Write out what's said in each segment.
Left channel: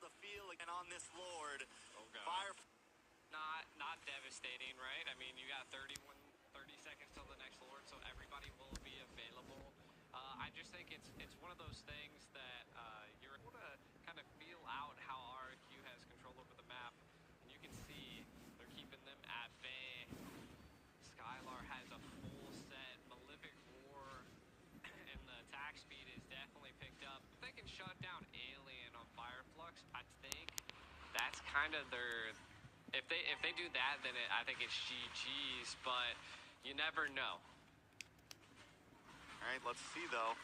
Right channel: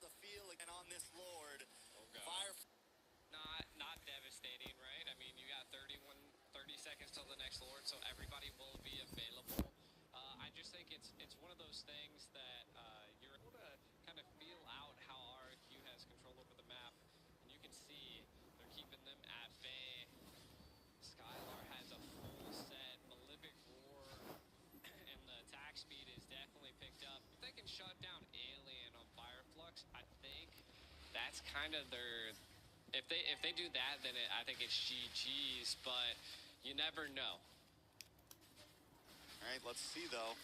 the field again on this Lord. Oh, God. Fire. Not devastating, right? I mean, you got 30 seconds till the next Lord, so everybody will be available. I just think it's one of those things that you're able to kind of feel out how RRQ has control over the map, and you can see they're keeping them at bay. Skylar has a full set, Malefic Roar, and the attack speed is definitely picked up. If they can shut down Alien on Fireflux, I think that's kind of their... If they do that, then I think it's GG's, but you never know. All right, let's see, though.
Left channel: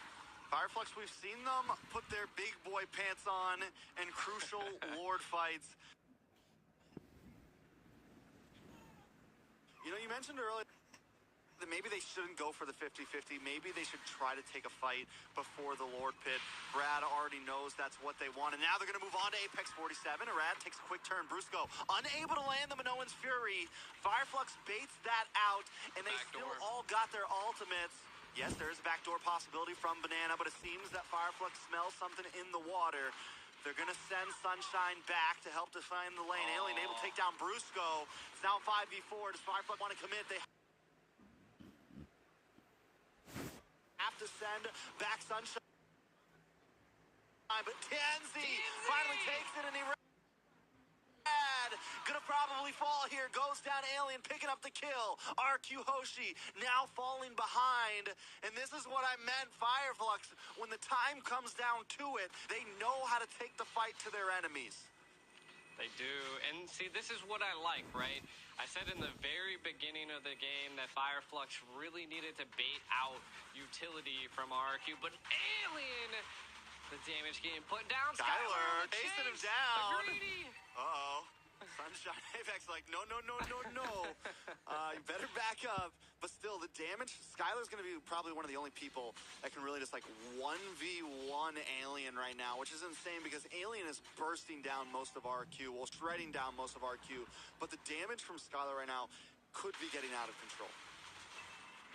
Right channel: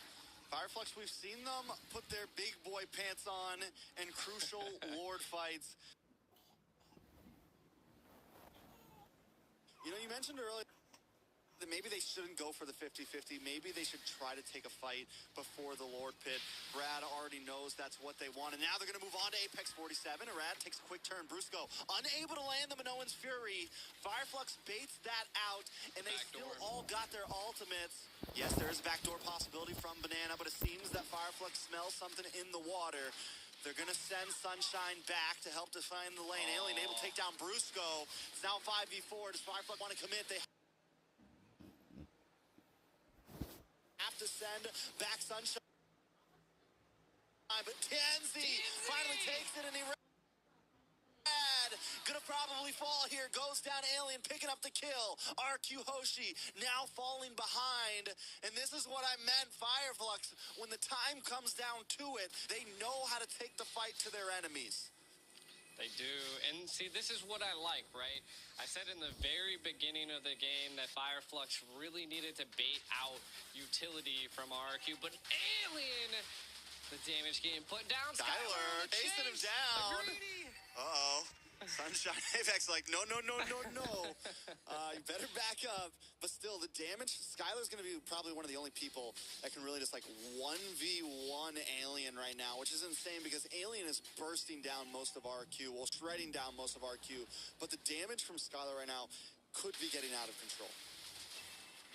Fireflux, we've seen them put their big boy pants on in crucial Lord fights. You know, you mentioned earlier that maybe they shouldn't go for the 50-50. Maybe they should try to take a fight before the Lord Pit. Brad already knows that's what they want. And now they're going to move on to Apex 47. Arad takes a quick turn. Brusco unable to land the Minoan's Fury. Fireflux baits that out, and they still all got their ultimates. Yes, there's a backdoor possibility from Banana, but it seems that Fireflux smells something in the water. They're going to send Sunshine back to help define the lane. Alien able to take down Brusco. It's now 5v4. Does Fireflux want to commit? They have to send back Sunshine. But Tianzi finally takes it, and he gonna probably fall here. Goes down Alien, picking up the kill. RQ Hoshi now falling behind. And this is what I meant, Fireflux. When the time comes down to it, they know how to take the fight to their enemies. They do. And see, this is what I like, right? I said in the very beginning of the game that Fireflux really needed to bait out utility from RQ, but Alien, the damage getting put down. Skylar chasing him down. Greedy. Uh-oh. Sunshine Apex like, no. You better back up. But still, the damage, Skylar's going to be probably one of the only people that can really just like 1v1 Alien right now, which is insane because Alien is bursting down most of RQ, well, shredding down most of RQ. But the damage from Skylar right now could be getting out of control.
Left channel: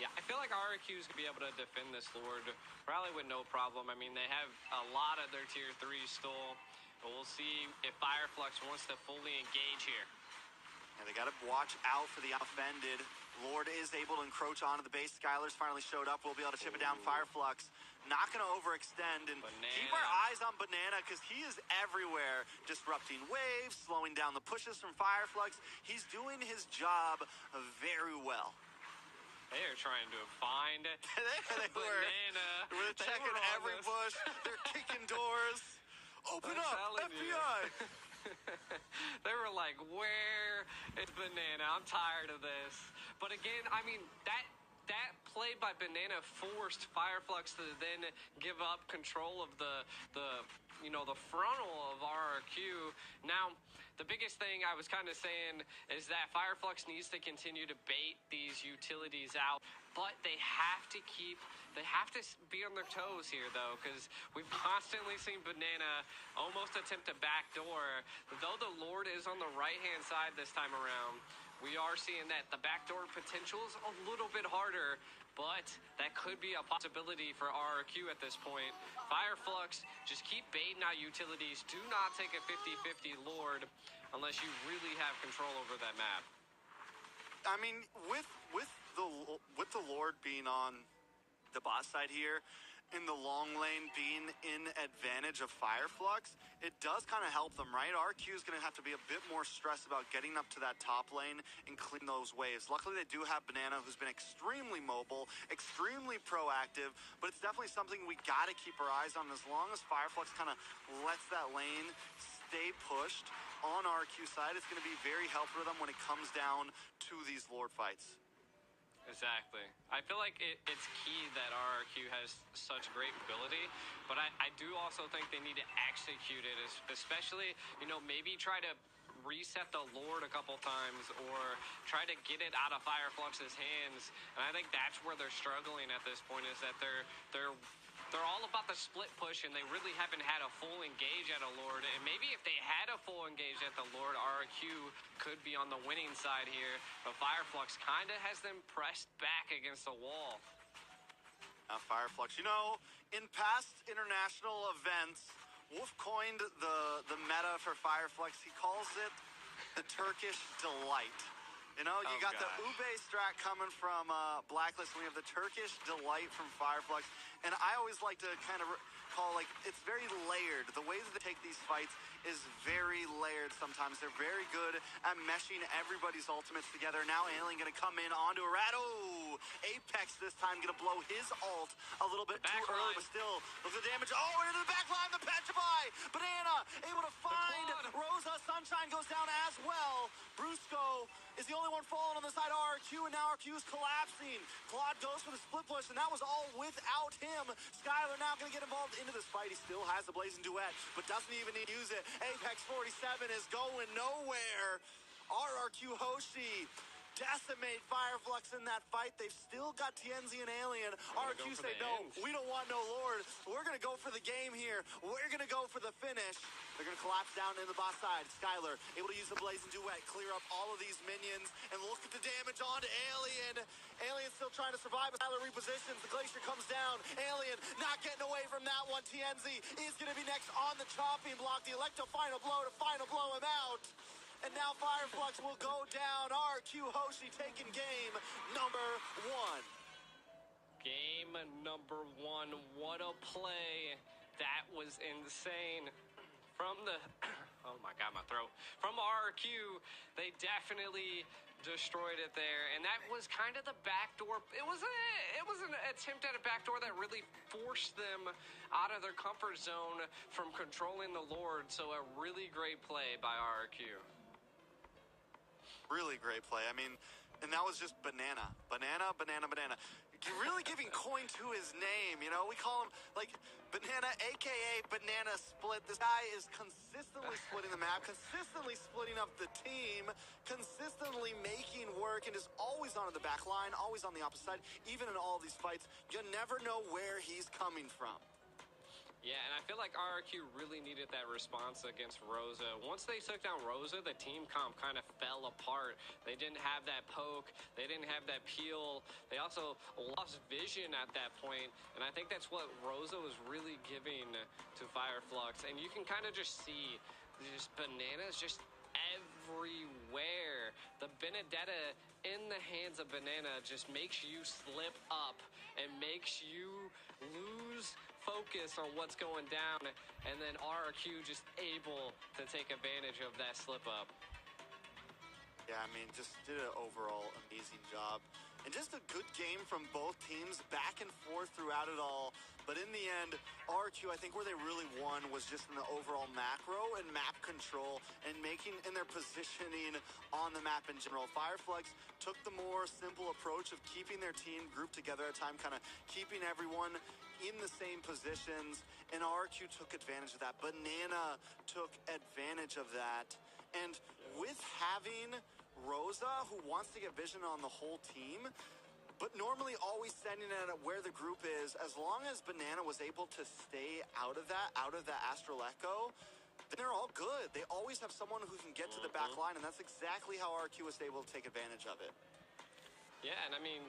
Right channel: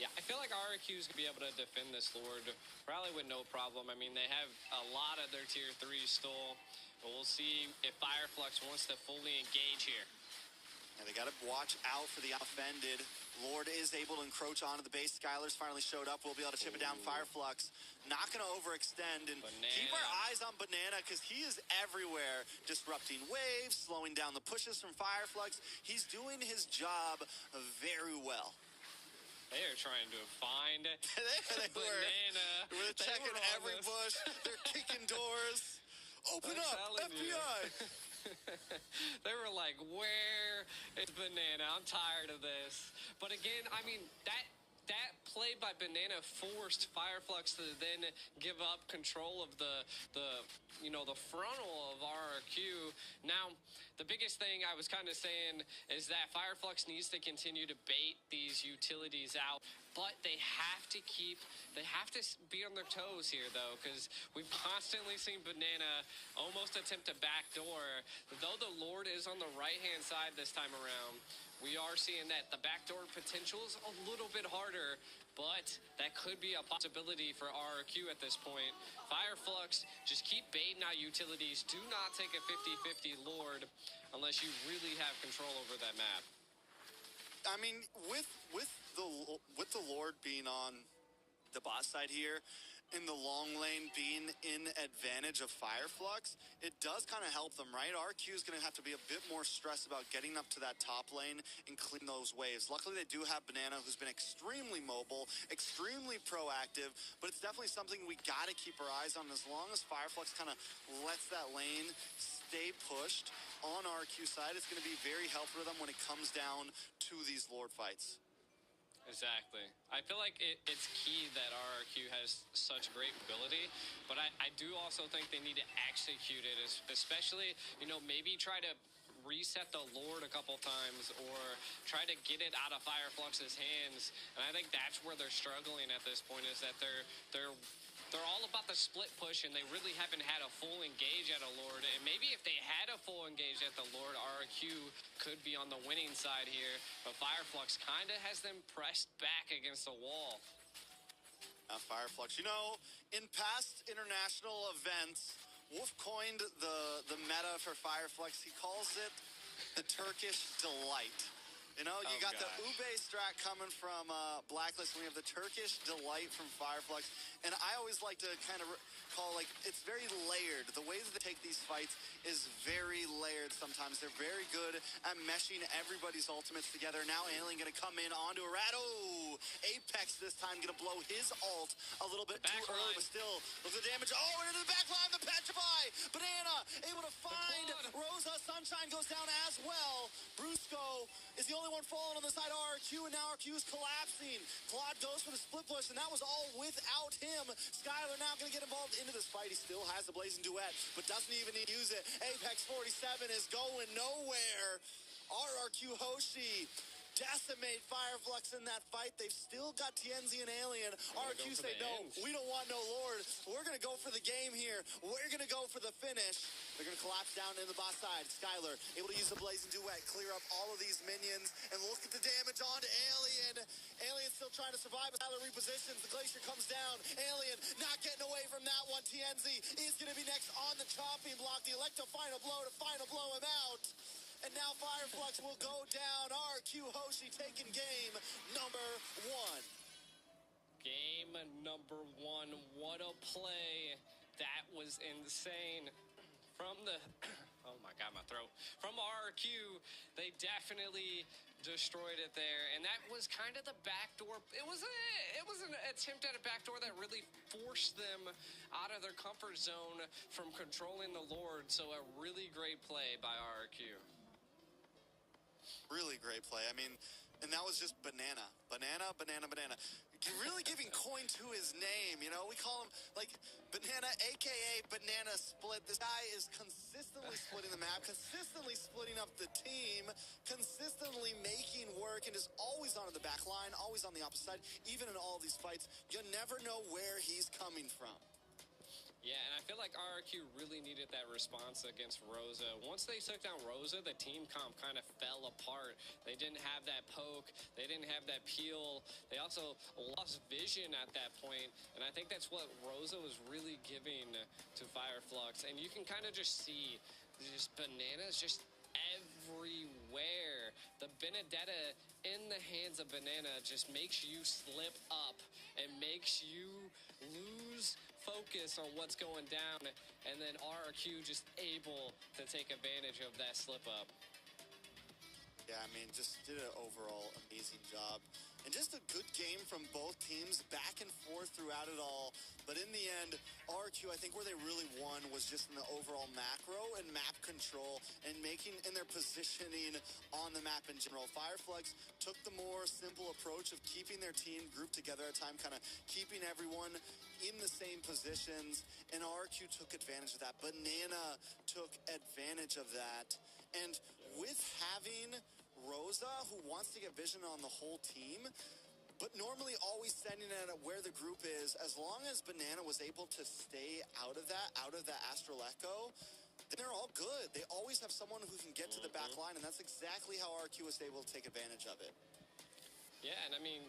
Yeah, I feel like RQ is going to be able to defend this Lord probably with no problem. I mean, they have a lot of their tier 3 stole. But we'll see if Fireflux wants to fully engage here. And they got to watch out for the offended. Lord is able to encroach onto the base. Skylar's finally showed up. We'll be able to chip it down. Fireflux not going to overextend. And keep our eyes on Banana because he is everywhere. Disrupting waves, slowing down the pushes from Fireflux. He's doing his job very well. They are trying to find they Banana. We're checking every bush. They're kicking doors. Open up, FBI! They were like, where is Banana? I'm tired of this. But again, I mean, that play by Banana forced Fireflux to then give up control of the frontal of RRQ. Now, the biggest thing I was kind of saying is that Fireflux needs to continue to bait these utilities out, but they have to be on their toes here, though, because we've constantly seen Banana almost attempt a backdoor. Though the Lord is on the right-hand side this time around, we are seeing that the backdoor potential is a little bit harder, but that could be a possibility for RRQ at this point. Fireflux, just keep baiting out utilities. Do not take a 50-50 Lord unless you really have control over that map. I mean, with the Lord being on the boss side here, in the long lane being in advantage of Fireflux, it does kind of help them, right? RQ is going to have to be a bit more stressed about getting up to that top lane and clean those waves. Luckily, they do have Banana, who's been extremely mobile, extremely proactive, but it's definitely something we got to keep our eyes on. As long as Fireflux kind of lets that lane stay pushed on RQ side, it's going to be very helpful for them when it comes down to these Lord fights. Exactly. I feel like it's key that RRQ has such great ability, but I do also think they need to execute it, especially, maybe try to reset the Lord a couple times or try to get it out of Fireflux's hands. And I think that's where they're struggling at this point, is that they're all about the split push, and they really haven't had a full engage at a Lord. And maybe if they had a full engage at the Lord, RQ could be on the winning side here. But Fireflux kind of has them pressed back against the wall. Fireflux, in past international events, Wolf coined the meta for Fireflux. He calls it the Turkish delight. You know, you got the Ube strat coming from Blacklist, and we have the Turkish delight from Fireflux. And I always like to kind of call, like, it's very layered. The way that they take these fights is very layered sometimes. They're very good at meshing everybody's ultimates together. Now Alien going to come in onto Arado. Apex this time going to blow his ult a little bit too early, but still, look at the damage. Oh, into the back line, the Petrify. Banana able to find Rosa. Sunshine goes down as well. Brusco is the only one falling on the side of RQ, and now RQ is collapsing. Claude goes for the split push, and that was all without him. Skylar now going to get involved into this fight. He still has the Blazing Duet, but doesn't even need to use it. Apex 47 is going nowhere. RRQ Hoshi decimate Fireflux in that fight. They've still got TNZ and Alien. RQ say, no, we don't want no Lord. We're going to go for the game here. We're going to go for the finish. They're going to collapse down in the boss side. Skylar able to use the Blazing Duet, clear up all of these minions, and look at the damage onto Alien. Alien still trying to survive. Skylar repositions. The Glacier comes down. Alien not getting away from that one. TNZ is going to be next on the chopping block. The Electro final blow to final blow him out. And now Fireflux will go down. RQ Hoshi taking game number 1. Game number 1. What a play. That was insane. From the... oh my God, my throat. From RQ, they definitely destroyed it there. And that was kind of the backdoor. It was an attempt at a backdoor that really forced them out of their comfort zone from controlling the Lord. So a really great play by RQ. Really great play. I mean, and that was just banana. Banana. You're really giving coin to his name, you know? We call him, like, Banana, a.k.a. Banana Split. This guy is consistently splitting the map, consistently splitting up the team, consistently making work, and is always on the back line, always on the opposite side. Even in all these fights, you never know where he's coming from. Yeah, and I feel like RRQ really needed that response against Rosa. Once they took down Rosa, the team comp kind of fell apart. They didn't have that poke. They didn't have that peel. They also lost vision at that point, and I think that's what Rosa was really giving to Fireflux. And you can kind of just see just bananas just everywhere. The Benedetta in the hands of Banana just makes you slip up and makes you lose focus on what's going down, and then RRQ just able to take advantage of that slip up. Yeah, I mean, just did an overall amazing job. And just a good game from both teams, back and forth throughout it all. But in the end, RQ, I think where they really won was just in the overall macro and map control and their positioning on the map in general. Fireflux took the more simple approach of keeping their team grouped together at a time, kind of keeping everyone in the same positions, and RQ took advantage of that. Banana took advantage of that. And with having Rosa, who wants to get vision on the whole team, but normally always sending it at where the group is, as long as Banana was able to stay out of that Astral Echo, then they're all good. They always have someone who can get to the back line, and that's exactly how RQ was able to take advantage of it. Yeah, and I mean,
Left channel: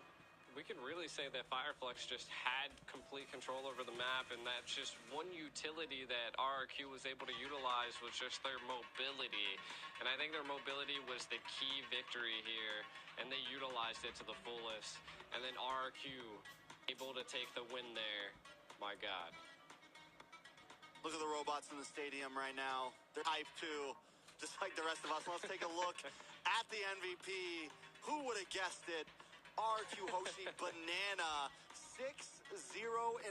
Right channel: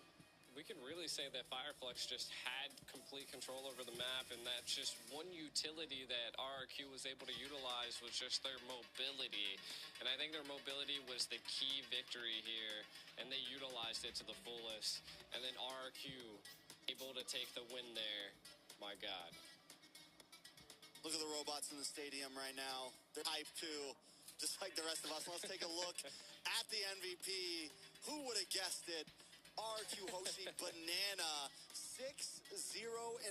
we can really say that Fireflux just had complete control over the map, and that's just one utility that RRQ was able to utilize was just their mobility. And I think their mobility was the key victory here, and they utilized it to the fullest. And then RRQ able to take the win there. My God. Look at the robots in the stadium right now. They're hyped too, just like the rest of us. Let's take a look at the MVP. Who would have guessed it? RQ Hoshi Banana, 6-0-4,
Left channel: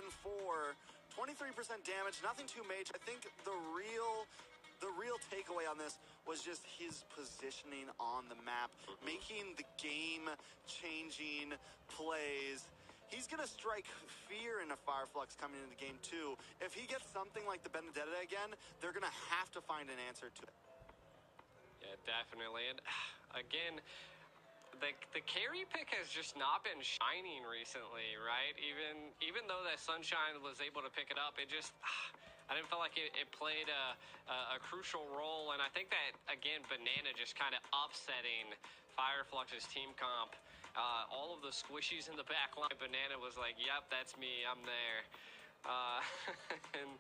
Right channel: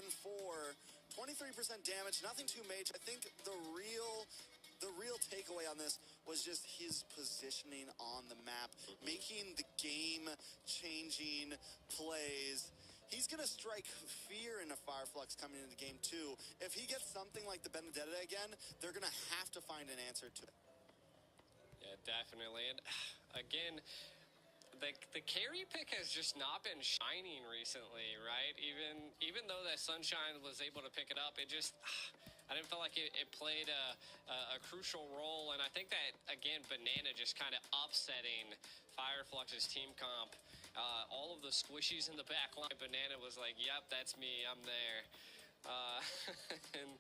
23% damage, nothing too major. I think the real takeaway on this was just his positioning on the map, making the game-changing plays. He's going to strike fear into Fireflux coming into game 2. If he gets something like the Benedetta again, they're going to have to find an answer to it. Yeah, definitely. And again, the carry pick has just not been shining recently, right? Even though that Sunshine was able to pick it up, it just I didn't feel like it played a crucial role. And I think that again, Banana just kind of upsetting Fireflux's team comp. All of the squishies in the back line, Banana was like, "Yep, that's me. I'm there." And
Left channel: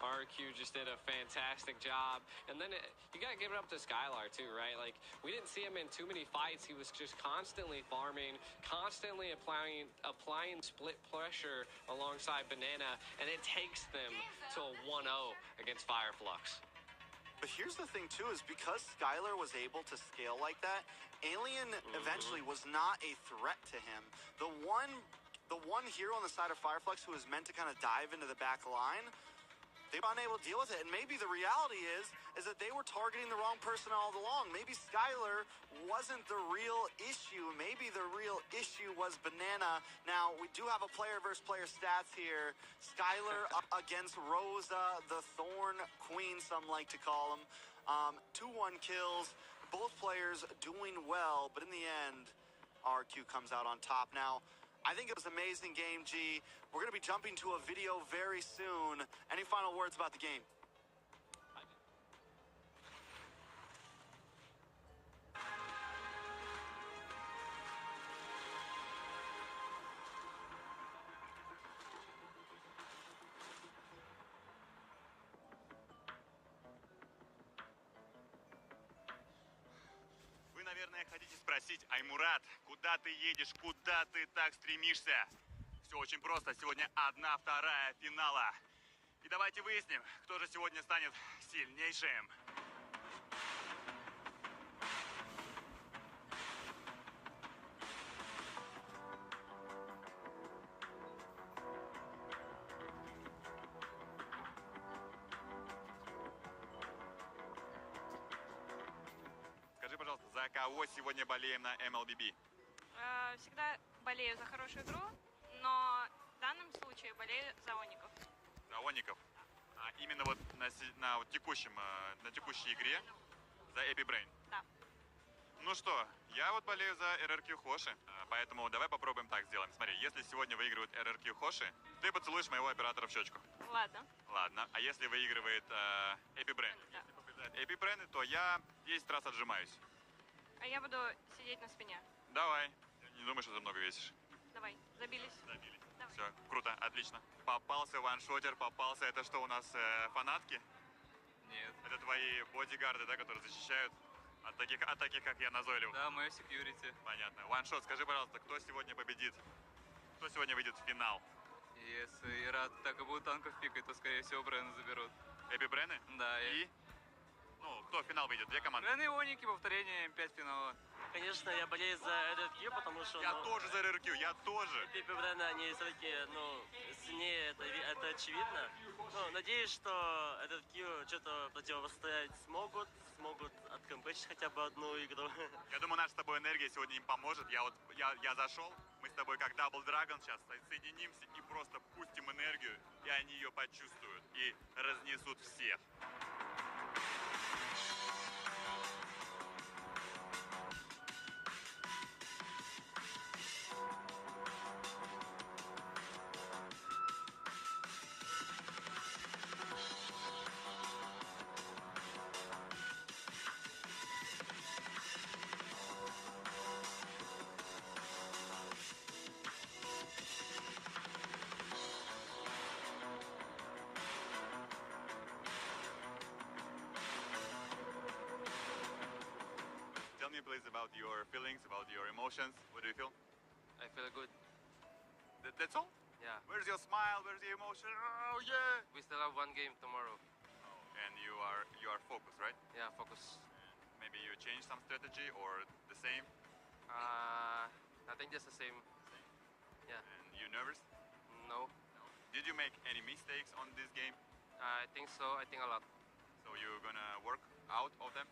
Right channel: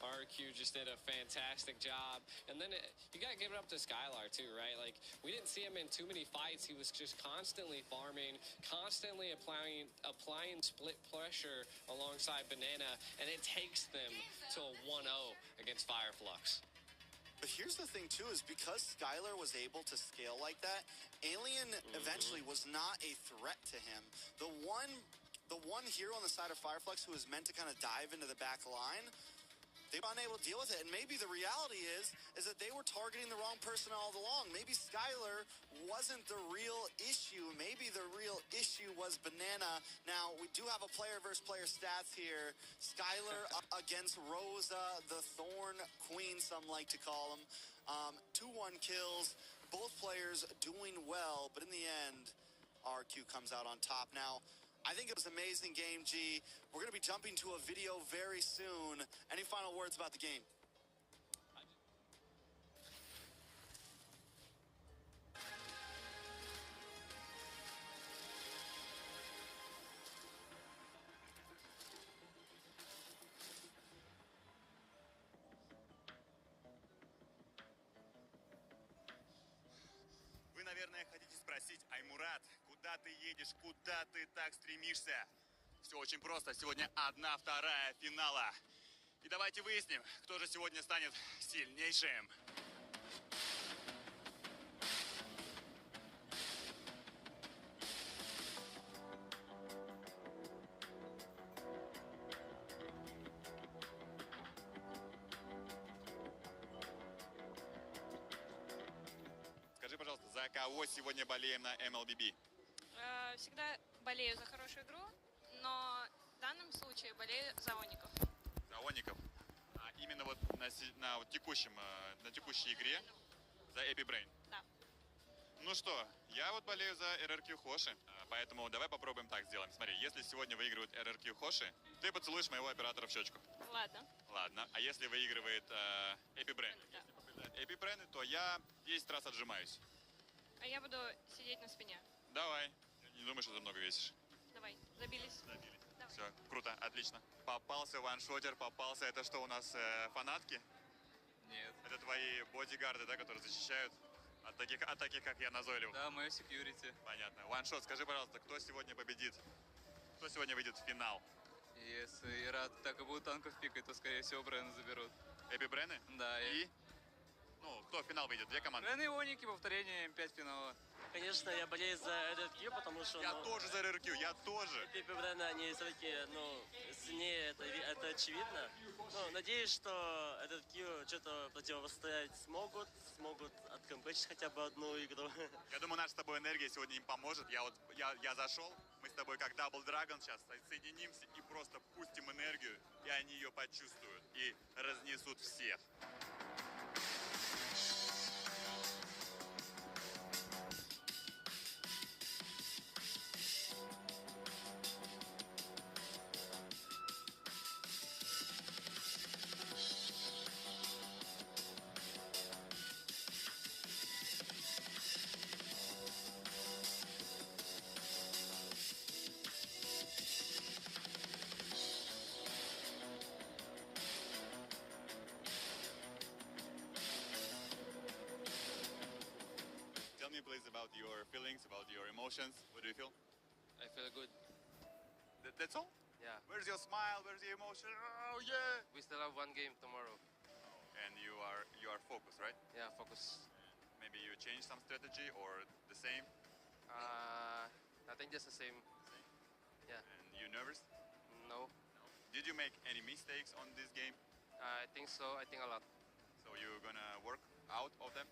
RQ just did a fantastic job. And then you got to give it up to Skylar, too, right? Like, we didn't see him in too many fights. He was just constantly farming, constantly applying split pressure alongside Banana, and it takes them to a 1-0 against Fireflux. But here's the thing, too, is because Skylar was able to scale like that, Alien eventually was not a threat to him. The one hero on the side of Fireflux who was meant to kind of dive into the back line, they were unable to deal with it. And maybe the reality is that they were targeting the wrong person all along. Maybe Skylar wasn't the real issue. Maybe the real issue was Banana. Now, we do have a player versus player stats here. Skylar up against Rosa, the Thorn Queen, some like to call him. 2-1 kills. Both players doing well, but in the end, RQ comes out on top. Now, I think it was an amazing game, G. We're going to be jumping to a video very soon. Any final words about the game? Вы, наверное, хотите спросить: Аймурат, куда ты едешь, куда ты так стремишься? Все очень просто. Сегодня 1/2 финала. И давайте выясним, кто же сегодня станет сильнейшим. Скажи, пожалуйста, за кого сегодня болеем на MLBB? Всегда болею за хорошую игру, но в данном случае болею за Оников. За Оников. А именно вот на текущей игре за Epic Brain. Да. Ну что, я вот болею за RRQ Хоши, поэтому давай попробуем так сделаем. Смотри, если сегодня выигрывает RRQ Хоши, ты поцелуешь моего оператора в щечку. Ладно. Ладно. А если выигрывает Epic Brain? Да. Если побеждает Epic Brain, то я 10 раз отжимаюсь. А я буду сидеть на спине. Давай. Не думай, что ты много весишь. Давай, забились. Забились. Давай. Все, круто, отлично. Попался ваншотер, попался. Это что у нас, фанатки? Нет. Это твои бодигарды, да, которые защищают от таких, как я, назойливых? Да, мое секьюрити. Понятно. Ваншот, скажи, пожалуйста, кто сегодня победит? Кто сегодня выйдет в финал? Если Ират так и будут танков пикать, то, скорее всего, Брена заберут. Эпи Брены? Да, И? Ну, кто в финал выйдет? Две команды? Брена и Оники, повторение М5 финала. Конечно, я болею за RRQ, потому что... Я тоже за РРК, я тоже. Пипи Брена, они все-таки, сильнее, это очевидно. Но надеюсь, что RRQ что-то противостоять смогут откомпечить хотя бы одну игру. Я думаю, наша с тобой энергия сегодня им поможет. Я зашел, мы с тобой как Double Dragon сейчас соединимся и просто пустим энергию, и они ее почувствуют и разнесут всех. Tell me please about your feelings, about your emotions. What do you feel? I feel good. That's all? Yeah. Where's your smile? Where's your emotion? Oh yeah! We still have one game tomorrow. And you are focused, right? Yeah, focus. Maybe you change some strategy or the same? I think just the same. Yeah. And you nervous? No. Did you make any mistakes on this game? I think so. I think a lot. So you're gonna work out of them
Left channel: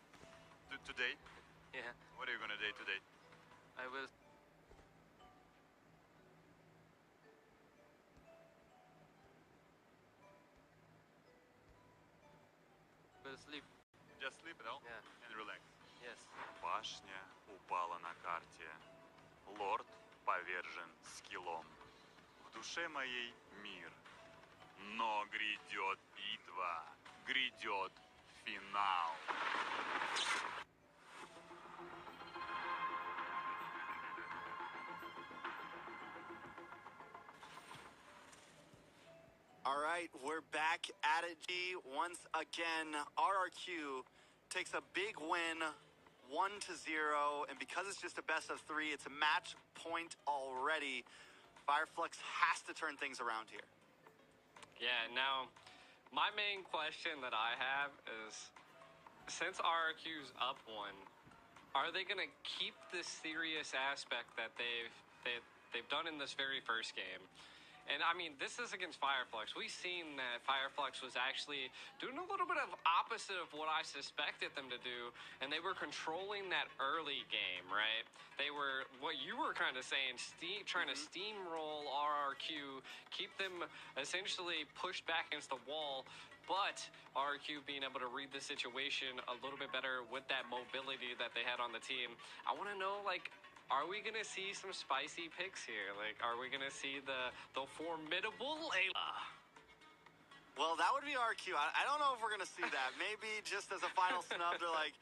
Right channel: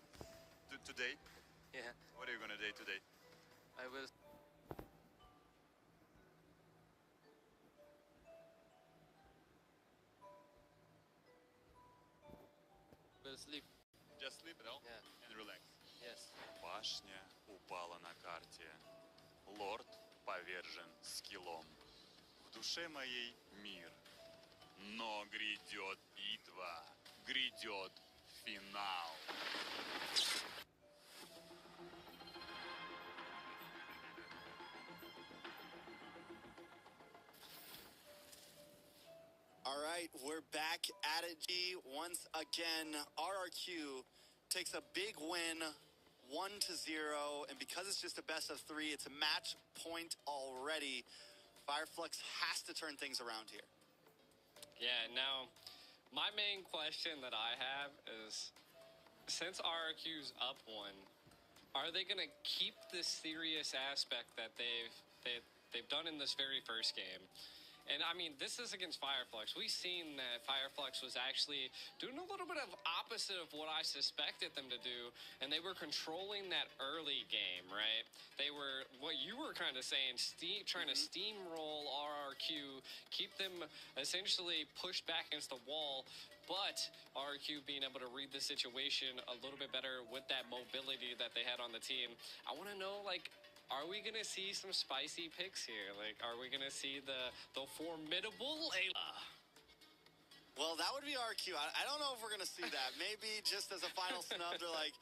today? Yeah. What are you gonna do today? I will. Will sleep. Just sleep it all Yeah. and relax. Yes. Башня упала на карте. Лорд повержен скиллом. В душе моей мир. Но грядет битва. Грядет финал. All right, we're back at it, G. Once again, RRQ takes a big win, 1-0, and because it's just a best of 3, it's a match point already. Fireflux has to turn things around here. Yeah, now, my main question that I have is, since RRQ's up 1, are they going to keep this serious aspect that they've done in this very first game? And I mean, this is against Fireflux. We've seen that Fireflux was actually doing a little bit of opposite of what I suspected them to do, and they were controlling that early game, right? They were, what you were kind of saying, trying to steamroll RRQ, keep them essentially pushed back against the wall, but RRQ being able to read the situation a little bit better with that mobility that they had on the team. I want to know, like, are we going to see some spicy picks here? Like, are we going to see the formidable Layla? Well, that would be RQ. I don't know if we're going to see that. Maybe just as a final snub, they're like,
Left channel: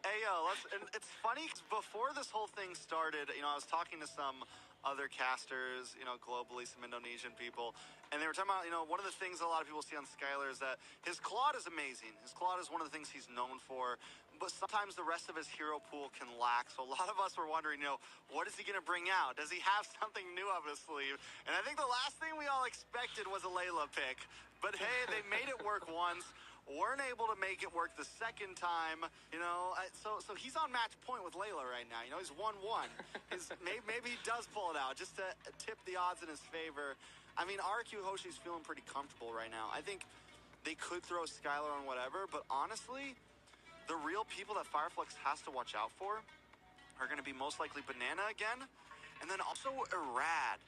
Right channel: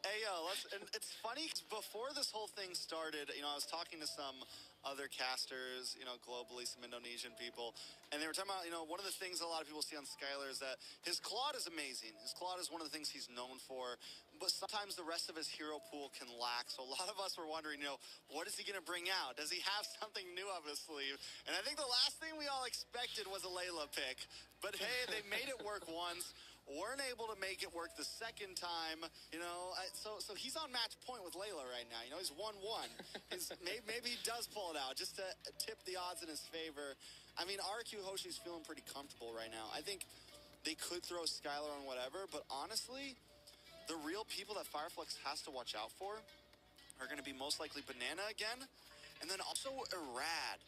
hey, yo, let's... And it's funny, 'cause before this whole thing started, you know, I was talking to some other casters, you know, globally, some Indonesian people, and they were talking about, you know, one of the things a lot of people see on Skylar is that his Claude is amazing. His Claude is one of the things he's known for, but sometimes the rest of his hero pool can lack. So a lot of us were wondering, you know, what is he going to bring out? Does he have something new up his sleeve? And I think the last thing we all expected was a Layla pick, but hey, they made it work once. Weren't able to make it work the second time, you know. So he's on match point with Layla right now. You know, he's 1-1. Maybe he does pull it out just to tip the odds in his favor. I mean, RQ Hoshi's feeling pretty comfortable right now. I think they could throw Skylar on whatever, but honestly, the real people that Fireflux has to watch out for are going to be most likely Banana again, and then also Irad.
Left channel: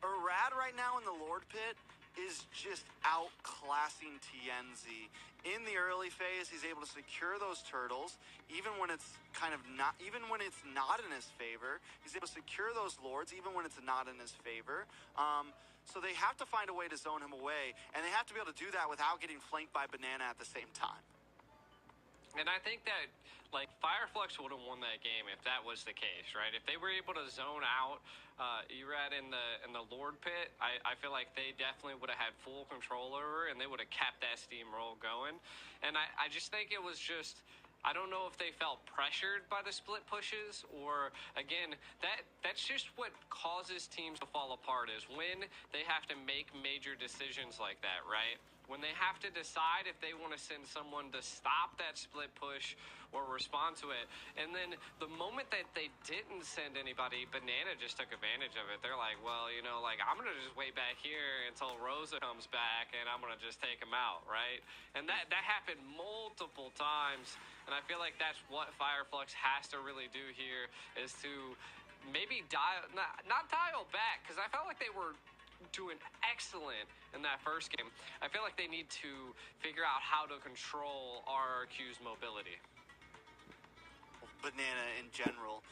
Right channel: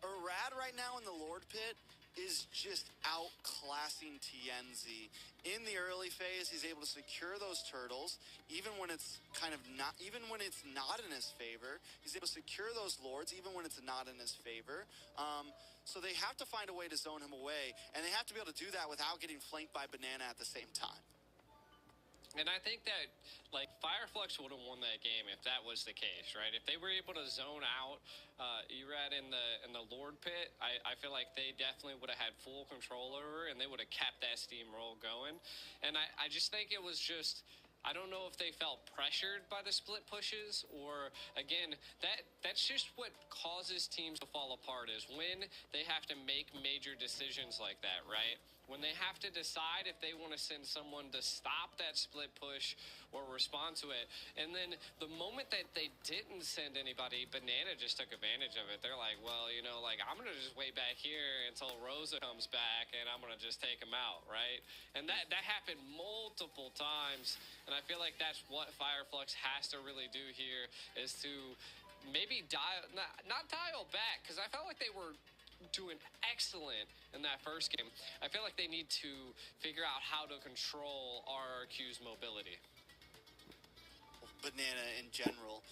Irad right now in the Lord Pit is just outclassing TNZ. In the early phase, he's able to secure those turtles, even when it's not in his favor. He's able to secure those lords, even when it's not in his favor. So they have to find a way to zone him away, and they have to be able to do that without getting flanked by Banana at the same time. And I think that, like, Fireflux would have won that game if that was the case, right? If they were able to zone out Irad in the Lord Pit, I feel like they definitely would have had full control over, and they would have kept that steamroll going. And I just think it was just, I don't know if they felt pressured by the split pushes, or again, that's just what causes teams to fall apart, is when they have to make major decisions like that, right? When they have to decide if they want to send someone to stop that split push or respond to it. And then the moment that they didn't send anybody, Banana just took advantage of it. They're like, well, you know, like, I'm going to just wait back here until Rosa comes back, and I'm going to just take him out, right? And that happened multiple times, and I feel like that's what Fireflux has to really do here, is to maybe not dial back, because I felt like they were doing excellent in that first game. I feel like they need to figure out how to control RRQ's mobility. Banana in general.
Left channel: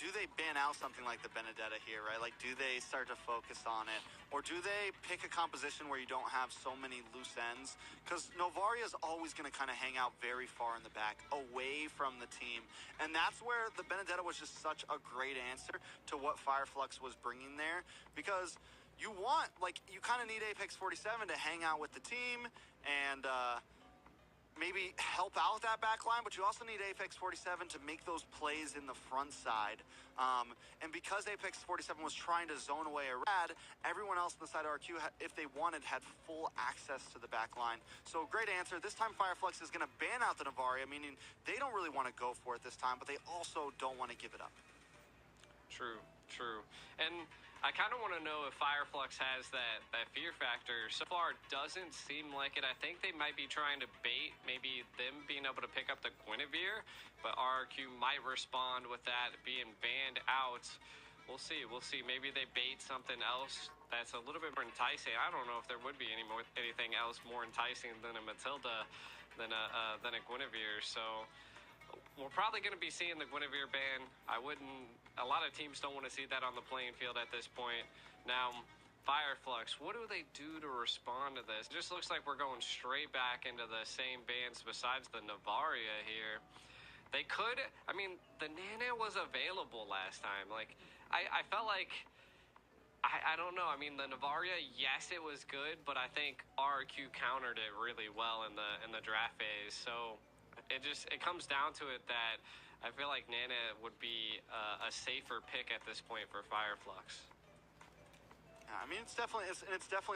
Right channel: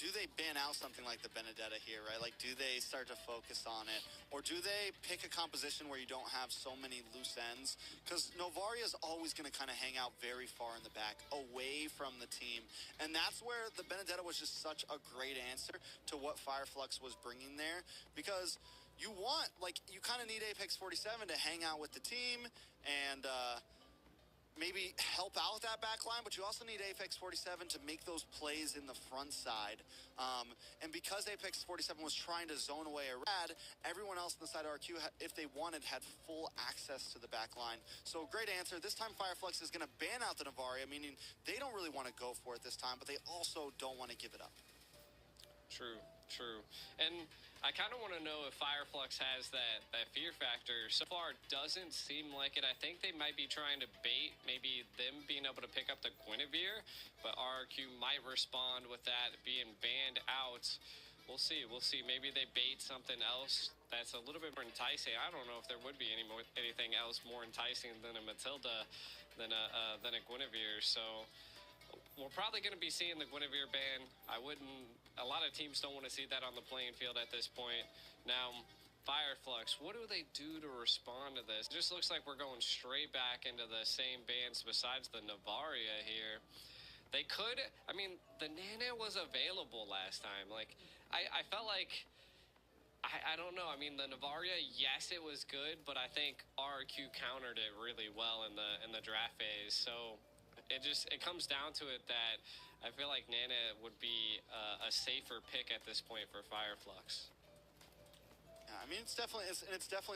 Do they ban out something like the Benedetta here, right? Like, do they start to focus on it? Or do they pick a composition where you don't have so many loose ends? Because Novaria is always going to kind of hang out very far in the back, away from the team. And that's where the Benedetta was just such a great answer to what Fireflux was bringing there. Because you want, like, you kind of need Apex 47 to hang out with the team and maybe help out that back line, but you also need Apex 47 to make those plays in the front side. And because Apex 47 was trying to zone away Irad, everyone else on the side of RQ, if they wanted, had full access to the back line. So great answer. This time Fireflux is going to ban out the Novaria, meaning they don't really want to go for it this time, but they also don't want to give it up. True. And I kind of want to know if Fireflux has that fear factor. So far, it doesn't seem like it. I think they might be trying to bait maybe them being able to pick up the Guinevere, but RQ might respond with that being banned out. We'll see. Maybe they bait something else that's a little bit more enticing. I don't know if there would be anything else more enticing than a Matilda, than a Guinevere. So we're probably going to be seeing the Guinevere ban. A lot of teams don't want to see that on the playing field at this point. Now, Fireflux, what do they do to respond to this? It just looks like we're going straight back into the same bans besides the Novaria here. They could, I mean, the Nana was available last time. Like, I felt like I don't know. I mean, the Navaria, yes, it was good, but I think RQ countered it really well in the draft phase. So it comes down to it that I feel like Nana would be a safer pick at this point for Fireflux. Yeah, I mean, it's definitely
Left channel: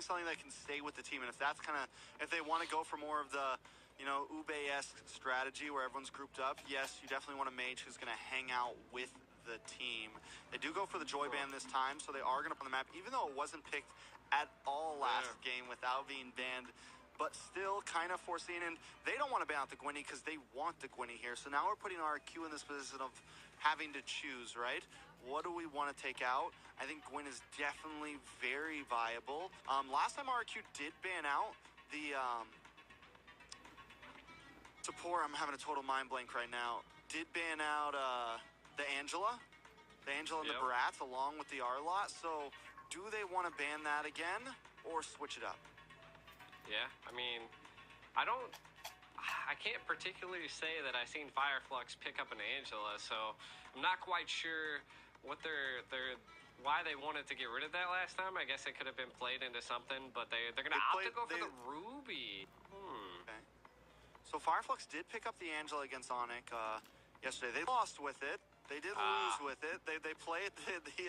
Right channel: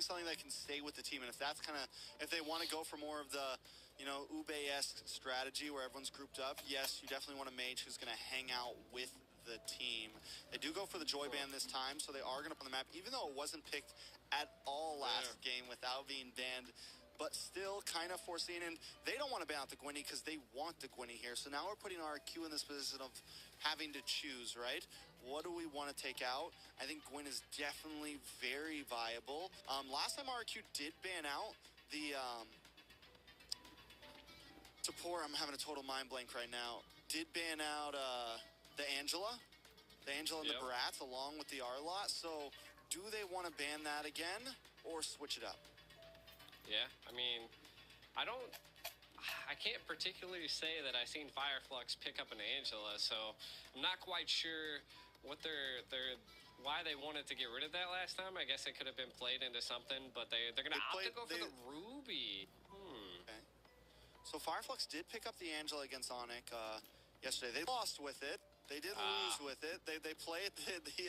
something that can stay with the team, and if that's kind of if they want to go for more of the Ube-esque strategy where everyone's grouped up, yes, you definitely want a mage who's going to hang out with the team. They do go for the Joy Band this time, so they are going to put on the map, even though it wasn't picked at all last game without being banned, but still kind of foreseen. And they don't want to ban out the Gwynny because they want the Gwynny here. So now we're putting RQ in this position of having to choose, right? What do we want to take out? I think Gwyn is definitely very viable. Last time RQ did ban out the support, I'm having a total mind blank right now, did ban out the Angela and the Barats along with the Arlot. So do they want to ban that again or switch it up? Yeah, I mean, I can't particularly say that I've seen Fireflux pick up an Angela, so I'm not quite sure what why they wanted to get rid of that last time. I guess it could have been played into something, but they're gonna opt to go for the Ruby. Okay. So Fireflux did pick up the Angela against Onyx yesterday. They lost with it. They did lose with it. They played the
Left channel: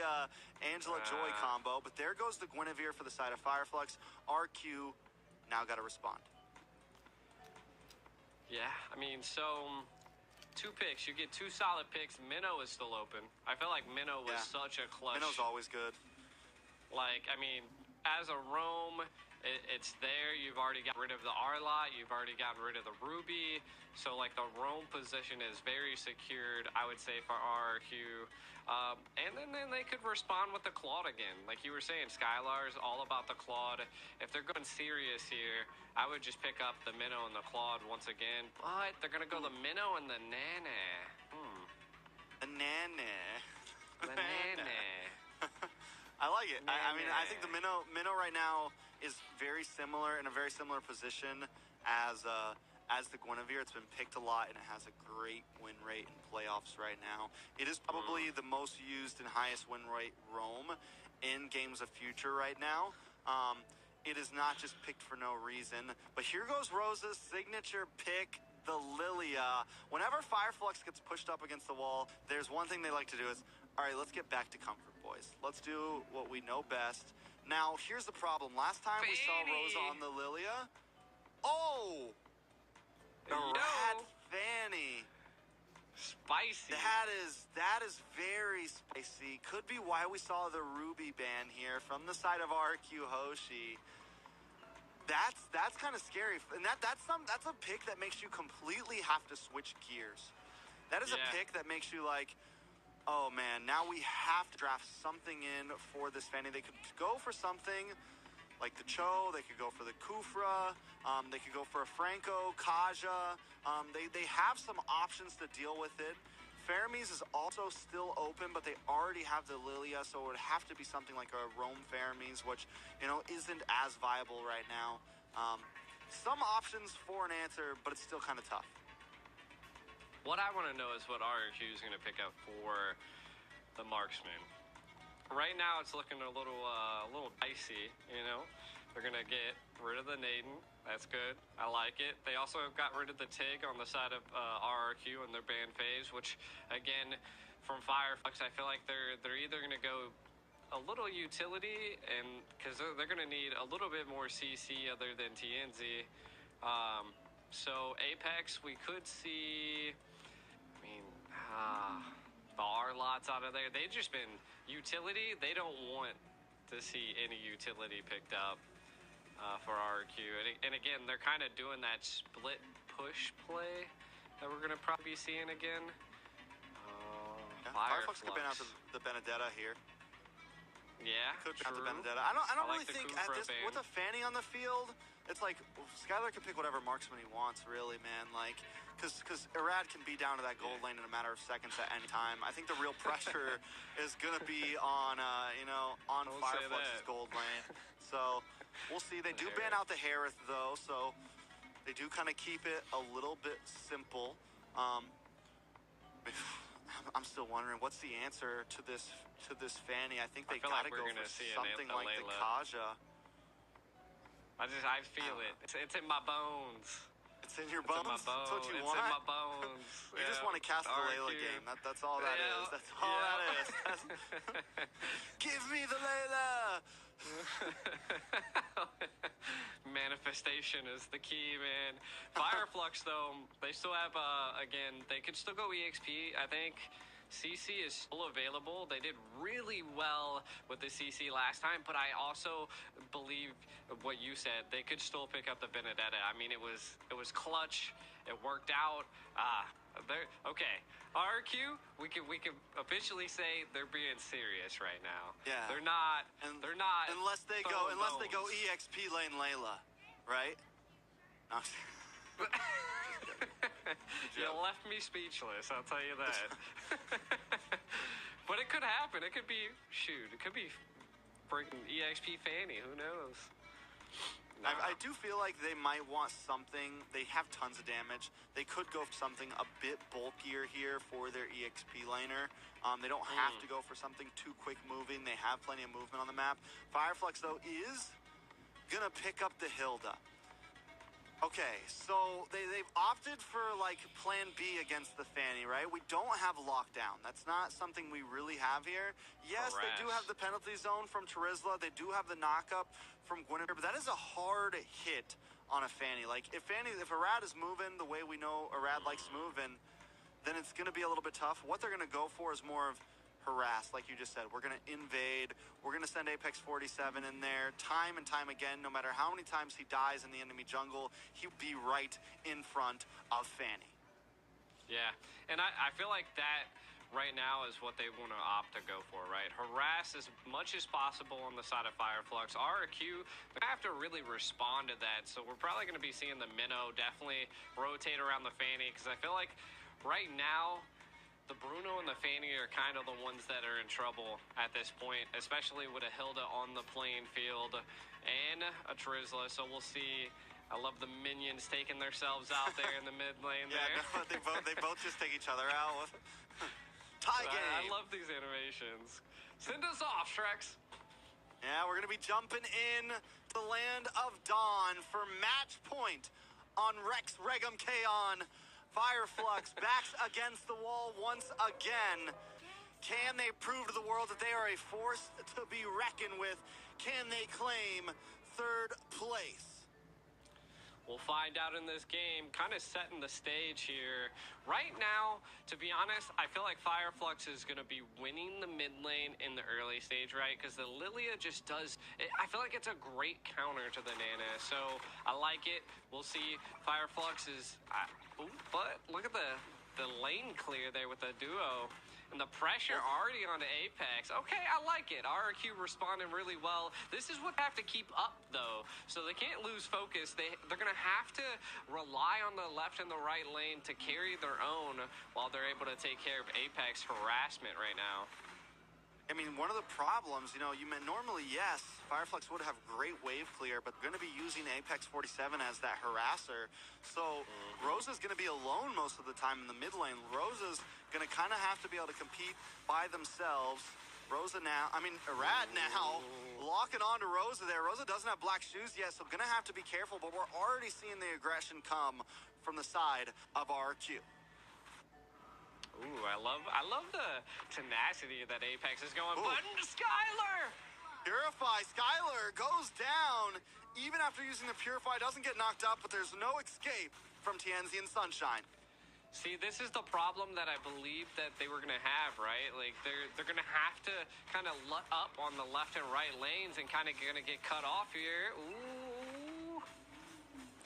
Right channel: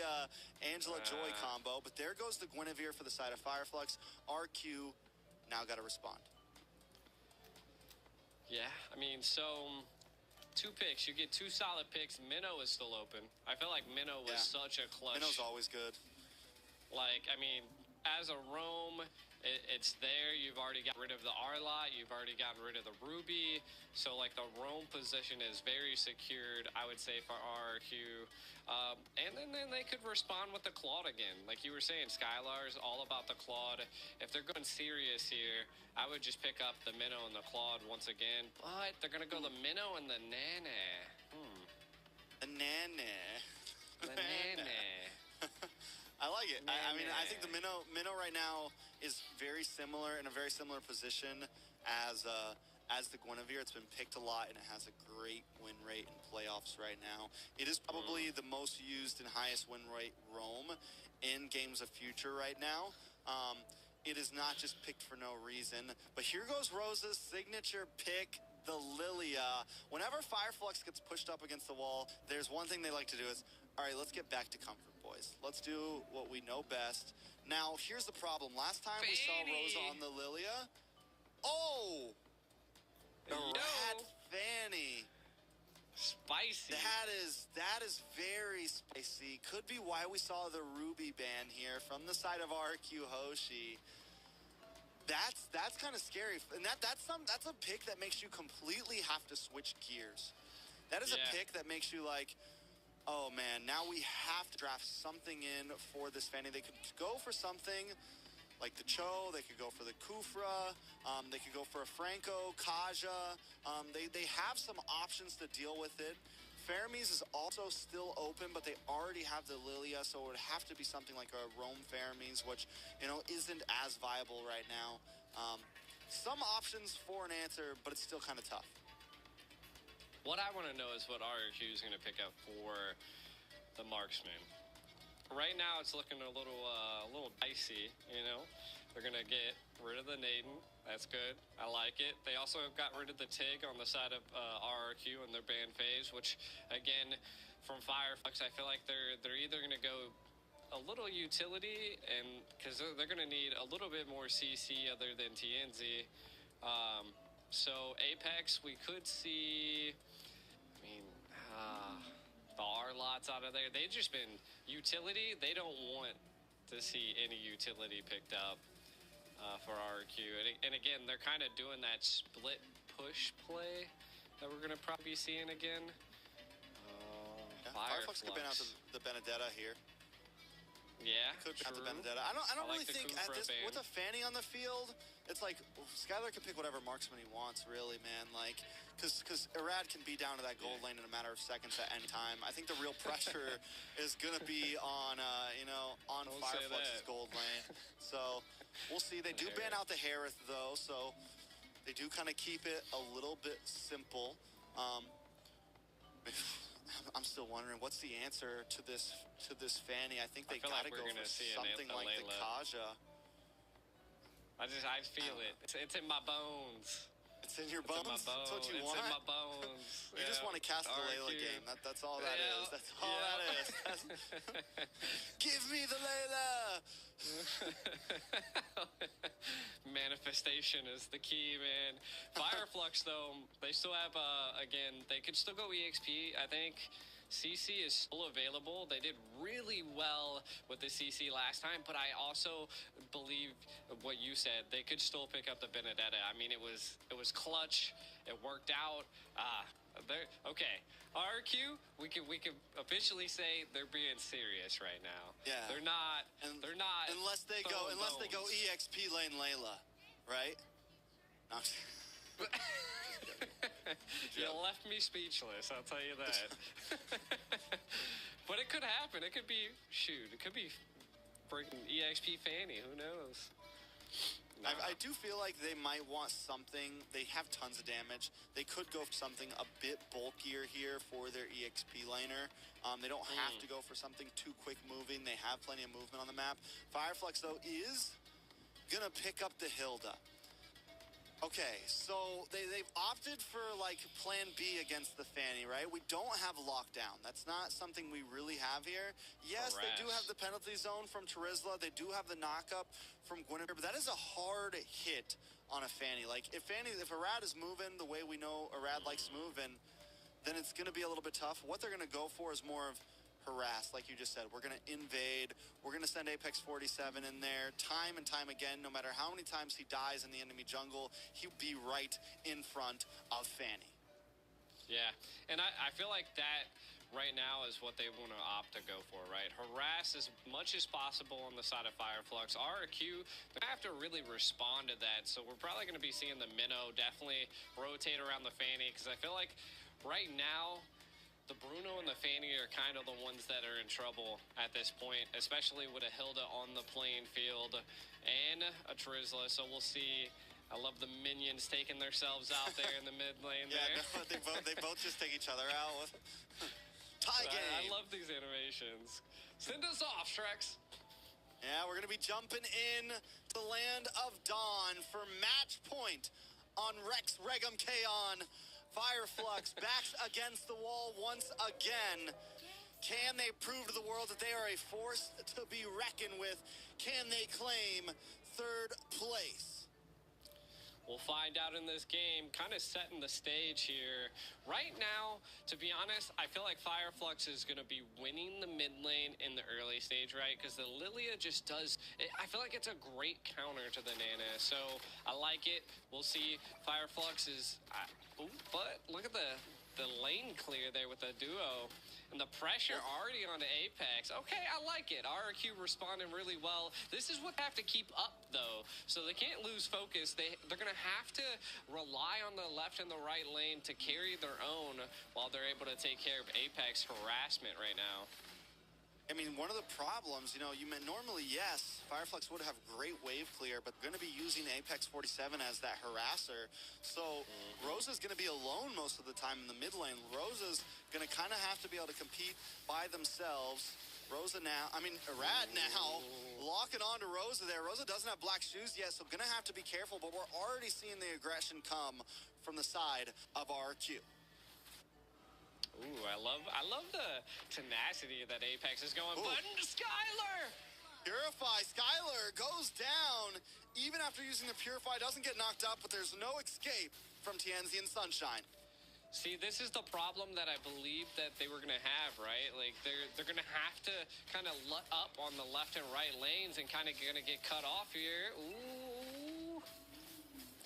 Angela Joy combo, but there goes the Guinevere for the side of Fireflux. RQ now got to respond. Yeah, I mean, so 2 picks. You get 2 solid picks. Minnow is still open. I feel like Minnow was such a clutch. Minnow's always good. Like, I mean, as a roam, it's there. You've already got rid of the Arlot. You've already gotten rid of the Ruby. So, like, the roam position is very secured, I would say, for RRQ. And then they could respond with the Claude again. Like you were saying, Skylar's all about the Claude. If they're going serious here, I would just pick up the Minnow and the Claude once again. But they're going to go the Minnow and the Nana. The Nana. The Nana. I like it. I mean, I think the Minnow right now is very similar, in a very similar position as the Guinevere. It's been picked a lot, and it has a great win rate in playoffs right now. It is probably the most used and highest win rate roam in Games of Future right now. It is not just picked for no reason. But here goes Rosa's signature pick, the Lilia. Whenever Fireflux gets pushed up against the wall, there's one thing they like to do is, all right, let's get back to comfort, boys. Let's do what we know best. Now, here's the problem. Last time we saw Rosa on the Lilia, the Rat Fanny. Spicy. That is very spicy. Could be why we saw the Ruby ban here from the side of RQ Hoshi. That's kind of scary, and that's a pick that makes you completely have to switch gears. That is a pick that makes you like, oh man, now we have to draft something in for this Fanny. They could go for something like the Cho, they could go for the Kufra, they could go for a Franco, Kaja. They have some options to deal with it. Fermis is also still open, but they already have the Lilia, so it would have to be something like a Roam Fermis, which, isn't as viable right now. Some options for an answer, but it's still kind of tough. What I want to know is what RQ is going to pick up for the Marksman. Right now, it's looking a little dicey, They're going to get rid of the Naden. That's good. I like it. They also got rid of the Tig on the side of RRQ in their ban phase, which, again, from Fireflux, I feel like they're either going to go a little utility, and because they're going to need a little bit more CC other than TNZ. So Apex, we could see, the R-Lots out of there. They've just been utility. They don't want to see any utility picked up for RQ. And again, they're kind of doing that split push play that we're going to probably be seeing again. Fireflux could ban out the Benedetta here. Yeah, could ban out the Benedetta. I don't really think at this with a Fanny on the field, it's like Skylar can pick whatever marksman he wants, really, man. Like, because Irad can be down to that gold lane in a matter of seconds at any time. I think the real pressure is gonna be on on Fireflux's gold lane. So we'll see. They do ban out the Harith though, so they do kind of keep it a little bit simple. I'm still wondering what's the answer to this Fanny. I think they feel gotta like we're go gonna for see something a like the Layla. Kaja. I feel it. It's in my bones. It's in your It's in bones. my bones. That's what you it's want. in my bones. You just want to cast the Layla game. That's all that is. That's all that is. Give me the Layla. Manifestation is the key, man. Fireflux, though, they still have, again, they could still go EXP. I think CC is still available. They did really well with the CC last time, but I also believe what you said. They could still pick up the Benedetta. I mean, it was clutch. It worked out. Okay. RQ, we can officially say they're being serious right now. Yeah. They're not. They're not. Unless they go bones. EXP lane Layla, right? No. You left me speechless, I'll tell you that. But it could happen. It could be, it could be freaking EXP Fanny. Who knows? Nah. I do feel like they might want something. They have tons of damage. They could go for something a bit bulkier here for their EXP laner. They don't have to go for something too quick moving. They have plenty of movement on the map. Fireflux, though, is going to pick up the Hilda. Okay, so they've opted for, like, plan B against the Fanny, right? We don't have lockdown. That's not something we really have here. Yes, they do have the penalty zone from Terizla. They do have the knockup from Gwyneth, but that is a hard hit on a Fanny. Like, if Arad is moving the way we know Arad likes moving, then it's going to be a little bit tough. What they're going to go for is more of harass, like you just said. We're going to invade. We're going to send Apex 47 in there time and time again. No matter how many times he dies in the enemy jungle, he'll be right in front of Fanny. Yeah, and I feel like that right now is what they want to opt to go for, right? Harass as much as possible on the side of Fireflux. RQ, they have to really respond to that, so we're probably going to be seeing the Minnow definitely rotate around the Fanny, because I feel like right now, the Bruno and the Fanny are kind of the ones that are in trouble at this point, especially with a Hilda on the playing field and a Terizla, so we'll see. I love the minions taking themselves out there in the mid lane there. No, they both just take each other out. Tie game. I love these animations. Send us off, Shreks. Yeah, we're going to be jumping in to the land of Dawn for match point on Rex Regum Kaon. Fireflux backs against the wall once again. Can they prove to the world that they are a force to be reckoned with? Can they claim third place? We'll find out in this game, kind of setting the stage here. Right now, to be honest, I feel like Fireflux is going to be winning the mid lane in the early stage, right? Because the Lilia just does, I feel like it's a great counter to the Nana. So I like it. We'll see. Fireflux is, but look at the lane clear there with the duo. And the pressure already on the Apex. Okay, I like it. RQ responding really well. This is what they have to keep up, though. So they can't lose focus. They're going to have to rely on the left and the right lane to carry their own while they're able to take care of Apex harassment right now. I mean, one of the problems, you meant normally, yes, Fireflux would have great wave clear, but going to be using Apex 47 as that harasser. So Rosa's going to be alone most of the time in the mid lane. Rosa's going to kind of have to be able to compete by themselves. Arad now locking on to Rosa there. Rosa doesn't have black shoes yet, so going to have to be careful, but we're already seeing the aggression come from the side of RQ. Ooh, I love the tenacity that Apex is going. Button to Skylar! Purify, Skylar goes down. Even after using the Purify, doesn't get knocked up, but there's no escape from Tianzi and Sunshine. See, this is the problem that I believe that they were going to have, right? Like, they're going to have to kind of let up on the left and right lanes and kind of going to get cut off here. Ooh.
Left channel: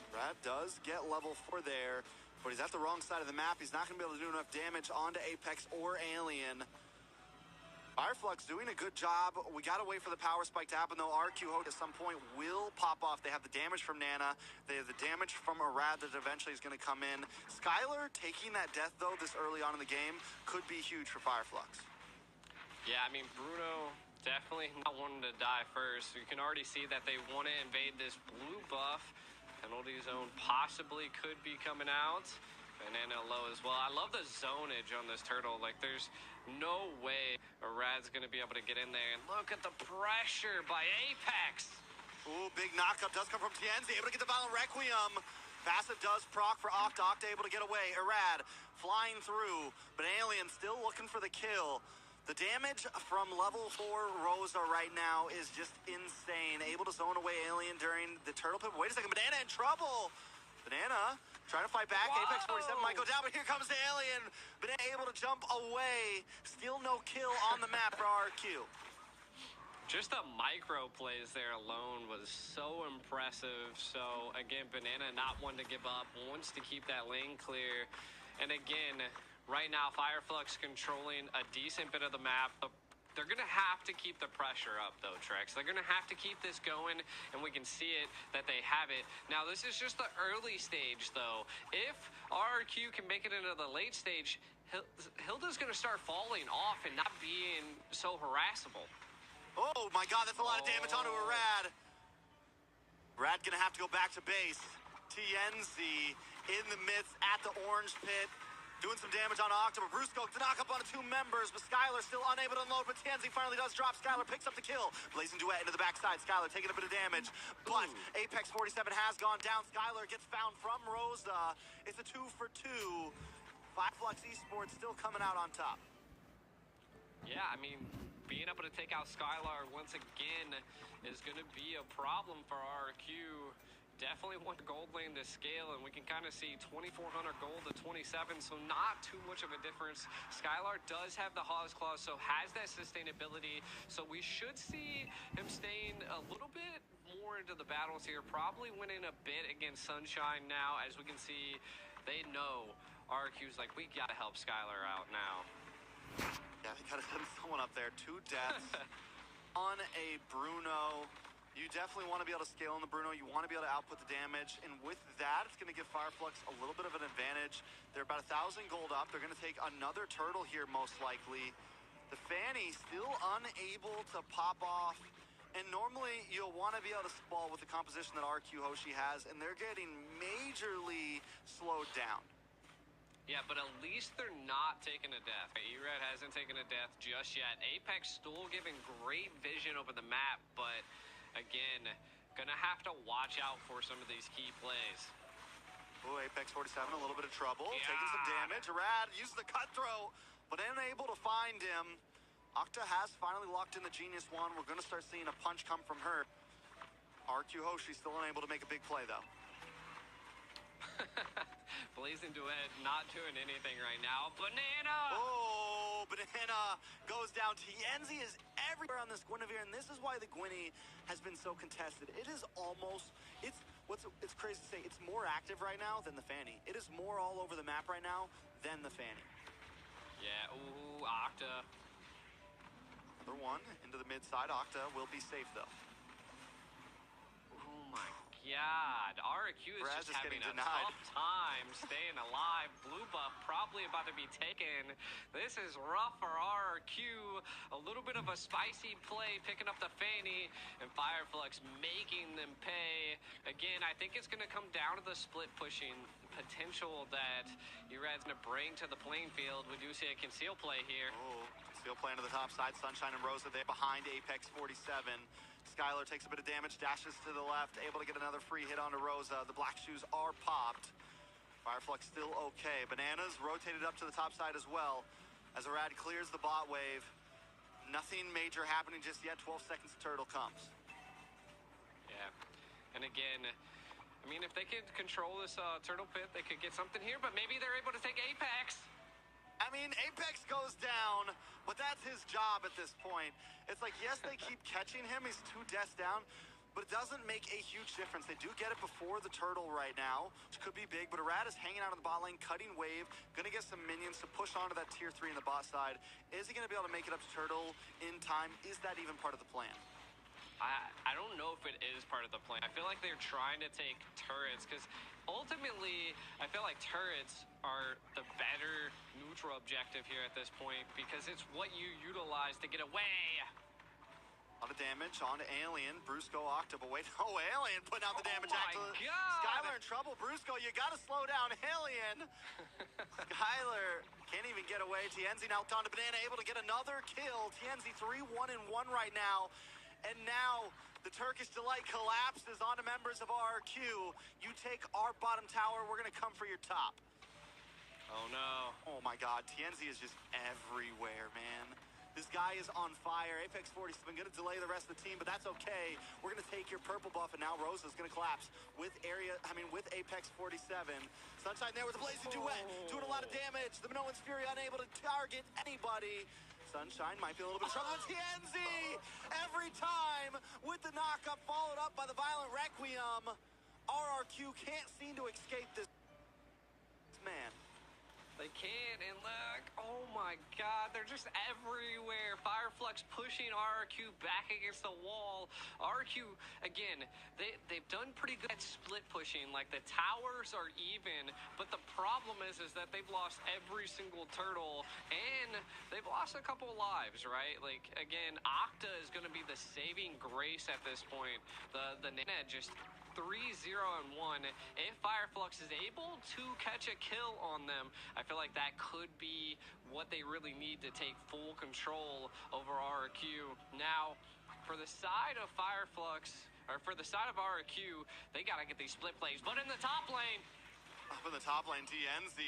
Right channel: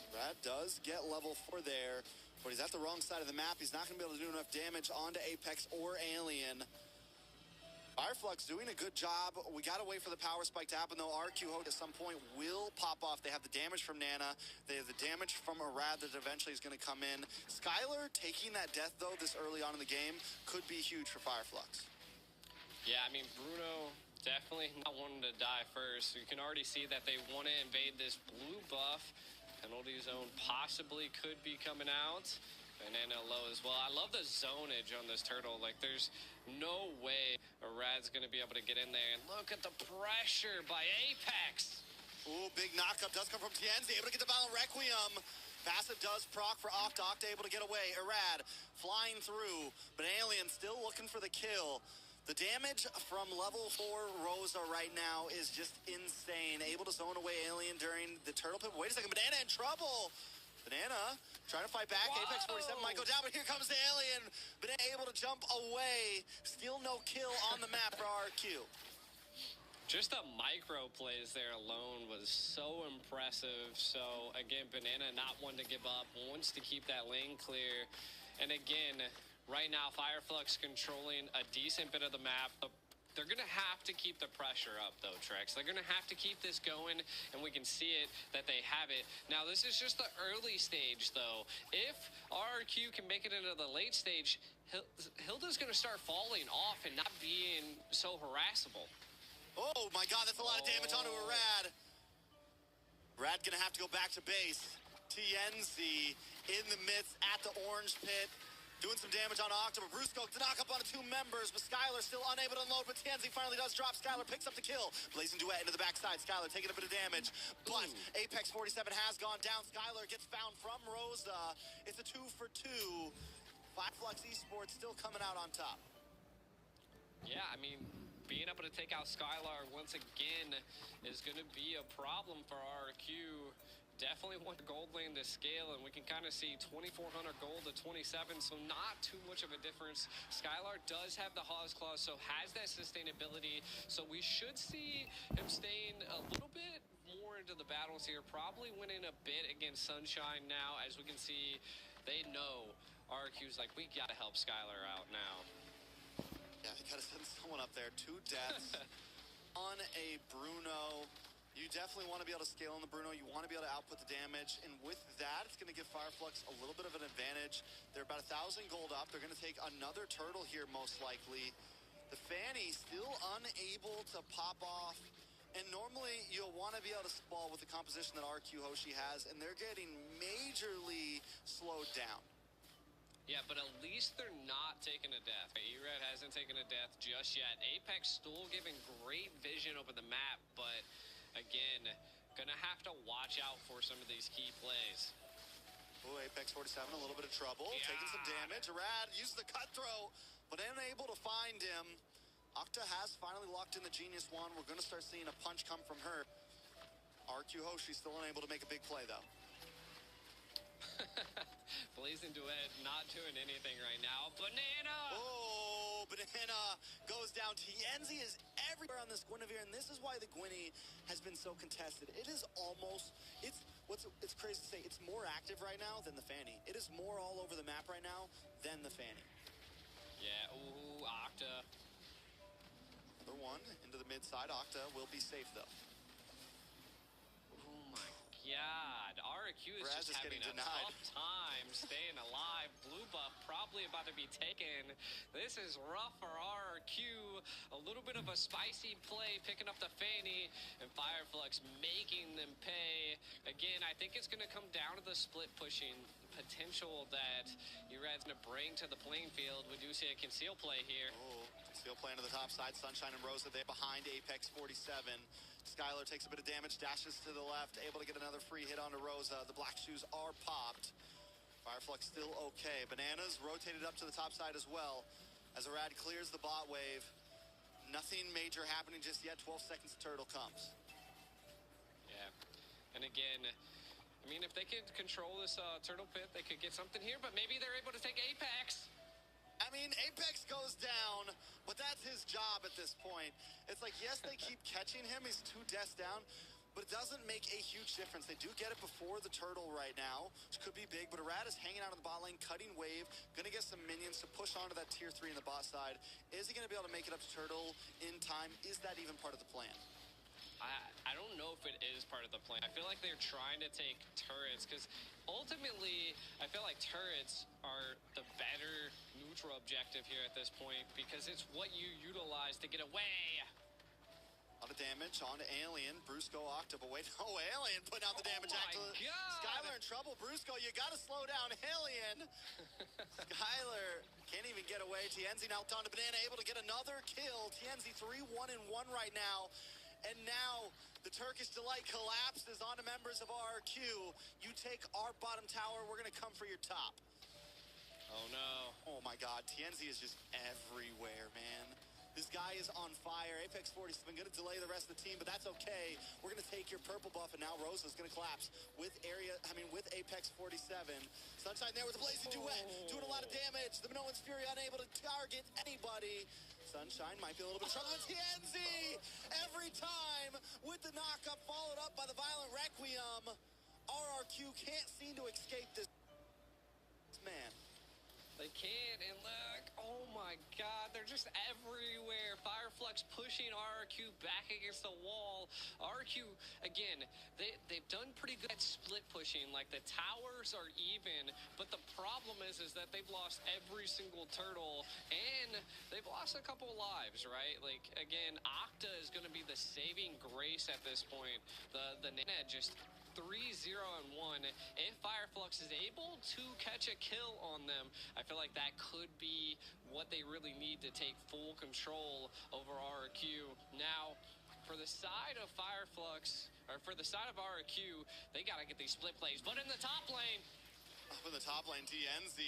Brad does get level 4 there. But he's at the wrong side of the map. He's not going to be able to do enough damage onto Apex or Alien. Fireflux doing a good job. We got to wait for the power spike to happen, though. RQ Hope at some point will pop off. They have the damage from Nana. They have the damage from Arad that eventually is going to come in. Skylar taking that death, though, this early on in the game could be huge for Fireflux. Yeah, I mean, Bruno definitely not wanting to die first. You can already see that they want to invade this blue buff. Penalty zone possibly could be coming out. Banana low as well. I love the zonage on this turtle. Like, there's no way Rad's going to be able to get in there. And look at the pressure by Apex. Ooh, big knockup does come from Tienzi, able to get the Violent Requiem. Passive does proc for Octa. Octa able to get away. Irad flying through, but Alien still looking for the kill. The damage from level 4 Rosa right now is just insane. Able to zone away Alien during the turtle pip. Wait a second, Banana in trouble. Banana trying to fight back. Whoa. Apex 47 might go down, but here comes the Alien. Banana able to jump away. Still no kill on the map for RQ. Just the micro plays there alone was so impressive. So, again, Banana not one to give up, wants to keep that lane clear. And again, right now, Fireflux controlling a decent bit of the map. They're going to have to keep the pressure up, though, Trex. They're going to have to keep this going, and we can see it, that they have it. Now, this is just the early stage, though. If RRQ can make it into the late stage, Hilda's going to start falling off and not being so harassable. Oh my god, that's a lot of damage onto Irad. Rad gonna have to go back to base. TNZ in the midst at the orange pit. Doing some damage on Octa, but Brusco to knock up onto 2 members, but Skylar still unable to unload, but TNZ finally does drop. Skylar picks up the kill. Blazing Duet into the backside. Skylar taking a bit of damage, but Apex 47 has gone down. Skylar gets found from Rosa. It's a 2 for 2. Fireflux Esports still coming out on top. Yeah, I mean, being able to take out Skylar once again is going to be a problem for RQ. Definitely want the gold lane to scale, and we can kind of see 2,400 gold to 27, so not too much of a difference. Skylar does have the Hawes Claw, so has that sustainability, so we should see him staying a little bit more into the battles here, probably winning a bit against Sunshine now. As we can see, they know RQ's like, we got to help Skylar out now. Yeah, they gotta send someone up there. 2 deaths on a Bruno. You definitely want to be able to scale on the Bruno. You want to be able to output the damage. And with that, it's going to give Fireflux a little bit of an advantage. They're about 1,000 gold up. They're going to take another turtle here, most likely. The Fanny still unable to pop off. And normally, you'll want to be able to spall with the composition that RQ Hoshi has. And they're getting majorly slowed down. Yeah, but at least they're not taking a death. Erad hasn't taken a death just yet. Apex still giving great vision over the map, but again, gonna have to watch out for some of these key plays. Oh, Apex 47, a little bit of trouble. Taking some damage. Erad uses the cutthroat, but unable to find him. Octa has finally locked in the Genius Wand. We're gonna start seeing a punch come from her. RQ Hoshi still unable to make a big play, though. Blazing Duet not doing anything right now. Banana! Oh, Banana goes down. Tienzi is everywhere on this Guinevere, and this is why the Gwynny has been so contested. It is almost, it's crazy to say, it's more active right now than the Fanny. It is more all over the map right now than the Fanny. Yeah, ooh, Octa. Another one into the mid side. Octa will be safe, though. Oh my God, RQ is Raz just is having getting a denied. tough time staying alive. Blue buff probably about to be taken. This is rough for RQ. A little bit of a spicy play, picking up the Fanny, and Fireflux making them pay. Again, I think it's going to come down to the split pushing potential that Erad's going to bring to the playing field. We do see a conceal play here. Oh, conceal play into the top side. Sunshine and Rosa there behind Apex 47. Skylar takes a bit of damage, dashes to the left, able to get another free hit onto Rosa. The black shoes are popped. Fireflux still okay. Bananas rotated up to the top side as well as Erad clears the bot wave. Nothing major happening just yet. 12 seconds, Turtle comes. Yeah, and again, I mean, if they could control this turtle pit, they could get something here, but maybe they're able to take Apex. I mean, Apex goes down, but that's his job at this point. It's like, yes, they keep catching him. He's 2 deaths down, but it doesn't make a huge difference. They do get it before the turtle right now, which could be big, but Erad is hanging out on the bot lane, cutting wave, gonna get some minions to push onto that tier 3 in the bot side. Is he gonna be able to make it up to turtle in time? Is that even part of the plan? I don't know if it is part of the plan. I feel like they're trying to take turrets because ultimately I feel like turrets are the better neutral objective here at this point because it's what you utilize to get away. A lot of damage onto Alien. Brusco, Octa, but wait. Oh, Alien putting out the damage. my Actually, God. Skylar in trouble. Brusco, you got to slow down. Alien. Skylar can't even get away. Tienzi now onto Banana, able to get another kill. Tienzi 3-1-1 right now. And now the Turkish Delight collapses onto members of RRQ. You take our bottom tower. We're going to come for your top. Oh no. Oh my God, Tienzi is just everywhere, man. This guy is on fire. Apex 47 going to delay the rest of the team, but that's okay. We're going to take your purple buff, and now Rosa's going to collapse with Apex 47. Sunshine there with a blazing duet, doing a lot of damage. The Minoan's Fury unable to target anybody. Sunshine might be a little bit of trouble with Tienzi. Every time with the knock-up followed up by the Violent Requiem. RRQ can't seem to escape this man. They can't, and look, oh my God, they're just everywhere. Fireflux pushing RRQ back against the wall. RRQ, again, they've done pretty good at split pushing. Like, the towers are even, but the problem is that they've lost every single turtle, and they've lost a couple lives, right? Like, again, Octa is going to be the saving grace at this point. The Nana just 3-0-1. If Fireflux is able to catch a kill on them, I feel like that could be what they really need to take full control over RRQ. Now, for the side of Fireflux, or for the side of RRQ, they gotta get these split plays. But in the top lane, Up in the top lane, TNZ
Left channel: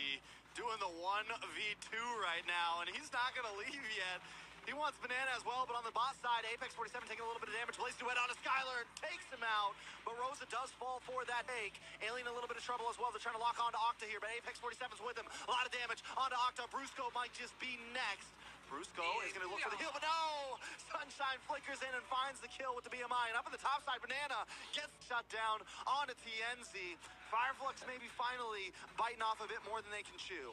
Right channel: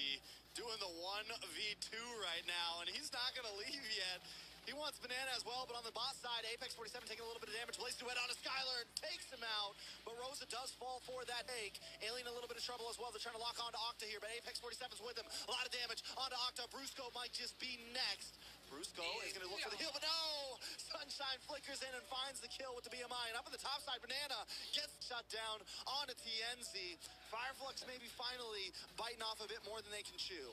doing the 1v2 right now, and he's not gonna leave yet. He wants Banana as well, but on the bot side, Apex 47 taking a little bit of damage. Blaze duet onto Skylar and takes him out, but Rosa does fall for that take. Alien a little bit of trouble as well. They're trying to lock onto Octa here, but Apex 47's with him. A lot of damage onto Octa. Brusco might just be next. Brusco is going to look for the heal, but no! Sunshine flickers in and finds the kill with the BMI. And up on the top side, Banana gets shut down onto TNZ. Fireflux maybe finally biting off a bit more than they can chew.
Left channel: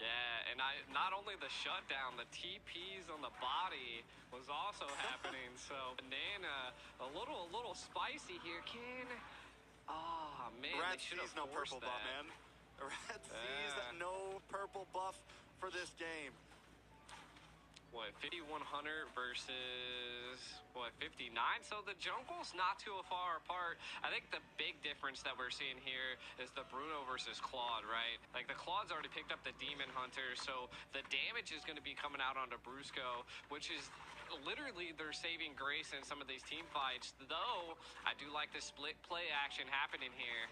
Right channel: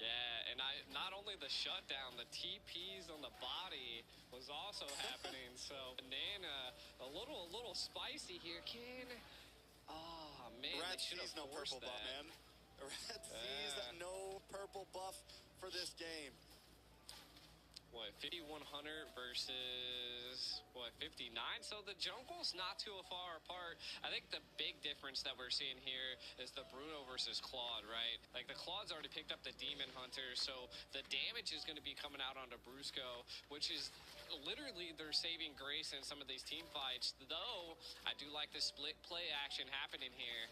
yeah, and not only the shutdown, the TPs on the body was also happening. So Banana, a little spicy here. Oh man, Red they should have sees no forced purple that. buff, man. Red sees Yeah. no purple buff for this game. What, 5100 versus, what, 59? So the jungle's not too far apart. I think the big difference that we're seeing here is the Bruno versus Claude, right? Like, the Claude's already picked up the Demon Hunter, so the damage is going to be coming out onto Brusco, which is literally their saving grace in some of these team fights. Though, I do like the split play action happening here.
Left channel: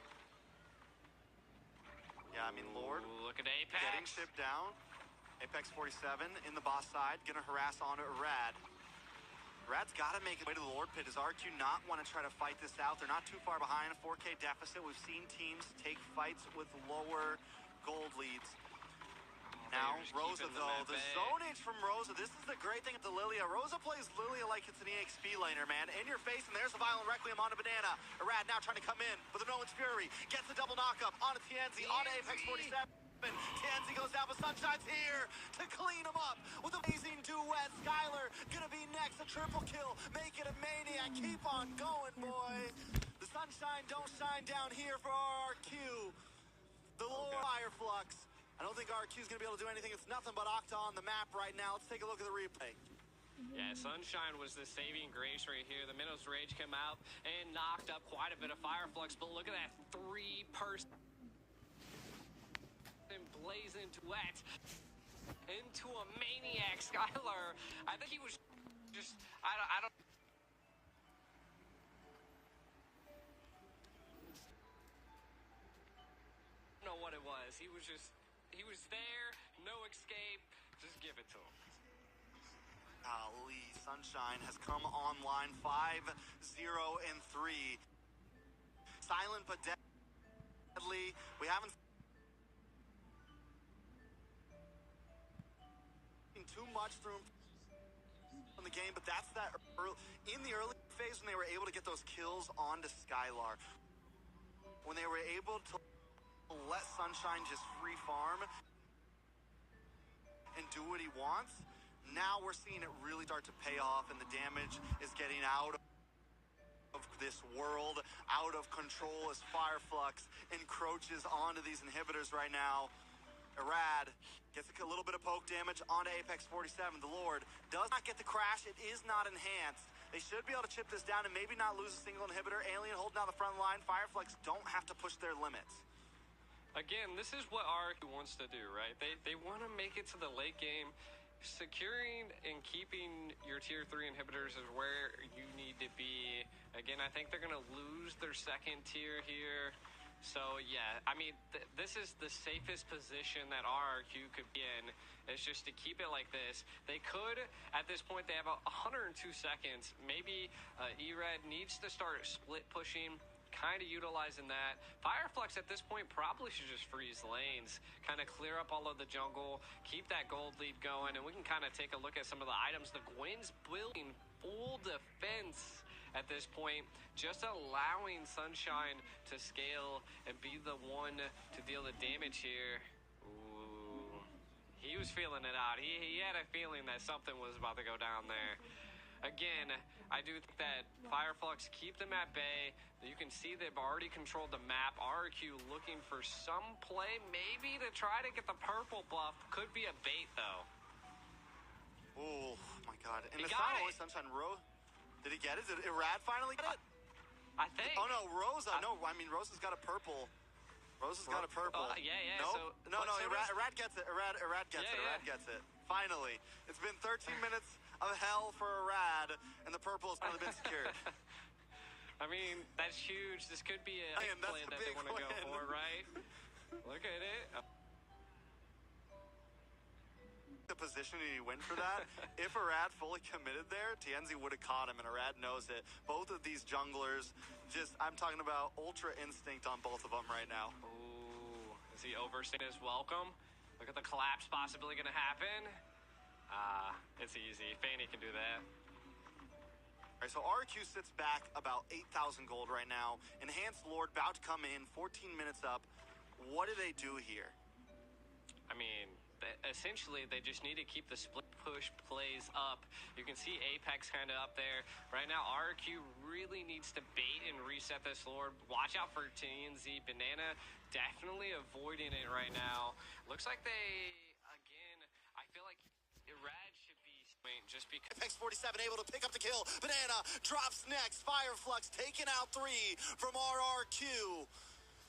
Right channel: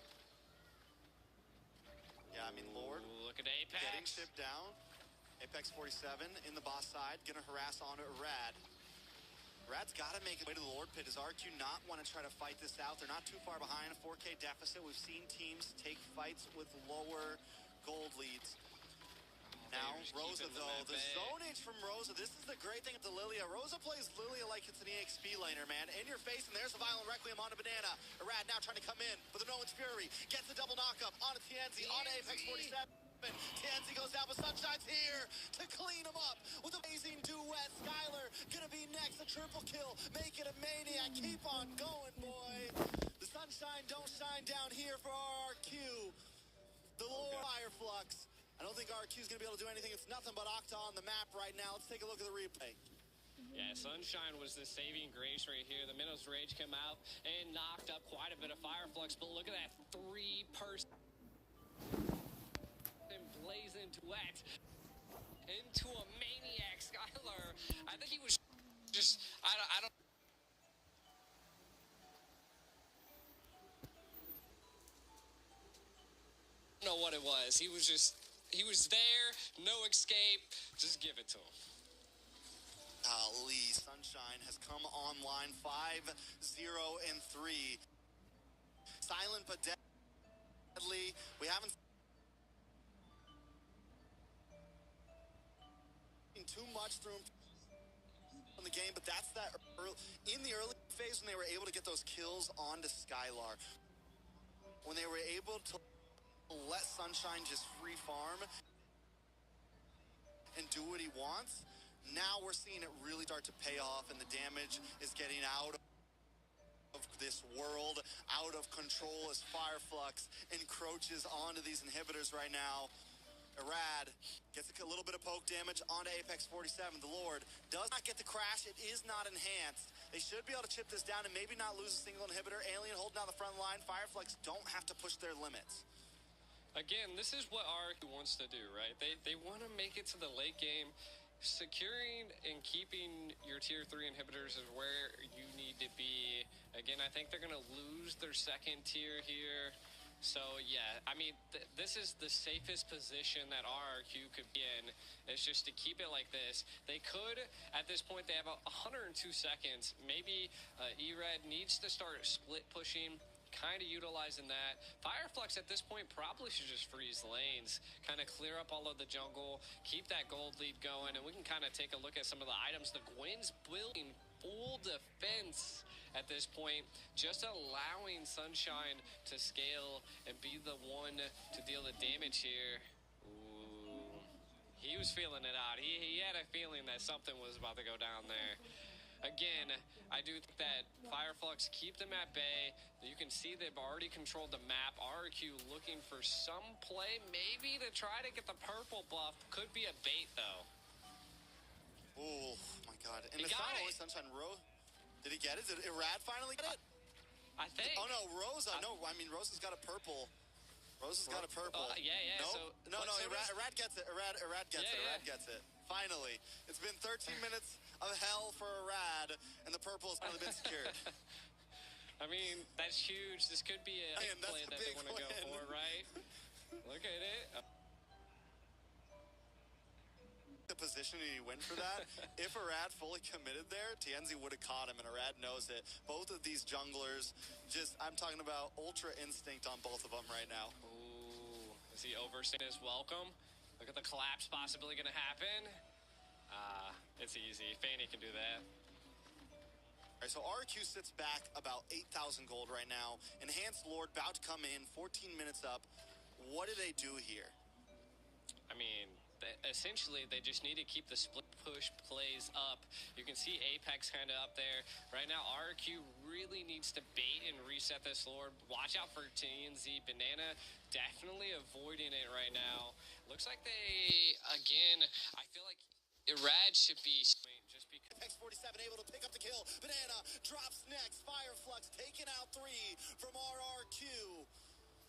Yeah, I mean, Lord Ooh, look at Apex. getting shipped down. Apex 47 in the boss side, gonna harass onto Rad. Rad's gotta make it way to the Lord Pit. Does RQ not want to try to fight this out? They're not too far behind, a 4K deficit. We've seen teams take fights with lower gold leads. Now, just Rosa, keeping them though, at the bay. zonage from Rosa. This is the great thing at the Lilia. Rosa plays Lilia like it's an EXP laner, man. In your face, and there's the Violent Requiem onto Banana. Arad now trying to come in, but the Nolan's Fury gets the double knockup onto Tienzi, onto Apex 47. Tienzi goes down, but Sunshine's here to clean him up with amazing duet. Skylar gonna be next, a triple kill. Make it a maniac. Keep on going, boy. The Sunshine don't shine down here for RRQ. The Lord Fireflux. I don't think RRQ is gonna be able to do anything. It's nothing but Octa on the map right now. Let's take a look at the replay. Yeah, Sunshine was the saving grace right here. The Minos Rage came out and knocked up quite a bit of Fireflux, but look at that three-person blazing duet into a maniac. Skylar, I think he was just, I don't know what it was. He was there, no escape, just give it to him. Ali, Sunshine has come online 5-0-3. Silent but deadly. We haven't seen too much through him in the game, but that's that in the early phase when they were able to get those kills onto Skylar. When they were able to let Sunshine just free farm and do what he wants. Now we're seeing it really start to pay off, and the damage is getting out of this world, out of control as Fireflux encroaches onto these inhibitors right now. Arad gets a little bit of poke damage onto Apex 47. The Lord does not get the crash. It is not enhanced. They should be able to chip this down and maybe not lose a single inhibitor. Alien holding down the front line. Fireflux don't have to push their limits. Again, this is what RQ wants to do, right? They want to make it to the late game. Securing and keeping your tier 3 inhibitors is where you need to be. Again, I think they're going to lose their second tier here. So, yeah, I mean, this is the safest position that RRQ could be in. It's just to keep it like this. They could, at this point, they have 102 seconds. Maybe ERED needs to start split pushing, kind of utilizing that. Fireflux at this point probably should just freeze lanes, kind of clear up all of the jungle, keep that gold lead going, and we can kind of take a look at some of the items. The Gwyn's building full defense at this point, just allowing Sunshine to scale and be the one to deal the damage here. Ooh, he was feeling it out. He had a feeling that something was about to go down there. Again, I do think that Fireflux keep them at bay. You can see they've already controlled the map. RQ looking for some play, maybe to try to get the purple buff. Could be a bait, though. Oh, my God. And He it's got not it. only Sunshine. Did he get it? Did Irad finally get it? I think. Oh, no, Rosa. No, I mean, Rosa's got a purple. Rosa's got a purple. Yeah. Nope. So, No, so Irad gets it. Irad gets it. Yeah. Irad gets it. Finally. It's been 13 minutes of hell for Irad, and the purple has finally been secured. I mean, that's huge. This could be a Man, that's play a that they big want to go win. for, right? Look at it. The position and he went for that. If Irad fully committed there, TNZ would have caught him, and Irad knows it. Both of these junglers, I'm talking about ultra instinct on both of them right now. Ooh, is he overstaying his welcome? Look at the collapse possibly going to happen. It's easy. Fanny can do that. All right, so RQ sits back about 8,000 gold right now. Enhanced Lord about to come in, 14 minutes up. What do they do here? I mean, essentially, they just need to keep the split push plays up. You can see Apex kind of up there. Right now, RQ really needs to bait and reset this Lord. Watch out for TNZ. Banana definitely avoiding it right now. Looks like they, again, I feel like Irad should be just because. Apex 47 able to pick up the kill. Banana drops next. Fireflux taking out 3 from RRQ.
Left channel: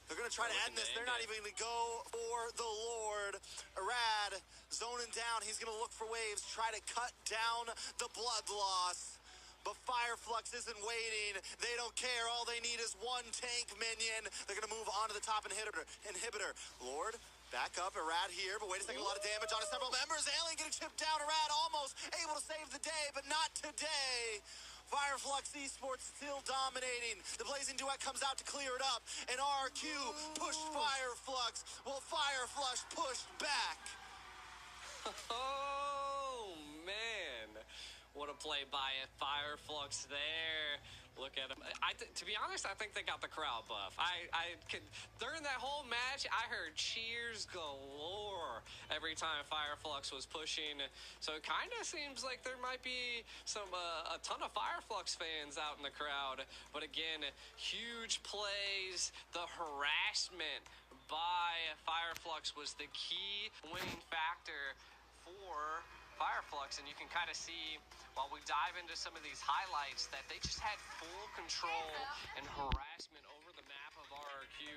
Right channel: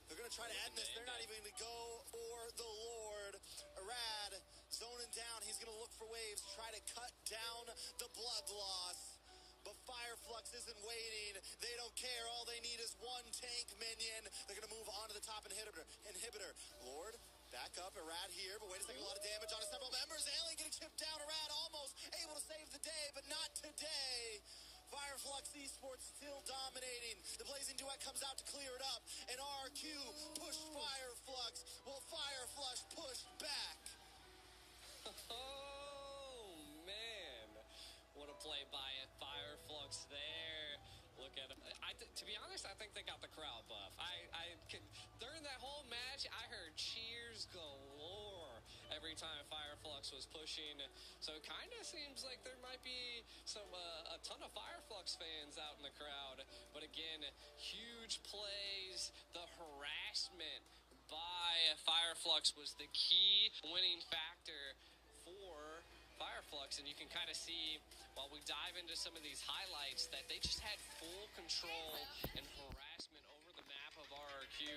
They're going to try to end this. They're not even going to go for the Lord. Irad zoning down. He's going to look for waves, try to cut down the blood loss. But Fireflux isn't waiting. They don't care. All they need is one tank minion. They're going to move on to the top inhibitor. Lord, back up. Irad here, but wait a second. A lot of damage on several members. Alien getting chipped down. Irad almost able to save the day, but not today. Fireflux Esports still dominating. The Blazing Duet comes out to clear it up. And RQ pushed Fireflux while Fireflux pushed back. Oh, man. What a play by it. Fireflux there. Look at him. To be honest, I think they got the crowd buff. I could during that whole match, I heard cheers galore every time Fireflux was pushing. So it kind of seems like there might be a ton of Fireflux fans out in the crowd. But again, huge plays. The harassment by Fireflux was the key winning factor for Fireflux, and you can kind of see while we dive into some of these highlights that they just had full control and harassment over the map of RRQ.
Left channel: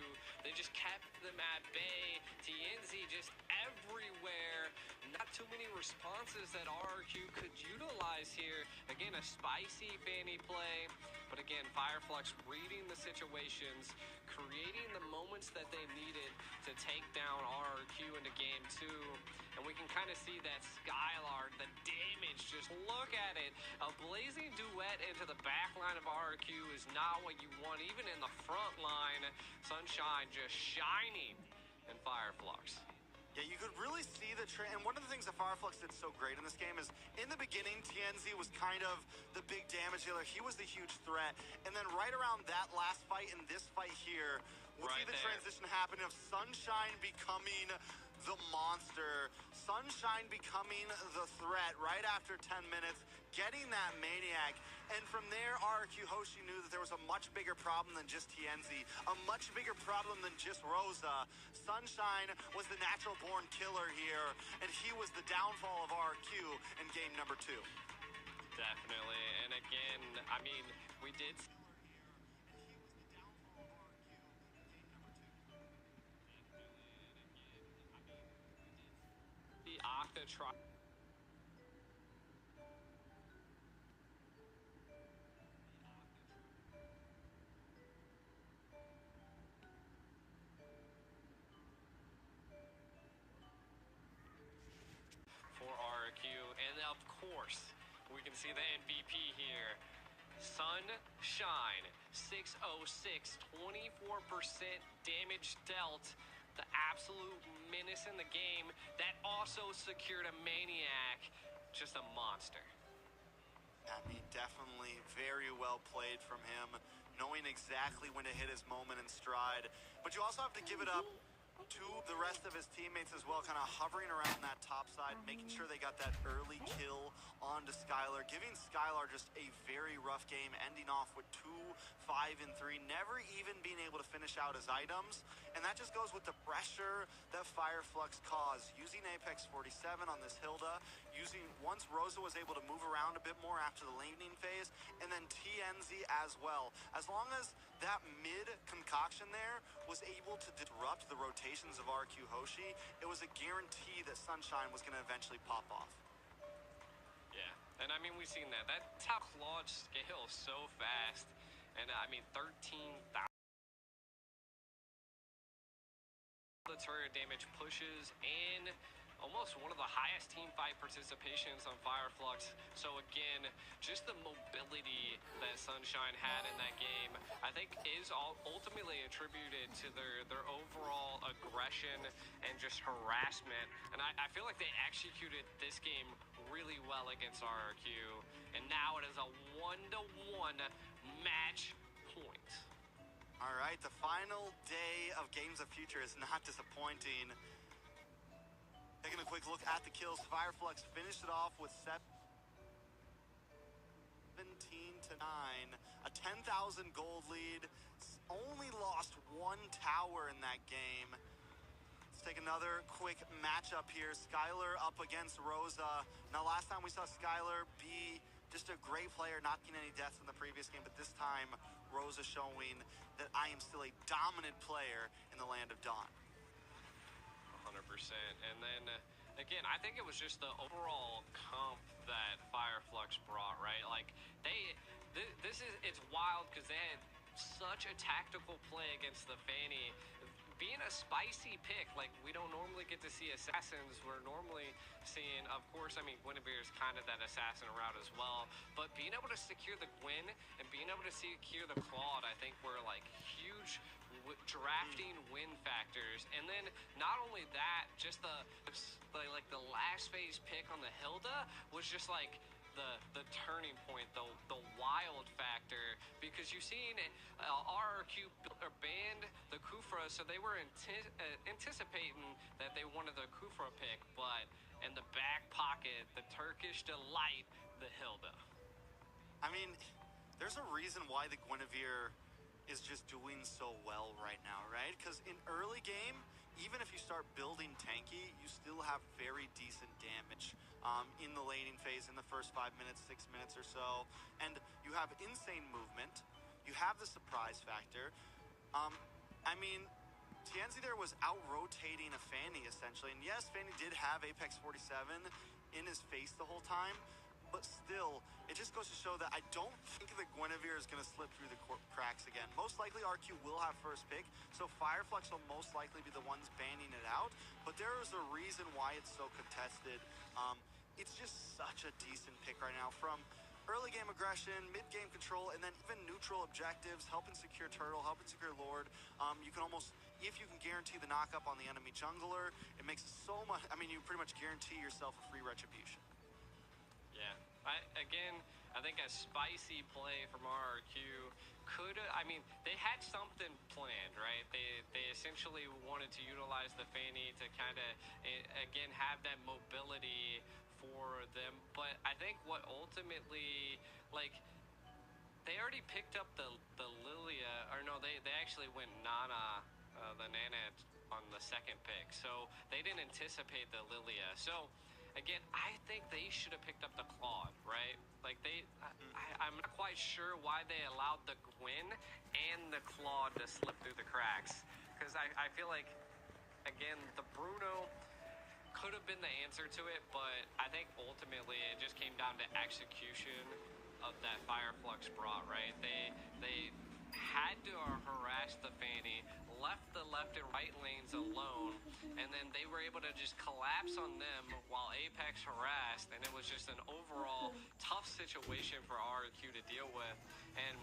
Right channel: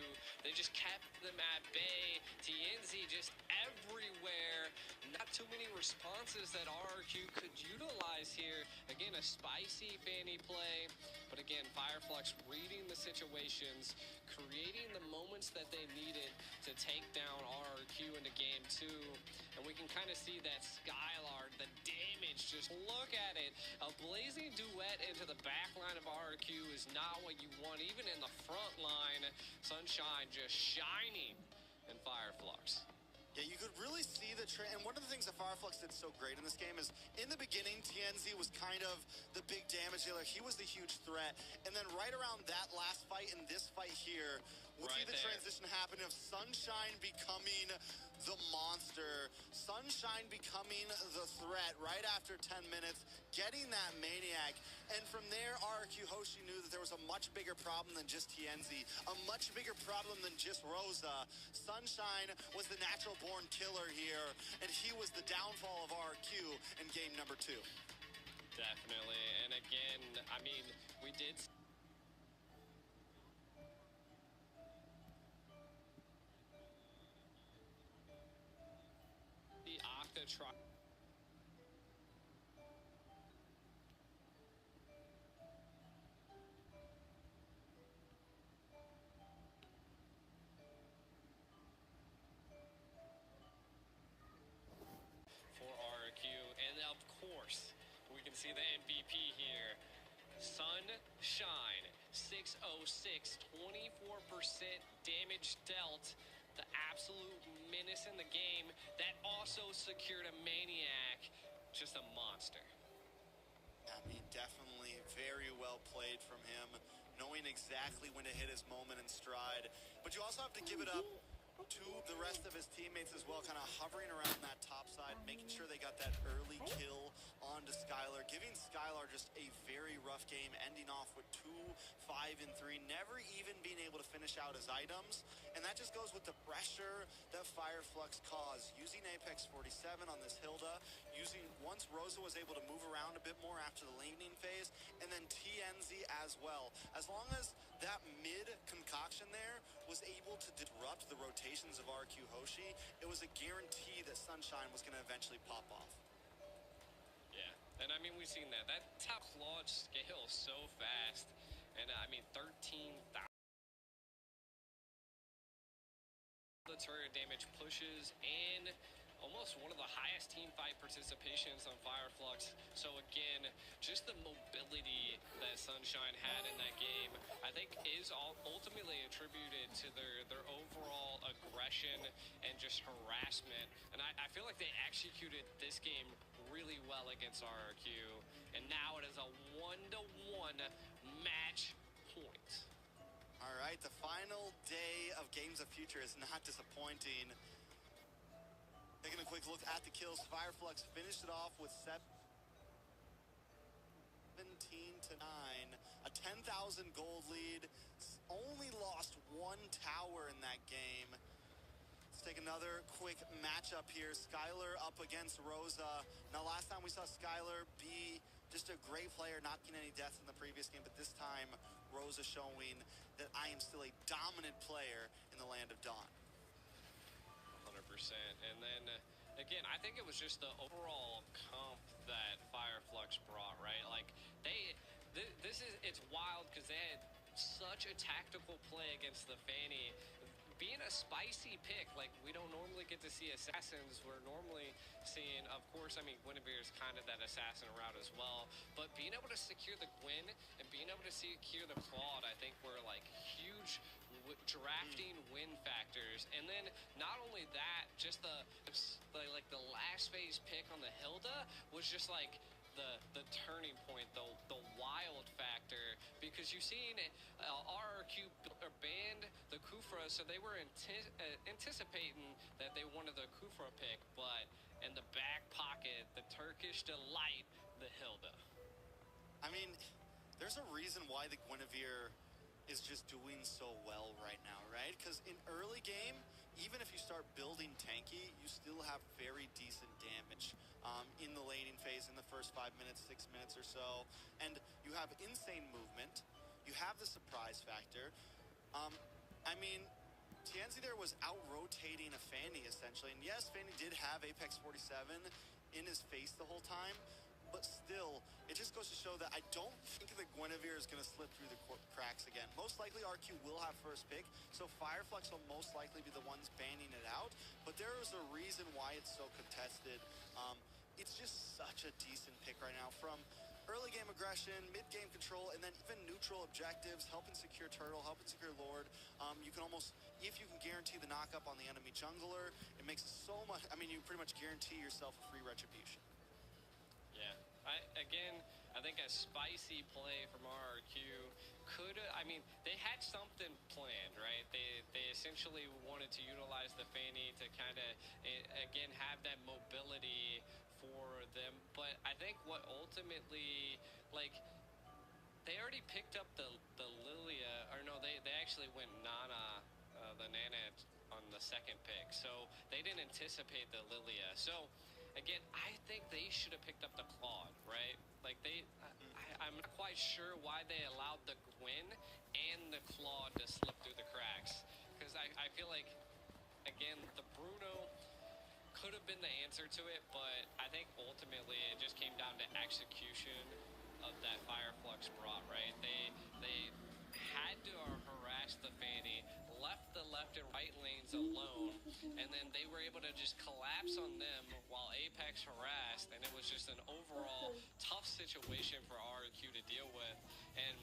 They just kept them at bay. TNZ just everywhere. Not too many responses that RRQ could utilize here. Again, a spicy Fanny play, but again, Fireflux reading the situations, creating the moments that they needed to take down RRQ into game 2. And we can kind of see that Skylard, the damage, just look at it. A Blazing Duet into the back line of RRQ is not what you want, even in the front line. Sunshine just shining in Fireflux. Yeah, you could really see the trend. And one of the things that Fireflux did so great in this game is in the beginning, TNZ was kind of the big damage dealer. He was the huge threat. And then right around that last fight and this fight here, we'll see the transition happen of Sunshine becoming the monster. Sunshine becoming the threat right after 10 minutes, getting that Maniac. And from there, RRQ Hoshi knew that there was a much bigger problem than just TNZ, a much bigger problem than just Rosa. Sunshine was the natural-born killer here, and he was the downfall of RRQ in game number 2. Definitely. And again, I mean, we did see Octa try. For RQ, and of course, we can see the MVP here. Sunshine, 606, 24% damage dealt. The absolute menace in the game that also secured a Maniac. Just a monster. I mean, definitely very well played from him, knowing exactly when to hit his moment in stride. But you also have to give it up to the rest of his teammates as well, kind of hovering around that top side, making sure they got that early kill onto Skylar, giving Skylar just a very rough game, ending off with 2, 5, and 3, never even being able to finish out his items. And that just goes with the pressure that Fireflux caused, using Apex 47 on this Hilda, once Rosa was able to move around a bit more after the laning phase, and then TNZ as well. As long as that mid concoction there was able to disrupt the rotations of RQ Hoshi, it was a guarantee that Sunshine was going to eventually pop off. Yeah, and I mean, we've seen that. That's how Claude scales so fast. And I mean, 13,000 the turret damage pushes in almost one of the highest team fight participations on Fireflux. So again, just the mobility that Sunshine had in that game, I think is ultimately attributed to their overall aggression and just harassment. And I feel like they executed this game really well against RRQ. And now it is a 1-to-1 match point. All right, the final day of Games of Future is not disappointing. Taking a quick look at the kills, Fireflux finished it off with 17-9, a 10,000 gold lead, only lost 1 tower in that game. Let's take another quick matchup here. Skylar up against Rosa. Now, last time we saw Skylar be just a great player, not getting any deaths in the previous game, but this time Rosa showing that I am still a dominant player in the Land of Dawn. 100%. And then again, I think it was just the overall comp that Fireflux brought, right? Like it's wild because they had such a tactical play against the Fanny. Being a spicy pick, like we don't normally get to see assassins. We're normally seeing, of course, I mean, Guinevere is kind of that assassin route as well. But being able to secure the Gwen and being able to secure the Claude, I think were like huge drafting win factors. And then not only that, just the last phase pick on the Hilda was just like the turning point, the wild factor, because you've seen RRQ banned the Kufra, so they were anticipating that they wanted the Kufra pick, but in the back pocket, the Turkish delight, the Hilda. I mean, there's a reason why the Guinevere is just doing so well right now, right? Because in early game, even if you start building tanky, you still have very decent damage in the laning phase in the first 5 minutes, 6 minutes or so. And you have insane movement. You have the surprise factor. I mean, TNZ there was out-rotating a Fanny, essentially. And yes, Fanny did have Apex 47 in his face the whole time. But still, it just goes to show that I don't think the Guinevere is going to slip through the cracks again. Most likely, RQ will have first pick, so Fireflux will most likely be the ones banning it out. But there is a reason why it's so contested. It's just such a decent pick right now, from early game aggression, mid game control, and then even neutral objectives, helping secure Turtle, helping secure Lord. You can almost, if you can guarantee the knockup on the enemy jungler, it makes it so much, I mean, you pretty much guarantee yourself a free retribution. Yeah, I think a spicy play from RRQ could, I mean, they had something planned, right? They essentially wanted to utilize the Fanny to kind of, again, have that mobility for them. But I think what ultimately, like, they already picked up the Lilia, or no, they actually went Nana, the Nana on the second pick. So they didn't anticipate the Lilia. So again, I think they should have picked up the Claude, right? Like I'm not quite sure why they allowed the Gwen and the Claude to slip through the cracks. Because I feel like, again, the Bruno could have been the answer to it, but I think ultimately it just came down to execution of that Fireflux brought, right? They had to harass the Fanny, left the left and right lanes alone, and then they were able to just collapse on them while Apex harassed, and it was just an overall tough situation for RQ to deal with. And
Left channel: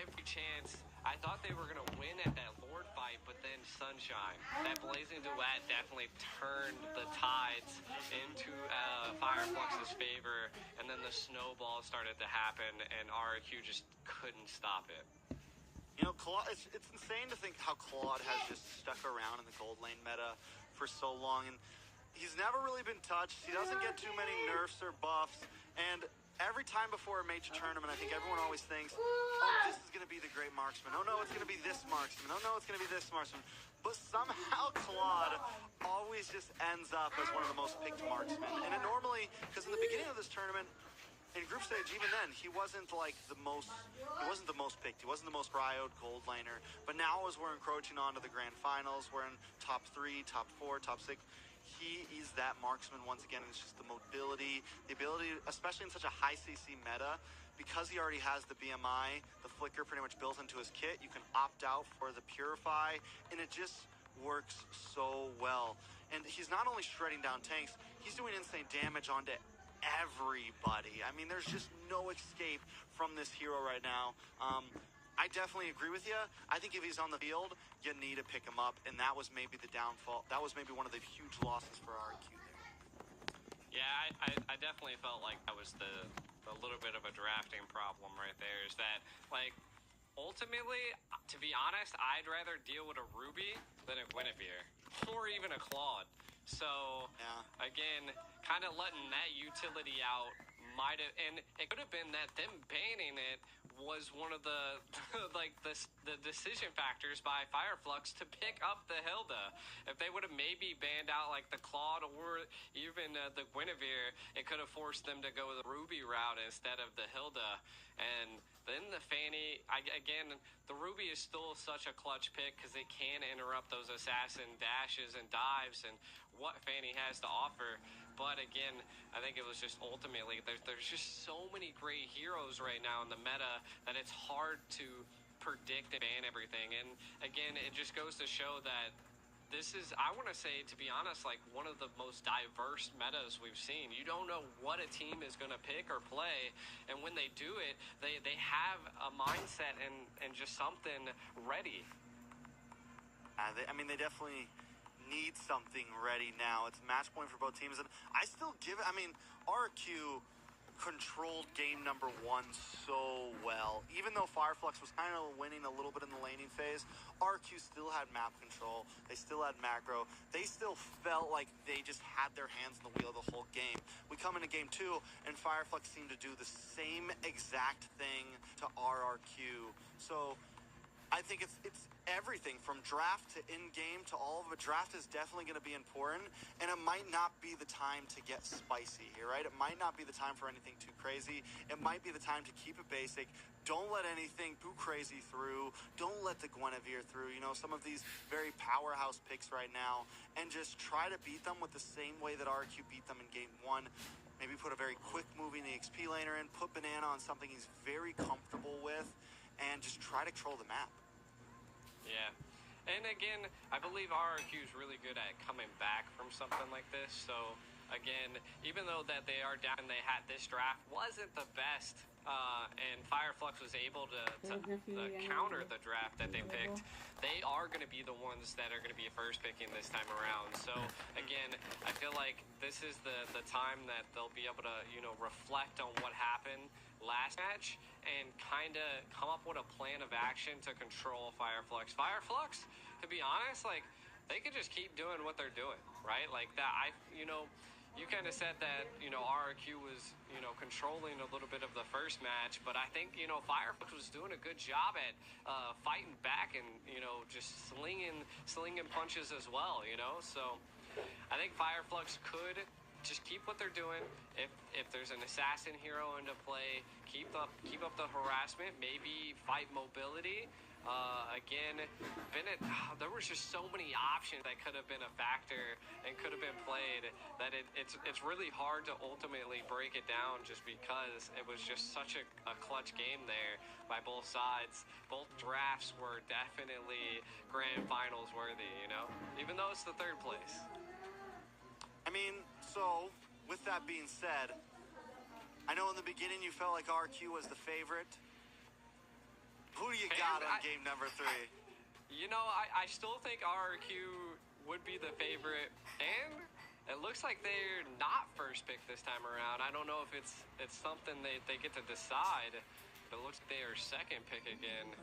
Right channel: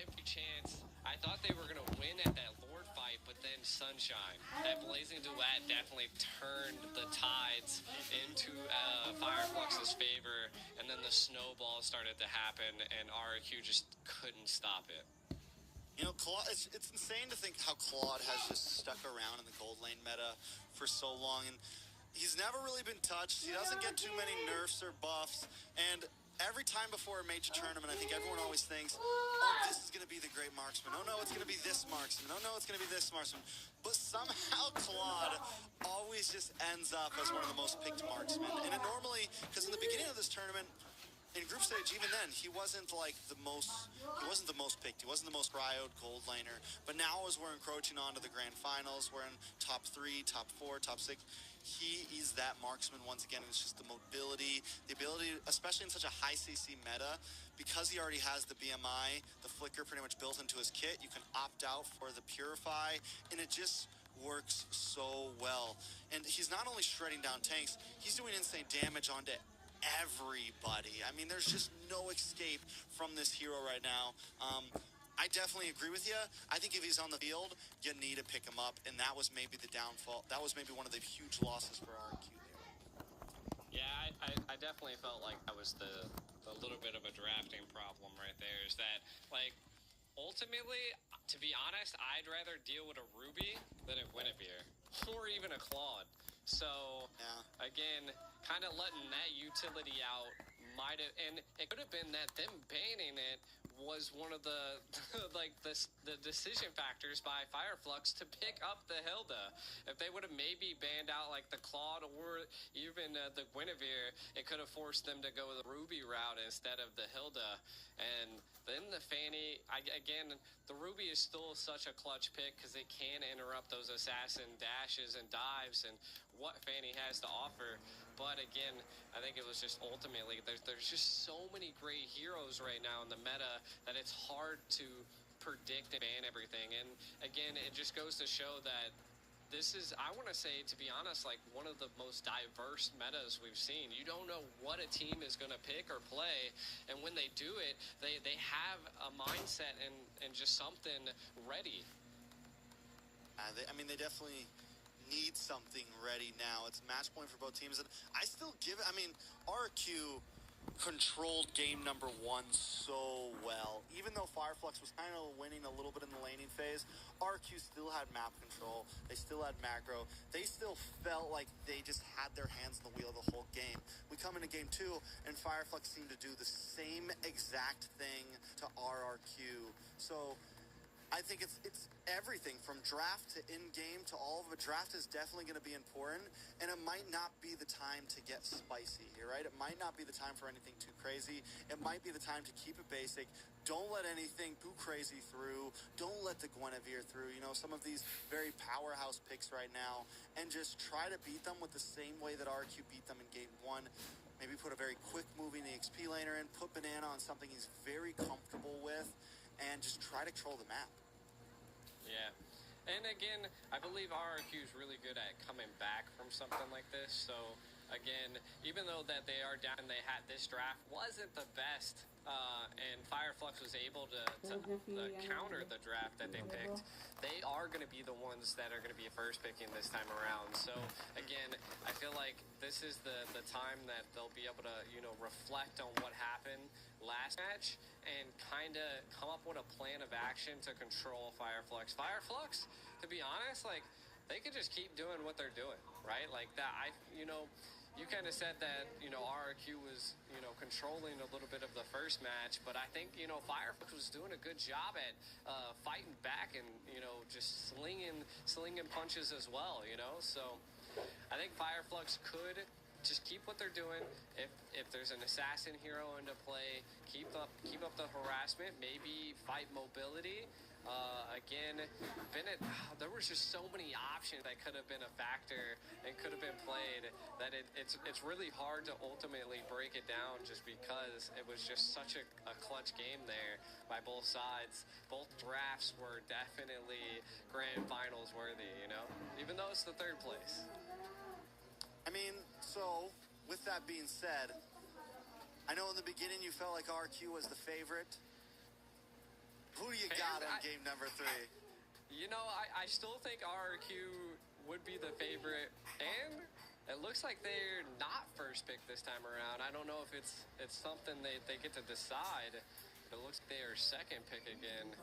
every chance, I thought they were going to win at that Lord fight, but then Sunshine, that Blazing Duet definitely turned the tides into Fireflux's favor, and then the snowball started to happen, and RQ just couldn't stop it. You know, Claude, it's insane to think how Claude has just stuck around in the gold lane meta for so long, and he's never really been touched. He doesn't get too many nerfs or buffs, and every time before a major tournament, I think everyone always thinks, oh, this is going to be the great marksman. Oh, no, it's going to be this marksman. Oh, no, it's going to be this marksman. But somehow Claude always just ends up as one of the most picked marksmen. And it normally, because in the beginning of this tournament, in group stage, even then, he wasn't the most picked. He wasn't the most rioed gold laner. But now as we're encroaching onto the grand finals, we're in top 3, top 4, top 6. He is that marksman once again. It's just the mobility, the ability, especially in such a high CC meta, because he already has the BMI, the flicker pretty much built into his kit. You can opt out for the Purify, and it just works so well. And he's not only shredding down tanks, he's doing insane damage onto everybody. I mean, there's just no escape from this hero right now. I definitely agree with you. I think if he's on the field, you need to pick him up, and that was maybe the downfall. That was maybe one of the huge losses for RQ there. Yeah, I definitely felt like that was the little bit of a drafting problem right there, is that, like, ultimately, to be honest, I'd rather deal with a Ruby than a Guinevere, or even a Claude. So, yeah, again, kind of letting that utility out might have, and it could have been that them banning it was one of the like the decision factors by Fireflux to pick up the Hilda. If they would have maybe banned out like the Claude or even the Guinevere, it could have forced them to go the Ruby route instead of the Hilda. And then the Fanny, again, the Ruby is still such a clutch pick because it can interrupt those assassin dashes and dives and what Fanny has to offer. But again, I think it was just ultimately, there's just so many great heroes right now in the meta that it's hard to predict and ban everything. And again, it just goes to show that this is, I want to say, to be honest, like one of the most diverse metas we've seen. You don't know what a team is going to pick or play, and when they do it, they have a mindset and just something ready. I mean, they definitely need something ready now. It's match point for both teams, and I still give it, I mean, RQ controlled game number 1 so well. Even though Fireflux was kind of winning a little bit in the laning phase, RQ still had map control. They still had macro. They still felt like they just had their hands on the wheel the whole game. We come into game 2, and Fireflux seemed to do the same exact thing to RRQ. So I think it's everything from draft to in-game to all of it. Draft is definitely going to be important, and it might not be the time to get spicy here, right? It might not be the time for anything too crazy. It might be the time to keep it basic. Don't let anything too crazy through. Don't let the Guinevere through. You know, some of these very powerhouse picks right now, and just try to beat them with the same way that RQ beat them in game 1. Maybe put a very quick moving XP laner in, put Banana on something he's very comfortable with, and just try to control the map. Yeah. And again, I believe RRQ is really good at coming back from something like this. So again, even though that they are down, they had this draft wasn't the best, and Fireflux was able to counter the draft that they picked. They are going to be the ones that are going to be first picking this time around. So again, I feel like this is the time that they'll be able to, you know, reflect on what happened last match and kind of come up with a plan of action to control Fireflux. Fireflux, to be honest, like, they could just keep doing what they're doing, right? Like that, you know, you kind of said that, you know, RRQ was, you know, controlling a little bit of the first match, but I think, you know, Fireflux was doing a good job at fighting back and, you know, just slinging punches as well, you know? So I think Fireflux could just keep what they're doing. If there's an assassin hero into play, keep up the harassment. Maybe fight mobility. Again, Bennett, there was just so many options that could have been a factor and could have been played that it's really hard to ultimately break it down just because it was just such a clutch game there by both sides. Both drafts were definitely grand finals worthy, you know, even though it's the third place. I mean, so with that being said, I know in the beginning you felt like RQ was the favorite. Who do you got on game number 3? You know, I still think RRQ would be the favorite, and it looks like they're not first pick this time around. I don't know if it's something they get to decide, but it looks like they are second pick again.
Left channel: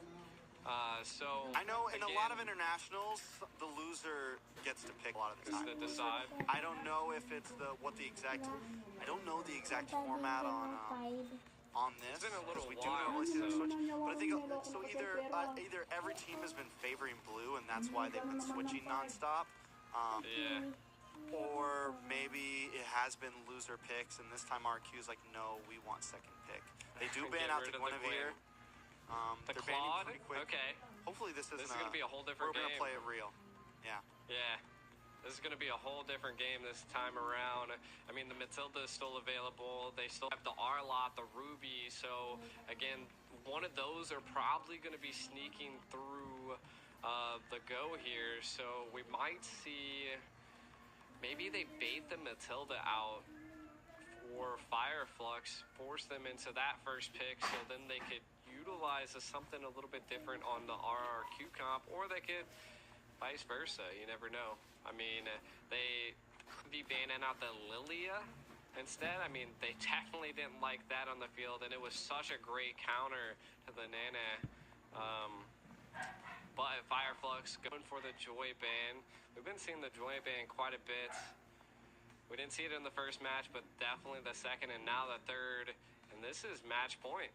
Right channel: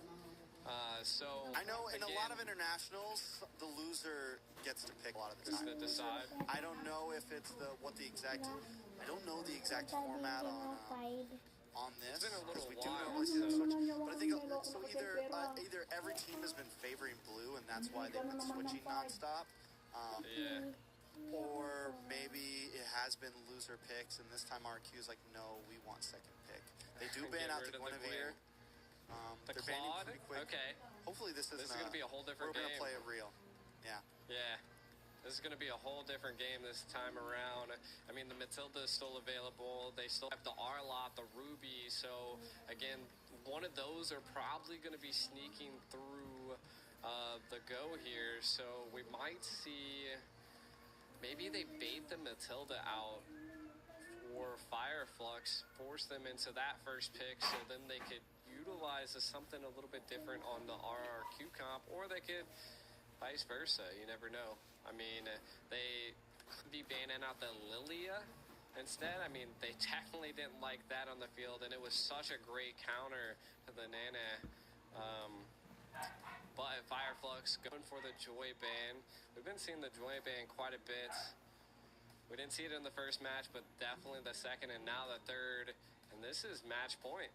So I know in again, a lot of internationals, the loser gets to pick a lot of the is time. to decide. I don't know if it's I don't know the exact format on this. It's been a little because we do while, normally see them so- switch. But I think so. Either every team has been favoring blue, and that's why they've been switching nonstop. Yeah. Or maybe it has been loser picks, and this time RQ is like, no, we want second pick. They do ban Get out rid the of the Guinevere. The They're banning Claude? pretty quick. Okay. Hopefully this isn't This is going to be a whole different we're game. gonna play it real. Yeah. Yeah. This is going to be a whole different game this time around. I mean, the Matilda is still available. They still have the Arlot, the Ruby. So, again, one of those are probably going to be sneaking through the go here. So, we might see... Maybe they bait the Matilda out for Fireflux, force them into that first pick, so then they could utilize something a little bit different on the RRQ comp, or they could vice versa. You never know. I mean, they could be banning out the Lilia instead. I mean, they definitely didn't like that on the field, and it was such a great counter to the Nana. But Fireflux going for the Joy ban. We've been seeing the Joy ban quite a bit. We didn't see it in the first match, but definitely the second and now the third. And this is match point.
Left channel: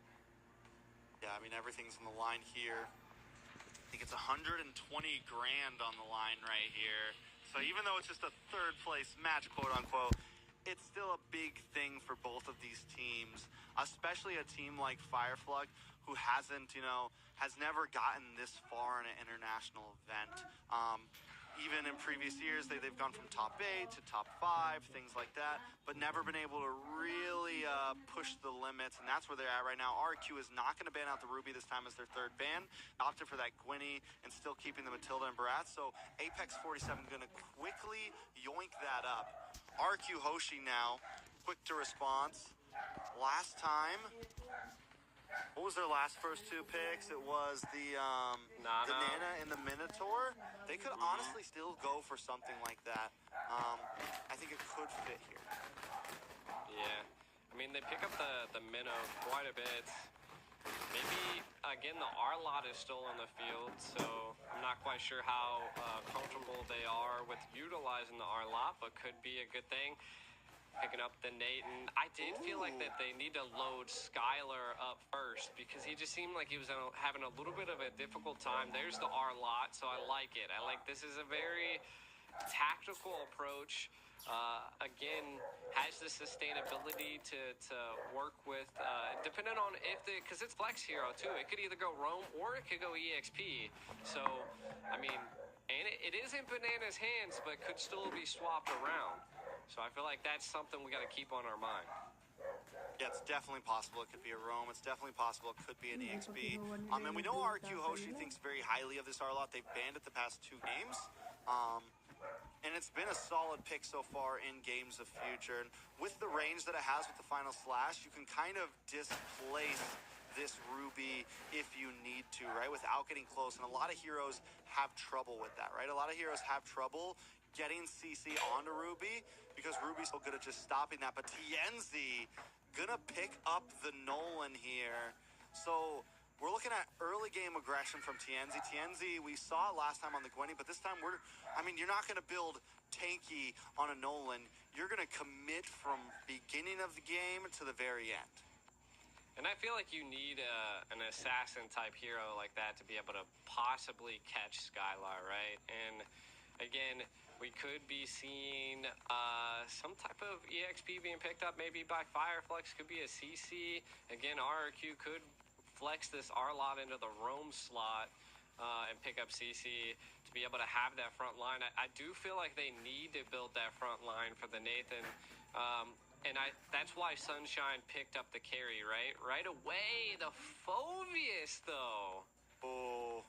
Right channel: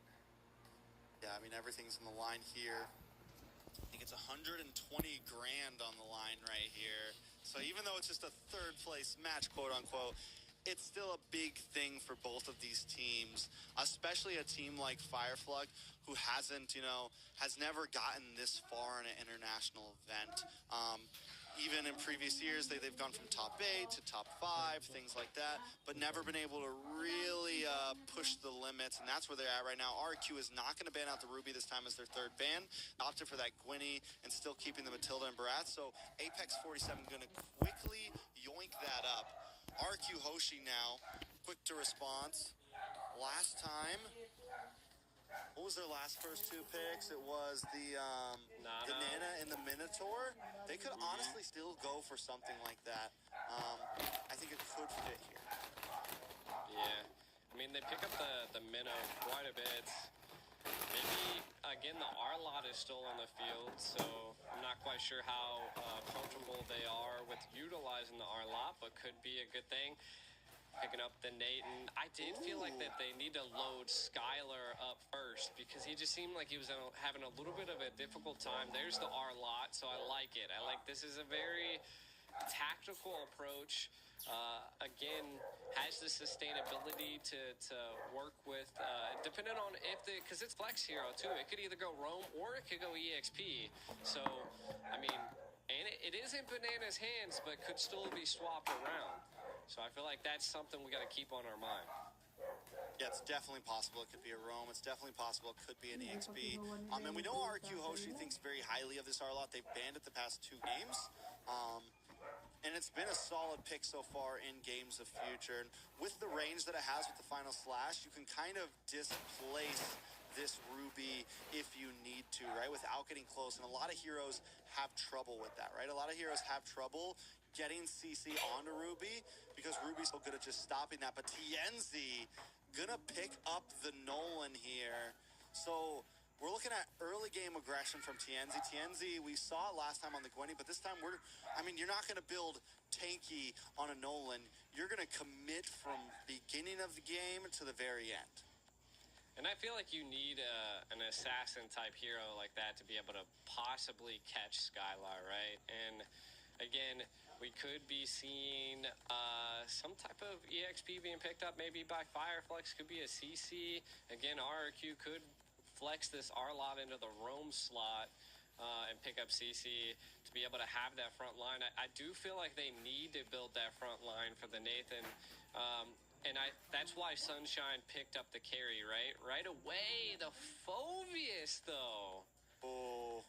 Yeah, I mean, everything's on the line here. I think it's 120 grand on the line right here. So even though it's just a third place match, quote unquote, it's still a big thing for both of these teams, especially a team like Fireflux, who has never gotten this far in an international event. Even in previous years, they've gone from top 8 to top 5, things like that, but never been able to really push the limits, and that's where they're at right now. RQ is not going to ban out the Ruby this time as their third ban. Opted for that Gwynny and still keeping the Matilda and Barath, so Apex 47 going to quickly yoink that up. RQ Hoshi now, quick to response. Last time, what was their last first 2 picks? It was the Nana and the Minotaur. They could honestly still go for something like that. I think it could fit here. Yeah. I mean, they pick up the Minnow quite a bit. Maybe, again, the Arlot is still on the field, so I'm not quite sure how comfortable they are with utilizing the Arlot, but could be a good thing. Picking up the Nathan. I did feel like that they need to load Skylar up first because he just seemed like he was having a little bit of a difficult time. There's the R-Lot, so I like it. I like this is a very tactical approach. Again, has the sustainability to work with, depending on because it's Flex Hero too. It could either go Roam or it could go EXP. So, I mean, and it is in Banana's hands, but could still be swapped around. So I feel like that's something we got to keep on our mind. Yeah, it's definitely possible. It could be a Roam. It's definitely possible it could be an EXP. And we know RQ Hoshi thinks very highly of this Arlot. They've banned it the past 2 games. And it's been a solid pick so far in Games of Future. And with the range that it has with the Final Slash, you can kind of displace this Ruby if you need to, right? Without getting close. And a lot of heroes have trouble with that, right? A lot of heroes have trouble getting CC onto Ruby because Ruby's so good at just stopping that. But Tienzi gonna pick up the Nolan here. So we're looking at early game aggression from Tienzi. Tienzi, we saw it last time on the Gwenny, but this time you're not gonna build tanky on a Nolan. You're gonna commit from beginning of the game to the very end. And I feel like you need an assassin type hero like that to be able to possibly catch Skylar, right? And again, we could be seeing some type of EXP being picked up, maybe by Fireflex. Could be a CC. Again, RRQ could flex this R-Lot into the roam slot and pick up CC to be able to have that front line. I do feel like they need to build that front line for the Nathan. And that's why Sunshine picked up the carry, right? Right away, the Phoveus, though. Oh,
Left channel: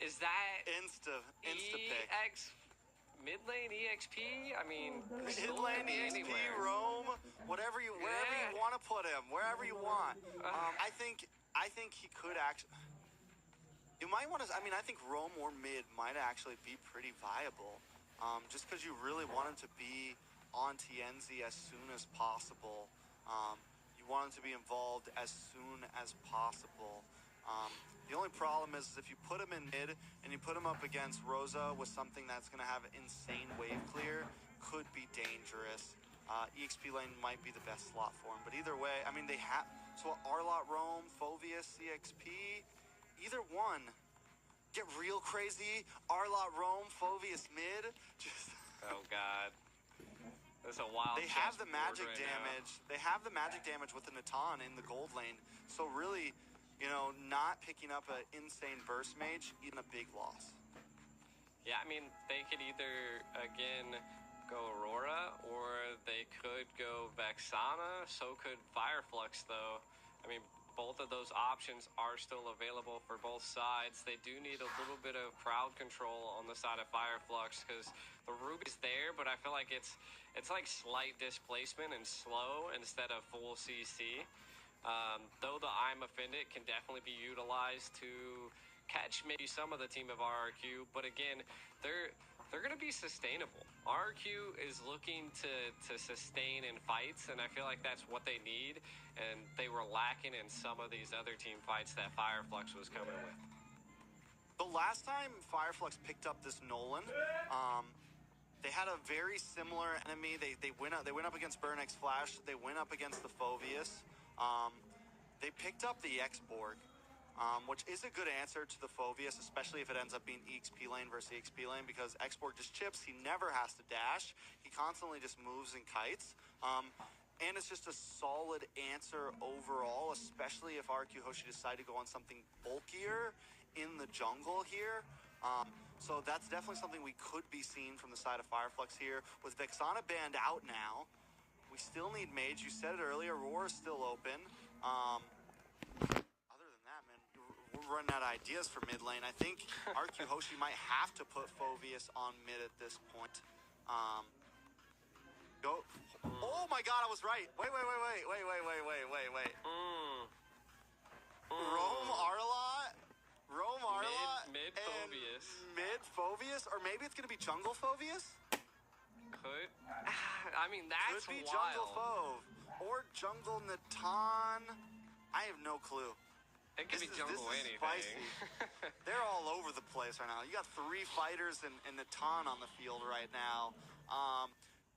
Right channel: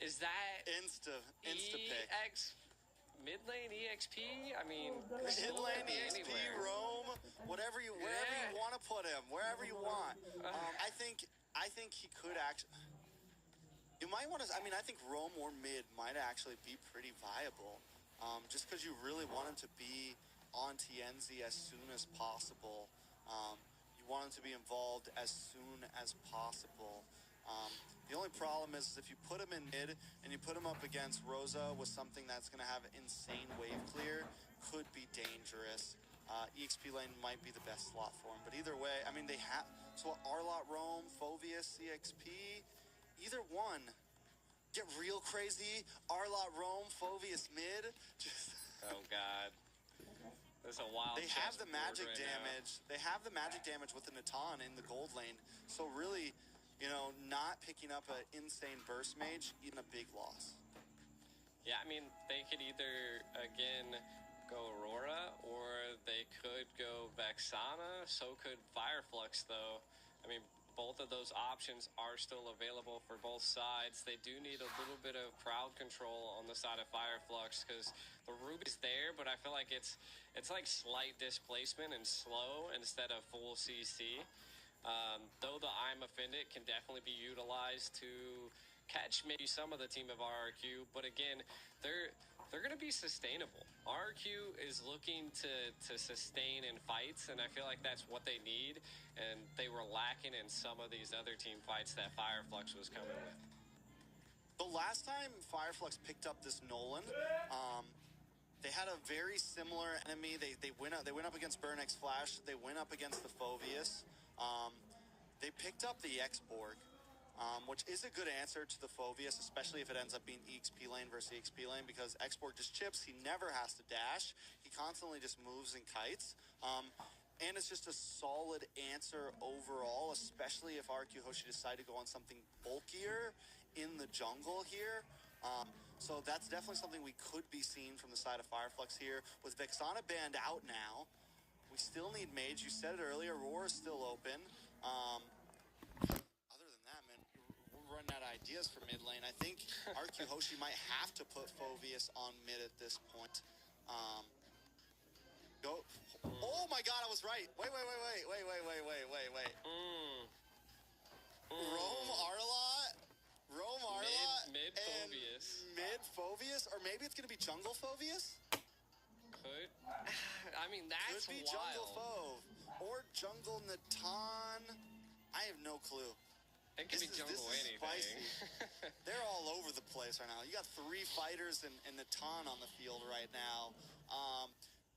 Is that insta pick. EX mid lane EXP? I mean, Mid lane EXP, Rome, wherever you want to put him, wherever you want. I think he could actually. You might want to. I mean, I think Rome or mid might actually be pretty viable, just because you really want him to be on TNZ as soon as possible. You want him to be involved as soon as possible. The only problem is if you put him in mid and you put him up against Rosa with something that's going to have insane wave clear, could be dangerous. EXP lane might be the best slot for him, but either way, I mean, they have. So R-Lot Rome, Phoveus, EXP, either one. Get real crazy. R-Lot Rome, Phoveus mid. Just. Oh God. There's a wild. They have the magic right damage. They have the magic damage with the Natan in the gold lane. So really, not picking up an insane burst mage, even a big loss. Yeah, I mean, they could either again go Aurora or they could go Vexana. So could Fireflux, though. I mean, both of those options are still available for both sides. They do need a little bit of crowd control on the side of Fireflux because the Ruby's there, but I feel like it's like slight displacement and slow instead of full CC. Though the I'm Offended can definitely be utilized to catch maybe some of the team of RRQ, but again, they're going to be sustainable. RRQ is looking to sustain in fights, and I feel like that's what they need, and they were lacking in some of these other team fights that Fireflux was coming with. The last time Fireflux picked up this Nolan, they had a very similar enemy. They went up against Burnex Flash. They went up against the Phoveus. They picked up the X-Borg, which is a good answer to the Phoveus, especially if it ends up being EXP lane versus EXP lane, because X-Borg just chips. He never has to dash. He constantly just moves and kites. And it's just a solid answer overall, especially if RQ Hoshi decide to go on something bulkier in the jungle here. So that's definitely something we could be seeing from the side of Fireflux here. With Vexana banned out now, we still need mage. You said it earlier, Roar is still open. Other than that, man, we're running out of ideas for mid lane. I think RQ Hoshi might have to put Phoveus on mid at this point. Go. Oh my God, I was right. Wait. Rome Arlot. Mid Phoveus. Mid Phoveus, or maybe it's gonna be jungle Phoveus. Could. I mean, that's Could be wild. jungle Phove or jungle Natan. I have no clue. It could be jungle this is anything. spicy. They're all over the place right now. You got 3 fighters and Natan on the field right now.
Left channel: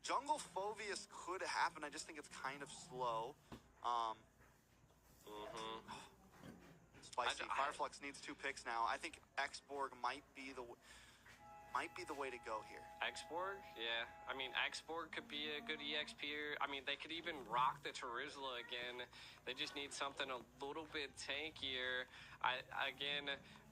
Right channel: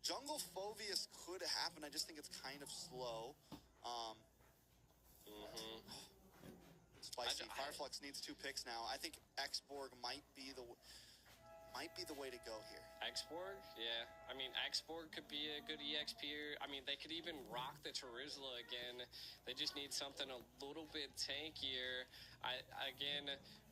Jungle Phoveus could happen. I just think it's kind of slow. Spicy. Fireflux needs 2 picks now. I think X-Borg might be the way to go here. X-Borg? Yeah. I mean, X-Borg could be a good EXP. I mean, they could even rock the Terizla again. They just need something a little bit tankier.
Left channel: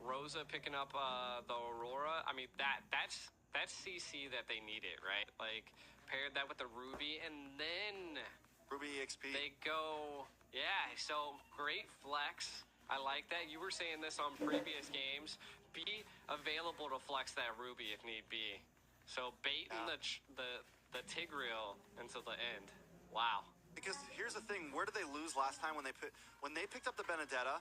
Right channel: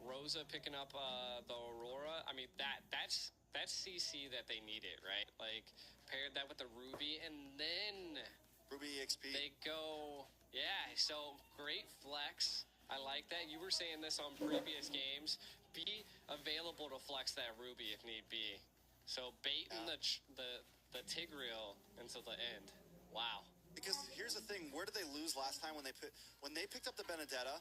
Rosa picking up the Aurora. I mean, that's CC that they needed, right? Like, paired that with the Ruby, and then Ruby EXP. they go, yeah, so great flex. I like that. You were saying this on previous games. Be available to flex that Ruby if need be. So baiting the Tigreal until the end. Wow. Because here's the thing, where did they lose last time when they picked up the Benedetta?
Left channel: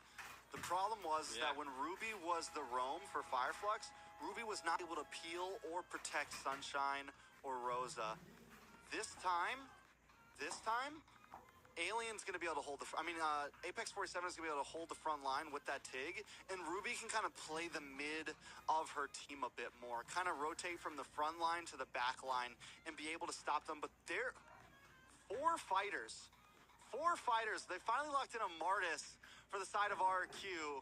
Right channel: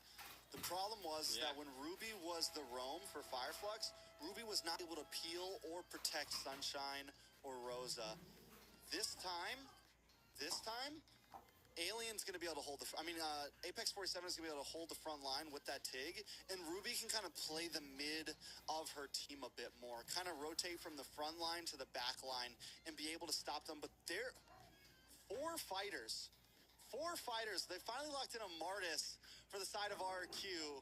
The problem was that when Ruby was the roam for Fireflux, Ruby was not able to peel or protect Sunshine or Rosa. This time, Alien's going to be able to hold Apex 47 is going to be able to hold the front line with that Tig, and Ruby can kind of play the mid of her team a bit more, kind of rotate from the front line to the back line and be able to stop them. But they're 4 fighters. They finally locked in a Martis for the side of RQ.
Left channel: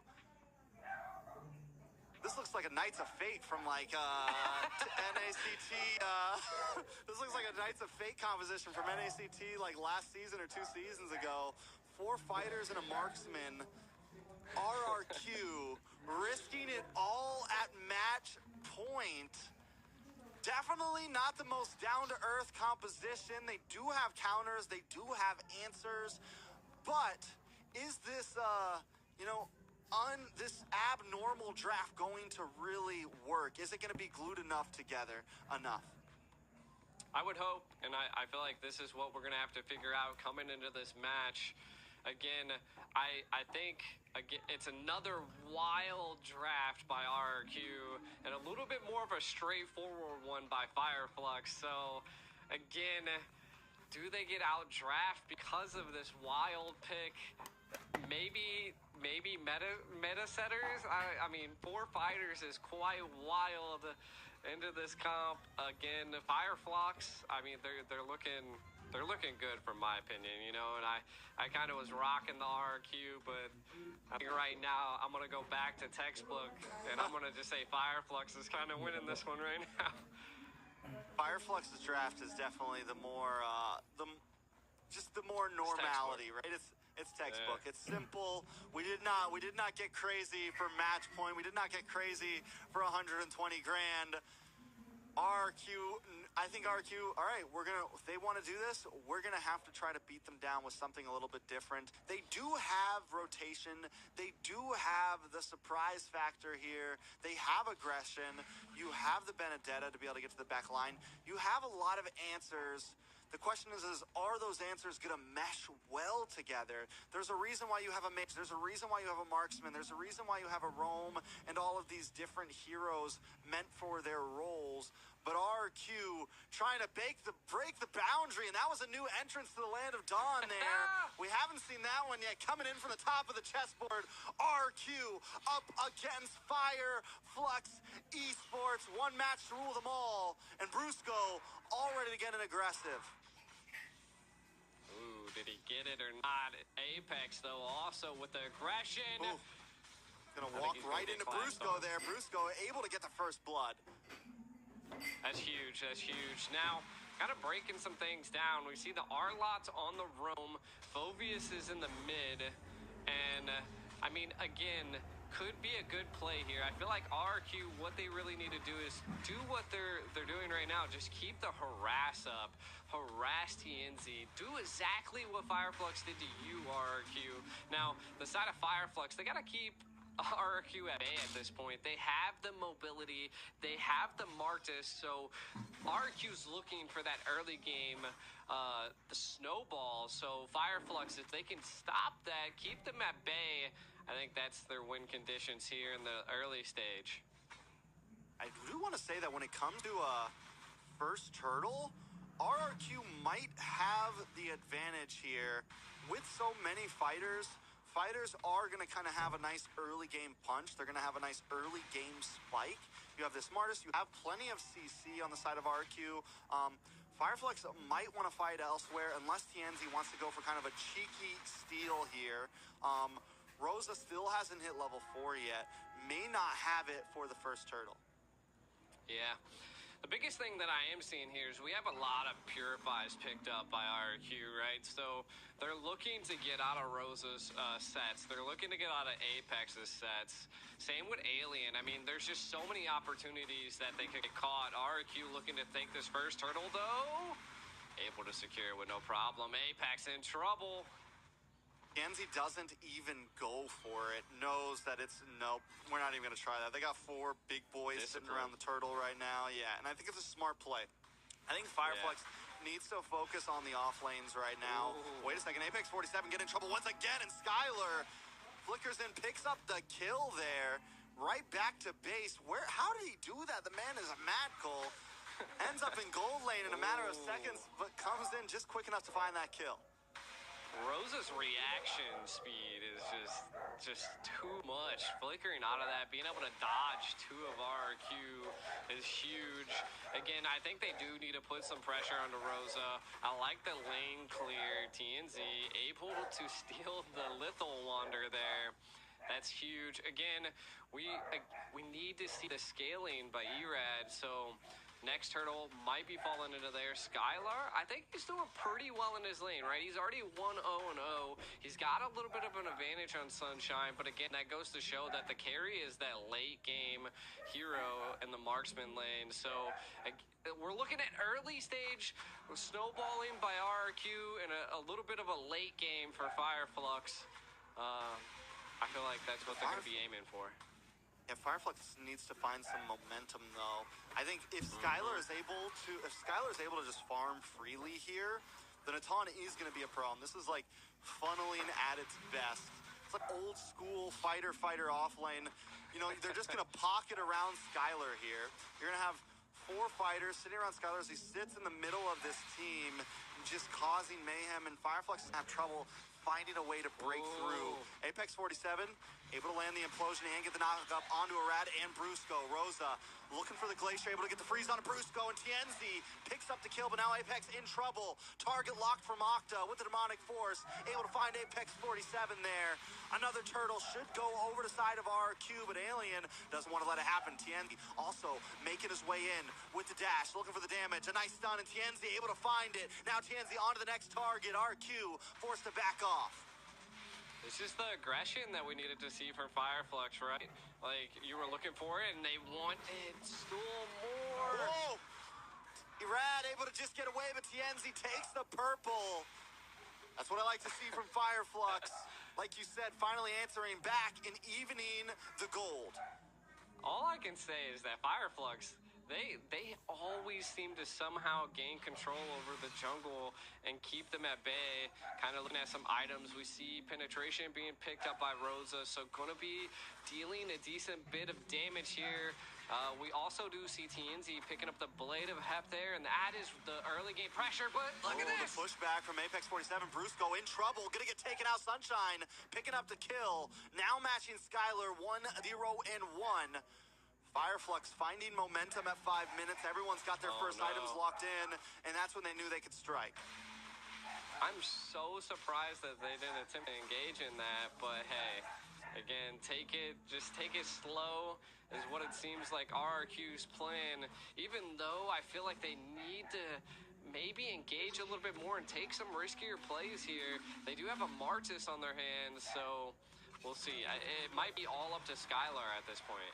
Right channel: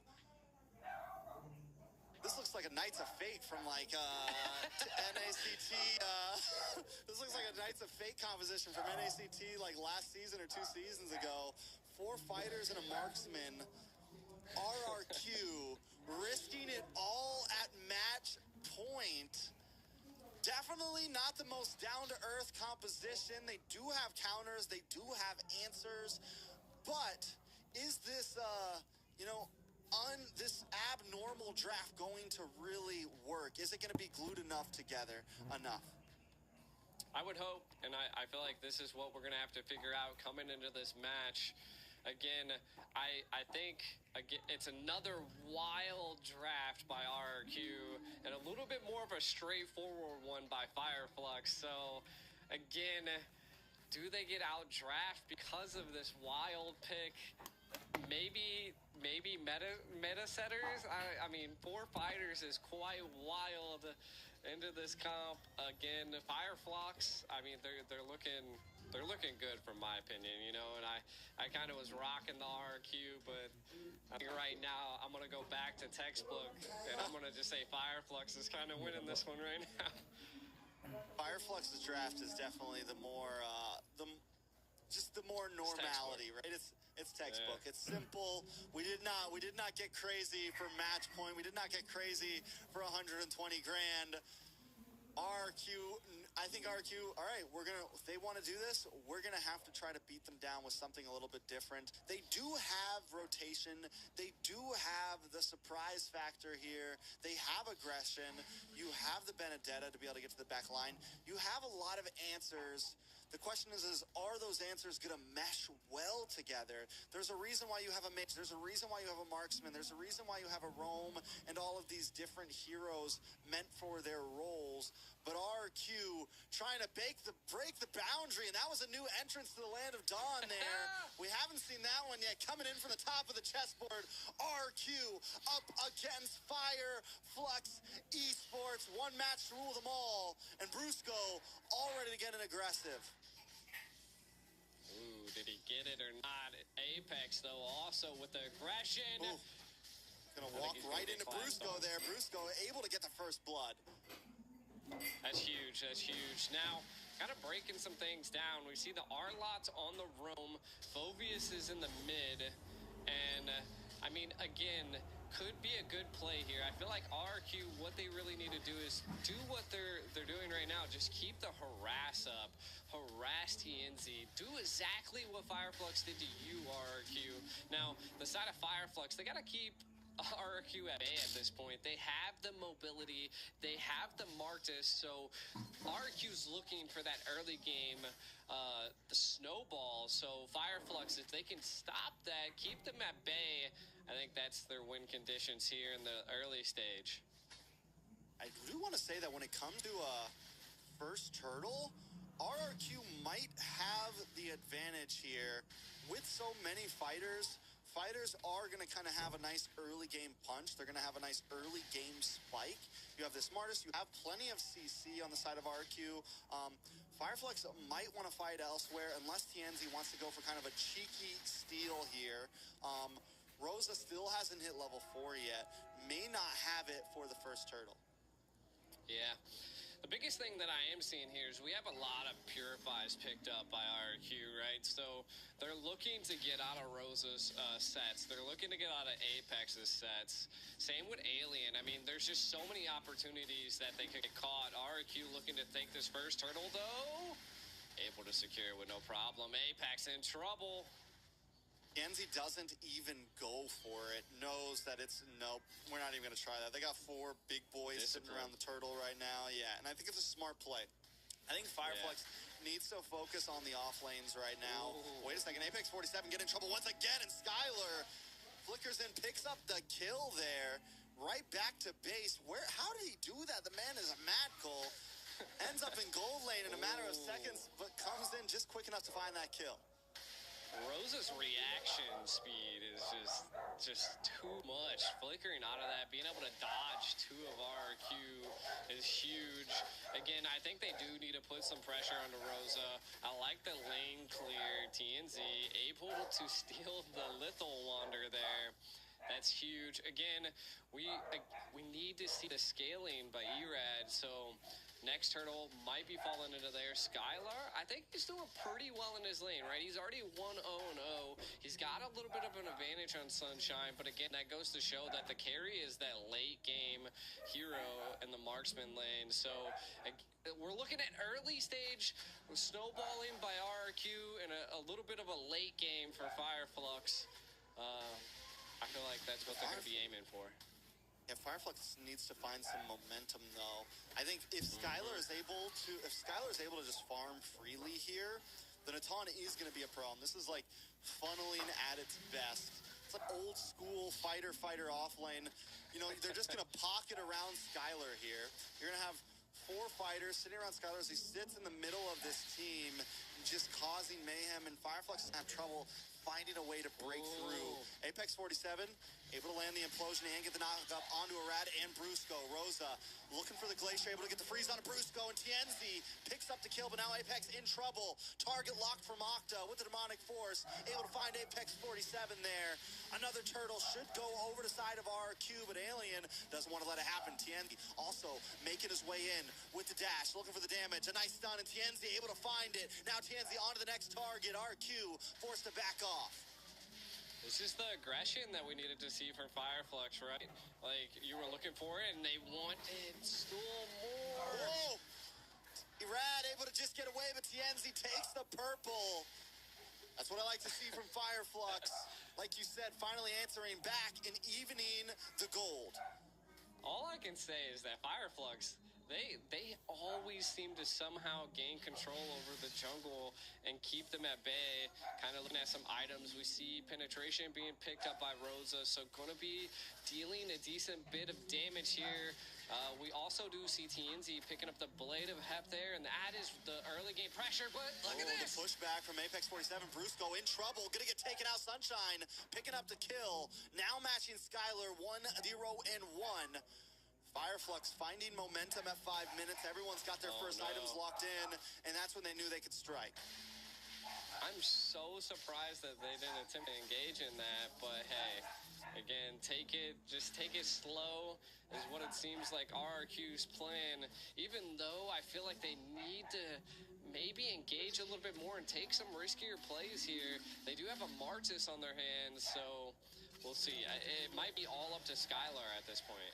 This looks like a Knights of Fate from like NACT. This looks like a Knights of Fate composition from NACT like last season or 2 seasons ago. 4 fighters and a marksman. RRQ risking it all at match point. Definitely not the most down-to-earth composition. They do have counters. They do have answers. But is this, this abnormal draft going to really work? Is it going to be glued enough together enough? I would hope, and I feel like this is what we're going to have to figure out coming into this match. Again, I think it's another wild draft by RRQ and a little bit more of a straightforward one by Fireflux. So, again, do they get out draft because of this wild pick? Maybe meta setters. I mean, 4 fighters is quite wild into this comp. Again, Fireflux. I mean, they're looking good from my opinion, you know. And I kind of was rocking the RQ, but I think right now I'm gonna go back to textbook and I'm gonna just say Fireflux is kind of winning this one right now. Fireflux's draft is definitely the more normality, right? It's textbook. Yeah. It's simple. We did not get crazy for match point. We did not get crazy for 120 grand. RQ, I think RQ, all right, if they want to do this, we're going to have to try to beat them down with something a little bit different. They do have rotation. They do have the surprise factor here. They have aggression. You have the Benedetta to be able to get to the back line. You have a lot of answers. The question is are those answers going to mesh well together? There's a reason why you have a mage. There's a reason why you have a marksman. There's a reason why you have a roam and all of these different heroes meant for their roles. But RQ trying to break the boundary, and that was a new entrance to the Land of Dawn there. We haven't seen that one yet. Coming in from the top of the chessboard, RQ up against Fireflux Esports. One match to rule them all, and Brusco all ready to get an aggressive. Ooh, did he get it or not? Apex, though, also with the aggression. Ooh. Gonna walk right into Brusco there. Brusco able to get the first blood. That's huge. That's huge. Now, kind of breaking some things down. We see the Arlots on the roam. Phoveus is in the mid. And, I mean, again, could be a good play here. I feel like RQ, what they really need to do is do what they're doing right now. Just keep the harass up. Harass TNZ. Do exactly what Fireflux did to you, RQ. Now, the side of Fireflux, they got to keep RQ at bay at this point. They have the mobility. They have the Marcus. So RQ's looking for that early game, the snowball. So Fireflux, if they can stop that, keep them at bay, I think that's their win conditions here in the early stage. I do want to say that when it comes to first turtle, RRQ might have the advantage here. With so many fighters, fighters are going to kind of have a nice early game punch. They're going to have a nice early game spike. You have this Smartest. You have plenty of CC on the side of RQ. Fireflux might want to fight elsewhere unless TNZ wants to go for kind of a cheeky steal here. Rosa still hasn't hit level 4 yet. May not have it for the first turtle. Yeah. The biggest thing that I am seeing here is we have a lot of Purifies picked up by RQ, right? So they're looking to get out of Rosa's sets. They're looking to get out of Apex's sets. Same with Alien. I mean, there's just so many opportunities that they could get caught. RQ looking to take this first turtle, though. Able to secure it with no problem. Apex in trouble. TNZ doesn't even go for it, knows that it's, nope, we're not even going to try that. They got 4 big boys sitting around the turtle right now, yeah, and I think it's a smart play. I think Fireflux needs to focus on the off lanes right now. Ooh. Wait a second, Apex 47 get in trouble once again, and Skylar flickers in, picks up the kill there, right back to base. How did he do that? The man is a mad cool. Ends up in gold lane in a matter of seconds, but comes in just quick enough to find that kill. Rosa's reaction speed is just too much. Flickering out of that, being able to dodge 2 of RQ is huge. Again, I think they do need to put some pressure onto Rosa. I like the lane clear. TNZ able to steal the Lethal Wander there. That's huge. Again, we need to see the scaling by Erad. So next turtle might be falling into there. Skylar, I think he's doing pretty well in his lane, right? He's already 1-0-0. He's got a little bit of an advantage on Sunshine, but again, that goes to show that the carry is that late game hero in the marksman lane. So we're looking at early stage snowballing by RRQ and a little bit of a late game for Fireflux. I feel like that's what they're going to be aiming for. Yeah, Fireflux needs to find some momentum, though. I think if Skylar is able to just farm freely here, then Atan is going to be a problem. This is like funneling at its best. It's like old school fighter off lane. You know, they're just going to pocket around Skylar here. You're going to have 4 fighters sitting around Skylar as he sits in the middle of this team, just causing mayhem, and Fireflux is going to have trouble finding a way to break through. Apex 47 able to land the implosion and get the knock up onto Erad and Brusco. Rosa looking for the Glacier, able to get the freeze on Brusco, and Tienzi picks up the kill, but now Apex in trouble. Target locked from Octa with the Demonic Force, able to find Apex 47 there. Another turtle should go over the side of RQ, but Alien doesn't want to let it happen. Tienzi also making his way in with the dash, looking for the damage. A nice stun, and Tienzi able to find it. Now Tienzi onto the next target. RQ forced to back off. It's just the aggression that we needed to see from Fireflux, right? Like, you were looking for it, and they wanted still more. Whoa! Erad able to just get away, but Tienzi takes the purple. That's what I like to see from Fireflux. Like you said, finally answering back and evening the gold. All I can say is that Fireflux, they always seem to somehow gain control over the jungle and keep them at bay. Kind of looking at some items, we see penetration being picked up by Rosa, so gonna be dealing a decent bit of damage here. We also do see TNZ picking up the Blade of Hep there, and that is the early game pressure, but look at this! The pushback from Apex 47. Brusco in trouble, gonna get taken out. Sunshine picking up the kill, now matching Skylar 1-0-1. Fireflux finding momentum at 5 minutes. Everyone's got their first items locked in, and that's when they knew they could strike. I'm so surprised that they didn't attempt to engage in that, but hey, again, just take it slow is what it seems like RRQ's plan, even though I feel like they need to maybe engage a little bit more and take some riskier plays here. They do have a Martis on their hands, so we'll see. It might be all up to Skylar at this point.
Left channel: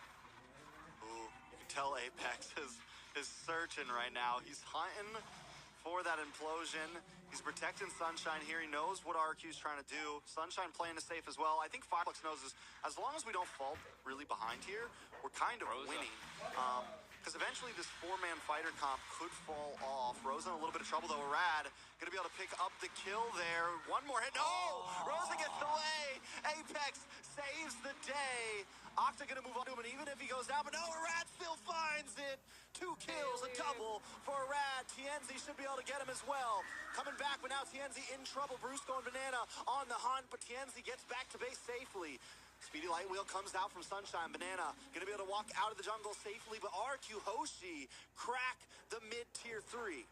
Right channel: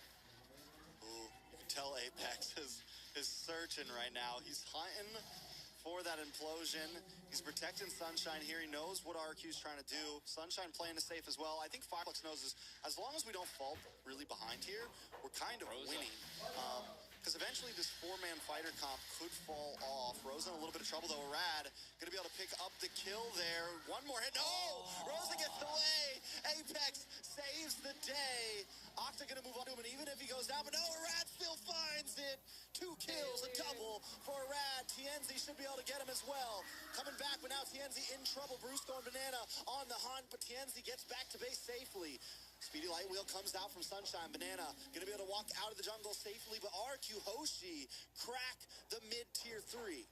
Ooh, you can tell Apex is searching right now. He's hunting for that implosion. He's protecting Sunshine here. He knows what RQ's trying to do. Sunshine playing it safe as well. I think Fireflux knows this. As long as we don't fall really behind here, we're kind of winning. Because eventually this 4-man fighter comp could fall off. Rosa in a little bit of trouble, though. Erad gonna be able to pick up the kill there. One more hit. No! Rosa gets away. Apex saves the day. Octa gonna move on to him, and even if he goes down, but no, Erad still finds it. 2 kills, a double for Erad. Tienzi should be able to get him as well. Coming back, but now Tienzi in trouble. Brusco and Banana on the hunt, but Tienzi gets back to base safely. Speedy Light Wheel comes out from Sunshine. Banana gonna be able to walk out of the jungle safely, but RQ Hoshi crack the mid-tier 3.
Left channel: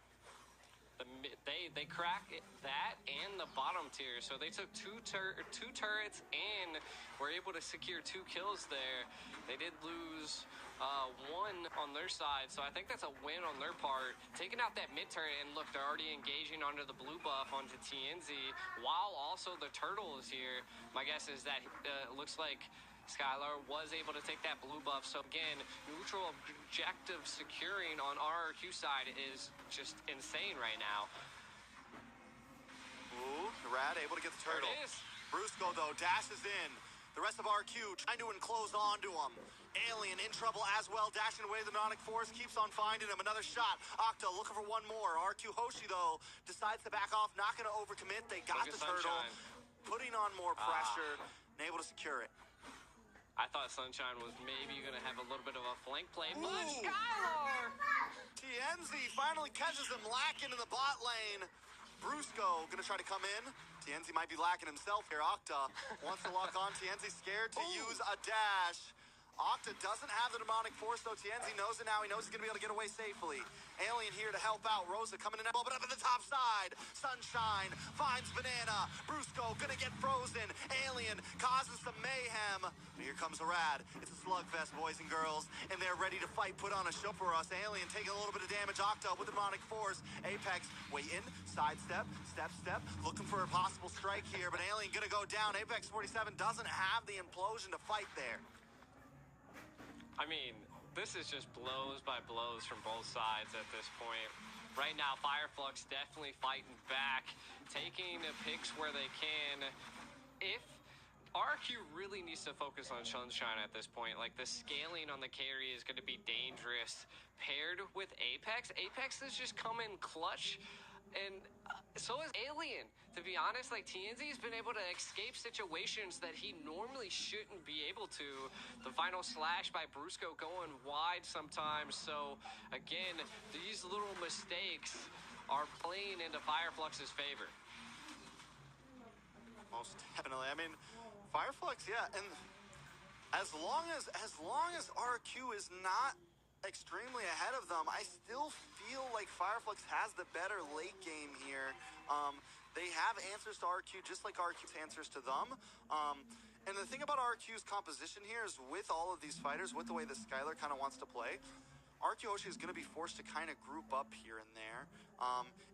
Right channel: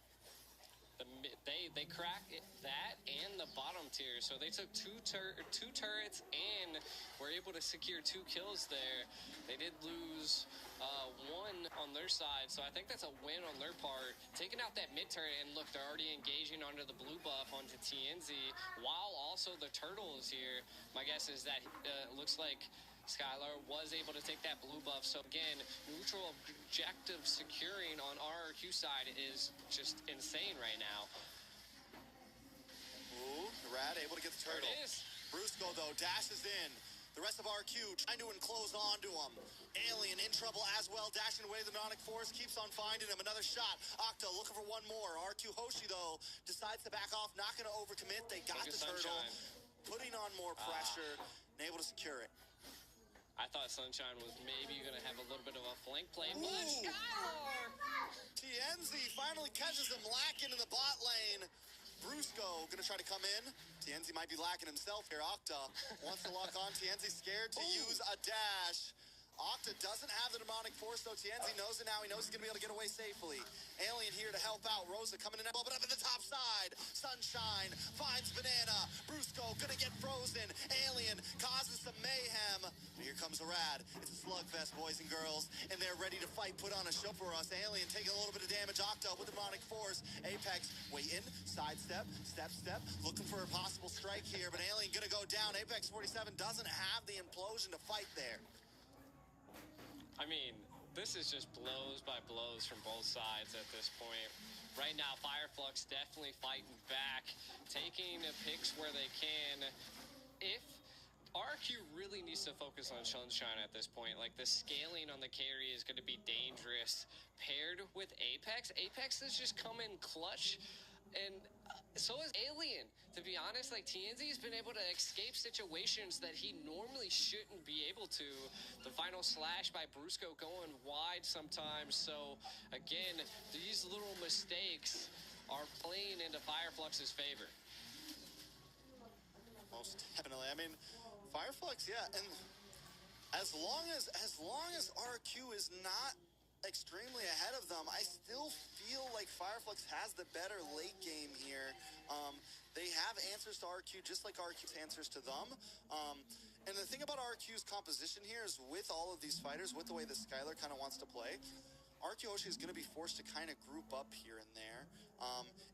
They cracked that and the bottom tier, so they took two turrets and were able to secure 2 kills there. They did lose 1 on their side, so I think that's a win on their part. Taking out that mid turret, and look, they're already engaging under the blue buff onto TNZ, while also the turtle is here. My guess is that it looks like Skylar was able to take that blue buff. So again, neutral objective securing on RRQ side is just insane right now. Ooh, Erad able to get the turtle. There it is. Brusco, though, dashes in. The rest of RQ trying to enclose onto him. Alien in trouble as well, dashing away the Demonic Force, keeps on finding him. Another shot. Octa looking for 1 more. RQ Hoshi, though, decides to back off, not going to overcommit. They got the turtle, putting on more pressure, and able to secure it. I thought Sunshine was maybe going to have a little bit of a flank play, but Skylar! Tienzi finally catches him lacking in the bot lane. Brusco gonna try to come in. Tienzi might be lacking himself here. Octa wants to lock on. Tienzi scared to use a dash. Octa doesn't have the Demonic Force, though. Tienzi knows it now. He knows he's going to be able to get away safely. Alien here to help out. Rosa coming in, but up at the top side. Sunshine finds Banana. Brusco gonna get frozen. Alien causes some mayhem. But here comes Arad. It's a slugfest, boys and girls, and they're ready to fight, put on a show for us. Alien taking a little bit of damage. Octa with the demonic force. Apex waiting, sidestep, step, looking for a possible strike here, but Alien gonna go down. Apex 47 doesn't have the implosion to fight there. I mean, this is just blows by blows from both sides at this point. Right now, Fireflux definitely fighting back, taking picks where they can. If RQ really needs to focus on Sunshine at this point, like the scaling on the carry is going to be dangerous. Paired with Apex, Apex has just come in clutch, and so is Alien. To be honest, like TNZ's been able to escape situations that he normally shouldn't be able to. The final slash by Brusco going wide sometimes. So again, these little mistakes are playing into Fireflux's favor. Most definitely. I mean, Fireflux, yeah, and as long as RQ is not extremely ahead of them, I still feel like Fireflux has the better late game here. They have answers to RQ just like RQ's answers to them. And the thing about RQ's composition here is with all of these fighters, with the way that Skylar kind of wants to play, RQ Hoshi is going to be forced to kind of group up here and there.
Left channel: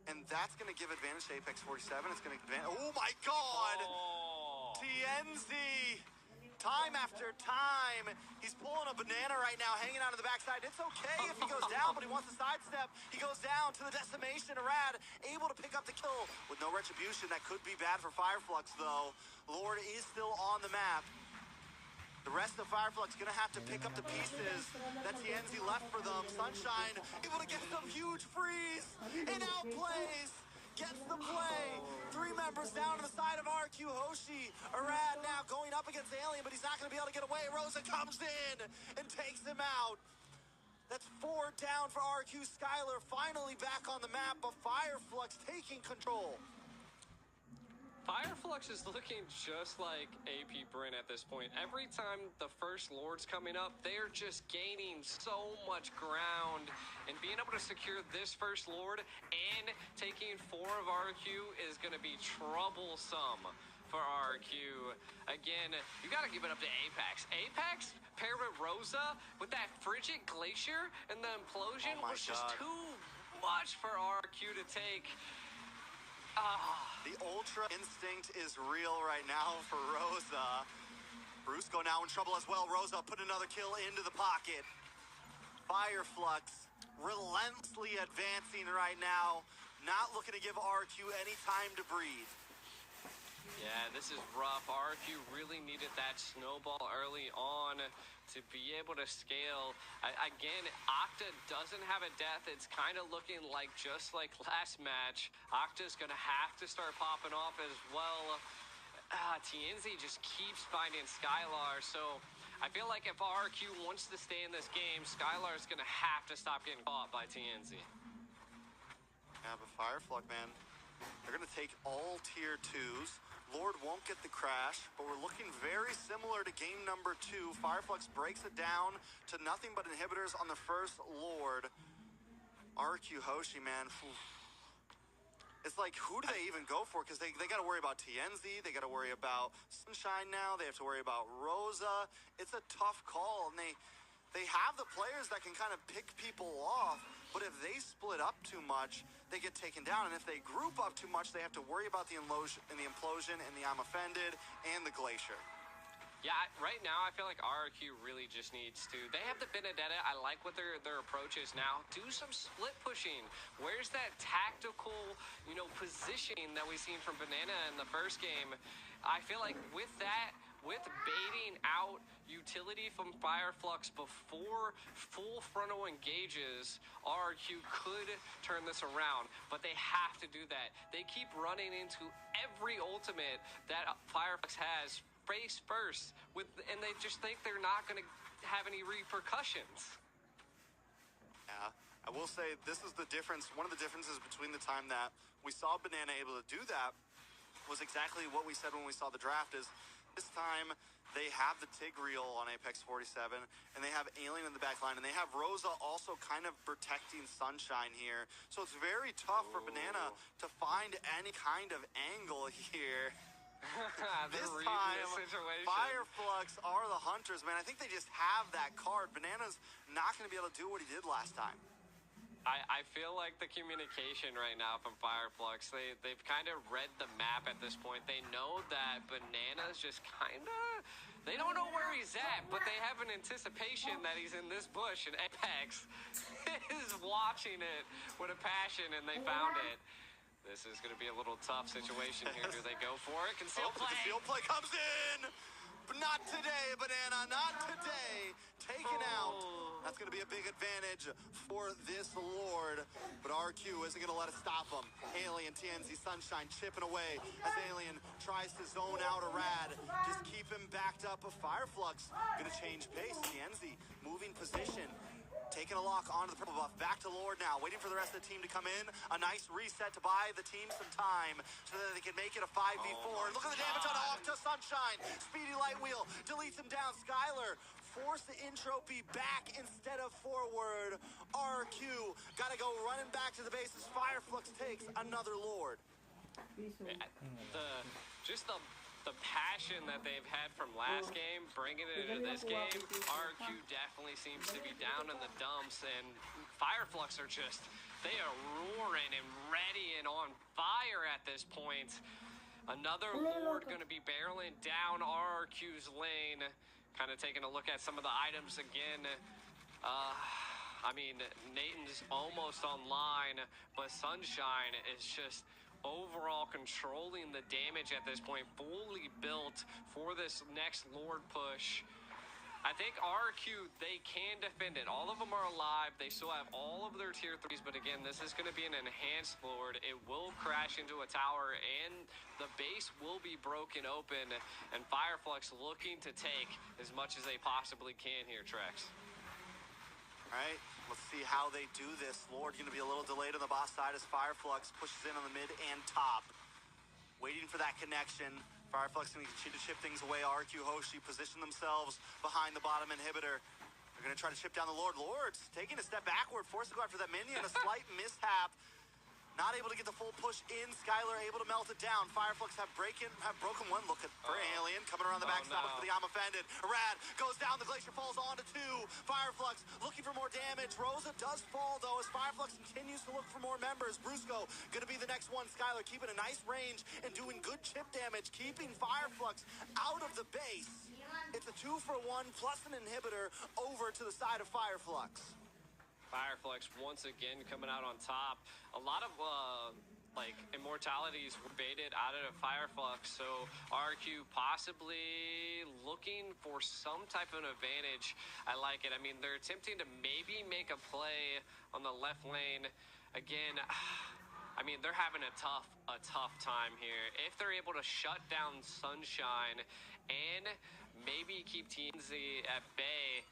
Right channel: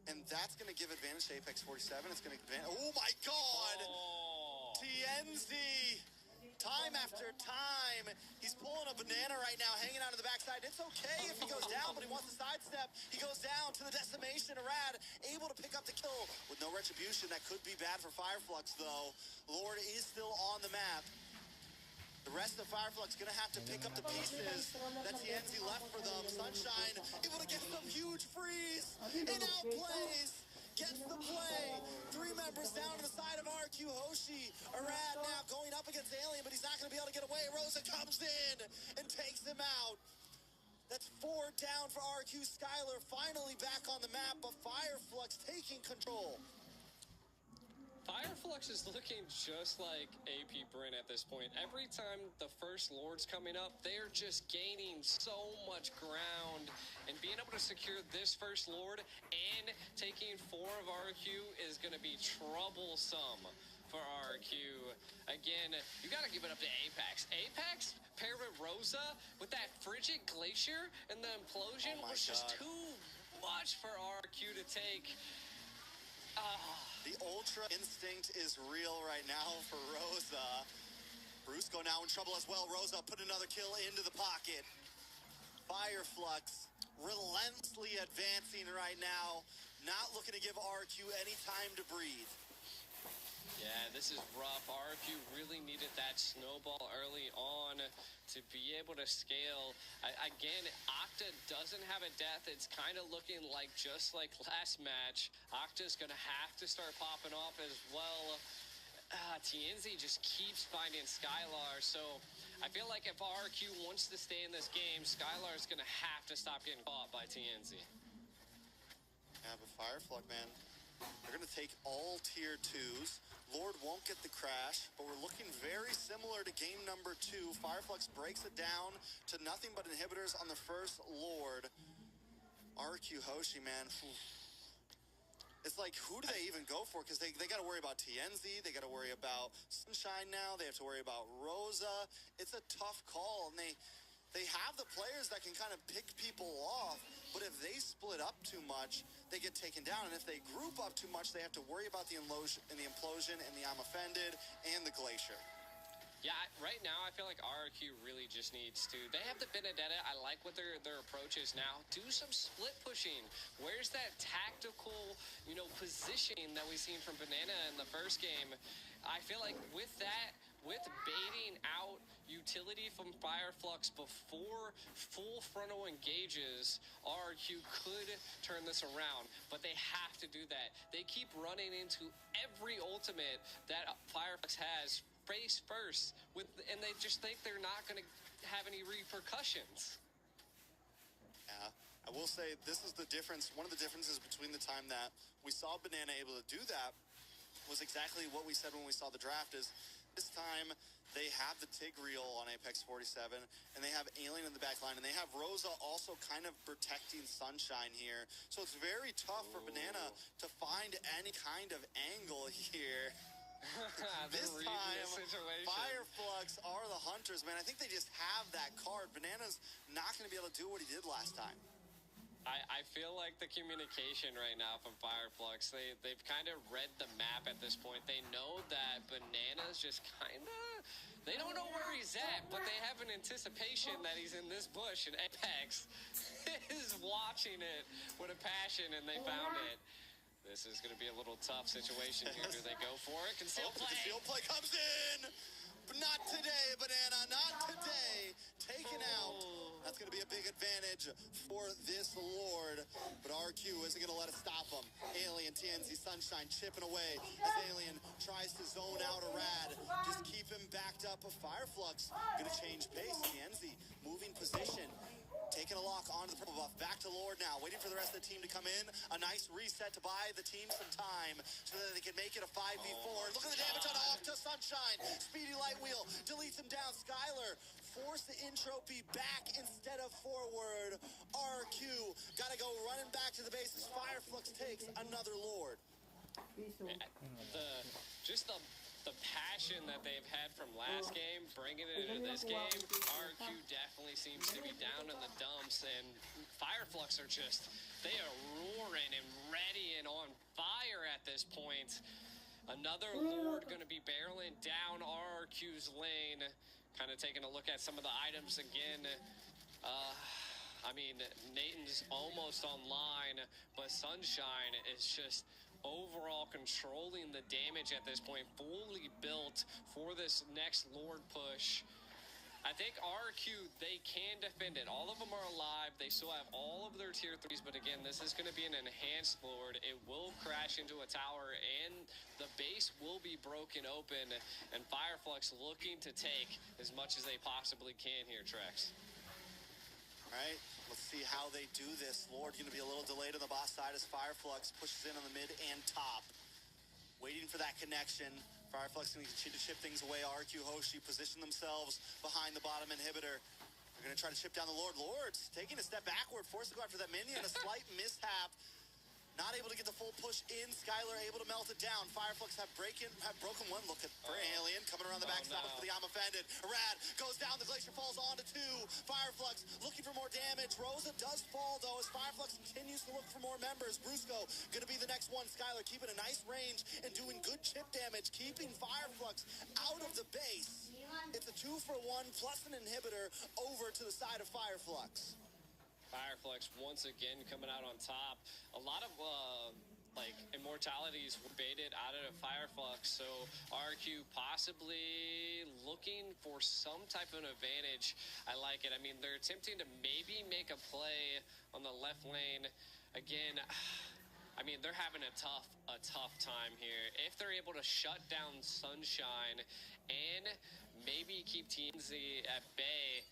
And that's going to give advantage to Apex 47. It's going to advantage. Oh my God! Oh. TNZ! Time after time. He's pulling a banana right now, hanging out of the backside. It's okay if he goes down, but he wants to sidestep. He goes down to the decimation. Arad able to pick up the kill with no retribution. That could be bad for Fireflux, though. Lord is still on the map. The rest of Fireflux gonna have to pick up the pieces that TNZ left for them. Sunshine able to get some huge freeze and outplays. Gets the play. 3 members down to the side of RQ Hoshi. Arad now going up against Alien, but he's not going to be able to get away. Rosa comes in and takes him out. That's 4 down for RQ. Skylar finally back on the map, but Fireflux taking control. Fireflux is looking just like AP Bryn at this point. Every time the first Lord's coming up, they're just gaining so much ground. And being able to secure this first Lord and taking 4 of RQ is going to be troublesome for RQ. Again, you got to give it up to Apex. Apex paired with Rosa with that frigid glacier and the implosion Oh my was just God. too much for RQ to take. The Ultra Instinct is real right now for Rosa. Brusco now in trouble as well. Rosa put another kill into the pocket. Fireflux relentlessly advancing right now. Not looking to give RQ any time to breathe. Yeah, this is rough. RQ really needed that snowball early on to be able to scale. Again, Octa doesn't have a death. It's kind of looking like just like last match. Octa's going to have to start popping off as well. TNZ just keeps finding Skylar. So I feel like if RQ wants to stay in this game, Skylar's going to have to stop getting caught by TNZ. Yeah, but Fireflux, man, they're going to take all tier 2s. Lord won't get the crash, but we're looking very similar to game number 2. Fireflux breaks it down to nothing but inhibitors on the first Lord. RQ Hoshi, man. It's like, who do they even go for? Because they got to worry about TNZ. They got to worry about Sunshine now. They have to worry about Rosa. It's a tough call, and they have the players that can kind of pick people off, but if they split up too much, they get taken down. And if they group up too much, they have to worry about the implosion and the I'm offended and the glacier. Yeah, right now I feel like RQ really just needs to. They have the Benedetta. I like what their approach is now. Do some split pushing. Where's that tactical, positioning that we seen from Banana in the first game? I feel like with that, with baiting out utility from Fireflux before full frontal engages, RQ could turn this around, but they have to do that. They keep running into every ultimate that Fireflux has face first, and they just think they're not going to have any repercussions. Yeah, I will say this is the difference. One of the differences between the time that we saw Banana able to do that was exactly what we said when we saw the draft is this time They have the Tigreal on Apex 47, and they have Alien in the back line, and they have Rosa also kind of protecting Sunshine here. So it's very tough for Banana to find any kind of angle here. This time, Fireflux are the hunters, man. I think they just have that card. Banana's not going to be able to do what he did last time. I feel like the communication right now from Fireflux, they've kind of read the map at this point. They know that Banana's just kind of, they don't know where he's at, but they have an anticipation that he's in this bush, and Apex is watching it with a passion, and they found it. This is going to be a little tough situation here. Do they go for it? Conceal play. Conceal play comes in. But not today, Banana, not today. Taken out. That's going to be a big advantage for this Lord. But RQ isn't going to let it stop him. Alien, TNZ, Sunshine chipping away as Alien tries to zone out a Rad. Just keep him backed up. A Fireflux going to change pace. TNZ moving position. Taking a lock onto the purple buff. Back to Lord now. Waiting for the rest of the team to come in. A nice reset to buy the team some time so that they can make it a 5v4. Look at the damage on off to Sunshine. Speedy light wheel. Deletes him down. Skylar force the entropy back instead of forward. RQ got to go running back to the base as Fireflux takes another Lord. The passion that they've had from last game, bringing it into this game, RQ definitely seems to be down in the dumps, and Fireflux are just, they are roaring and ready and on fire at this point. Another Lord going to be barreling down RQ's lane, kind of taking a look at some of the items again. I mean, Nathan's almost online, but Sunshine is just overall controlling the damage at this point, fully built for this next Lord push. I think RQ, they can defend it. All of them are alive. They still have all of their tier 3s, but again, this is going to be an enhanced Lord. It will crash into a tower, and the base will be broken open, and Fireflux looking to take as much as they possibly can here, Trex. All right, let's see how they do this. Lord going to be a little delayed on the boss side as Fireflux pushes in on the mid and top. Waiting for that connection. Fireflux going to continue to chip things away. RQ Hoshi position themselves behind the bottom inhibitor. They're going to try to chip down the Lord. Lord's taking a step backward, forced to go after that minion. A slight mishap. Not able to get the full push in. Skylar able to melt it down. Fireflux have broken one. Look at for Alien coming around the backside for the I'm offended. Rad goes down. The Glacier falls onto 2. Fireflux looking for more damage. Rosa does fall though as Fireflux continues to look for more members. Brusco gonna be the next one. Skylar keeping a nice range and doing good chip damage, keeping Fireflux out of the base. It's a 2-for-1 plus an inhibitor over to the side of Fireflux. Fireflux once again coming out on top. A lot of like immortalities were baited out of Fireflux, so RQ possibly looking for some type of advantage. I like it. I mean, they're attempting to maybe make a play on the left lane. Again, I mean, they're having a tough time here. If they're able to shut down Sunshine and maybe keep TNZ at bay,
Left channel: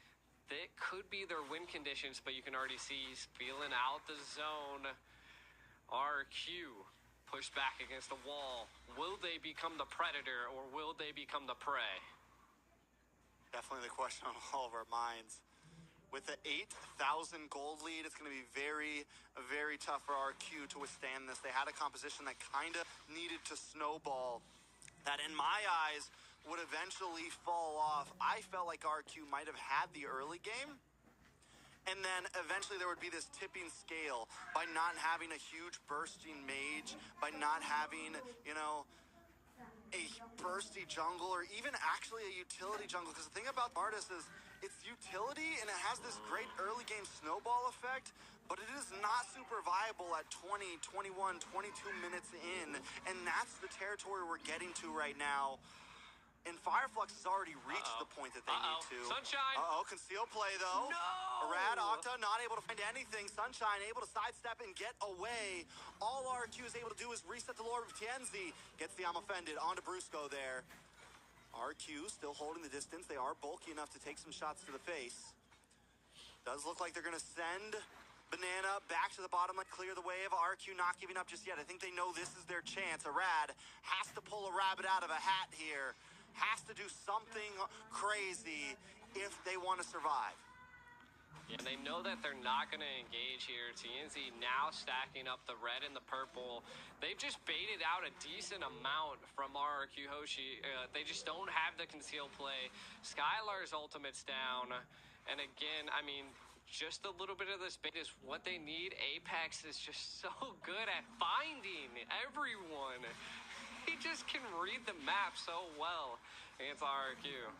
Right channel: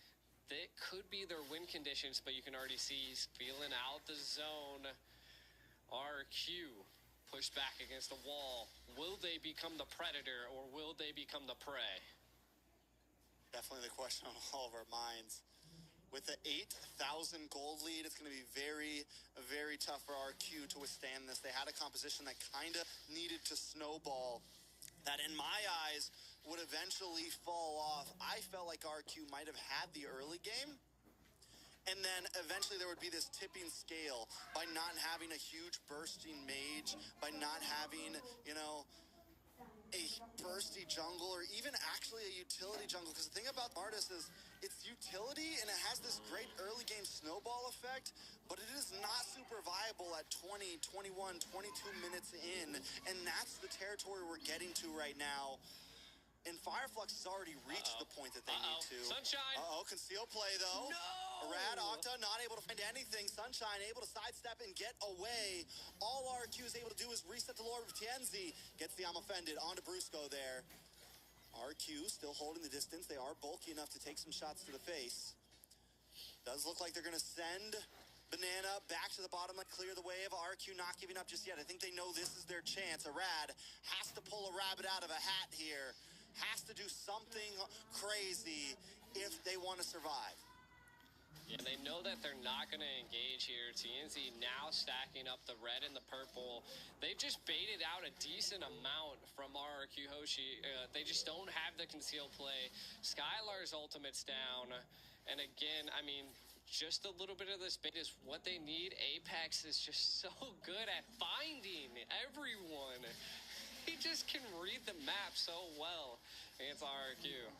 that could be their win conditions, but you can already see he's feeling out the zone. RQ pushed back against the wall. Will they become the predator or will they become the prey? Definitely the question on all of our minds. With the 8,000 gold lead, it's going to be very, very tough for RQ to withstand this. They had a composition that kind of needed to snowball, that in my eyes would eventually fall off. I felt like RQ might have had the early game, and then eventually there would be this tipping scale by not having a huge bursting mage, by not having, you know, a bursty jungle, or even actually a utility jungle. Because the thing about Artis is it's utility and it has this great early game snowball effect, but it is not super viable at 20, 21, 22 minutes in, and that's the territory we're getting to right now. And Fireflux has already reached the point that they need to. Sunshine! Conceal play though. No! Rad Octa not able to find anything. Sunshine able to sidestep and get away. All RQ is able to do is reset the Lord of TNZ. Gets the I'm offended onto Brusco there. RQ still holding the distance. They are bulky enough to take some shots to the face. Does look like they're going to send Banana back to the bottom and clear the way of RQ not giving up just yet. I think they know this is their chance. A Rad has to pull a rabbit out of a hat here. has to do something crazy if they want to survive. Yeah, they know that they're not going to engage here. TNZ now stacking up the red and the purple. They've just baited out a decent amount from RRQ Hoshi. They just don't have the conceal play. Skylar's ultimate's down. And again, I mean, just a little bit of this bait is what they need. Apex is just so good at finding everyone. He just can read the map so well against RRQ.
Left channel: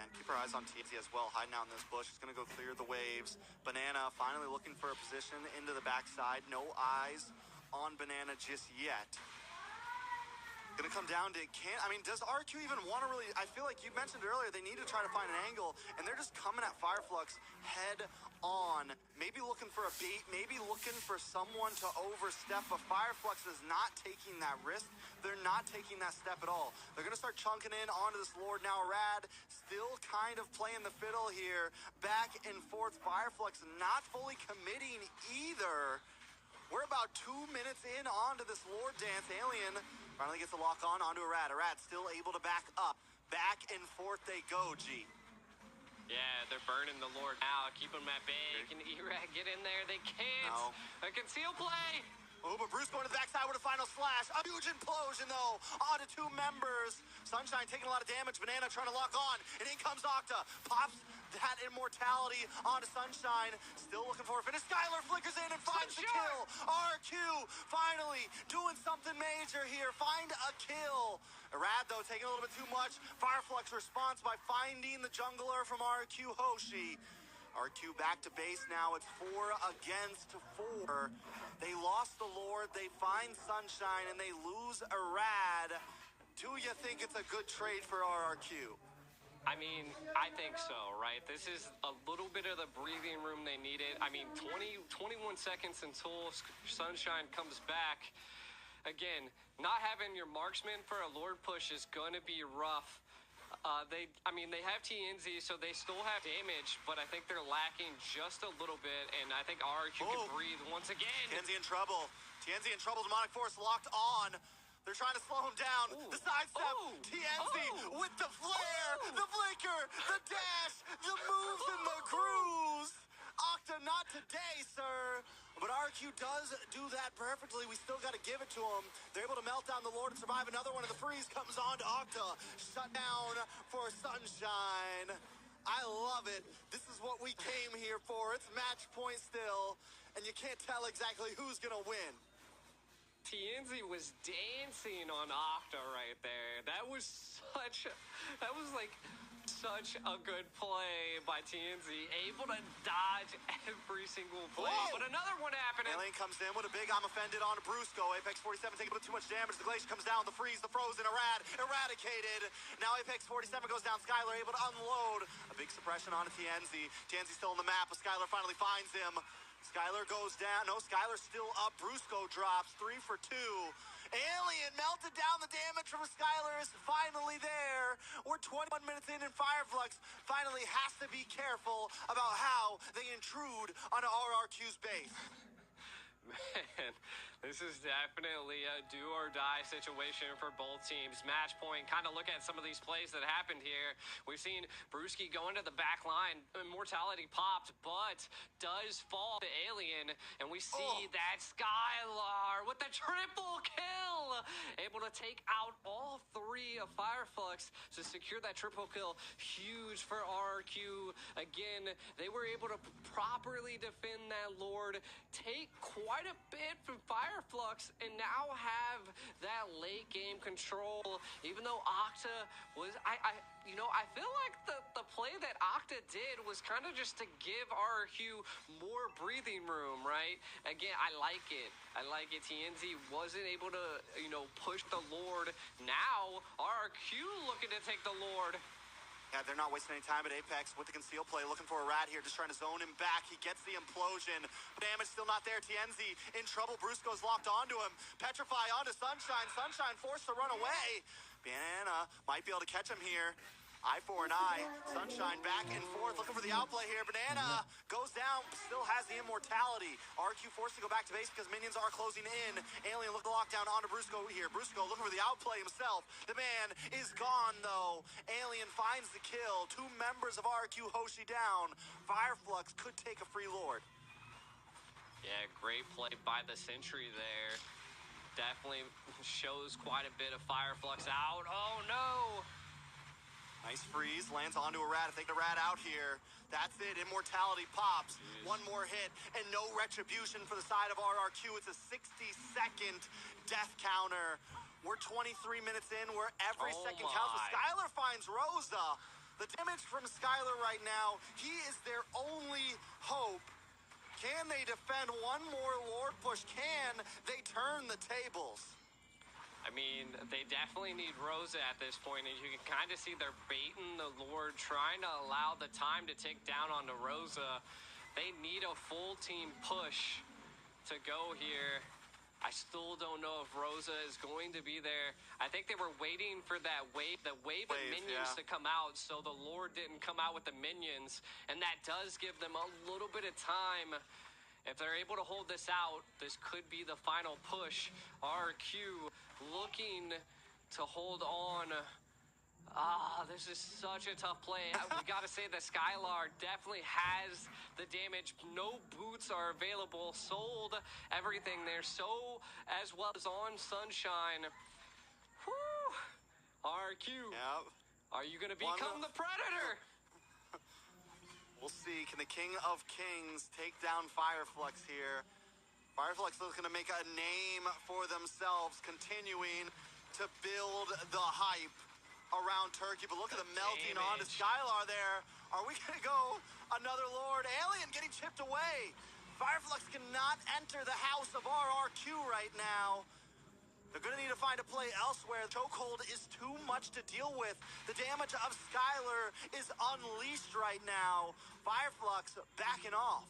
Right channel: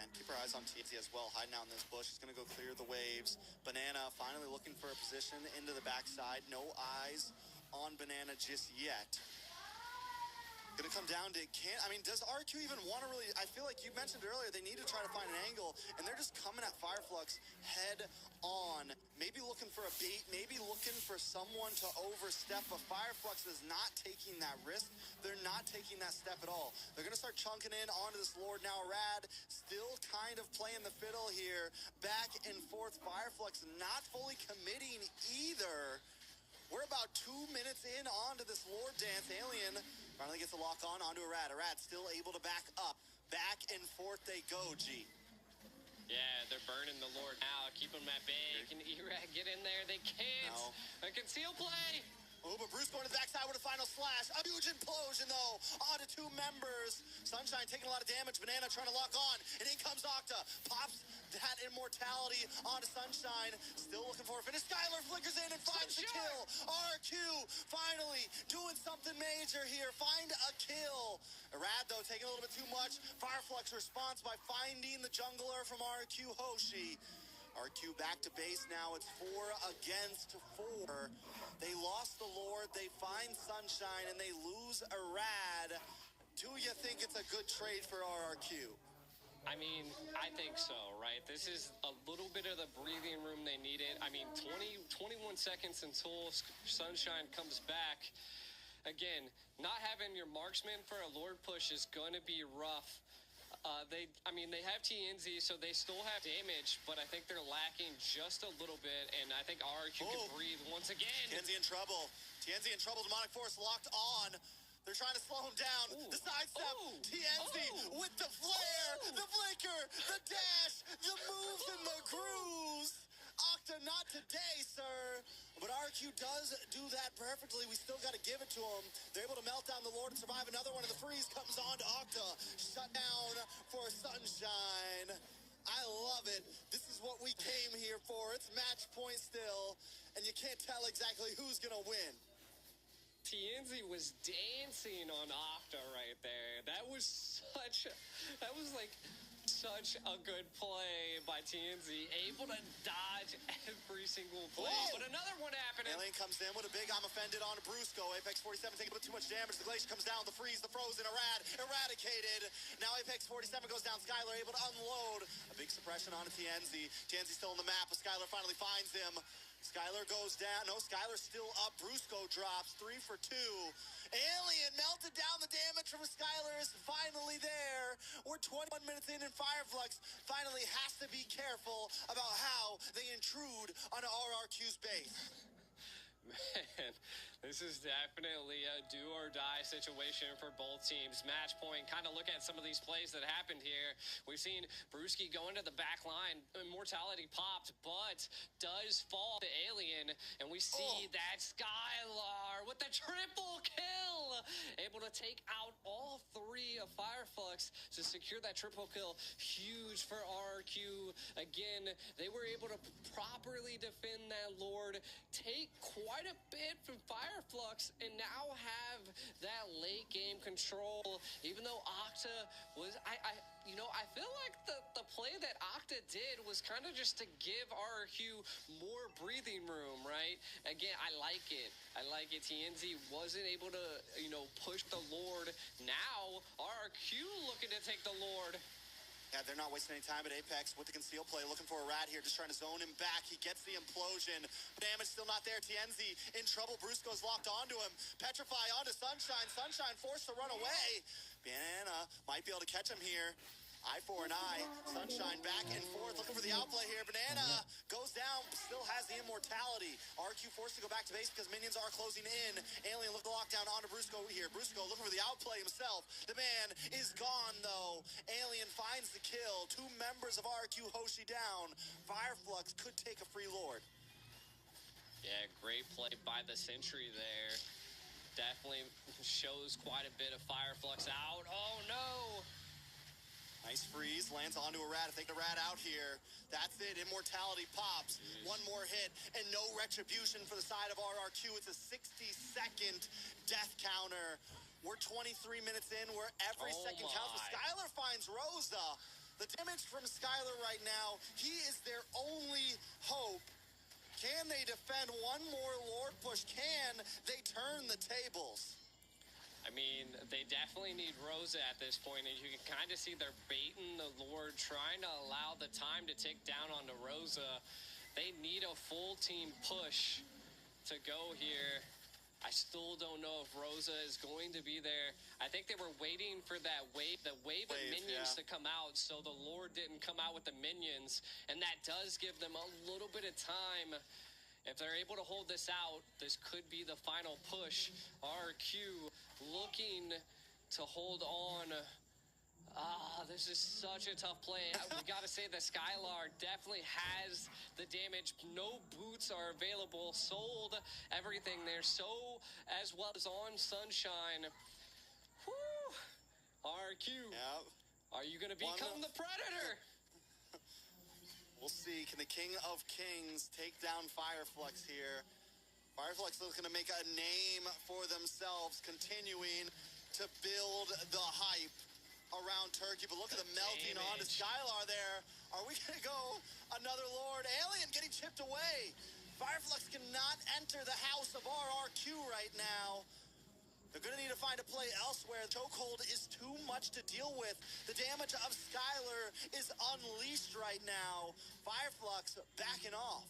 And keep our eyes on TNZ as well, hiding out in this bush. He's going to go clear the waves. Banana finally looking for a position into the backside. No eyes on Banana just yet. Going to come down to, does RQ even want to really, I feel like you mentioned earlier, they need to try to find an angle, and they're just coming at Fireflux head on. Maybe looking for a bait, maybe looking for someone to overstep, but Fireflux is not taking that risk. They're not taking that step at all. They're going to start chunking in onto this Lord now. Rad still kind of playing the fiddle here, back and forth. Fireflux not fully committing either. We're about 2 minutes in onto this Lord dance. Alien finally gets a lock on onto Arad. Arad still able to back up. Back and forth they go, G. Yeah, they're burning the Lord now. Keep them at bay. Can Erag get in there? They can't. No. A conceal play. Oh, but Bruce going to the backside with a final slash. A huge implosion, though, onto 2 members. Sunshine taking a lot of damage. Banana trying to lock on, and in comes Octa. Pops that immortality onto Sunshine. Still looking for a finish. Skylar flickers in and finds the kill. RQ finally doing something major here. Find a kill. Arad, though, taking a little bit too much. Fireflux response by finding the jungler from RQ Hoshi. RQ back to base now. It's 4 against 4. They lost the Lord. They find Sunshine, and they lose Arad. Do you think it's a good trade for RRQ? I mean, I think so, right? This is a little bit of the breathing room they needed. I mean, 21 seconds until Sunshine comes back. Again, not having your marksman for a Lord push is going to be rough. They have TNZ, so they still have damage, but I think they're lacking just a little bit, and I think RRQ can breathe once again. TNZ in trouble. TNZ in trouble. Demonic Force locked on. They're trying to slow him down. Ooh. The sidestep. Ooh. TNZ with the flare, the flicker, the dash, the moves, and the grooves. Octa, not today, sir. But RQ does do that perfectly. We still got to give it to him. They're able to melt down the Lord and survive another one, and the freeze comes on to Octa. Shut down for Sunshine. I love it. This is what we came here for. It's match point still, and you can't tell exactly who's going to win. TNZ was dancing on Octa right there. That was such a good play by TNZ. Able to dodge every single play. Whoa. But another one happening. Alien comes in with a big I'm offended on Brusco. Apex 47 taking a bit too much damage. The Glacier comes down. The freeze, the frozen, eradicated. Now Apex 47 goes down. Skylar able to unload. A big suppression on TNZ. TNZ still on the map, but Skylar finally finds him. Skylar goes down. No, Skylar's still up. Brusco drops 3 for 2. Alien melted down. The damage from Skylar is finally there. We're 21 minutes in, and Fireflux finally has to be careful about how they intrude onto RRQ's base. Man, this is definitely a do-or-die situation for both teams. Match point, kind of look at some of these plays that happened here. We've seen Brewski go into the back line. Immortality popped, but does fall to Alien. And we see that Skylar with the triple kill. Able to take out all 3 of Fireflux to secure that triple kill. Huge for RRQ. Again, they were able to properly defend that Lord. Take quite a bit from Fireflux and now have that late game control. Even though Octa was, I feel like the play that Octa did was kind of just to give RRQ more breathing room, right? Again, I like it. TNZ wasn't able to, push the Lord. Now RRQ looking to take the Lord. Yeah, they're not wasting any time at Apex with the conceal play. Looking for a rat here, just trying to zone him back. He gets the implosion. Damage still not there. TNZ in trouble. Brusco's locked onto him. Petrify onto Sunshine. Sunshine forced to run away. Banana might be able to catch him here. Eye for an eye. Sunshine back and forth, looking for the outplay here. Banana goes down, still has the immortality. RQ forced to go back to base because minions are closing in. Alien look to lock down onto Brusco here. Brusco looking for the outplay himself. The man is gone, though. Alien finds the kill. 2 members of RQ Hoshi down. Fireflux could take a free Lord. Yeah, great play by the Sentry there. Definitely shows quite a bit of Fireflux out. Oh, no. Nice freeze, lands onto a rat. If they get a rat out here, that's it. Immortality pops. Jeez. One more hit, and no retribution for the side of RRQ. It's a 60-second death counter. We're 23 minutes in, where every Oh second counts. But my. Skylar finds Rosa. The damage from Skylar right now, he is their only hope. Can they defend one more Lord push? Can they turn the tables? I mean, they definitely need Rosa at this point, and you can kind of see they're baiting the Lord, trying to allow the time to tick down onto Rosa. They need a full team push to go here. I still don't know if Rosa is going to be there. I think they were waiting for that wave, the wave of minions yeah. to come out, so the Lord didn't come out with the minions, and that does give them a little bit of time. If they're able to hold this out, this could be the final push. RQ looking to hold on. This is such a tough play. We got to say that Skylar definitely has the damage. No boots are available. Sold everything there. So as well as on Sunshine. Whew. RQ, Yep. are you going to become the Predator? We'll see. Can the King of Kings take down Fireflux here? Fireflux is going to make a name for themselves, continuing to build the hype around Turkey. But look at the melting onto damage. Skylar there. Are we going to go another Lord? Alien getting chipped away. Fireflux cannot enter the house of RRQ right now. They're going to need to find a play elsewhere. Chokehold is too much to deal with. The damage of Skylar is unleashed right now. Fireflux backing off.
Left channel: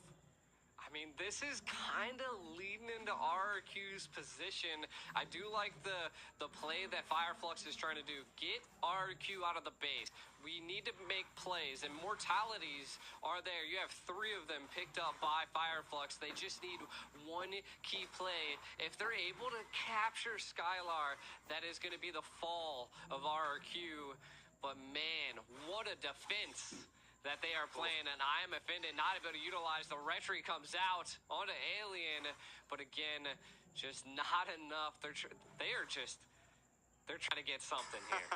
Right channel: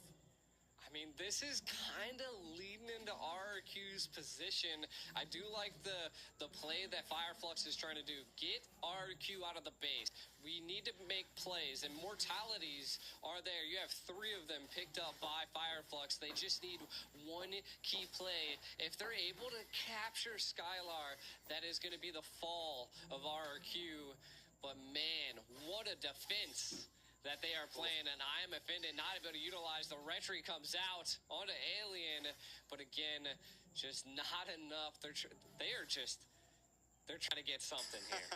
I mean, this is kind of leading into RRQ's position. I do like the play that Fireflux is trying to do. Get RRQ out of the base. We need to make plays, and mortalities are there. You have 3 of them picked up by Fireflux. They just need one key play. If they're able to capture Skylar, that is going to be the fall of RRQ. But man, what a defense that they are playing, and I am offended not able to utilize. The retry comes out onto Alien, but again, just not enough. They're trying to get something here.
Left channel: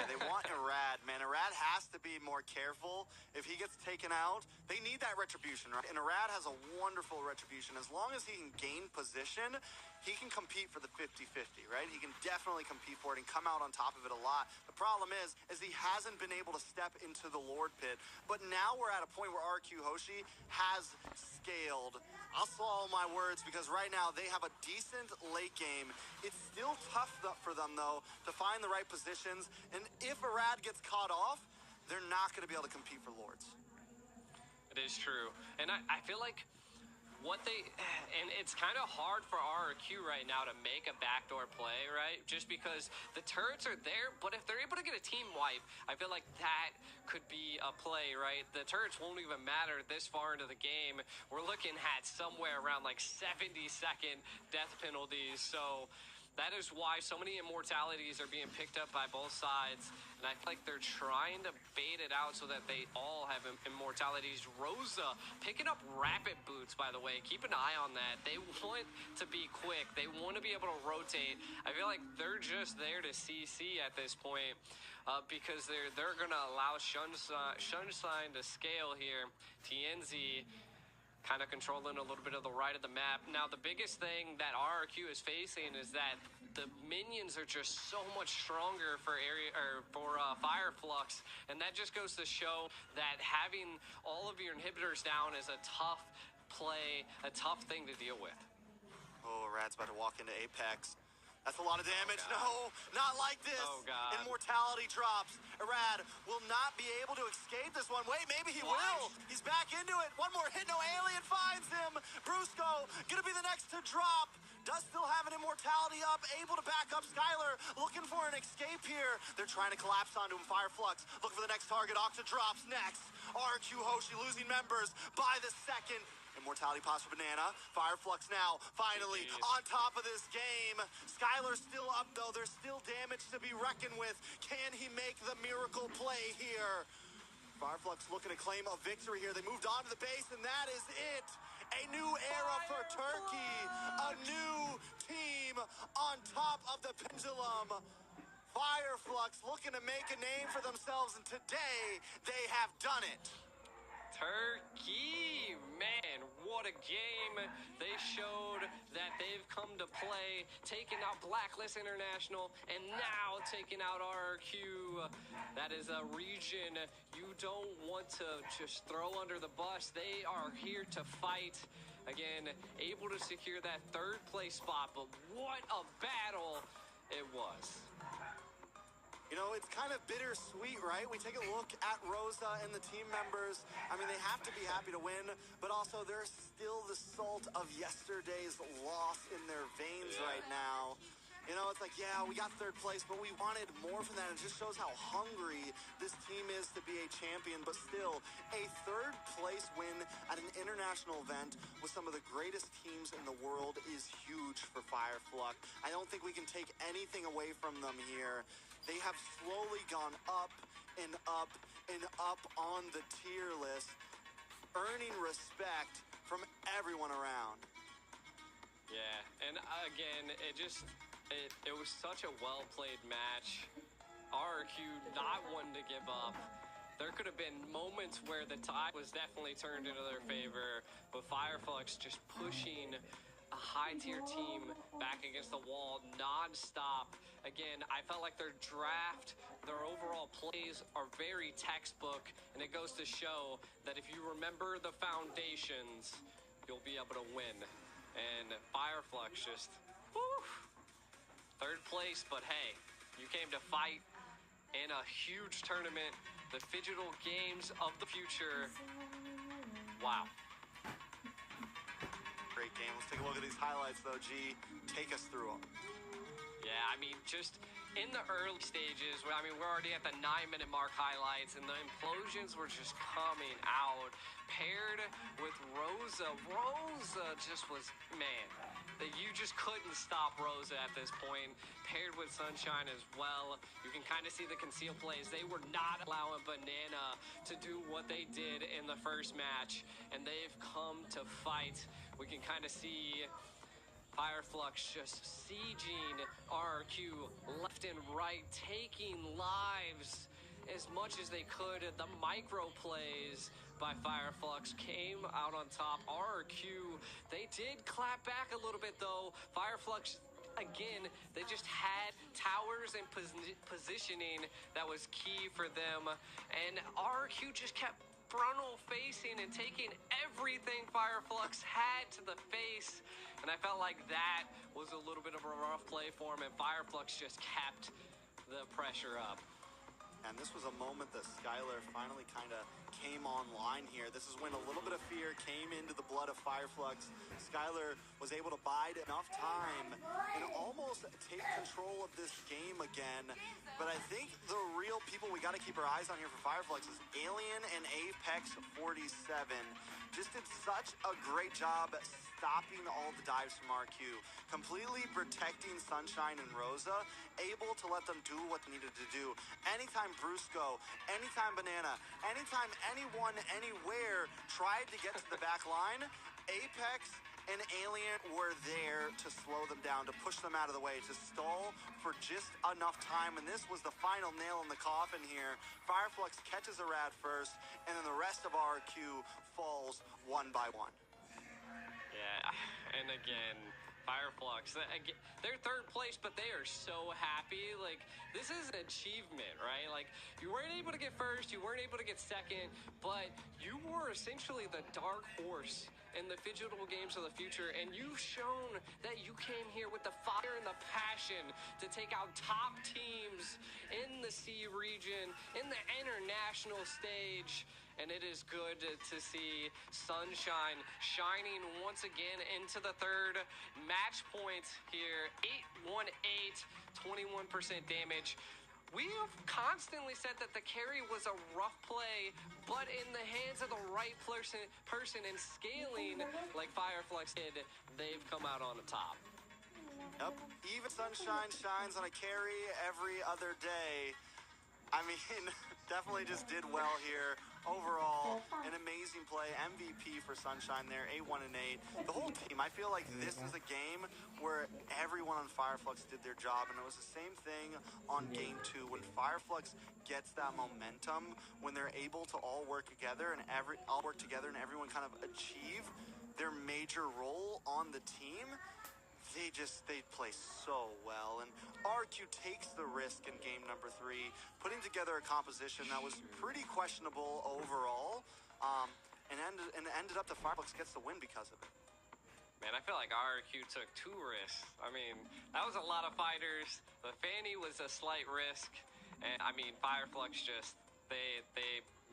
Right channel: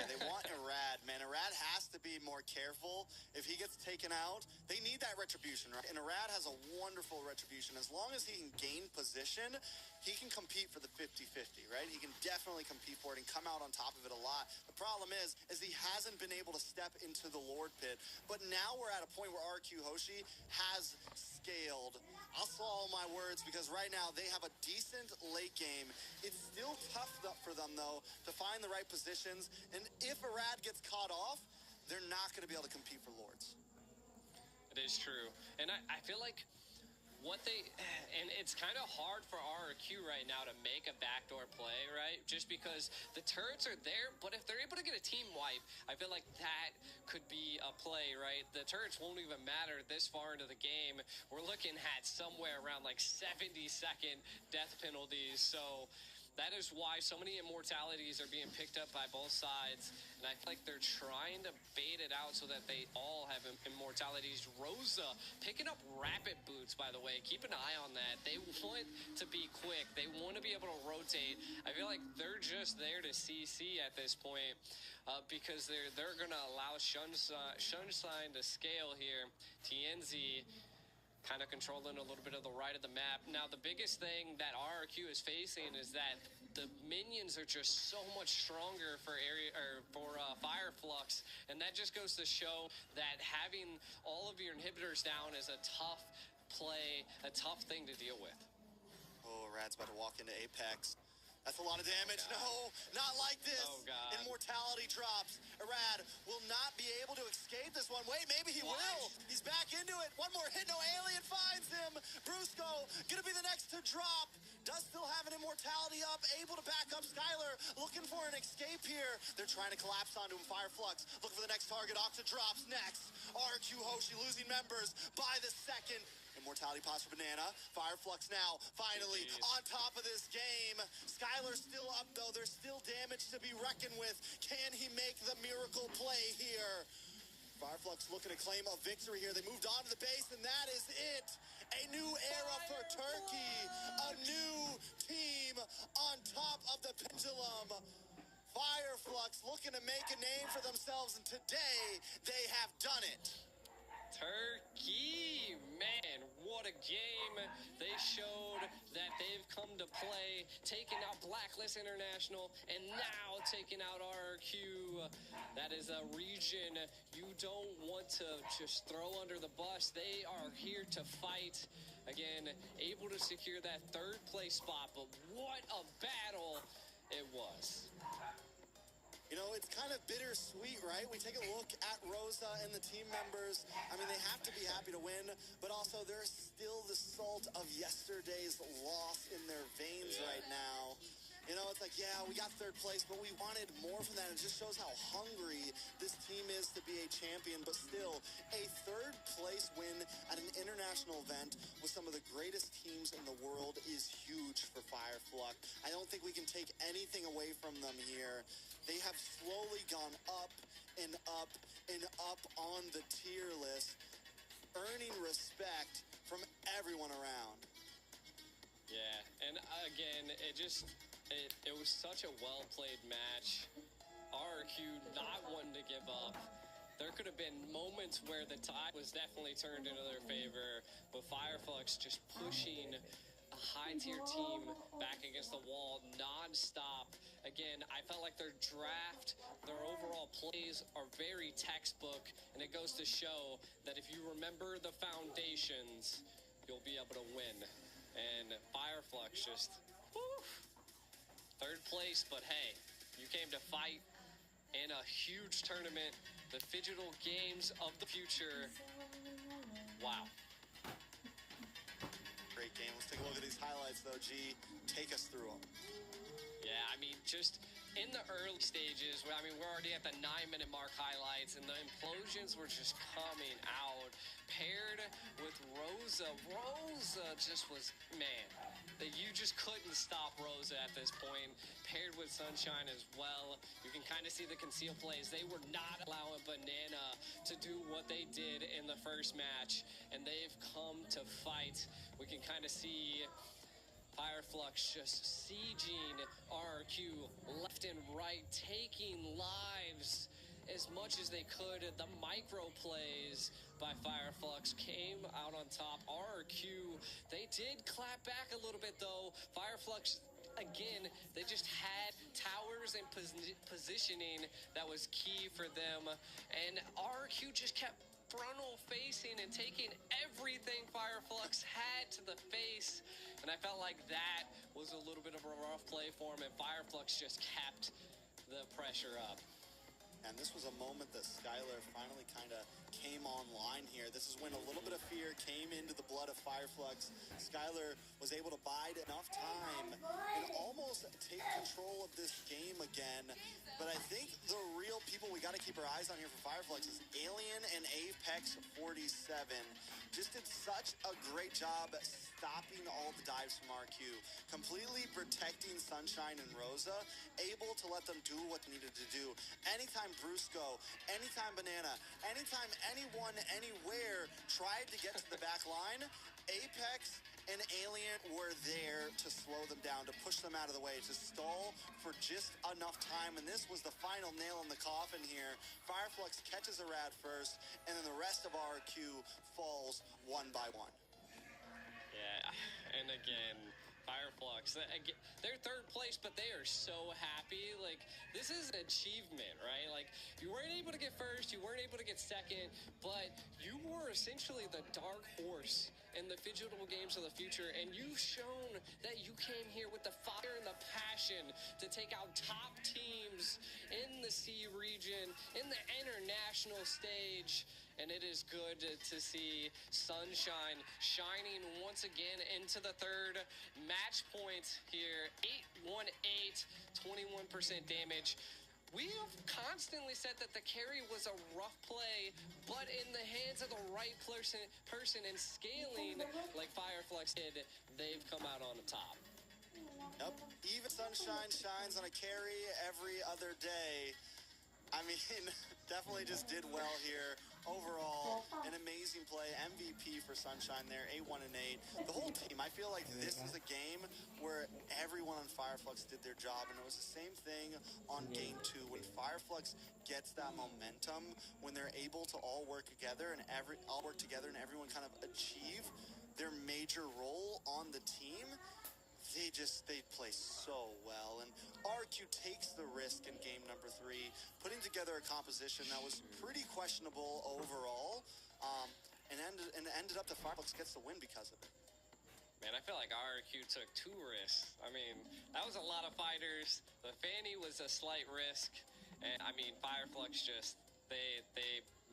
Yeah, they want Irad, man. Irad has to be more careful. If he gets taken out, they need that retribution, right? And Irad has a wonderful retribution. As long as he can gain position, he can compete for the 50-50, right? He can definitely compete for it and come out on top of it a lot. The problem is he hasn't been able to step into the Lord pit. But now we're at a point where RQ Hoshi has scaled. I'll swallow my words because right now they have a decent late game. It's still tough for them, though, to find the right positions. And if Irad gets caught off, they're not going to be able to compete for Lords. It is true. And I feel like and it's kind of hard for RRQ right now to make a backdoor play, right? Just because the turrets are there, but if they're able to get a team wipe, I feel like that could be a play, right? The turrets won't even matter this far into the game. We're looking at somewhere around like 70-second death penalties, so that is why so many immortalities are being picked up by both sides. And I feel like they're trying to bait it out so that they all have immortalities. Rosa picking up rapid boots, by the way. Keep an eye on that. They want to be quick. They want to be able to rotate. I feel like they're just there to CC at this point because they're going to allow Sunshine to scale here. TNZ kind of controlling a little bit of the right of the map. Now, the biggest thing that RRQ is facing is that the minions are just so much stronger for Fireflux, and that just goes to show that having all of your inhibitors down is a tough play, a tough thing to deal with. Oh, Rad's about to walk into Apex. That's a lot of damage. No, not like this. Oh, God. Immortality drops. Irad will not be able to escape this one. Wait, maybe he will. He's back into it. One more hit. No, Alien finds him. Brusco gonna be the next to drop. does still have an immortality up, able to back up Skylar, looking for an escape here. They're trying to collapse onto him. Fireflux looking for the next target. Octa drops next. RQ Hoshi losing members by the second. Immortality pass for Banana. Fireflux now, finally, on top of this game. Skylar's still up, though. There's still damage to be reckoned with. Can he make the miracle play here? Fireflux looking to claim a victory here. They moved on to the base, and that is it. A new era for Turkey. A new team on top of the pendulum. Fireflux looking to make a name for themselves, and today they have done it. Turkey, man, what a game. They showed that they've come to play, taking out Blacklist International, and now taking out RRQ. That is a region you don't want to just throw under the bus. They are here to fight. Again, able to secure that third place spot, but what a battle it was. You know, it's kind of bittersweet, right? We take a look at Rosa and the team members. I mean, they have to be happy to win, but also there's still the salt of yesterday's loss in their veins right now. You know, it's like, yeah, we got third place, but we wanted more from that. It just shows how hungry this team is to be a champion. But still, a third place win at an international event with some of the greatest teams in the world is huge for Fireflux. I don't think we can take anything away from them here. They have slowly gone up and up and up on the tier list, earning respect from everyone around. Yeah, and again, it was such a well-played match. RRQ not wanting to give up. There could have been moments where the tide was definitely turned into their favor, but Fireflux just pushing a high-tier team back against the wall non-stop. Again, I felt like their draft, their overall plays are very textbook, and it goes to show that if you remember the foundations, you'll be able to win. And Fireflux just, whew, third place, but hey, you came to fight in a huge tournament, the Phygital Games of the future. Wow. Great game. Let's take a look at these highlights, though, G. Take us through them. Yeah, I mean, just in the early stages, I mean, we're already at the 9-minute mark highlights, and the implosions were just coming out. Paired with Rosa. Rosa just was, man, that you just couldn't stop Rosa at this point. Paired with Sunshine as well. You can kind of see the conceal plays. They were not allowing Banana to do what they did in the first match, and they've come to fight. We can kind of see Fireflux just sieging RRQ left and right, taking lives as much as they could. The micro plays by Fireflux came out on top. RRQ, they did clap back a little bit though. Fireflux, again, they just had towers and positioning that was key for them. And RRQ just kept frontal facing and taking everything Fireflux had to the face. And I felt like that was a little bit of a rough play for him, and Fireflux just kept the pressure up. And this was a moment that Skylar finally kind of came online here. This is when a little bit of fear came into the blood of Fireflux. Skylar was able to bide enough time and almost take control of this game again. But I think the real people we got to keep our eyes on here for Fireflux is Alien and Apex 47. Just did such a great job stopping all the dives from RQ, completely protecting Sunshine and Rosa, able to let them do what they needed to do. Anytime Brusco, anytime Banana, anytime anyone, anywhere tried to get to the back line, Apex and Alien were there to slow them down, to push them out of the way, to stall for just enough time. And this was the final nail in the coffin here. Fireflux catches a rad first, and then the rest of RQ falls one by one. Yeah, and again, Fireflux, they're third place, but they are so happy. Like, this is an achievement, right? Like, you weren't able to get first, you weren't able to get second, but you were essentially the dark horse in the Phygital Games of the future, and you've shown that you came here with the fire and the passion to take out top teams in the C region, in the international stage. and it is good to see Sunshine shining once again into the third match point here. 818, 21% damage. We have constantly said that the carry was a rough play, but in the hands of the right person and scaling like Fireflux did, they've come out on the top. Yep. Even Sunshine shines on a carry every other day. I mean, definitely just did well here. Overall, an amazing play. MVP for Sunshine there, 8-1-8. The whole team, I feel like this is a game where everyone on Fireflux did their job, and it was the same thing on game 2. When Fireflux gets that momentum, when they're able to all work together and everyone kind of achieve their major role on the team, they play so well. And RQ takes the risk in game number 3, putting together a composition that was pretty questionable overall, and ended up the Fireflux gets the win because of it. Man, I feel like RQ took 2 risks. I mean, that was a lot of fighters. The Fanny was a slight risk. And I mean, Fireflux just, they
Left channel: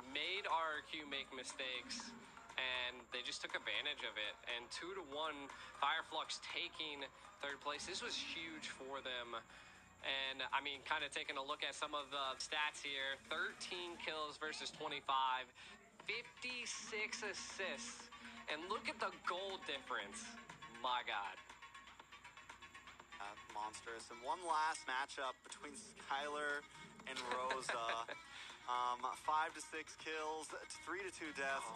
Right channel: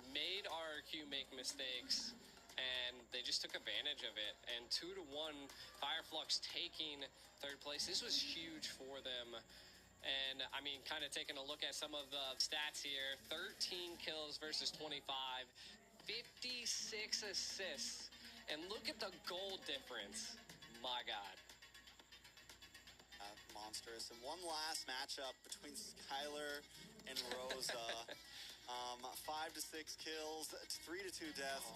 made RQ make mistakes, and they just took advantage of it. And 2-1, Fireflux taking 3rd place. This was huge for them. And I mean, kind of taking a look at some of the stats here, 13 kills versus 25, 56 assists. And look at the goal difference. My God. Monstrous. And one last matchup between Skylar and Rosa. 5 to 6 kills, 3 to 2 deaths.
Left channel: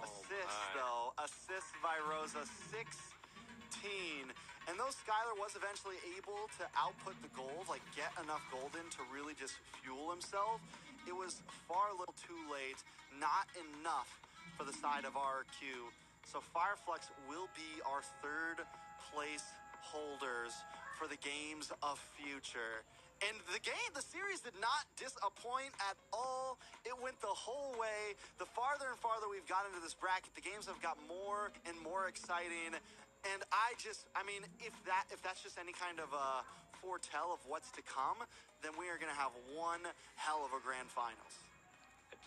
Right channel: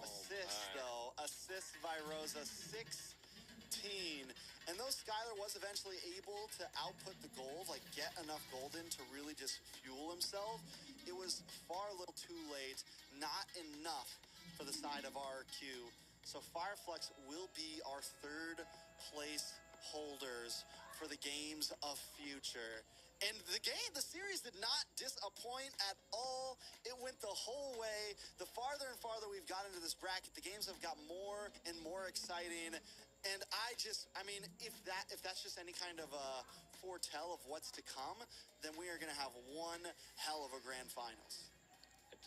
Assists by Rosa, 16. And though Skylar was eventually able to output the gold, like get enough gold in to really just fuel himself, it was far a little too late, not enough for the side of RQ. So Fireflux will be our 3rd place holders for the games of future. And the series did not disappoint at all. It went the whole way. The farther and farther we've got into this bracket, the games have got more and more exciting. And I mean, if that's just any kind of a foretell of what's to come, then we are going to have one hell of a grand finals.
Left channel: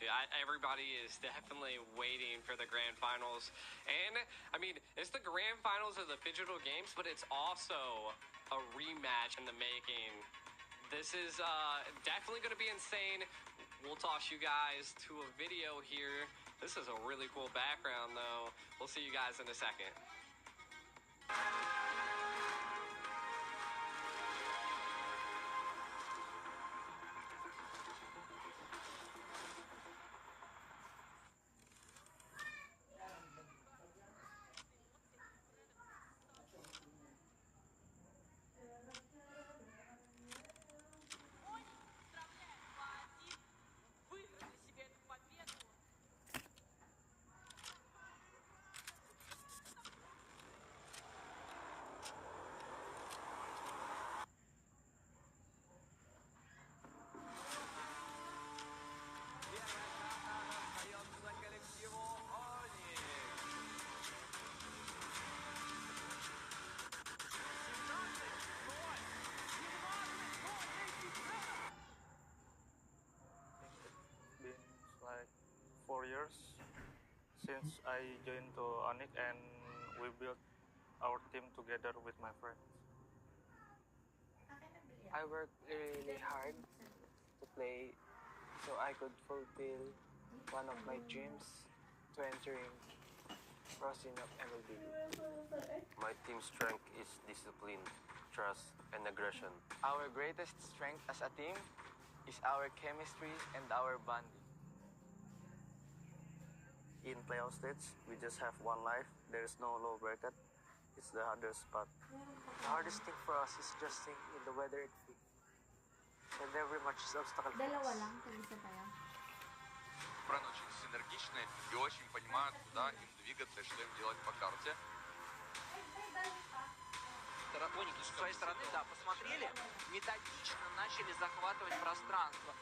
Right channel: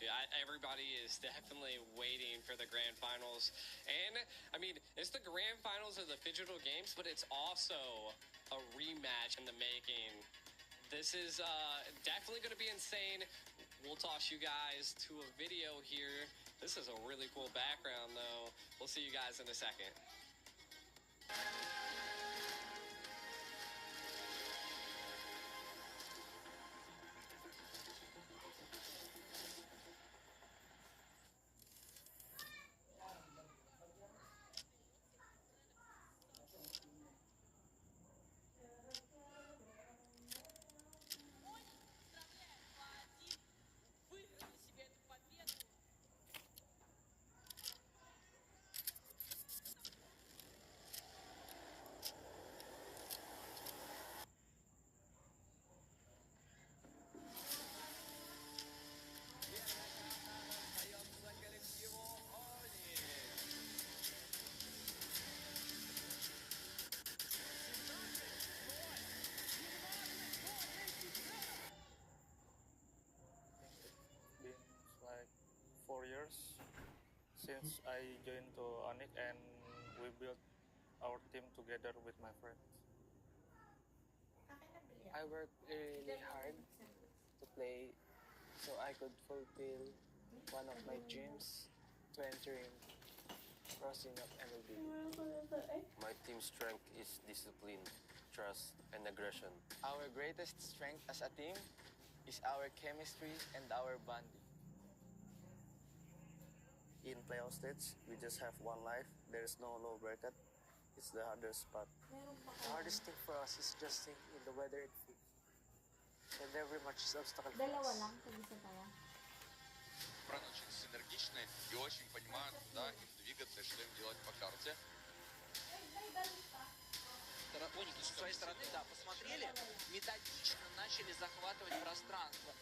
Dude, everybody is definitely waiting for the grand finals. And, I mean, it's the grand finals of the Phygital Games, but it's also a rematch in the making. This is definitely going to be insane. We'll toss you guys to a video here. This is a really cool background, though. We'll see you guys in a second. Like 4 years since I joined to Onyx, and we built our team together with my friends. I worked really hard to play so I could fulfill one of my dreams to entering Rosinop MLB. My team strength is discipline, trust, and aggression. Our greatest strength as a team is our chemistry and our bonding. In playoff stage, we just have one life. There is no low bracket. It's the hardest part. The hardest thing for us is adjusting in the weather and field. And every match is obstacle for us. Бран очень синергичны и очень понимают, куда им двигаться и что им делать по карте. Тараконики со своей стороны, да, посмотрели, методично начали захватывать пространство.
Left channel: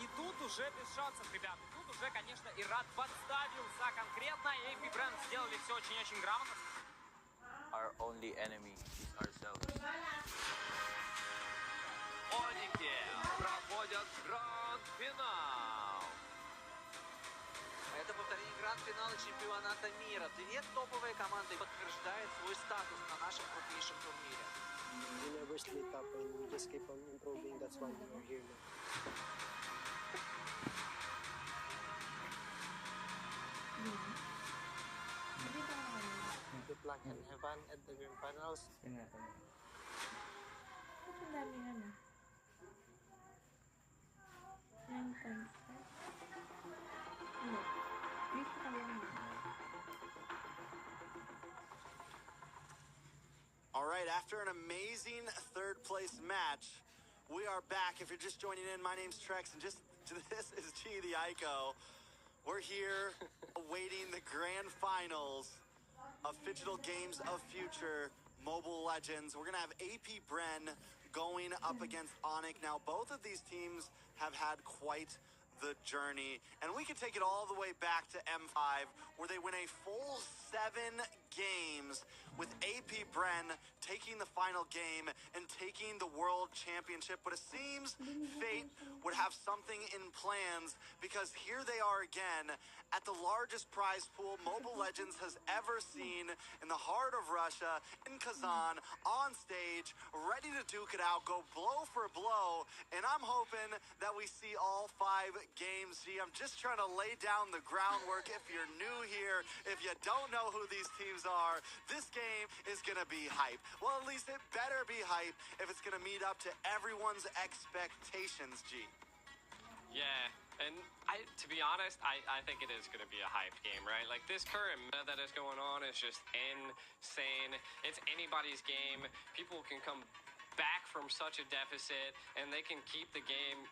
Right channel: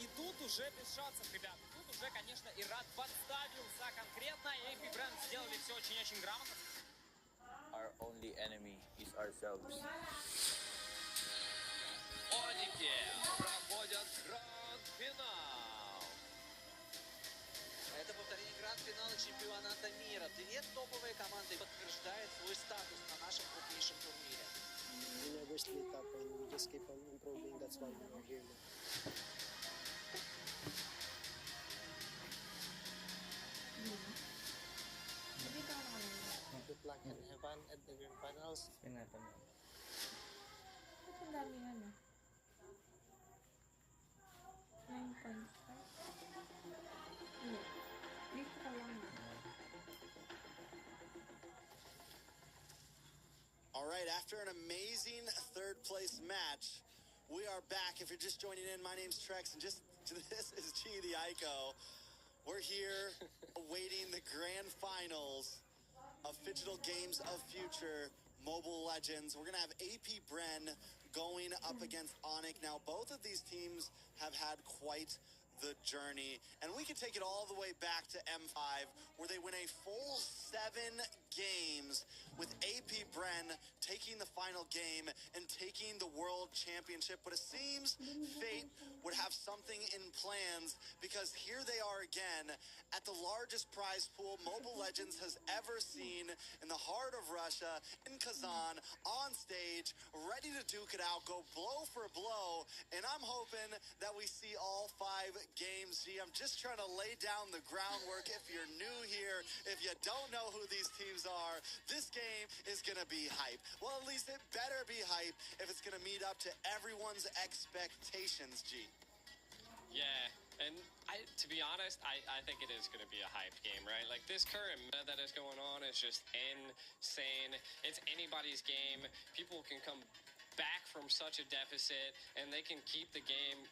И тут уже без шансов, ребята. Тут уже, конечно, Ират подставился конкретно. И AP Brand сделали все очень-очень грамотно. Our only enemy is ourselves. Оники проходят гранд-финал. Это повторение гранд-финала чемпионата мира. Две топовые команды подтверждают свой статус на нашем крупнейшем турнире. We never split up and we just keep on improving. That's why we are here now. Good luck and have fun at the grand finals. Ang dami ano. 9.5. Ano? Dito ka lang. All right, after an amazing third place match, we are back. If you're just joining in, my name's Trex, and this is G the Ico. We're here awaiting the grand finals of Phygital Games of Future Mobile Legends. We're going to have AP Bren going up against Onic. Now, both of these teams have had quite the journey, and we can take it all the way back to M5, where they win a full 7 games with AP Bren taking the final game and taking the World Championship. But it seems fate would have something in plans, because here they are again at the largest prize pool Mobile Legends has ever seen, in the heart of Russia, in Kazan, on stage, ready to duke it out, go blow for blow. And I'm hoping that we see all 5 games. G, I'm just trying to lay down the groundwork. If you're new here, if you don't know who these teams are, this game is gonna be hype. Well, at least it better be hype if it's gonna meet up to everyone's expectations, G. Yeah, and to be honest, I think it is going to be a hyped game, right? Like, this current meta that is going on is just insane. It's anybody's game. People can come back from such a deficit, and they can keep the game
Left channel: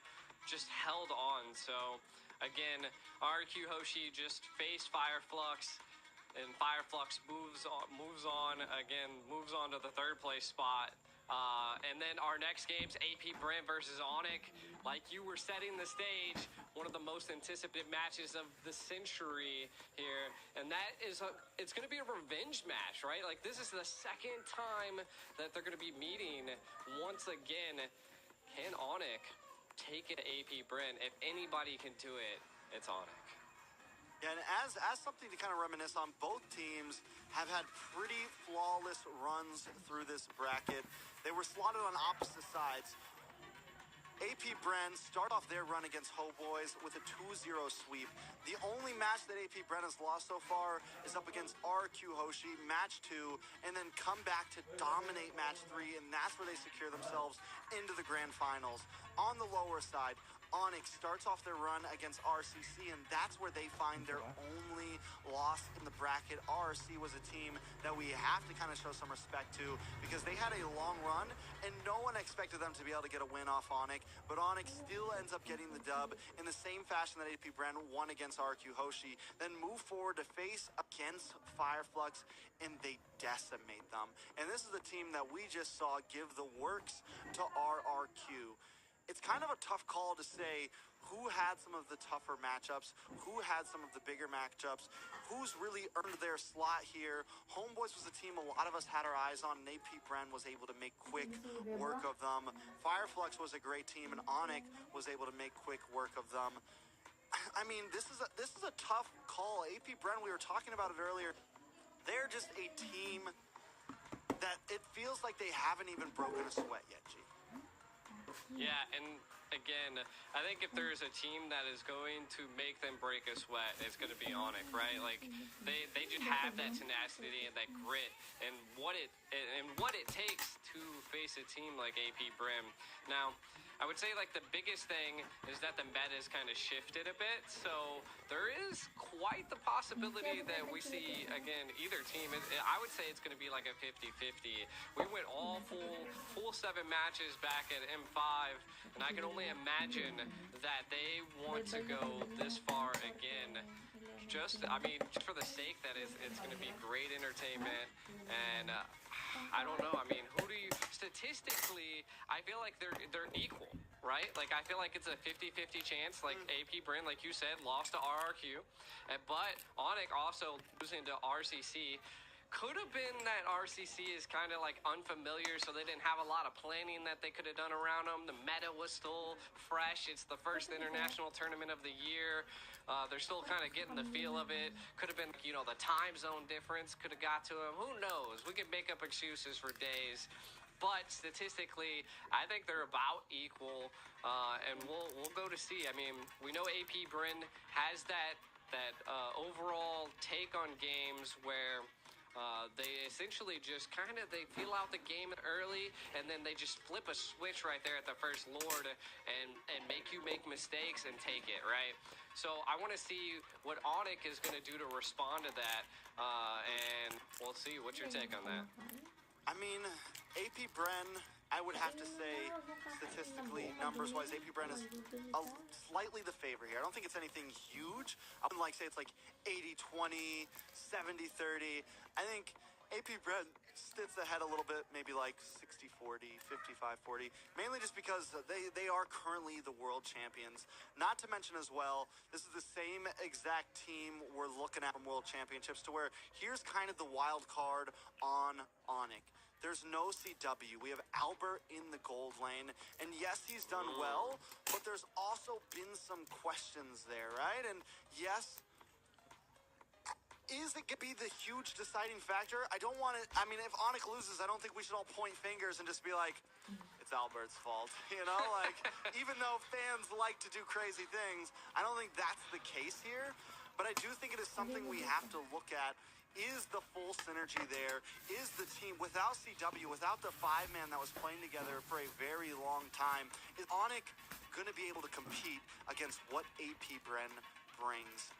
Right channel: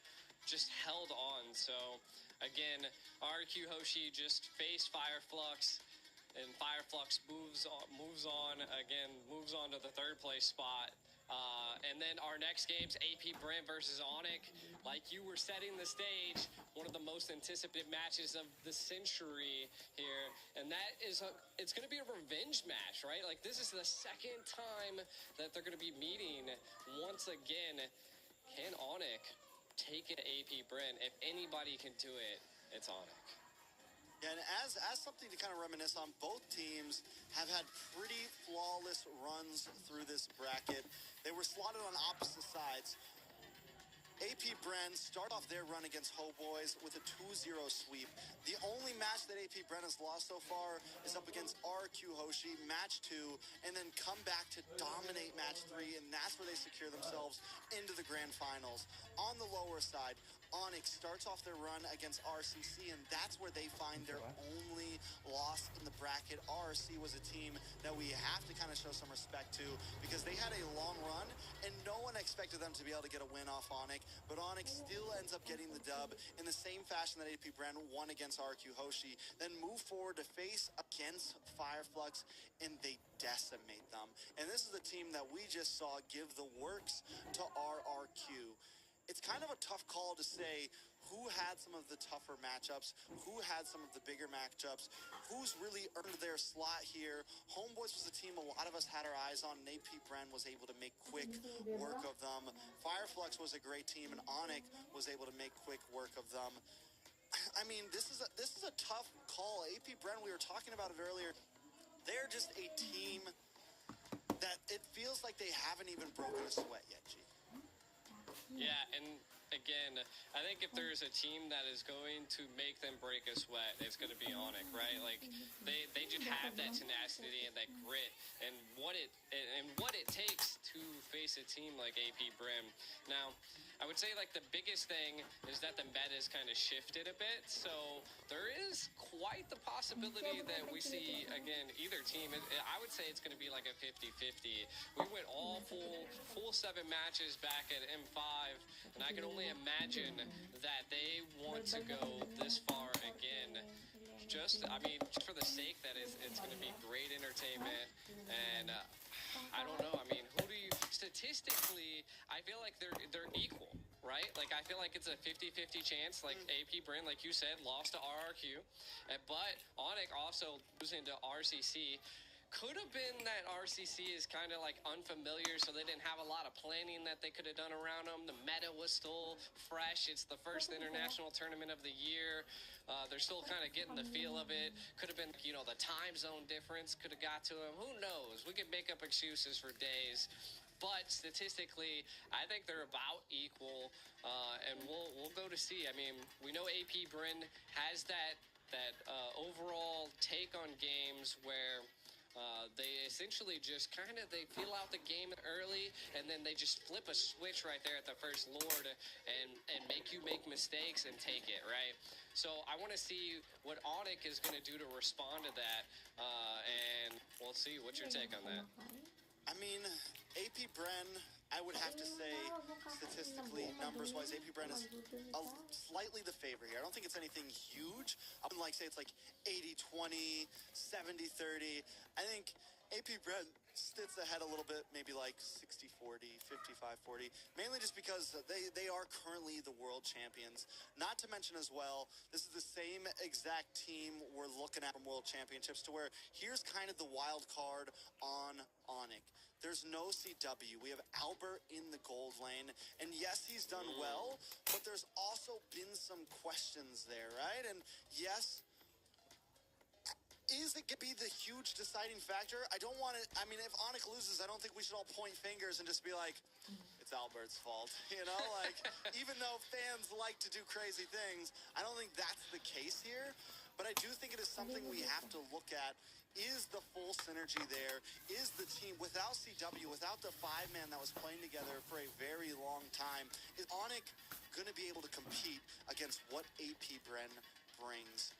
just held on. So, again, RQ Hoshi just faced Fireflux, and Fireflux moves on to the third place spot. And then our next game's AP Bren versus Onic. Like you were setting the stage, one of the most anticipated matches of the century here. And that is, it's going to be a revenge match, right? Like, this is the second time that they're going to be meeting once again. Can Onic take it to AP Bren? If anybody can do it, it's Onic. Yeah, and as something to kind of reminisce on, both teams have had pretty flawless runs through this bracket. They were slotted on opposite sides. AP Bren start off their run against Ho Boys with a 2-0 sweep. The only match that AP Bren has lost so far is up against RQ Hoshi, match 2, and then come back to dominate match 3, and that's where they secure themselves into the grand finals. On the lower side, Onic starts off their run against RCC, and that's where they find their only loss in the bracket. RC was a team that we have to kind of show some respect to, because they had a long run, and no one expected them to be able to get a win off Onic, but Onic still ends up getting the dub in the same fashion that AP Bren won against RQ Hoshi, then move forward to face against Fireflux, and they decimate them. And this is a team that we just saw give the works to RRQ. It's kind of a tough call to say who had some of the tougher matchups, who had some of the bigger matchups, who's really earned their slot here. Homeboys was a team a lot of us had our eyes on, and AP Bren was able to make quick work of them. Fireflux was a great team, and Onic was able to make quick work of them. I mean, this is a tough call. AP Bren, we were talking about it earlier. They're just a team that it feels like they haven't even broken a sweat yet, G. Yeah, and again, I think if there's a team that is going to make them break a sweat, it's going to be Onic, right? Like, they just have that tenacity and that grit, and what it takes to face a team like AP Bren. Now, I would say, like, the biggest thing is that the meta has kind of shifted a bit, so there is quite the possibility that we see, again, either team. I would say it's going to be like a 50-50. We went all full 7 matches back at M5, and I can only imagine that they want to go this far again. Just for the sake that it's going to be great entertainment, and I don't know. I mean, statistically, I feel like they're equal, right? Like, I feel like it's a 50-50 chance. Like, AP Bren, like you said, lost to RRQ, but Onic also losing to RCC. Could have been that RCC is kind of like unfamiliar, so they didn't have a lot of planning that they could have done around them. The meta was still fresh. It's the first international tournament of the year. They're still kind of getting the feel of it. Could have been, you know, the time zone difference could have got to them. Who knows? We could make up excuses for days. But statistically, I think they're about equal, and we'll go to see. I mean, we know AP Bryn has that overall take on games where they essentially just they feel out the game early, and then they just flip a switch right there at the first Lord and make you make mistakes and take it, right? So I want to see what Onyx is going to do to respond to that, and we'll see. What's your take on that? I mean, AP Bren, I would have to say, statistically, numbers-wise, AP Bren is slightly the favorite here. I don't think it's anything huge. I wouldn't say it's like 80-20, 70-30. I think AP Bren sits ahead a little bit, maybe like 60-40, 55-40, mainly just because they are currently the world champions. Not to mention as well, this is the same exact team we're looking at from World Championships, to where here's kind of the wild card on Onyx. There's no CW. We have Albert in the gold lane. And yes, he's done well, but there's also been some questions there, right? And yes, is it going to be the huge deciding factor? I don't want to, I mean, if Onyx loses, I don't think we should all point fingers and just be like, it's Albert's fault, you know? Like, even though fans like to do crazy things, I don't think that's the case here. But I do think it is something we have to look at. Is the full synergy there? Is the team, without CW, without the five-man that was playing together for a very long time, is Onyx going to be able to compete against what AP Bren brings?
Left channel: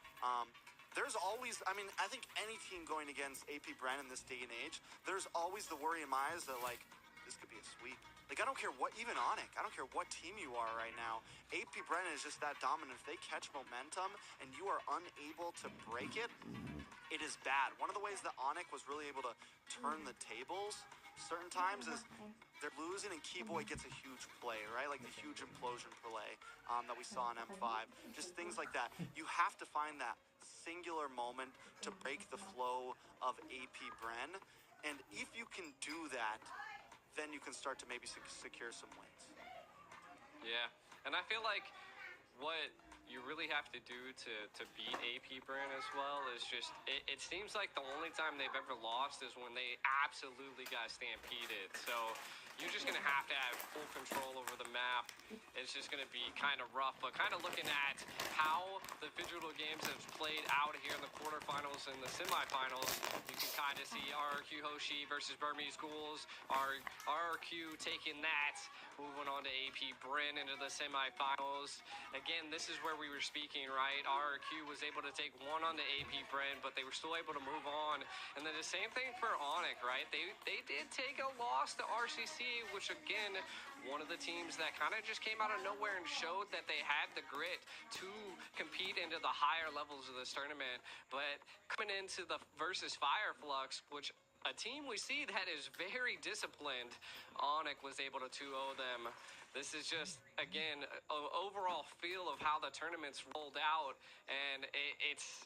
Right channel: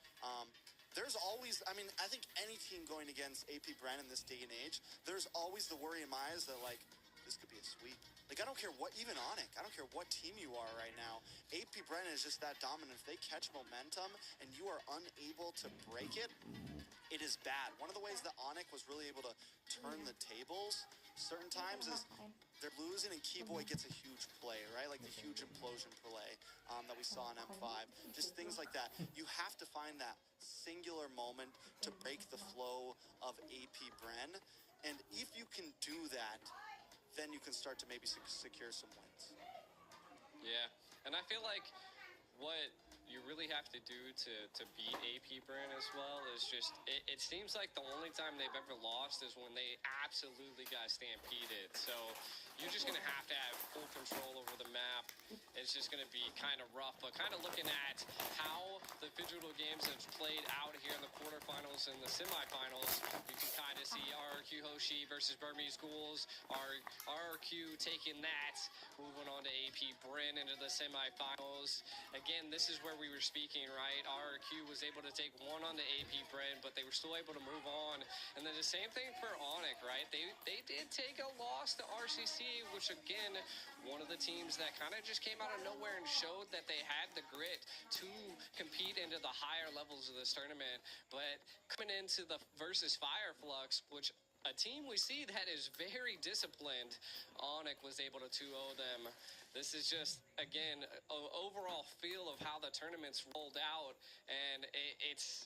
There's always, I mean, I think any team going against AP Bren in this day and age, there's always the worry in my eyes that, like, this could be a sweep. Like, I don't care what, even Onyx, I don't care what team you are right now. AP Bren is just that dominant. If they catch momentum and you are unable to break it, it is bad. One of the ways that Onyx was really able to turn the tables certain times is they're losing and Keyboy gets a huge play, right? Like the huge implosion play that we saw in M5. Just things like that. You have to find that singular moment to break the flow of AP Bren. And if you can do that, then you can start to maybe secure some wins. Yeah, and I feel like what you really have to do to beat AP Bren as well is just, it seems like the only time they've ever lost is when they absolutely got stampeded. So you're just going to have full control over the map. It's just going to be kind of rough, but kind of looking at how the Digital Games have played out here in the quarterfinals and the semifinals, you can kind of see RRQ Hoshi versus Burmese Ghouls, RRQ taking that, moving on to AP Bren into the semifinals. Again, this is where we were speaking, right? RRQ was able to take one on the AP Bren, but they were still able to move on. And then the same thing for Onyx, right? They did take a loss to RCC, which again, one of the teams that kind of just came out of nowhere and showed that they had the grit to compete into the higher levels of this tournament. But coming into the versus Fireflux, which a team we see that is very disciplined, Onyx was able to 2-0 them. This is just, again, an overall feel of how the tournament's rolled out, and it's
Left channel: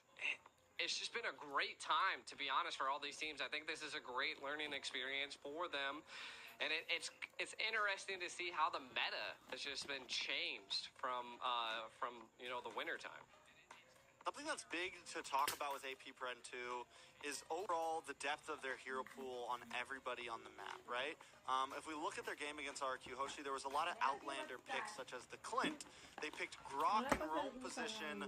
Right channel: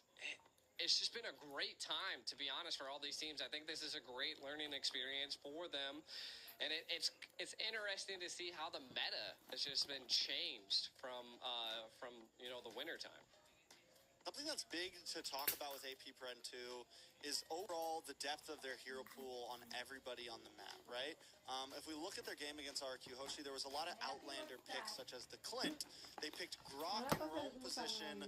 just been a great time, to be honest, for all these teams. I think this is a great learning experience for them. And it's interesting to see how the meta has just been changed from the winter time. Something that's big to talk about with AP Bren too is overall the depth of their hero pool on everybody on the map, right? If we look at their game against RRQ Hoshi, there was a lot of outlander picks such as the Clint. They picked Grok in roam position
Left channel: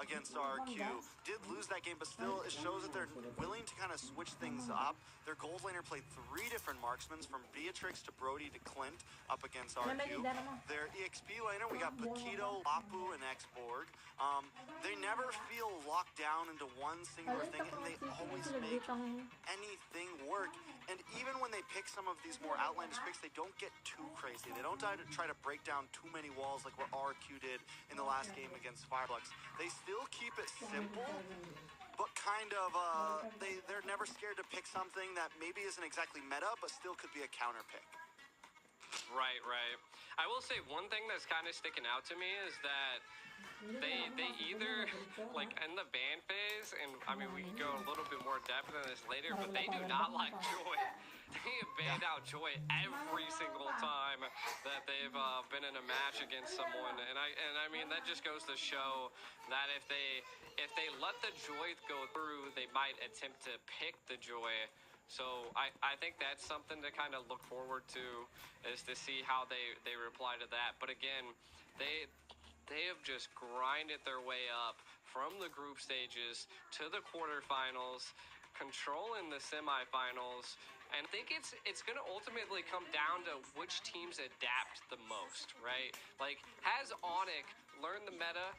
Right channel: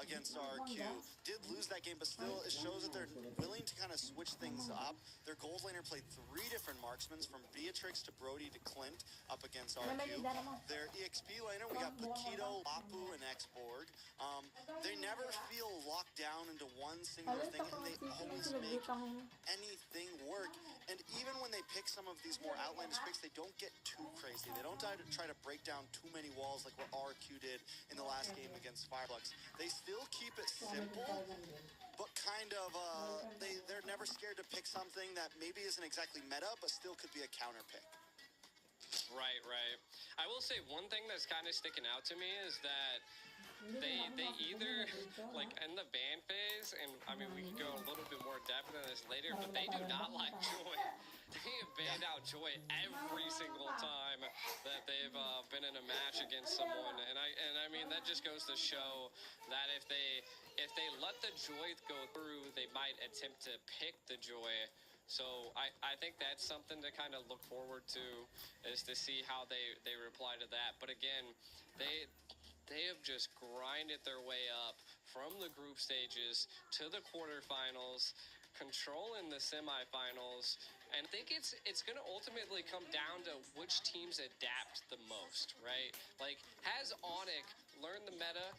against RRQ. Did lose that game, but still it shows that they're willing to kind of switch things up. Their gold laner played 3 different marksmans, from Beatrix to Brody to Clint, up against RRQ. Their EXP laner, we got Paquito, Lapu, and Xborg. They never feel locked down into one singular thing, and they always make anything work. And even when they pick some of these more outlandish picks, they don't get too crazy. They don't try to break down too many walls like what RRQ did in the last game against Fireflux. They still keep it simple, but kind of, they're never scared to pick something that maybe isn't exactly meta, but still could be a counter pick. Right, right. I will say one thing that's kind of sticking out to me is that they either like in the ban phase, and I mean we can go a little bit more depth into this later, but they do not like Joy. They have banned out Joy every single time that they've been in a match against someone, and I mean that just goes to show that if they let the Joy go through, they might attempt to pick the Joy. So I think that's something to kind of look forward to, is to see how they reply to that. But again, they have just grinded their way up from the group stages to the quarterfinals, controlling the semifinals. And I think it's going to ultimately come down to which teams adapt the most, right? Like, has Onyx learned the meta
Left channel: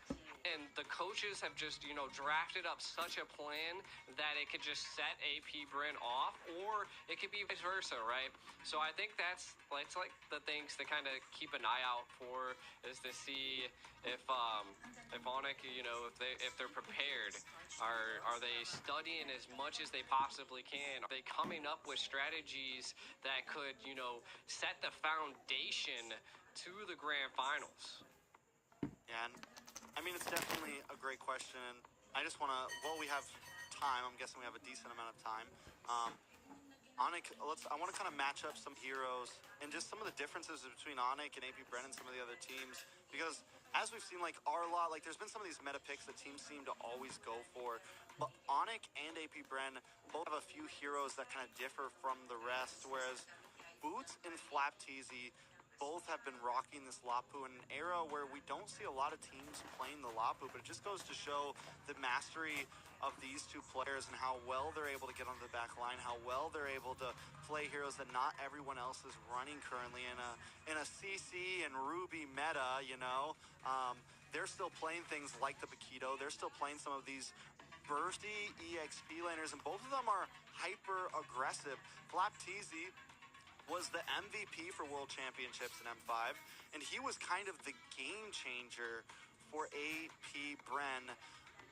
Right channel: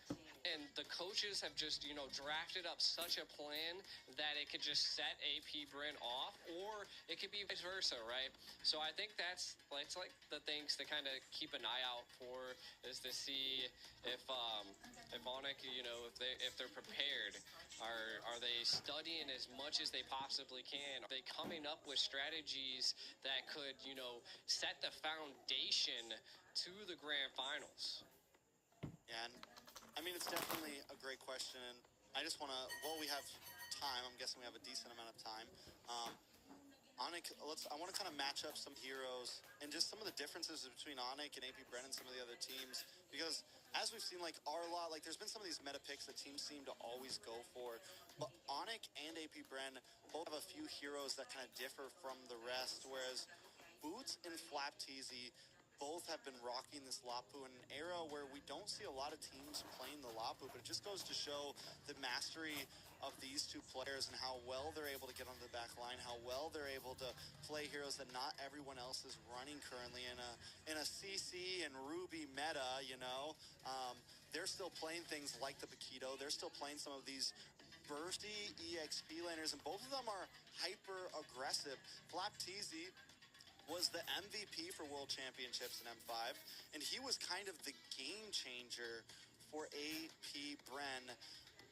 and the coaches have just, drafted up such a plan that it could just set AP Bren off, or it could be vice versa, right? So I think it's like the things to kind of keep an eye out for, is to see if Onyx, if they're prepared. Are they studying as much as they possibly can? Are they coming up with strategies that could, set the foundation to the grand finals? Yeah, and I mean, it's definitely a great question. And I just want to, we have time. I'm guessing we have a decent amount of time. Onyx, I want to kind of match up some heroes and just some of the differences between Onyx and AP Bren and some of the other teams. Because as we've seen, like Arlot, like there's been some of these meta picks that teams seem to always go for. But Onyx and AP Bren both have a few heroes that kind of differ from the rest. Whereas Boots and Flapteezy both have been rocking this Lapu in an era where we don't see a lot of teams playing the Lapu, but it just goes to show the mastery of these two players and how well they're able to get onto the back line, how well they're able to play heroes that not everyone else is running currently in a CC and Ruby meta, they're still playing things like the Paquito. They're still playing some of these bursty EXP laners, and both of them are hyper aggressive. Flapteezy was the MVP for World Championships in M5, and he was kind of the game changer for AP Bren.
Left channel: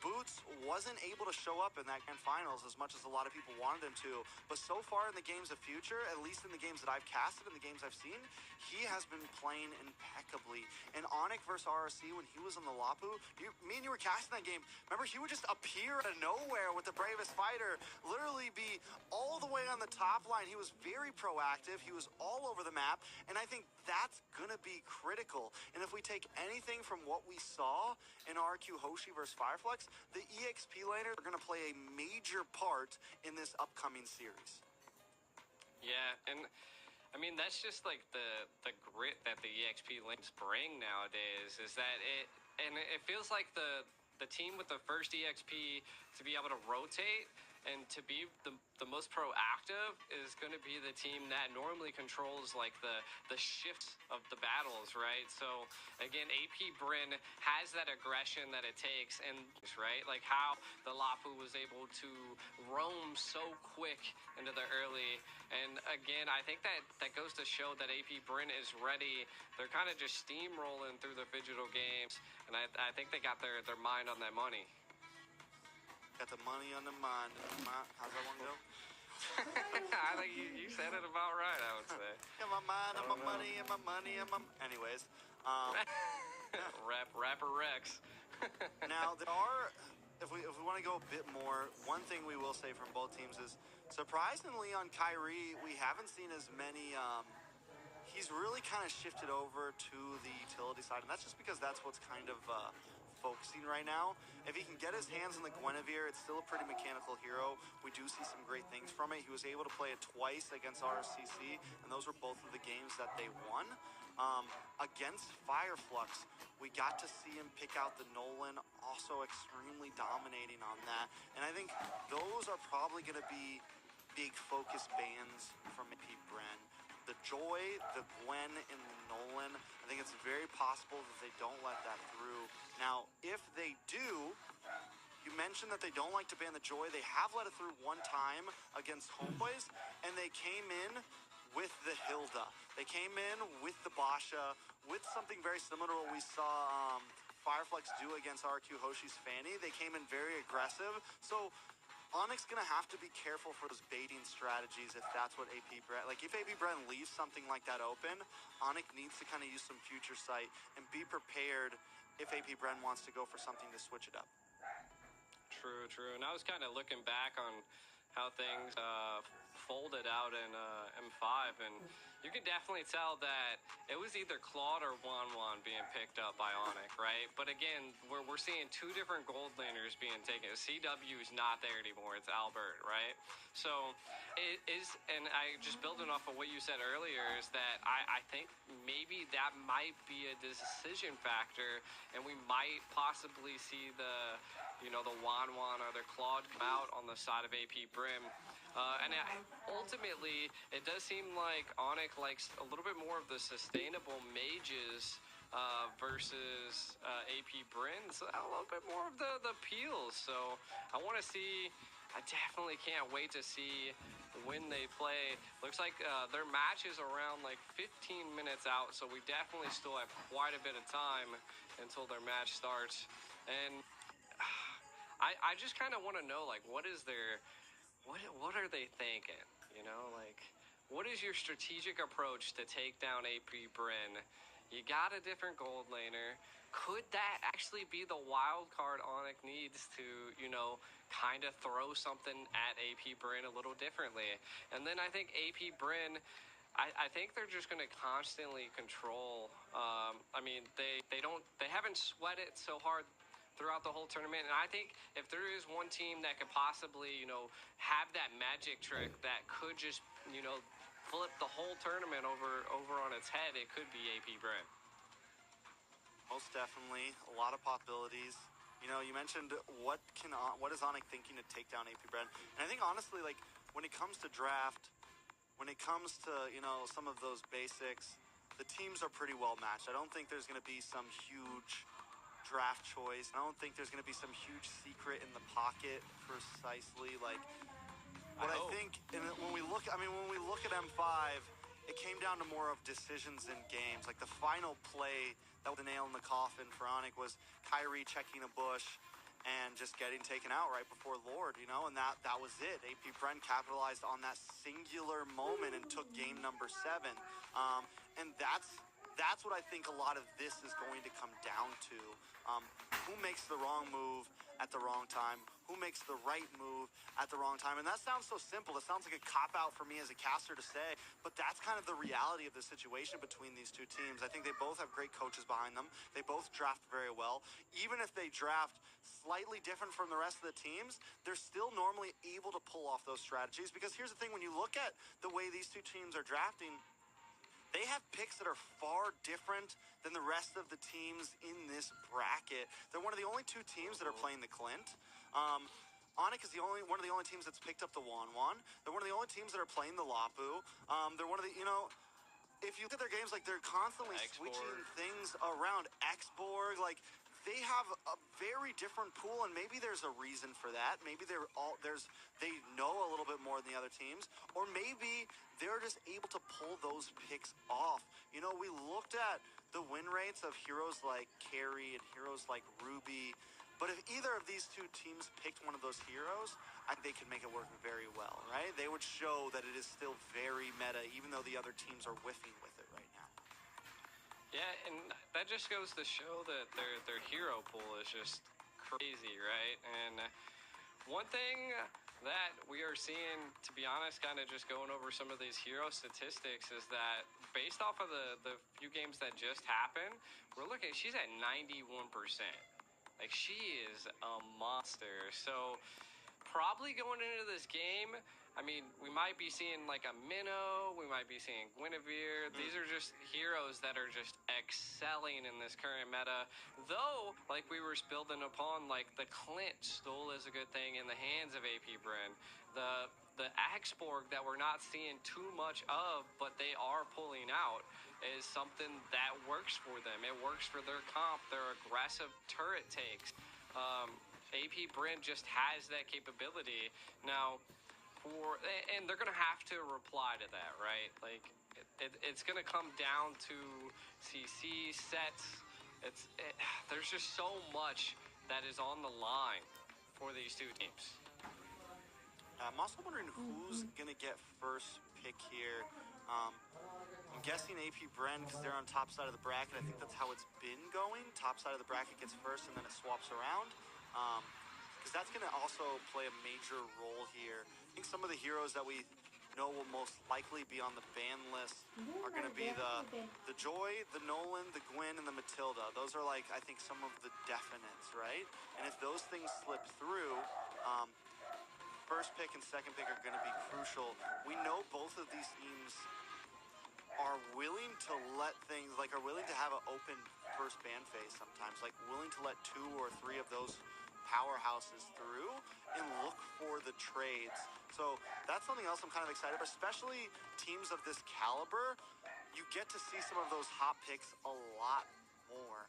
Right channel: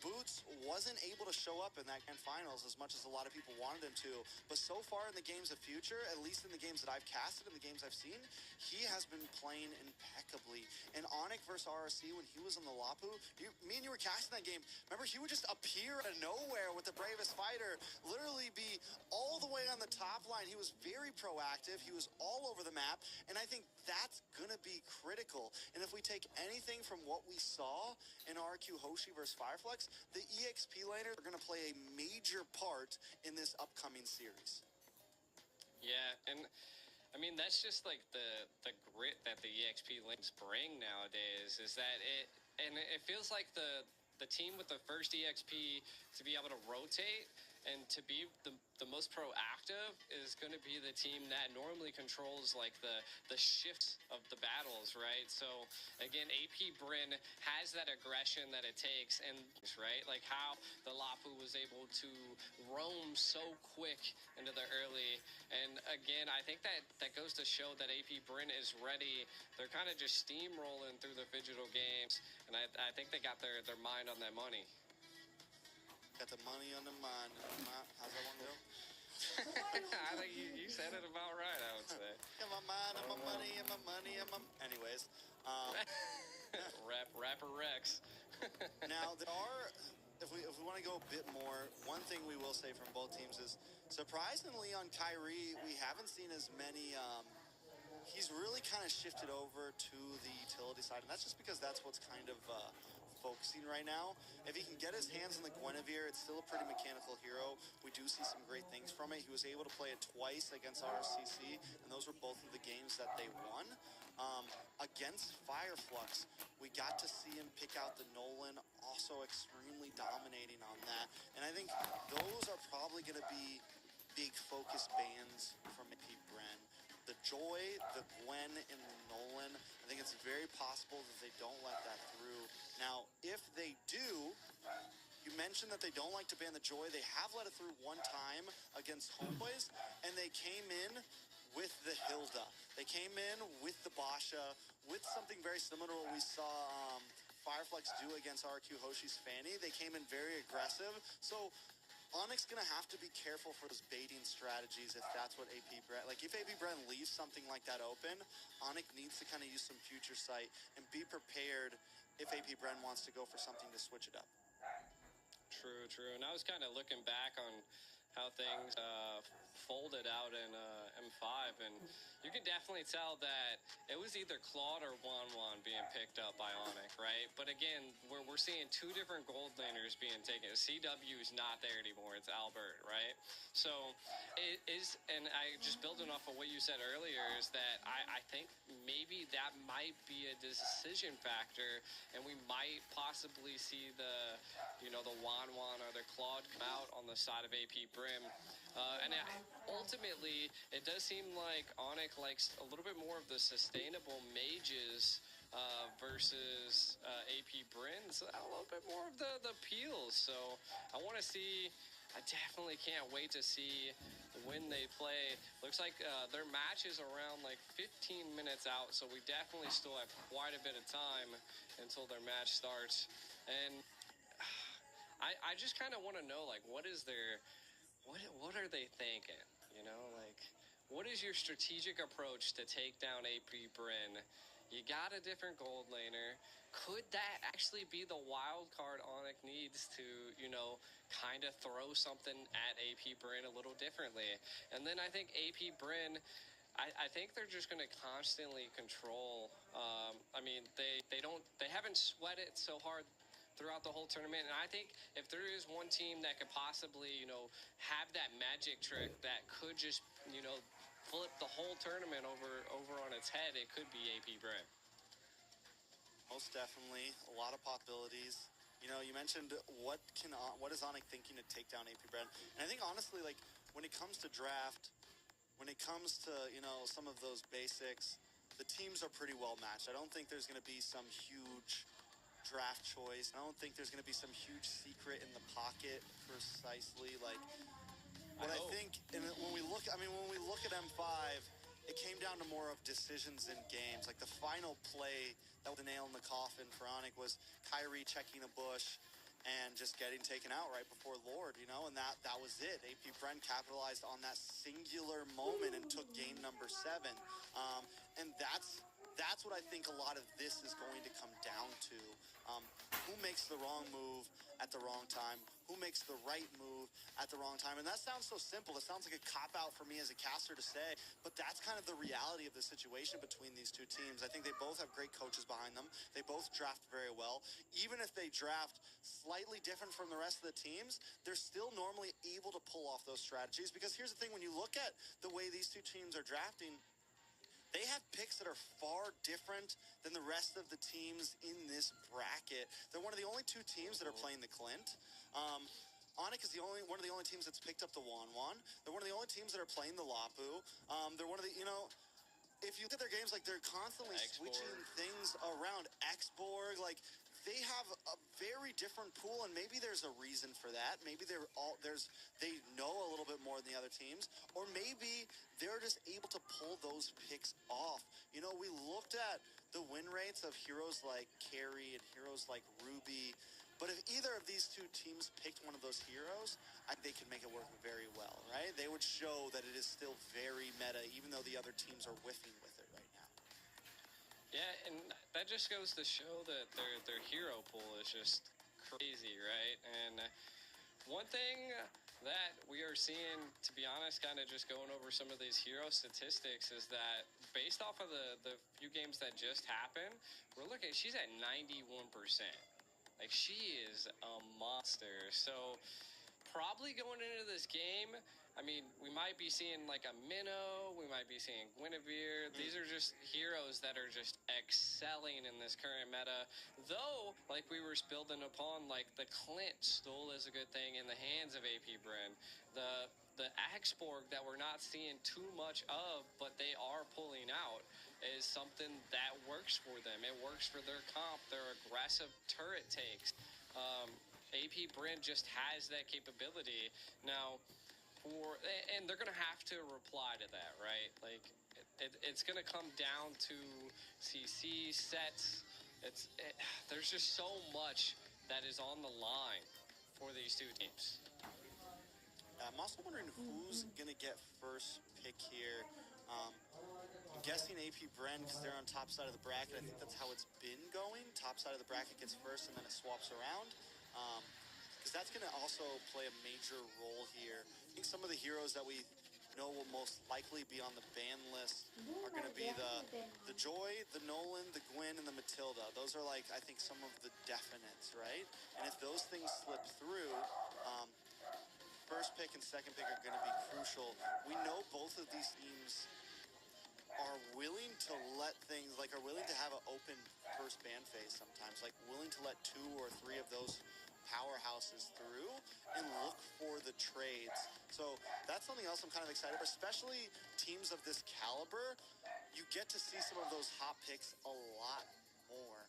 Boots wasn't able to show up in that grand finals as much as a lot of people wanted him to, but so far in the games of future, at least in the games that I've casted, in the games I've seen, he has been playing impeccably. And Onyx versus RRC, when he was on the Lapu, me and you were casting that game, remember, he would just appear out of nowhere with the Bravest Fighter, literally be all the way on the top line. He was very proactive, he was all over the map, and I think that's gonna be critical. And if we take anything from what we saw in RQ Hoshi versus Fireflux, the EXP laners are going to play a major part in this upcoming series. Yeah, and I mean, that's just like the grit that the EXP lanes bring nowadays, is that it feels like the team with the first EXP to be able to rotate and to be the most proactive is going to be the team that normally controls like the shifts of the battles, right? So again, AP Bren has that aggression that it takes, and right, like how the Lapu was able to roam so quick into the early. And again, I think that goes to show that AP Bren is ready. They're kind of just steamrolling through the Phygital games, and I think they got their mind on that money. Got the money on the mind. How's that one go? I think you said it about right, I would say. In my mind, and my money, and my money, and my... Anyways. Rapper Rex. Now, there are... If we want to go a bit more, one thing we will say from both teams is, surprisingly on Kyrie, we haven't seen as many... he's really kind of shifted over to the utility side, and that's just because that's what's kind of... focusing right now. If he can get his hands on the Guinevere, it's still a pretty mechanical hero. We do see some great things from it. He was able to play it twice against RCC, and those were both of the games that they won. Against Fireflux, we got to see him pick out the Nolan, also extremely dominating on that. And I think those are probably going to be big focus bans from AP Bren. The Joy, the Gwen, and the Nolan, I think it's very possible that they don't let that through. Now, if they do, you mentioned that they don't like to ban the Joy. They have let it through one time against Homeboys, and they came in with the Hilda. They came in with the Basha, with something very similar to what we saw Fireflux do against RQ Hoshi's Fanny. They came in very aggressive. So Onyx gonna have to be careful for those baiting strategies if that's what AP Brent, like if AP Brent leaves something like that open, Onyx needs to kind of use some future sight and be prepared if AP Brent wants to go for something to switch it up. True. And I was kind of looking back on how things folded out in M5, and you can definitely tell that it was either Claude or Wanwan being picked up by Onyx, right? But again, we're seeing two different gold laners being taken. CW is not there anymore. It's Albert, right? So it is, and I just building off of what you said earlier, is that I think maybe that might be a decision factor, and we might possibly see the Wanwan or the Claude come out on the side of AP Brim. Ultimately, it does seem like Onyx likes a little bit more of the sustainable mages versus AP Bryn. So a little bit more of the peels. So I want to see. I definitely can't wait to see when they play. Looks like their match is around like 15 minutes out. So we definitely still have quite a bit of time until their match starts. And I just kind of want to know, like, what are they thinking? Like, what is your strategic approach to take down AP Bryn? You got a different gold laner. Could that actually be the wild card Onyx needs to, kind of throw something at AP Bryn a little differently? And then I think AP Bryn, I think they're just going to constantly control. They haven't sweat it so hard throughout the whole tournament, and I think if there is one team that could possibly, have that magic trick that could just, flip the whole tournament over on its head, it could be AP Brent. Most definitely, a lot of possibilities. You mentioned what is Onyx thinking to take down AP Brent, and I think honestly, like when it comes to draft, when it comes to some of those basics, the teams are pretty well matched. I don't think there's going to be some huge draft choice. I don't think there's going to be some huge secret in the pocket precisely. Like what I think, and when we look at M5, it came down to more of decisions in games. Like the final play that was the nail in the coffin for Onyx was Kyrie checking a bush and just getting taken out right before Lord, and that was it. AP Brent capitalized on that singular moment and took game number 7. And that's what I think a lot of this is going to come down to. Who makes the wrong move at the wrong time? Who makes the right move at the wrong time? And that sounds so simple. It sounds like a cop-out for me as a caster to say, but that's kind of the reality of the situation between these two teams. I think they both have great coaches behind them. They both draft very well. Even if they draft slightly different from the rest of the teams, they're still normally able to pull off those strategies. Because here's the thing, when you look at the way these two teams are drafting, they have picks that are far different than the rest of the teams in this bracket. They're one of the only two teams that are playing the Clint. Onyx is one of the only teams that's picked up the Wanwan. They're one of the only teams that are playing the Lapu. They're one of the, if you look at their games, like they're constantly switching things around. Xborg, like they have a very different pool, and maybe there's a reason for that. Maybe they know a little bit more than the other teams, or maybe they're just able to pull those picks off. We looked at the win rates of heroes like Carry and heroes like Ruby, but if either of these two teams picked one of those heroes, I think they could make it work very well, right? They would show that it is still very meta, even though the other teams are whiffing with it right now. Yeah, and that just goes to show that their hero pool is just crazy, right? And one thing that we are seeing, to be honest, kind of just going over some of these hero statistics, is that based off of the few games that just happened, we're looking, she's at 91%. Like, she is a monster. So probably going into this game, I mean, we might be seeing like a Minnow, we might be seeing Guinevere. These are just heroes that are just excelling in this current meta. Though, like we were building upon, like the Clint still is a good thing in the hands of AP Bryn. The Axborg that we're not seeing too much of, but they are pulling out, is something that works for them. It works for their comp, their aggressive turret takes. AP Bryn just has that capability. Now, and they're going to have to reply to that, right? Like, it's going to come down to CC sets. There's just so much that is on the line for these two teams. I'm also wondering who's going to get first pick here. I'm guessing AP Bren because they're on top side of the bracket. I think that's how it's been going. Top side of the bracket gets first, and then it swaps around. Because that's going to also play a major role here. I think some of the heroes that we know will most likely be on the ban list are going to be the Joy, the Nolan, the Gwen, and the Matilda. Those are like, I think, some of the definites, right? And if those things slip through, first pick and second pick are going to be crucial. We know both of these teams are willing to let things, like are willing to have an open first ban phase sometimes, like willing to let 2 or 3 of those powerhouses through and look for the trades. So that's something else I'm kind of excited about, especially teams of this caliber. You get to see some of those hot picks a lot more,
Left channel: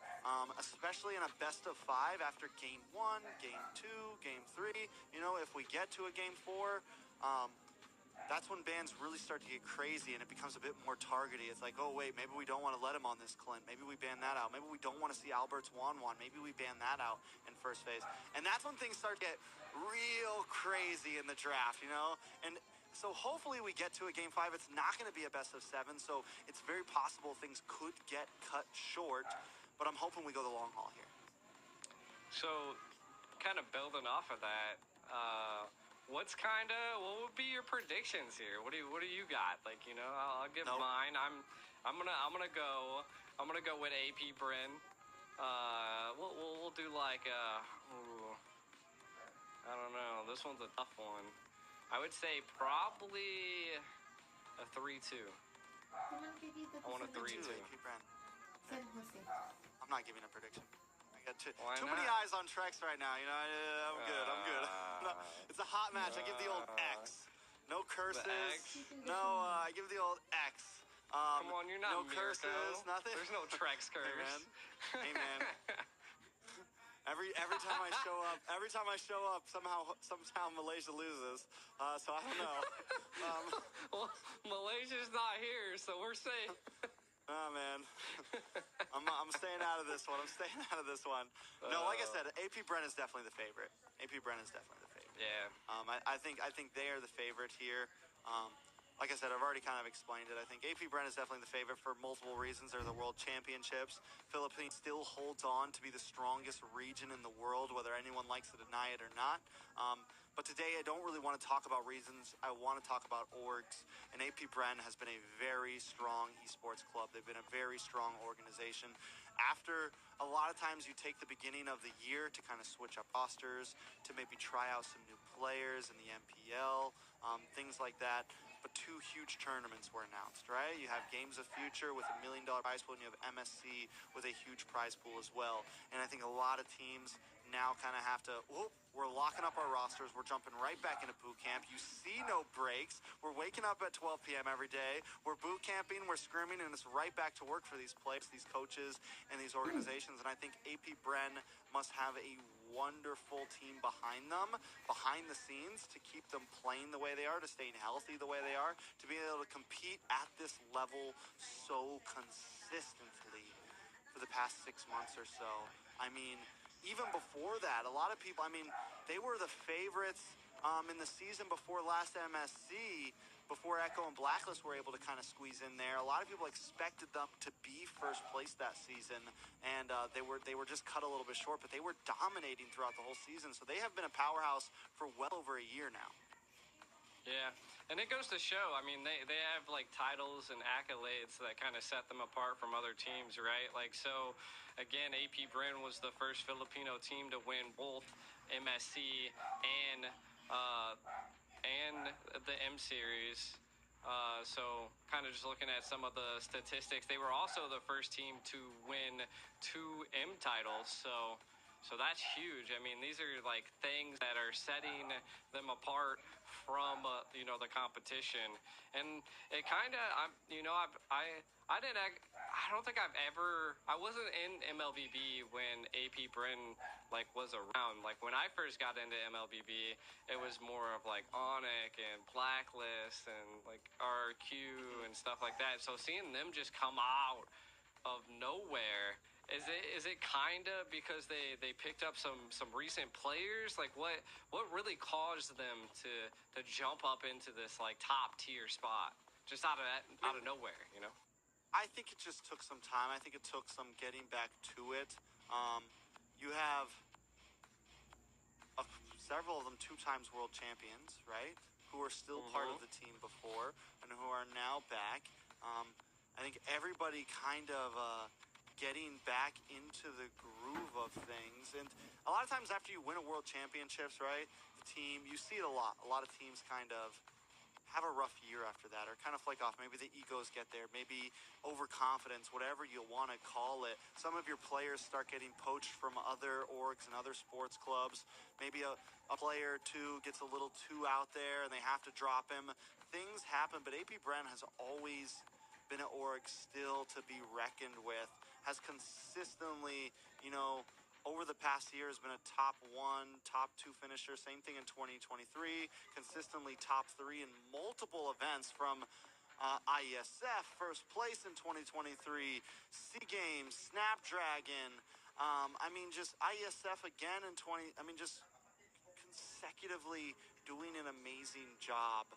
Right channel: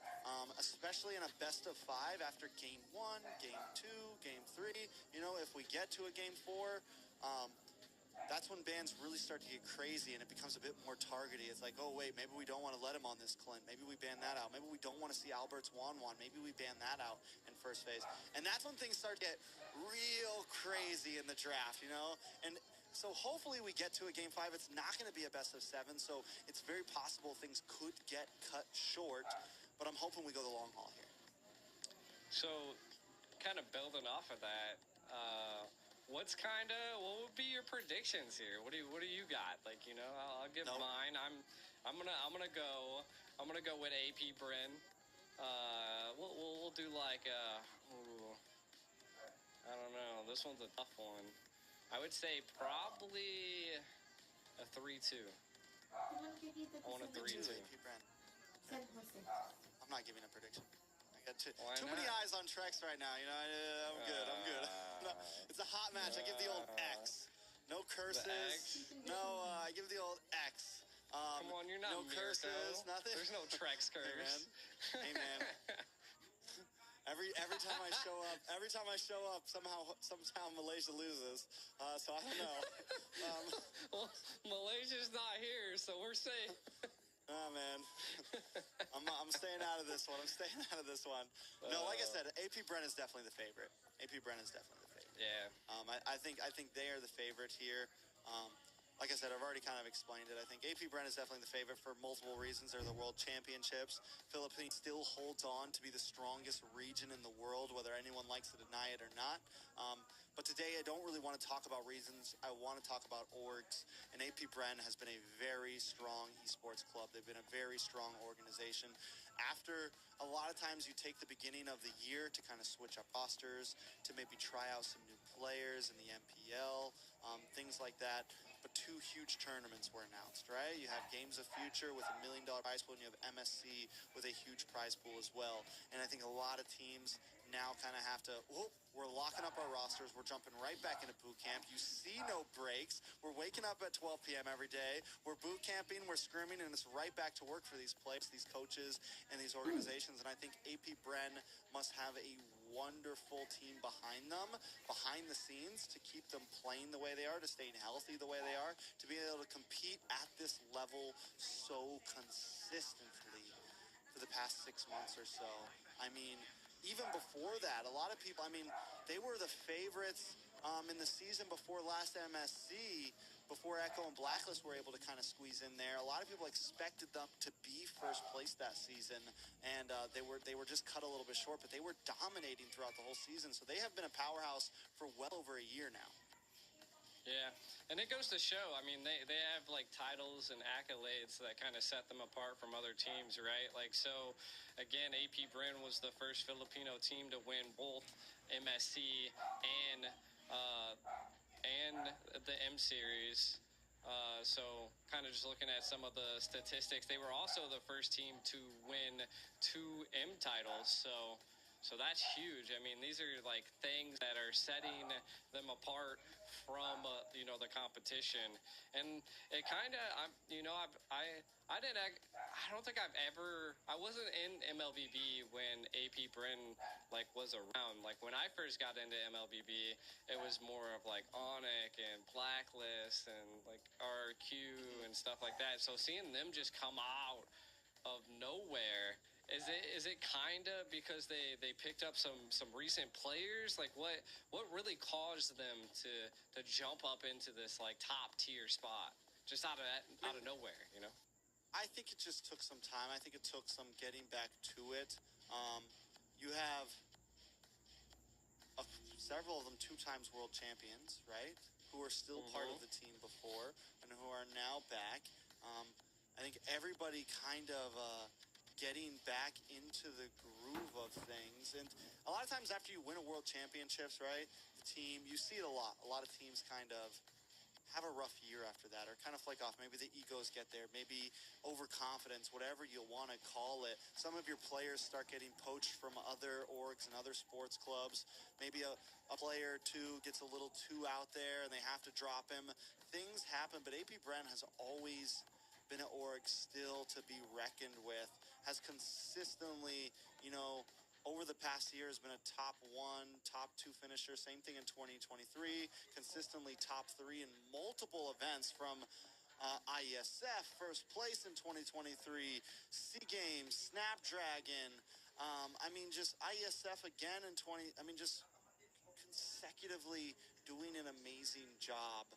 especially in a best of 5 after game 1, game 2, game 3. You know, if we get to a game 4, that's when bans really start to get crazy and it becomes a bit more targety. It's like, oh wait, maybe we don't want to let him on this Clint. Maybe we ban that out. Maybe we don't want to see Albert's Wan. Maybe we ban that out in first phase. And that's when things start to get real crazy in the draft, you know? And so hopefully we get to a game 5. It's not going to be a best of 7, so it's very possible things could get cut short, but I'm hoping we go the long haul here. So, kind of building off of that, what would be your predictions here? What do you got? Like, you know, I'll give mine. I'm gonna go with AP Bren. We'll do like I don't know. This one's a tough one. I would say probably a 3-2. I want a 3-2. AP Bren. Okay. I'm not giving a prediction. I got too many eyes on Trex right now. You know, I'm good. No, it's a hot match. I give the old X. No curses. No, I give the old X. Come on, you're not no Mirko. curses. Nothing. There's no Trex curse. Hey man. Every time I show up, somehow Malaysia loses. So I don't know. Well, Malaysia's not here, so we're safe. Oh man, I'm staying out of this one. No, like I said, AP Bren is definitely the favorite. Yeah. I think they are the favorite here. Like I said, I've already kind of explained it. I think AP Bren is definitely the favorite for multiple reasons. They're the World Championships. Philippines still holds on to be the strongest region in the world, whether anyone likes to deny it or not. But today I don't really want to talk about reasons. I want to talk about orgs. And AP Bren has been a very strong esports club. They've been a very strong organization. After a lot of times you take the beginning of the year to kind of switch up rosters, to maybe try out some new players in the MPL, things like that. But 2 huge tournaments were announced, right? You have Games of Future with $1 million prize pool, and you have MSC with a huge prize pool as well. And I think a lot of teams now kind of have to, we're locking up our rosters. We're jumping right back into boot camp. You see no breaks. We're waking up at 12 p.m. every day. We're boot camping. We're scrimming, and it's right back to work for these players, these coaches, and these organizations. And I think AP Bren must have a wonderful team behind them, behind the scenes, to keep them playing the way they are, to staying healthy the way they are, to be able to compete at this level so consistently for the past 6 months or so. I mean, even before that, a lot of people, I mean, they were the favorites in the season before last MSC, before Echo and Blacklist were able to kind of squeeze in there. A lot of people expected them to be first place that season, and they were just cut a little bit short, but they were dominating throughout the whole season. So they have been a powerhouse for well over a year now. Yeah, and it goes to show, I mean, they have, like, titles and accolades that kind of set them apart from other teams, right? Like, so, again, AP Bren was the first Filipino team to win both MSC and the M-Series. So, kind of just looking at some of the statistics, they were also the first team to win 2 M titles, so that's huge. I mean, these are like things that are setting them apart from the competition. And it kind of, I don't think I wasn't in MLBB when AP Bren like was around. Like when I first got into MLBB, it was more of like Onyx and Blacklist and like RQ and stuff like that. So seeing them just come out of nowhere Is it kind of because they picked up some recent players? Like what really caused them to jump up into this like top tier spot just out of nowhere, you know? I think it just took some time. I think it took some getting back to it. You have several of them 2 times world champions, right? Who are still part of the team before and who are now back. I think everybody kind of getting back into the groove of things. And a lot of times after you win a world championships, right, the team, you see it a lot. A lot of teams kind of have a rough year after that or kind of flake off. Maybe the egos get there, maybe overconfidence, whatever you want to call it. Some of your players start getting poached from other orgs and other sports clubs. Maybe a player or two gets a little too out there and they have to drop him. Things happen, but AP Bren has always been an org still to be reckoned with, has consistently, you know, over the past year has been a top 1, top 2 finisher. Same thing in 2023. Consistently top 3 in multiple events from IESF, first place in 2023, SEA Games, Snapdragon. I mean, just IESF again in just consecutively doing an amazing job.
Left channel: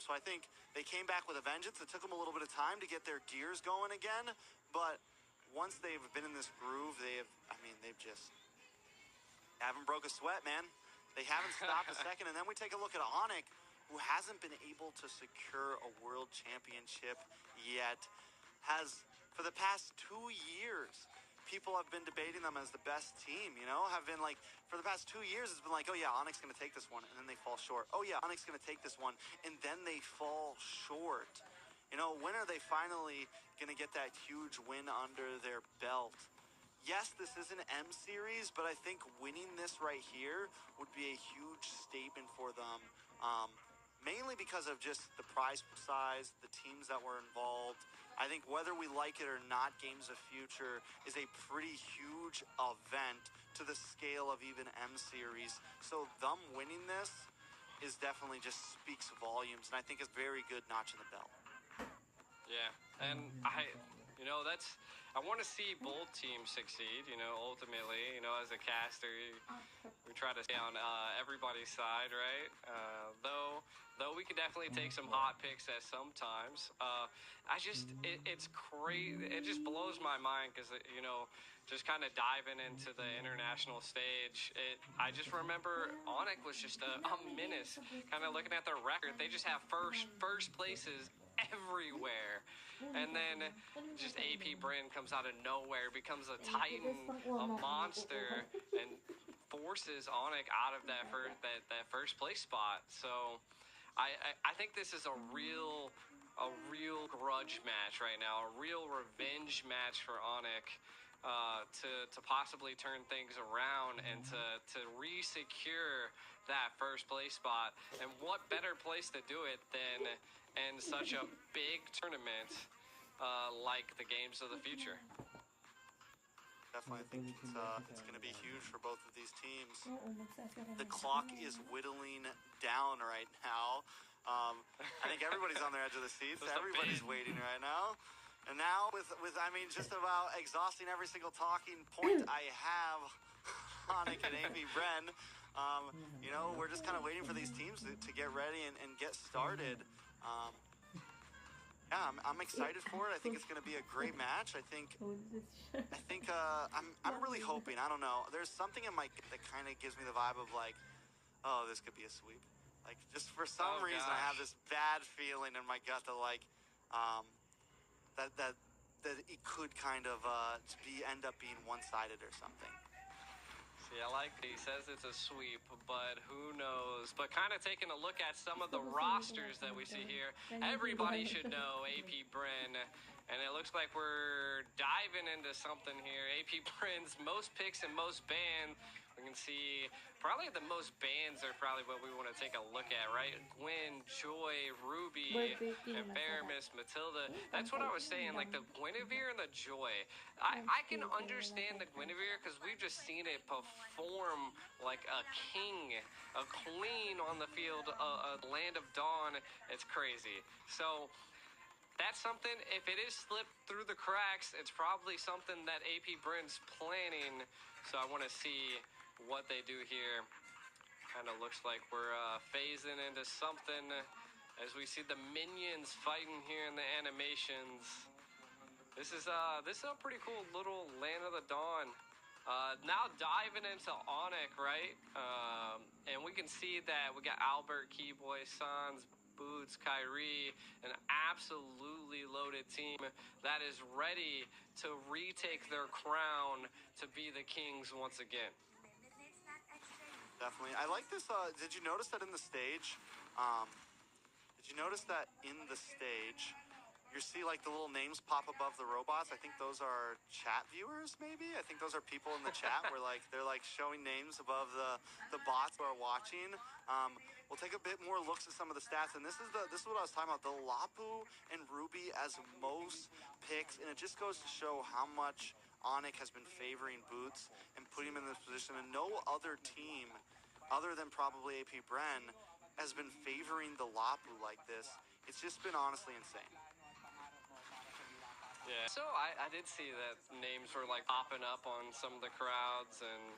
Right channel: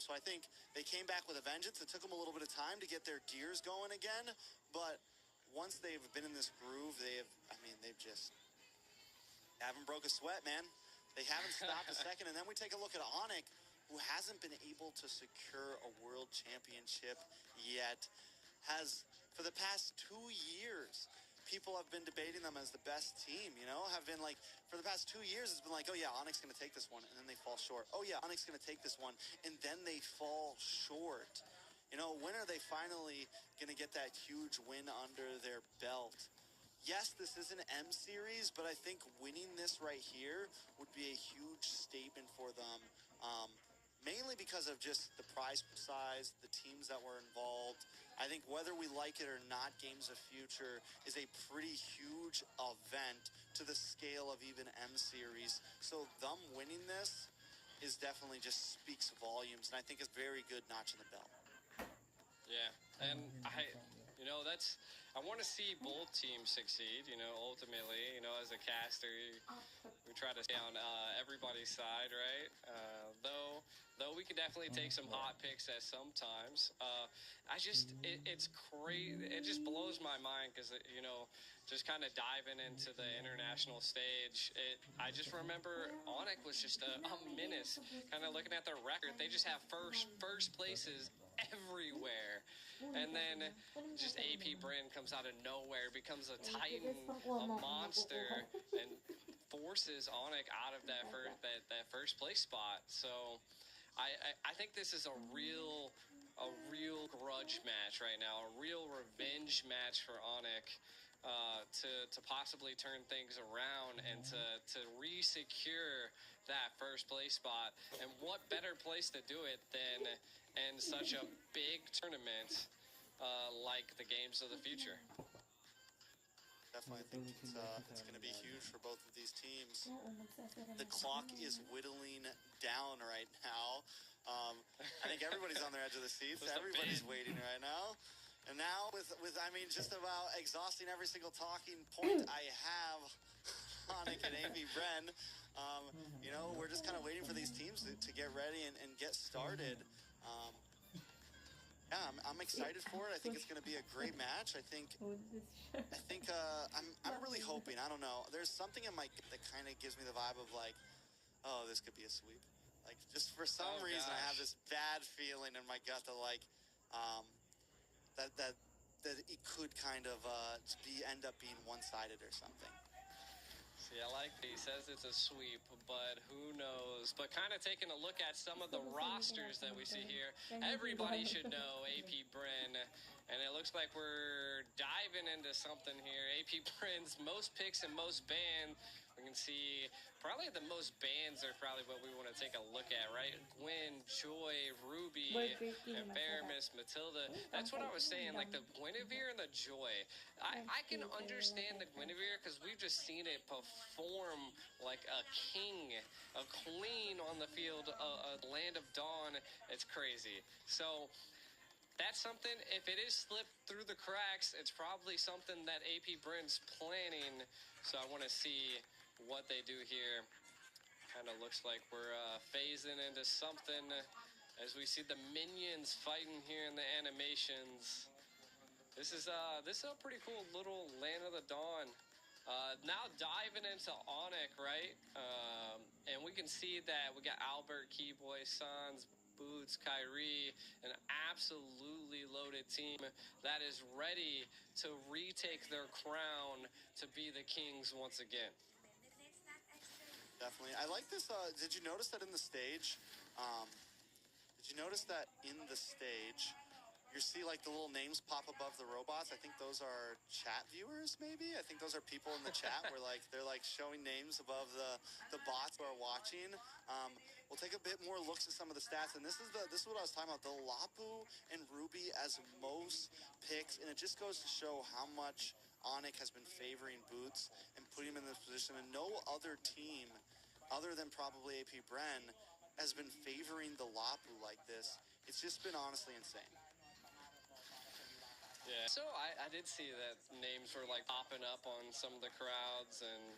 So I think they came back with a vengeance. It took them a little bit of time to get their gears going again, but once they've been in this groove, they've just haven't broke a sweat, man. They haven't stopped a second. And then we take a look at Onyx, who hasn't been able to secure a world championship yet, has for the past 2 years. People have been debating them as the best team, you know, have been like, for the past 2 years, it's been like, oh yeah, Onyx going to take this one, and then they fall short. Oh yeah, Onyx going to take this one, and then they fall short. You know, when are they finally going to get that huge win under their belt? Yes, this is an M series, but I think winning this right here would be a huge statement for them, mainly because of just the prize size, the teams that were involved. I think whether we like it or not, Games of Future is a pretty huge event to the scale of even M series. So them winning this is definitely just speaks volumes, and I think it's very good notch in the belt. Yeah, and I want to see both teams succeed, you know, ultimately, you know, as a caster, we try to stay on everybody's side, right? Though we can definitely take some hot picks at sometimes. It's crazy. It just blows my mind because, you know, just kind of diving into the international stage. I just remember Onyx was just a menace. Kind of looking at their record, they just have first places everywhere. And then just AP Bren comes out of nowhere, becomes a titan, a monster, and forces Onyx out of that first place spot. So I think this is a real grudge match right now, a real revenge match for Onyx to possibly turn things around and to re-secure that first place spot. And what better place to do it than in such a big tournament like the Games of the Future? Definitely, I think it's going to be huge for both of these teams. The clock is whittling down right now. I think everybody's on their edge of the seats. Everybody's waiting right now. And now with just about exhausting every single talking point I have Onyx and AP Bren, you know, we're just kind of waiting for these teams to get ready and get started. Yeah, I'm excited for it. I think it's going to be a great match. I'm really hoping. I don't know. There's something in my gut that kind of gives me the vibe of like, oh, this could be a sweep. Like, just for some reason, I have this bad feeling in my gut that like, that it could kind of end up being one-sided or something. See, I like that he says it's a sweep, but who knows? But kind of taking a look at some of the rosters that we see here, everybody should know AP Bren, and it looks like we're diving into something here. AP Bren's most picks and most bans. We can see probably the most bans are probably what we want to take a look at, right? Gwen, Joy, Ruby, and Faramis, Matilda. That's what I was saying, like the Guinevere and the Joy. I can understand the Guinevere because we've just seen it perform like a king, a queen on the field, a Land of Dawn. It's crazy. So that's something, if it is slipped through the cracks, it's probably something that AP Brent's planning. So I want to see what they do here. Kind of looks like we're phasing into something as we see the minions fighting here in the animations. This is a pretty cool little Land of the Dawn. Now diving into Onyx, right? And we can see that we got Albert, Keyboy, Sans, Boots, Kyrie, an absolutely loaded team that is ready to retake their crown to be the kings once again. Definitely. I like this. Did you notice that in the stage? You see like the little names pop above the robots? I think those are chat viewers, maybe? I think those are people in the chat where like they're like showing names above the bots who are watching. We'll take a bit more looks at some of the stats, and this is what I was talking about. The Lapu and Ruby as most picks, and it just goes to show how much Onyx has been favoring Boots and putting him in this position, and no other team other than probably AP Bren has been favoring the Lapu like this. It's just been honestly insane. Yeah. So I did see that names were like popping up on some of the crowds, and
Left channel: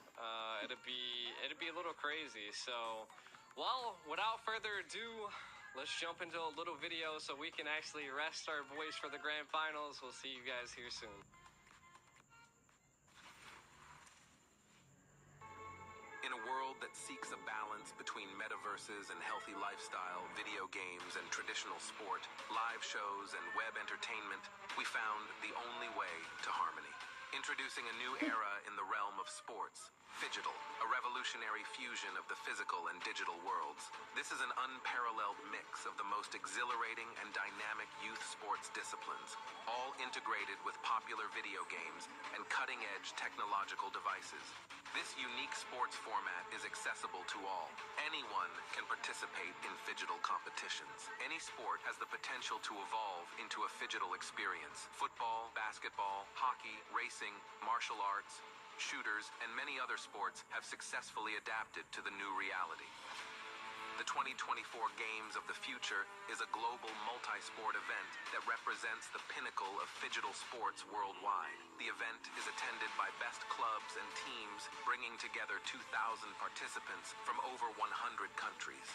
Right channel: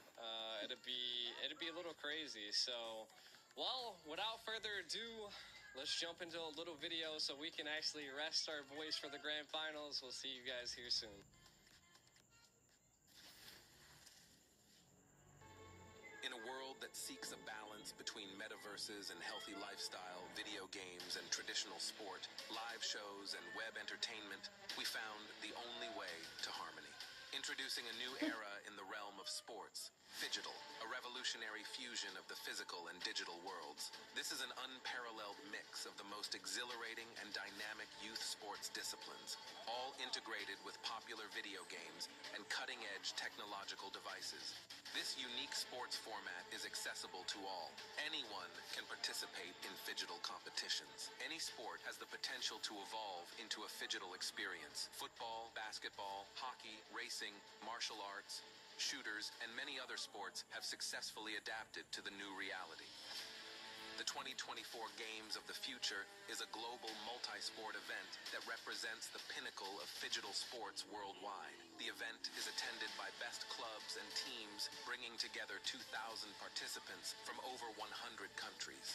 it'd be a little crazy. So, well, without further ado, let's jump into a little video so we can actually rest our voice for the grand finals. We'll see you guys here soon. In a world that seeks a balance between metaverses and healthy lifestyle, video games and traditional sport, live shows and web entertainment, we found the only way to harmony. Introducing a new era in the realm of sports, Phygital, a revolutionary fusion of the physical and digital worlds. This is an unparalleled mix of the most exhilarating and dynamic youth sports disciplines, all integrated with popular video games and cutting-edge technological devices. This unique sports format is accessible to all. Anyone can participate in Phygital competitions. Any sport has the potential to evolve into a Phygital experience. Football, basketball, hockey, racing, martial arts, shooters, and many other sports have successfully adapted to the new reality. The 2024 Games of the Future is a global multi-sport event that represents the pinnacle of Phygital sports worldwide. The event is attended by best clubs and teams, bringing together 2,000 participants from over 100 countries.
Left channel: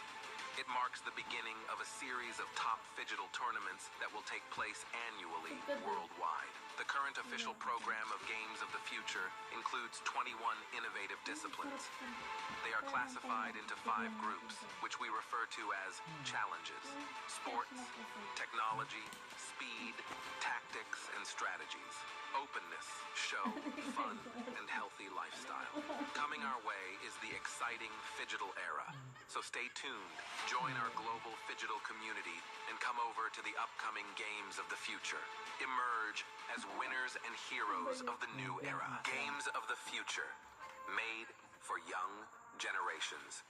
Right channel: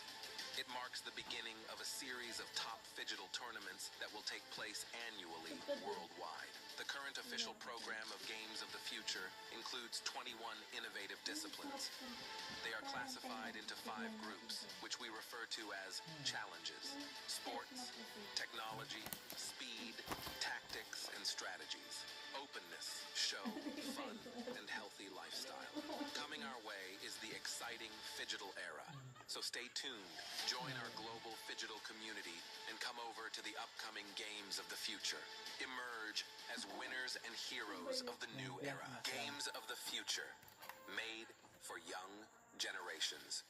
It marks the beginning of a series of top Phygital tournaments that will take place annually worldwide. The current official program of Games of the Future includes 21 innovative disciplines. They are classified into 5 groups, which we refer to as challenges: sports, technology, speed, tactics, and strategies, openness, show, fun, and healthy lifestyle. Coming our way is the exciting Phygital era. So stay tuned, join our global Phygital community, and come over to the upcoming Games of the Future. Emerge as winners and heroes of the new era. Games of the Future, made for young generations.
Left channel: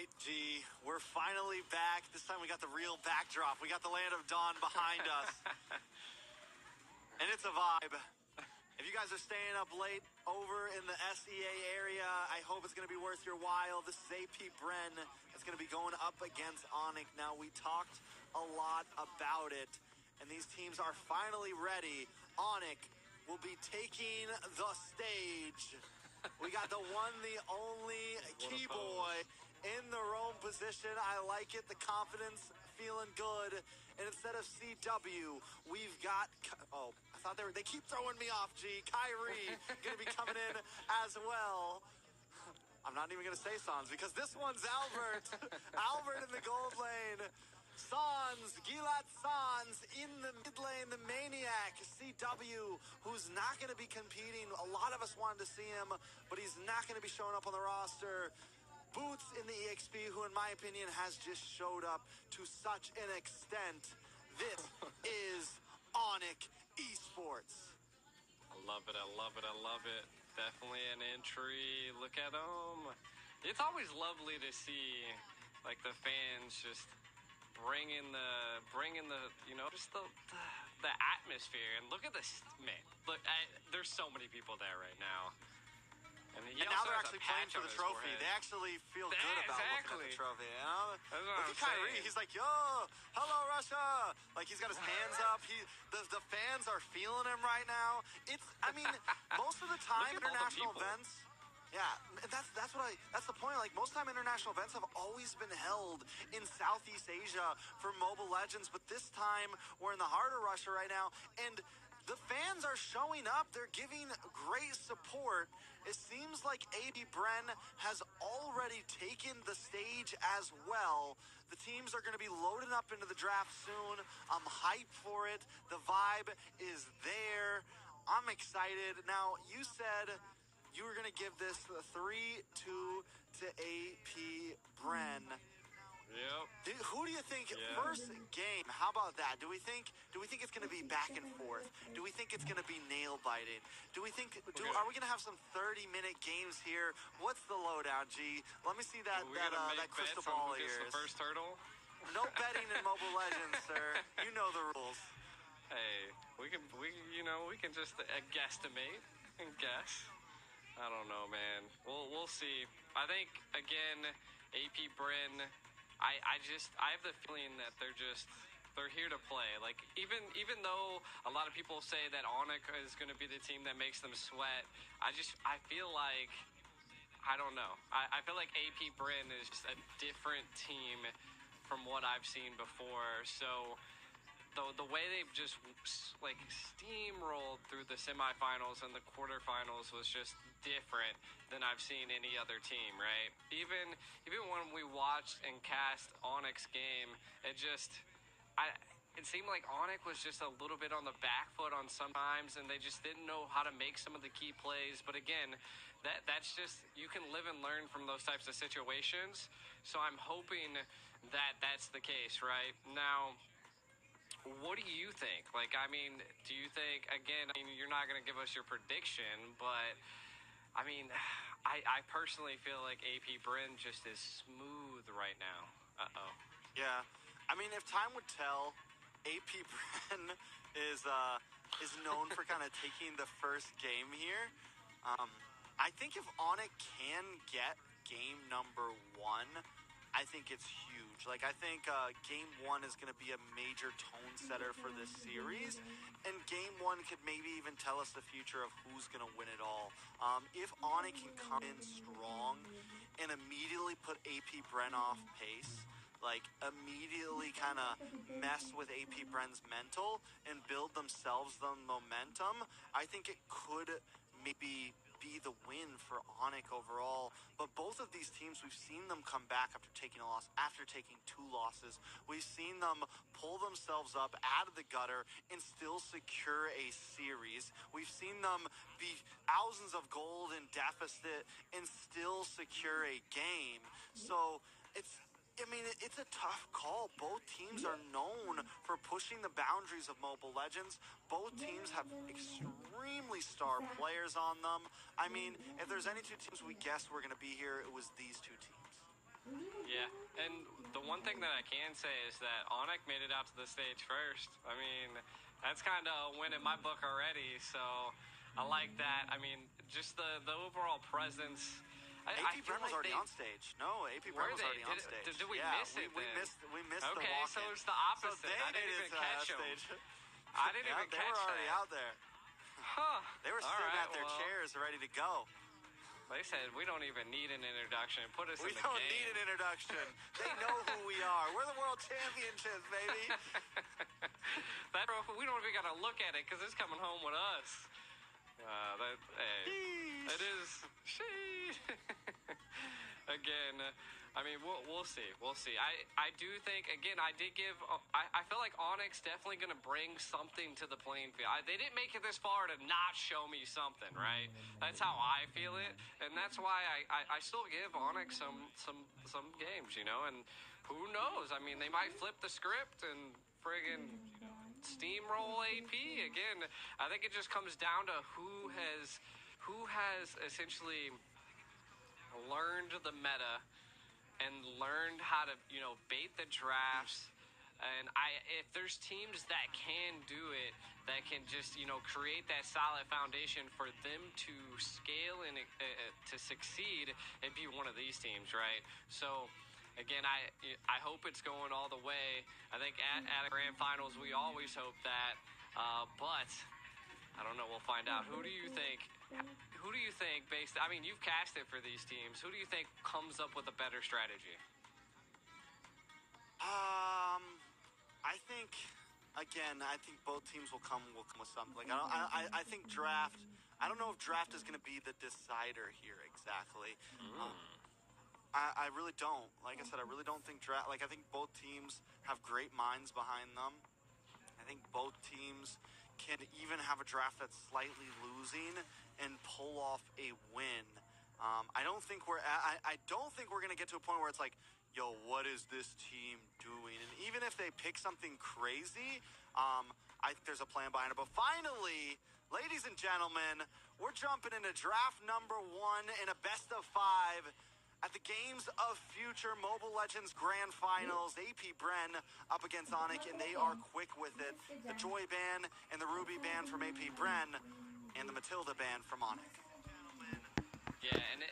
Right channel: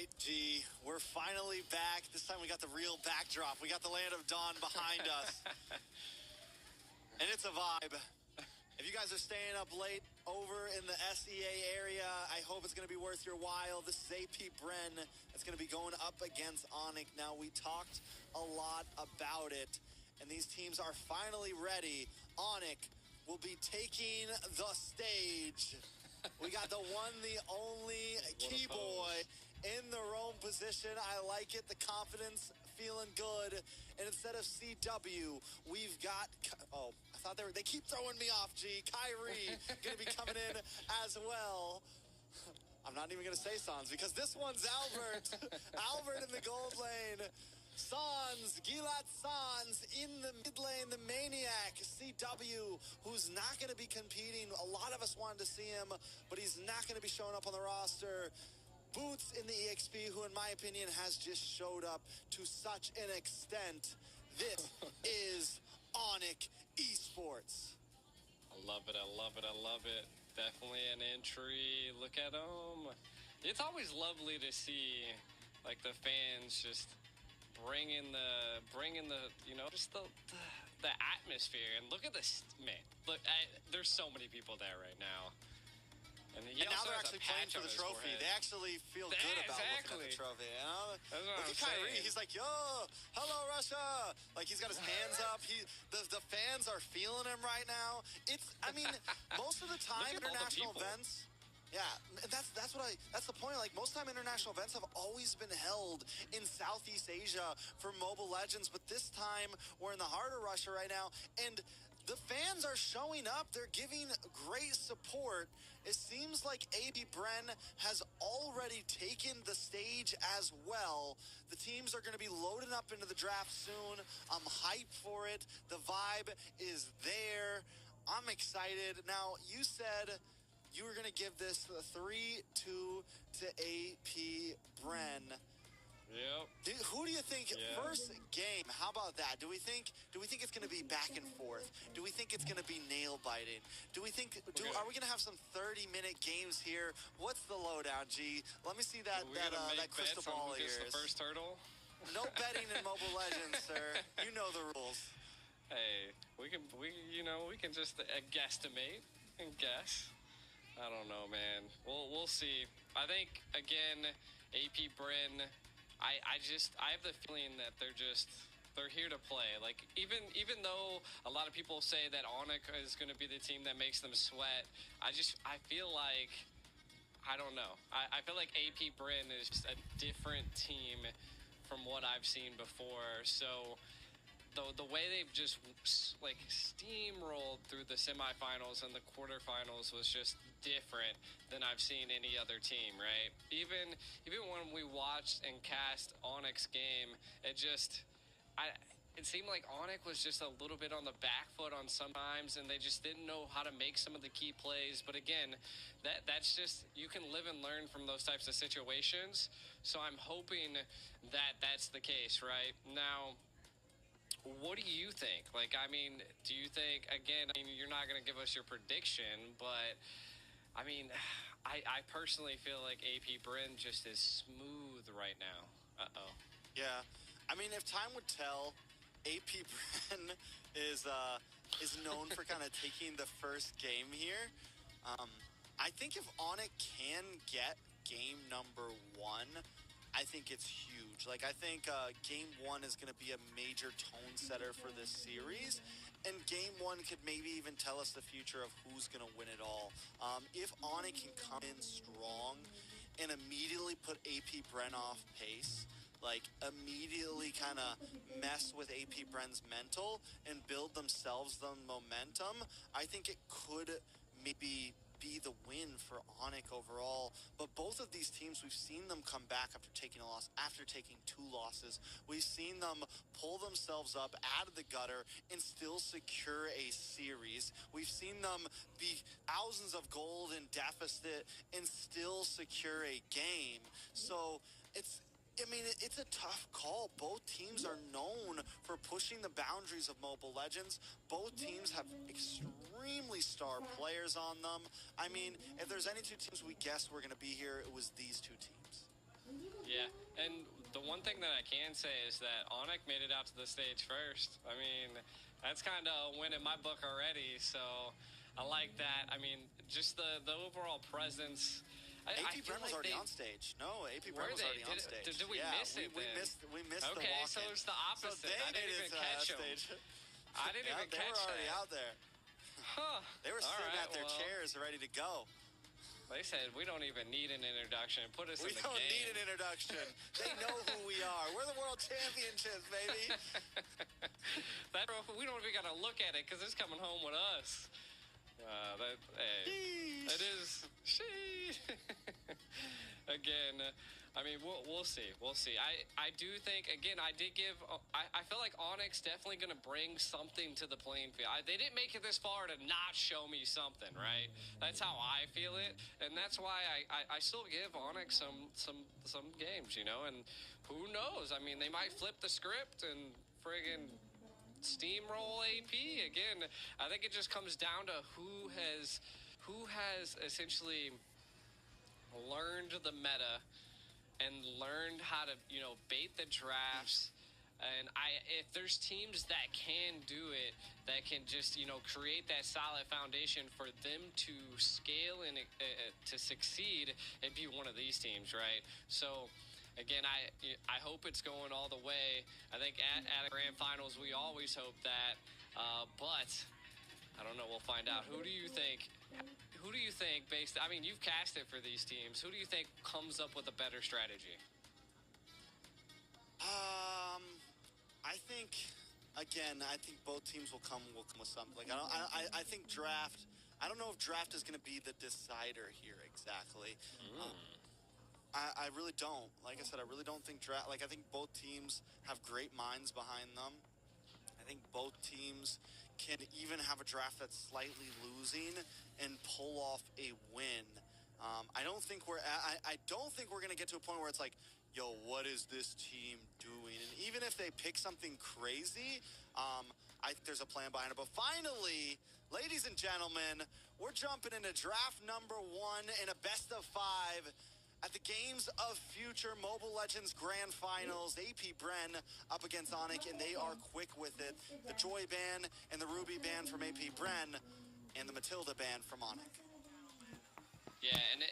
right, G. We're finally back. This time we got the real backdrop. We got the Land of Dawn behind us. And it's a vibe. If you guys are staying up late over in the SEA area, I hope it's going to be worth your while. This is AP Bren. It's going to be going up against Onic. Now, we talked a lot about it, and these teams are finally ready. Onic will be taking the stage. We got the one, the only Keyboy in the Rome position. I like it. The confidence feeling good. And instead of CW, we've got... Oh, I thought they keep throwing me off, G. Kyrie going to be coming in as well. I'm not even going to say Sans because this one's Albert. Albert in the gold lane. Sans, Gilad Sans in the mid lane, the Maniac, CW, who's not going to be competing. A lot of us wanted to see him, but he's not going to be showing up on the roster. Boots in the EXP, who in my opinion has just showed up to such an extent. This is Onic Esports. I love it, I love it, I love it. Definitely an entry. Look at him. It's always lovely to see, like, the fans just bringing the you know, just the atmosphere. And look at this, man. Look, there's so many people there right now. And now they're actually playing for the trophy. They actually feel good about looking at the trophy. You know? Look at Kyrie. He's like, yo, hello, Russia. Like, he's got his hands up. The fans are feeling him right now. I mean, most of the time, international events... Yeah, and that's the point. Like, most time international events have always been held in Southeast Asia for Mobile Legends, but this time we're in the heart of Russia right now, and the fans are showing up. They're giving great support. It seems like AP Bren has already taken the stage as well. The teams are going to be loading up into the draft soon. I'm hyped for it. The vibe is there. I'm excited. Now, you said you were going to give this 3-2 to AP Bren. Yep. Who do you think first game? How about that? Do we think it's going to be back and forth? Do we think it's going to be nail biting? Are we going to have some 30-minute games here? What's the lowdown, G? Let me see that crystal ball of yours. The first hurdle. No betting in Mobile Legends, sir. You know the rules. Hey, we can just guesstimate and guess. I don't know, man. We'll see. I think again, AP Bren. I have the feeling that they're here to play. Like, even though a lot of people say that Onic is going to be the team that makes them sweat, I feel like, I don't know. I feel like AP Bren is just a different team from what I've seen before. So the way they've just like steamrolled through the semifinals and the quarterfinals was just different than I've seen any other team, right? Even when we watched and cast Onyx game, it seemed like Onyx was just a little bit on the back foot on sometimes, and they just didn't know how to make some of the key plays. But again, that's just, you can live and learn from those types of situations. So I'm hoping that that's the case, right? Now, what do you think? Like, I mean, do you think, again, you're not going to give us your prediction, but I mean, I personally feel like AP Bren just is smooth right now. Uh-oh. Yeah. I mean, if time would tell, AP Bren is known for kind of taking the first game here. I think if Onic can get game number 1, I think it's huge. Like, I think game 1 is going to be a major tone setter for this series, and game 1 could maybe even tell us the future of who's going to win it all. If Onic can come in strong and immediately put AP Bren off pace, like immediately kind of mess with AP Bren's mental and build themselves the momentum, I think it could maybe be the win for Onic overall. But both of these teams, we've seen them come back after taking a loss, after taking 2 losses. We've seen them pull themselves up out of the gutter and still secure a series. We've seen them be thousands of gold in deficit and still secure a game. So it's a tough call. Both teams are known for pushing the boundaries of Mobile Legends. Both teams have extremely star players on them. I mean, if there's any 2 teams we guessed were going to be here, it was these 2 teams. Yeah, and the one thing that I can say is that Onyx made it out to the stage first. I mean, that's kind of a win in my book already, so I like that. I mean, just the overall presence. AP Bren was already on stage. No, AP Bren was already on stage. Did we miss it we then? missed the Okay, walk-in. so it's the opposite. So they I didn't made even it catch to them. stage. I didn't even They catch were already that. out there. Huh. They were All sitting right, at their well, chairs ready to go. They said we don't even need an introduction. Put us We in the don't game. need an introduction. They know who we are. We're the World Championships, baby. We don't even gotta look at it because it's coming home with us. It is. Again, I mean, we'll see. We'll see. I do think, again, I feel like Onyx definitely going to bring something to the playing field. They didn't make it this far to not show me something, right? That's how I feel it. And that's why I still give Onyx some games, you know? And who knows? I mean, they might flip the script and friggin' steamroll AP. Again, I think it just comes down to who has essentially learned the meta and learned how to, you know, bait the drafts. And if there's teams that can do it, that can just, you know, create that solid foundation for them to scale and to succeed, it'd be one of these teams, right? So again, I hope it's going all the way. I think at a grand finals, we always hope that, but I don't know. We'll find out. Who do you think? I mean, you've cast it for these teams. Who do you think comes up with a better strategy? I think, again, I think both teams will come with something. Like, I think draft. I don't know if draft is going to be the decider here exactly. I really don't. Like I said, I really don't think draft. Like, I think both teams have great minds behind them. I think both teams can even have a draft that's slightly losing and pull off a win. I don't think we're going to get to a point where it's like, yo, what is this team doing? And even if they pick something crazy, I think there's a plan behind it. But finally, ladies and gentlemen, we're jumping into draft number 1 in a best of 5 at the Games of Future Mobile Legends Grand Finals. AP Bren up against Onyx, and they are quick with it. The Joy ban and the Ruby ban from AP Bren, and the Matilda ban from Onyx. Yeah, and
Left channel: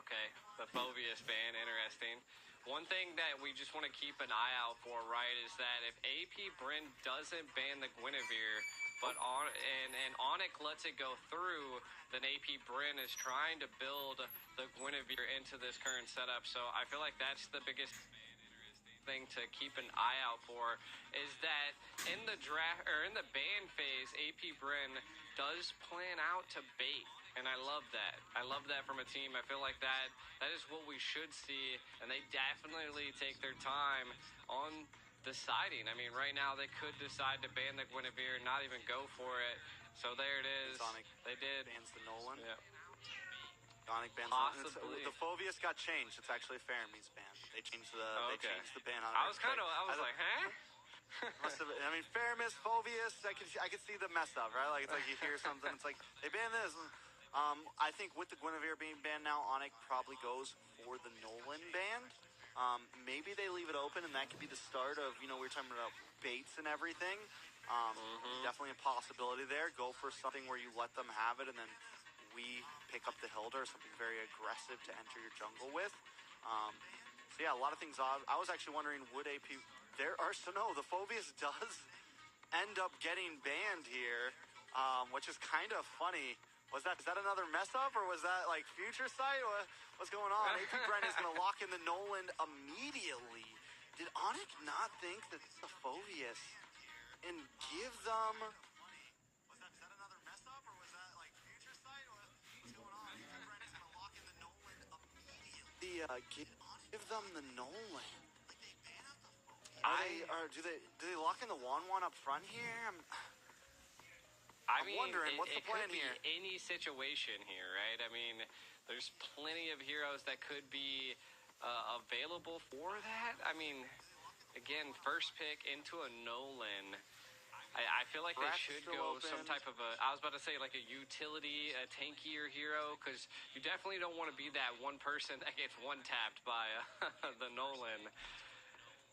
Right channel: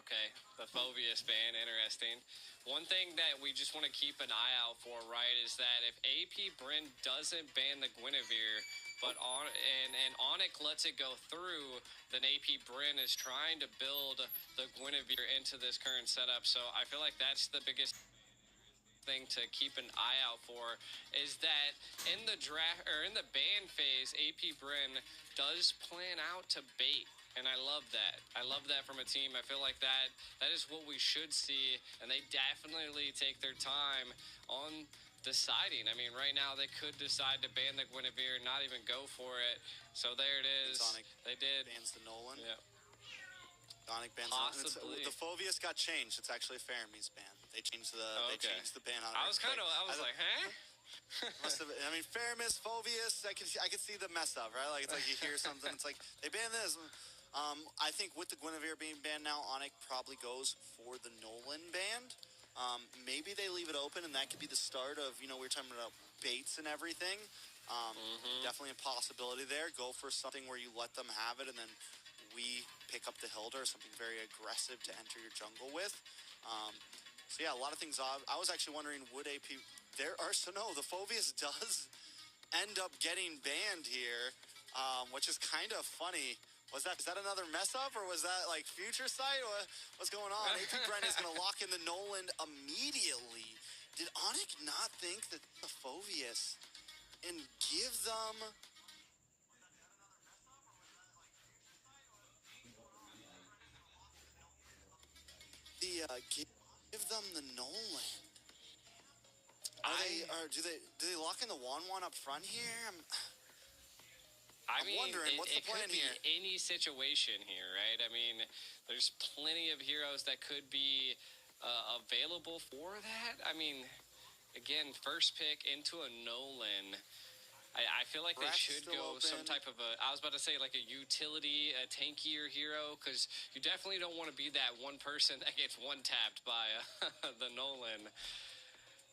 okay, the Phoveus ban, interesting. One thing that we just want to keep an eye out for, right, is that if AP Bren doesn't ban the Guinevere, but Onyx lets it go through, then AP Bren is trying to build the Guinevere into this current setup. So I feel like that's the biggest thing to keep an eye out for, is that in the draft or in the ban phase, AP Bren does plan out to bait. And I love that. I love that from a team. I feel like that is what we should see, and they definitely take their time on deciding. I mean, right now they could decide to ban the Guinevere and not even go for it. So there it is. Sonic they did. Bans the Nolan. Yeah. Sonic bans Possibly. the Phoveus got changed. It's actually a Faramese ban. They changed the They changed the ban on it. I was like, huh? Must have. I mean, Faramis, Phoveus. I could see the mess up, right? Like, it's like you hear something. It's like they ban this. I think with the Guinevere being banned now, Onyx probably goes for the Nolan ban. Maybe they leave it open, and that could be the start of, you know, we were talking about baits and everything. Definitely a possibility there. Go for something where you let them have it, and then we pick up the Hilda, or something very aggressive to enter your jungle with. So yeah, a lot of things. I was actually wondering, would AP... no, the Phoveus does end up getting banned here, which is kind of funny. Is that another mess up, or was that like future sight? What's going on? AP Bren is going to lock in the Nolan immediately. Did Onyx not think that the Phoveus and give them? Is that another mess up, or was that like future sight? What's going on? AP Bren is going to lock in the Nolan immediately. Give them the Nolan. Do they lock in the 1-1 up front here? I'm wondering, what's the plan here? It could be any situation here, right? I mean, there's plenty of heroes that could be available for that. I mean, again, first pick into a Nolan. I feel like they Brett's should still go some open. type of I was about to say like a utility, a tankier hero, because you definitely don't want to be that one person that gets one tapped by the Nolan.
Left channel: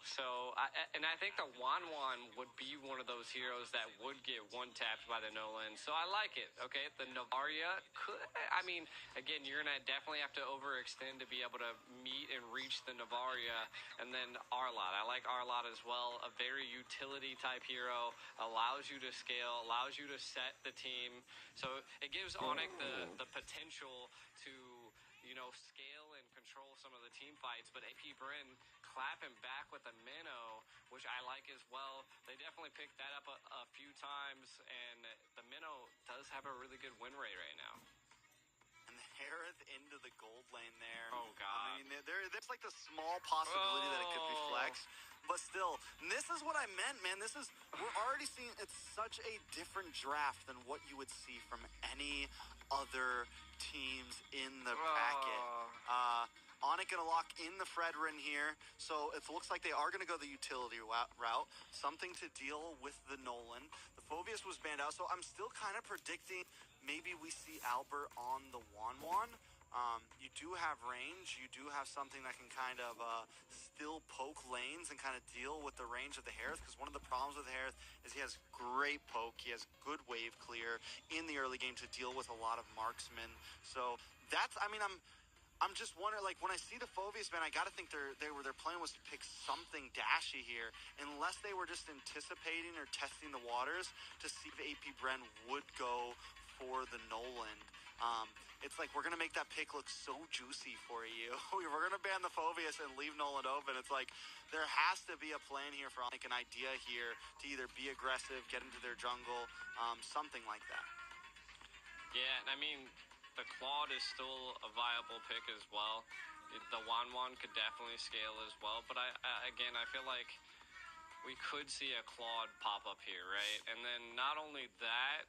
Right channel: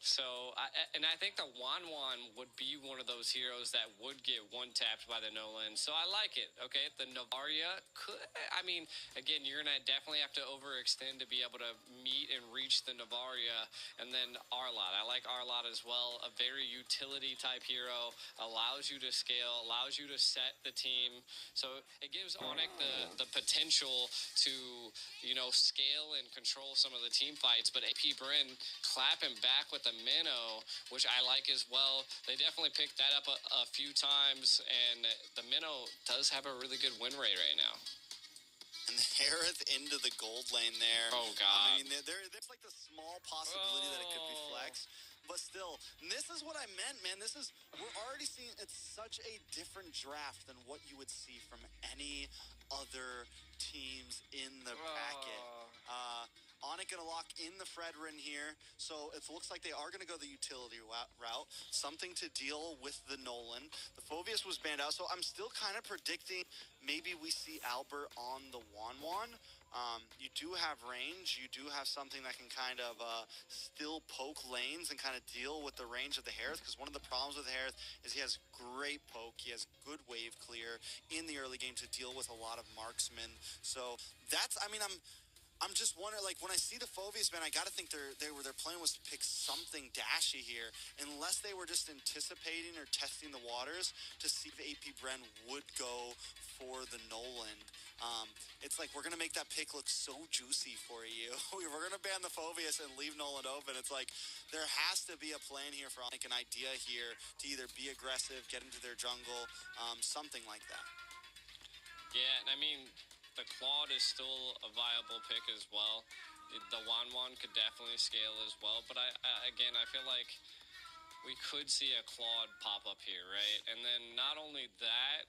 So, I think the Wanwan would be one of those heroes that would get one-tapped by the Nolan. So I like it, okay? The Navaria could, I mean, again, you're going to definitely have to overextend to be able to meet and reach the Navaria. And then Arlot. I like Arlot as well. A very utility-type hero. Allows you to scale, allows you to set the team. So it gives Onyx the potential to, you know, scale and control some of the team fights. But AP Bryn clapping back with the Minnow, which I like as well. They definitely picked that up a few times, and the Minnow does have a really good win rate right now. And the Harith into the gold lane there. Oh, God. I mean, there's like the small possibility that it could be flexed. But still, and this is what I meant, man. We're already seeing, it's such a different draft than what you would see from any other teams in the bracket. Onyx gonna lock in the Fredrin here, so it looks like they are gonna go the utility route, something to deal with the Nolan. The Phoveus was banned out, so I'm still kind of predicting maybe we see Albert on the Wanwan. You do have range, you do have something that can kind of still poke lanes and kind of deal with the range of the Harith, because one of the problems with Harith is he has great poke, he has good wave clear in the early game to deal with a lot of marksmen. So that's, I mean, I'm just wondering, like, when I see the Phoveus, man, I gotta think their plan was to pick something dashy here, unless they were just anticipating or testing the waters to see if AP Bren would go for the Nolan. It's like, we're gonna make that pick look so juicy for you. We're gonna ban the Phoveus and leave Nolan open. It's like, there has to be a plan here for, like, an idea here to either be aggressive, get into their jungle, something like that. Yeah, and I mean, the Claude is still a viable pick as well. The Wanwan could definitely scale as well. But I feel like we could see a Claude pop up here, right? And then not only that,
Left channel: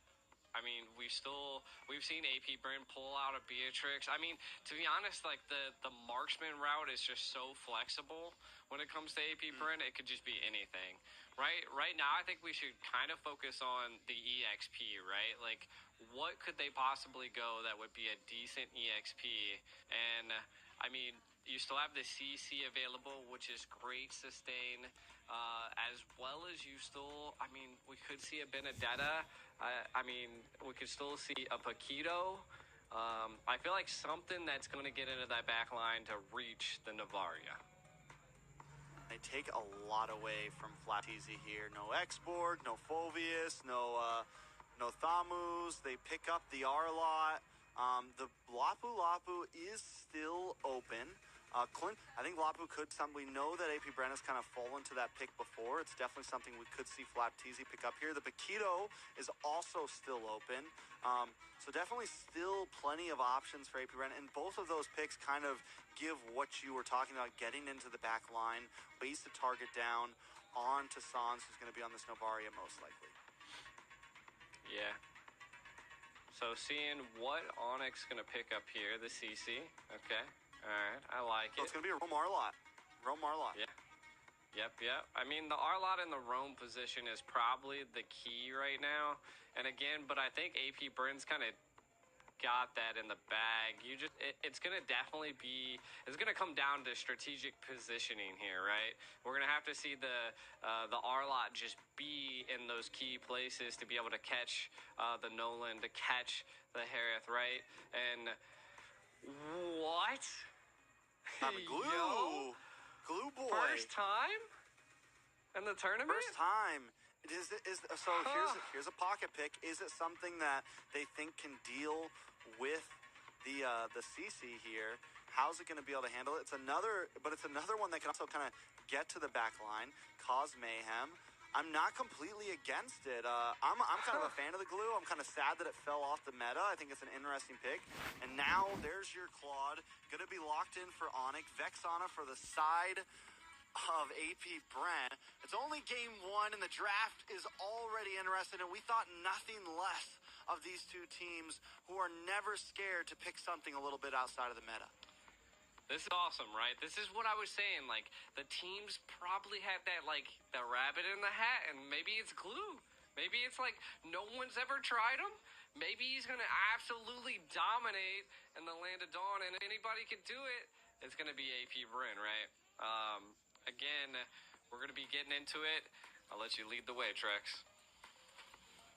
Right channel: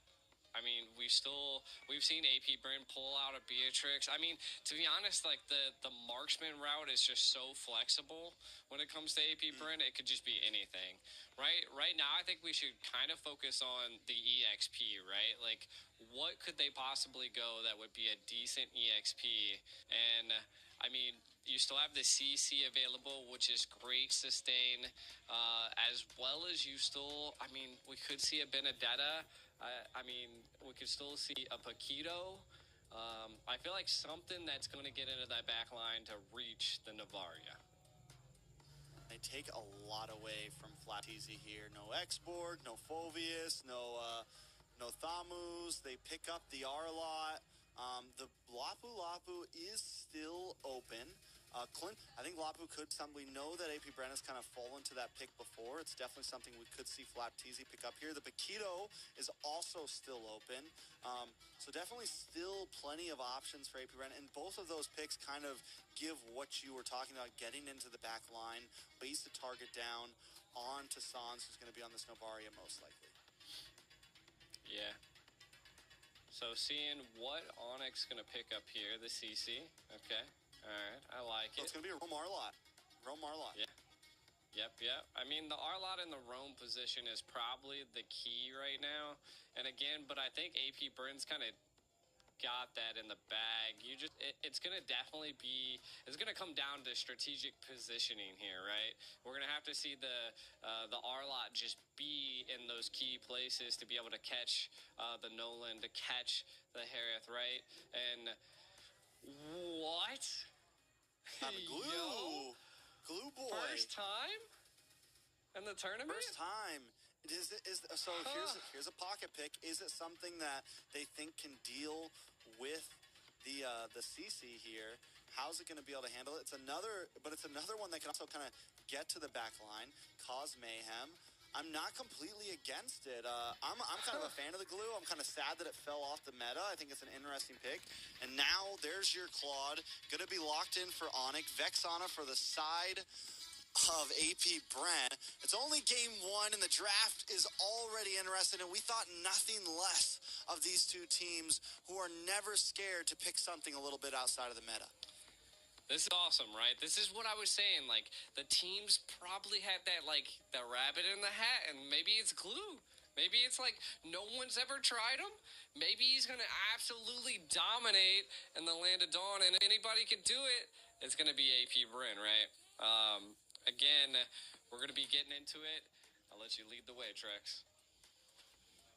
I mean, we've seen AP Bryn pull out a Beatrix. I mean, to be honest, like the marksman route is just so flexible when it comes to AP Bryn. It could just be anything, right? Right now, I think we should kind of focus on the EXP, right? Like, what could they possibly go that would be a decent EXP? And I mean, you still have the CC available, which is great sustain, as well as you still, I mean, we could see a Benedetta. I mean, we could still see a Paquito. I feel like something that's going to get into that back line to reach the Navaria. They take a lot away from Flat Easy here. No Xborg, no Phoveus, no Thamus. They pick up the Arlot. The Lapu is still open. Clint, I think Lapu could we know that AP Bren has kind of fallen to that pick before. It's definitely something we could see Flapteezy pick up here. The Paquito is also still open. So definitely still plenty of options for AP Bren. And both of those picks kind of give what you were talking about, getting into the back line, ways to target down onto Sans, who's going to be on this Novaria most likely. Yeah. So seeing what Onyx going to pick up here, the CC. Okay. All right, I like it. So it's going to be a Rome Arlot. Yeah. Yep. I mean, the Arlot in the Rome position is probably the key right now. And again, but I think AP Bren's kind of got that in the bag. It's going to definitely be, it's going to come down to strategic positioning here, right? We're going to have to see the Arlot just be in those key places to be able to catch the Nolan, to catch the Harith, right? And what? Glue boy. First time in the tournament? First time. So here's a pocket pick. Is it something that they think can deal with the CC here? How's it going to be able to handle it? It's another one that can also kind of get to the back line, cause mayhem. I'm not completely against it. I'm kind of a fan of the glue. I'm kind of sad that it fell off the meta. I think it's an interesting pick. And now there's your Claude. Going to be locked in for Onyx. Vexana for the side of AP Bren. It's only game one, and the draft is already interesting, and we thought nothing less of these two teams who are never scared to pick something a little bit outside of the meta. This is awesome, right? This is what I was saying. Like, the teams probably had that, like, the rabbit in the hat, and maybe it's glue. Maybe it's like no one's ever tried him. Maybe he's going to absolutely dominate in the Land of Dawn, and anybody can do it. It's going to be AP Brin, right? Again, we're going to be getting into it. I'll let you lead the way, Trex.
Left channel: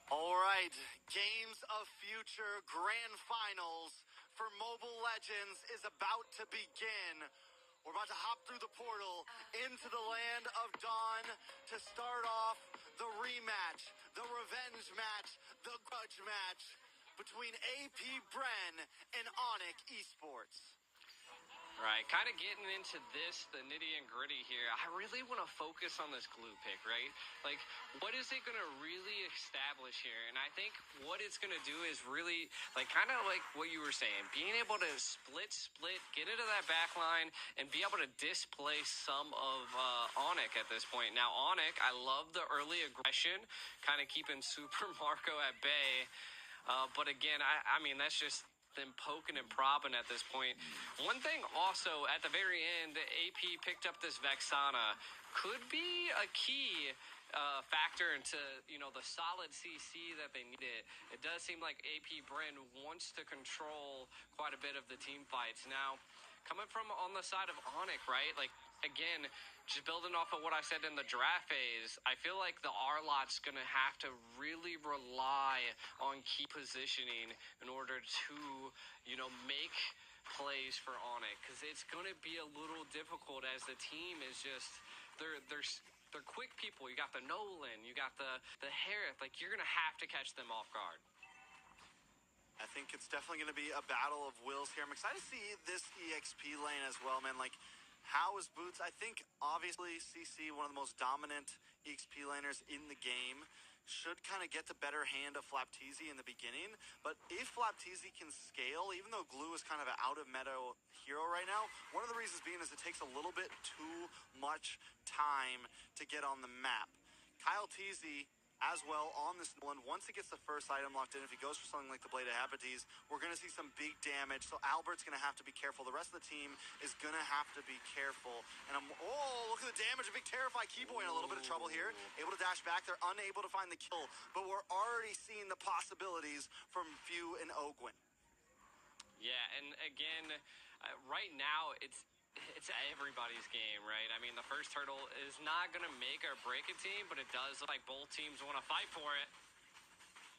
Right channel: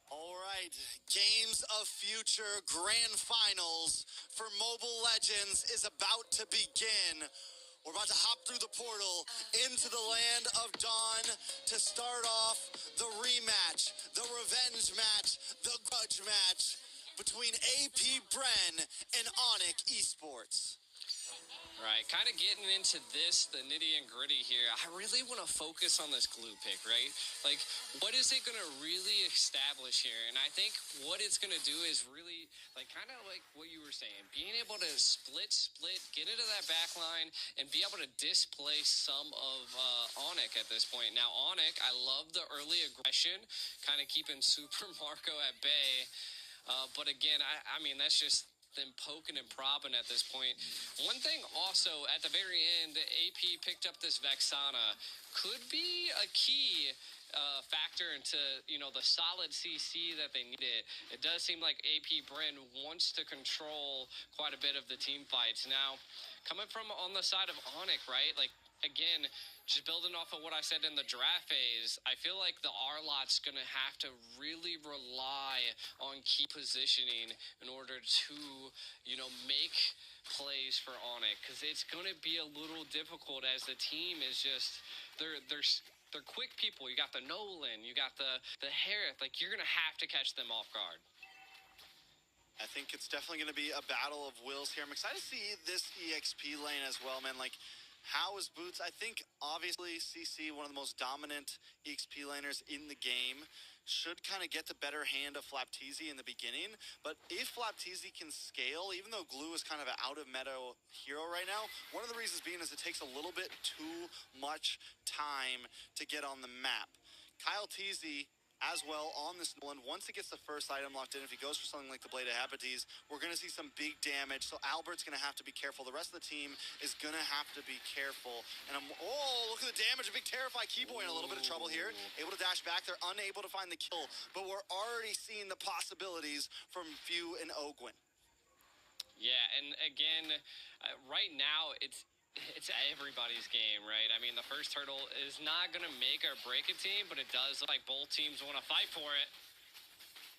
All right, Games of Future Grand Finals for Mobile Legends is about to begin. We're about to hop through the portal into the Land of Dawn to start off the rematch, the revenge match, the grudge match between AP Bren and Onyx Esports. Right, kind of getting into this, the nitty and gritty here. I really want to focus on this glue pick, right? Like, what is it going to really establish here? And I think what it's going to do is really, like, kind of like what you were saying, being able to split, get into that back line, and be able to displace some of Onyx at this point. Now, Onyx, I love the early aggression, kind of keeping Super Marco at bay. But again, I mean, that's just them poking and propping at this point. One thing also, at the very end, AP picked up this Vexana. Could be a key factor into, you know, the solid CC that they needed. It does seem like AP Brin wants to control quite a bit of the team fights. Now, coming from on the side of Onyx, right? Like, again, just building off of what I said in the draft phase, I feel like the R-Lot's going to have to really rely on key positioning in order to, you know, make plays for Onyx, because it's going to be a little difficult as the team is just, they're quick people. You got the Nolan, you got the Harith, like, you're going to have to catch them off guard. I think it's definitely going to be a battle of wills here. I'm excited to see this EXP lane as well, man. Like, how is Boots? I think, obviously, CC, one of the most dominant EXP laners in the game, should kind of get the better hand of Flapteezy in the beginning. But if Flapteezy can scale, even though Glue is kind of an out-of-meta hero right now, one of the reasons being is it takes a little bit too much time to get on the map. Kyle Teasy as well on this Nolan. Once it gets the first item locked in, if he goes for something like the Blade of Hepatitis, we're going to see some big damage. So Albert's going to have to be careful. The rest of the team is going to have to be careful. And look at the damage. A big Terrify Keyboy in a little bit of trouble here. Able to dash back. They're unable to find the kill. But we're already seeing the possibilities from Few and Ogwyn. Yeah, and again, right now, it's everybody's game, right? I mean, the first turtle is not going to make or break a team, but it does look like both teams want to fight for it.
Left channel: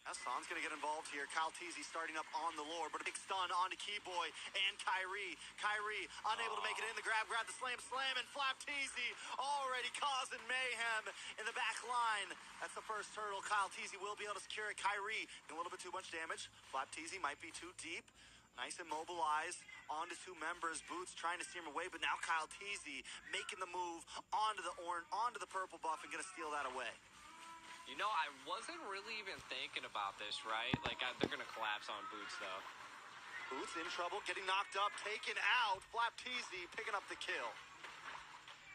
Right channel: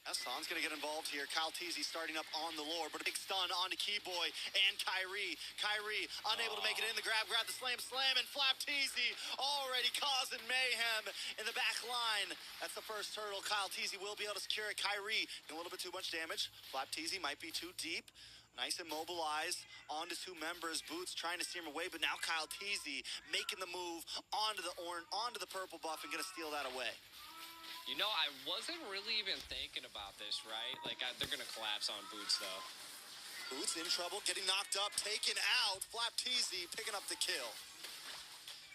Hassan's going to get involved here. Kyle Teasy starting up on the Lord, but a big stun onto Keyboy and Kyrie. Kyrie unable to make it in. The grab the slam, and Flapteezy already causing mayhem in the back line. That's the first turtle. Kyle Teasy will be able to secure it. Kyrie doing a little bit too much damage. Flapteezy might be too deep. Nice immobilized onto two members. Boots trying to steer him away, but now Kyle Teasy making the move onto the purple buff and gonna steal that away. You know, I wasn't really even thinking about this, right? Like, they're gonna collapse on Boots, though. Boots in trouble, getting knocked up, taken out. Flapteezy picking up the kill.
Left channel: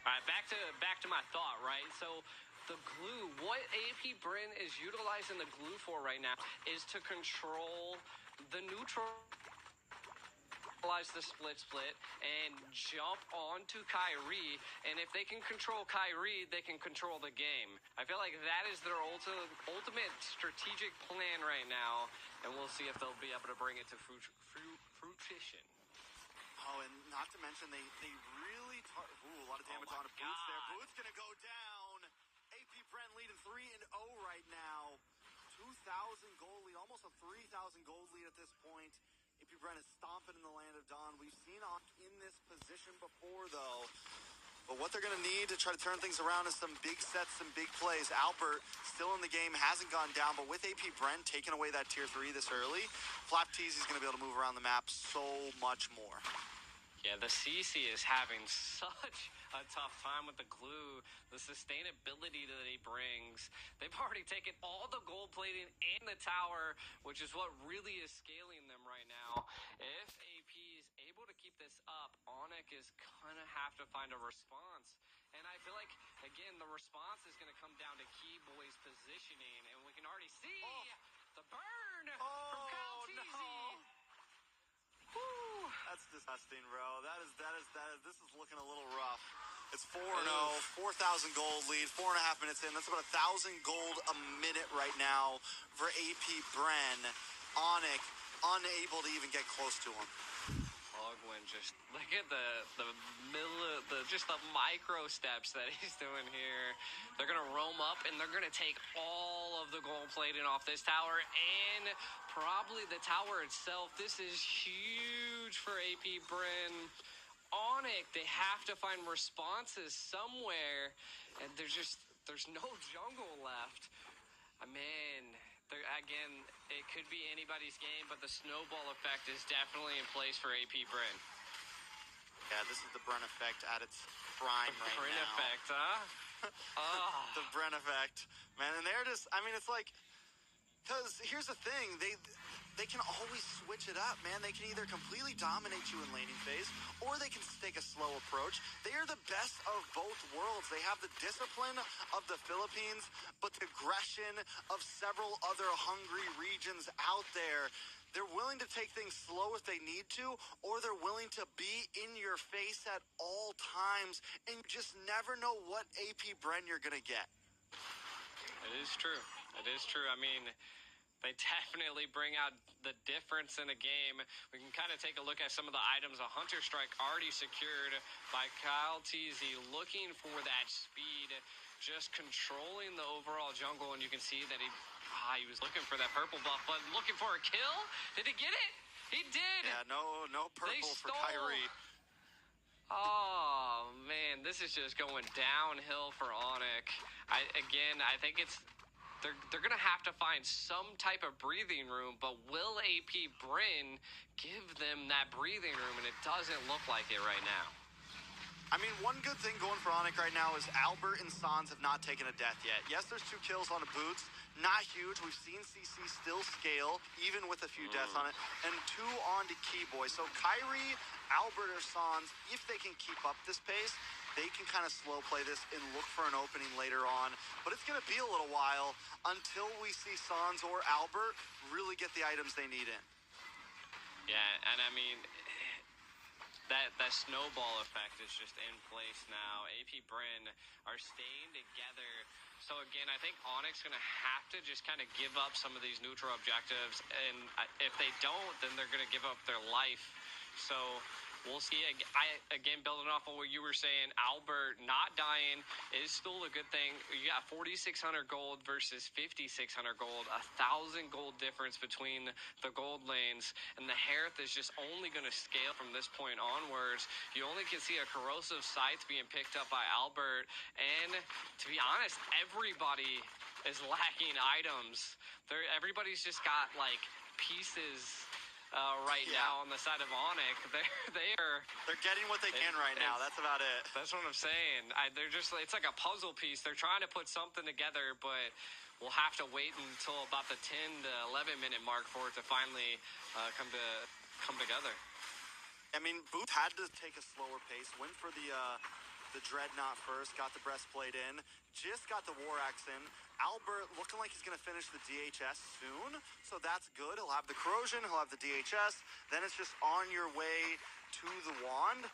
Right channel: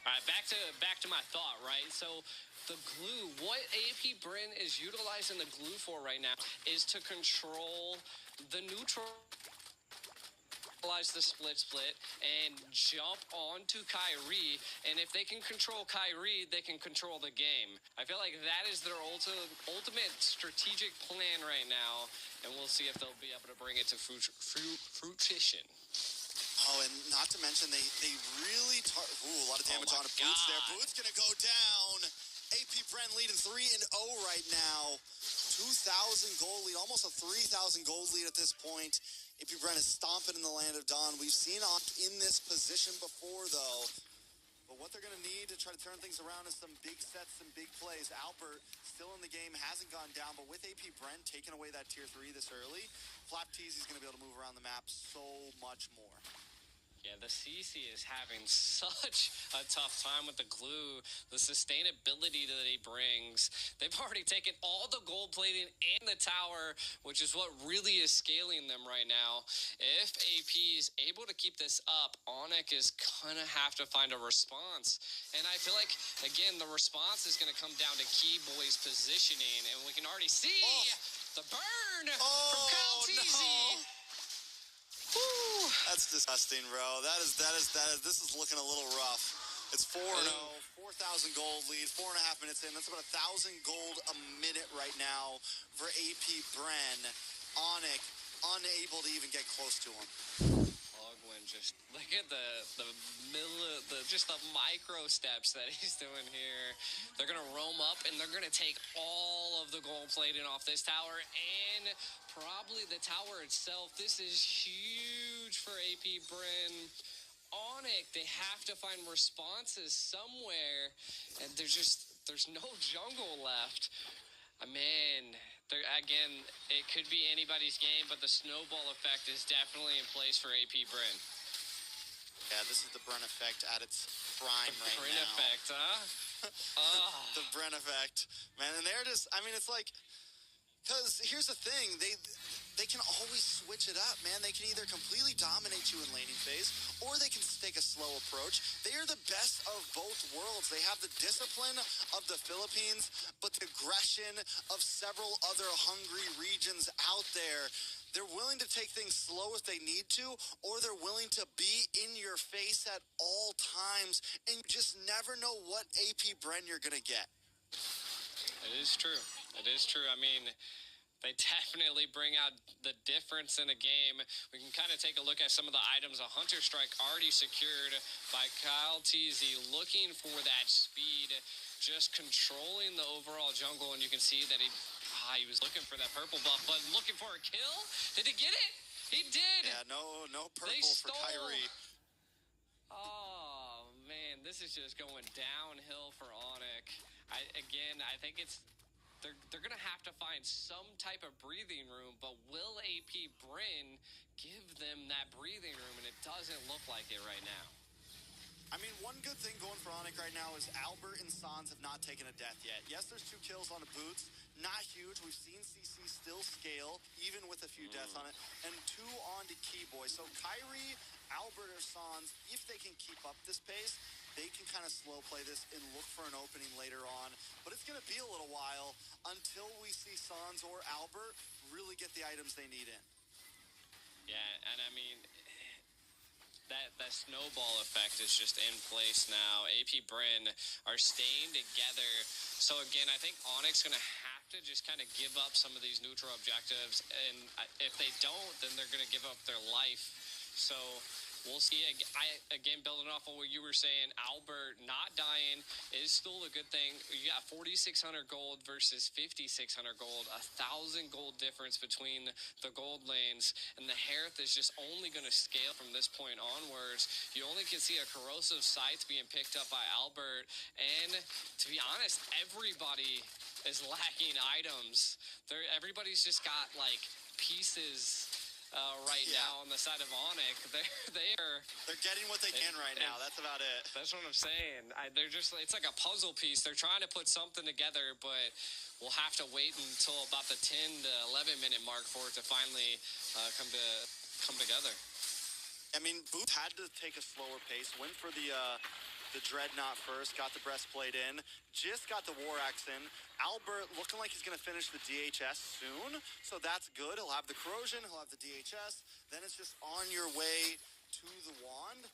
All right, back to my thought, right? So the glue, what AP Brin is utilizing the glue for right now is to control the neutral, the split and jump onto Kyrie, and if they can control Kyrie, they can control the game. I feel like that is their ultimate strategic plan right now, and we'll see if they'll be able to bring it to fruition. Oh, and not to mention they really a lot of damage on Boots there. Boots gonna go down. AP Bren leading 3-0 right now. 2,000 gold lead, almost a 3,000 gold lead at this point. AP Bren is stomping in the Land of Dawn. We've seen Oct in this position before, though. But what they're going to need to try to turn things around is some big sets, some big plays. Albert still in the game, hasn't gone down, but with AP Bren taking away that tier 3 this early, Flapteezy is going to be able to move around the map so much more. Yeah, the CC is having such a tough time with the glue, the sustainability that he brings. They've already taken all the gold plating and the tower, which is what really is scaling them right now. If AP is able to keep this up, Onyx is going to have to find a response. And I feel like, again, the response is going to come down to Keyboy's positioning, and we can already see the burn from Kyle Teasy. No. Woo. That's disgusting, bro. This is looking a little rough. It's 4-0, 4,000 gold lead, 4.5 minutes in. That's about 1,000 gold a minute right now for AP Bren. Onyx unable to even get close to him. Ogwyn, just look at the micro steps that he's doing here. They're gonna roam up and they're gonna take all of the gold plating off this tower and probably the tower itself. This is huge for AP Bren. Onyx, they have to find responses somewhere, and there's no jungle left. Man, again, it could be anybody's game, but the snowball effect is definitely in place for AP Bren. Yeah, this is the Bren effect at its prime right Bren now. effect, huh? The Bren effect, man, and they're just, I mean, it's like, because here's the thing, they can always switch it up, man. They can either completely dominate you in laning phase, or they can take a slow approach. They are the best of both worlds. They have the discipline of the Philippines, but the aggression of several other hungry regions out there. They're willing to take things slow if they need to, or they're willing to be in your face at all times, and you just never know what AP Bren you're going to get. It is true. It is true. I mean, they definitely bring out the difference in a game. We can kind of take a look at some of the items. A Hunter Strike already secured by Kyle Teasy, looking for that speed, just controlling the overall jungle, and you can see that he was looking for that purple buff, but looking for a kill? Did he get it? He did! Yeah, no purple for Kyrie. Oh, man, this is just going downhill for Onyx. I think it's... They're going to have to find some type of breathing room, but will AP Bren give them that breathing room? And it doesn't look like it right now. I mean, one good thing going for Onyx right now is Albert and Sans have not taken a death yet. Yes, there's 2 kills on the Boots. Not huge. We've seen CC still scale, even with a few deaths on it. And 2 on to Keyboy. So Kyrie, Albert, or Sans, if they can keep up this pace, they can kind of slow play this and look for an opening later on. But it's going to be a little while until we see Sans or Albert really get the items they need in. Yeah, and I mean, that snowball effect is just in place now. AP Bren are staying together. So again, I think Onyx going to have to just kind of give up some of these neutral objectives. And if they don't, then they're going to give up their life. So we'll see. Again, building off of what you were saying, Albert not dying is still a good thing. You got 4,600 gold versus 5,600 gold, 1,000 gold difference between the gold lanes, and the Hearth is just only going to scale from this point onwards. You only can see a corrosive scythe being picked up by Albert, and to be honest, everybody is lacking items. Everybody's just got like pieces now on the side of Onyx. They're getting what they can right now. That's about it. That's what I'm saying. It's like a puzzle piece. They're trying to put something together, but we'll have to wait until about the 10 to 11 minute mark for it to finally come together. I mean, Boots had to take a slower pace, went for the Dreadnought first, got the breastplate in, just got the War Axe in. Albert looking like he's going to finish the DHS soon, so that's good. He'll have the Corrosion, he'll have the DHS, then it's just on your way to the Wand.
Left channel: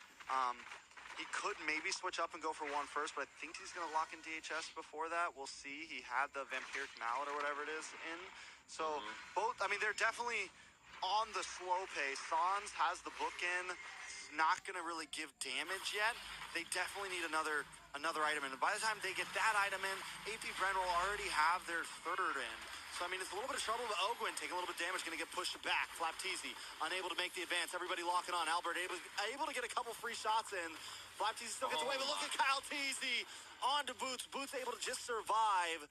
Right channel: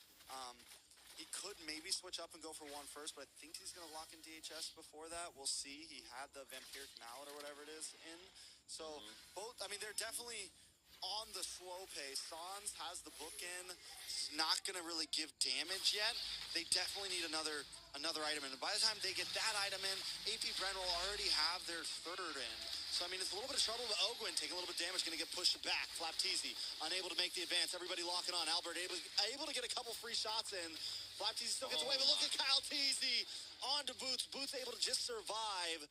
He could maybe switch up and go for one first, but I think he's going to lock in DHS before that. We'll see. He had the Vampiric Mallet or whatever it is in. So both, I mean, they're definitely on the slow pace. Sans has the book in. It's not going to really give damage yet. They definitely need another item in. And by the time they get that item in, AP Bren will already have their 3rd in. So, I mean, it's a little bit of trouble, but Ogwyn taking a little bit of damage, going to get pushed back. Flapteezy unable to make the advance. Everybody locking on. Albert able to get a couple free shots in. Flapteezy still gets away, but look at Kyle Teasy on to Boots. Boots able to just survive.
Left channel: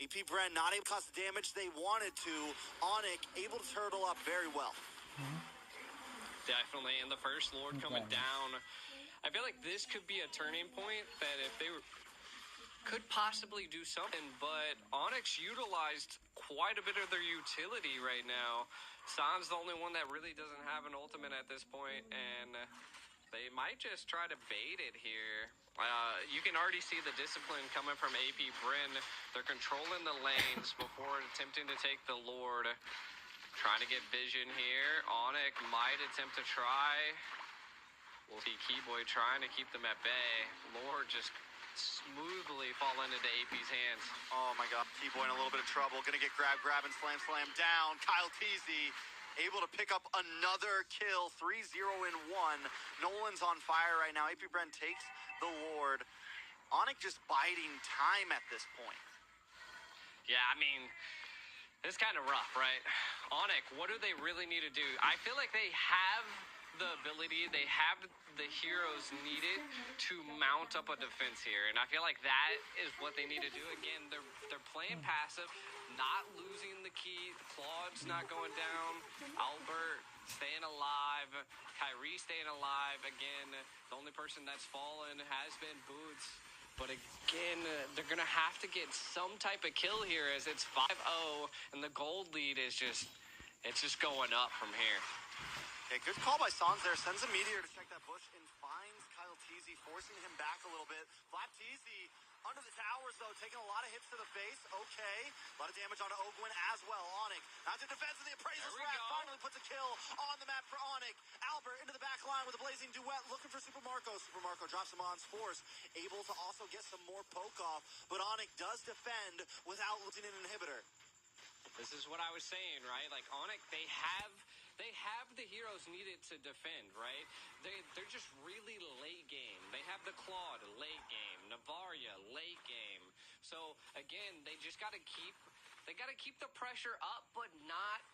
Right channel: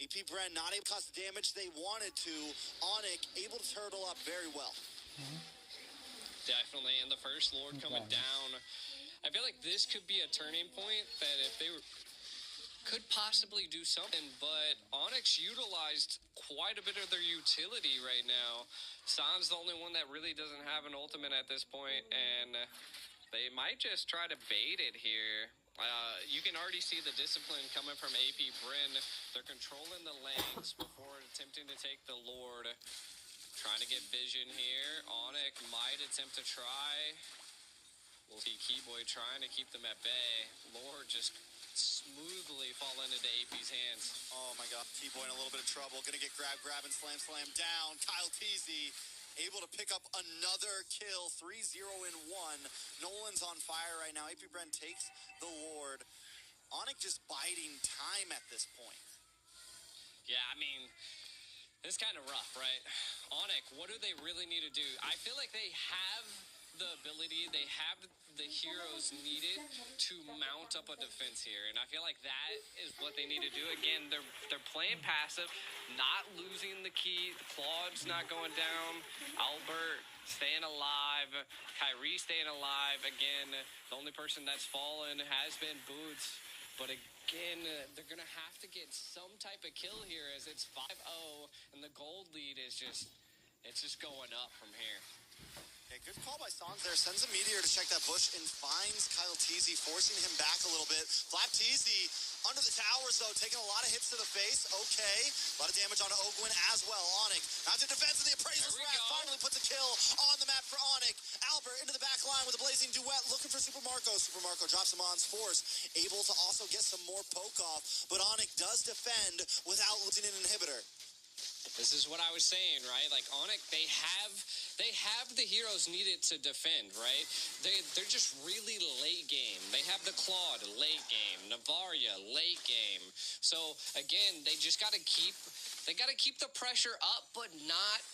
AP Bren not able to cause the damage they wanted to. Onyx able to turtle up very well. Definitely, and the first Lord coming down. I feel like this could be a turning point that if they could possibly do something, but Onyx utilized quite a bit of their utility right now. Sans the only one that really doesn't have an ultimate at this point, and they might just try to bait it here. You can already see the discipline coming from AP Bren. They're controlling the lanes before attempting to take the Lord. Trying to get vision here. Onyx might attempt to try. We'll see Keyboy trying to keep them at bay. Lord just smoothly falling into AP's hands. Oh my God, Keyboy in a little bit of trouble. Gonna get grab, and slam down. Kyle Teasy able to pick up another kill. 3-0 in 1. Nolan's on fire right now. AP Bren takes the Lord. Onyx just biding time at this point. Yeah, I mean, it's kind of rough, right? Onyx, what do they really need to do? I feel like they have the ability, they have the heroes needed to mount up a defense here, and I feel like that is what they need to do. Again, they're playing passive, not losing the key. Claude's not going down. Albert staying alive. Kyrie staying alive. Again, the only person that's fallen has been Boots. But again, they're going to have to get some type of kill here as it's 5-0, and the gold lead is just going up from here. Okay, good call by Sans there. Sends a meteor to check that bush and finds Kyle Teasy, forcing him back a little bit. Flap Teasy under the towers, though, taking a lot of hits to the face. Okay, a lot of damage on Ogwin as well. Onyx out to defense of the Appraiser's Wrath. Finally puts a kill on the map for Onyx. Albert into the back line with a blazing duet, looking for Super Marco. Super Marco drops him on Force, able to also get some more poke off. But Onyx does defend without losing an inhibitor. This is what I was saying, right? Like Onyx, they have the heroes needed to defend, right? They're just really late game. They have the Claude late game, Navaria late game. So again, they just got to keep the pressure up, but not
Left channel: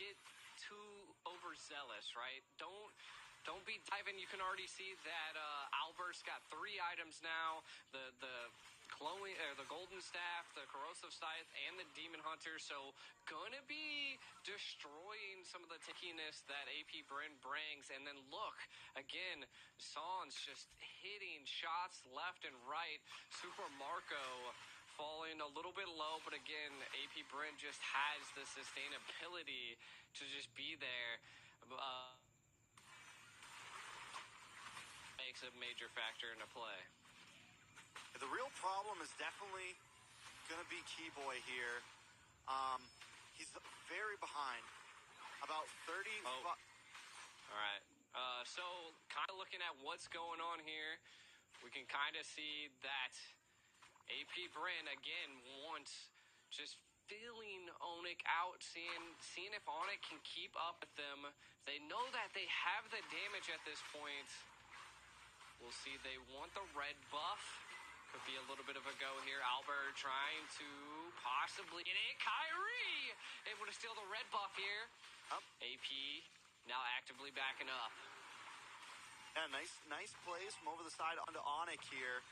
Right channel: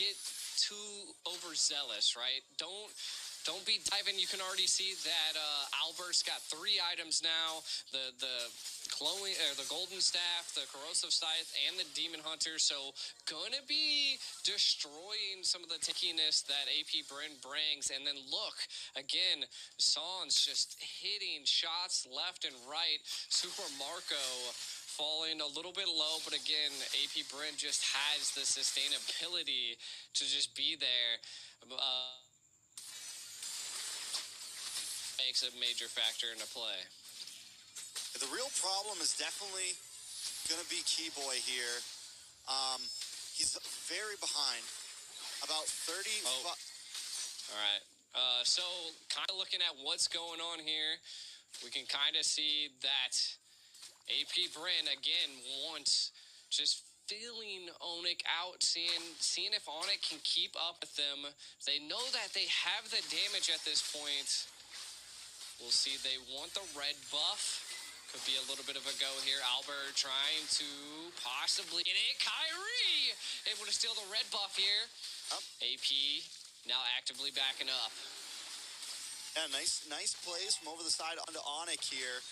get too overzealous, right? Don't be diving. You can already see that Albert's got 3 items now. The Chloe, the Golden Staff, the Corrosive Scythe, and the Demon Hunter. So gonna be destroying some of the tickiness that AP Bren brings. And then look, again, Sans just hitting shots left and right. Super Marco falling a little bit low, but again, AP Bren just has the sustainability to just be there. Makes a major factor into play. The real problem is definitely going to be Keyboy here. He's very behind. About 30... Oh. All right. So kind of looking at what's going on here, we can kind of see that AP Bren, again, wants just feeling Onyx out, seeing if Onyx can keep up with them. They know that they have the damage at this point. We'll see. They want the red buff. Could be a little bit of a go here. Albert trying to possibly get it. Kyrie able to steal the red buff here. AP now actively backing up. Yeah, nice plays from over the side onto Onyx here.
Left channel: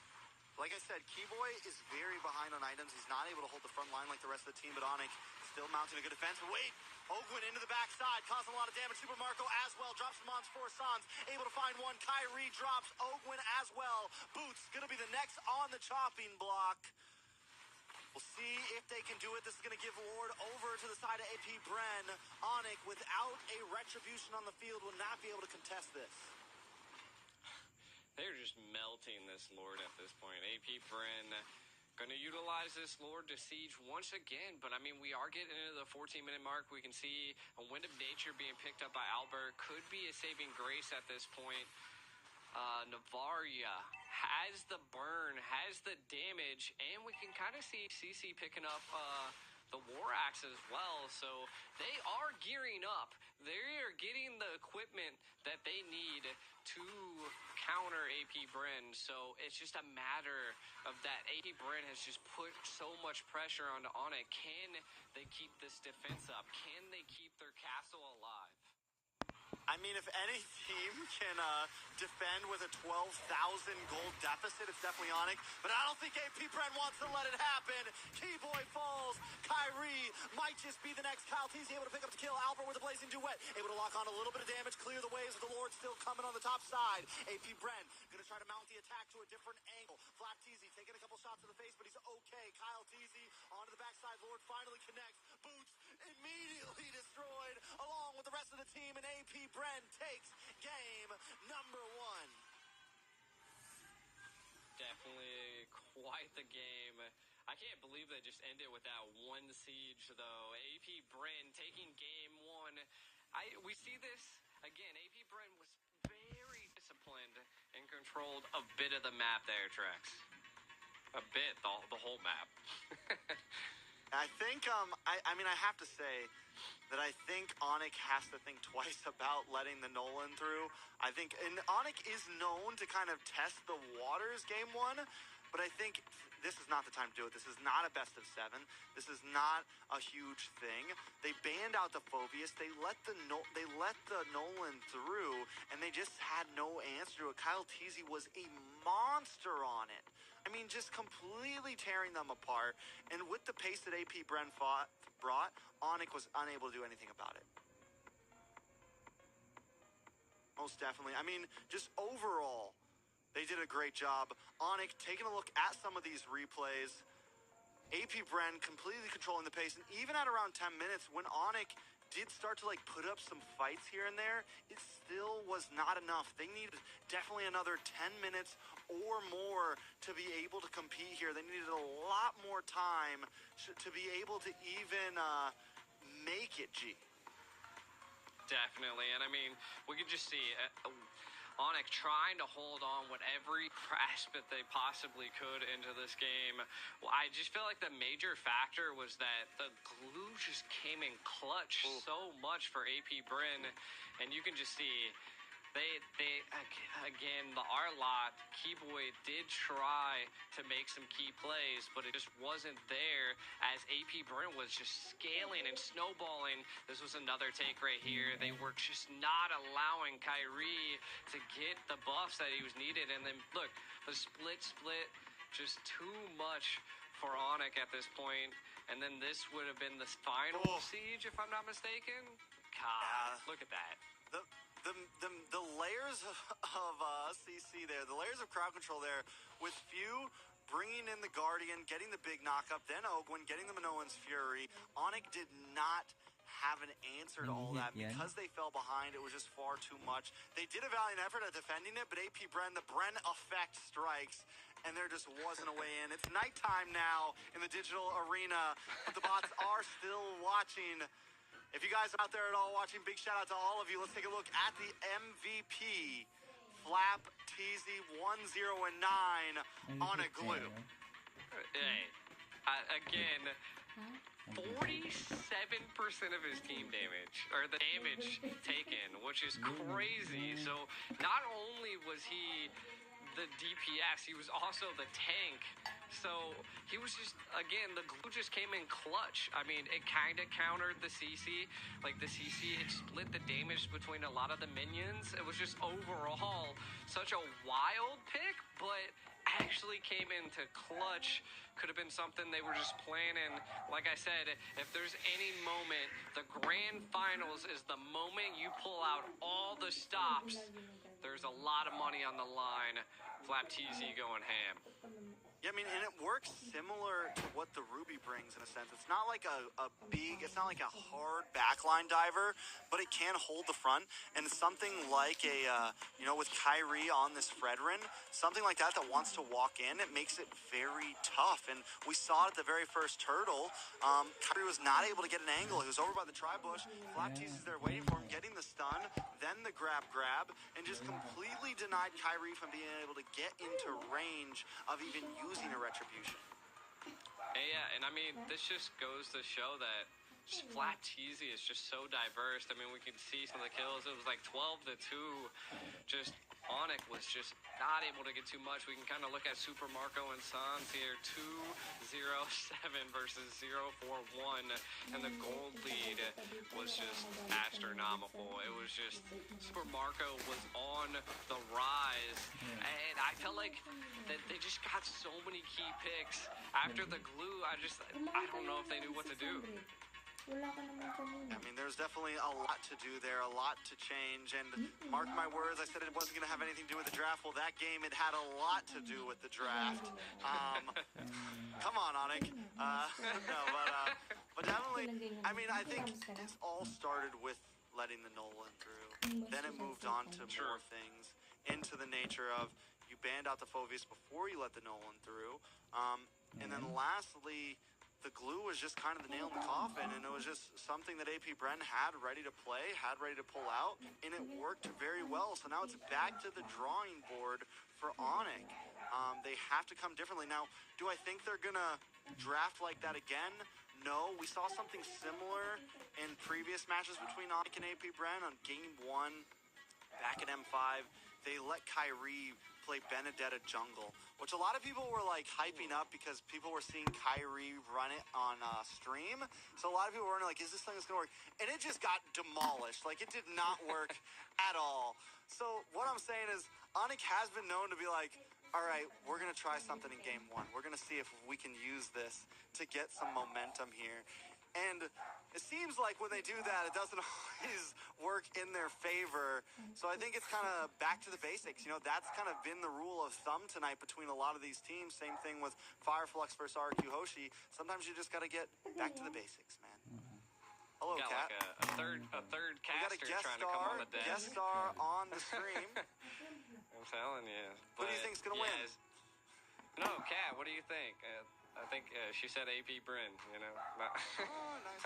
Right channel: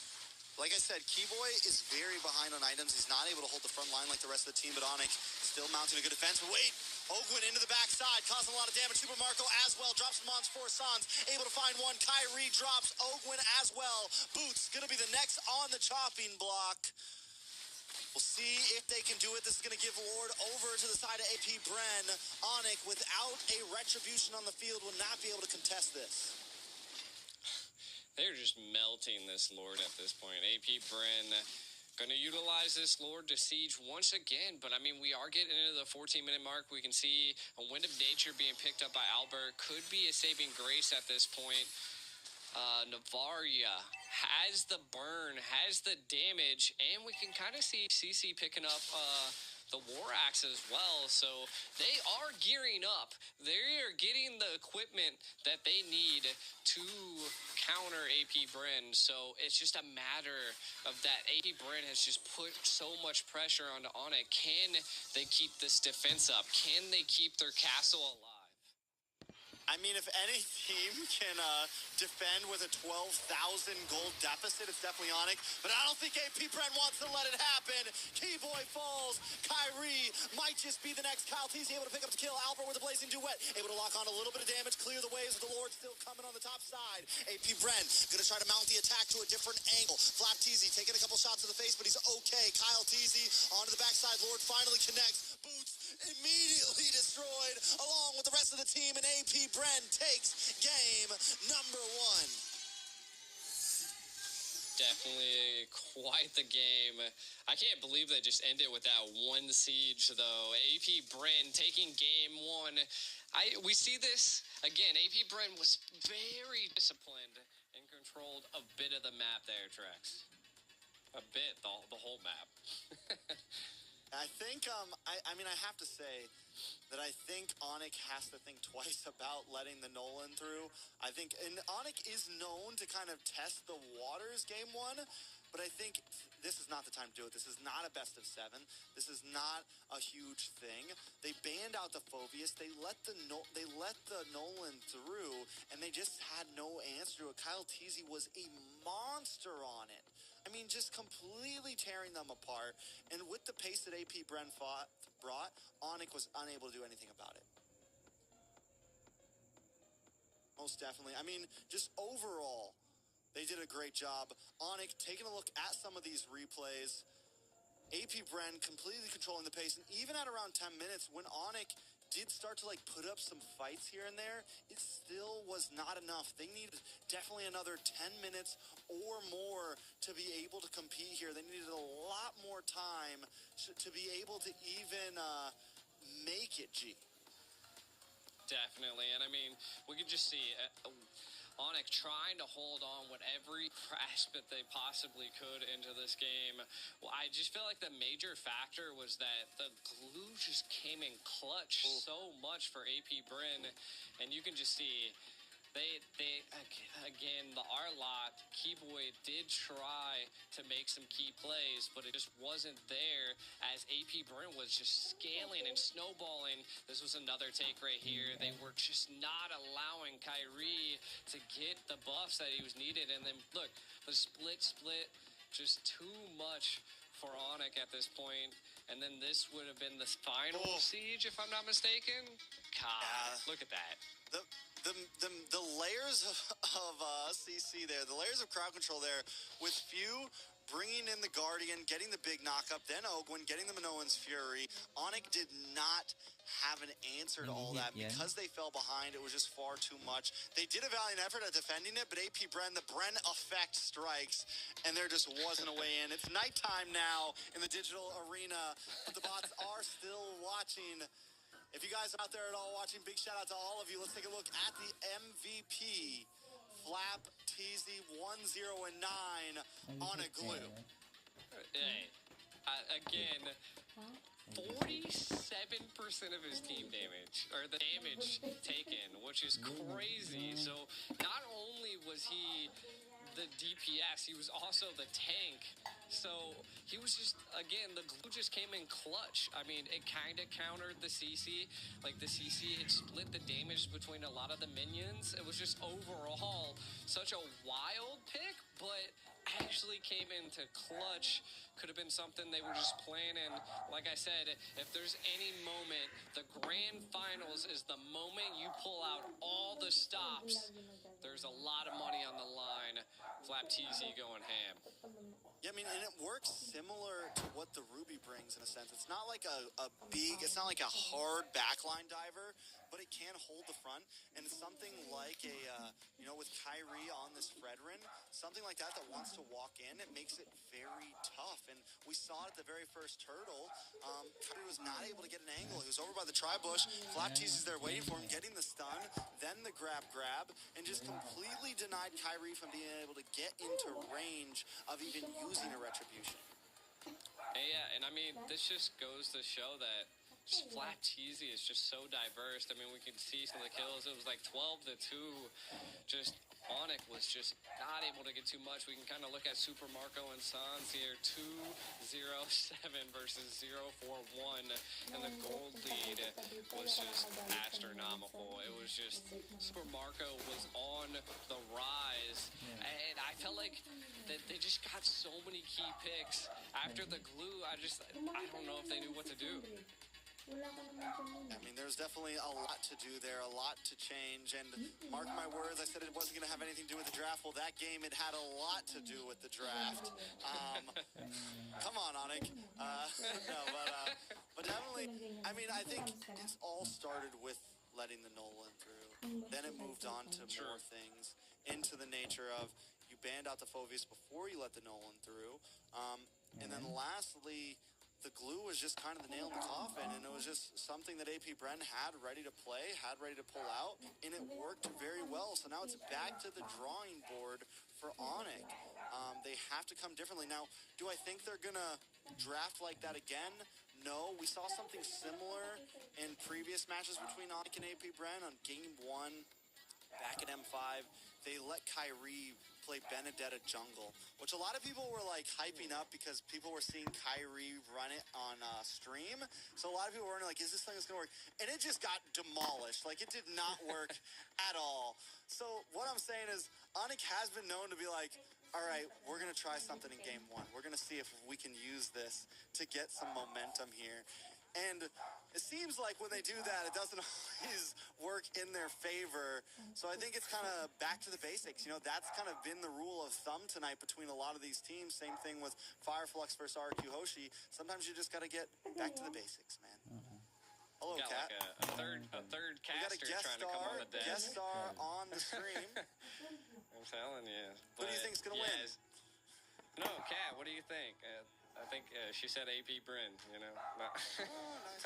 Like I said, Keyboy is very behind on items. He's not able to hold the front line like the rest of the team, but Onyx still mounting a good defense. Wait! Ogwin into the backside, causing a lot of damage. Super Marco as well, drops him on for Sans, able to find one. Kyrie drops Ogwin as well. Boots gonna be the next on the chopping block. We'll see if they can do it. This is gonna give Lord over to the side of AP Bren. Onyx, without a retribution on the field, will not be able to contest this. They're just melting this Lord at this point. AP Bren going to utilize this Lord to siege once again. But, I mean, we are getting into the 14-minute mark. We can see a Wind of Nature being picked up by Albert. Could be a saving grace at this point. Navaria has the burn, has the damage, and we can kind of see CC picking up the War Axe as well. So they are gearing up. They are getting the equipment that they need to counter AP Bren. So it's just a matter of that. AP Bren has just put so much pressure onto Onyx. Can they keep this defense up? Can they keep their castle alive? I mean, if any team can defend with a 12,000 gold deficit, it's definitely Onyx. But I don't think AP Bren wants to let it happen. Keyboy falls. Kyrie might just be the next Kyle Teasy, able to pick up the kill. Albert with a blazing duet, able to lock on a little bit of damage, clear the waves with the Lord still coming on the top side. AP Bren gonna try to mount the attack to a different angle. Flap Teasy taking a couple shots to the face, but he's okay. Kyle Teasy onto the backside. Lord finally connects. Boots immediately destroyed along with the rest of the team, and AP Bren takes game number 1. Definitely quite the game. I can't believe they just ended with that one siege, though. AP Bren taking game one. We see this again. AP Bren was very disciplined and controlled a bit of the map there, Trex. A bit, the whole map. I think, I mean, I have to say that I think Onyx has to think twice about letting the Nolan through. I think, and Onyx is known to kind of test the waters game one, but I think this is not the time to do it. This is not a best of 7. This is not a huge thing. They banned out the Phobius. They let the Nolan through, and they just had no answer to it. Kyle Teasy was a monster on it. I mean, just completely tearing them apart. And with the pace that AP Bren brought, Onyx was unable to do anything about it. Most definitely. I mean, just overall, they did a great job. Onyx taking a look at some of these replays. AP Bren completely controlling the pace. And even at around 10 minutes, when Onyx did start to put up some fights here and there, it still was not enough. They needed definitely another 10 minutes or more to be able to compete here. They needed a lot more time to be able to even make it, G. Definitely, and I mean, we could just see Onyx trying to hold on with every grasp that they possibly could into this game. Well, I just feel like the major factor was that the glue just came in clutch so much for AP Bren, and you can just see they again, the R-Lot, Keyboy did try to make some key plays, but it just wasn't there as AP Bren was just scaling and snowballing. This was another take right here. They were just not allowing Kyrie to get the buffs that he was needed. And then, look, the split, just too much for Onyx at this point. And then this would have been the final siege, if I'm not mistaken. God, look at that. The layers of CC there, the layers of crowd control there, with Few bringing in the Guardian, getting the big knock-up, then Ogwin getting the Minoan's Fury. Onyx did not have an answer to all that because they fell behind. It was just far too much. They did a valiant effort at defending it, but AP Bren, the Bren effect strikes, and there just wasn't a way in. It's nighttime now in the digital arena, but the bots are still watching. If you guys are out there at all watching, big shout out to all of you. Let's take a look at the MVP. Flap TZ 1-0-9 on a glue. Hey, again, 47% of his team damage, or the damage taken, which is crazy. So not only was he the DPS, he was also the tank. So he was just, again, the glue just came in clutch. I mean, it kind of countered the CC. Like, the CC had split the damage between a lot of the minions. It was just overall such a wild pick, but actually came into clutch. Could have been something they were just planning. Like I said, if there's any moment, the grand finals is the moment you pull out all the stops. There's a lot of money on the line. Flap TZ going ham. Yeah, I mean, and it works similar to what the Ruby brings in a sense. It's not like it's not like a hard backline diver, but it can hold the front. And something like with Kyrie on this Fredrin, something like that wants to walk in, it makes it very tough. And we saw it at the very first turtle. Kyrie was not able to get an angle. He was over by the tri-bush. Flap TZ is there waiting for him, getting the stun, then the grab, and just completely denied Kyrie from being able to get into range of even using a retribution. Yeah, and I mean, this just goes to show that just Flap TZ is just so diverse. I mean, we can see some of the kills. It was like 12-2. Just Onyx was just not able to get too much. We can kind of look at Super Marco and Sans here, 2-0-7 versus 0-4-1, and the gold lead was just astronomical. It was just Super Marco was on the rise, and I felt like that they just got so many key picks after the glue. I don't know if they knew what to do. I mean, there's definitely a lot to do there, a lot to change, and mark my words, I said it wasn't going to have anything to do with the draft. Well, that game, it had a lot to do with the draft. Come on, Onyx. But definitely, I mean, I think this all started with letting the Nolan through. Then it moved on to more things, into the nature of you banned out the Phoveus before you let the Nolan through. And then lastly, the glue was just kind of the nail in the coffin, and it was just something that AP Bren had ready to play, had ready to pull out, and it worked very well. So now it's back to the drawing board for Onyx. They have to come differently. Now, do I think they're going to draft like that again? No. We saw something similar in previous matches between Onyx and AP Bren on Game 1 back at M5. They let Kyrie play Benedetta jungle, which a lot of people were like hyping up because people were seeing Kyrie run it on stream. So a lot of people were like, is this thing going to work? And it just got demolished. Like, it did not work at all. So what I'm saying is Onyx has been known to be like, all right, we're going to try something in Game 1. We're going to see if we can use this to get some momentum here. And it seems like when they do that, it doesn't always work in their favor. So I think it's kind of back to the basics. You know, that's kind of been the rule of thumb tonight between a lot of these teams. Same thing with Fireflux versus RQ Hoshi. Sometimes you just got to get back to the basics, man. Hello, got Kat. Like a third We got a caster guest trying to come on the desk. guest star on the stream. I'm telling you. Who do you think's gonna win? No, Kat, what do you think? I think she said AP Bren, you know. Oh, nice.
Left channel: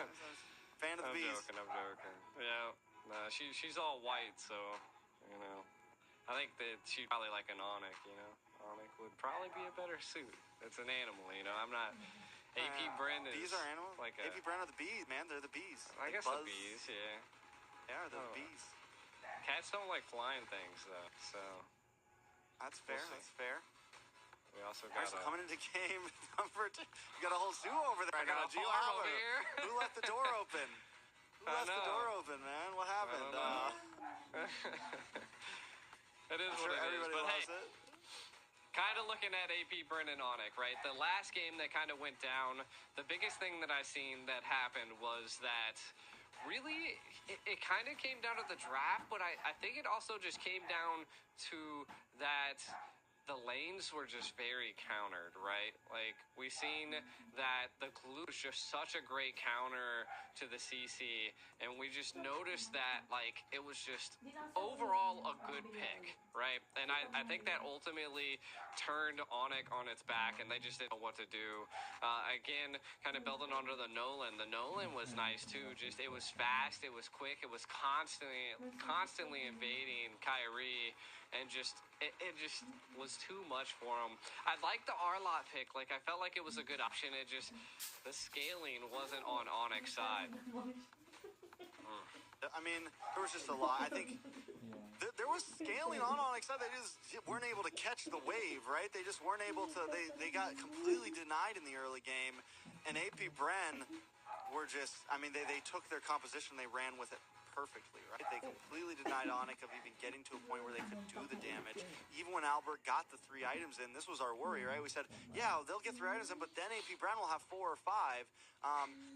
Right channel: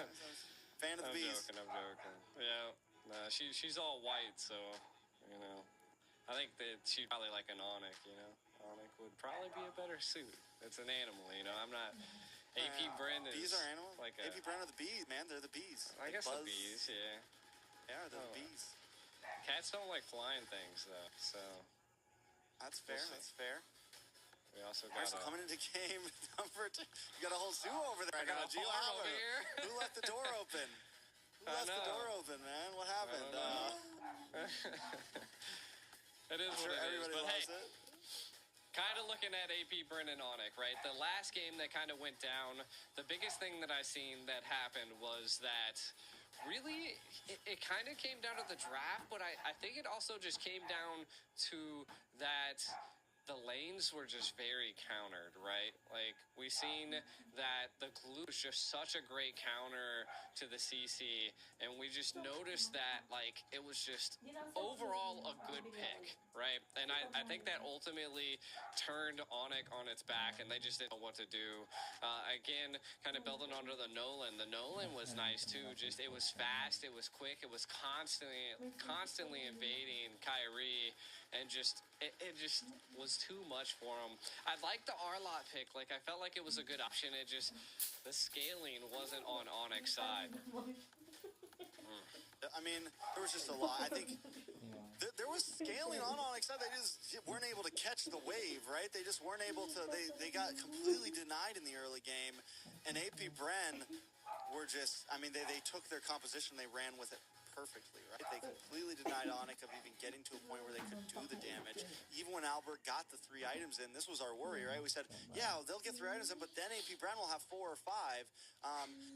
Fan of the bees. I'm joking. Yeah, no, she's all white, so, you know. I think that she'd probably like an Onyx, you know. Onyx would probably be a better suit. It's an animal, you know. I'm not... AP Bren is... Bees are animals? Like AP Bren are the bees, man. They're the bees. I They guess buzz. the bees, yeah. Yeah, they're the bees. Cats don't like flying things, though, so... That's fair, We'll see. that's fair. We also All got right, so coming into game number 2. You got a whole zoo over there. I got a Gio farm Howard. over here. Who left the door open? Who I left the know. door open, man? What happened? It is I'm what sure it is, everybody but loves hey, it. kind of looking at AP Bren and Onyx, right? The last game that kind of went down, the biggest thing that I seen that happened was that really it kind of came down to the draft, but I think it also just came down to that the lanes were just very countered, right? Like, we seen that the glue is just such a great counter to the CC, and we just noticed that, like, it was just overall a good pick, right? And I think that ultimately turned Onyx on its back, and they just didn't know what to do. Again, kind of building onto the Nolan. The Nolan was nice, too. Just, it was fast, it was quick, it was constantly invading Kyrie, and just it just was too much for him. I liked the Arlot pick. Like, I felt like it was a good option. It just, the scaling wasn't on Onyx side. I mean, there was just a lot. I think there was scaling on Onyx side. They just weren't able to catch the wave, right? They just weren't able to. They got completely denied in the early game. And AP Bren were just, I mean, they took their composition, they ran with it perfectly, right? They completely denied Onyx of even getting to a point where they could do the damage. Even when Albert got the 3 items in, this was our worry, right? We said, yeah, they'll get 3 items in, but then AP Bren will have 4 or 5.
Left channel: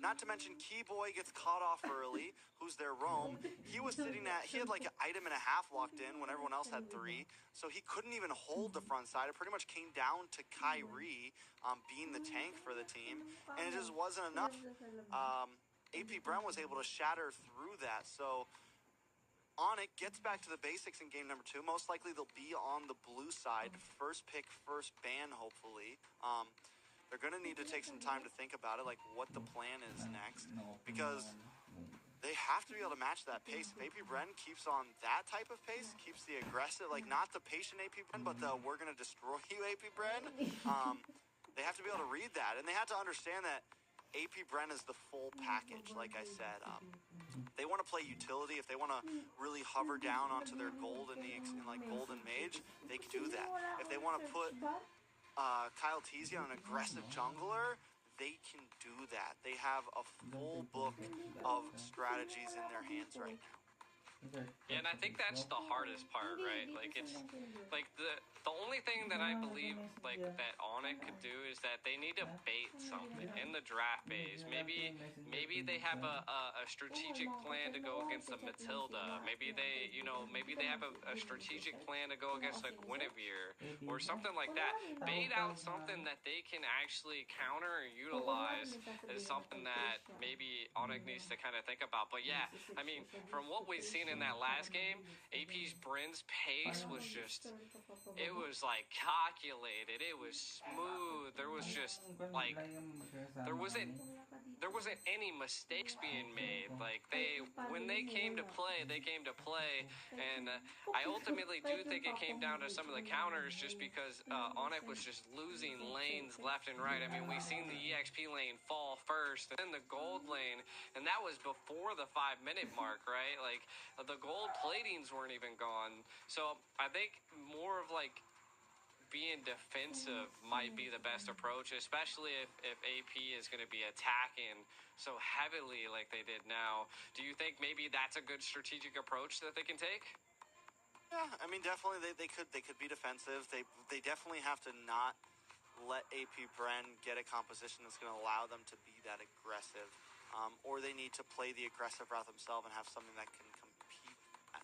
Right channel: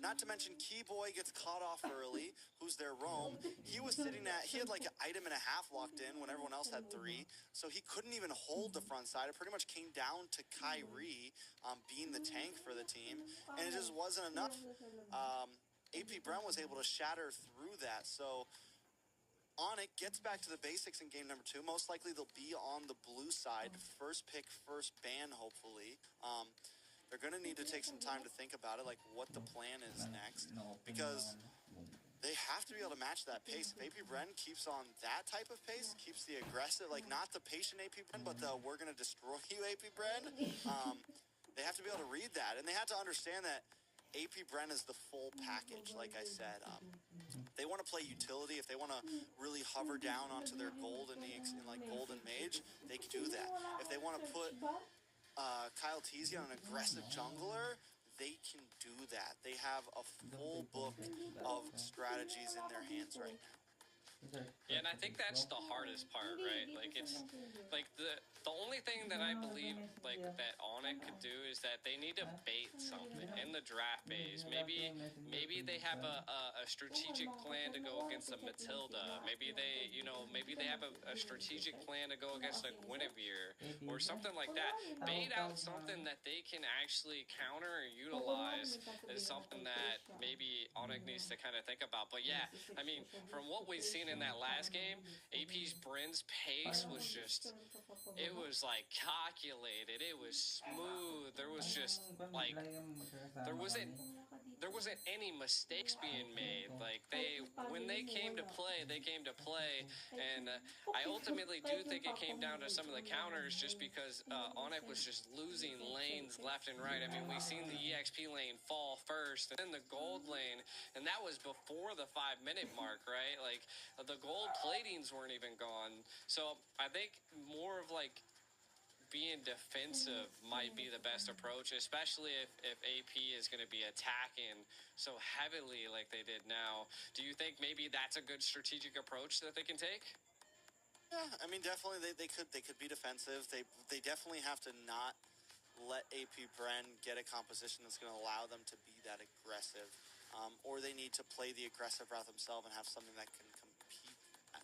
Not to mention Keyboy gets caught off early, who's their roam. He had like an item and a half locked in when everyone else had 3, so he couldn't even hold the front side. It pretty much came down to Kyrie being the tank for the team, and it just wasn't enough. AP Bren was able to shatter through that. So Onyx gets back to the basics in game number 2. Most likely they'll be on the blue side. First pick, first ban, hopefully. They're going to need to take some time to think about it, like what the plan is next, because they have to be able to match that pace. If AP Bren keeps on that type of pace, keeps the aggressive, like not the patient AP Bren, but the we're going to destroy you AP Bren, they have to be able to read that. And they have to understand that AP Bren is the full package, like I said. They want to play utility. If they want to really hover down onto their gold in like Golden Mage, they can do that. If they want to put Kyle Teasy on an aggressive jungler, they can do that. They have a full book of strategies in their hands right now. Yeah, and I think that's the hardest part, right? Like, it's like the only thing that I believe like that Onyx could do is that they need to bait something in the draft phase. Maybe they have a strategic plan to go against a Matilda. Maybe they have a strategic plan to go against a Guinevere or something like that. Bait out something that they can actually counter and utilize as is something that maybe Onyx needs to kind of think about. But yeah, I mean, from what we've seen in that last game, AP's Bryn's pace was just, it was like calculated. It was smooth. There was just like, there wasn't any mistakes being made. Like when they came to play, they came to play. And I ultimately do think it came down to some of the counters just because Onyx was just losing lanes left and right. I mean, we seen the EXP lane fall first, and then the gold lane, and that was before the 5-minute mark, right? Like, the gold platings weren't even gone. So I think more of like being defensive might be the best approach, especially if AP is going to be attacking so heavily like they did now. Do you think maybe that's a good strategic approach that they can take? Yeah, I mean, definitely they could be defensive. They definitely have to not let AP Bren get a composition that's going to allow them to be that aggressive, or they need to play the aggressive route themselves and have something that can compete at.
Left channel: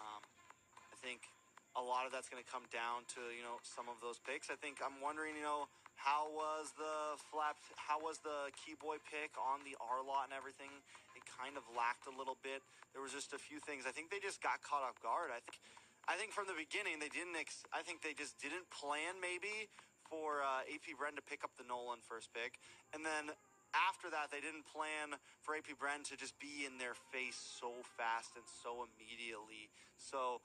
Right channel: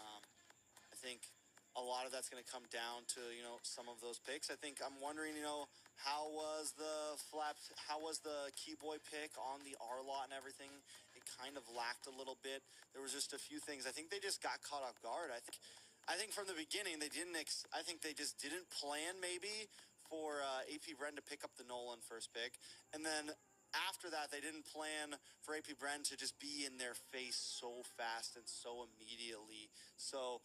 I think a lot of that's going to come down to some of those picks. I think I'm wondering how was the Keyboy pick on the R lot and everything. It kind of lacked a little bit. There was just a few things. I think they just got caught off guard. I think from the beginning they didn't. I think they just didn't plan maybe for AP Bren to pick up the Nolan first pick, and then after that they didn't plan for AP Bren to just be in their face so fast and so immediately. So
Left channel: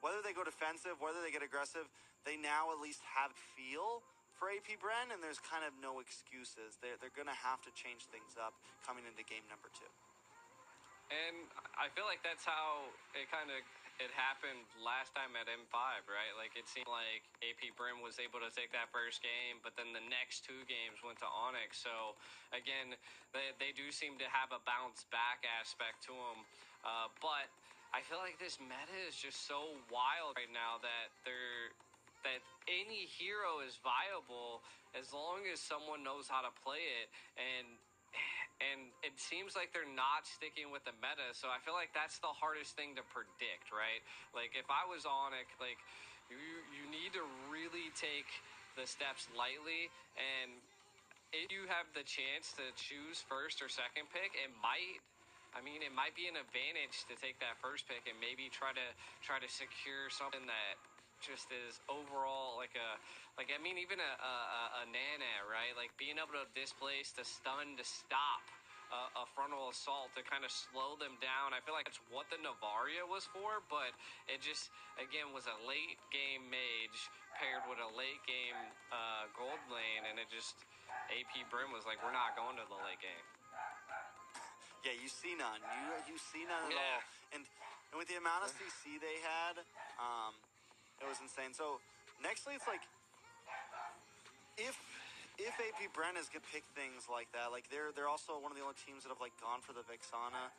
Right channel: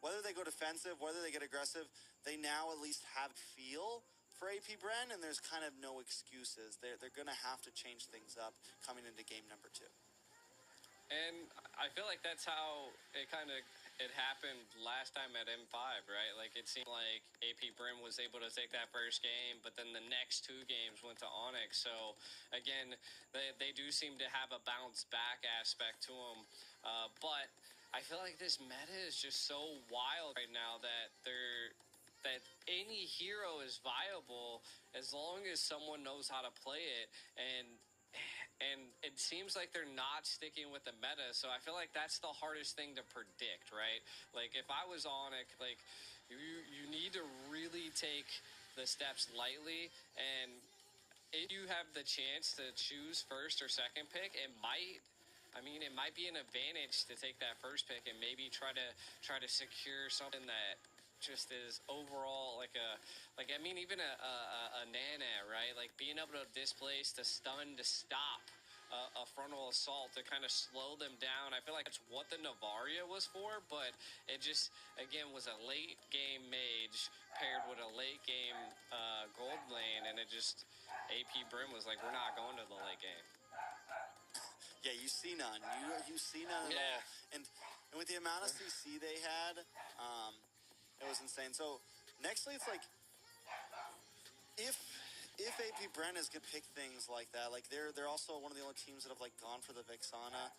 whether they go defensive, whether they get aggressive, they now at least have feel for AP Bren, and there's kind of no excuses. They're going to have to change things up coming into game number 2. And I feel like that's how it happened last time at M5, right? Like, it seemed like AP Bren was able to take that first game, but then the next 2 games went to Onyx. So, again, they do seem to have a bounce back aspect to them. But I feel like this meta is just so wild right now that any hero is viable as long as someone knows how to play it. And it seems like they're not sticking with the meta, so I feel like that's the hardest thing to predict, right? Like, if I was Onyx, like, you need to really take the steps lightly, and if you have the chance to choose first or second pick, it might be an advantage to take that first pick and maybe try to secure something that just is overall even a Nana, right? Like, being able to displace, to stun, to stop a frontal assault, to kind of slow them down. I feel like that's what the Navaria was for, but it just, again, was a late game mage paired with a late game gold lane, and it just, AP Bren was like, we're not going to the late game. Yeah, you see none. You see none at all. And with the amount of CC they had, it was insane. So nextly, it's like, if AP Bren is good pick things like that, like they're also one of the only teams that have like gone for the Vexana.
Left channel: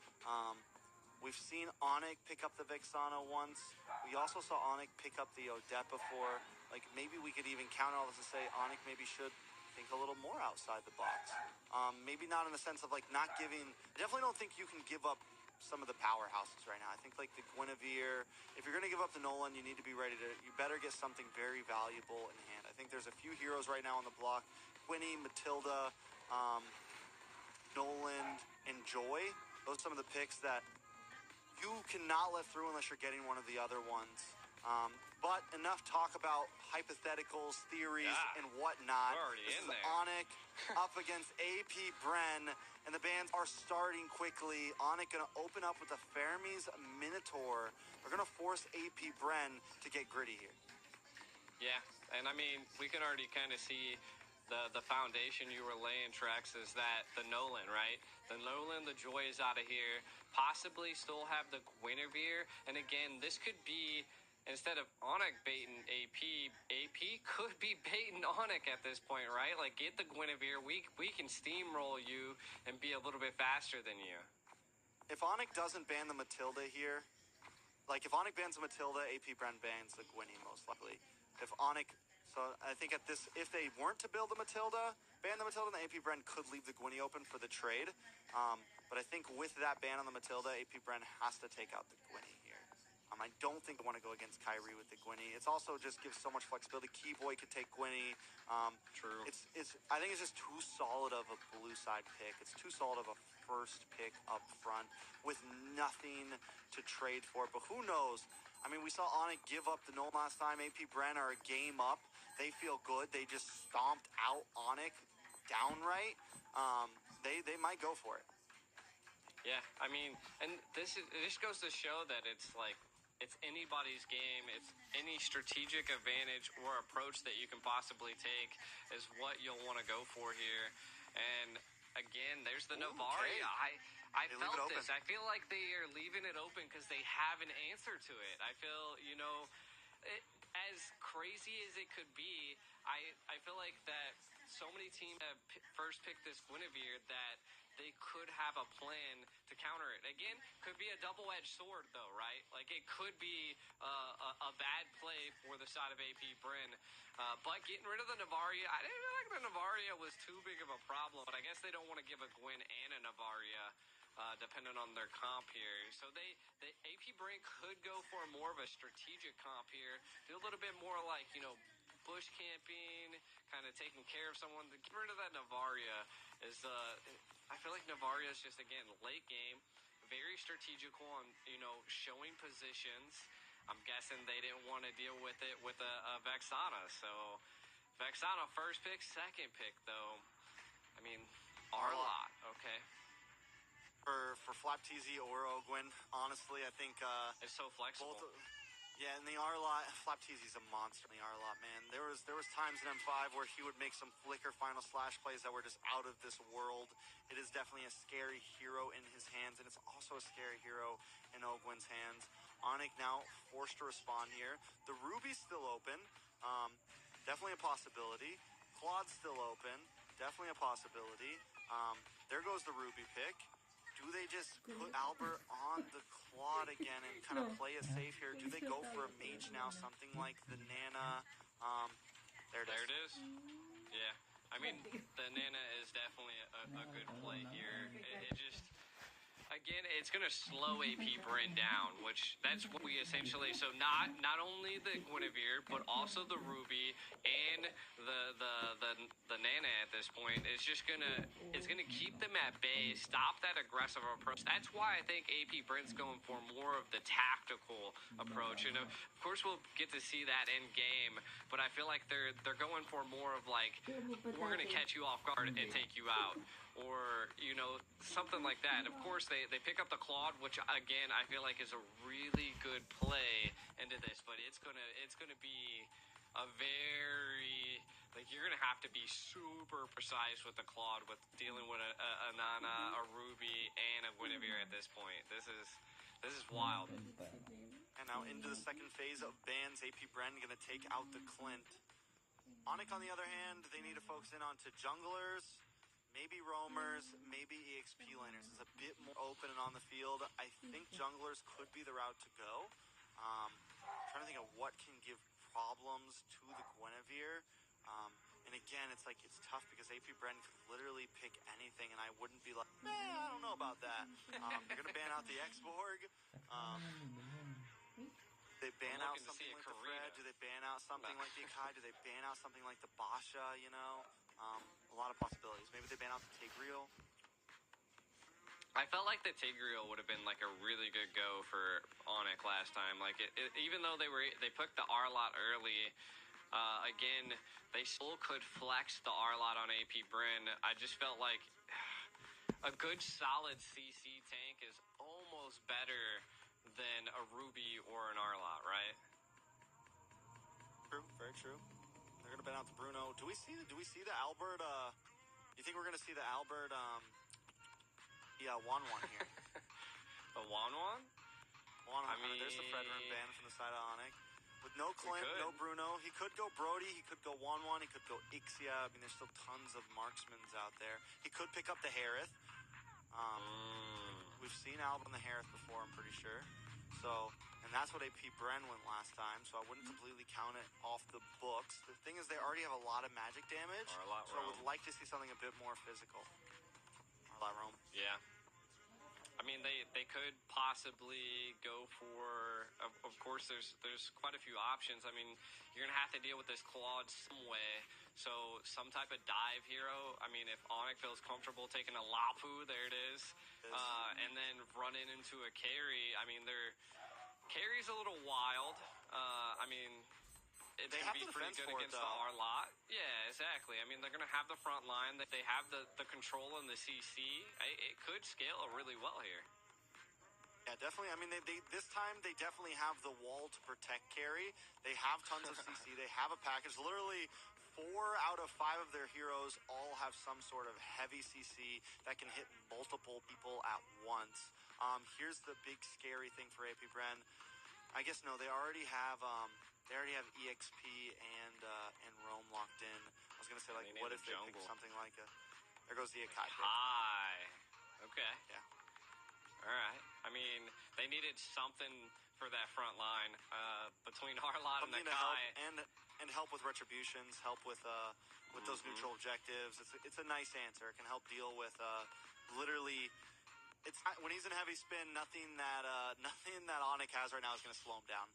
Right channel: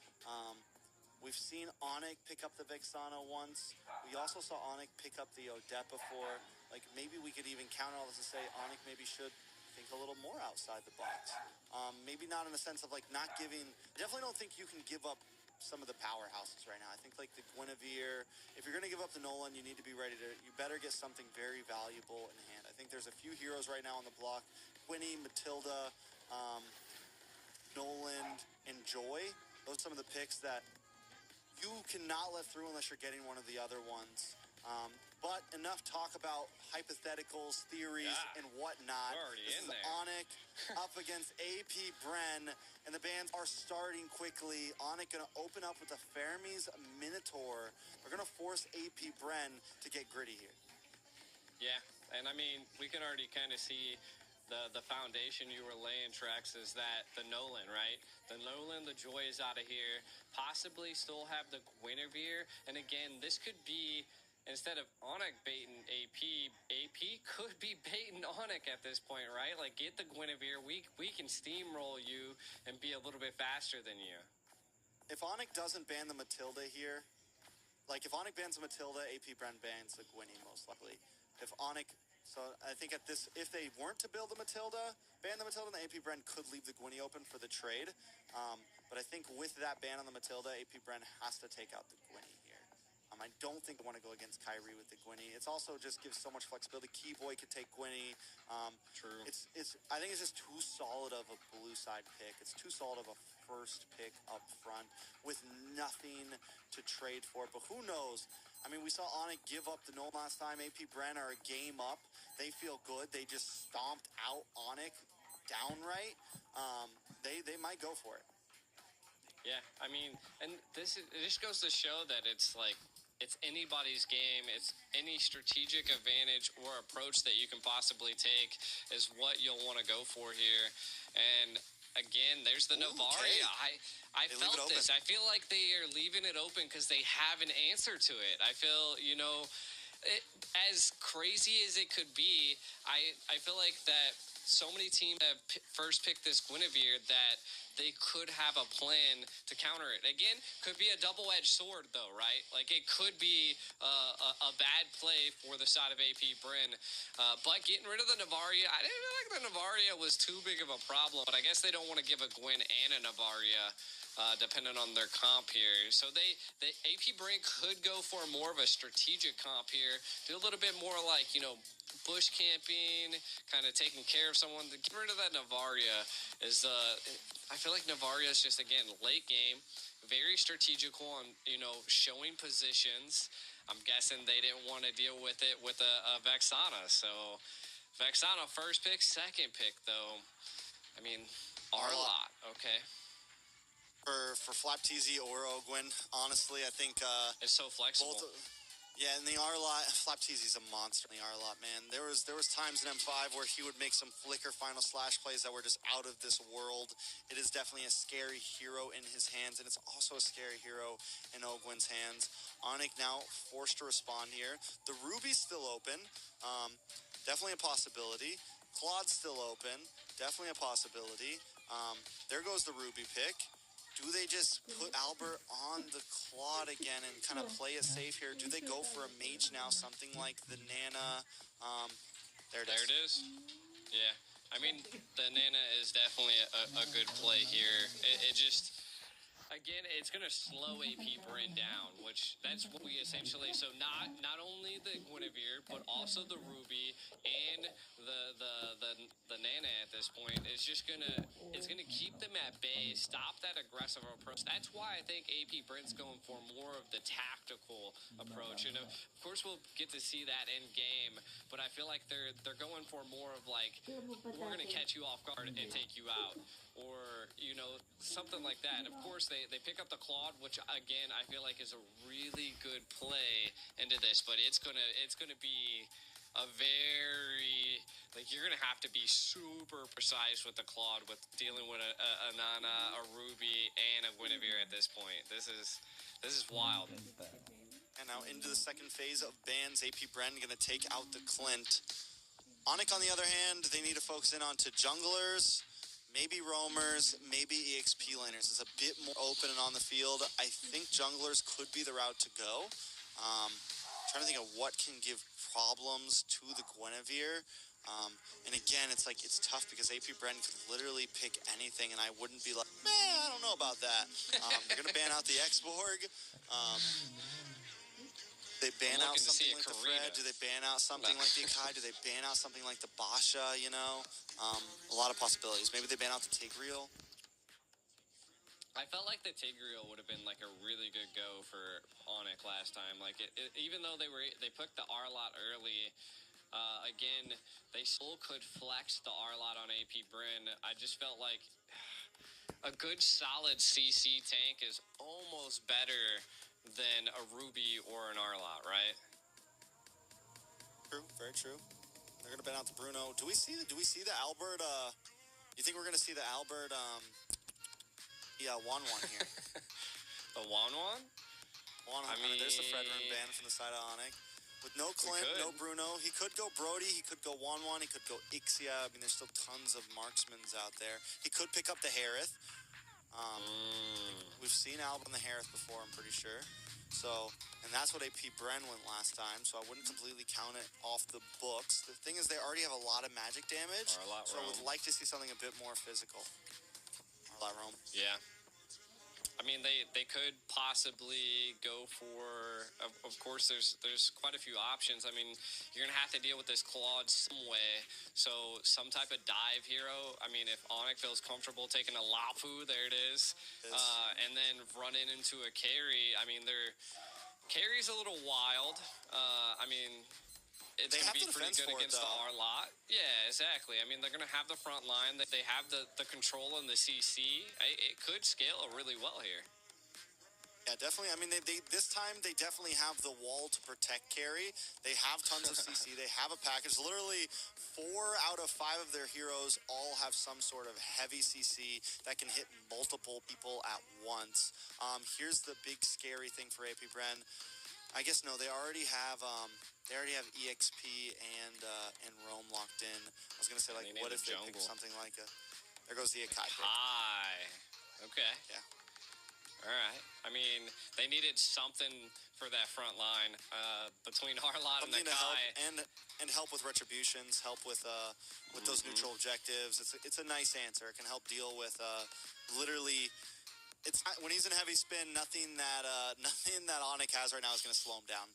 We've seen Onyx pick up the Vexana once. We also saw Onyx pick up the Odette before. Like, maybe we could even counter all this and say Onyx maybe should think a little more outside the box. Maybe not in the sense of like not giving. I definitely don't think you can give up some of the powerhouses right now. I think like the Guinevere, if you're going to give up the Nolan, you need to be ready to, you better get something very valuable in hand. I think there's a few heroes right now on the block. Quinny, Matilda, Nolan, and Joy. Those are some of the picks that you cannot let through unless you're getting one of the other ones. But enough talk about hypotheticals, theories, and whatnot. We're already this in is there. Onyx up against AP Bren, and the bands are starting quickly. Onyx going to open up with a Fermi's Minotaur. They're going to force AP Bren to get gritty here. Yeah, and I mean, we can already kind of see the foundation you were laying, Trex, is that the Nolan, right? The Nolan, the Joy is out of here. Possibly still have the Guinevere. And again, this could be, instead of Onyx baiting AP could be baiting Onyx at this point, right? Like, get the Guinevere. We can steamroll you and be a little bit faster than you. If Onyx doesn't ban the Matilda here, like if Onyx bans the Matilda, AP Bren bans the Gwynny most likely. If Onyx, so I think at this, if they weren't to build the Matilda, ban the Matilda, then AP Bren could leave the Gwynny open for the trade. But I think with that ban on the Matilda, AP Bren has to take out the Gwynny here. I don't think I want to go against Kyrie with the Gwynny. It's also just gives so much flexibility. Keyboy could take Gwynny. True. I think it's just too solid of a blue side pick. It's too solid of a first pick up front with nothing to trade for. But who knows? I mean, we saw Onic give up the Nolan last time. AP Bren are a game up. They feel good. They just stomped out Onic downright. They might go for it. Yeah, I mean, and it just goes to show that it's like, it's anybody's game. It's any strategic advantage or approach that you can possibly take is what you'll want to go for here. And again, there's the Navaria. I felt this. I feel like they are leaving it open because they have an answer to it. I feel, as crazy as it could be, I feel like that so many teams have first picked this Guinevere that they could have a plan to counter it. Again, could be a double-edged sword, though, right? Like, it could be a bad play for the side of AP Bren. But getting rid of the Navaria, I didn't feel like the Navaria was too big of a problem, but I guess they don't want to give a Gwyn and a Navaria, depending on their comp here. So the AP Bren could go for more of a strategic comp here, do a little bit more like, bush camping, kind of taking care of someone. To get rid of that Navaria is I feel like Navaria is just, again, late game, very strategical on, showing positions. I'm guessing they didn't want to deal with it with a Vexana. So Vexana first pick, second pick, though. I mean, Arlott, okay. For Flap TZ or Ogwyn, honestly, I think it's so flexible. Yeah, and the Arlott, Flap TZ's a monster in the Arlott, man. There was times in M5 where he would make some flicker final slash plays that were just out of this world. It is definitely a scary hero in his hands, and it's also a scary hero in Ogwyn's hands. Onic now forced to respond here. The Ruby's still open. Definitely a possibility. Claude's still open. Definitely a possibility. There goes the Ruby pick. Do they just put Albert on the Claude again and kind of play it safe here? Do they go for a mage now, something like the Nana? There it is. Yeah. I mean, the Nana is definitely a good play here. It just... Again, it's going to slow AP Bren down, which that's what we essentially... So not only the Guinevere, but also the Ruby and the Nana at this point. It's just going to keep them at bay, stop that aggressive approach. That's why I think AP Bren's going for more of the tactical approach. And of course, we'll get to see that in game, but I feel like they're going for more of like, we're going to catch you off guard and take you out. Or, something like that. Of course, they pick up the Claude, which, again, I feel like is a really good play into this, but it's gonna be a very, like, you're gonna have to be super precise with the Claude with dealing with a Nana, a Ruby, and a Guinevere at this point. This is wild. And now into the second phase of bans. AP Bren gonna take out the Clint. Onic, on the other hand, they need to focus in onto junglers, maybe roamers, maybe EXP laners. It's a bit more open and on the field. I think junglers could be the route to go. Trying to think of what can give problems to the Guinevere. And again, it's tough because AP Bren could literally pick anything, and I wouldn't be like, I don't know about that. They're going to ban out the X-Borg. They ban out something like the Fred? Do they ban out something like the Akai? Do they ban out something like the Basha, A lot of possibilities. Maybe they ban out the Tigreal. I felt like the Tigreal would have been like a really good go for Onic last time. Like even though they put the Arlott early, again, they still could flex the Arlott on AP Bren. I just felt like a good solid CC tank is almost better than a Ruby or an Arlott, right? True, very true. They're gonna ban out the Bruno. Do we see the Albert? You think we're gonna see the Albert? Wan here. The Wan? I mean, there's the Fredrin ban from the side of Onic. With no Clint, no Bruno, he could go Brody, he could go Wan, he could go Ixia. I mean, there's still tons of marksmans out there. He could pick up the Harith. We've seen Albert on the Harith before, I'm pretty sure. So, and that's what AP Bren went last time, so I wouldn't completely count it off the books. The thing is, they already have a lot of magic damage, so I would like to see something a bit more physical. Arlott Roam. Yeah. I mean, they could possibly go for. Of course, there's quite a few options. I mean, you're gonna have to deal with this Claude some way. So some type of dive hero. I mean, if Onyx feels comfortable taking a Lafu, there it is, and then running into a carry. I mean, carry's a little wild. I mean. It's They going have to be the pretty defense good for it, against the though. R-Lot. Yeah, exactly. I mean, they're going to have the front line. They have the control and the CC. It could scale really well here. Yeah, definitely. I mean, they this time they definitely have the wall to protect carry. They have tons of CC. They have a package. Literally 4 out of 5 of their heroes all have some sort of heavy CC that can hit multiple people at once. Here's the big scary thing for AP Bren. I guess no, they already have EXP and Rome locked in. I was gonna say, like, what if they pick something like a? There goes the Akai pick. Okay. Yeah. All right. I mean, they needed something for that front line between Harlot and Something to help Akai. and help with retributions, help with those neutral objectives. It's a nice answer. It can help deal with literally. It's not, when he's in heavy spin, nothing that Onyx has right now is going to slow him down.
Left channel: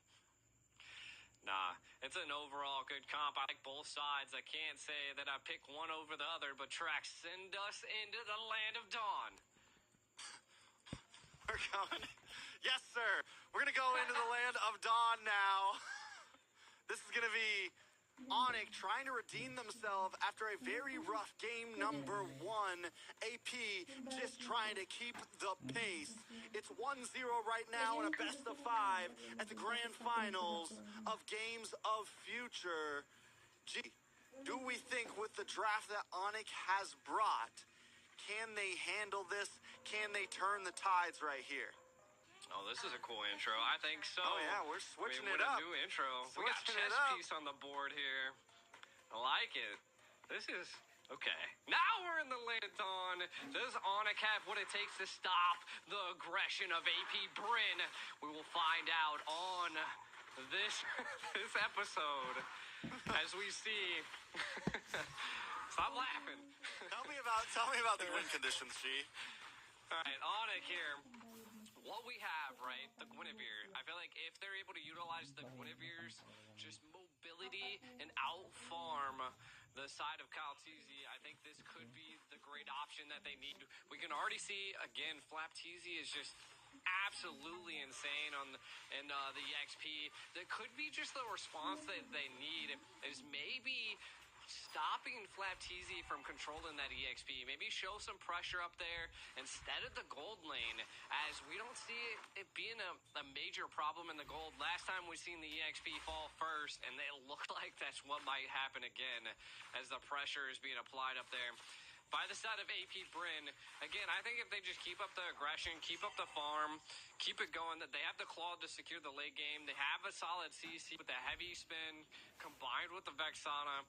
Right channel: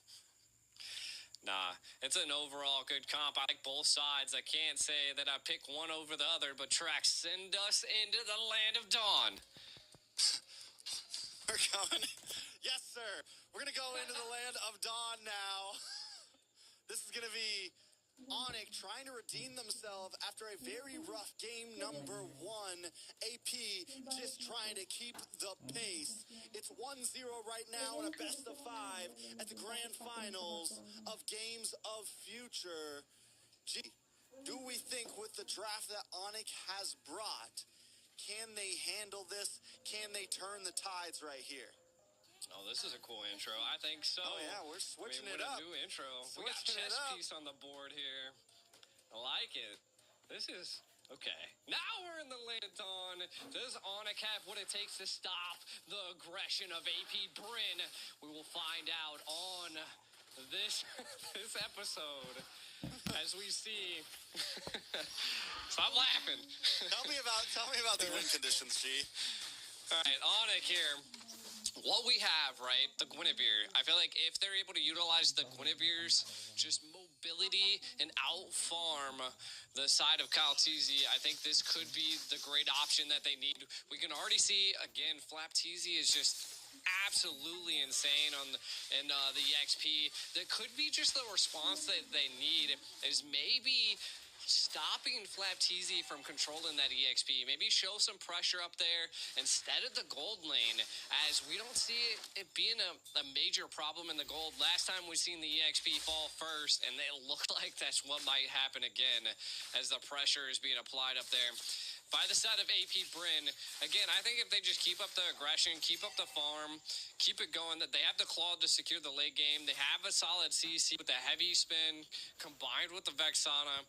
Nah, it's an overall good comp. I like both sides. I can't say that I pick one over the other, but Trax, send us into the land of dawn. We're going. Yes, sir. We're going to go into the land of dawn now. This is going to be Onyx trying to redeem themselves after a very rough game number 1. AP just trying to keep the pace. It's 1-0 right now in a best of 5 at the grand finals of Games of Future. Gee, do we think with the draft that Onyx has brought, can they handle this? Can they turn the tides right here? Oh, this is a cool intro. I think so. Oh, yeah, we're switching it what up. A new intro. We got Switching it chess up. piece on the board here. I like it. This is... Okay. Now we're in the land of dawn. Does Onyx have what it takes to stop the aggression of AP Bren? We will find out on this episode as we see... Stop laughing. Tell me about the win conditions, G. All right, Onyx here. What we have, right, the Guinevere, I feel like if they're able to utilize the Guinevere's just mobility and out-farm the side of Kaltizi, I think this could be the great option that they need. We can already see, again, Flaptizi is just absolutely insane on the EXP. That could be just the response that they need is maybe stopping Flaptizi from controlling that EXP. Maybe show some pressure up there instead of the gold lane, as we don't see it being a major problem in the gold. Last time we seen the EXP fall first, and it looked like that's what might happen again as the pressure is being applied up there. By the side of AP Bren, again, I think if they just keep up the aggression, keep up the farm, keep it going, that they have the claw to secure the late game. They have a solid CC with the heavy spin combined with the Vexana.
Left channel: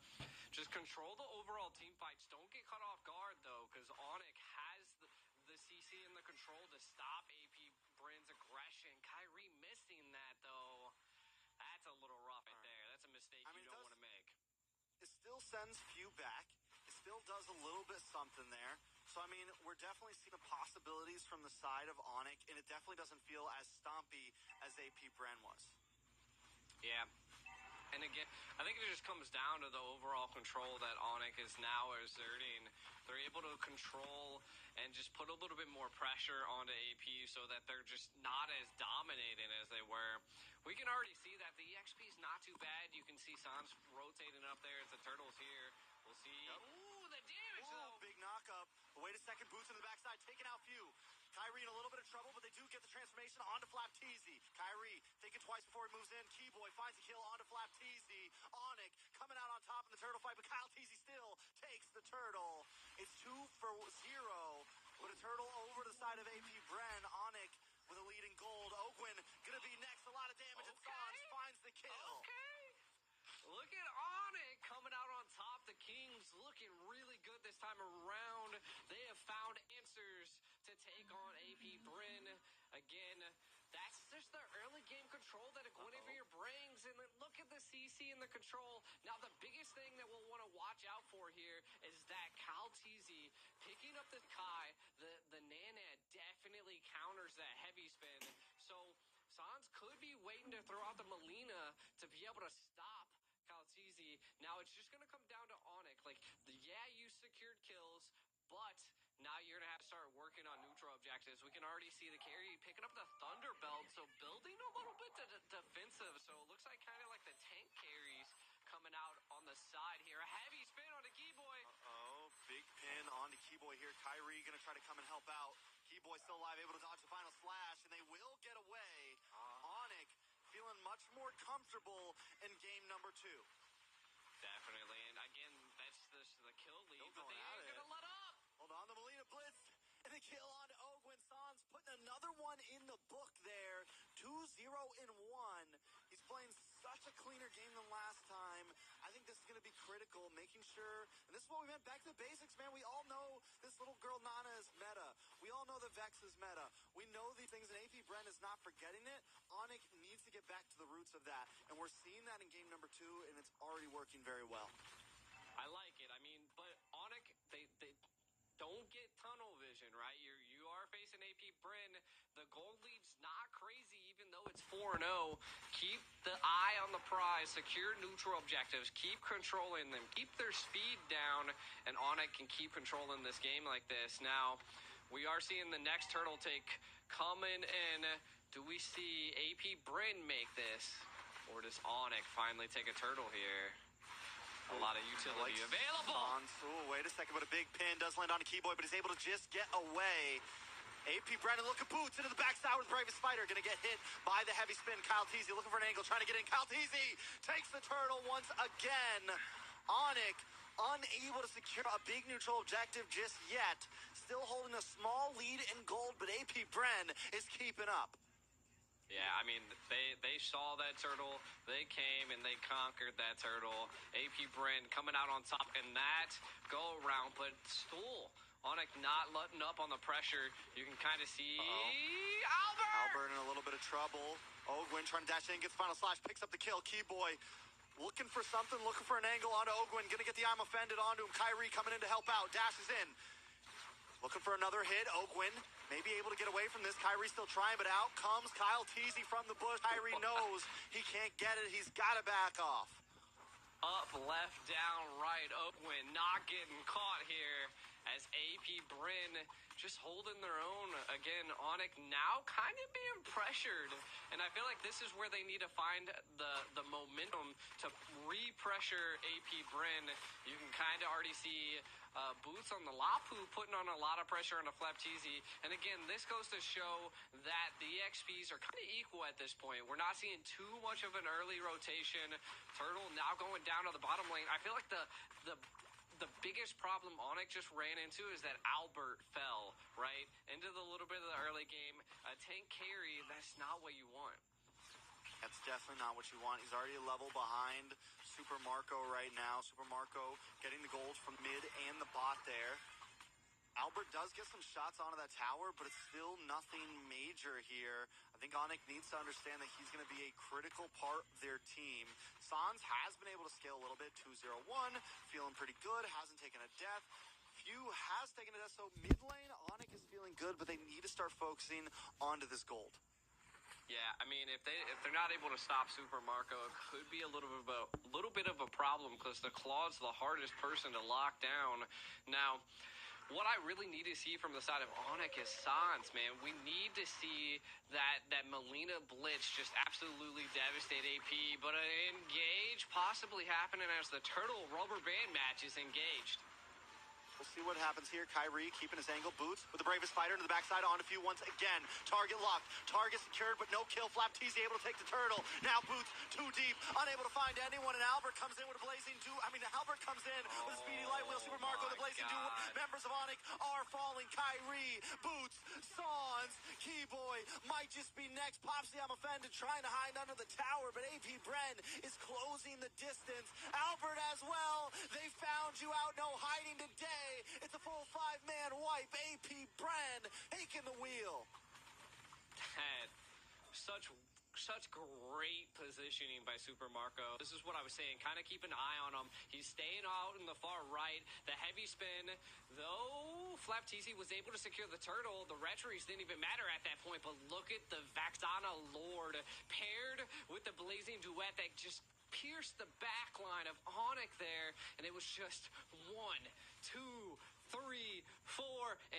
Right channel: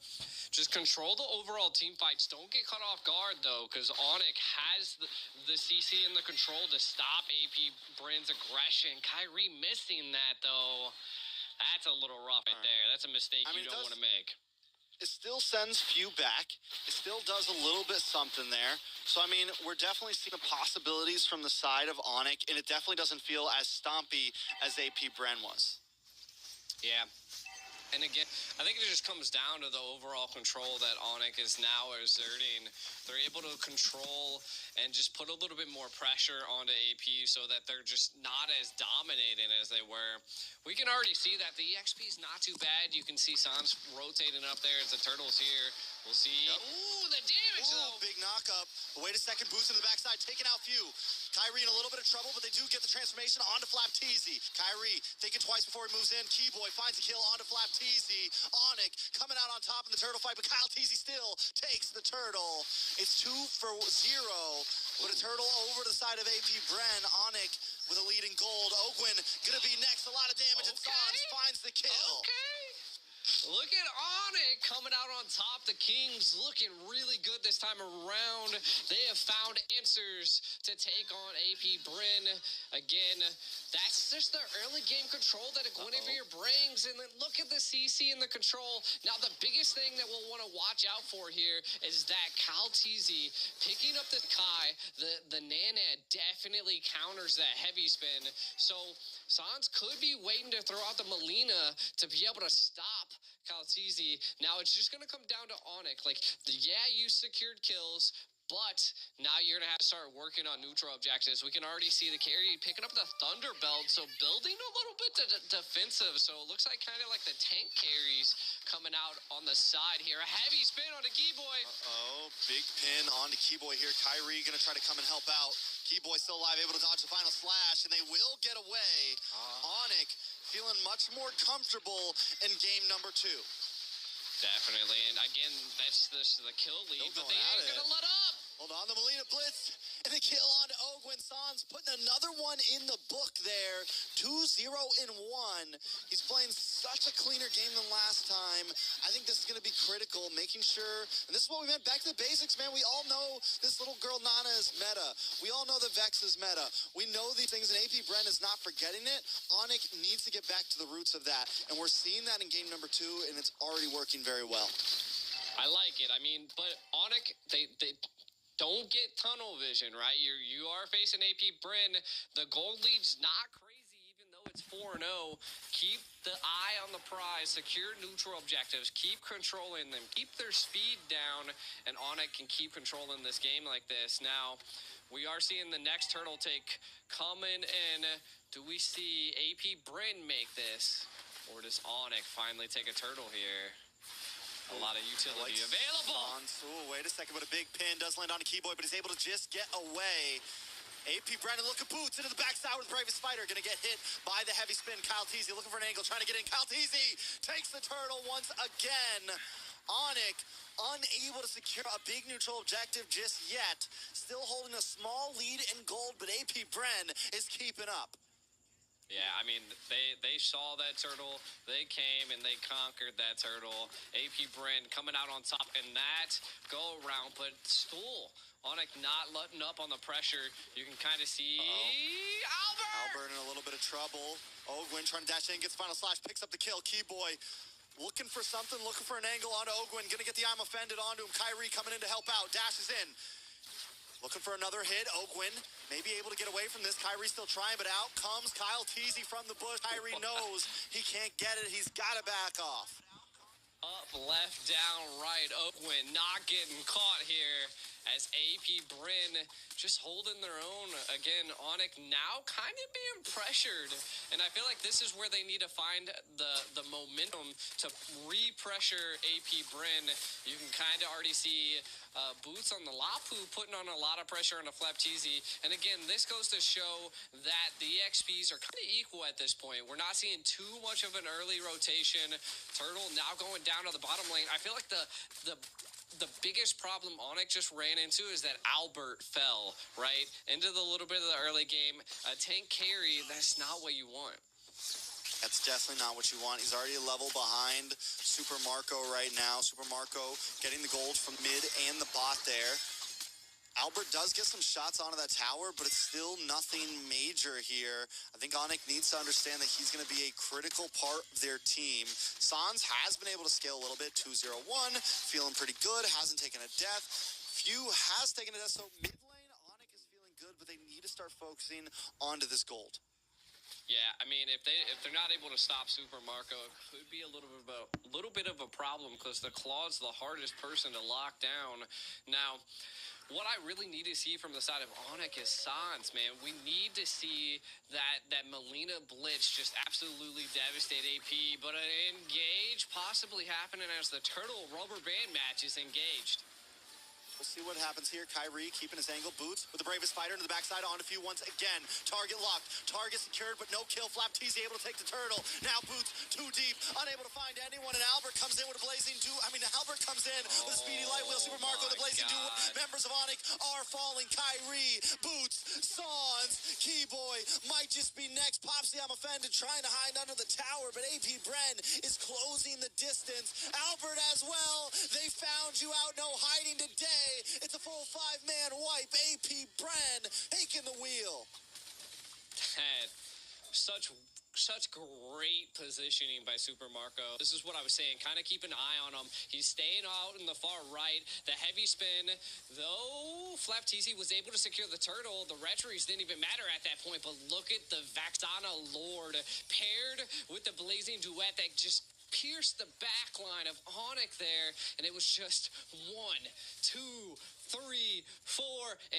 Just control the overall team fights. Don't get caught off guard, though, because Onyx has the CC and the control to stop AP Bren's aggression. Kyrie missing that, though. That's a little rough right there. That's a mistake you don't want to make. It still sends few back. It still does a little bit something there. So, I mean, we're definitely seeing the possibilities from the side of Onyx, and it definitely doesn't feel as stompy as AP Bren was. Yeah. And again, I think it just comes down to the overall control that Onyx is now exerting. They're able to control and just put a little bit more pressure onto AP so that they're just not as dominating as they were. We can already see that the EXP is not too bad. You can see Sans rotating up there as the Turtle's here. We'll see. Yep. Ooh, the damage, though. Big knockup. Wait a second, boost in the backside, taking out few. Kyrie in a little bit of trouble, but they do get the transformation onto Flaptizi. Kyrie thinking twice before he moves in. Keyboy finds a kill onto Flaptizi. Onyx coming out on top in the turtle fight, but Kaltizi still takes the turtle. It's 2 for 0, but a turtle over to the side of AP Bren. Onyx with a lead in gold. Ogwin gonna be next. A lot of damage, and Sans finds the kill. Okay. Look at Onyx coming out on top. The Kings looking really good this time around. They have found answers to take on AP Bryn. Again, that's just the early game control that a Guinevere brings. And then look at the CC and the control. Now, the biggest thing that we'll want to watch out for here is that Calteezy picking up the Kai. The Nana definitely counters that heavy spin. So Sans could be waiting to throw out the Melina to be able to stop Calteezy. Now it's just going to come down to Onyx. Like, yeah, you secured kills, but now you're going to have to start working on neutral objectives. We can already see the carry picking up the Thunder Belt, so building a little bit defensive. So it looks like kind of like the tank carries coming out on the side here. A heavy spin on the Keyboy. Big pin on to Keyboy here. Kyrie going to try to come and help out. Keyboy still alive, able to dodge the final slash, and they will get away. Onyx feeling much more comfortable in game number 2. Definitely, and again, that's the kill lead, but they ain't gonna let up. Hold on, the Melina blitz, and the kill on to Ogwin. Sans putting another one in the book there. 2-0 in 1. He's playing such a cleaner game than last time. I think this is going to be critical, making sure, and this is what we meant, back to the basics, man. We all know this little girl Nana is meta. We all know that Vex is meta. We know these things, and AP Brent is not forgetting it. Onyx needs to get back to the roots of that, and we're seeing that in game number 2, and it's already working very well. I like it. I mean, but Onyx, they don't get tunnel vision, right? You are facing AP Bryn. The gold lead's not crazy, even though it's 4-0. Keep the eye on the prize. Secure neutral objectives. Keep controlling them. Keep their speed down, and Onyx can keep controlling this game like this. Now, we are seeing the next turtle take coming in. Do we see AP Bryn make this? Or does Onyx finally take a turtle here? A lot of utility available. Wait a second, but a big pin does land on a Keyboy, but he's able to just get away. AP Brandon looking boots into the backside with Bravest Spider. Going to get hit by the heavy spin. Calteezy looking for an angle, trying to get in. Calteezy takes the turtle once again. Onyx unable to secure a big neutral objective just yet. Still holding a small lead in gold, but AP Bren is keeping up. Yeah, I mean, they saw that turtle, they came and they conquered that turtle. AP Bryn coming out on top in that go-around, but Stool, Onyx not letting up on the pressure. You can kind of see Albert in a little bit of trouble. Ogwin trying to dash in, gets final slash, picks up the kill. Keyboy looking for something, looking for an angle onto Ogwin. Gonna get the I'm offended onto him. Kyrie coming in to help out, dashes in. Looking for another hit. Ogwin may be able to get away from this. Kyrie still trying, but out comes Calteezy from the bush. Kyrie knows he can't get it. He's got to back off. Up, left, down, right. Ogwin not getting caught here as AP Bryn just holding their own. Again, Onyx now kind of being pressured. And I feel like this is where they need to find the momentum to re-pressure AP Bryn. You can kind of already see Boots on the Lapu putting on a lot of pressure on a Flapteezy. And again, this goes to show that the EXPs are kind of equal at this point. We're not seeing too much of an early rotation. Turtle now going down to the bottom lane. I feel like the biggest problem Onyx just ran into is that Albert fell, right? Into the little bit of the early game. A tank carry, that's not what you want. That's definitely not what you want. He's already a level behind Super Marco right now. Super Marco getting the gold from mid and the bot there. Albert does get some shots onto that tower, but it's still nothing major here. I think Onyx needs to understand that he's going to be a critical part of their team. Sans has been able to scale a little bit, 2-0-1, feeling pretty good, hasn't taken a death. Few has taken a death, so mid lane, Onyx is feeling good, but they need to start focusing onto this gold. Yeah, I mean, if they're not able to stop Super Marco, it could be a little bit of a problem because the Claw's the hardest person to lock down. Now, what I really need to see from the side of Onyx is Sans, man. We need to see that Melina Blitz just absolutely devastate AP, but an engage possibly happening as the Turtle rubber band match is engaged. We'll see what happens here. Kyrie keeping his angle. Boots with the bravest fighter into the backside. On a few once again. Target locked. Target secured, but no kill. Flapteasy able to take the turtle. Now Boots too deep. Unable to find anyone. And Albert comes in with a blazing Albert comes in with a speedy light wheel. Super Marco, the blazing duo. Members of Onyx are falling. Kyrie, Boots, Sans, Keyboy might just be next. Popsy, I'm offended, trying to hide under the tower, but AP Bren is closing the distance. Albert as well. They found you out. No hiding today. It's a full 5-man wipe. AP Bren taking the wheel. That such great positioning by Super Marco. This is what I was saying. Kind of keep an eye on him. He's staying out in the far right. The heavy spin, though Flapteasy was able to secure the turtle, the retries didn't even matter at that point. But look at the Vaxana Lord paired with the blazing duet that just pierced the back line of Onyx there. And it was just 1, 2, 3, 4,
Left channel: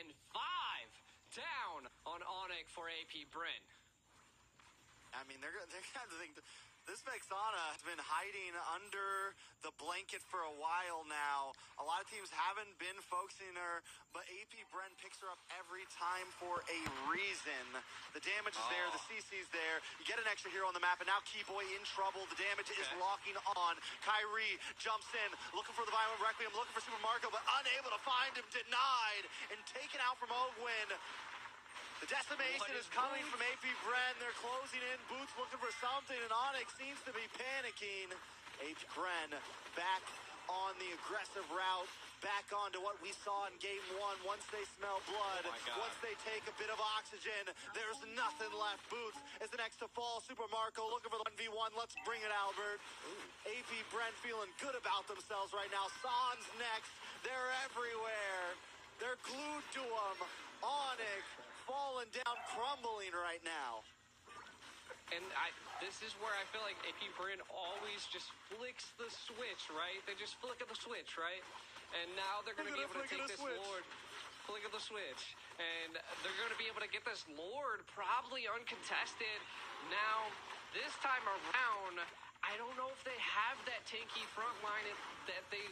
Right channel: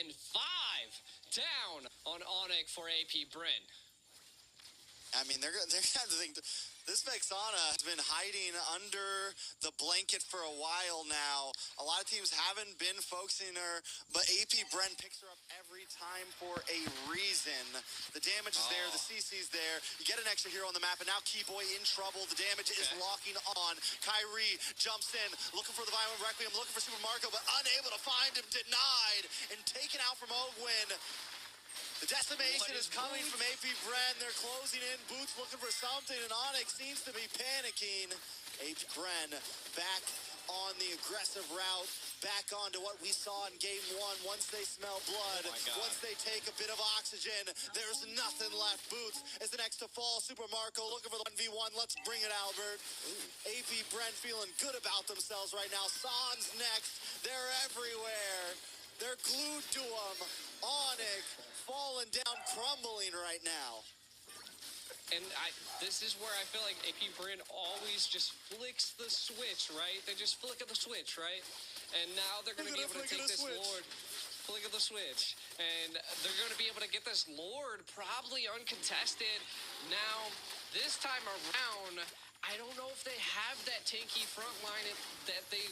and 5 down on Onyx for AP Bren. I mean, they're going to think this Vexana has been hiding under the blanket for a while now. A lot of teams haven't been focusing her, but AP Bren picks her up every time for a reason. The damage is there, the CC's there. You get an extra hero on the map, and now Keyboy in trouble. The damage is locking on. Kyrie jumps in, looking for the Violent Requiem, looking for Super Marco, but unable to find him, denied, and taken out from Ogwin. The decimation is coming from AP Bren. They're closing in. Boots looking for something, and Onyx seems to be panicking. AP Bren back on the aggressive route, back onto what we saw in Game 1. Once they smell blood, once they take a bit of oxygen, there's nothing left. Boots is the next to fall. Super Marco looking for the 1v1. Let's bring it, Albert. AP Bren feeling good about themselves right now. Sans next. They're everywhere. They're glued to him. Onyx falling down, crumbling right now. And this is where I feel like AP Bren always just flicks the switch, right? They just flick of the switch, right? And now they're going to be able to take this Lord, flick of the switch. And they're going to be able to get this Lord probably uncontested. Now, this time around, I don't know if they have that tanky front line that they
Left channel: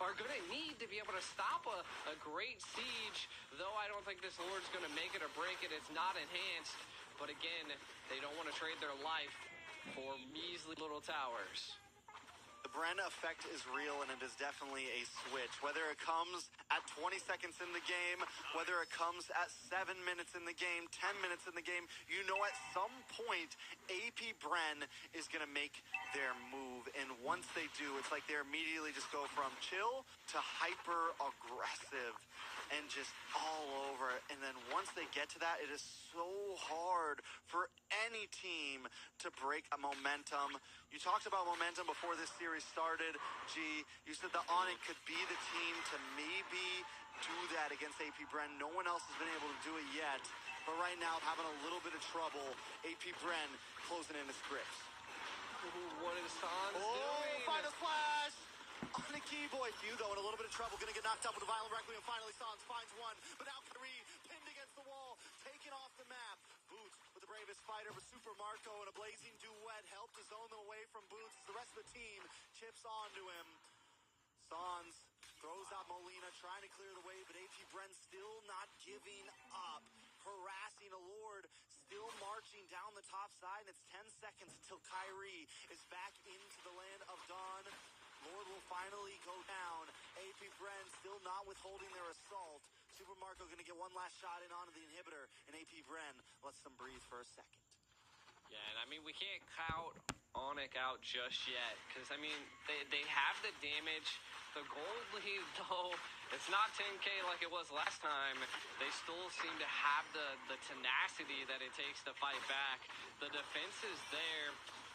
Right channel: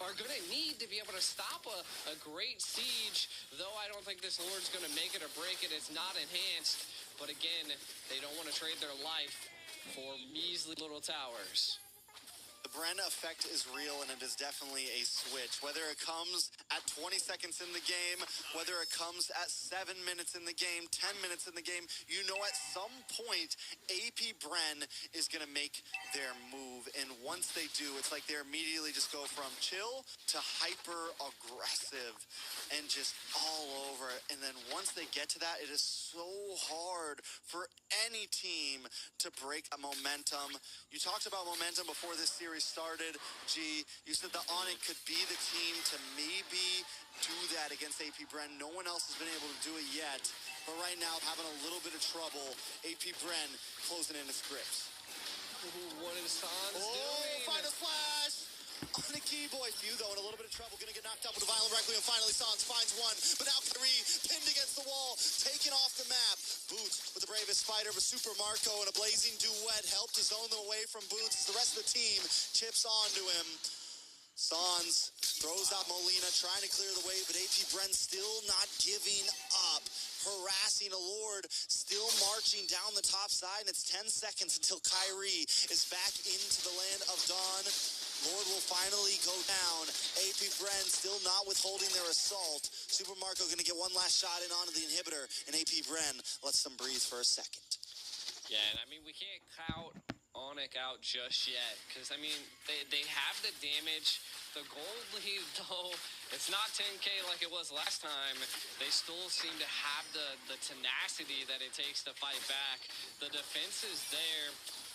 are going to need to be able to stop a great siege, though I don't think this Lord's going to make it or break it. It's not enhanced, but again, they don't want to trade their life for measly little towers. The Bren effect is real, and it is definitely a switch. Whether it comes at 20 seconds in the game, whether it comes at 7 minutes in the game, 10 minutes in the game, you know at some point, AP Bren is going to make their move. And once they do, it's like they immediately just go from chill to hyper-aggressive and just all over. And then once they get to that, it is so hard for any team to break a momentum. You talked about momentum before this series started, G. You said that Onyx could be the team to maybe do that against AP Bren. No one else has been able to do it yet. But right now, having a little bit of trouble. AP Bren closing in his grips. What is Sans doing? Final flash on the Keyboy. Few, though, in a little bit of trouble. Gonna get knocked up with the Violent Requiem. Finally, Sans finds one. But now Kyrie pinned against the wall, taken off the map. Boots with the bravest fighter, but Super Marco and a blazing duet helped to zone them away from Boots as the rest of the team chips onto him. Sans throws out Molina, trying to clear the way, but AP Bren still not giving up. Harassing a Lord, still marching down the top side, and it's 10 seconds until Kyrie is back into the land of Dawn. Lord will finally go down. AP Bren still not withholding their assault. Super Marco going to get one last shot in onto the inhibitor, and AP Bren lets them breathe for a second. Yeah, and I mean, we can't count Onyx out just yet, because, I mean, they have the damage. The gold lead, though, it's not 10K like it was last time. They still seem to have the tenacity that it takes to fight back. The defense is there.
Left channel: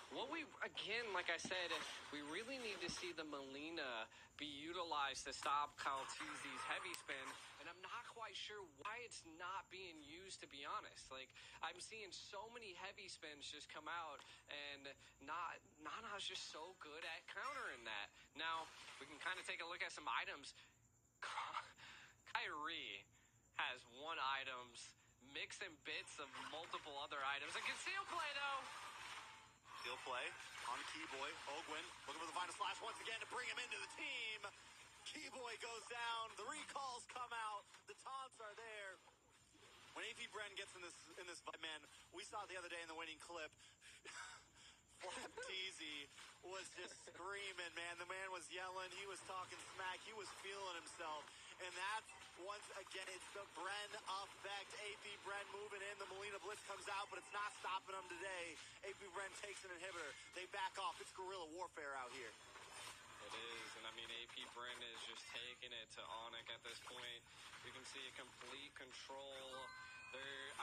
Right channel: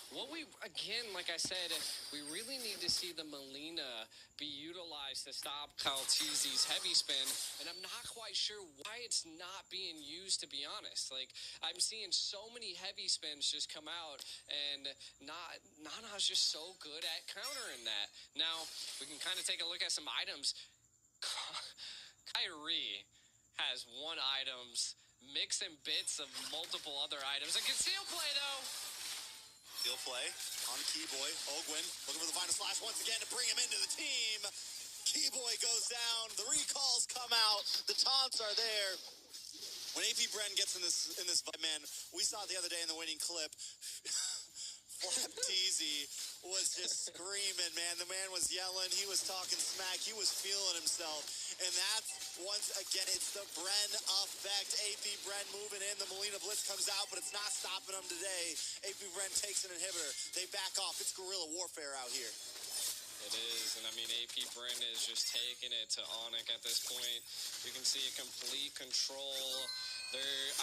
What we, again, like I said, we really need to see the Molina be utilized to stop Kaltizi's heavy spin, and I'm not quite sure why it's not being used, to be honest. Like, I'm seeing so many heavy spins just come out, and Nana's just so good at countering that. Now, we can kind of take a look at some items. Kyrie has one items, mix and bits of multiple other items. A conceal play, though. He'll play on Keyboy. Ogwin looking for the final slash once again to bring him into the team. T-Boy goes down. The recalls come out. The taunts are there. When AP Bren gets in this fight, man, we saw it the other day in the winning clip. Flap Teasy was just screaming, man. The man was yelling. He was talking smack. He was feeling himself. And that's, once again, it's the Bren effect. AP Bren moving in. The Molina Blitz comes out, but it's not stopping him today. AP Bren takes an inhibitor. They back off. It's guerrilla warfare out here. It is, and I mean, AP Bren is just taking it to Onyx at this point. You can see a complete control. They're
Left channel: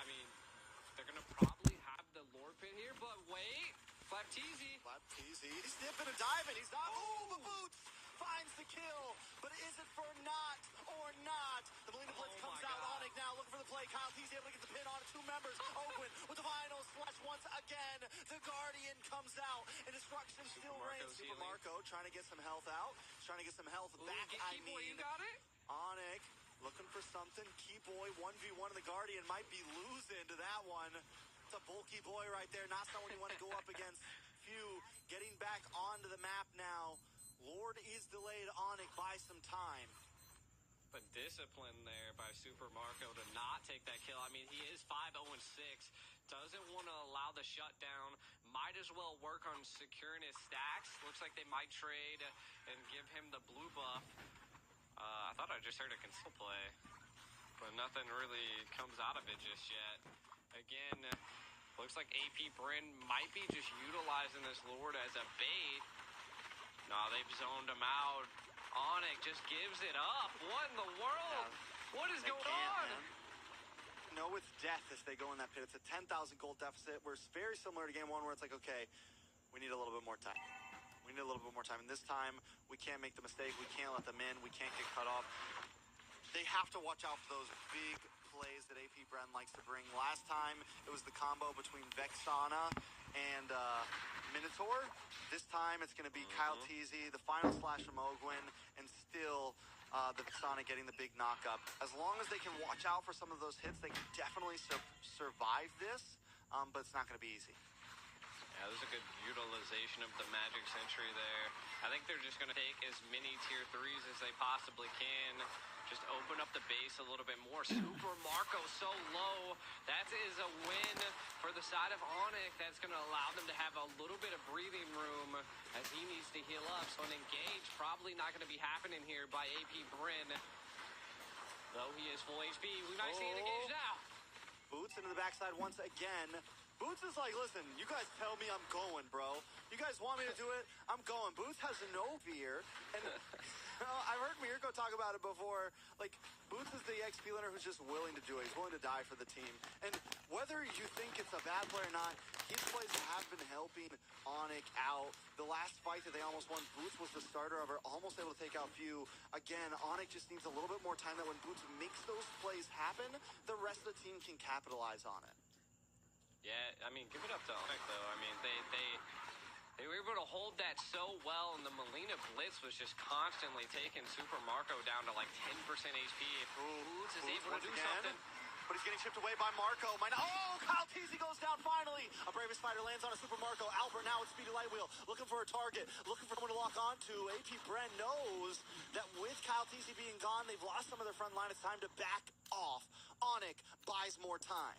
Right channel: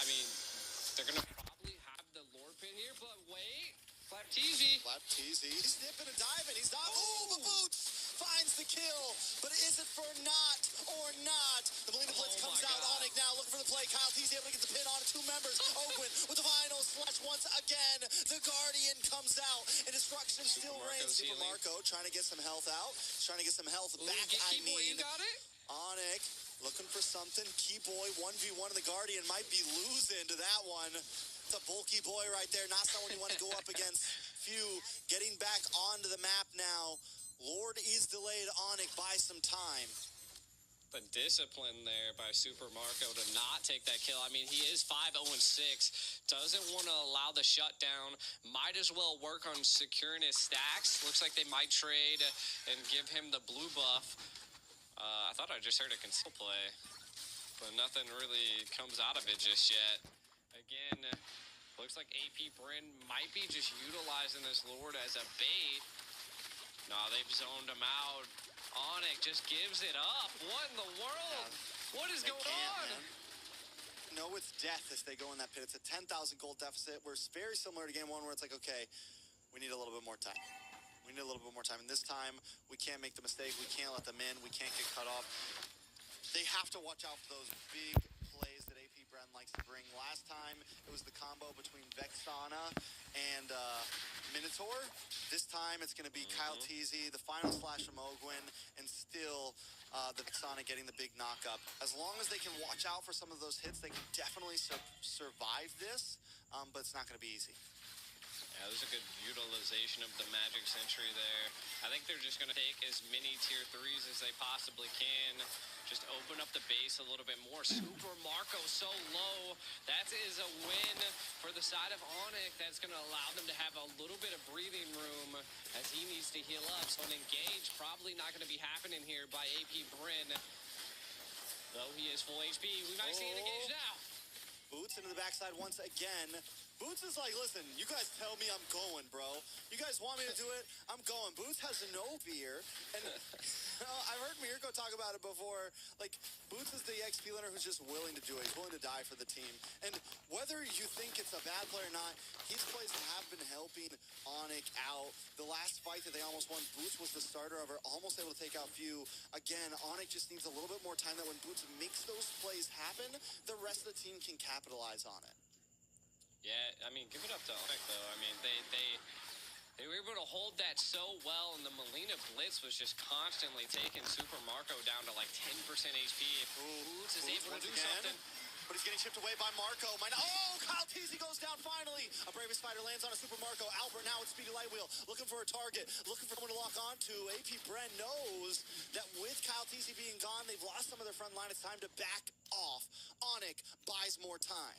going to probably have the Lord Pin here, but wait. Flap Teasy. He's dipping and diving. He's not. Oh, the boots finds the kill. But is it for not or not? The Molina Blitz comes out. Onyx now looking for the play. Kyle Teasy able to get the pin on two members. Ogwin with the final slash once again. The Guardian comes out. And destruction still reigns. Super Marco trying to get some health out. Trying to get some health back. You got it? Onyx looking for something. Keyboy 1v1 of the Guardian might be losing to that one. It's a bulky boy right there. Not someone you want to go up against. Few getting back onto the map now. Lord is delayed. Onyx by some time. The discipline there by Super Marco to not take that kill. I mean, he is 5-0-6. Doesn't want to allow the shutdown. Might as well work on securing his stacks. Looks like they might trade and give him the blue buff. I thought I just heard a conceal play, but nothing really comes out of it just yet. Again, looks like AP Bren might be just utilizing this Lord as a bait. No, they've zoned him out. Onyx just gives it up. What in the world? What is going on? Man. No, it's death if they go in that pit. It's a 10,000 gold deficit. We're very similar to game one where it's like, okay, we need a little bit more time. We need a little bit more time. And this time, we can't make the mistake. We can't let them in. We can't get cut off. They have to watch out for those big plays that AP Bren likes to bring. Last time, it was the combo between Vexana and Minotaur. This time, it's going to be Kyle Teasy, the final slash from Ogwin, and still the Vexana getting the big knockup. As long as they can watch out for some of those hits, they can definitely survive this, but it's not going to be easy. Yeah, there's a good utilization of the Magic Sentry there. I think they're just going to take as many tier 3s as they possibly can. Just open up the base a little bit more. Super Marco so low. That is a win for the side of Onyx. That's going to allow them to have a little bit of breathing room as he needs to heal up. So an engage probably not going to be happening here by AP Bren. Though he is full HP. We might see an engage now. Boots into the backside once again. Boots is like, listen, you guys tell me I'm going, bro. You guys want me to do it? I'm going. Boots has no fear. And I've heard Mirko talk about it before. Like, Boots is the XP learner who's just willing to do it. He's willing to die for the team. And whether you think it's a bad play or not, his plays have been helping Onyx out. The last fight that they almost won, Boots was the starter of it, almost able to take out Few. Again, Onyx just needs a little bit more time that when Boots makes those plays happen, the rest of the team can capitalize on it. Yeah, I mean, give it up to Onyx, though. I mean, they were able to hold that so well, and the Molina Blitz was just constantly taking Super Marco down to like 10% HP. Boots is able to do something. But he's getting chipped away by Marco. Oh, Kyle Teasy goes down finally. A Bravest Spider lands on a Super Marco. Albert now with Speedy Lightwheel, looking for a target, looking for someone to lock onto. AP Bren knows that with Kyle Teasy being gone, they've lost some of their front line. It's time to back off. Onyx buys more time.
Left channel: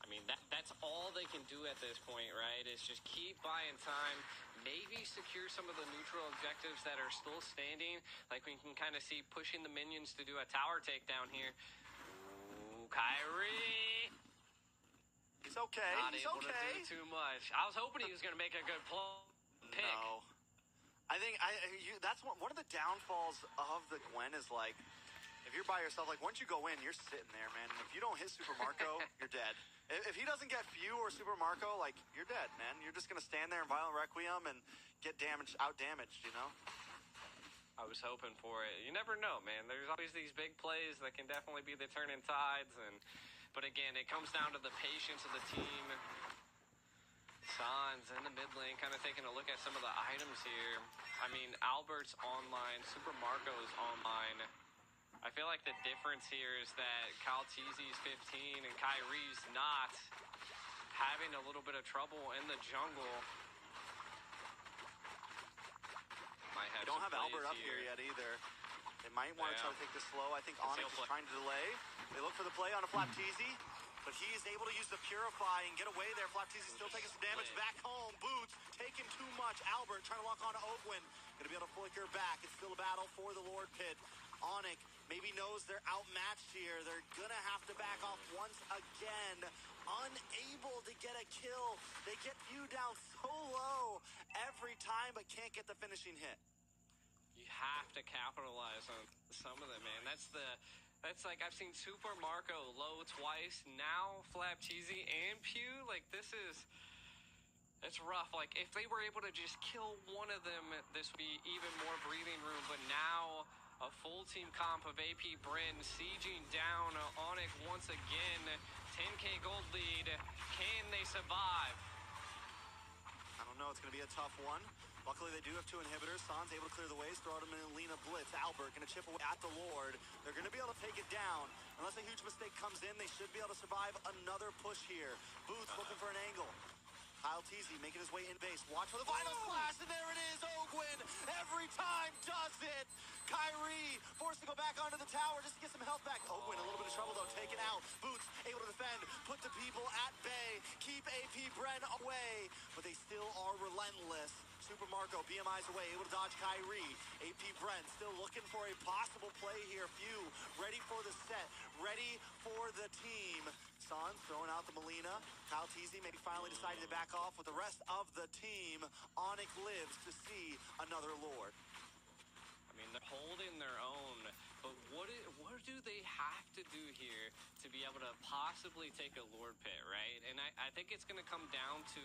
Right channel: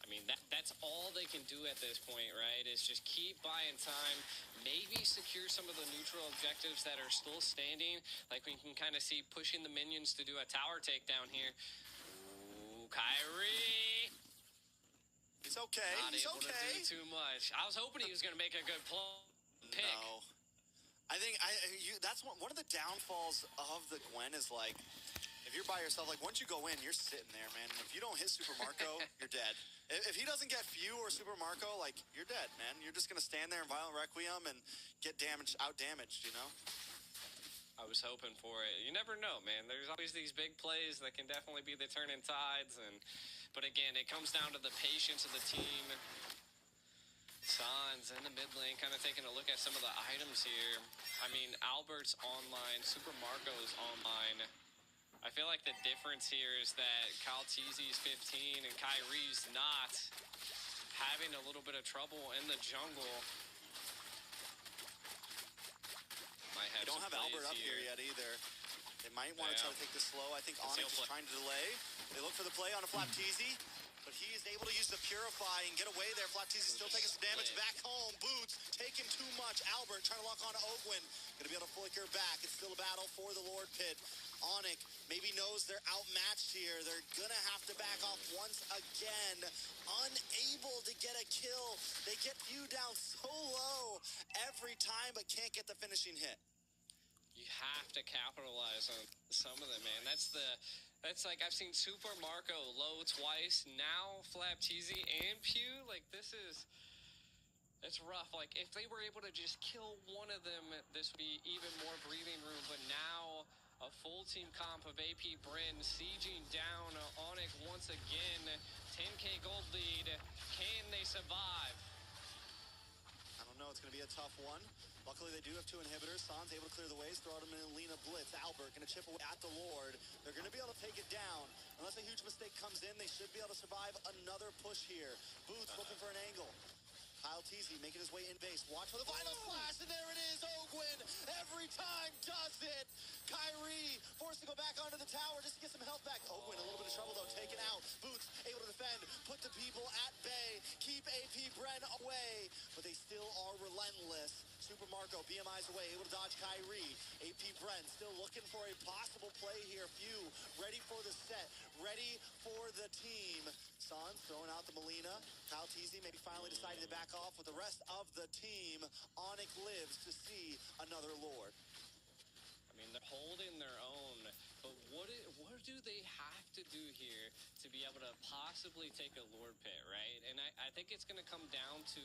I mean, that's all they can do at this point, right? Is just keep buying time, maybe secure some of the neutral objectives that are still standing. Like we can kind of see pushing the minions to do a tower takedown here. Ooh, Kyrie. He's okay. Not able to do too much. I was hoping he was going to make a good pick. No. I think that's one of the downfalls of the Gwen is like, if you're by yourself, like once you go in, you're sitting there, man. If you don't hit Super Marco, you're dead. If he doesn't get Few or Super Marco, like you're dead, man. You're just gonna stand there in Violent Requiem and get out-damaged, you know? I was hoping for it. You never know, man. There's always these big plays that can definitely be the turning tides, but again, it comes down to the patience of the team. Sans in the mid lane, kind of taking a look at some of the items here. I mean, Albert's online, Super Marco's online. I feel like the difference here is that Kyle Teasy's 15 and Kyrie's not, having a little bit of trouble in the jungle. Might have don't some have Albert plays up here yet either. They might want to try to take this slow. I think Conceal Onyx is play. trying to delay. They look for the play on a Flapteezy, but he is able to use the Purify and get away there. Flapteezy still taking some damage back home. Boots taking too much. Albert trying to lock on to Ogwin. Gonna be able to flicker back. It's still a battle for the Lord Pit. Onyx maybe knows they're outmatched here. They're gonna have to back off once again. Unable to get a kill. They get you down so low every time, but can't get the finishing hit. You have to capitalize on some of them, man. That's like I've seen Super Marco low twice. Now Flapteezy and Pew. Like it's rough. Like if they were able to just kill one of them, this would be even more breathing room. But now a full team comp of AP Bren sieging down Onyx once again. 10K gold lead. Can they survive? I don't know. It's going to be a tough one. Luckily, they do have 2 inhibitors. San's able to clear the ways, throw out him in Lena Blitz. Albert going to chip away at the Lord. They're going to be able to take it down. Unless a huge mistake comes in, they should be able to survive another push here. Boots looking for an angle. Kyle Teasy making his way in base. Watch for the final splash, and there it is. Ogwin every time does it. Kyrie forced to go back onto the tower just to get some health back. Ogwin a little bit of trouble though, taken out. Boots able to defend, put the people at bay, keep AP Bren away, but they still are relentless. Super Marco, BMI's away, able to dodge Kyrie. AP Bren still looking for a possible play here. Few ready for the set, ready for the team. Sans throwing out the Molina. Kyle Teasy maybe finally decided to back off with the rest of the team. Onyx lives to see another Lord. I mean, they're holding their own, but what do they have to do here to be able to possibly take a Lord Pit, right? And I think it's going to come down to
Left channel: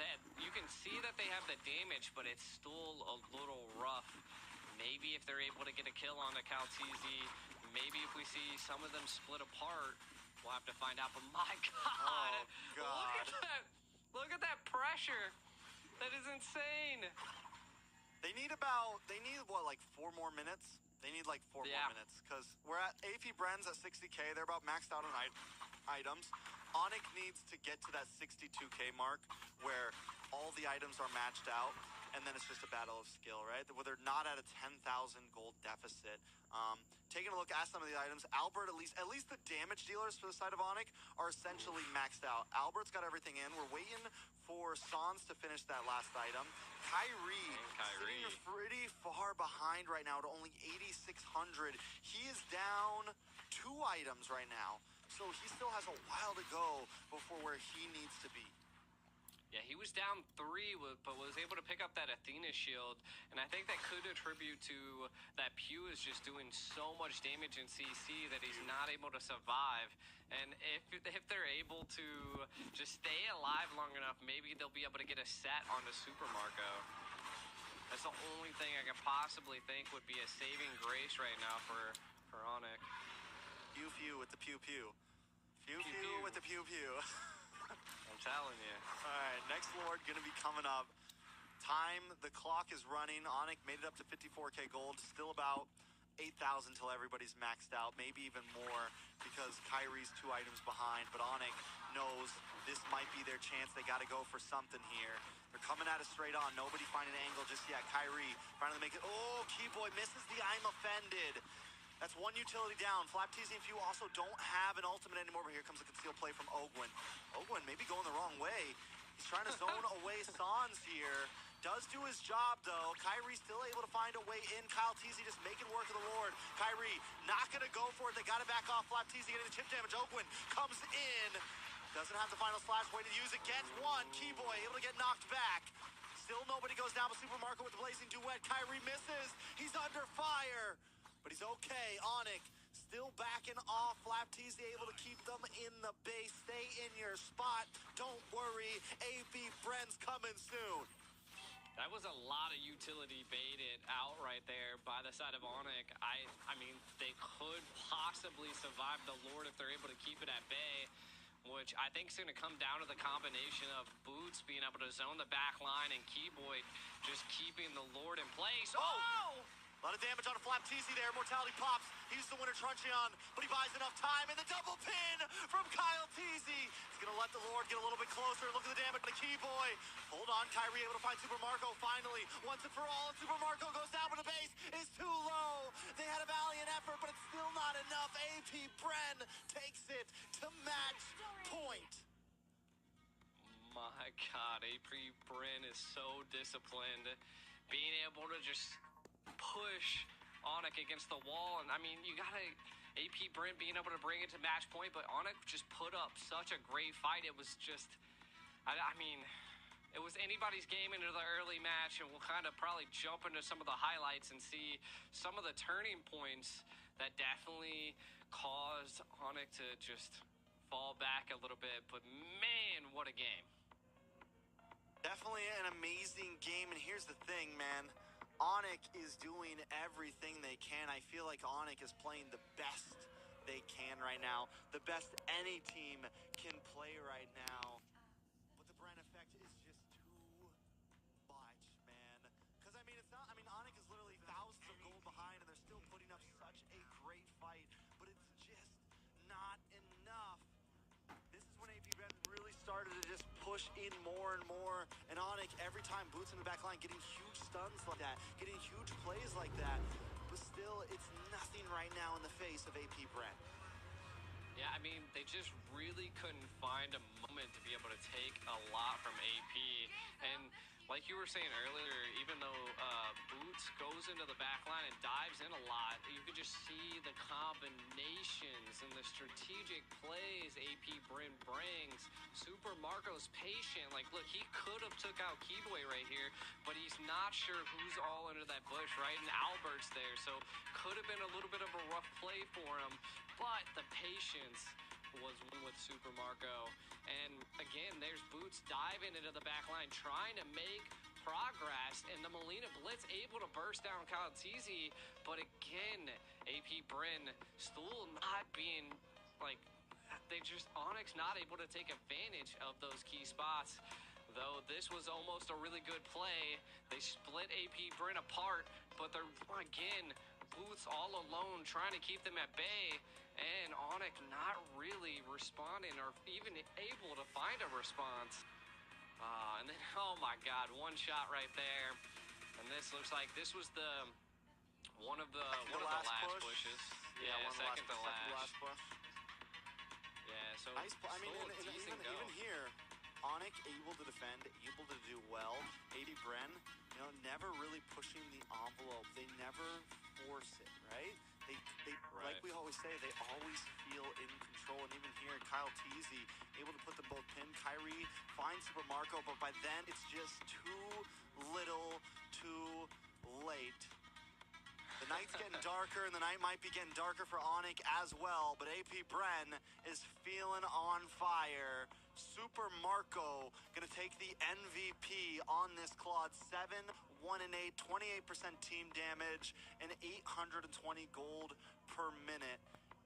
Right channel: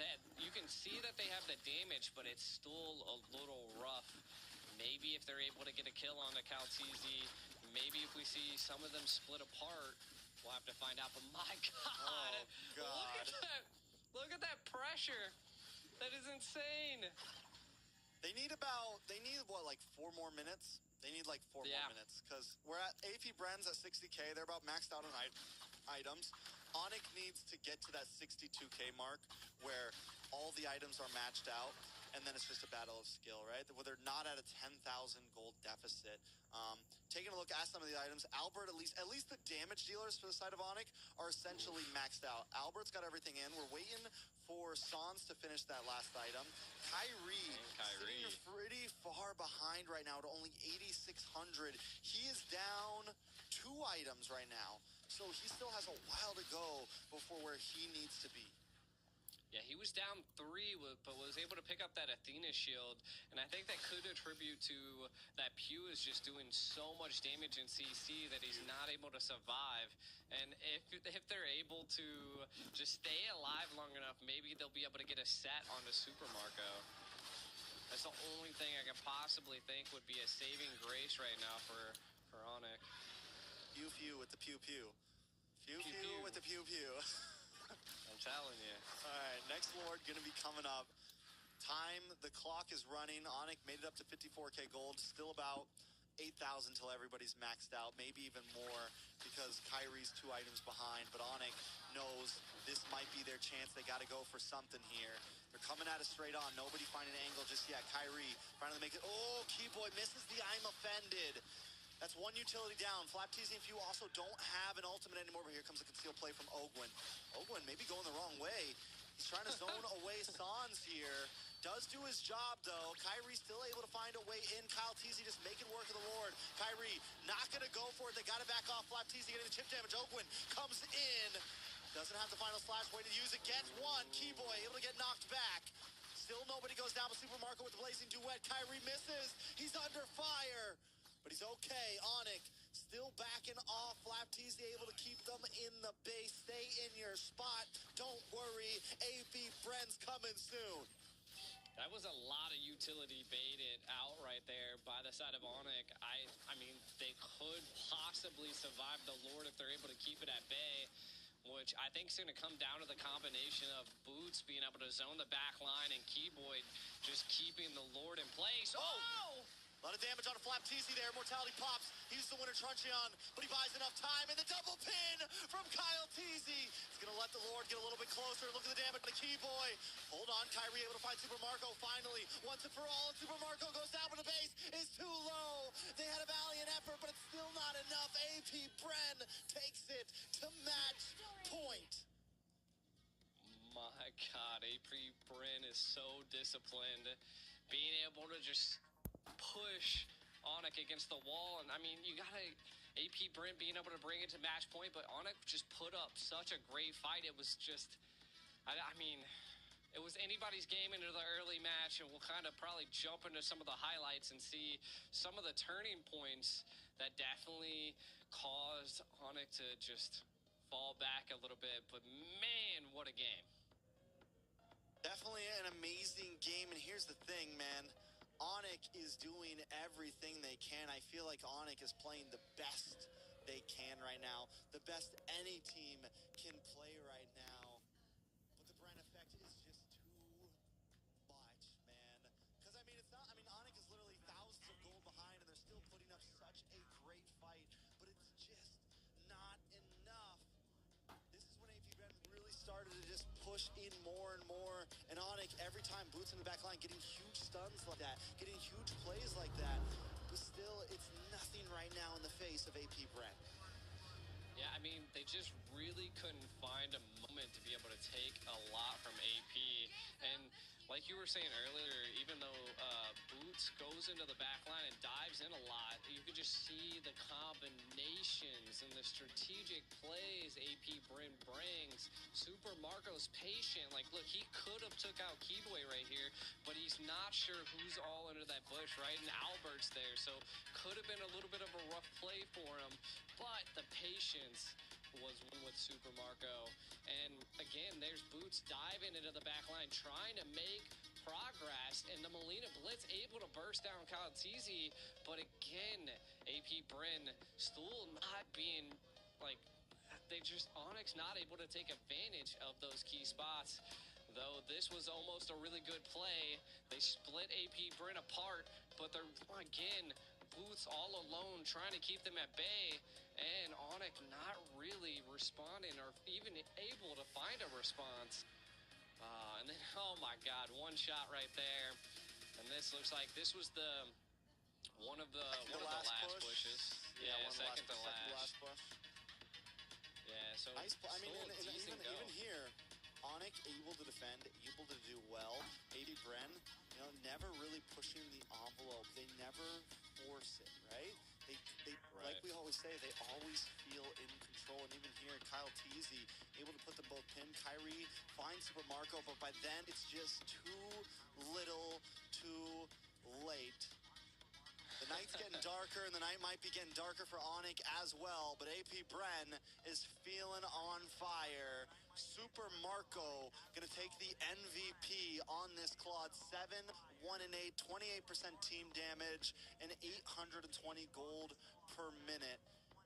that. You can see that they have the damage, but it's still a little rough. Maybe if they're able to get a kill on the Kaltizi, maybe if we see some of them split apart, we'll have to find out. But my God, oh, God. Look at that pressure. That is insane. They need what, like 4 more minutes? They need like 4 more minutes because we're at AP Bren's at 60K. They're about maxed out on items. Onyx needs to get to that 62K mark where all the items are matched out, and then it's just a battle of skill, right? Where they're not at a 10,000 gold deficit. Taking a look at some of the items, Albert, at least the damage dealers for the side of Onyx are essentially maxed out. Albert's got everything in. We're waiting for Sans to finish that last item. Kyrie sitting pretty far behind right now at only 8,600. He is down 2 items right now, so he still has a while to go before where he needs to be. Yeah, he was down 3, but was able to pick up that Athena shield, and I think that could attribute to that Pew is just doing so much damage in CC that he's not able to survive. And if they're able to just stay alive long enough, maybe they'll be able to get a set onto Super Marco. That's the only thing I can possibly think would be a saving grace right now for Onyx. Pew with the pew pew. Pew with the pew pew. I'm telling you. All right, next Lord gonna be coming up. The clock is running. Onyx made it up to 54K gold. Still about 8,000 till everybody's maxed out. Maybe even more because Kyrie's 2 items behind. But Onyx knows this might be their chance. They got to go for something here. They're coming at it straight on. Nobody finding an angle just yet. Kyrie finally make it. Oh, Keyboy misses the I'm offended. That's 1 utility down. Flapteezy and Few also don't have an ultimate anymore, but here comes a concealed play from Ogwin. Ogwin maybe going the wrong way. He's trying to zone away Sans here. Does do his job, though. Kyrie still able to find a way in. Kyle Teasy just making work of the Lord. Kyrie not going to go for it. They got to back off. Flapteezy getting the chip damage. Ogwin comes in. Doesn't have the final slash. Way to use it. Gets 1. Keyboy able to get knocked back. Still nobody goes down, but Super Marco with the blazing duet. Kyrie misses. He's under fire. But he's okay. Onyx still backing off. Flapteezy able to keep them in the base. Stay in your spot. Don't worry. AP Bren's coming soon. That was a lot of utility baited out right there by the side of Onyx. I mean, they could possibly survive the Lord if they're able to keep it at bay, which I think is going to come down to the combination of Boots being able to zone the back line and Keyboy just keeping the Lord in place. Oh! A lot of damage on a Flap TZ there. Mortality pops. He's the winner, Truncheon, but he buys enough time. And the double pin from Kyle TZ. He's going to let the Lord get a little bit closer. Look at the damage on the Keyboy. Hold on, Kyrie able to find Super Marco finally. Once and for all, and Super Marco goes down, but the base is too low. They had a valiant effort, but it's still not enough. AP Bren takes it to match point. My God, AP Bren is so disciplined. Being able to just push Onic against the wall. And I mean, you gotta, AP Bren being able to bring it to match point, but Onic just put up such a great fight. It was just, I mean, it was anybody's game into the early match, and we'll kind of probably jump into some of the highlights and see some of the turning points that definitely caused Onic to just fall back a little bit. But man, what a game. Definitely an amazing game, and here's the thing, man. Onic is doing everything they can. I feel like Onic is playing the best they can right now. The best any team can play right now. But the Bren effect is just too much, man. Because, I mean, it's not, I mean, Onic is literally thousands of gold behind, and they're still putting up such a great fight. But it's just not enough. This is when AP Bren really started to just push in more and more. And Onic, every time, boots in the back line, getting huge stuns like that, getting huge plays like that. But still, it's nothing right now in the face of AP Bren. Yeah, I mean, they just really couldn't find a moment to be able to take a lot from AP. And like you were saying earlier, even though Boots goes into the back line and dives in a lot, you could just see the combinations and the strategic plays AP Bren brings. Super Marco's patient. Like, look, he could have took out Keyboy right here, but he's not sure who's all under that bush, right? And Albert's there, so could have been a little bit of a rough play for him, but the patience was one with Super Marco. And again, there's Boots diving into the back line, trying to make progress, and the Molina Blitz able to burst down Kyle TZ, but again, AP Bren still not being, like, they just, Onyx not able to take advantage of those key spots. Though this was almost a really good play. They split AP Bren apart, but they're, again, Boots all alone trying to keep them at bay, and Onic not really responding or even able to find a response. And then, oh my God, one shot right there. And this looks like this was the one of the last pushes. Yeah, second to last push. Yeah, so nice. I mean, even here, Onic able to defend, able to do well. AP Bren, you know, never really pushing the envelope. They never force it, right? They right. Like we always say, they always feel in control. And even here, Kyle TZ able to put them both pinned. Kyrie finds Super Marco, but by then it's just too little, too late. The night's getting darker, and the night might be getting darker for Onic as well, but AP Bren is feeling on fire. Super Marco gonna take the MVP on this Claude. 7, 1-8, 28% team damage, and 820 gold per minute.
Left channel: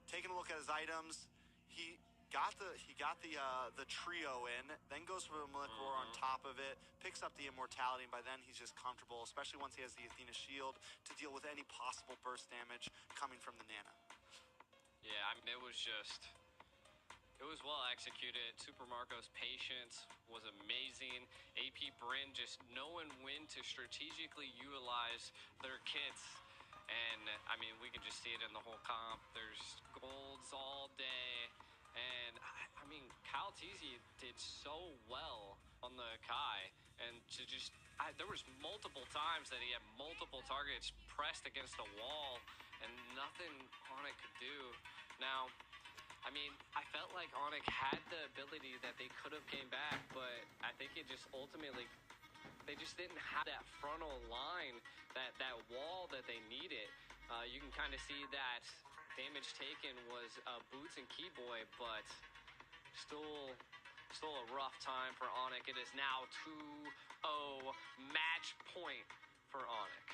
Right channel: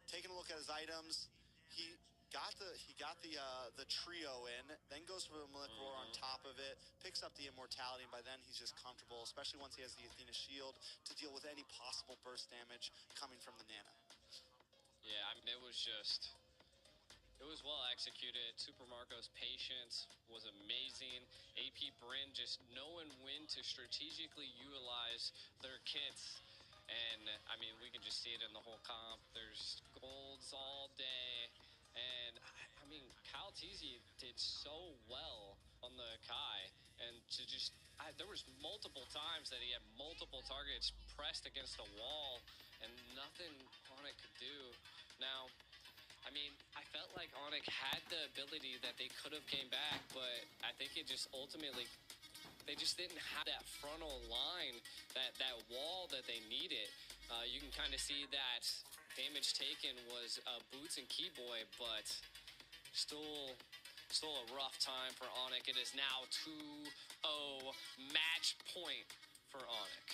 Taking a look at his items, he got the trio in, then goes for the Malik Roar on top of it, picks up the immortality, and by then he's just comfortable, especially once he has the Athena shield to deal with any possible burst damage coming from the Nana. Yeah, I mean, it was well executed. Super Marco's patience was amazing. AP Bren just knowing when to strategically utilize their kits. And, I mean, we can just see it in the whole comp. There's golds all day. And, I mean, Kyle TZ did so well on the Kai. And to just, there was multiple times that he had multiple targets pressed against a wall, and nothing Onic could do. Now, I mean, I felt like Onic had the ability that they could have came back, but I think it just ultimately, they just didn't have that frontal line, that wall that they needed. You can kind of see that damage taken was Boots and Keyboy, but still a rough time for Onic. It is now 2-0 match point for Onic.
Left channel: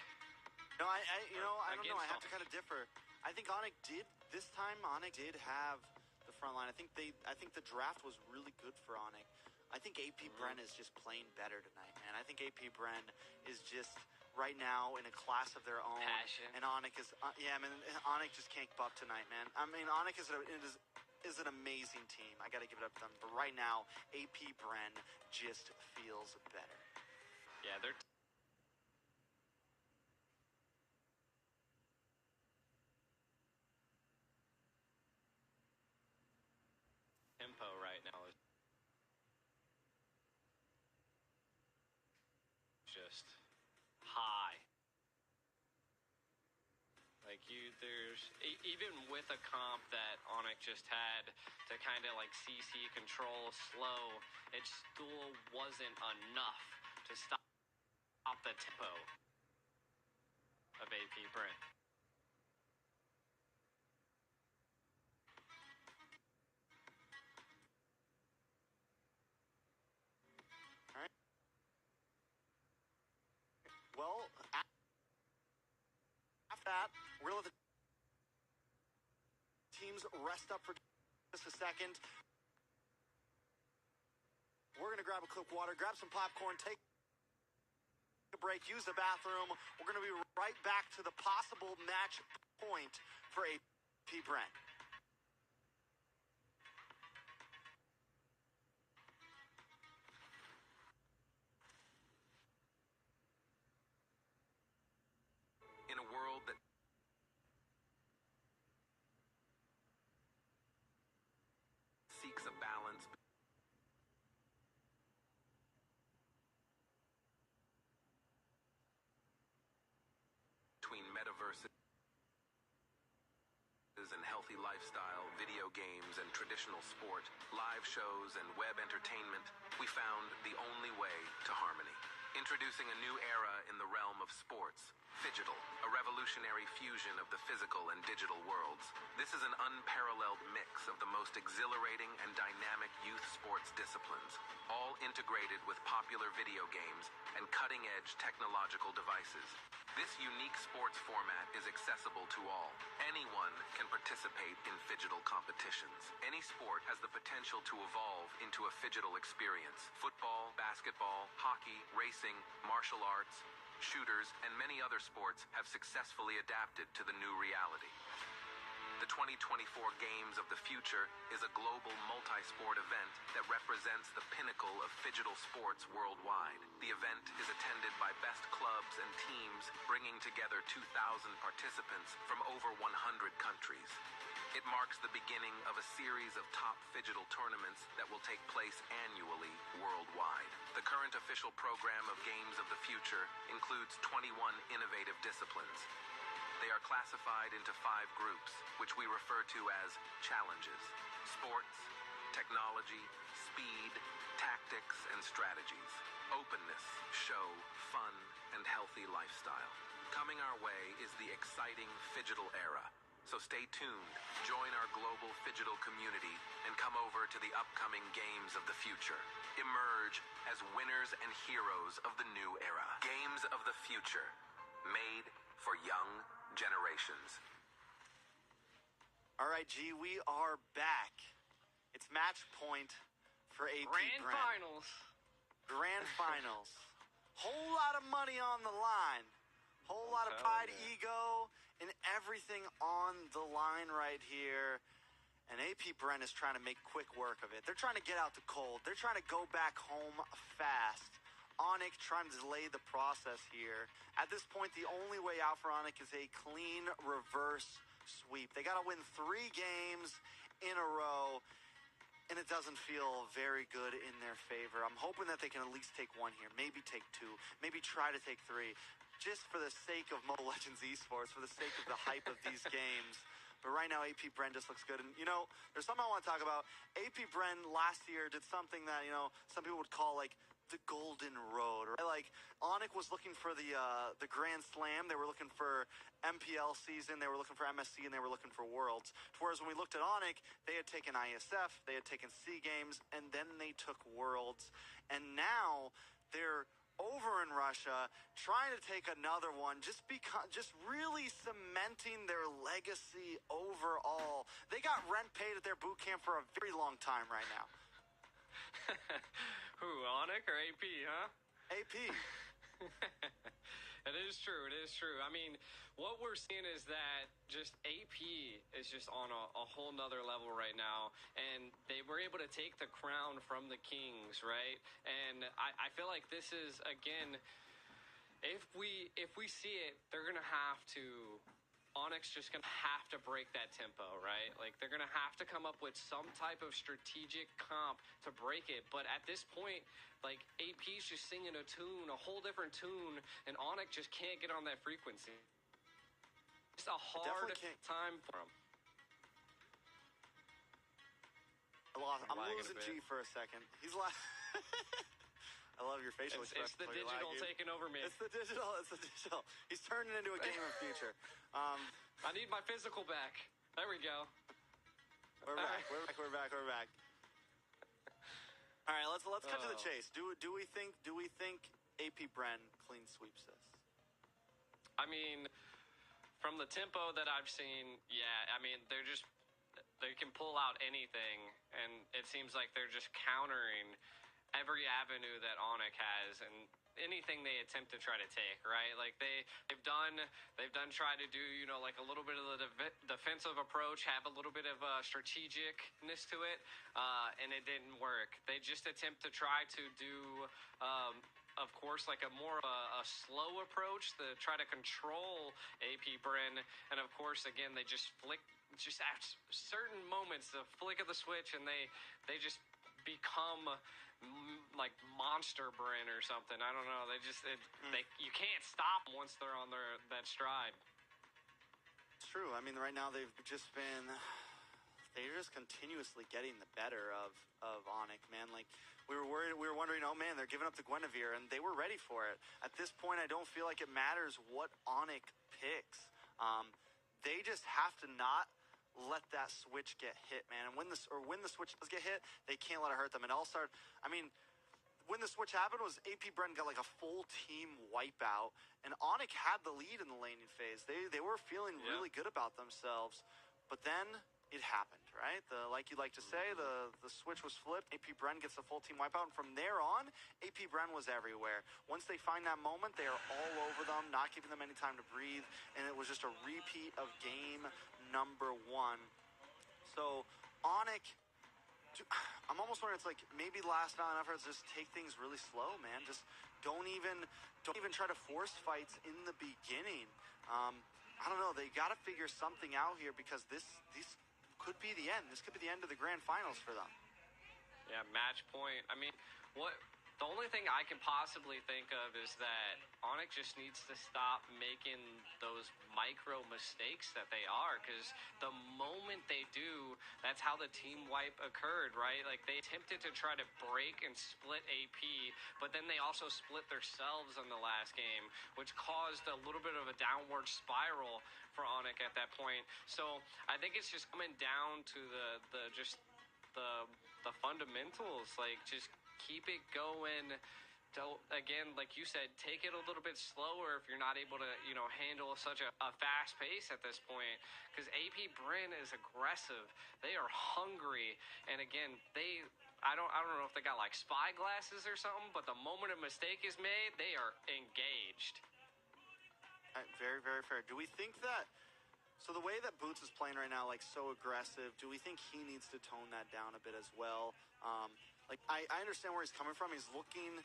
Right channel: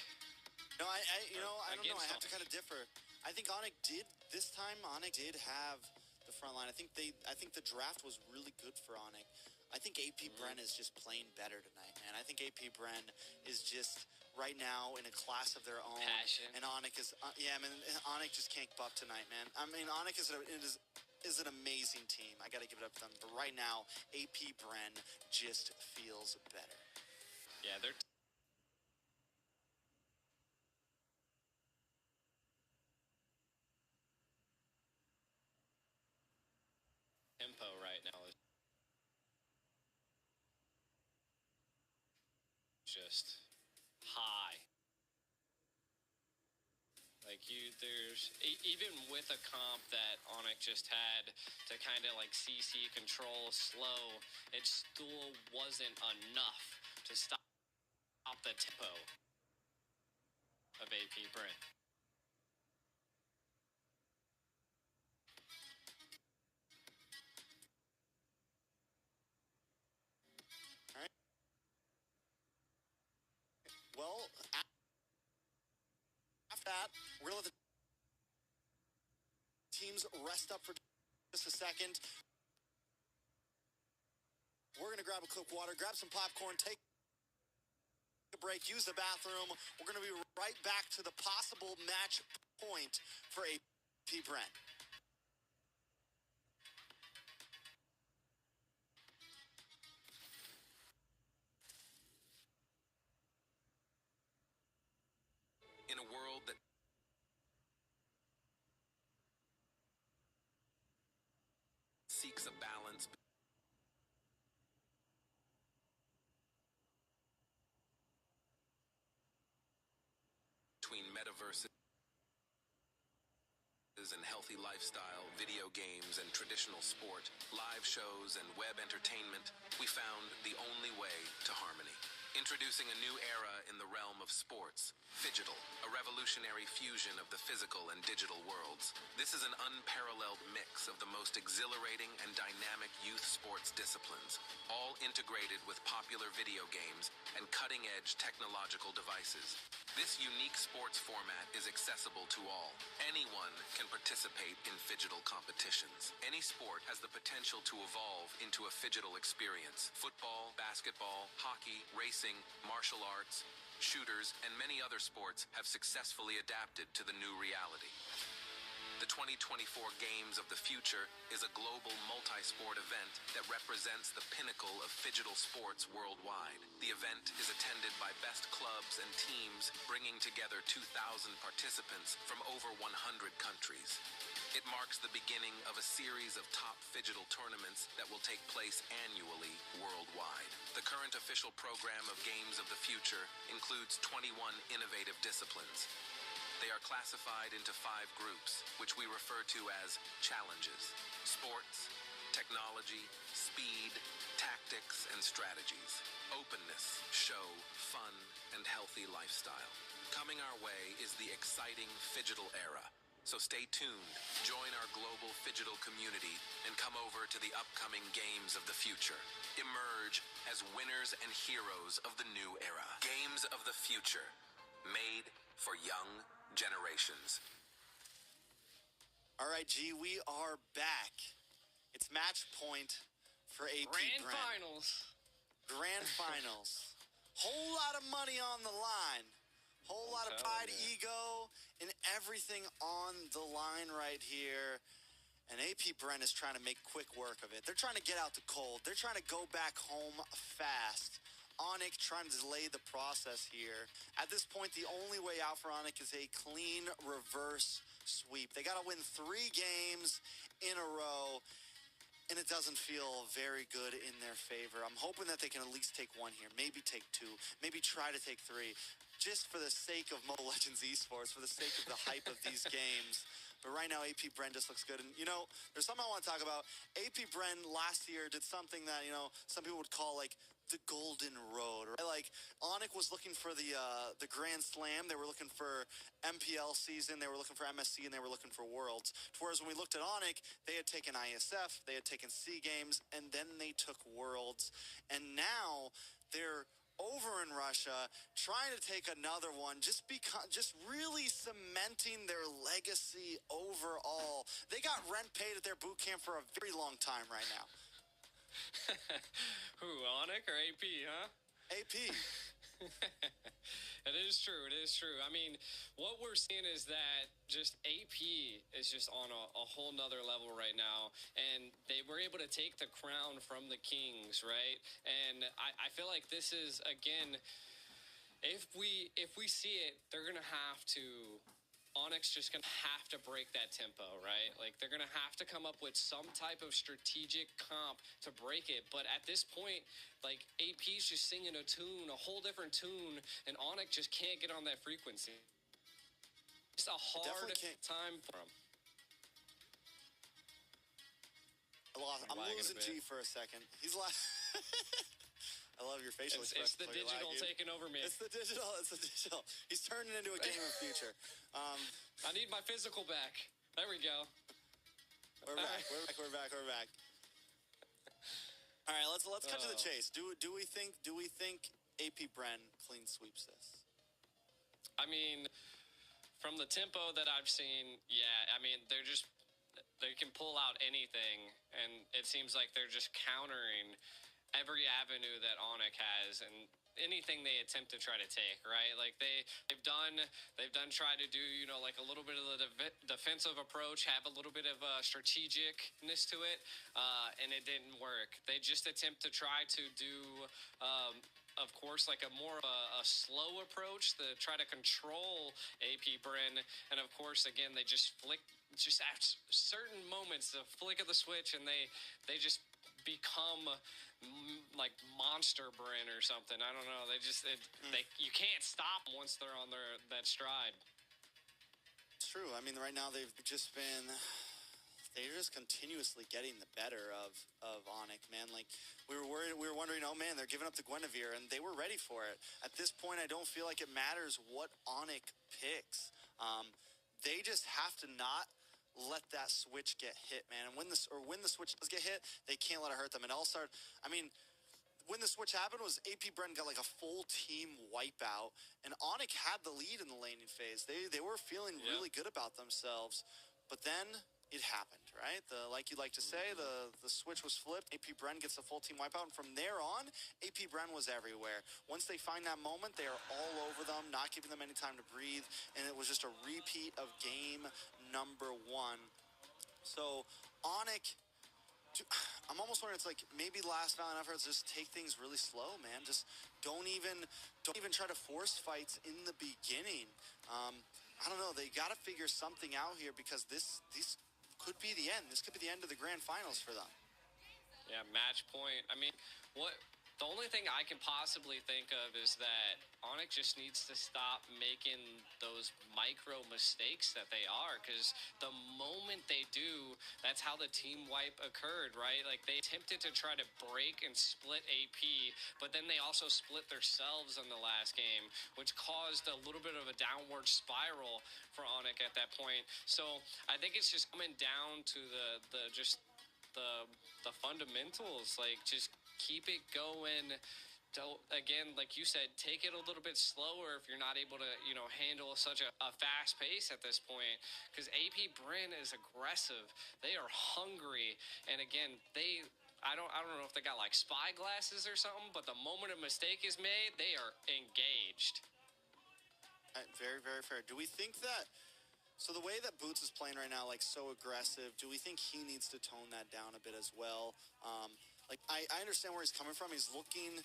No, I don't know. I have to kind of differ. I think Onic did this time. Onic did have the front line. I think the draft was really good for Onic. I think AP Bren is just playing better tonight, man. I think AP Bren is just right now in a class of their own. Passion. And Onic is, Onic just can't keep up tonight, man. I mean, Onic is an amazing team. I got to give it up to them. But right now, AP Bren just feels better. Yeah, they're tempo right now is just high. Like even with a comp that Onic just had to kind of like CC control slow, it still wasn't enough to stop the tempo of AP Bren. All right. Well, after that, we're going to let the teams rest up for just a second. We're going to grab a quick water, grab some popcorn, take a break, use the bathroom. We're going to be right back to the possible match point for AP Bren. In a world that seeks a balance between metaverses and healthy lifestyle, video games and traditional sport, live shows and web entertainment, we found the only way to harmony. Introducing a new era in the realm of sports, Phygital, a revolutionary fusion of the physical and digital worlds. This is an unparalleled mix of the most exhilarating and dynamic youth sports disciplines, all integrated with popular video games and cutting-edge technological devices. This unique sports format is accessible to all. Anyone can participate in Phygital competitions. Any sport has the potential to evolve into a Phygital experience. Football, basketball, hockey, racing, martial arts, shooters, and many other sports have successfully adapted to the new reality. The 2024 Games of the Future is a global multi-sport event that represents the pinnacle of Phygital sports worldwide. The event is attended by best clubs and teams, bringing together 2,000 participants from over 100 countries. It marks the beginning of a series of top Phygital tournaments that will take place annually worldwide. The current official program of Games of the Future includes 21 innovative disciplines. They are classified into 5 groups, which we refer to as challenges: sports, technology, speed, tactics, and strategies, openness, show, fun, and healthy lifestyle. Coming our way is the exciting Phygital era. So stay tuned, join our global Phygital community, and come over to the upcoming Games of the Future. Emerge as winners and heroes of the new era. Games of the Future, made for young generations. All right, G, we are back. It's match point for AP Grand Bren. Finals. Grand Finals. Whole lot of money on the line. Whole lot of pride, ego, and everything on the line right here. And AP Bren is trying to make quick work of it. They're trying to get out the cold. They're trying to go back home fast. Onic trying to delay the process here. At this point, the only way out for Onic is a clean reverse sweep. They got to win 3 games in a row, and it doesn't feel very good in their favor. I'm hoping that they can at least take 1 here, maybe take 2, maybe try to take 3, just for the sake of Mobile Legends Esports, for the sake of the hype of these games. But right now, AP Bren just looks good. And, you know, there's something I want to talk about. AP Bren last year did something that, you know, some people would call, like, the golden road. Right? Like, Onic was looking for the Grand Slam. They were looking for MPL season. They were looking for MSC, and they were looking for Worlds. Whereas when we looked at Onic, they had taken ISF, they had taken SEA Games, and then they took Worlds. And now they're over in Russia, trying to take another one, just really cementing their legacy overall. They got rent paid at their boot camp for a very long time right now. Who, Onyx or AP, huh? AP. It is true. It is true. I mean, what we're seeing is that just AP is just on a whole nother level right now. And they were able to take the crown from the Kings, right? And I feel like this is, again, if we see it, they're going to have to... Onyx just going to have to break that tempo, right? Like, they're going to have to come up with some type of strategic comp to break it. But at this point, like, AP's just singing a tune, a whole different tune, and Onyx just can't get on that frequency. It's a hard time for him. I'm losing G for a second. He's like... I love your facial expression. It's the digital taking over me. It's the digital. He's turning into a game of future. I need my physical back. There we go. We're back. We're back. All right, let's cut to the chase. Do we think AP Bren clean sweeps this? I mean, from the tempo that I've seen, yeah. I mean, they can pull out anything, and it seems like they're just countering every avenue that Onyx has and anything they attempt to try to take, right? Like they've done try to do, you know, like a little bit of the defensive approach, have a little bit of strategicness to it, and it didn't work. They just attempt to try to do, of course, like a more a slow approach to try to control AP Bren, and of course, again, they just at certain moments, the flick of the switch, and they just become like Monster Bren or something. I don't know. You can't stop them once they're on that stride. It's true. I mean, right now they're just continuously getting the better of Onyx, man. Like we were wondering, oh man, they're giving up to Guinevere, and they were ready for it. At this point, I don't feel like it matters what Onyx picks. They just have to not let that switch get hit, man. And when the switch does get hit, they can't let it hurt them. And when the switch happened was AP Bren got like a full team wipeout, and Onyx had the lead in the laning phase. They were feeling really good about themselves, but then it happened, right? Like you like to say, the switch was flipped. AP Bren gets the full team wipeout, and from there on, AP Bren was everywhere. Once they find that moment, they are all over them, not giving them any time to breathe, and it was just a repeat of game number 1. So Onyx, I'm almost wondering, it's like maybe last Valiant efforts just take things really slow, man. Just don't even try to force fights in the beginning. I don't know. They got to figure something out here, because this could be the end. This could be the end of the grand finals for them. Yeah, match point. I mean, the only thing I can possibly think of is that Onyx just needs to stop making those micro mistakes that they are, because the moment they do, that's how the team wipe occurred, right? Like, they attempted to try to break and split AP, but then they also split themselves in the last game, which caused a little bit of a downward spiral for Onyx at that point. So I think it's just coming down to the fundamentals, like just keep it going. Don't, again, like you said, take it a little bit slower if you're not able to, you know, handle such a fast pace at this point. Because AP Bren is aggressive. They are hungry. And again, I don't know if they got like spy glasses or something, but the moment a mistake is made, they are engaged. Very, very fair. Do we think that, so the way that Boots is playing right now, like so aggressive, do we think he needs to tone that down a bit as well? Like I understand where he's coming from. He's looking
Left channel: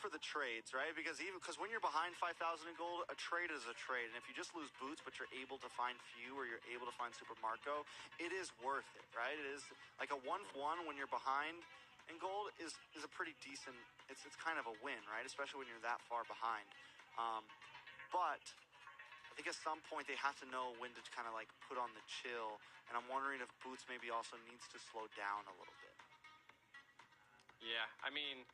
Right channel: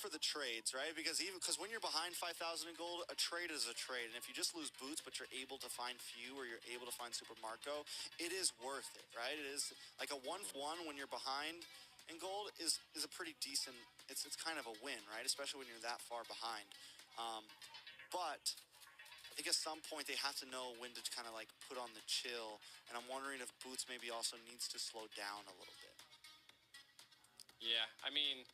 for the trades, right? Because when you're behind 5,000 in gold, a trade is a trade. And if you just lose Boots, but you're able to find Few, or you're able to find Super Marco, it is worth it, right? It is like a 1-1 when you're behind in gold is a pretty decent. It's kind of a win, right? Especially when you're that far behind. But I think at some point they have to know when to kind of like put on the chill. And I'm wondering if Boots maybe also needs to slow down a little bit. Yeah, I mean,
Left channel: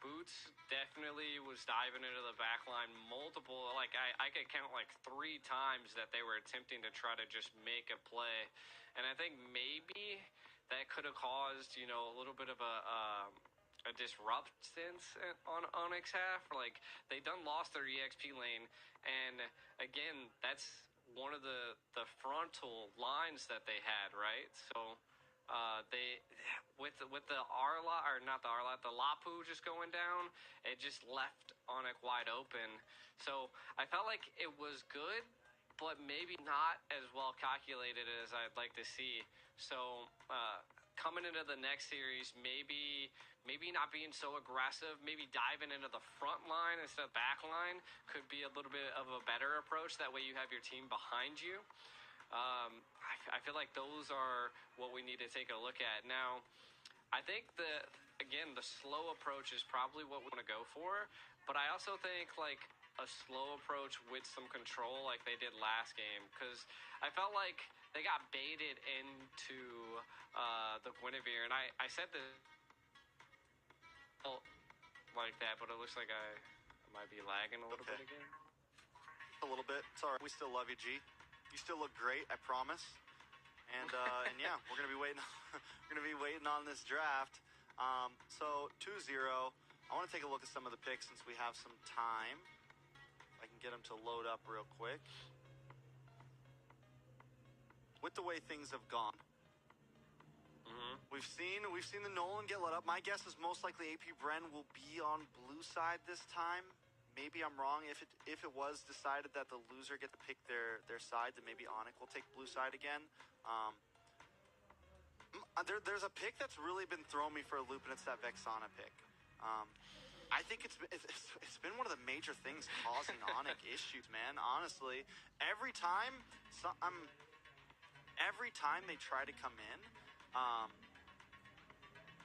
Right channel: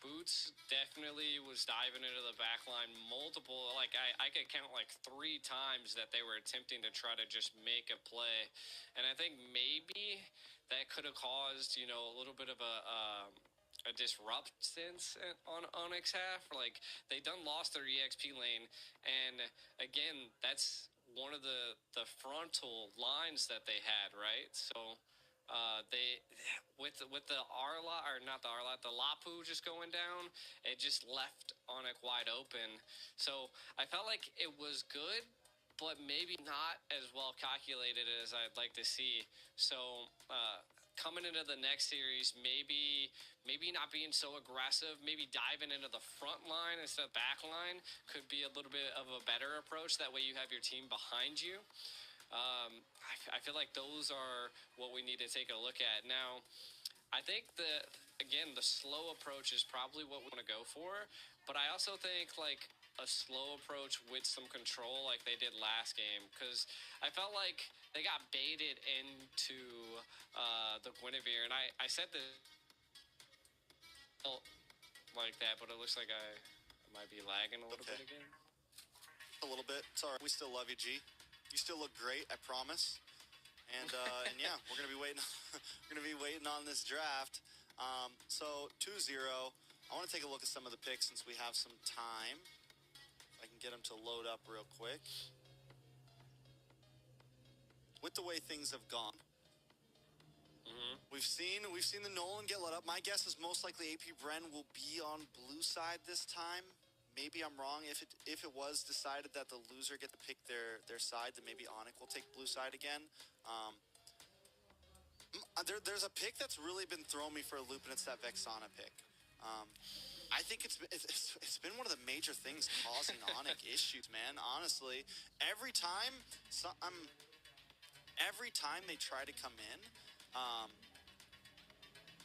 Boots definitely was diving into the back line multiple, like I could count like 3 times that they were attempting to try to just make a play. And I think maybe that could have caused, you know, a little bit of a disruptance on Onyx half. Like, they done lost their EXP lane, and again, that's one of the frontal lines that they had, right? So They with the Arla, or not the Arla, the Lapu just going down, it just left Onyx wide open. So I felt like it was good, but maybe not as well calculated as I'd like to see. So coming into the next series, maybe not being so aggressive, maybe diving into the front line instead of back line could be a little bit of a better approach. That way you have your team behind you. I feel like those are what we need to take a look at. Now, I think the slow approach is probably what we want to go for, but I also think like a slow approach with some control like they did last game, because I felt like they got baited into the Guinevere, and I said this like that, but it looks like I might be lagging a little bit again. A little bit. Sorry, we still love you, G. You still look great, I promise. And yeah, we're gonna be waiting. We're gonna be waiting on this draft. So 2-0. I want to take a look at some of the picks since we have some time. If I can get them to load up real quick. With the way things have gone, we've seen the Nolan get let up. My guess is most likely AP Bren will be on blue side this time. Maybe I'm wrong. If it was decided that the loser get to pick their side, then maybe Onyx will take blue side again. There's a pick that's really been throwing me for a loop, and it's that Vexana pick. I think it's been one of the major things causing Onyx issues, man. Honestly, every time they try to come in,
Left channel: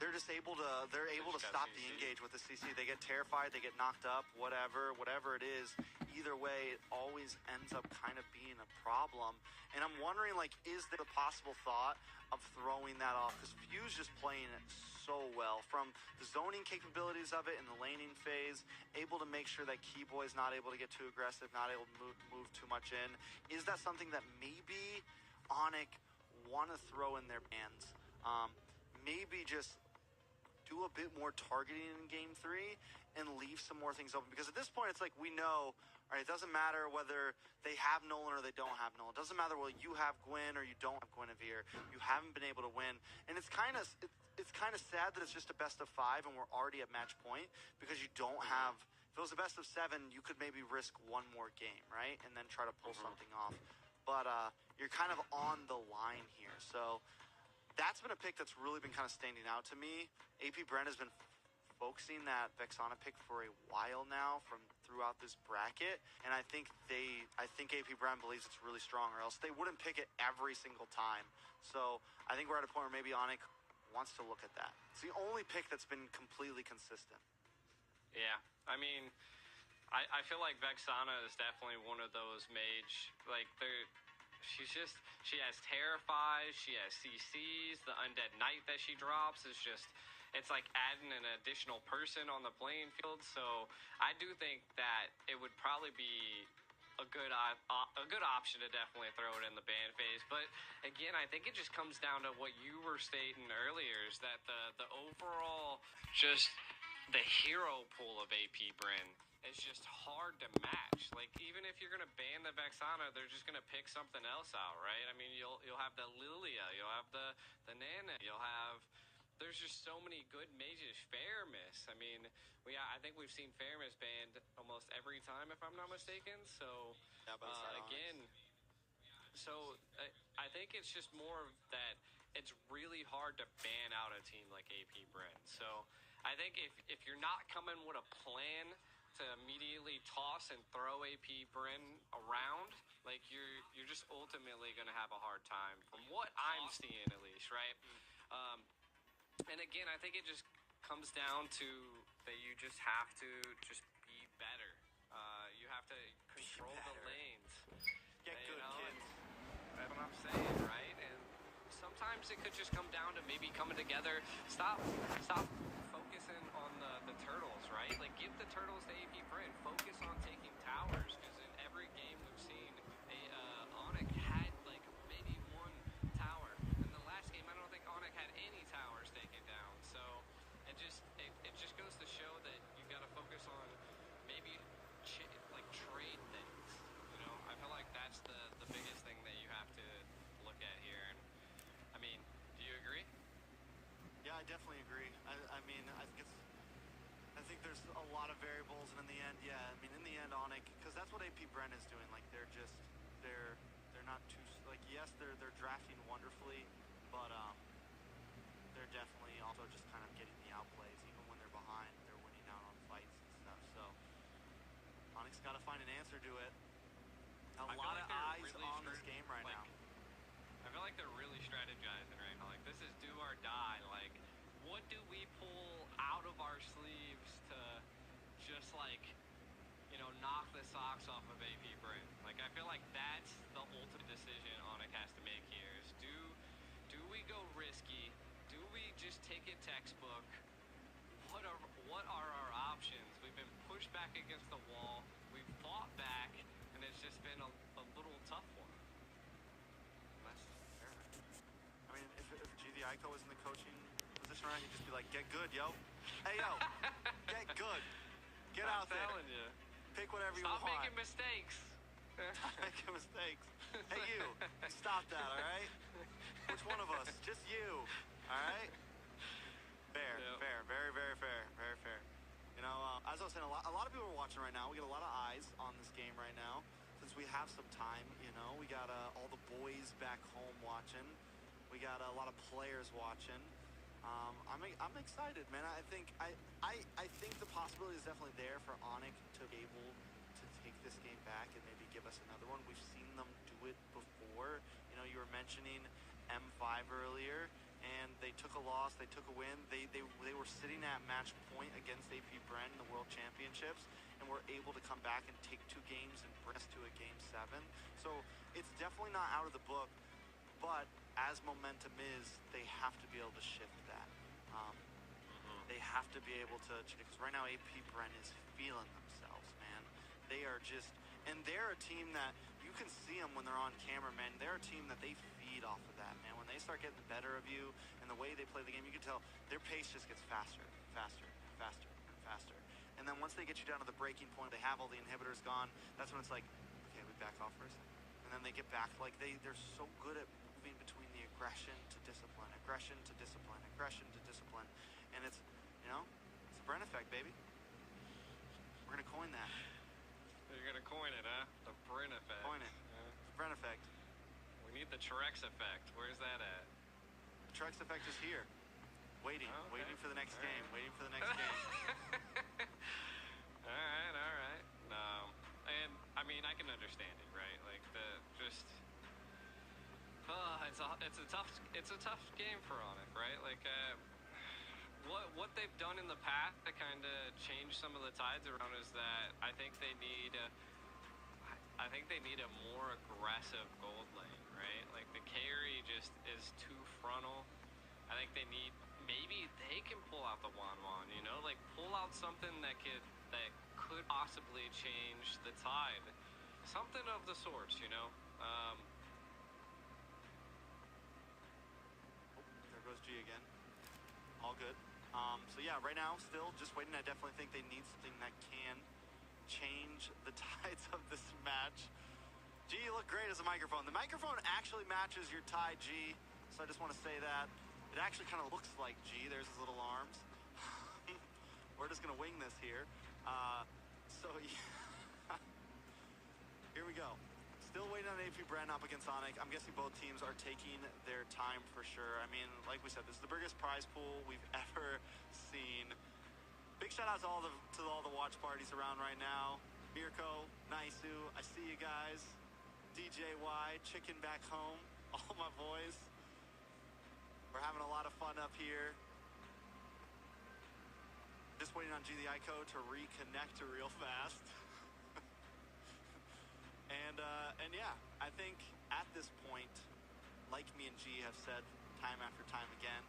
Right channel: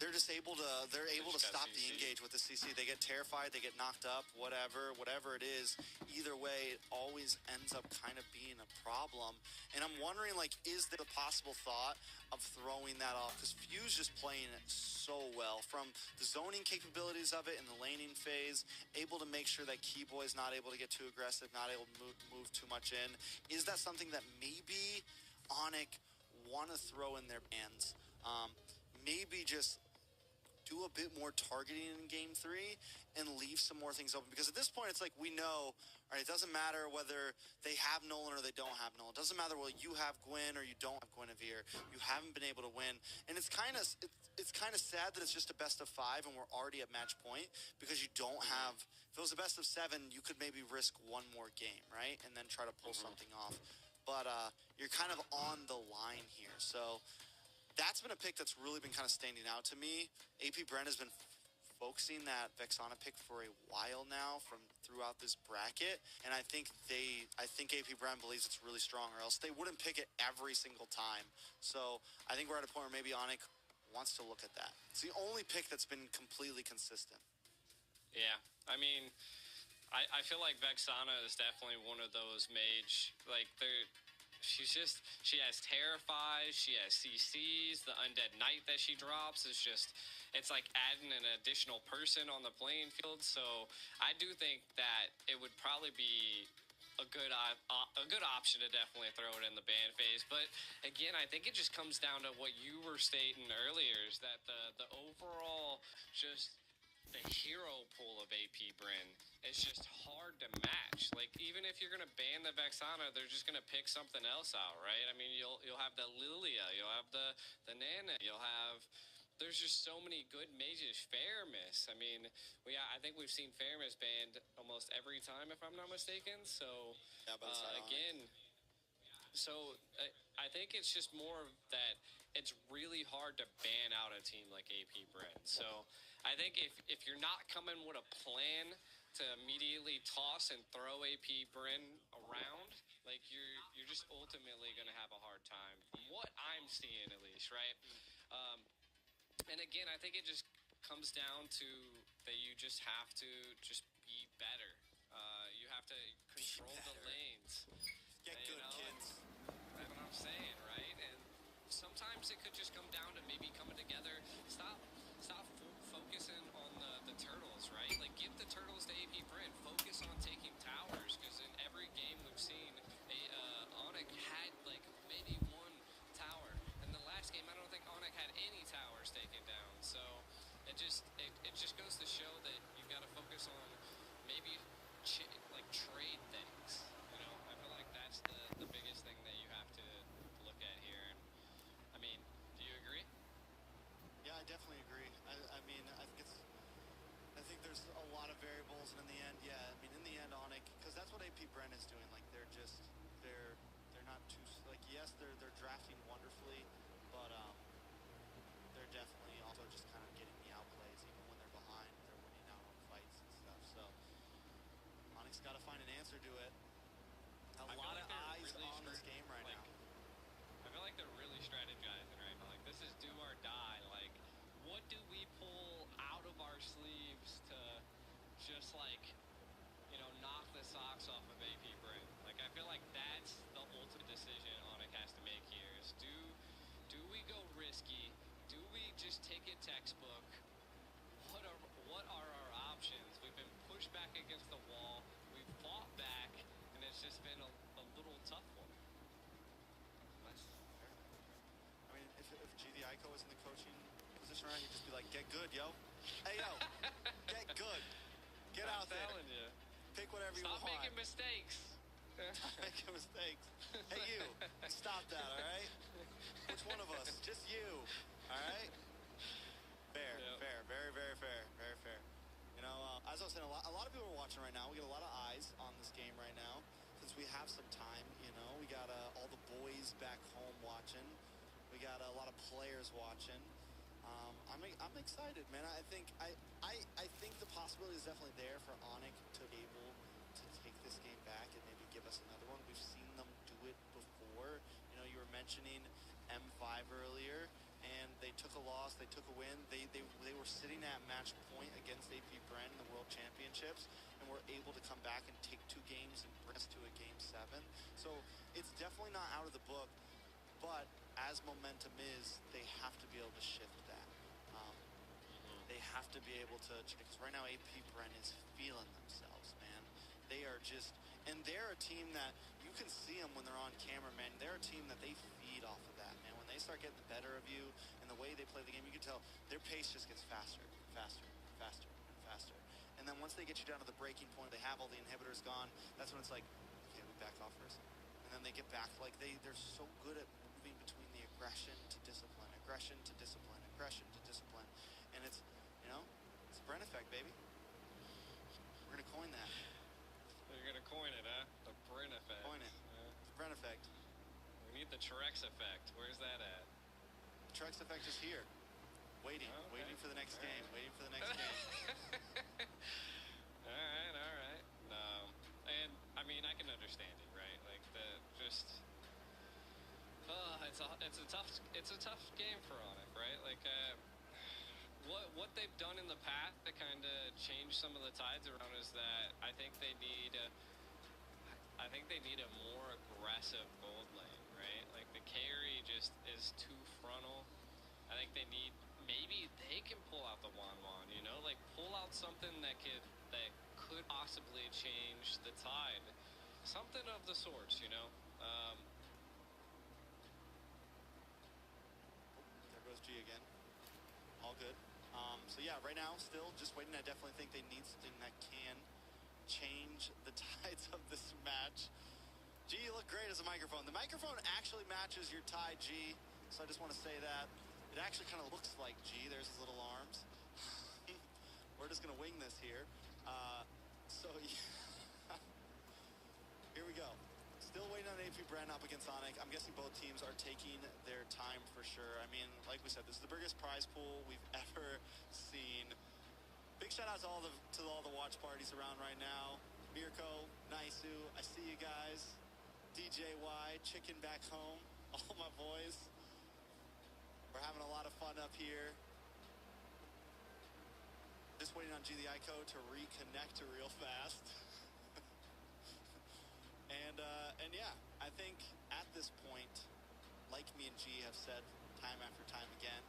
they're able to stop the engage with the CC. They get terrified, they get knocked up, whatever it is. Either way, it always ends up kind of being a problem. And I'm wondering, like, is there a possible thought of throwing that off? Because Fuse just playing it so well, from the zoning capabilities of it in the laning phase, able to make sure that Keyboy is not able to get too aggressive, not able to move too much in. Is that something that maybe Onyx want to throw in their bands? Maybe just do a bit more targeting in Game 3 and leave some more things open. Because at this point, it's like we know, all right, it doesn't matter whether they have Nolan or they don't have Nolan. It doesn't matter whether you have Gwen or you don't have Guinevere. You haven't been able to win. And it's kind of sad that it's just a best of 5 and we're already at match point, because you don't have, if it was a best of 7, you could maybe risk one more game, right? And then try to pull something off. But you're kind of on the line here. So that's been a pick that's really been kind of standing out to me. AP Bren has been focusing that Vexana pick for a while now from throughout this bracket, and I think AP Bren believes it's really strong, or else they wouldn't pick it every single time. So I think we're at a point where maybe Onyx wants to look at that. It's the only pick that's been completely consistent. Yeah, I mean, I feel like Vexana is definitely one of those mage, like she has Terrifies, she has CCs, the Undead Knight that she drops is just, it's like adding an additional person on the playing field. So I do think that it would probably be a good option to definitely throw it in the ban phase. But again, I think it just comes down to what you were stating earlier, is that the overall, just the hero pool of AP Bren is just hard to match. Like, even if you're gonna ban the Vexana, they're just gonna pick something else out, right? I mean, you'll have the Lilia, you'll have the Nana, there's just so many good mages. Fairmiss, I mean, I think we've seen Fairmiss banned almost every time, if I'm not mistaken. So again, so I think it's just more that it's really hard to ban out a team like AP Bren. So I think if you're not coming with a plan to immediately toss and throw AP Bren around, like you're just ultimately going to have a hard time, from what I'm seeing at least, right? And again, I think it just comes down to that you just have to just be better. You have to control the lanes. Get good, kids. That's what I'm saying, right? And sometimes it could just come down to maybe coming together. Stop focusing on the turtles, right? Like, give the turtles to AP Bren. Focus on taking towers, because in every game we've seen, Onyx had like maybe one tower. In the last game, I don't think Onyx had any towers taken down. So it just goes to show that you've got to focus on maybe like trade things. You know, I feel like that's the biggest thing that you have to look at here. And I mean, do you agree? definitely agree. I mean, I think there's a lot of variables, and in the end, yeah, I mean, in the end, Onic, because that's what AP Bren is doing. Like, they're not too, like, yes, they're drafting wonderfully, but they're definitely also just kind of getting the outplays. Even when they're behind, they're winning out on fights and stuff. So Onic's got to find an answer to it. A lot of eyes really on this game right now. I feel like they're really strategizing right now. Like, this is do or die. Like, what do we pull out of our sleeves to just, like, you know, knock the socks off of AP Bren? Like, I feel like that's the ultimate decision Onic has to make here is do we go risky? Do we just take it textbook? What are our options? We've been pushed back against the wall. We've fought back, and it's just been a little tough one. That's fair. I mean, if GD Ico was in the coaching position right, he'd just be like, get good, yo. Hey, yo, get good. Get out there. I'm telling you. Pick whatever you want. Stop making mistakes. Stop making mistakes. Hey, you stop that, all right? Which one of us? Just you, all right? Fair, fair, very, very fair, very fair. You know, as I was saying, a lot of people are watching right now. We get a lot of eyes on this game right now. Since we have some time, you know, we got all the boys back home watching. We got a lot of players watching. I'm excited, man. I think the possibility is definitely there for Onic to be able to take this game back and maybe give us another one. We've seen them do it before. You know, you were mentioning M5 earlier, and they took a loss, they took a win. They were sitting at match point against AP Bren in the World Championships, and were able to come back and take 2 games and bring us to a Game 7. So it's definitely not out of the book, but as momentum is, they have to be able to shift that. They have to be able to, because right now AP Bren is feeling themselves, man. They are just, and they're a team that you can see them when they're on camera, man. They're a team that they feed off of that, man. When they start getting the better of you and the way they play the game, you can tell their pace just gets faster, faster, faster, and faster. And then once they get you down to the breaking point, they have all the inhibitors gone. That's when it's like, okay, we back off for a second. And then they get back, like they're so good at moving between the aggression to discipline, aggression to discipline, aggression to discipline. And it's, you know, it's the Bren effect, baby. We're going to coin that. You're going to coin it, huh? The Bren effect. Coin it. The Bren effect. We need the Trex effect. Where's that at? The Trex effect is here. Waiting. Oh, okay. Waiting for the next game. Waiting for the next game. All right. No. And, I mean, I can understand it, right? Like, it's a tough game for Onic, right? Like, what they've done in the past to kind of change some of the tides around is that I think they need a more aggressive gold lane, right? Like the carry just is too frontal. I think they need, maybe they can pull out the Wan, you know, like pull out something that could possibly change the tide, something of the sorts, you know. There goes G again. All good. So yeah, right now, still just waiting. I definitely think they need something that can change the tides of this match. G, you look great as a microphone. The microphone actually matches your tie, G. So I just want to say that. It actually kind of looks like G. There's his little arms. We're just going to wing this here. So yeah. Here we go. Still waiting on AP Bren up against Onic. I'm guessing both teams are taking their time for sure. I mean, like we said, this is the biggest prize pool we've ever seen. Big shout out to all the watch parties around right now. Mirko, Naisu, I see you guys. DJY, Chicken back home, all my boys. We're having a lot of fun up here. Just waiting on G the Ico to reconnect real fast. And yeah, I think at this point, like me and G have said time after time again,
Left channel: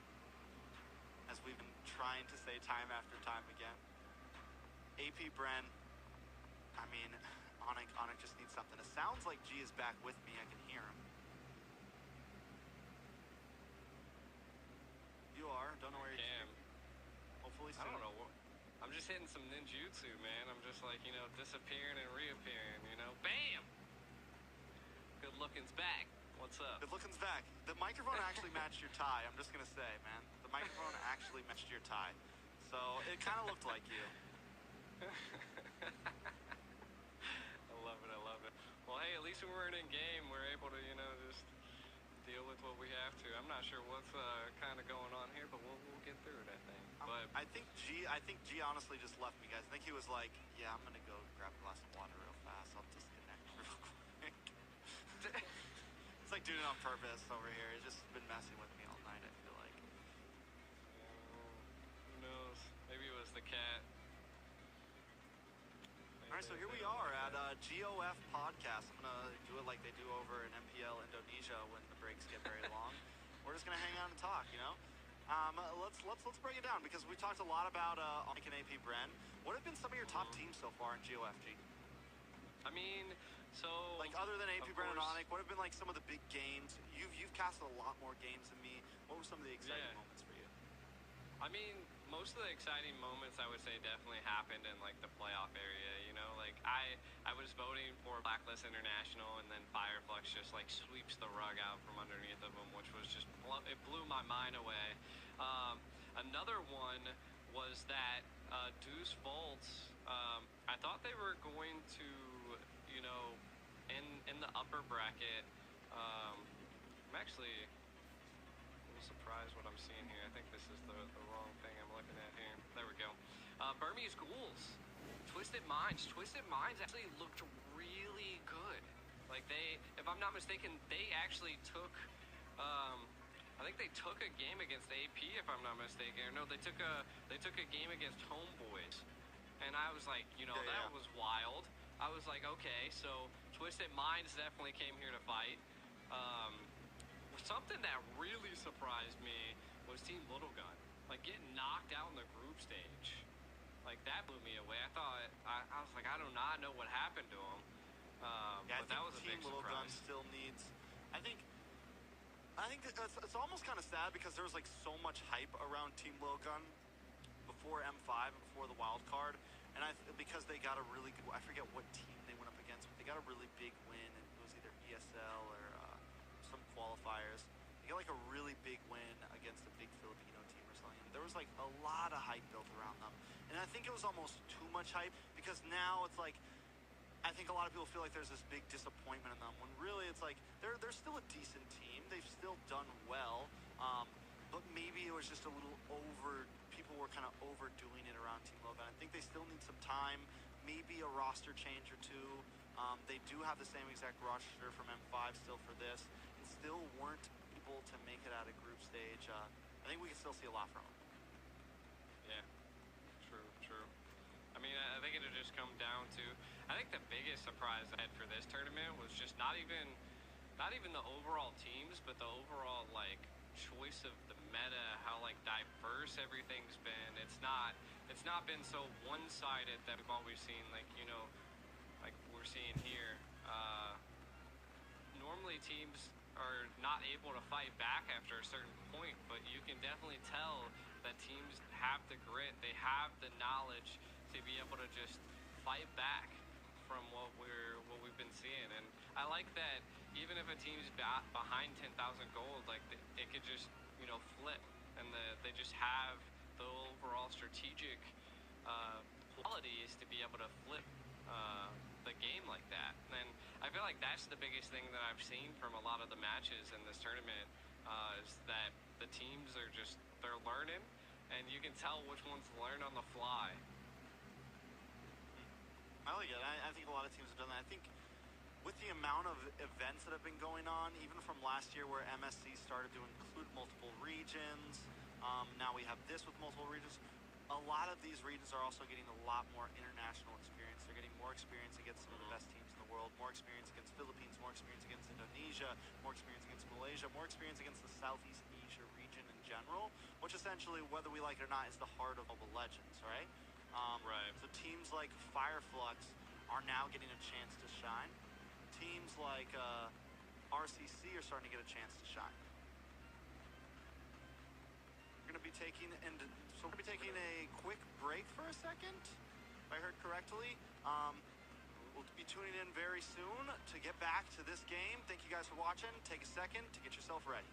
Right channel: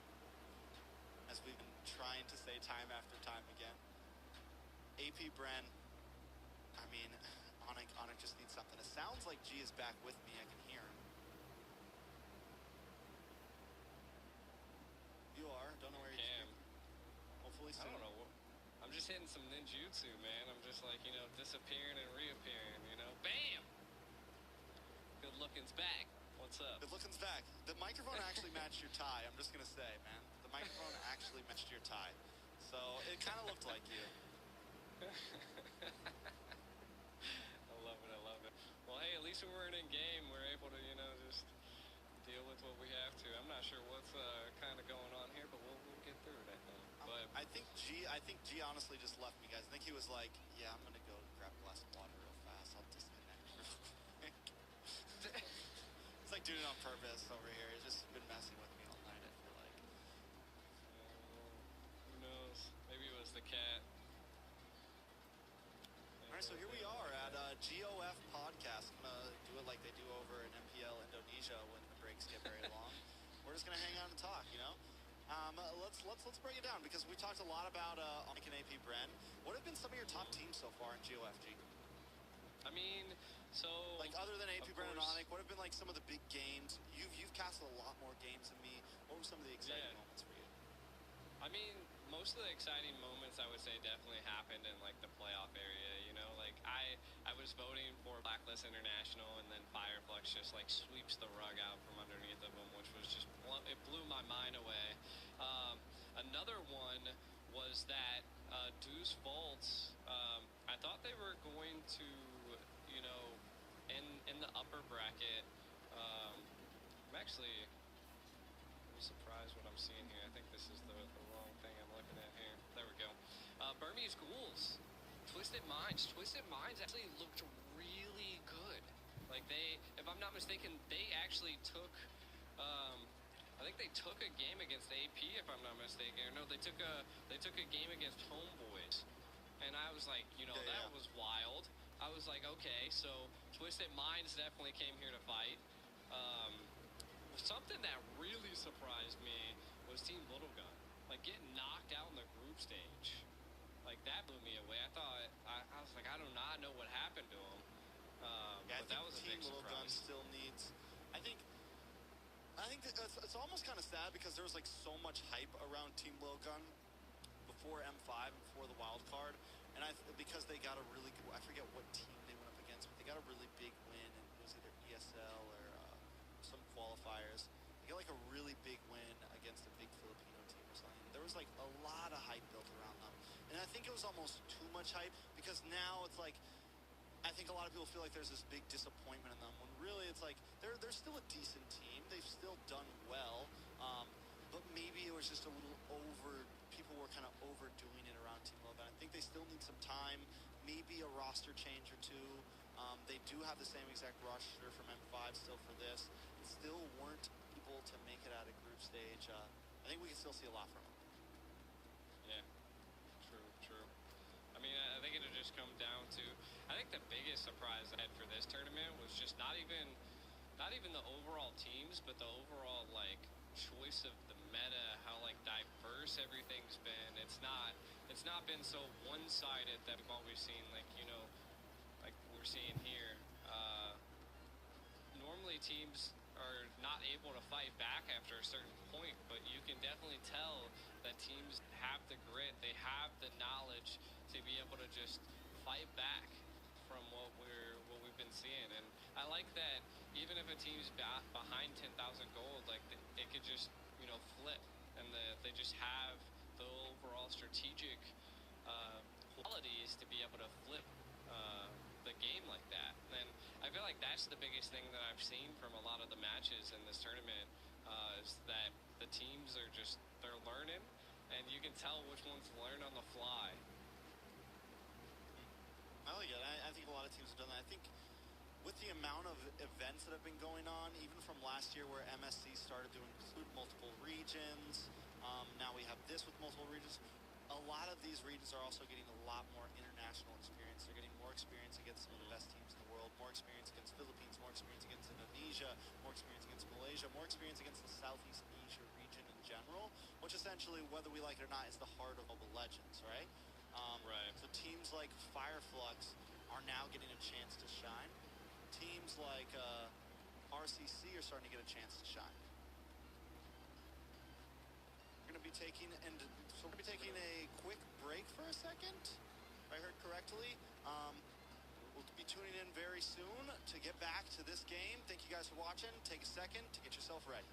as we've been trying to say time after time again, AP Bren, I mean, Onic just needs something. It sounds like G is back with me. I can hear him. You are. Don't know where you are. Hopefully soon. I don't know. I'm just hitting some ninjutsu, man. I'm just like, you know, disappearing and reappearing, you know. Bam! Good looking's back. What's up? Good looking's back. The microphone actually matched your tie. I'm just going to say, man. The microphone actually actually matched your tie. So it kind of looked like you. I love it. I love it. Well, hey, at least when we're in game, we're able to, you know, just deal with what we have to. I'm not sure what's kind of going on here, but we'll get through it, I think. But I think G honestly just left me, guys. I think he was like, yeah, I'm gonna go grab a glass of water real fast. I'll disconnect real quick. It's like doing it on purpose over here. He's just been messing with me all night, I feel like. who knows? Maybe it was the cat. All right, so here we are at GOF Podcast. I'm gonna do it like they do over in MPL Indonesia when the breaks get very long. We're just gonna hang out and talk, you know. Let's break it down because we talked a lot about Onic and AP Bren. What have been some of your top teams so far in GOFG? I mean, so like other than AP of Bren and course- Onic, what have been like some of the big games? You've casted a lot more games than me. What were some of the exciting Yeah. moments for you? I mean, most of the exciting moments I would say definitely happened in like the playoff area. You know, like I was voting for Blacklist International, and then Fireflux just like sweeps the rug out from underneath of them, which was just it blew my mind away. Another one was that Deuce Volts. I thought they were going to, you know, in the upper bracket. I'm actually a little surprised what I'm seeing here. I think this is the wrong thing I'm looking at here. There we go. Burmese Ghouls, Twisted Minds. Twisted Minds actually looked really good. Like they, if I'm not mistaken, they actually took, I think they took a game against AP, if I'm not mistaken. Or no, they took a game against Homeboys, and I was like, you know, that was wild. I was like, okay, so Twisted Minds definitely came here to fight. Something that really surprised me was Team Little Gun, like getting knocked out in the group stage. Like that blew me away. I was like, I do not know what happened to him. Yeah, but that was a Team big Little Gun surprise. still needs. I think it's almost kind of sad because there was like so much hype around Team Little Gun before M5 and before the wild card, and because they got a really good. I forget what team they went up against, but they got a really big win, and it was either ESL or some qualifiers. They got like a really big win against a big Filipino team or something. There was like a lot of hype built around them, and I think it was almost too much hype because now it's like. I think a lot of people feel like there's this big disappointment in them when really it's like they're still a decent team. They've still done well, but maybe it was just a little over. People were kind of overdoing it around Team Logan. I think they still need some time, maybe a roster change or two. They do have the same exact roster from M5 still for this, and still weren't able to make it out of group stage. I think we can still see a lot from them. Yeah, true. I mean, I think it'll just come down to. I think the biggest surprise I had for this tournament was just not even the overall teams, but the overall like choice of the meta, how like diverse everything's been. It's not been so one-sided that we've always seen, like, you know, like we're seeing here. Normally teams are not able to fight back after a certain point, but you can definitely tell that teams have the grit, they have the knowledge to be able to just fight back from what we've been seeing. And I like that even if a team's behind 10,000 gold, like it could just, you know, flip, and they just have the overall strategic qualities to be able to flip the game like that. And I feel like that's the biggest thing that I've seen from a lot of the matches in this tournament, is that the teams are just, they're learning, and you can tell which ones learn on the fly. I like it. I think a lot of teams have done that. I think with the amount of events that have been going on, even from last year where MSC started to include multiple regions, now we have this with multiple regions. A lot of these regions are also getting a lot more international experience. They're getting more experience against some of the best teams in the world, more experience against Philippines, more experience against Indonesia, more experience against Malaysia, more experience against the Southeast Asia region in general, which essentially, whether we like it or not, is the heart of Mobile Legends, right? Right. So teams like Fireflux are now getting a chance to shine. Teams like RCC are starting to get a chance to shine. We're going to be taking a quick break for a second, if I heard correctly. We'll be tuning in very soon to get back to this game. Thank you guys for watching. Take a second to get yourself ready.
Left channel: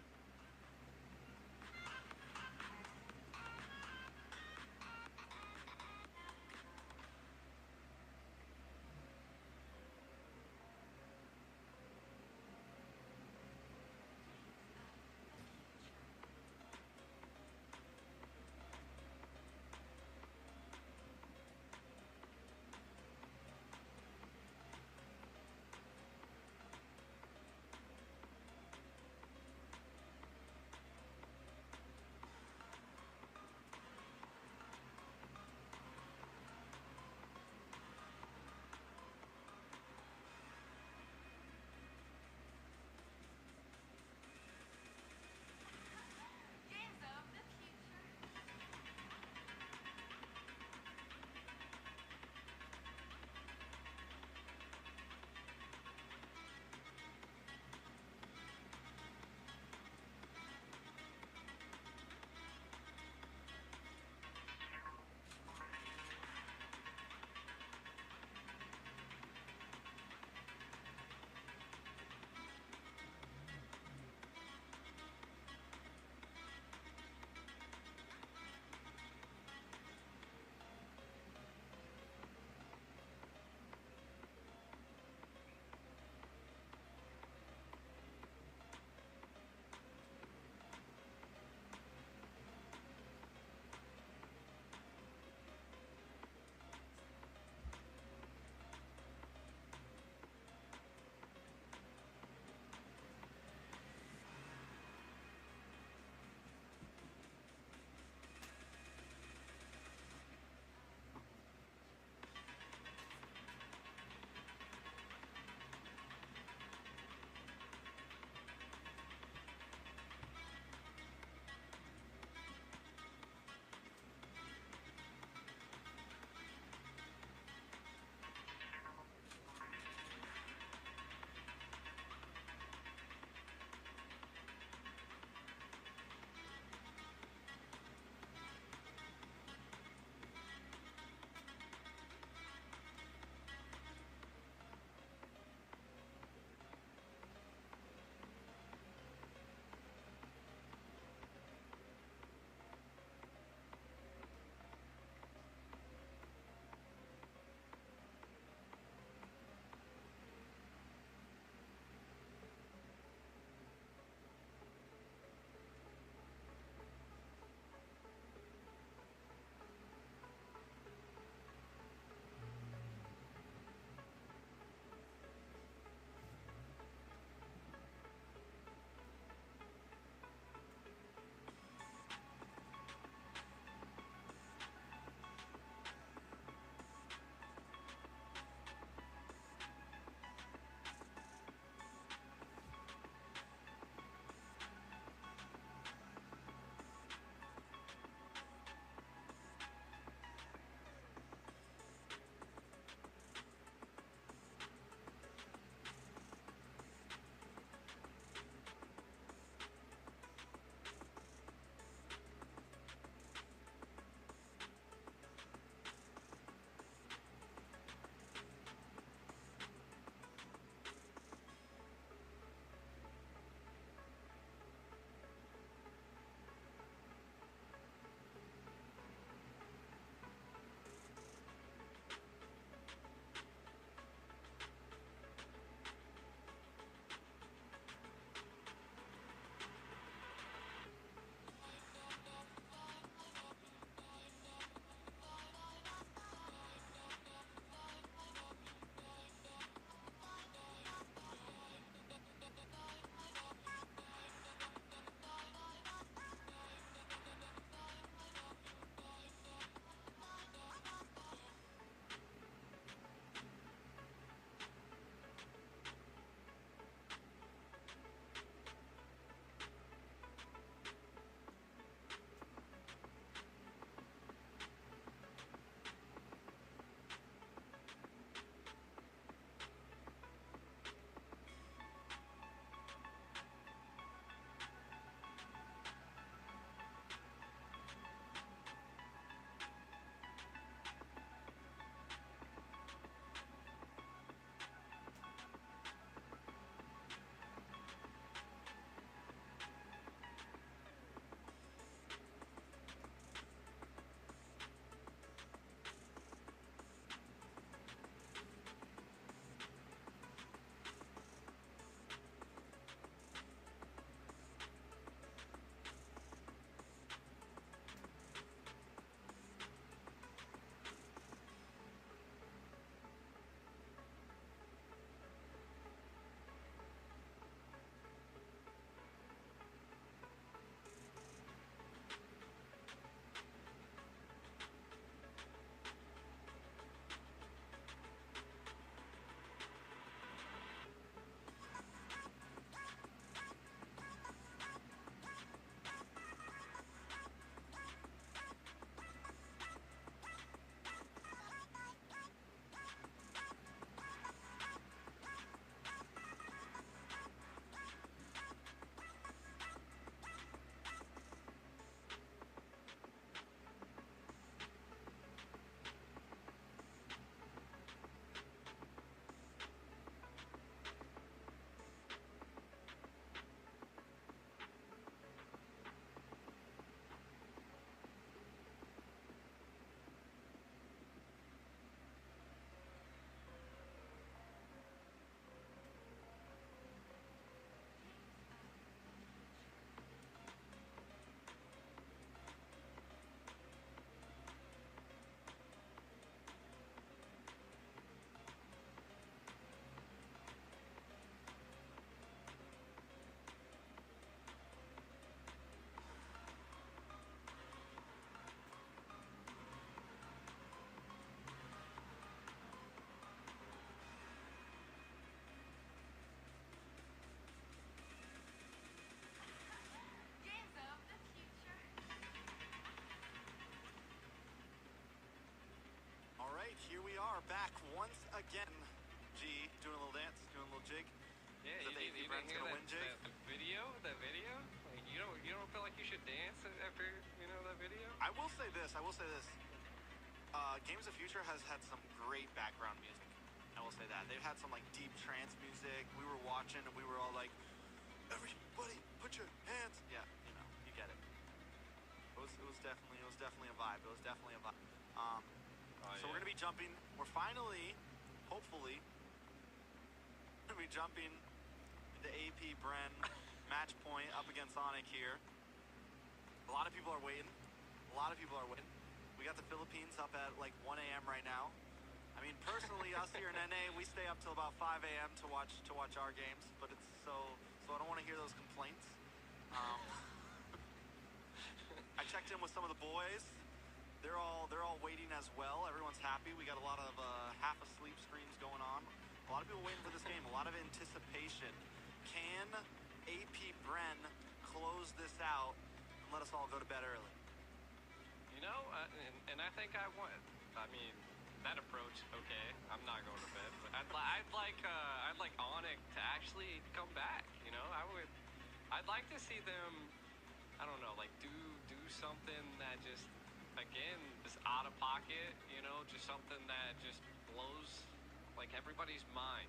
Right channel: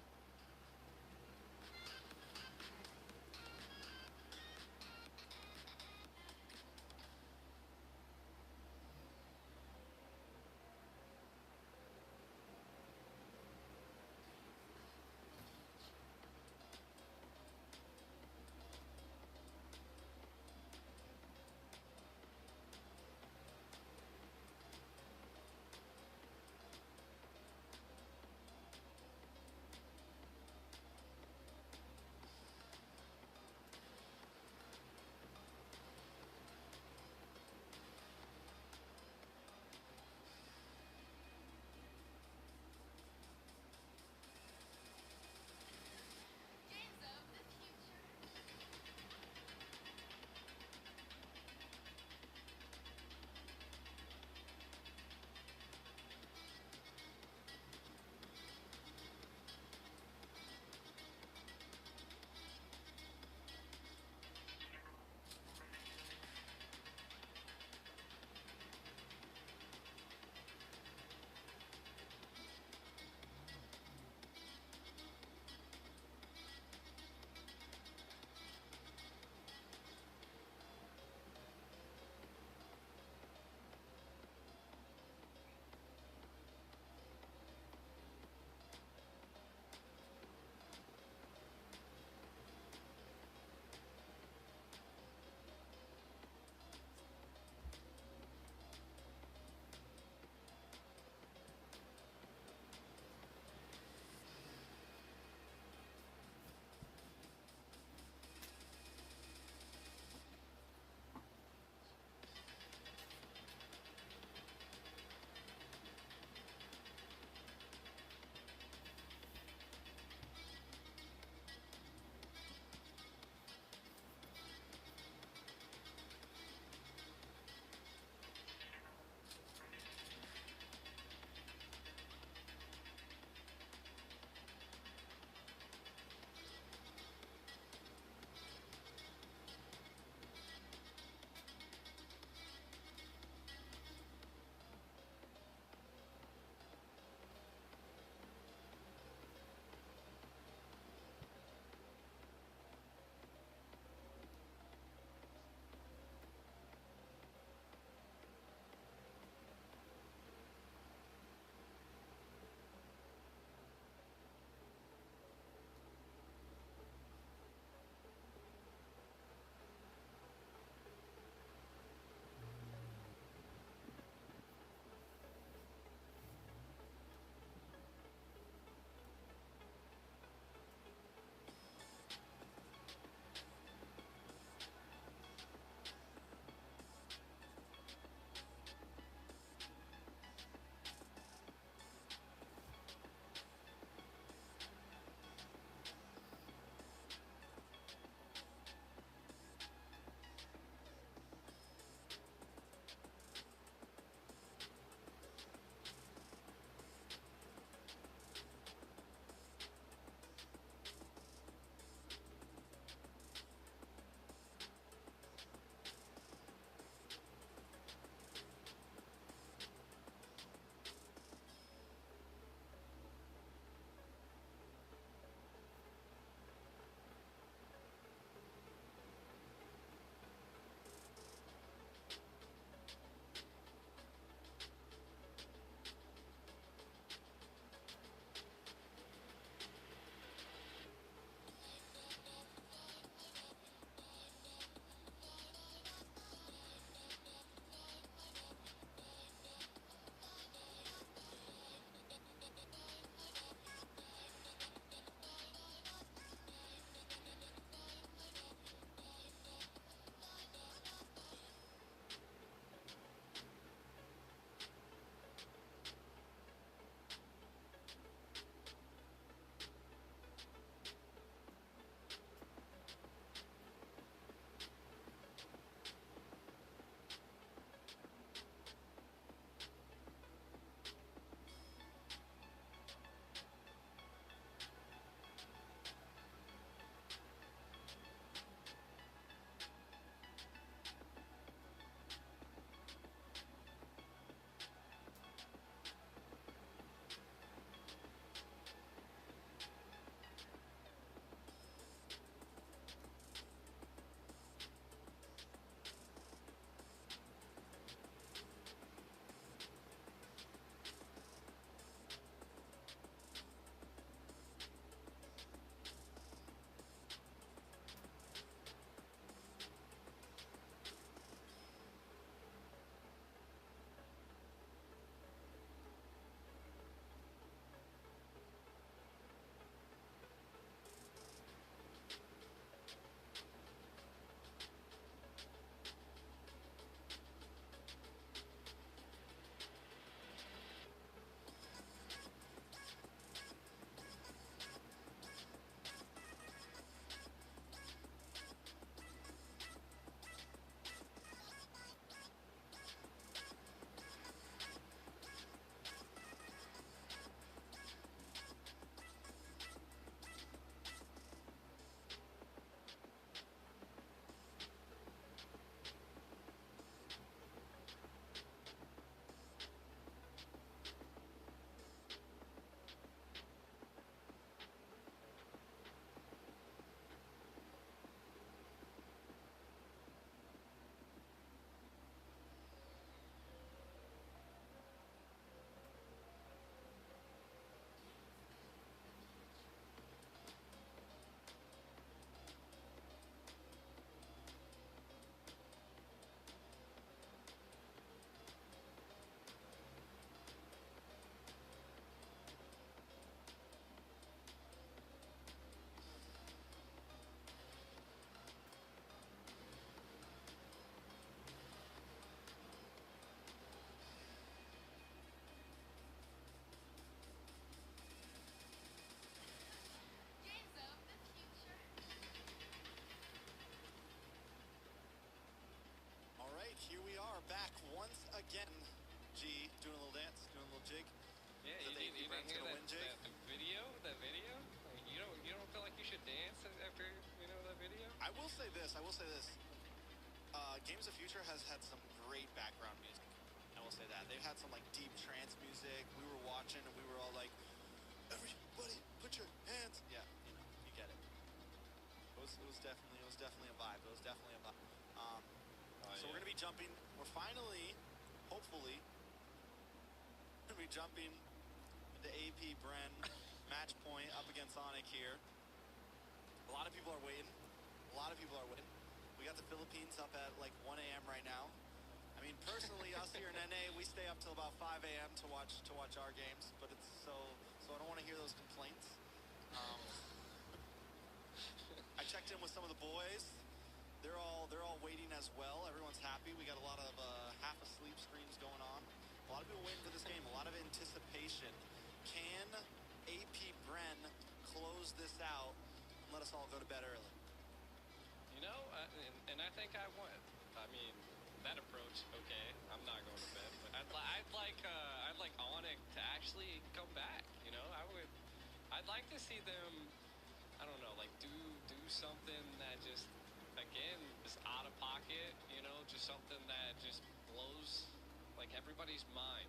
once again, G doing a little dance, doing a little jig. Yeah, Is that the AP you Brent's didn't hear gonna that, win jig? that video? That video? Like, you don't feel like you should dance after that video? I will say this. Games of Future has had some great background music. I will say that. They've had some like deep trance music. We were watching and we were all like, everybody put your hands. Yeah, you get it. It was definitely a vibe. It was definitely a vibe. So we're gonna be jumping. We're finally, hopefully, gonna be jumping into AP Bren match point up against Onic here. A lot of people are waiting. We got the Philippines up at like 1 a.m. right now. I mean, personally, us here in NA, we stay up till about 5 a.m. to watch our games, but it's so I don't want to hear those complaints. I checked in with some of the boys. They're all waiting as well. Everyone's happy. We got a lot of half asleep streams going on. A lot of people waiting for this game. A lot of anticipation. Can AP Bren close this out and let us all go to bed early? And I think I won. I mean, that approach, okay. I'm not going to bed, but I'd like Onic to actually come back. I'd like to see them. I don't know, like do something that just, again, is out of pocket. Just something that just blows like everybody's mind.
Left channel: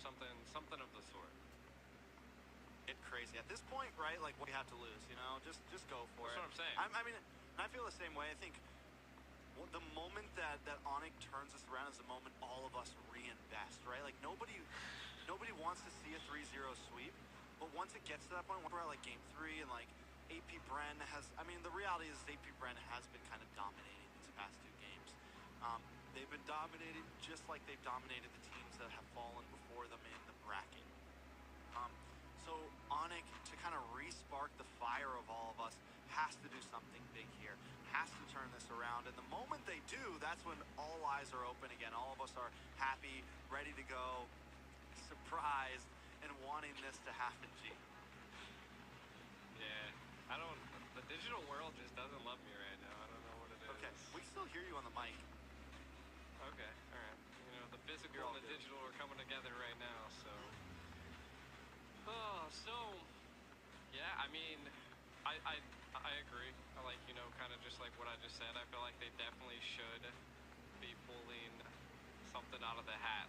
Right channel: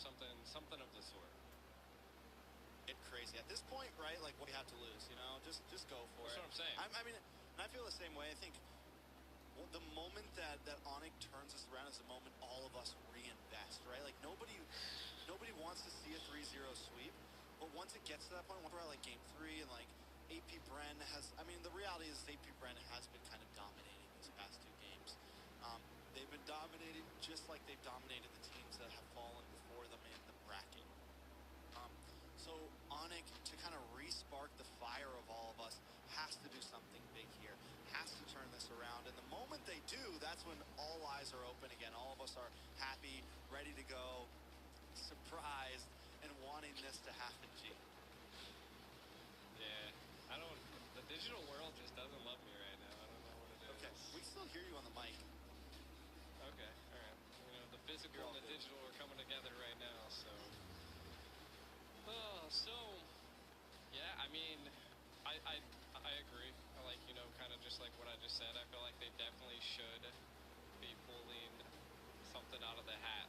Something of the sort. Get crazy at this point, right? Like, what do you have to lose? Just go for it. That's what I'm saying. I mean, and I feel the same way. I think the moment that Onic turns us around is the moment all of us reinvest, right? Like nobody wants to see a 3-0 sweep, but once it gets to that point, we're at like game 3 and like AP Bren has. I mean, the reality is AP Bren has been kind of dominating these past 2 games. They've been dominating just like they've dominated the teams that have fallen before them in the bracket. So Onic, to kind of re-spark the fire of all of us, has to do something big here, has to turn this around. And the moment they do, that's when all eyes are open again. All of us are happy, ready to go, surprised, and wanting this to happen, G. Yeah, the digital world just doesn't love me right now. I don't know what it is. Okay, we can still hear you on the mic. Okay, all right. The physical and the digital are coming together right now, so. Yeah, I mean, I agree. I like, kind of just like what I just said. I feel like they definitely should be pulling something out of the hat.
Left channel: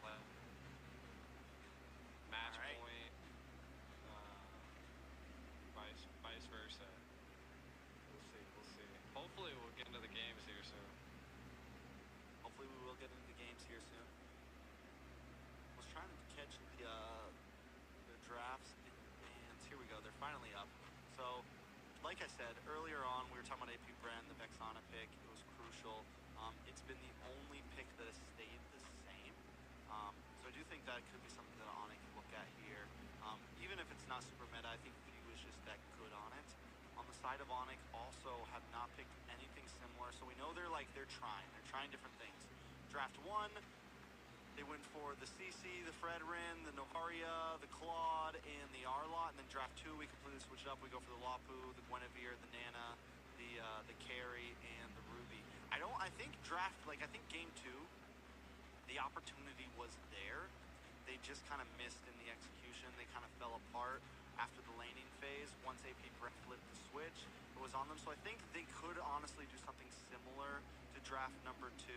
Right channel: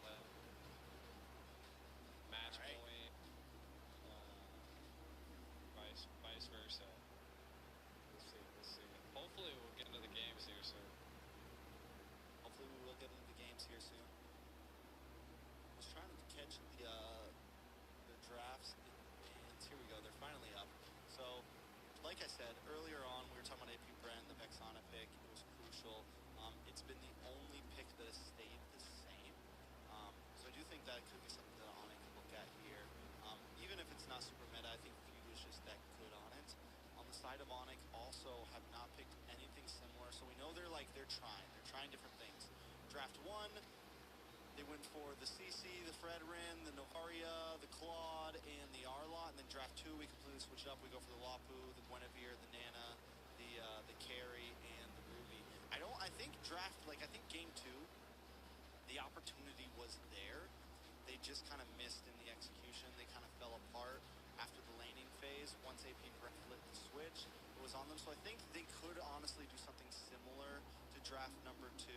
Match point, vice versa. We'll see. Hopefully we'll get into the games here soon. Was trying to catch the drafts in advance. Here we go. They're finally up. So, like I said earlier on, we were talking about AP Bren, the Vexana pick. It was crucial. It's been the only pick that has stayed the same. So I do think that could be something that Onic can look at here. Even if it's not super meta, I think Few is just that good on it. On the side of Onic, also have not picked anything similar. So we know they're trying different things. Draft 1, they went for the CC, the Fredrin, the Novaria, the Claude, and the Arlot. And then draft 2, we completely switch it up. We go for the Lapu, the Guinevere, the Nana, the Carry, and the Ruby. I think game 2, the opportunity was there. They just kind of missed in the execution. They kind of fell apart after the laning phase. Once AP Bren flipped the switch, it was on them. So I think they could honestly do something similar to draft number 2.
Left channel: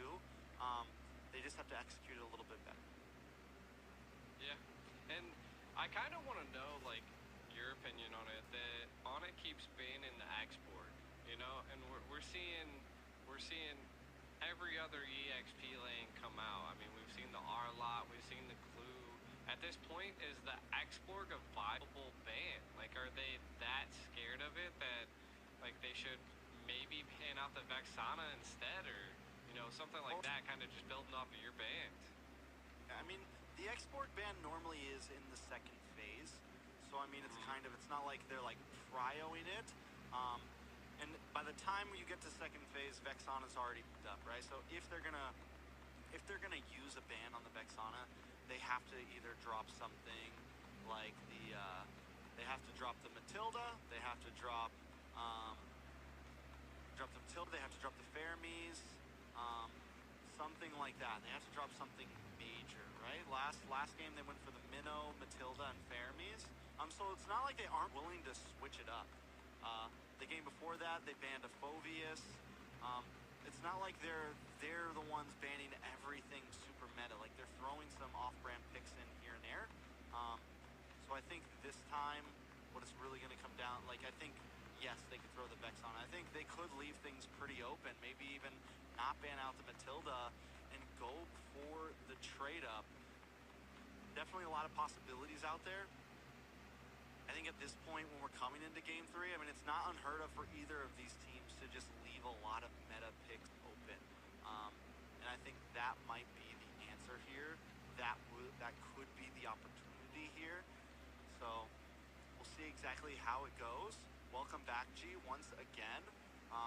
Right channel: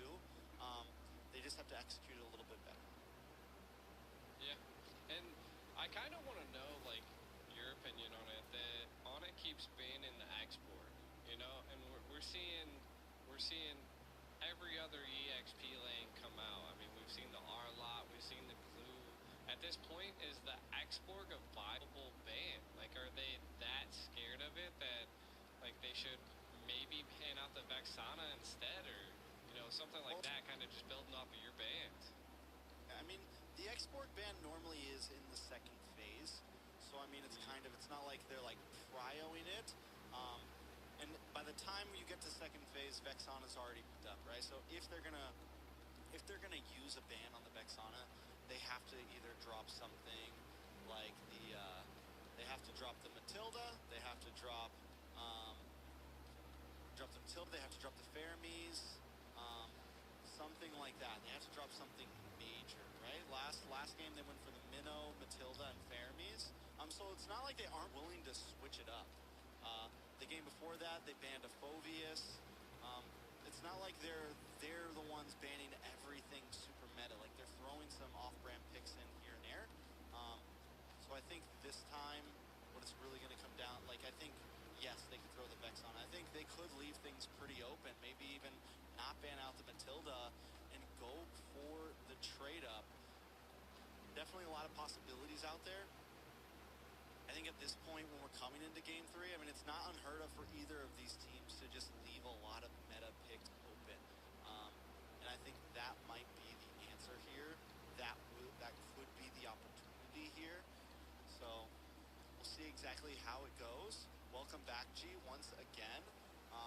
They just have to execute it a little bit better. Yeah, and I kind of want to know, like, your opinion on it. That Onic keeps being in the export, and we're seeing every other EXP lane come out. I mean, we've seen the R-Lot, we've seen the Clue. At this point, is the export a viable ban? Like, are they that scared of it that, like, they should maybe pan out the Vexana instead, or something like that, kind of just building off of your band? I mean, the export ban normally is in the second phase. So, I mean, it's not like they're, like, prioing it. And by the time you get to second phase, Vexana's already picked up, right? So if they're gonna use a ban on the Vexana, they have to either drop something like they have to drop the Matilda, they have to drop the Matilda, they have to drop the Fermis, something like that. They have to drop something major, right? Last game they went for the Minnow, Matilda, and Fermis. So it's not like they aren't willing to switch it up. The game before that, they banned a Phoveus. It's not like they're the ones banning everything super meta. Like, they're throwing some off-brand picks in here and there. So I think this time, what it's really going to come down, like, I think, yes, they could throw the Vex on. I think they could leave things pretty open. Maybe even not ban out the Matilda and go for the trade-up. Definitely a lot of possibilities out there. I think at this point, when we're coming into Game 3, I mean, it's not unheard of for either of these teams to just leave a lot of meta picks open. And I think that might be the answer here. That could be the opportunity here. So we'll see exactly how it goes. Welcome back, G, once again.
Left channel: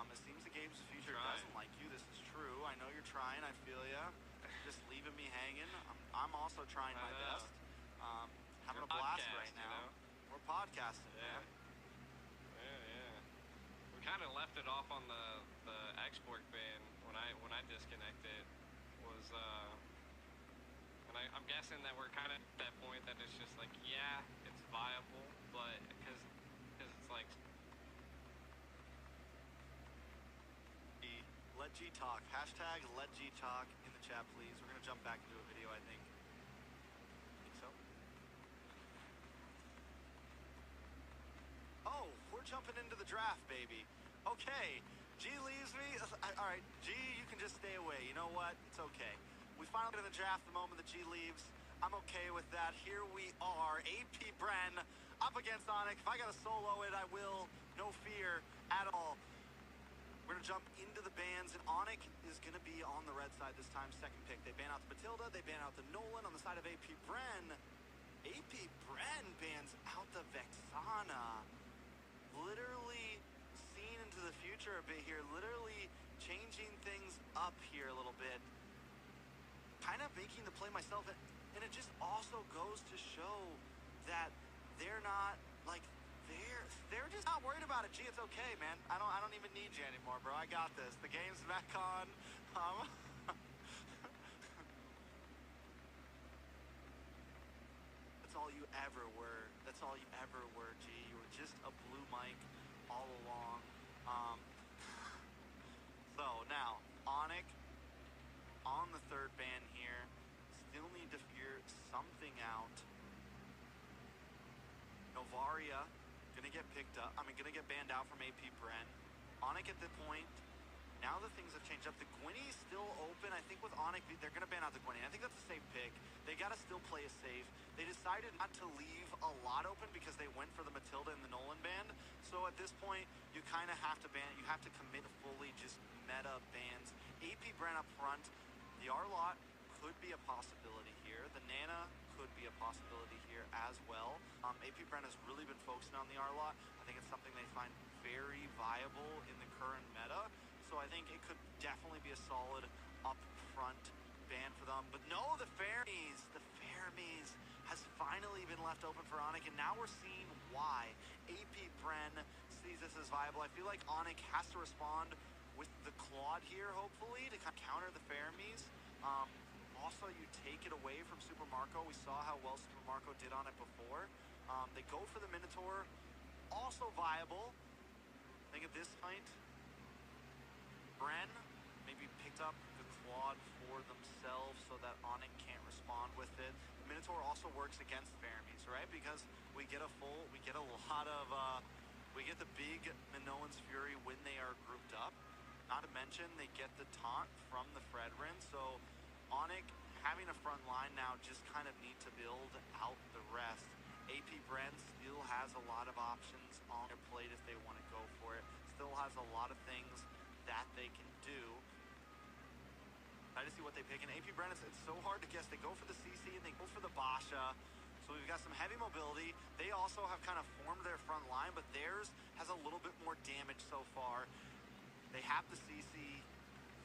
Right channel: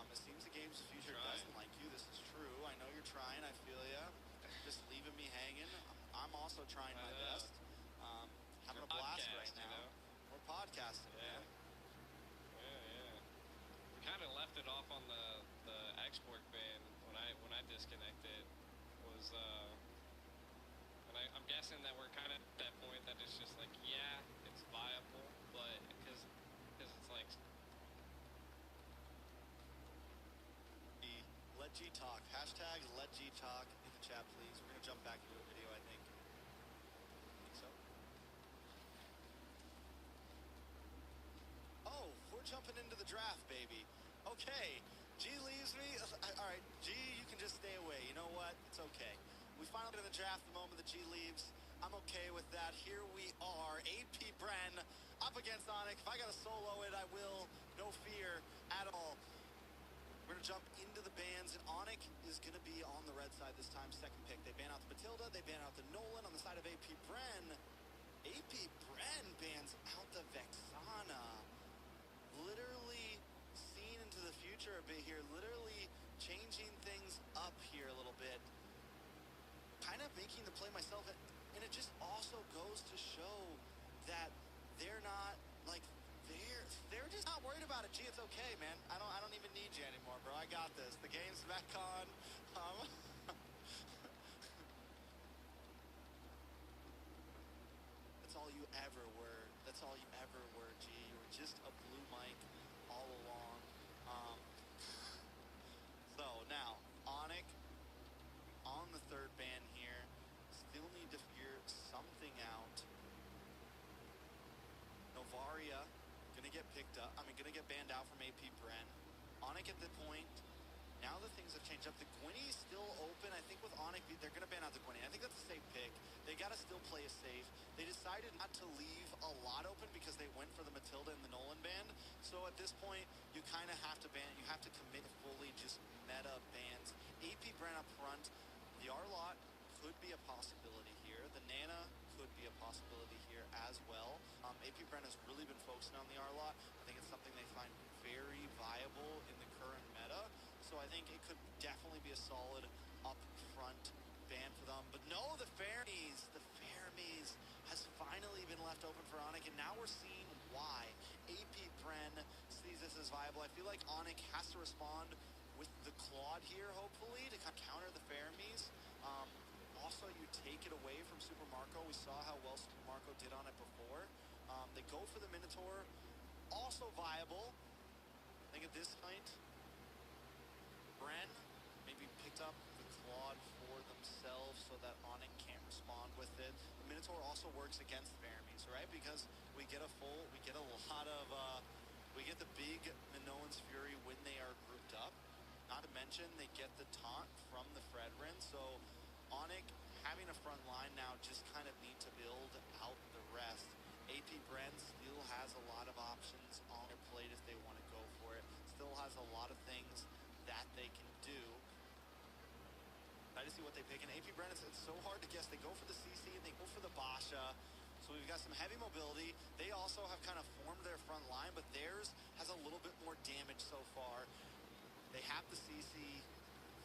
It seems the Games of Future doesn't like you. This is true. I know you're trying. I feel ya. Just leaving me hanging. I'm also trying my best. Having a blast right now. You know? We're podcasting, man. Yeah. We kind of left it off on the export ban when I disconnected. Was and I'm guessing that we're kind of at that point that it's just like, yeah, it's viable, but because it's like. Let G talk. Hashtag let G talk in the chat, please. We're gonna jump back into a video, I think. Think so? Oh, we're jumping into the draft, baby. Okay, G leaves me. All right, G, you can just stay away. You know what? It's okay. We finally get in the draft the moment that G leaves. I'm okay with that. Here we are, AP Bren up against Onyx. If I gotta solo it, I will. No fear at all. We're gonna jump into the bans, and Onyx is gonna be on the red side this time, second pick. They ban out the Matilda, they ban out the Nolan on the side of AP Bren. AP Bren bans out the Vexana. Literally seeing into the future a bit here, literally changing things up here a little bit. Kind of making the play myself, and it just also goes to show that they're not, like, they're just not worried about it. Gee, it's okay, man. I don't even need you anymore, bro. I got this. The game's back on. That's all you ever were. That's all you ever were, G. You were just a blue mic all along. So now, Onyx on the third ban here. Still need to figure something out. Novaria gonna get picked up. Gonna get banned out from AP Bren. Onyx at the point. Now the things have changed up. The Gwynny's still open. I think with Onyx, they're gonna ban out the Gwynny. I think that's a safe pick. They gotta still play it safe. They decided not to leave a lot open because they went for the Matilda and the Nolan band. So at this point, you kind of have to ban. You have to commit to fully just meta bans. AP Bren up front. The Arlott could be a possibility here. The Nana could be a possibility here as well. AP Bren has really been focusing on the Arlott. I think it's something they find very viable in the current meta. So I think it could definitely be a solid up front ban for them. But no, the Fermis has finally been left open for Onyx, and now we're seeing why. AP Bren sees this as viable. I feel like Onyx has to respond with the Claude here, hopefully, to kind of counter the Fermis. Also, you take it away from Super Marco. We saw how well Super Marco did on it before. They go for the Minotaur. Also viable. I think at this point, Bren maybe picked up the Claude for themselves so that Onyx can't respond with it. The Minotaur also works against Fermis, right? Because we get a lot of, we get the big Minoan's Fury when they are grouped up. Not to mention, they get the taunt from the Fredrin. So Onyx, having a front line now, just kind of need to build out the rest. AP Bren still has a lot of options on their plate if they want to go for it. Still has a lot of things that they can do. Excited to see what they pick. And AP Bren, it's so hard to guess. They go for the CC and they go for the Basha. So we've got some heavy mobility. They also have kind of formed their front line, but theirs has a little bit more damage so far. They have the CC.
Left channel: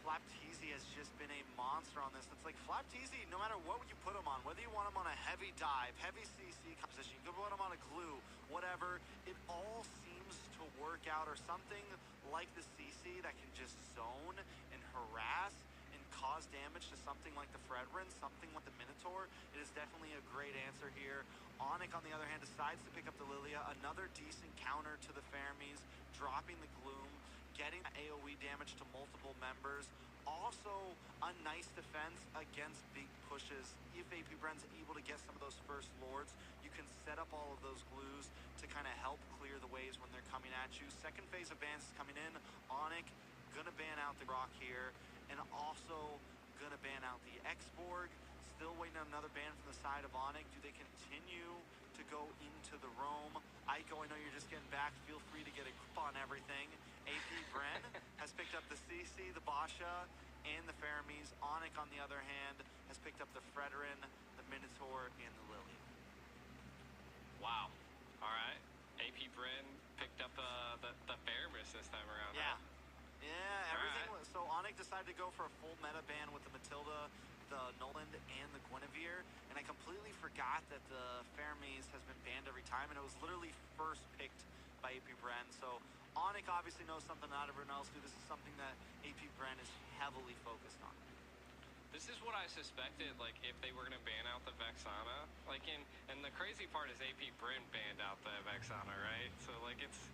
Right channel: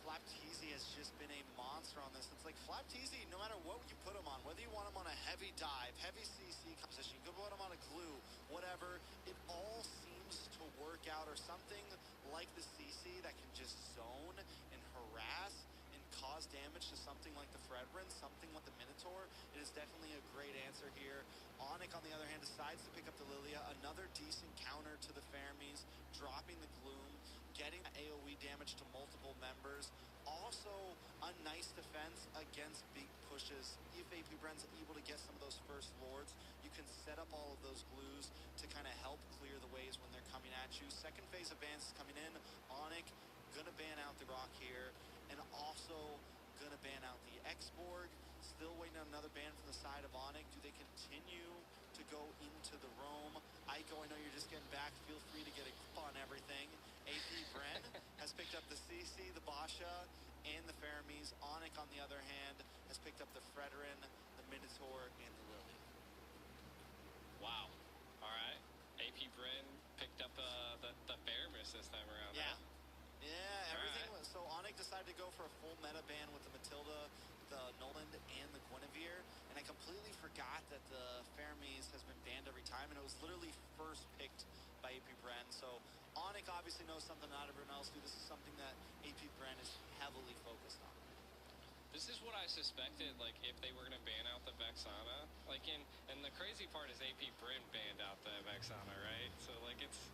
Flapteezy has just been a monster on this. It's like Flapteezy, no matter what you put him on, whether you want him on a heavy dive, heavy CC composition, you could put him on a glue, whatever, it all seems to work out, or something like the CC that can just zone and harass and cause damage to something like the Fredrin, something like the Minotaur, it is definitely a great answer here. Onyx, on the other hand, decides to pick up the Lilia. Another decent counter to the Fermis, dropping the Gloom, getting AoE damage to multiple members. Also, a nice defense against big pushes. If AP Bren's able to get some of those first lords, you can set up all of those glues to kind of help clear the ways when they're coming at you. Second phase of bans is coming in. Onyx gonna ban out the Rock here, and also gonna ban out the X-Borg. Still waiting on another ban from the side of Onyx. Do they continue to go into the roam? Aiko, I know you're just getting back. Feel free to get a grip on everything. AP Bren has picked up the CC, the Basha, and the Fermis. Onyx, on the other hand, has picked up the Fredrin, the Minotaur, and the Lily. Wow. All right. AP Bren picked up the Fermis this time around. Yeah. Huh? Yeah, everything was... So Onyx decided to go for a full meta ban with the Matilda, the Noland, and the Guinevere, and I completely forgot that the Fermis has been banned every time, and it was literally first picked by AP Bren. So Onyx obviously knows something not everyone else do. This is something that AP Bren is heavily focused on. This is what I suspected, like, if they were going to ban out the Vexana. Like, and the crazy part is AP Bren banned out the Vexana, right? So, like, it's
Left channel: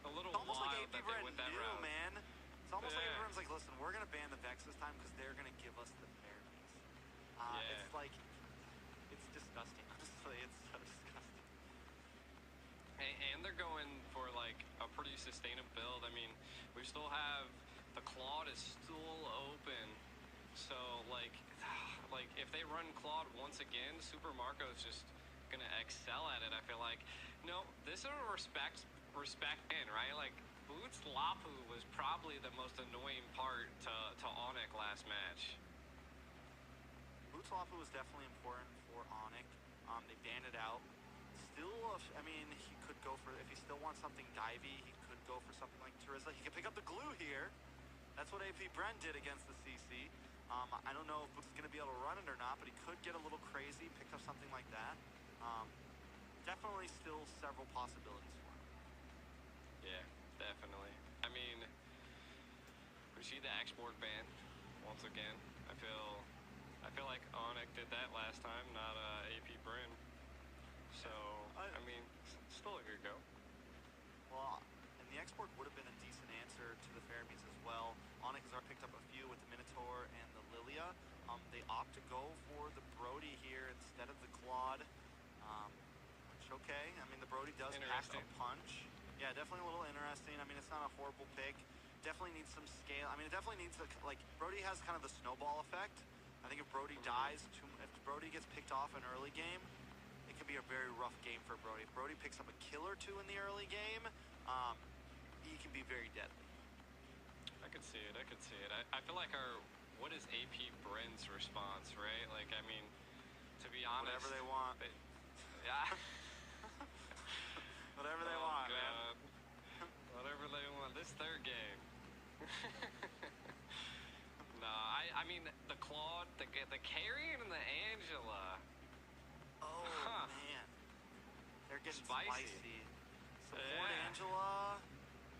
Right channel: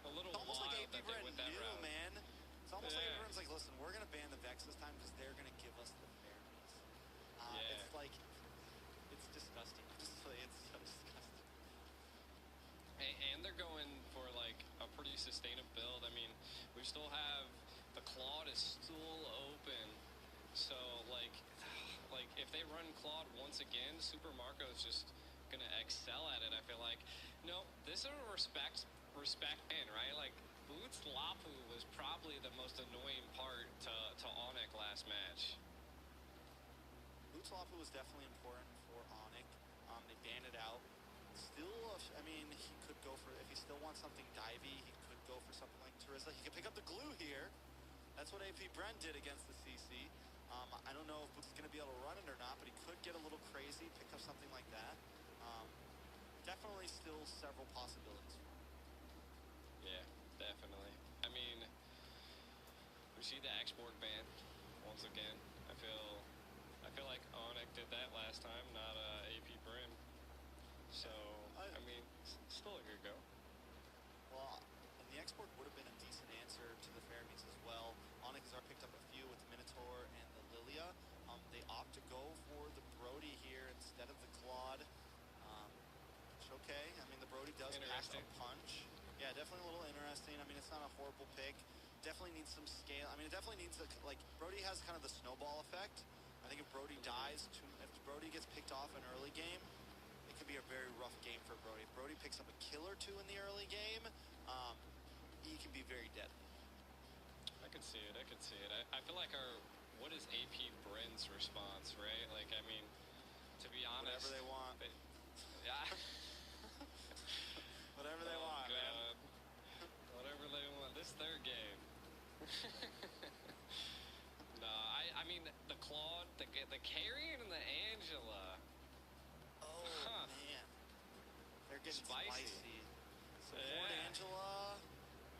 a little It's almost wild like AP that Bren they went that knew, route. man. It's almost like Yeah. everyone's like, listen, we're going to ban the Vex this time because they're going to give us the Fermis. Yeah. It's like, it's disgusting. Honestly, it's so disgusting. And they're going for, like, a pretty sustainable build. I mean, we still have... The Claude is still open. So, like, if they run Claude once again, Super Marco is just going to excel at it, I feel like. No, this is a respect in, right? Like, Boots Lapu was probably the most annoying part to Onyx last match. Boots Lapu was definitely important for Onyx. They banned it out. Still, I mean, he could go for, if he still wants something divey, he could go for something like Terizla. He could pick up the glue here. That's what AP Bren did against the CC. I don't know if Boots is going to be able to run it or not, but he could get a little crazy, pick up something like that. Definitely still several possibilities for him. Yeah, definitely. I mean, we see the X-Borg ban once again. I feel like Onyx did that last time, not AP Bren. So, I mean, still a good go. Well, and the X-Borg would have been a decent answer to the Fermis as well. Onyx has already picked up a few with the Minotaur and the Lilia. They opt to go for the Brody here instead of the Claude. Which, okay, I mean, the Brody does pack a punch. Yeah, definitely a little interesting. I mean, it's not a horrible pick. Definitely needs some scale. I mean, it definitely needs, like, Brody has kind of the snowball effect. I think if Brody dies, if Brody gets picked off in early game, it can be a very rough game for Brody. If Brody picks up a kill or two in the early game, he can be very deadly. I could see it. I feel like what is AP Bren's response, right? Like, I mean, to be honest, whatever they want. Yeah. Whatever they want, God. man. Whatever they want. This third game. No, I mean the Claude, the Carrion, and the Angela. Oh man, they're getting spicy. Support Angela,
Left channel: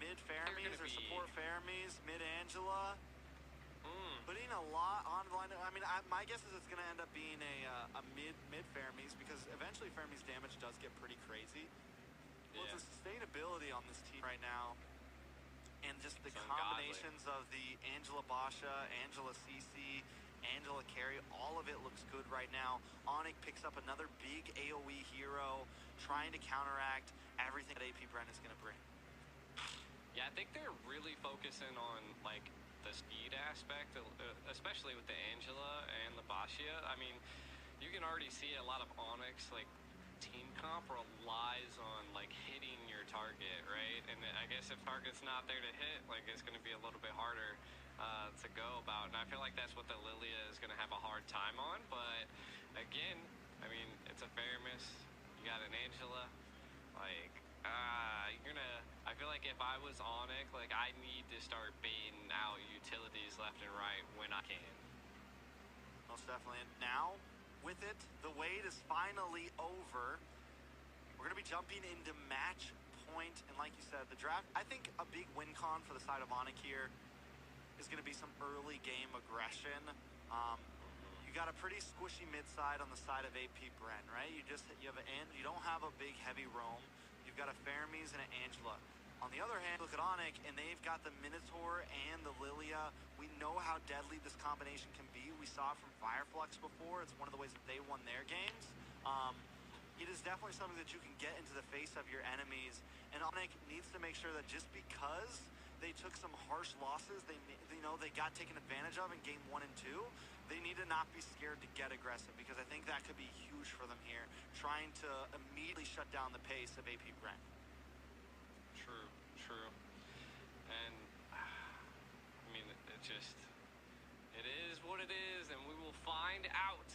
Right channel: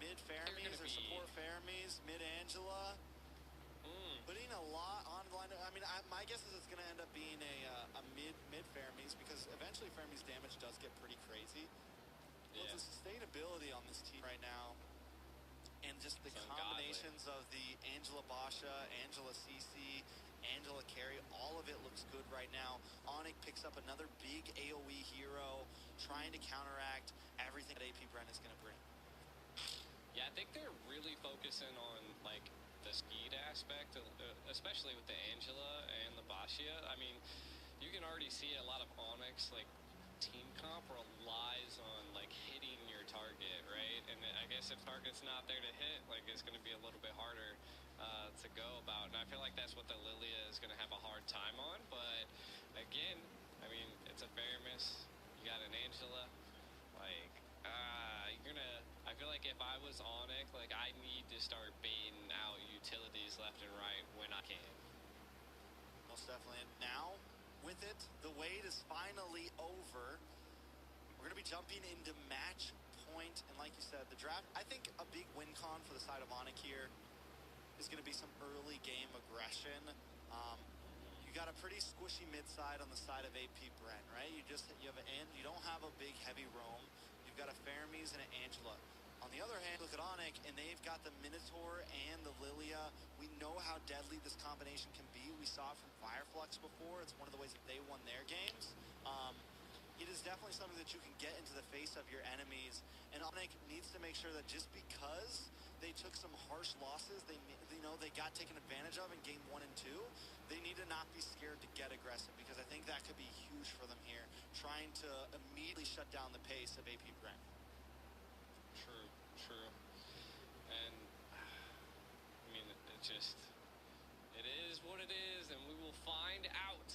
mid Fermis, or support Fermis, mid Angela. Putting a lot on the line. I mean, my guess is it's going to end up being a mid Fermis, because eventually Fermis damage does get pretty crazy. Well, the sustainability on this team right now, and just the combinations of the Angela Basha, Angela CC, Angela Carry, all of it looks good right now. Onyx picks up another big AoE hero, trying to counteract everything that AP Bren is going to bring. Yeah, I think they're really focusing on, like, the speed aspect, especially with the Angela and the Bashia. I mean, you can already see a lot of Onyx, like, team comp relies on, like, hitting your target, right? And I guess if target's not there to hit, like, it's going to be a little bit harder to go about. And I feel like that's what the Lilia is going to have a hard time on. But, again, I mean, it's a Fermis. You got an Angela. Like, you're going to... I feel like if I was Onyx, like, I need to start baiting out utilities left and right when I can. Most definitely. And now, with it, the wait is finally over. We're going to be jumping into match point. And like you said, the draft, I think a big win con for the side of Onyx here is going to be some early game aggression. You got a pretty squishy mid side on the side of AP Bren, right? You don't have a big heavy roam. You've got a Fermis and an Angela. On the other hand, look at Onyx, and they've got the Minotaur and the Lilia. We know how deadly this combination can be. We saw it from Fireflux before. It's one of the ways that they won their games. It is definitely something that you can get into the face of your enemies, and Onyx needs to make sure that just because they took some harsh losses, they got taken advantage of in game 1 and 2, they need to not be scared to get aggressive, because I think that could be huge for them here, trying to immediately shut down the pace of AP Bren. True. And, I mean, it is what it is, and we will find out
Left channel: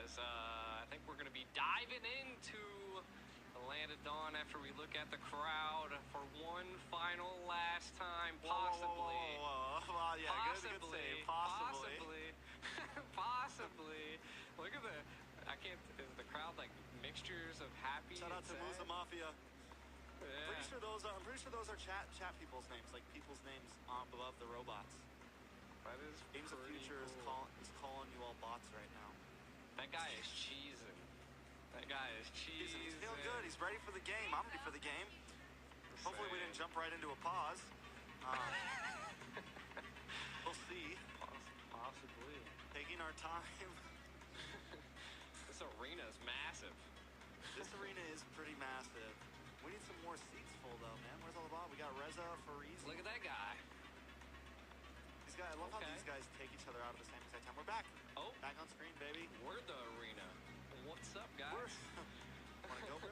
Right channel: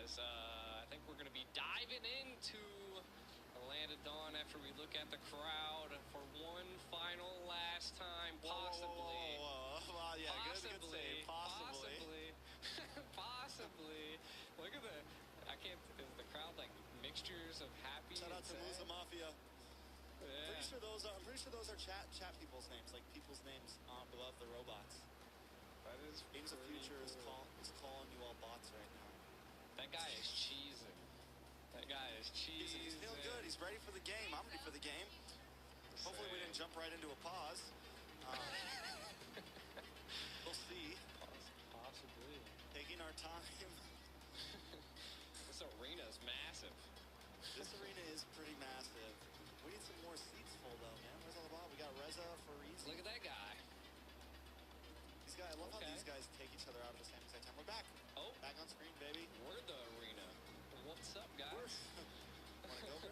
as I think we're going to be diving into the Land of Dawn after we look at the crowd for one final last time, possibly. Whoa. Yeah, possibly, good save. Possibly. Possibly. Look at is the crowd like mixtures of happy Shout out to and Musa sad? Mafia. Yeah. I'm pretty sure those are chat people's names, like people's names above the robots. That is Games of pretty Future cool. is calling you all bots right now. That guy is cheesing. He's feeling good. He's ready for the game. I'm ready for the game. Hopefully we didn't jump right into a pause. We'll see. Possibly. Taking our time. This arena is massive. This arena is pretty massive. We need some more seats full though, man. Where's all the ball? We got Reza, Fariz. Look at that guy. I love how these guys take each other out at the same exact time. We're back. Oh. Back on screen, baby. We're the arena. What's up, guys? Wanna go, bro?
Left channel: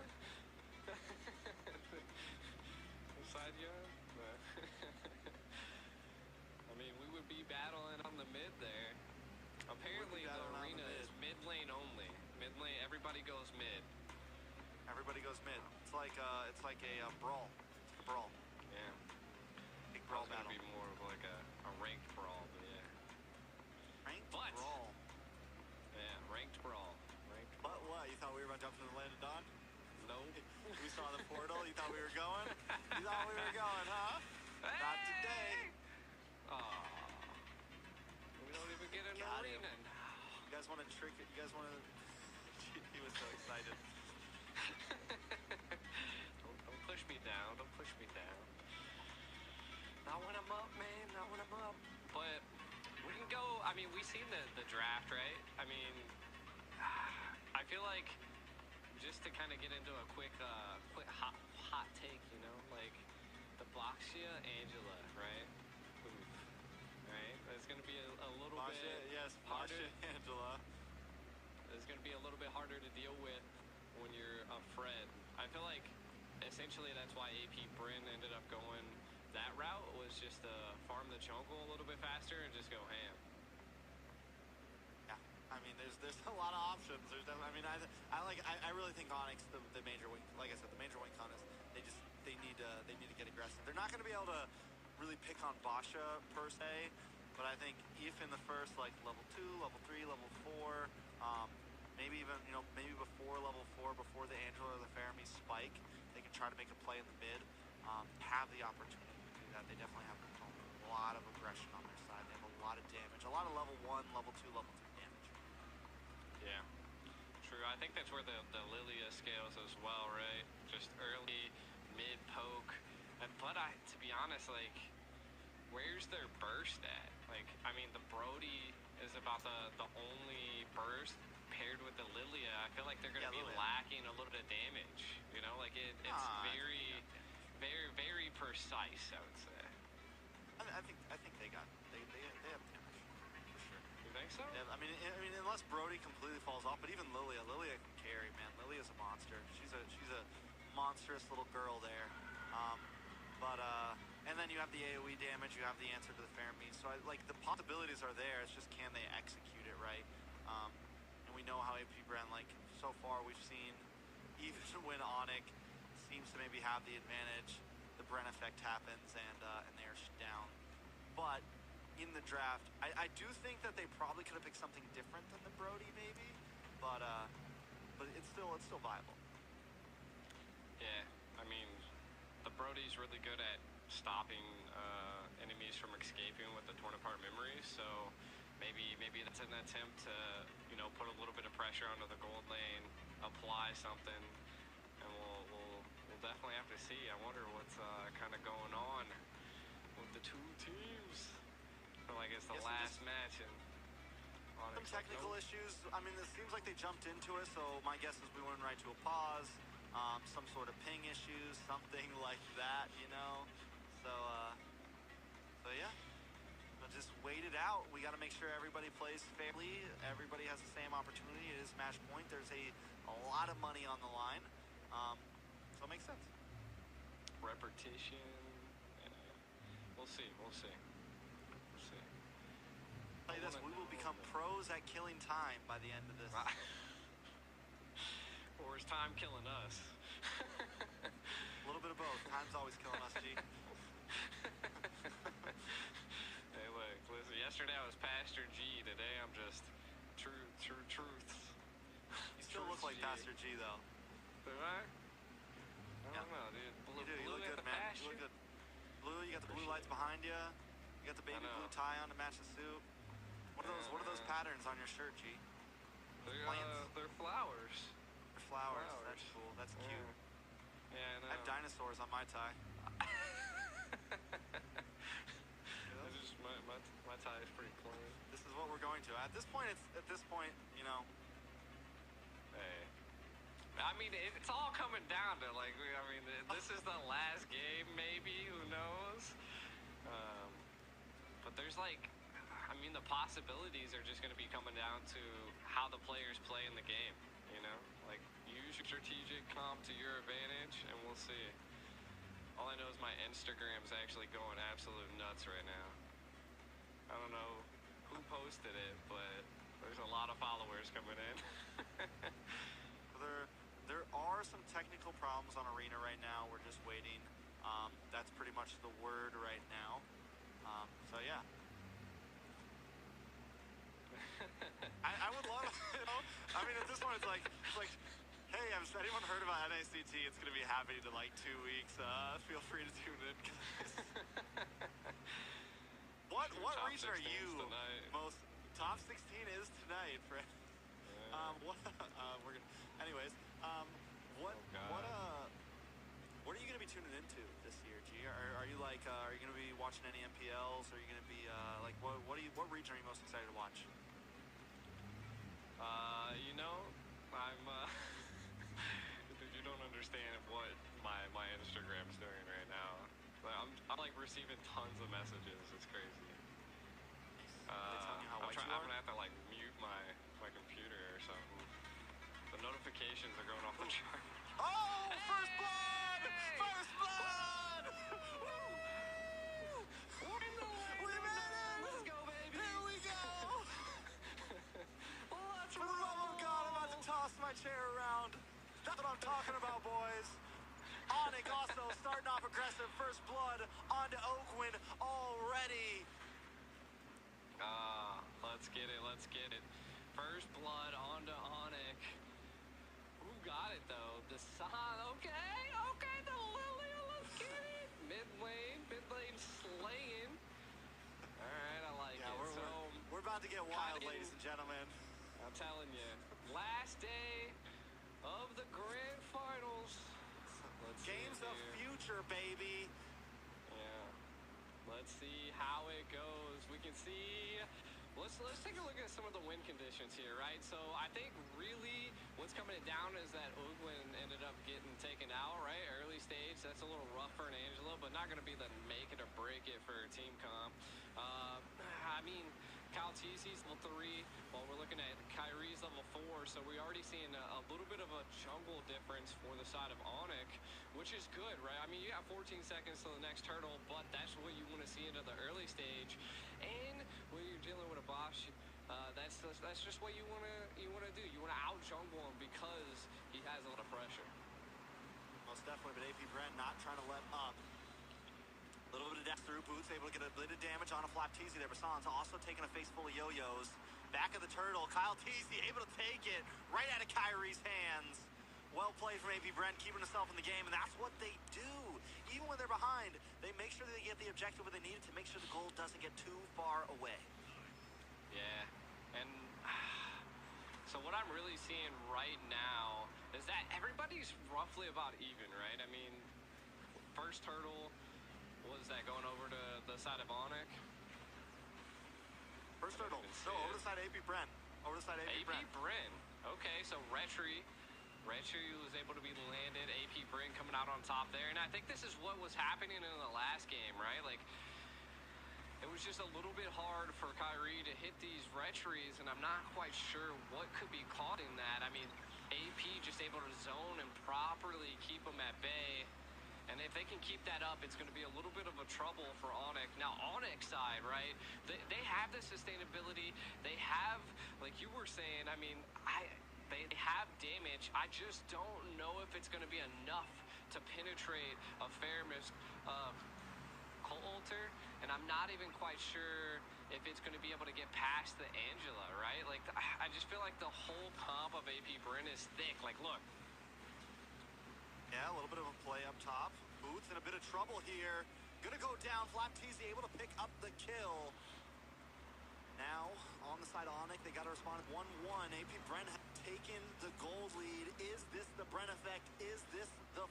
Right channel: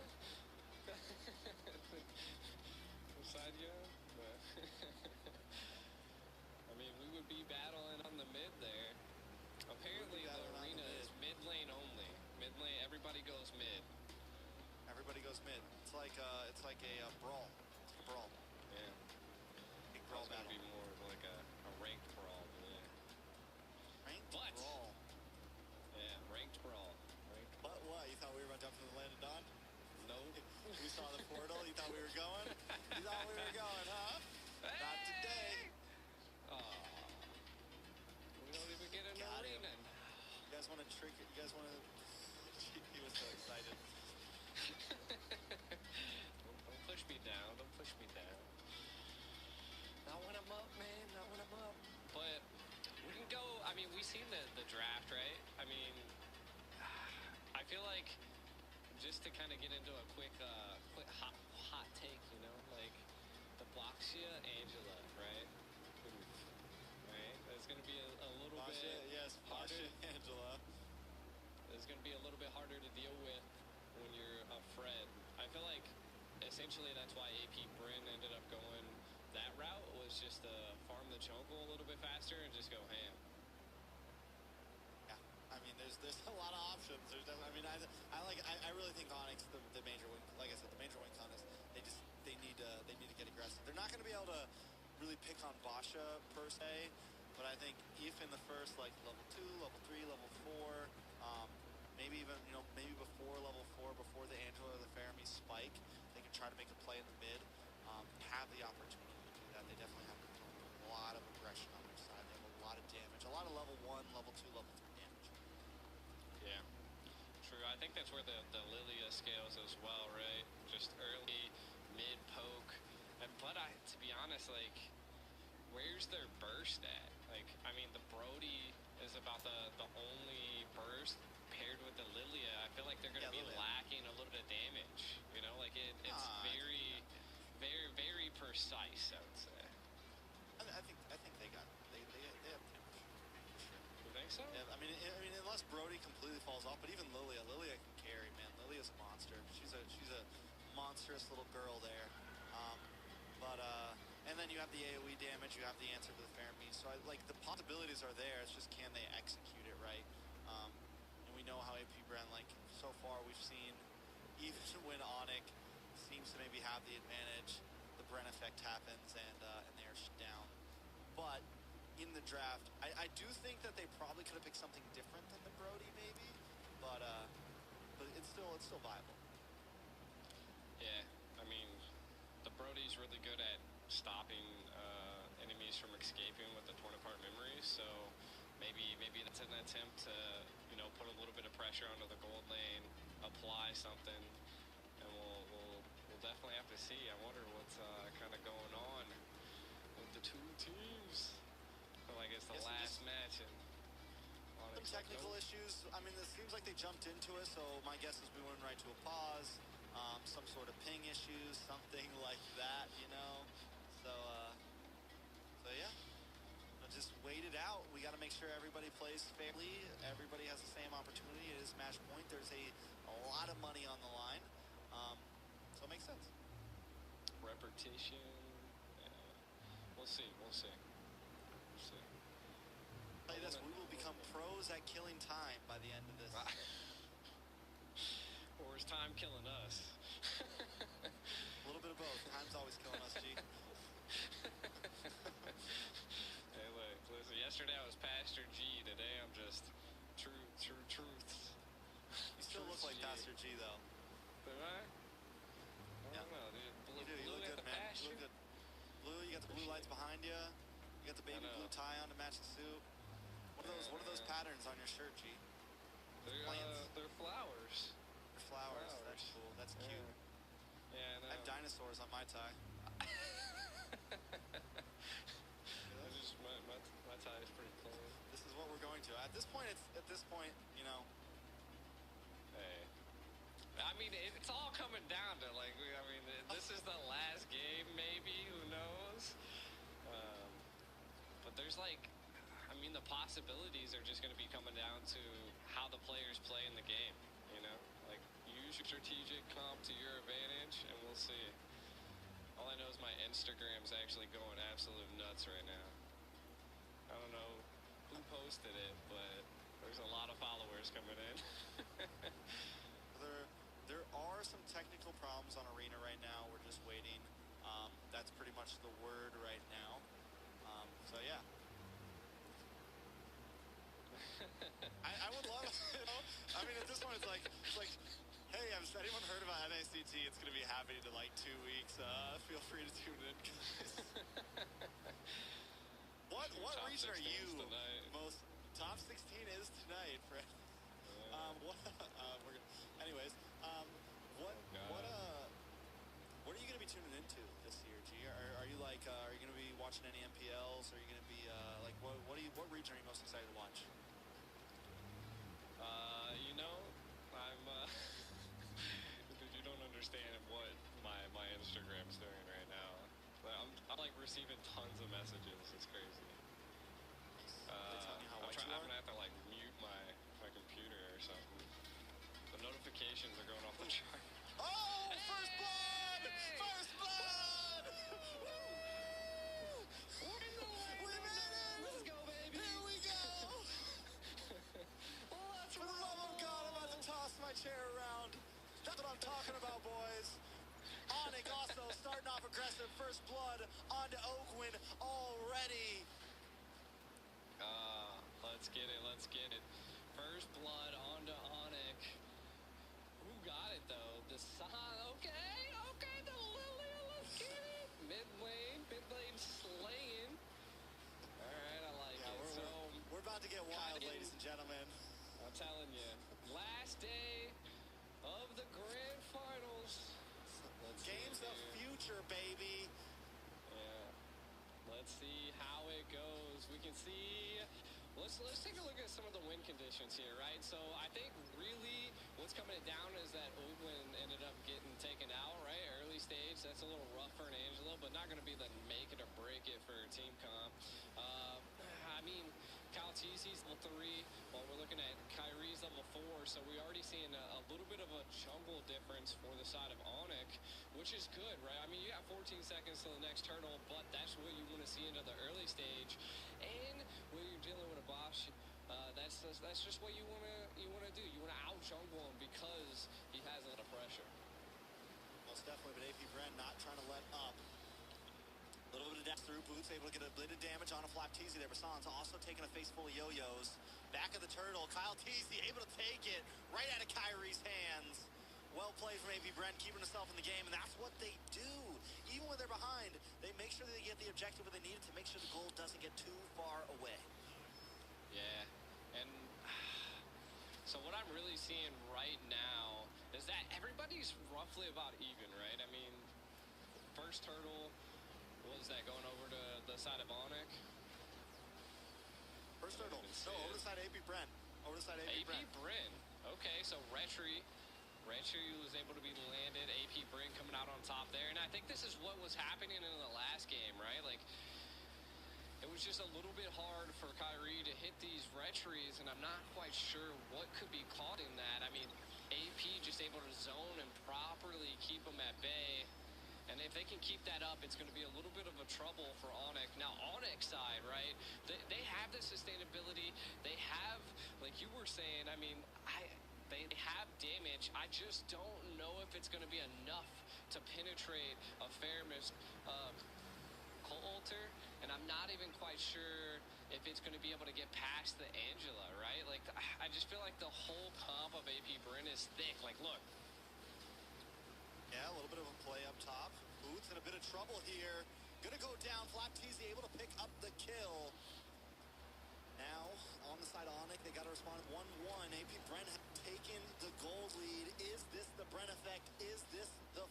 Side yard? I mean, we would be battling on the mid there. Apparently, the arena is mid lane only. Mid lane, everybody goes mid. Everybody goes mid. It's like a brawl. It's a brawl. Yeah. Big brawl It's gonna battle. be more of like a ranked brawl, but yeah. Ranked brawl. Yeah, ranked brawl. But what? You thought we were about to jump into the Land of Dawn? Nope. We saw the portal. You thought we were going? You thought we were going, huh? Not today. We don't even get an Got him. arena now. You guys want to trick it? You guys want to... He was so excited. Don't push me down. Don't push me down. Not when I'm up, man. Not when I'm up. But we can go. I mean, we've seen the draft, right? I mean, I feel like just to kind of get into a quick hot take, you know, like the Boxia Angela, right? Oof. Right? That's gonna be a little bit harder. Basha Angela. It's going to be a little bit harder to deal with when you're a Fred. I feel like essentially that's why AP Bren ended up going that route, was just to farm the jungle a little bit faster and just go ham. Yeah, I mean, there's a lot of options. I really think Onyx, the major wing, like I said, the major wing con is they need to get aggressive. They're not going to be able to really pick on Basha per se, but I think if in the first like level 2, level 3, level 4. Maybe even, maybe before level 4, before the Angela or the Fermi spike, they can try to make a play in the mid, have the opportunity to do that. They definitely have a lot of aggression on their side. They have a lot of damage, a lot of level 1, level 2, level 3 damage. Yeah, true. I think that's where the Lilia scales as well, right? Just early, mid poke. But to be honest, like, where's their burst at? Like, I mean, the Brody is about the only burst paired with the Lilia. I feel like they're going to be Lilia. lacking a little bit of damage. You know, like it's very precise, I would say. I think they have damage for sure. You think so? Yeah, I mean, unless Brody completely falls off, but even Lilia can carry, man. Lilia's a monster. She's a monstrous little girl there. And then you have the AoE damage, you have the answer to the Fermi. So the possibilities are there. It's just, can they execute it right? And we know how AP Bren, so far we've seen, even when Onyx seems to maybe have the advantage, the Bren effect happens and they are down. But in the draft, I do think that they probably could have picked something different than the Brody maybe, but it's still viable. Yeah, I mean, the Brody's really good at stopping enemies from escaping with the torn apart memories. So maybe that's an attempt to, you know, put a little bit of pressure onto the gold lane, apply something, and we'll definitely have to see. I wonder what's kind of going on with the two teams. Like it's the last match and some technical issues. I mean, it seems like they jumped into it, so my guess is we went right to a pause. Some sort of ping issues, something like that, you know. So yeah, we'll just wait it out. We got to make sure everybody plays fairly. Everybody has the same opportunity. It is match point. There's a lot of money on the line, so it makes sense. Repetition. We'll see. Play this. We will become pros at killing time by the end of this. Or is time killing us? A little bit of both. Time's always killing us, G. Hey, look, listen, yesterday I was Pastor G. Today I'm just truths. You still look like Pastor G, though. Do I? I don't know, dude. You do. You look good, man. You look good. Blue, you got the blue lights behind you. You got the baby blue tie on to match the suit. What are those patterns on your shirt, G? They're flowers. They're flowers. That's cool. That's cute. Yeah, I know. I have dinosaurs on my tie. My tie is pretty clean. This is what we're going to. At this point, you know. Hey. I mean, it's all coming down to, like, this is the last game, maybe. Who knows? But there's, like, the possibilities are just going to be coming down to how the players play in the game, you know? Like, use your strategic comp to your advantage, and we'll see. All I know is my Instagram's actually going absolute nuts right now. I don't know who posted it, but there's a lot of followers coming in. There are some technical problems on Arena right now. We're just waiting. That's pretty much the word right now. So yeah. I would love, you know. I mean, at this point, it's like, hey, has anyone heard about NACT? It's gonna be happening in like 2 weeks. Feel free to tune in, guys. What region are you most? Top 16 is tonight, friend. We're gonna. Anyways, what are you gonna be tuning into this year, G? Are you like, are you gonna be watching any MPLs? Are you gonna be like, what region are you most excited to watch? You know, I'm dude, you don't understand what my Instagram's doing right now. I'm like receiving tons of messages. It's crazy. I'm gonna have to like mute my computer or something. The notifications are going off the chart. Oh, first blood! First blood! We made it! Let's go, baby! Here we go! For the love of God, I'm about to toss my chair around. That's what I'm talking about, boys. Onyx also starting off aggressive. First blood onto Oakwin already. Let's get it. First blood onto Onyx. Who got it though? The Sun. Okay, the Lilia. Let's get it. Mid lane slaying. All right, I like it. We're about to get wild, ladies and gentlemen. I'm telling you, last day of the grand finals. Games of future, baby. Yeah. Let's see how it goes. We can see. Let's take a look at some of the win conditions here, right? So I think really what's coming down is that Oakwin ended up getting taken out, right? Early stage, that's a little rough for an Angelo, but not going to be the make it or break it for Team Comp. I mean, Kyle TC's level 3, while we're looking at Kyrie's level 4, so we're already seeing a little bit of a jungle difference for the side of Onyx, which is good, right? I mean, you got 14 seconds to the next turtle, but that's what you want to see into the early stage. And when you're dealing with a boss, that's just what you want to do. You want to out jungle him because he has a lot of pressure. Most definitely, but AP Bren not trying to let up. A little bit of death through. Boots able to get a bit of damage on a Flap Teasy there. Basan's also taking a face full of yo-yos. Back of the turtle, Kyle Teasy able to take it right out of Kyrie's hands. Well played from AP Brent, keeping himself in the game, and that's what they do. Even when they're behind, they make sure that they get the objective where they need it to make sure the goal doesn't get too far away. Yeah, and so what I'm really seeing right now is that everybody's roughly about even, right? I mean, first turtle, was that going over to the side of Onyx? First turtle, no, over the side of AP Brent. Over the side of AP Brent. Brent. Okay, so Retri was able to be landed. AP Brent coming out on top there. And I think this is what was happening in the last game, right? Like, it was just a little bit hard for Kyrie to hit these Retries, and I'm not quite sure what could be causing that. I mean, AP just able to zone and properly keep them at bay. And if they can keep that up, it's going to be a little bit of a trouble for Onyx. Now, Onyx side, right, they have the sustainability. They have, like you were saying, I mean, they have damage. I just don't know if it's going to be enough to penetrate a Fairmist Coulter, and I'm not even quite sure if it's going to be able to get past the Angela, right? Like, I just feel like the whole comp of AP Brent is thick. Like, look. Yeah, a little bit of a play up top. Boots in a bit of trouble here. Gonna go down. Flapteasy able to pick up the kill. Now, on the side of Onyx, they got to respond 1-1. AP Brent have taken the gold lead. Is this the Brent effect? Is this the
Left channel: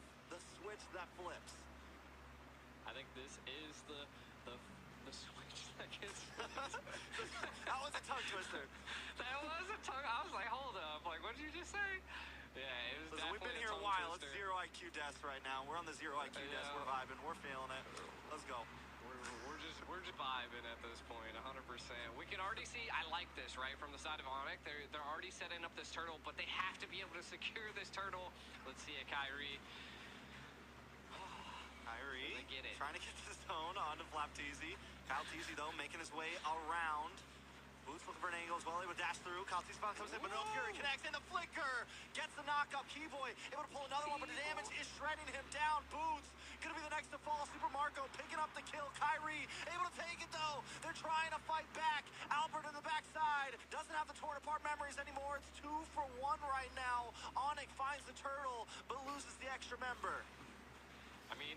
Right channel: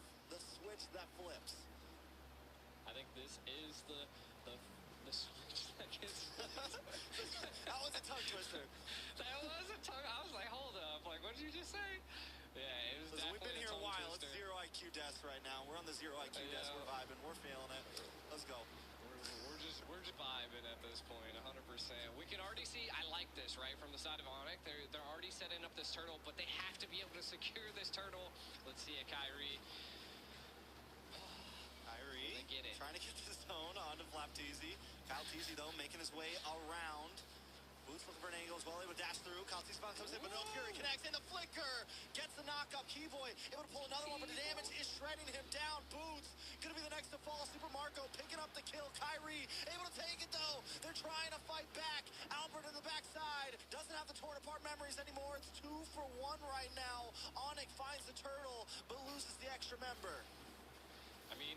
switch that flips? I think this is the switch that gets That was a tongue twister. That was a tongue. I was like, hold up. Like, what did you just say? Yeah, it was Listen, definitely we've been here a while. twister. It's zero IQ desk right now. We're on the zero IQ desk. We're vibing. We're feeling it. Let's go. We're just vibing at this point, 100%. We can already see. I like this, right, from the side of Onyx. They're already setting up this turtle, but they have to be able to secure this turtle. Let's see it, Kyrie. Kyrie get it. Trying to get the zone onto Flapteasy. Kyle Teasy, though, making his way around. Boots looking for an angle as well. Able to dash through. Kyle Teasy finally comes in, but no Fury connects in the flicker. Gets the knock-up. Keyboy able to pull another one, but the damage is shredding him down. Boots gonna be the next to fall. Super Marco picking up the kill. Kyrie able to take it, though. They're trying to fight back. Albert in the backside. Doesn't have the torn apart memories anymore. It's 2 for 1 right now. Onyx finds the turtle, but loses the extra member. I mean,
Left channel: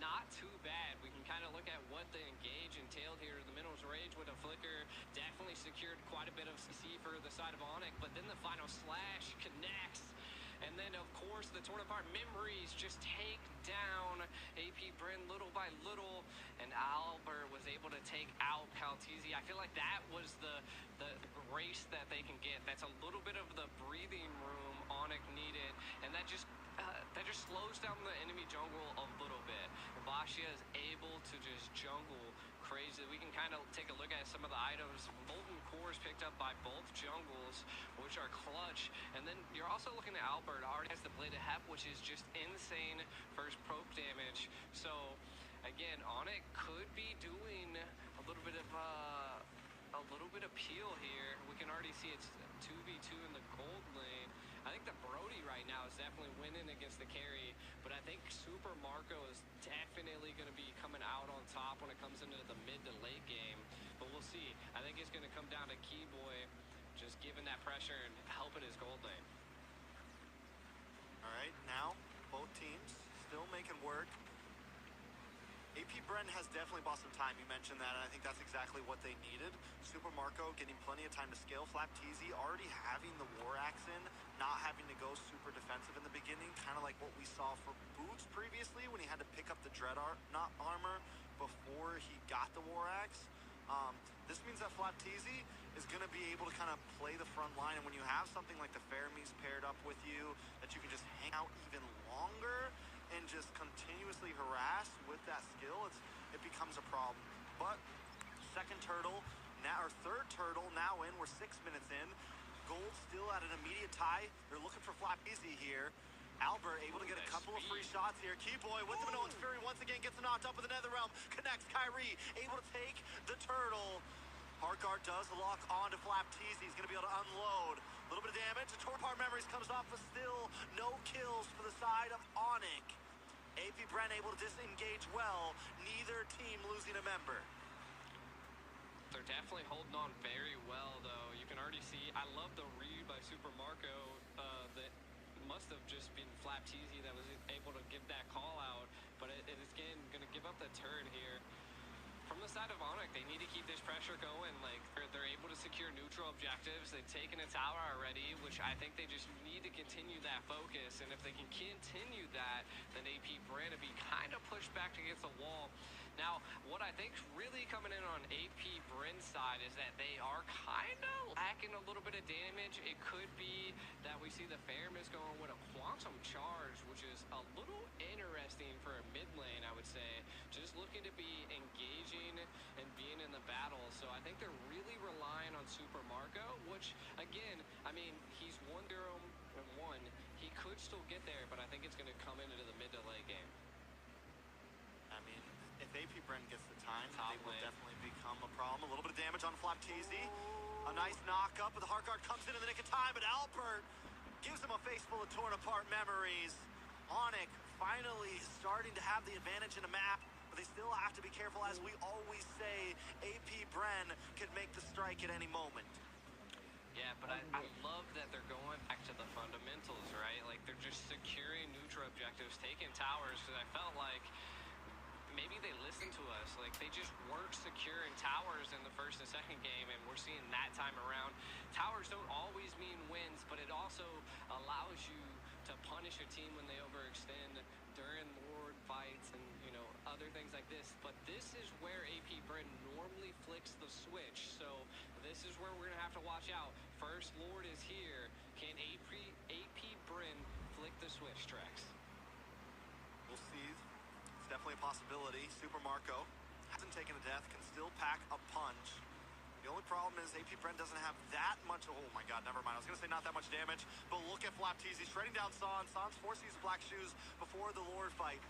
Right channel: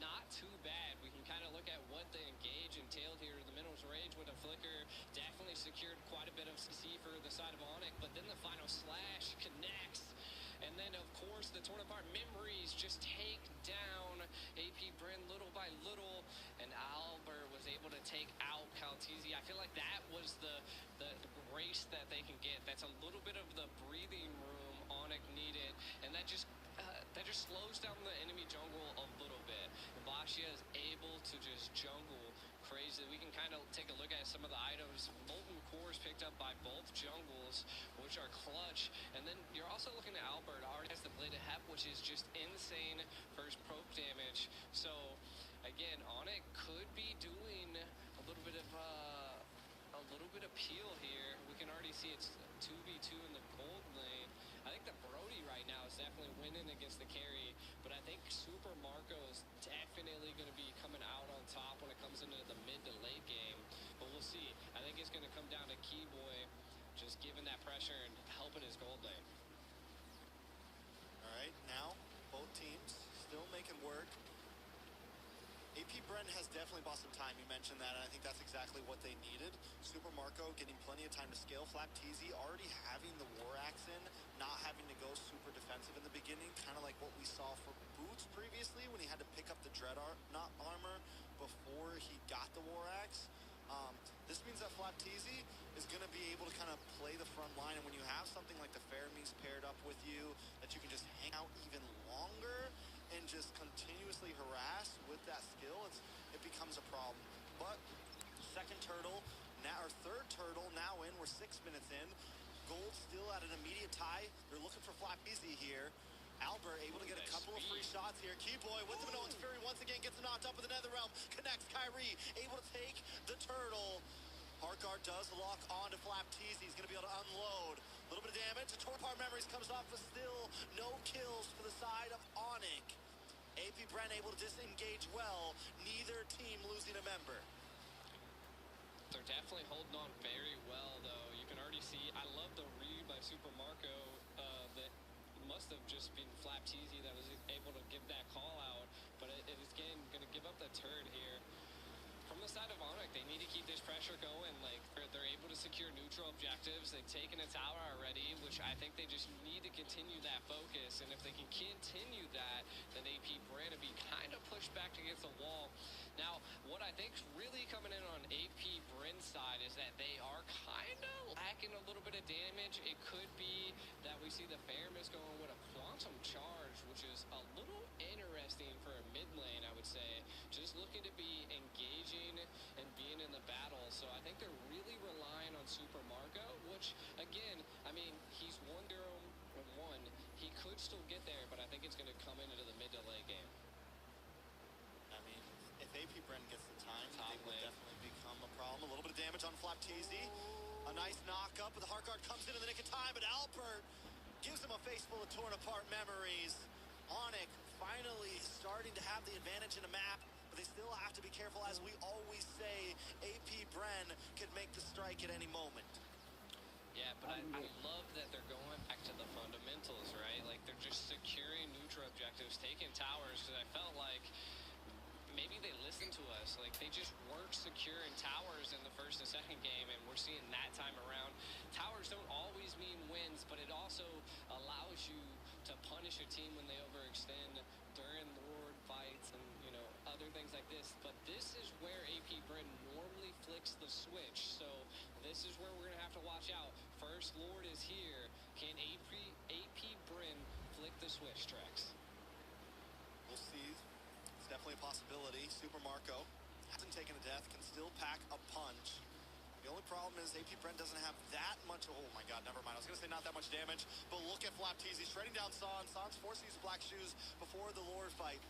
not too bad. We can kind of look at what the engage entailed here. The Minerals Rage with a flicker definitely secured quite a bit of CC for the side of Onyx, but then the final slash connects. And then, of course, the torn apart memories just take down AP Brent little by little, and Albert was able to take out Calteezy. I feel like that was the grace that they can get. That's a little bit of the breathing room Onyx needed, and that just slows down the enemy jungle a little bit. And Bashia is able to just jungle crazy. We can kind of take a look at some of the items. Molten cores picked up by both jungles, which are clutch. And then you're also looking at Albert. Already has the Blade of Hep, which is just insane first proc damage. So again, Onyx could be doing a little bit of peel here. We can already see it's 2v2 in the gold lane. I think the Brody right now is definitely winning against the carry, but I think Super Marco is definitely going to be coming out on top when it comes into the mid to late game, but we'll see. I think it's going to come down to Keyboy just giving that pressure and helping his gold lane. All right, now both teams still making work. AP Brent has definitely bought some time. You mentioned that, and I think that's exactly what they needed. Super Marco getting plenty of time to scale. Flapteasy already having the War Axe in, not having to go super defensive in the beginning, kind of like what we saw for Boots previously when he had to pick up the Dread armor before he got the War Axe. This means that Flapteasy is going to be able to kind of play the front line, and when you have something like the Fermis paired up with you, that you can just hang out even longer and just continuously harass with that skill, it becomes a problem. But second turtle, now or third turtle now in. We're 6 minutes in. Gold still at an immediate tie. They're looking for Flapteasy here. Albert able to get a couple of free shots here. Keyboy with the Minoan's Fury once again gets knocked up with the Netherrealm. Connects Kyrie, able to take the turtle. Heartguard does lock on to Flapteasy. He's going to be able to unload. A little bit of damage. The torn apart memories comes off, but still no kills for the side of Onyx. AP Brent able to disengage well. Neither team losing a member. They're definitely holding on very well, though. You can already see, I love the read by Super Marco. That must have just been Flapteasy that was able to give that call out, but it is, again, going to give up the turret here. From the side of Onyx, they need to keep this pressure going. Like, they're able to secure neutral objectives. They've taken a tower already, which I think they just need to continue that focus. And if they can continue that, then AP Bren will be kind of pushed back against the wall. Now, what I think's really coming in on AP Bren's side is that they are kind of lacking a little bit of damage. It could be that we see the Faramis going with a Quantum Charge, which is a little interesting for a mid lane, I would say. Just looking to be engaging and being in the battle. So I think they're really relying on Super Marco, which, again, I mean, he's 1-0 and 1. He could still get there, but I think it's going to come into the mid to late game. I mean, if AP Bren gets the time, they will definitely become a problem. A little bit of damage on Flapteasy. A nice knock up, but the Heartguard comes in the nick of time, but Albert gives him a face full of torn apart memories. Onyx finally starting to have the advantage in a map, but they still have to be careful. As we always say, AP Bren could make the strike at any moment. Yeah, but I love that they're going back to the fundamentals, right? Like, they're just securing neutral objectives, taking towers, because I felt like maybe they listened to us. Like, they just weren't securing towers in the first and second game, and we're seeing that time around. Towers don't always mean wins, but it also allows you to punish a team when they overextend during Lord fights and, you know, other things like this. But this is where AP Bren normally flicks the switch, so this is where we're going to have to watch out. First Lord is here. Can AP Bren flick the switch, Trex? We'll see. It's definitely a possibility. Super Marco hasn't taken a death, can still pack a punch. The only problem is AP Bren doesn't have that much. Oh my god, never mind. I was going to say not that much damage, but look at Flapteasy shredding down Sans. Sans forced to use Black Shoes before the Lord fight.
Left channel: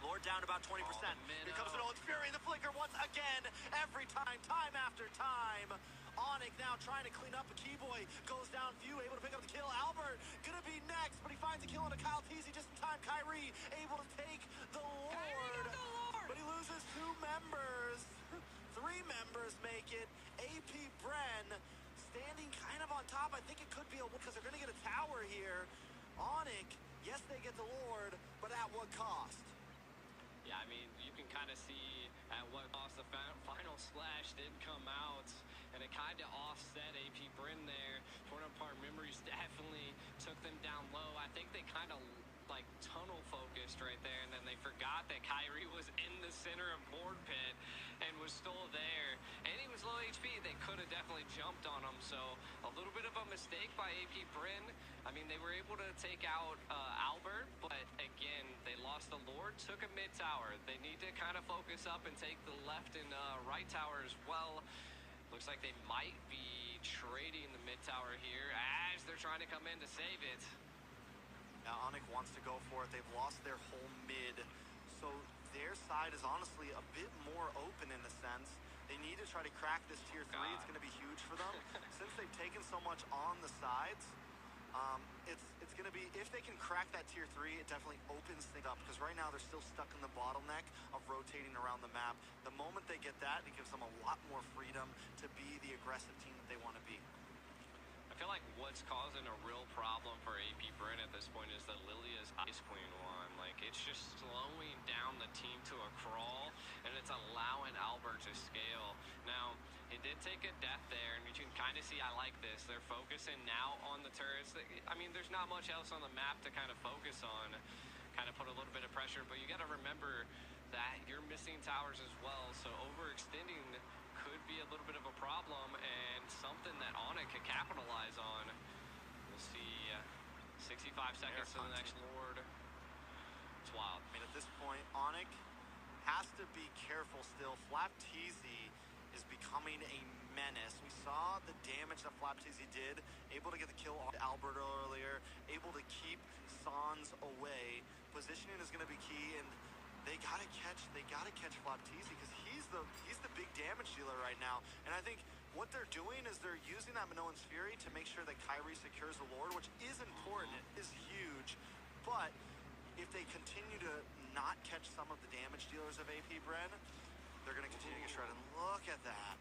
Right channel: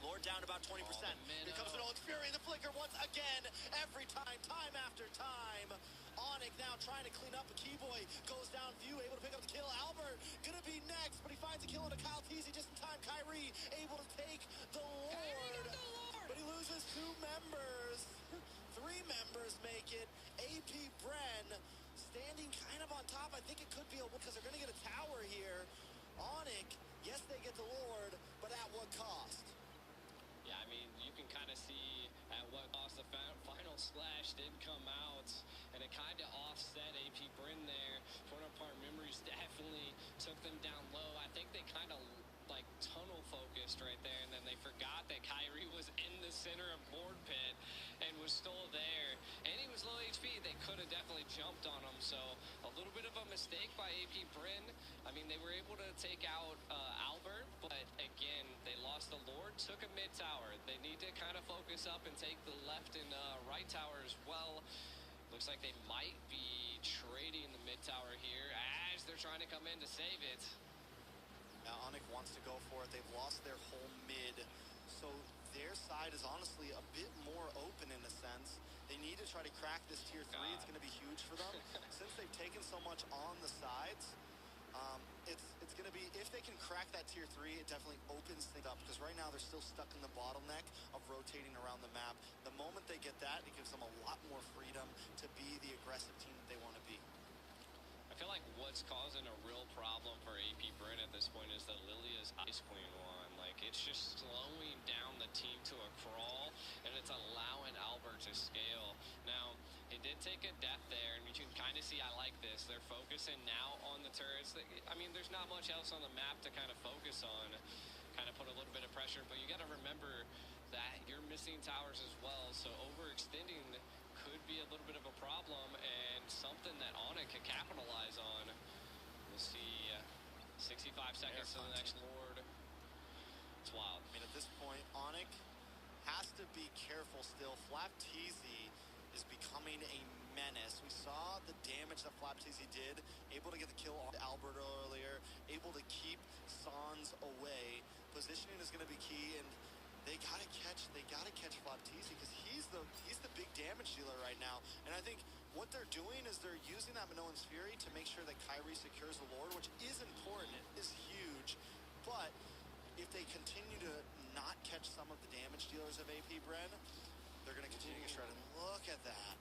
Lord down about 20%. Here comes Nolan's Fury, the flicker once again. Every time, time after time. Onyx now trying to clean up. A Keyboy goes down. Few able to pick up the kill. Albert gonna be next, but he finds a kill on a Kyle Teasy just in time. Kyrie able to take the Lord. But he loses 2 members. 3 members make it. AP Bren standing kind of on top. I think it could be a win because they're going to get a tower here. Onyx, yes, they get the Lord, but at what cost? Yeah, I mean, you can kind of see at what cost the final slash did come out, and it kind of offset AP Bren there. Torn apart memories definitely took them down low. I think they kind of like tunnel focused right there, and then they forgot that Kyrie was in the center of board pit and was still there, and he was low HP. They could have definitely jumped on him, so a little bit of a mistake by AP Bren. I mean, they were able to take out Albert, but again, they lost the Lord, took a mid tower. They need to kind of focus up and take the left and right tower as well. Looks like they might be trading the mid tower here as they're trying to come in to save it. Now Onyx wants to go for it. They've lost their whole mid, so their side is honestly a bit more open in a sense. They need to try to crack this tier 3. It's going to be huge for them. Since they've taken so much on the sides, it's going to be, if they can crack that tier 3, it definitely opens things up, because right now they're still stuck in the bottleneck of rotating around the map. The moment they get that, it gives them a lot more freedom to be the aggressive team that they want to be. I feel like what's causing a real problem for AP Bren at this point is that Lilia's Ice Queen won. Like, it's just slowing down the team to a crawl, and it's allowing Albert to scale. Now, he did take a death there, and you can kind of see I like this. They're focusing now on the turrets. I mean, there's not much else on the map to kind of focus on, kind of put a little bit of pressure, but you got to remember that you're missing towers as well, so overextending could be a little bit of a problem, and something that Onyx can capitalize on. We'll see 65 seconds to the next Lord. It's wild. I mean, at this point, Onyx has to be careful still. Flapteasy is becoming a menace. We saw the damage that Flapteasy did, able to get the kill on Albert earlier, able to keep Sans away. Positioning is going to be key, and they gotta catch Flapteasy, because he's the big damage dealer right now. And I think what they're doing is they're using that Minoan's Fury to make sure that Kyrie secures the Lord, which is important, it is huge. But if they continue to not catch some of the damage dealers of AP Bren, they're gonna continue to get shredded. Look at that.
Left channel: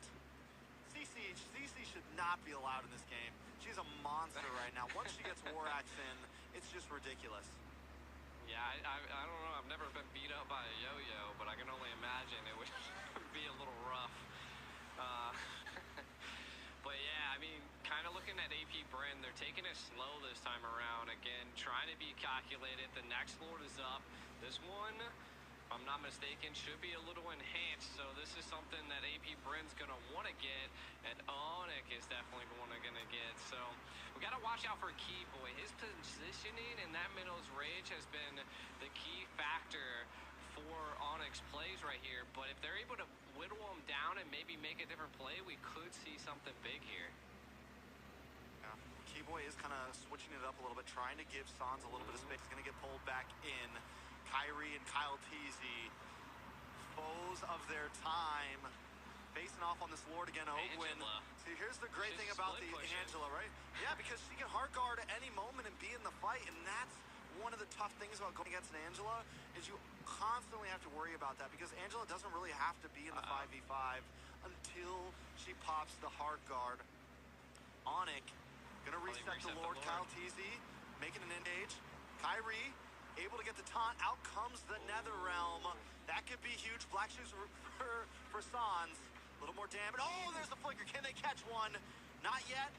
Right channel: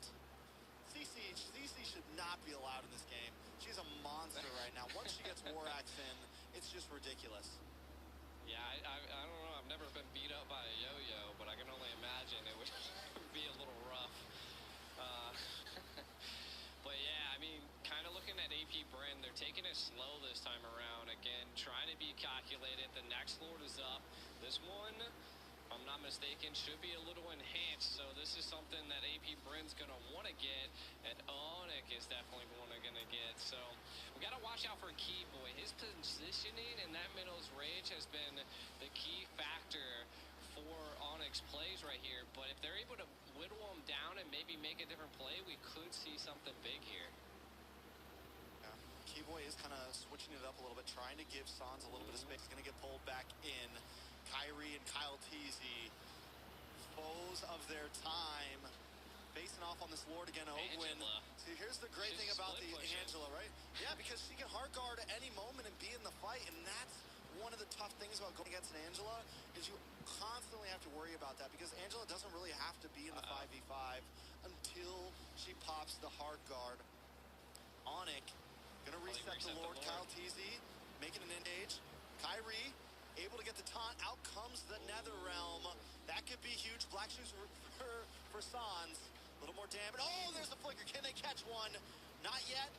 CC should not be allowed in this game. She's a monster right now. Once she gets Warax in, it's just ridiculous. Yeah, I don't know. I've never been beat up by a yo-yo, but I can only imagine it would be a little rough. But yeah, I mean, kind of looking at AP Bren, they're taking it slow this time around. Again, trying to be calculated. The next Lord is up. This one, if I'm not mistaken, should be a little enhanced. So this is something that AP Bren's going to want to get, and Onyx is definitely going to get. So we got to watch out for Keyboy. His positioning in that Middle's Rage has been the key factor for Onyx plays right here, but if they're able to whittle him down and maybe make a different play, we could see something big here. Yeah, Keyboy is kind of switching it up a little bit, trying to give Sans a little bit of space. He's going to get pulled back in. Kyrie and Kyle Teasy, foes of their time, facing off on this Lord again. Ogwin. See, here's the great thing about the Angela, right? Yeah, because she can hard guard at any moment and be in the fight, and that's one of the tough things about going against an Angela is you constantly have to worry about that because Angela doesn't really have to be in the 5v5 until she pops the hard guard. Onyx gonna reset the Lord. Kyle Teasy making an engage. Kyrie able to get the taunt. Out comes the Nether Realm. That could be huge. Black Shoes for Sans. A little more damage. Oh, there's the flicker. Can they catch one? Not yet.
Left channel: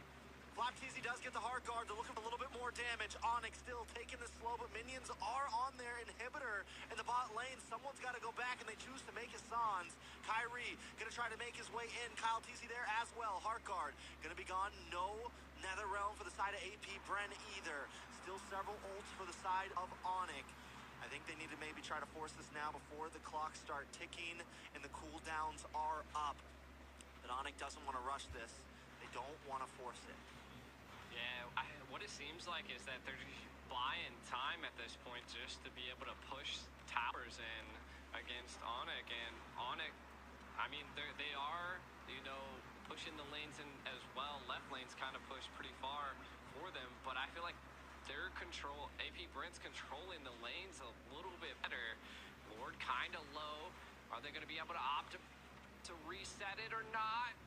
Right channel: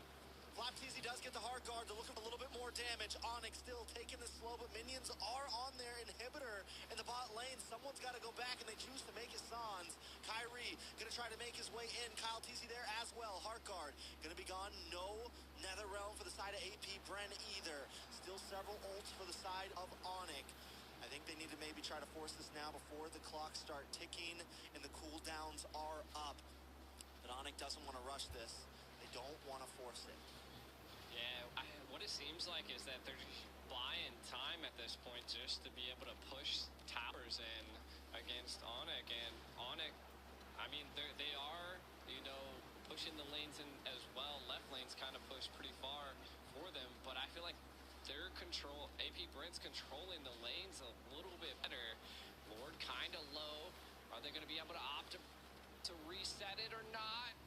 Flapteezy does get the hard guard. They're looking for a little bit more damage. Onyx still taking this slow, but minions are on their inhibitor in the bot lane. Someone's got to go back, and they choose to make it Sans. Kyrie going to try to make his way in. Kyle Teasy there as well. Hard guard going to be gone. No Nether Realm for the side of AP Bren either. Still several ults for the side of Onyx. I think they need to maybe try to force this now before the clock start ticking and the cooldowns are up. But Onyx doesn't want to rush this. They don't want to force it. Yeah, what it seems like is that they're buying time at this point just to be able to push towers in against Onyx. And Onyx, I mean, they are, you know, pushing the lanes in as well. Left lane's kind of pushed pretty far for them, but I feel like their control, AP Bren's controlling the lanes a little bit better. Lord kind of low. Are they going to be able to opt to reset it or not?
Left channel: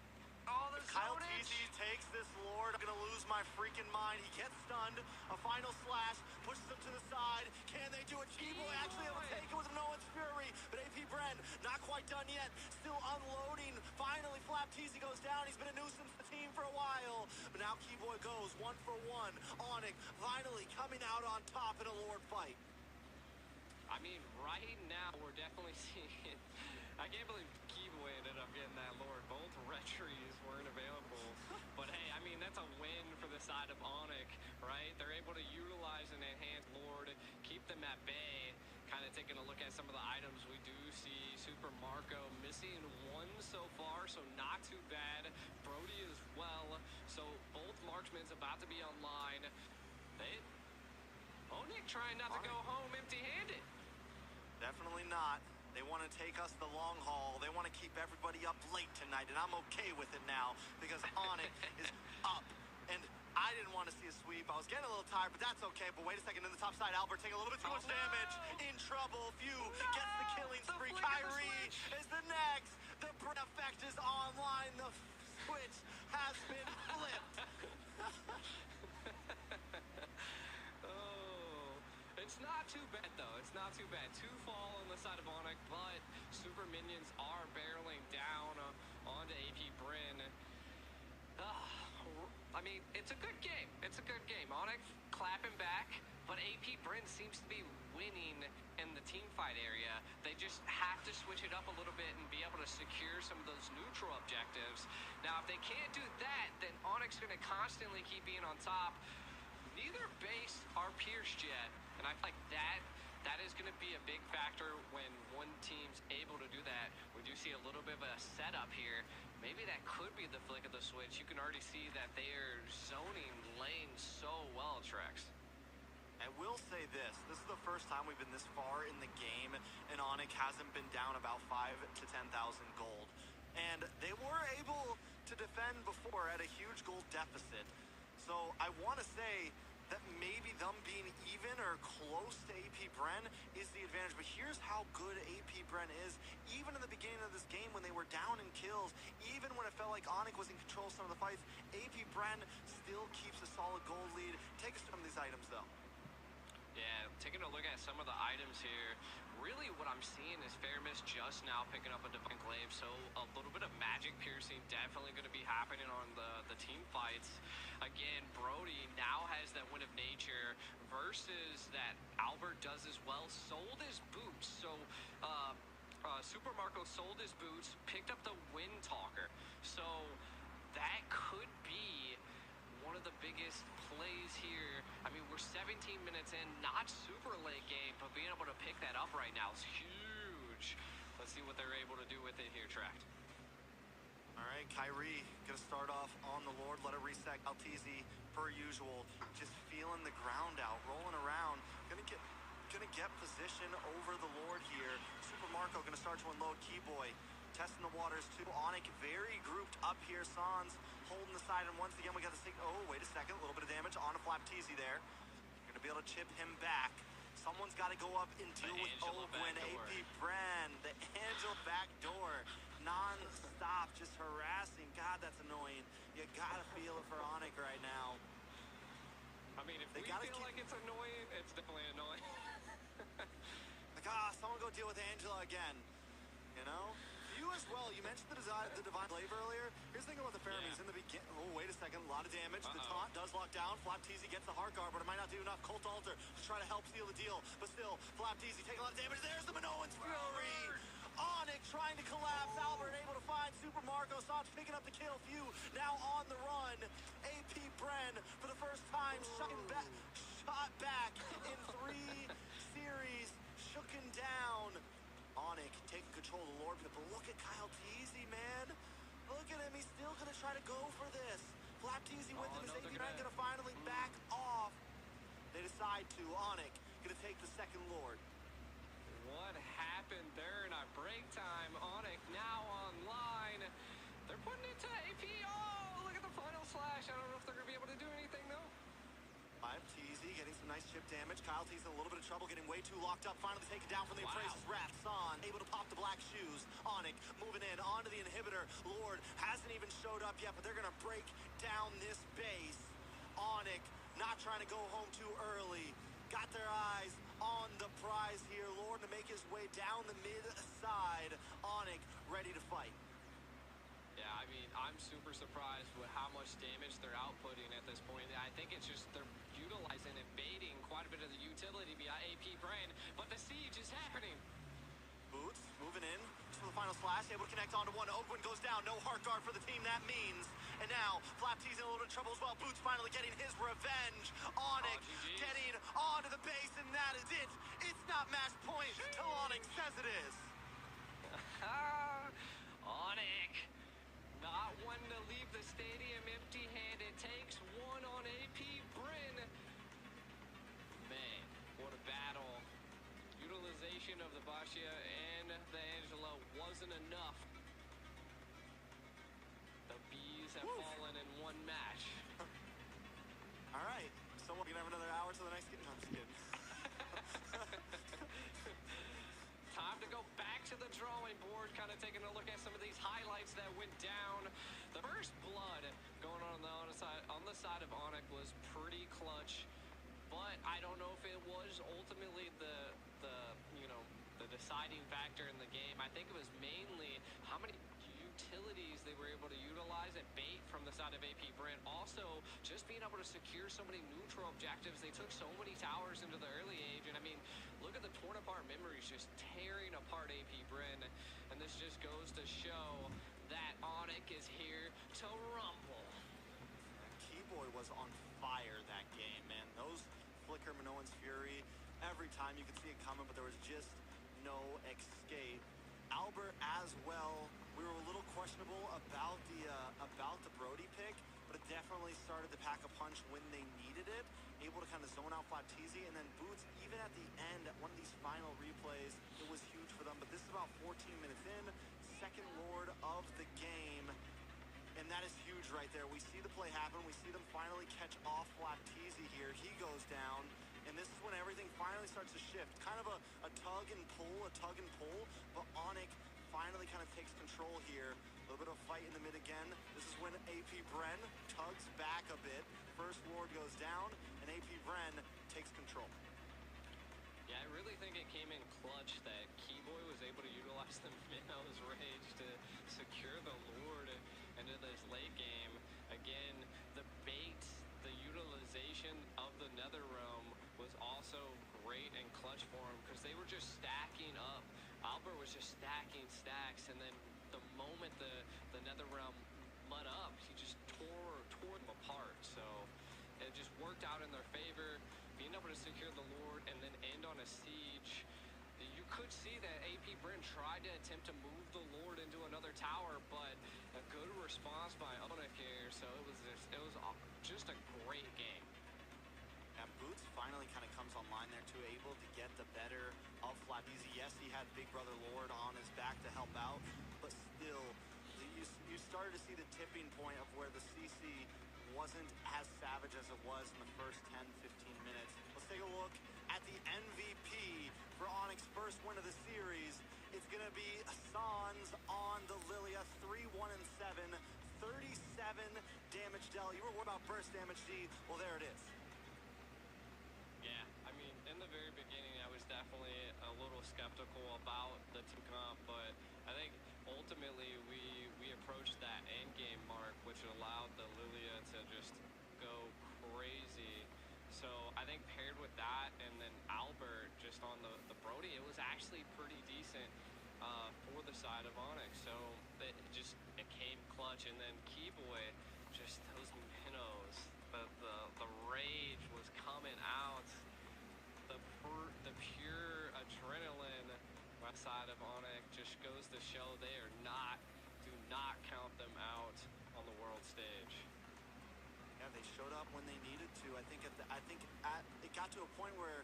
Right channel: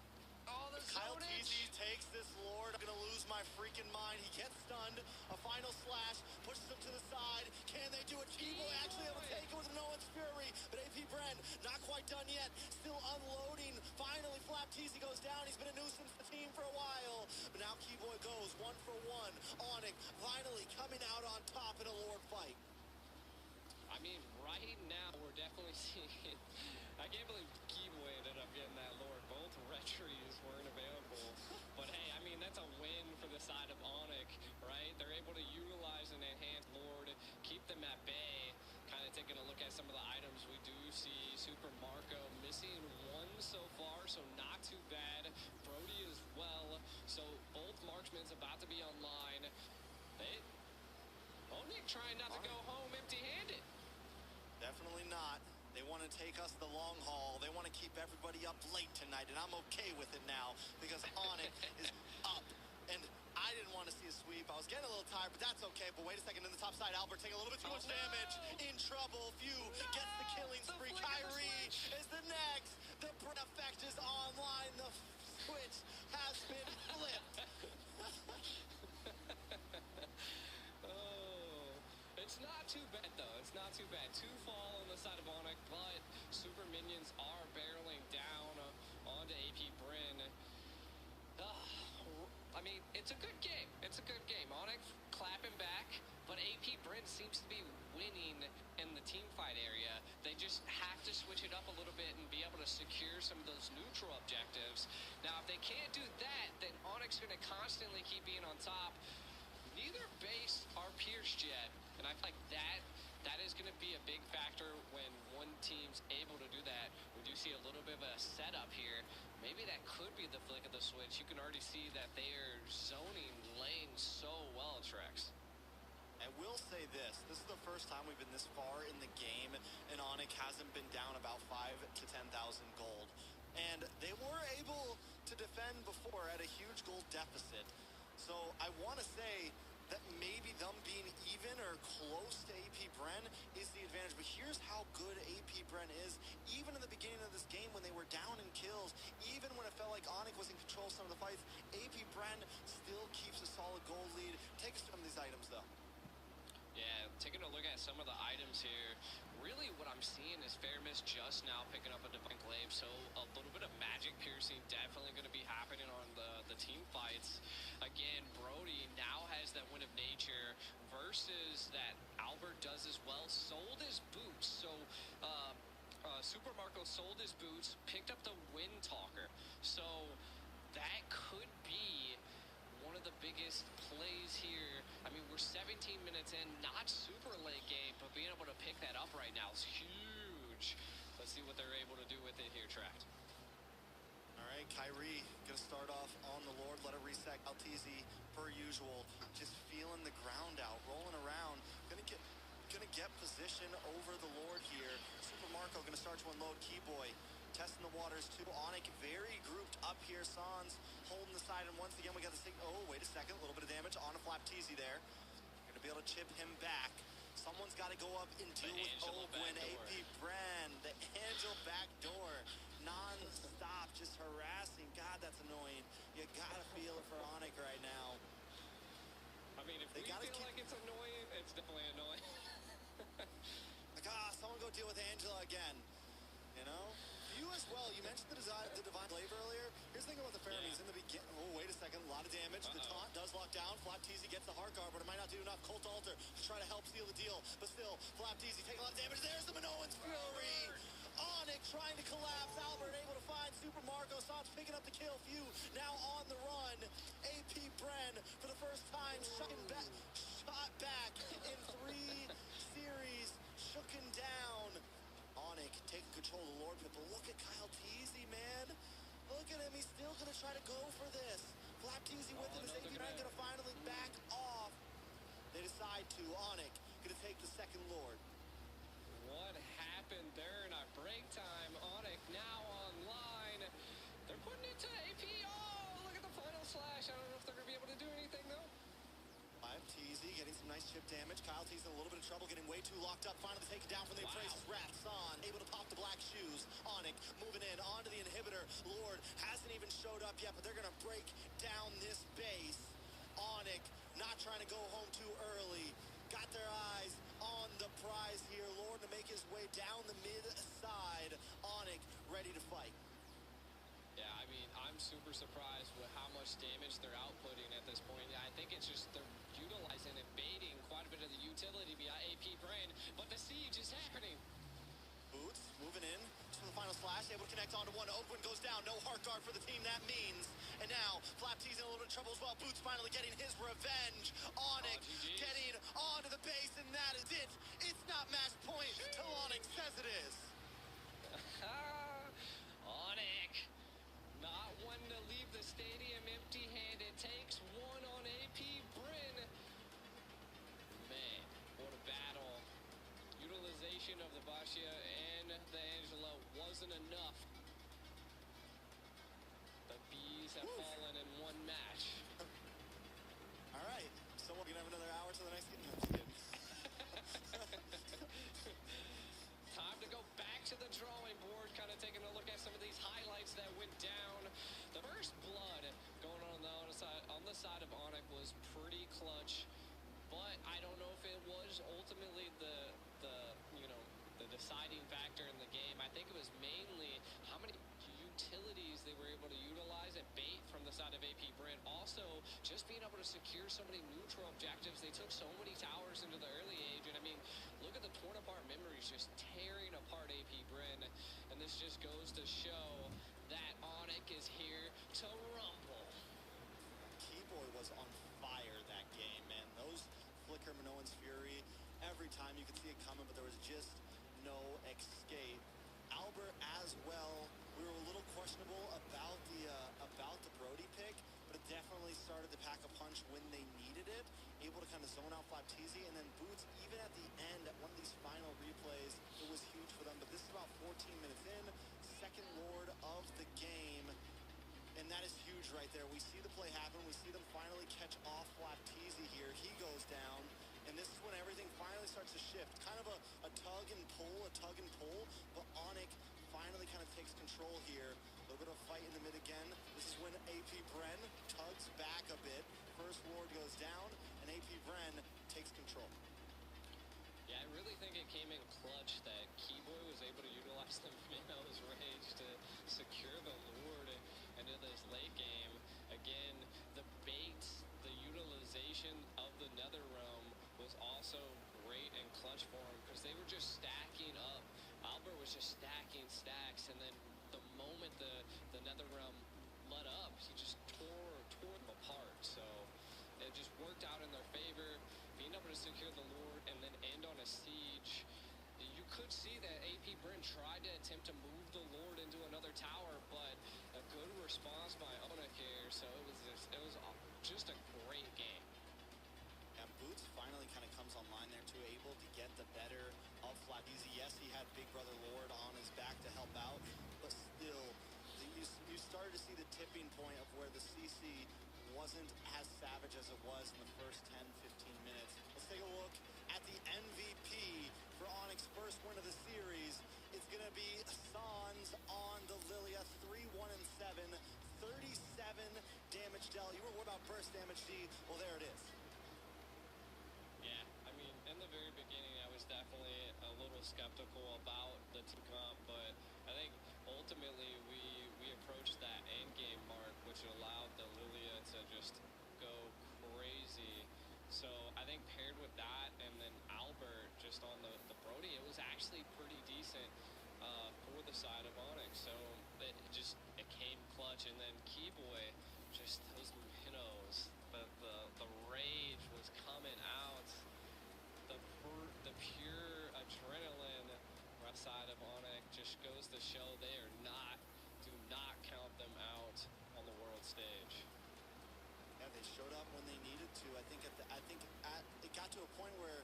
Oh, the Kyle Teasy takes this Lord. I'm gonna lose my freaking mind. He gets stunned. A final slash pushes him to the side. Can they do it? Keyboy actually able to take it with no one's fury. But AP Bren not quite done yet. Still unloading. Finally, Flapteezy goes down. He's been a nuisance to the team for a while. But now Keyboy goes 1 for 1. Onyx finally coming out on top in a Lord fight. I mean, right now we're definitely seeing. I can't believe Keyboy ended up getting that Lord. Both retries weren't available. But hey, I mean, that's a win for the side of Onyx, right? They're able to utilize an enhanced Lord, keep them at bay. Kind of taking a look at some of the items we do see. Super Marco missing one so far, so not too bad. Brody as well. So both marksmen's about to be online. Onyx trying not to go home empty-handed. Definitely not. They want to take us the long haul. They want to keep everybody up late tonight, and I'm okay with it now because Onyx is up. And I didn't want to see a sweep. I was getting a little tired, but that's okay. But wait a second, in the top side, Albert taking a little bit too much damage. In trouble. Few gets the killing spree. Kyrie is the next. The Bren effect is online. The switch has been flipped. It's not too bad, though. It's not too bad. 2 fall on the side of Onyx, but super minions are barreling down onto AP Bren. I mean, it's a good game. It's a good game. Onyx clapping back, but AP Bren seems to be winning in the team fight area. They just have to switch it up a little bit and be able to secure some of those neutral objectives. Now, if they can't do that, then Onyx is going to constantly keep being on top. Neither base are pierced yet, and I feel like that is going to be a big factor when one team's able to do that. We do see a little bit of a setup here. Maybe that could be the flick of the switch. You can already see that they are zoning lanes so well, Trex. I will say this is the first time we've been this far in the game, and Onyx hasn't been down about 5,000 to 10,000 gold. And they were able to defend before at a huge gold deficit. So I want to say that maybe them being even or close to AP Bren is the advantage. But here's how good AP Bren is. Even in the beginning of this game when they were down in kills, even when it felt like Onyx was in control of some of the fights, AP Bren still keeps a solid gold lead. Take us through some of these items, though. Yeah, taking a look at some of the items here, really what I'm seeing is Fairmist just now picking up a Divine Glaive, so a little bit of magic piercing definitely going to be happening on the team fights. Again, Brody now has that Wind of Nature versus that Albert does as well. Sold his boots, so Super Marco sold his boots, picked up the Wind Talker, so that could be one of the biggest plays here. I mean, we're 17 minutes in, not super late game, but being able to pick that up right now is huge. Let's see what they're able to do with it here, Tract. All right, Kyrie gonna start off on the Lord. Let it reset. Altizi, per usual, just feeling the ground out, rolling around. Gonna get position over the Lord here. Super Marco gonna start to unload Keyboy. Testing the waters too. Onyx very grouped up here. Sans holding the side, and once again we got the signal. Oh, wait a second, a little bit of damage on a Flapteezy there. Gonna be able to chip him back. Someone's got to go up and deal with Ogwin. AP Bren, the Angel backdoor, non-stop, just harassing. God, that's annoying. You gotta feel it for Onyx right now. I mean, if we feel like it's annoying, it's definitely annoying. Like, someone go deal with Angela again. You know? You as well. You mentioned the Divine Glaive earlier. Here's the thing about the Pheromones in the beginning. Oh, wait a second. A lot of damage. The taunt does lock down. Flapteezy gets the Heart Guard, but it might not do enough. Cult Altar to try to help seal the deal. But still, Flapteezy taking a lot of damage. There's the Minoan's Fury. Onyx trying to collapse. Albert able to find Super Marco. Sans picking up the kill. Few now on the run. AP Bren for the first time shot back in 3 series. Shooken down. Onyx taking control of the Lord Pit, but look at Kyle Teasy, man. Look at him, he's still gonna try to go for this. Flapteezy with him, is AP Bren gonna finally back off. They decide to. Onyx gonna take the second Lord. What happened there in our break time? Onyx now online. They're putting it to AP. Oh, look at the final slash. I don't know if they're gonna be able to do anything though. Teasy getting some nice chip damage. Kyle Teasy in a little bit of trouble, getting way too locked up. Finally taken down from the Appraiser's Wrath. San able to pop the black shoes. Onyx moving in onto the inhibitor. Lord hasn't even showed up yet, but they're gonna break down this base. Onyx not trying to go home too early. Got their eyes on the prize here. Lord to make his way down the mid side. Onyx ready to fight. Yeah, I mean, I'm super surprised with how much damage they're outputting at this point. I think it's just they're utilizing and baiting quite a bit of the utility via AP Bren, but the siege is happening. Boots moving in for the final slash, able to connect onto one. Ogwin goes down, no Heart Guard for the team, that means. And now, Flapteezy in a little bit of trouble as well. Boots finally getting his revenge. Onyx getting onto the base, and that is it. It's not match point till Onyx says it is. Onyx. Not one to leave the stadium empty-handed. Takes one on AP Bren. Man, what a battle. Utilization of the Bashia and the Angela wasn't enough. The Bees have fallen in one match. All right, so we're gonna have another hour till the next game. No, I'm just kidding. Time to go back to the drawing board, kind of taking a look at some of these highlights that went down. The first blood going on the side of Onyx was pretty clutch, but I don't know if it was ultimately the deciding factor in the game. I think it was mainly how many utilities they were able to utilize and bait from the side of AP Bren. Also, just being able to secure so many neutral objectives. They took so many towers into the early age, and I mean, look at the torn apart memories just tearing apart AP Bren, and this just goes to show that Onyx is here to rumble. Keyboy was on fire that game, man. Those flicker Minoan's Fury, every time you could see it coming, but there was just no escape. Albert as well. We were a little questionable about the Brody pick, but it definitely started to pack a punch when they needed it. Able to kind of zone out Flapteezy, and then Boots, even at the end, at one of these final replays, it was huge for them. But this is about 14 minutes in, second Lord of the game. And And that is huge right there. We see the play happen. We see them finally catch off Flatteezy here. He goes down. And this is when everything finally starts to shift. Kind of a tug and pull. But Onyx finally kind of takes control here. A little bit of a fight in the mid again. This is when AP Bren tugs back a bit. First Lord goes down, and AP Bren takes control. Yeah, I really think it came in clutch that Keyboy was able to utilize the Minnows Rage to secure the Lord into this late game. Again, the bait, the utilization of the Netherrealm was also great and clutch for him because they were just stacking up. Albert was just stacking stacks, and then the moment the Netherrealm let up, he just tore them apart. So it just worked out in their favor, being able to secure the Lord and then end on a siege. You could see that AP Bren tried to attempt to move the Lord into another tower, but a good response by Onyx here. So it was just a great game. And Boots finally kind of comes online there too, able to get the better of Flatteezy. Yes, he had Big Brother Lord on his back to help out, but still, you started to see the tipping point of where the CC wasn't as savage as it was in the first 10-15 minutes. Let's take a look at the MVP for Onyx's first win of the series. It's going to be Sans on the Lilia, 3-1-7, 37 damage dealt. You were worried about burst damage, D. Well, there it is. Yeah, I mean, in the very beginning, I was definitely a little skeptical about the team comp, but I think ultimately we approached that end game mark, which allowed the Lilia to just go crazy. So I think paired with that and then Albert just on the Brody, it was actually pretty decent for the side of Onyx. So it came clutch, and then Keyboy, just those minnows, the rage was coming out, the pure adrenaline by side of Onyx just goes to show they are do not count them out on the world stage. Yeah, they showed up when they needed to. I think it got to a point where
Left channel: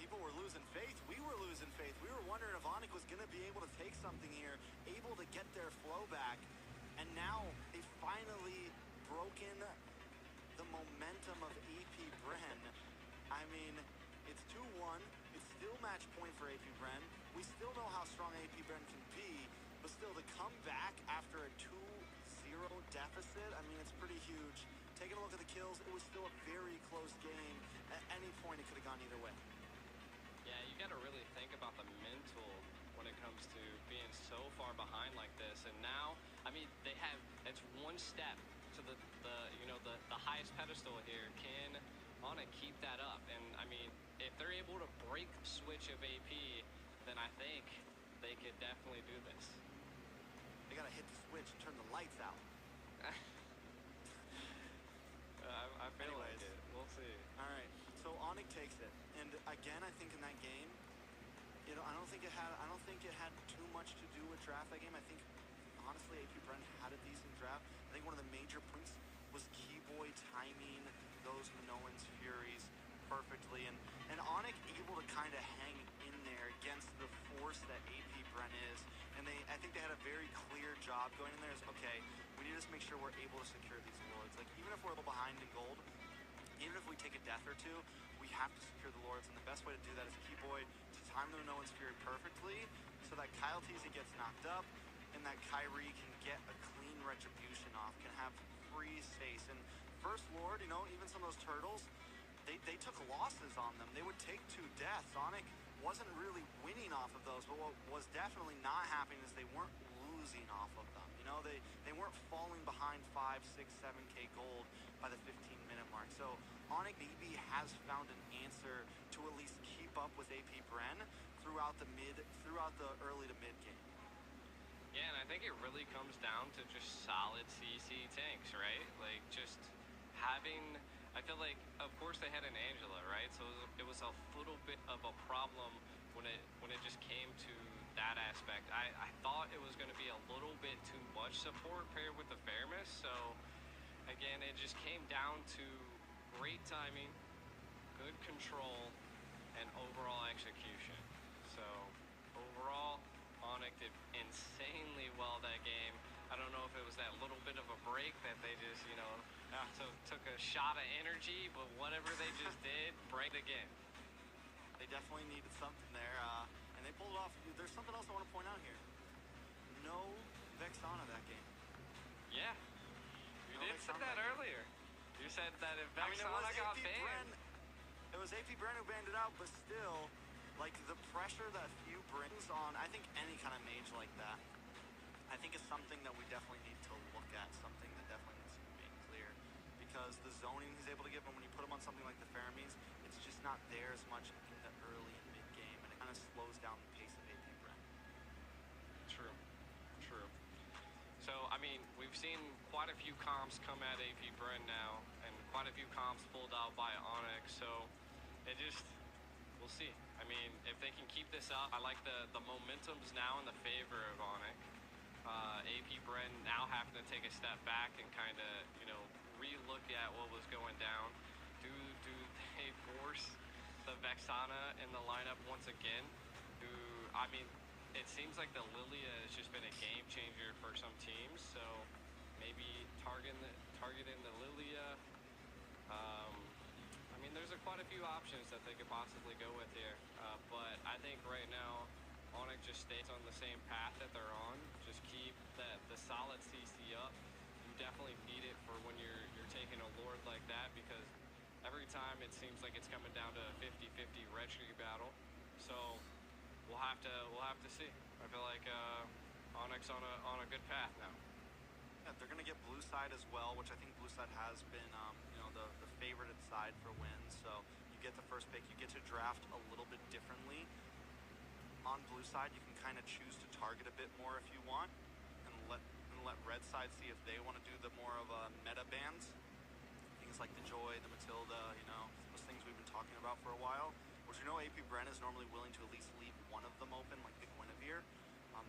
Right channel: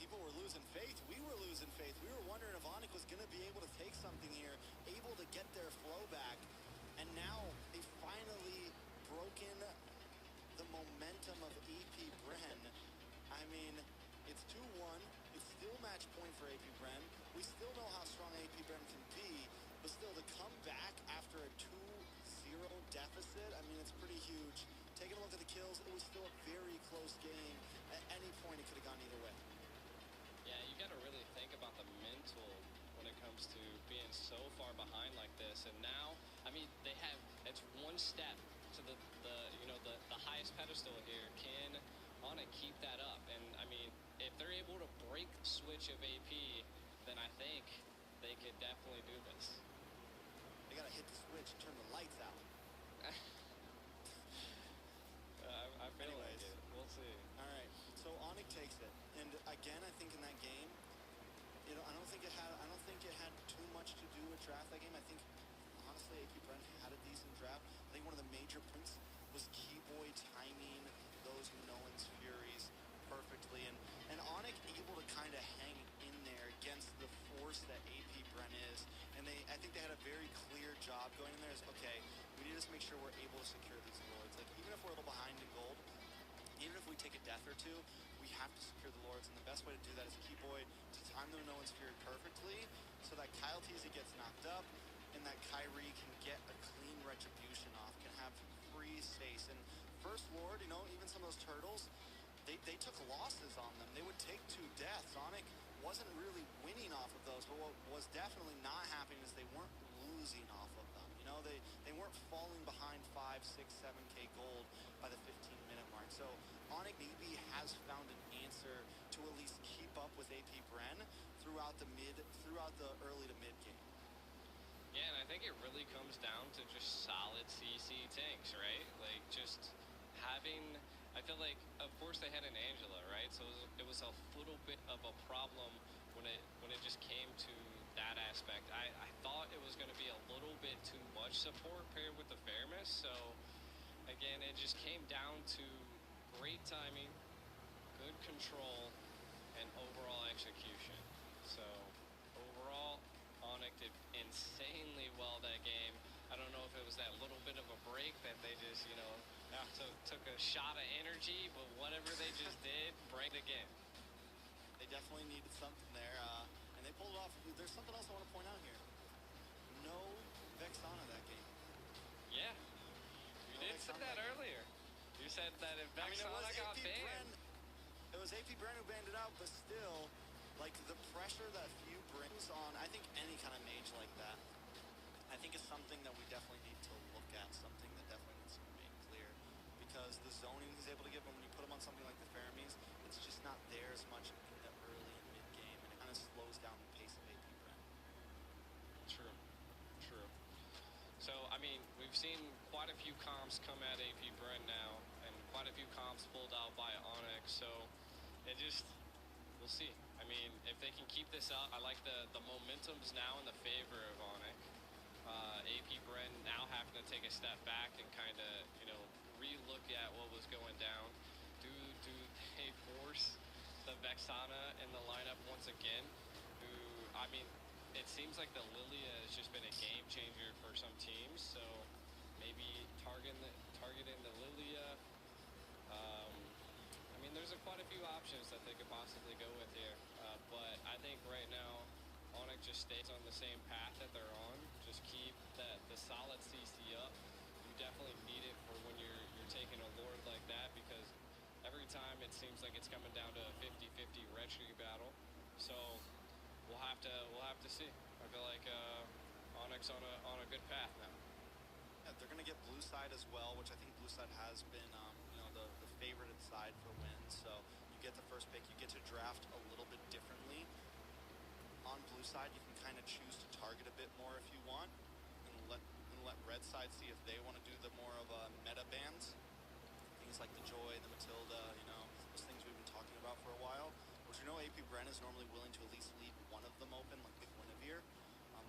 people were losing faith. We were losing faith. We were wondering if Onyx was going to be able to take something here, able to get their flow back. And now they finally broken the momentum of AP Bren. I mean, it's 2-1. It's still match point for AP Bren. We still know how strong AP Bren can be, but still to come back after a 2-0 deficit, I mean, it's pretty huge. Taking a look at the kills, it was still a very close game. At any point, it could have gone either way. Yeah, you got to really think about the mental when it comes to being so far behind like this. And now, I mean, it's one step to the highest pedestal here. Can Onyx keep that up? And I mean, if they're able to break the switch of AP, then I think they could definitely do this. They got to hit the switch and turn the lights out. I feel like it. We'll see. All right. So Onyx takes it, and again, I think in that game, I don't think it had too much to do with draft that game. I think honestly, AP Bren had a decent draft. I think one of the major points was Keyboy timing those Minoan's Furies perfectly, and Onyx able to kind of hang in there against the force that AP Bren is. And I think they had a very clear job going in there. Is okay, we need to just make sure we're able to secure these Lords. Like even if we're a little behind in gold, even if we take a death or two, we have to secure the Lords. And the best way to do that is Keyboy to time the Minoan's Fury perfectly, so that Kyle Teasy gets knocked up, and that Kyrie can get a clean retribution off, can have free space. And First Lord, even some of those turtles, they took losses on them. They would take 2 deaths. Onyx wasn't really winning off of those, but what was definitely not happening is they weren't losing off of them. They weren't falling behind 5, 6, 7K gold by the 15-minute mark. So Onyx maybe has found an answer to at least keep up with AP Bren throughout the early to mid game. Yeah, and I think it really comes down to just solid CC tanks, right? Like just having, I feel like, of course they had an Angela, right? So it was a little bit of a problem when it just came to that aspect. I thought it was going to be a little bit too much support paired with the Fairness. So again, it just came down to great timing, good control, and overall execution. So overall, Onyx did insanely well that game. I don't know if it was that little bit of a break that they just, you know, took a shot of energy, but whatever they just did, break again. They definitely needed something there, and they pulled it off. There's something else I want to point out here. No Vexana that game. Yeah. You No did say Vexana that game. earlier. You said that if I mean, it was Vexana got AP banned. Bren. It was AP Bren who banned it out, but still, like, the pressure that Few brings on, I think, any kind of mage like that, I think is something that we definitely need to look at, something that definitely needs to be made clear. Because the zoning he's able to give, and when you put him on something like the Faramis, it's just not there as much in the early and mid game, and it kind of slows down the pace of AP Bren. True. So, I mean, we've seen quite a few comps come at AP Bren now, and quite a few comps pulled out by Onyx, so it just, we'll see. I mean, if they can keep this up, I like the momentum's now in the favor of Onyx. AP Bren now having to take a step back and kind of, you know, re-look at what was going down. Do they force the Vexana in the lineup once again? I mean, it seems like the Lilia has just been a game changer for some teams, so maybe targeting the Lilia. I mean, there's quite a few options that they could possibly go with here, but I think right now Onyx just stays on the same path that they're on. Just keep the solid CC up. You definitely need it for when you're taking a Lord like that, because every time it seems like it's coming down to a 50-50 red streak battle. So we'll have to see. I feel like Onyx on a good path now. Yeah, they're going to get blue side as well, which I think blue side has been, you know, the favorited side for wins. So you get the first pick, you get to draft a little bit differently. On blue side, you can kind of choose to target a bit more if you want, and let red side see if they want to do the more of meta bans. Things like the Joy, the Matilda, you know, those things we've been talking about for a while. Which you know AP Bren is normally willing to at least leave one of them open, like the Guinevere.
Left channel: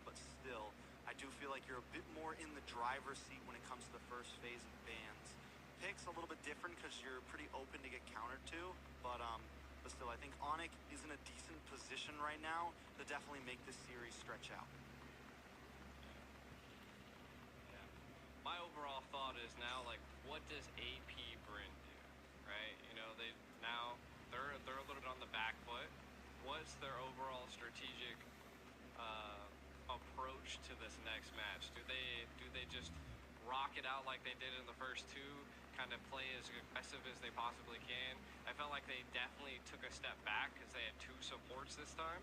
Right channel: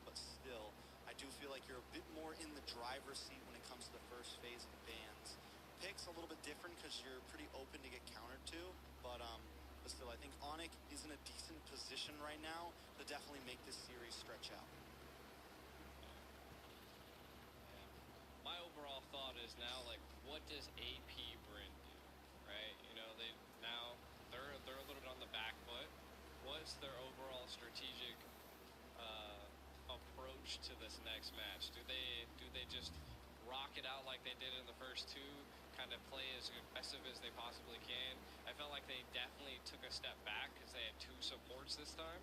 But still, I do feel like you're a bit more in the driver's seat when it comes to the first phase of bans. Picks a little bit different because you're pretty open to get countered to, but still, I think Onyx is in a decent position right now to definitely make this series stretch out. Yeah. My overall thought is now, like, what does AP Bren do, right? You know, they're a little bit on the back foot. What's their overall strategic approach to this next match? Do they just rock it out like they did in the first two, kind of play as aggressive as they possibly can? I felt like they definitely took a step back because they had two supports this time.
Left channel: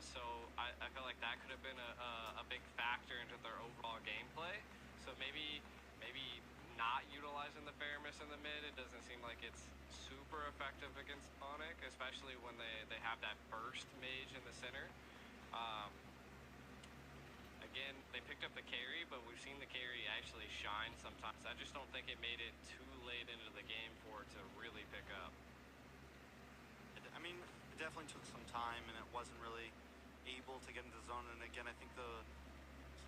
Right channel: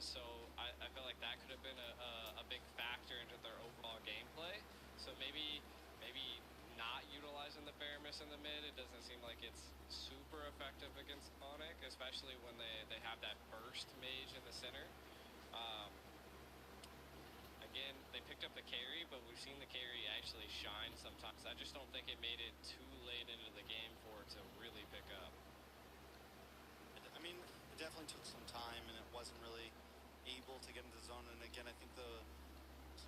So I felt like that could have been a big factor into their overall gameplay. So maybe not utilizing the Faramis in the mid, it doesn't seem like it's super effective against Onyx, especially when they have that burst mage in the center. Again, they picked up the carry, but we've seen the carry actually shine sometimes. I just don't think it made it too late into the game for it to really pick up. I mean, it definitely took some time, and it wasn't really able to get into the zone. And again, I think the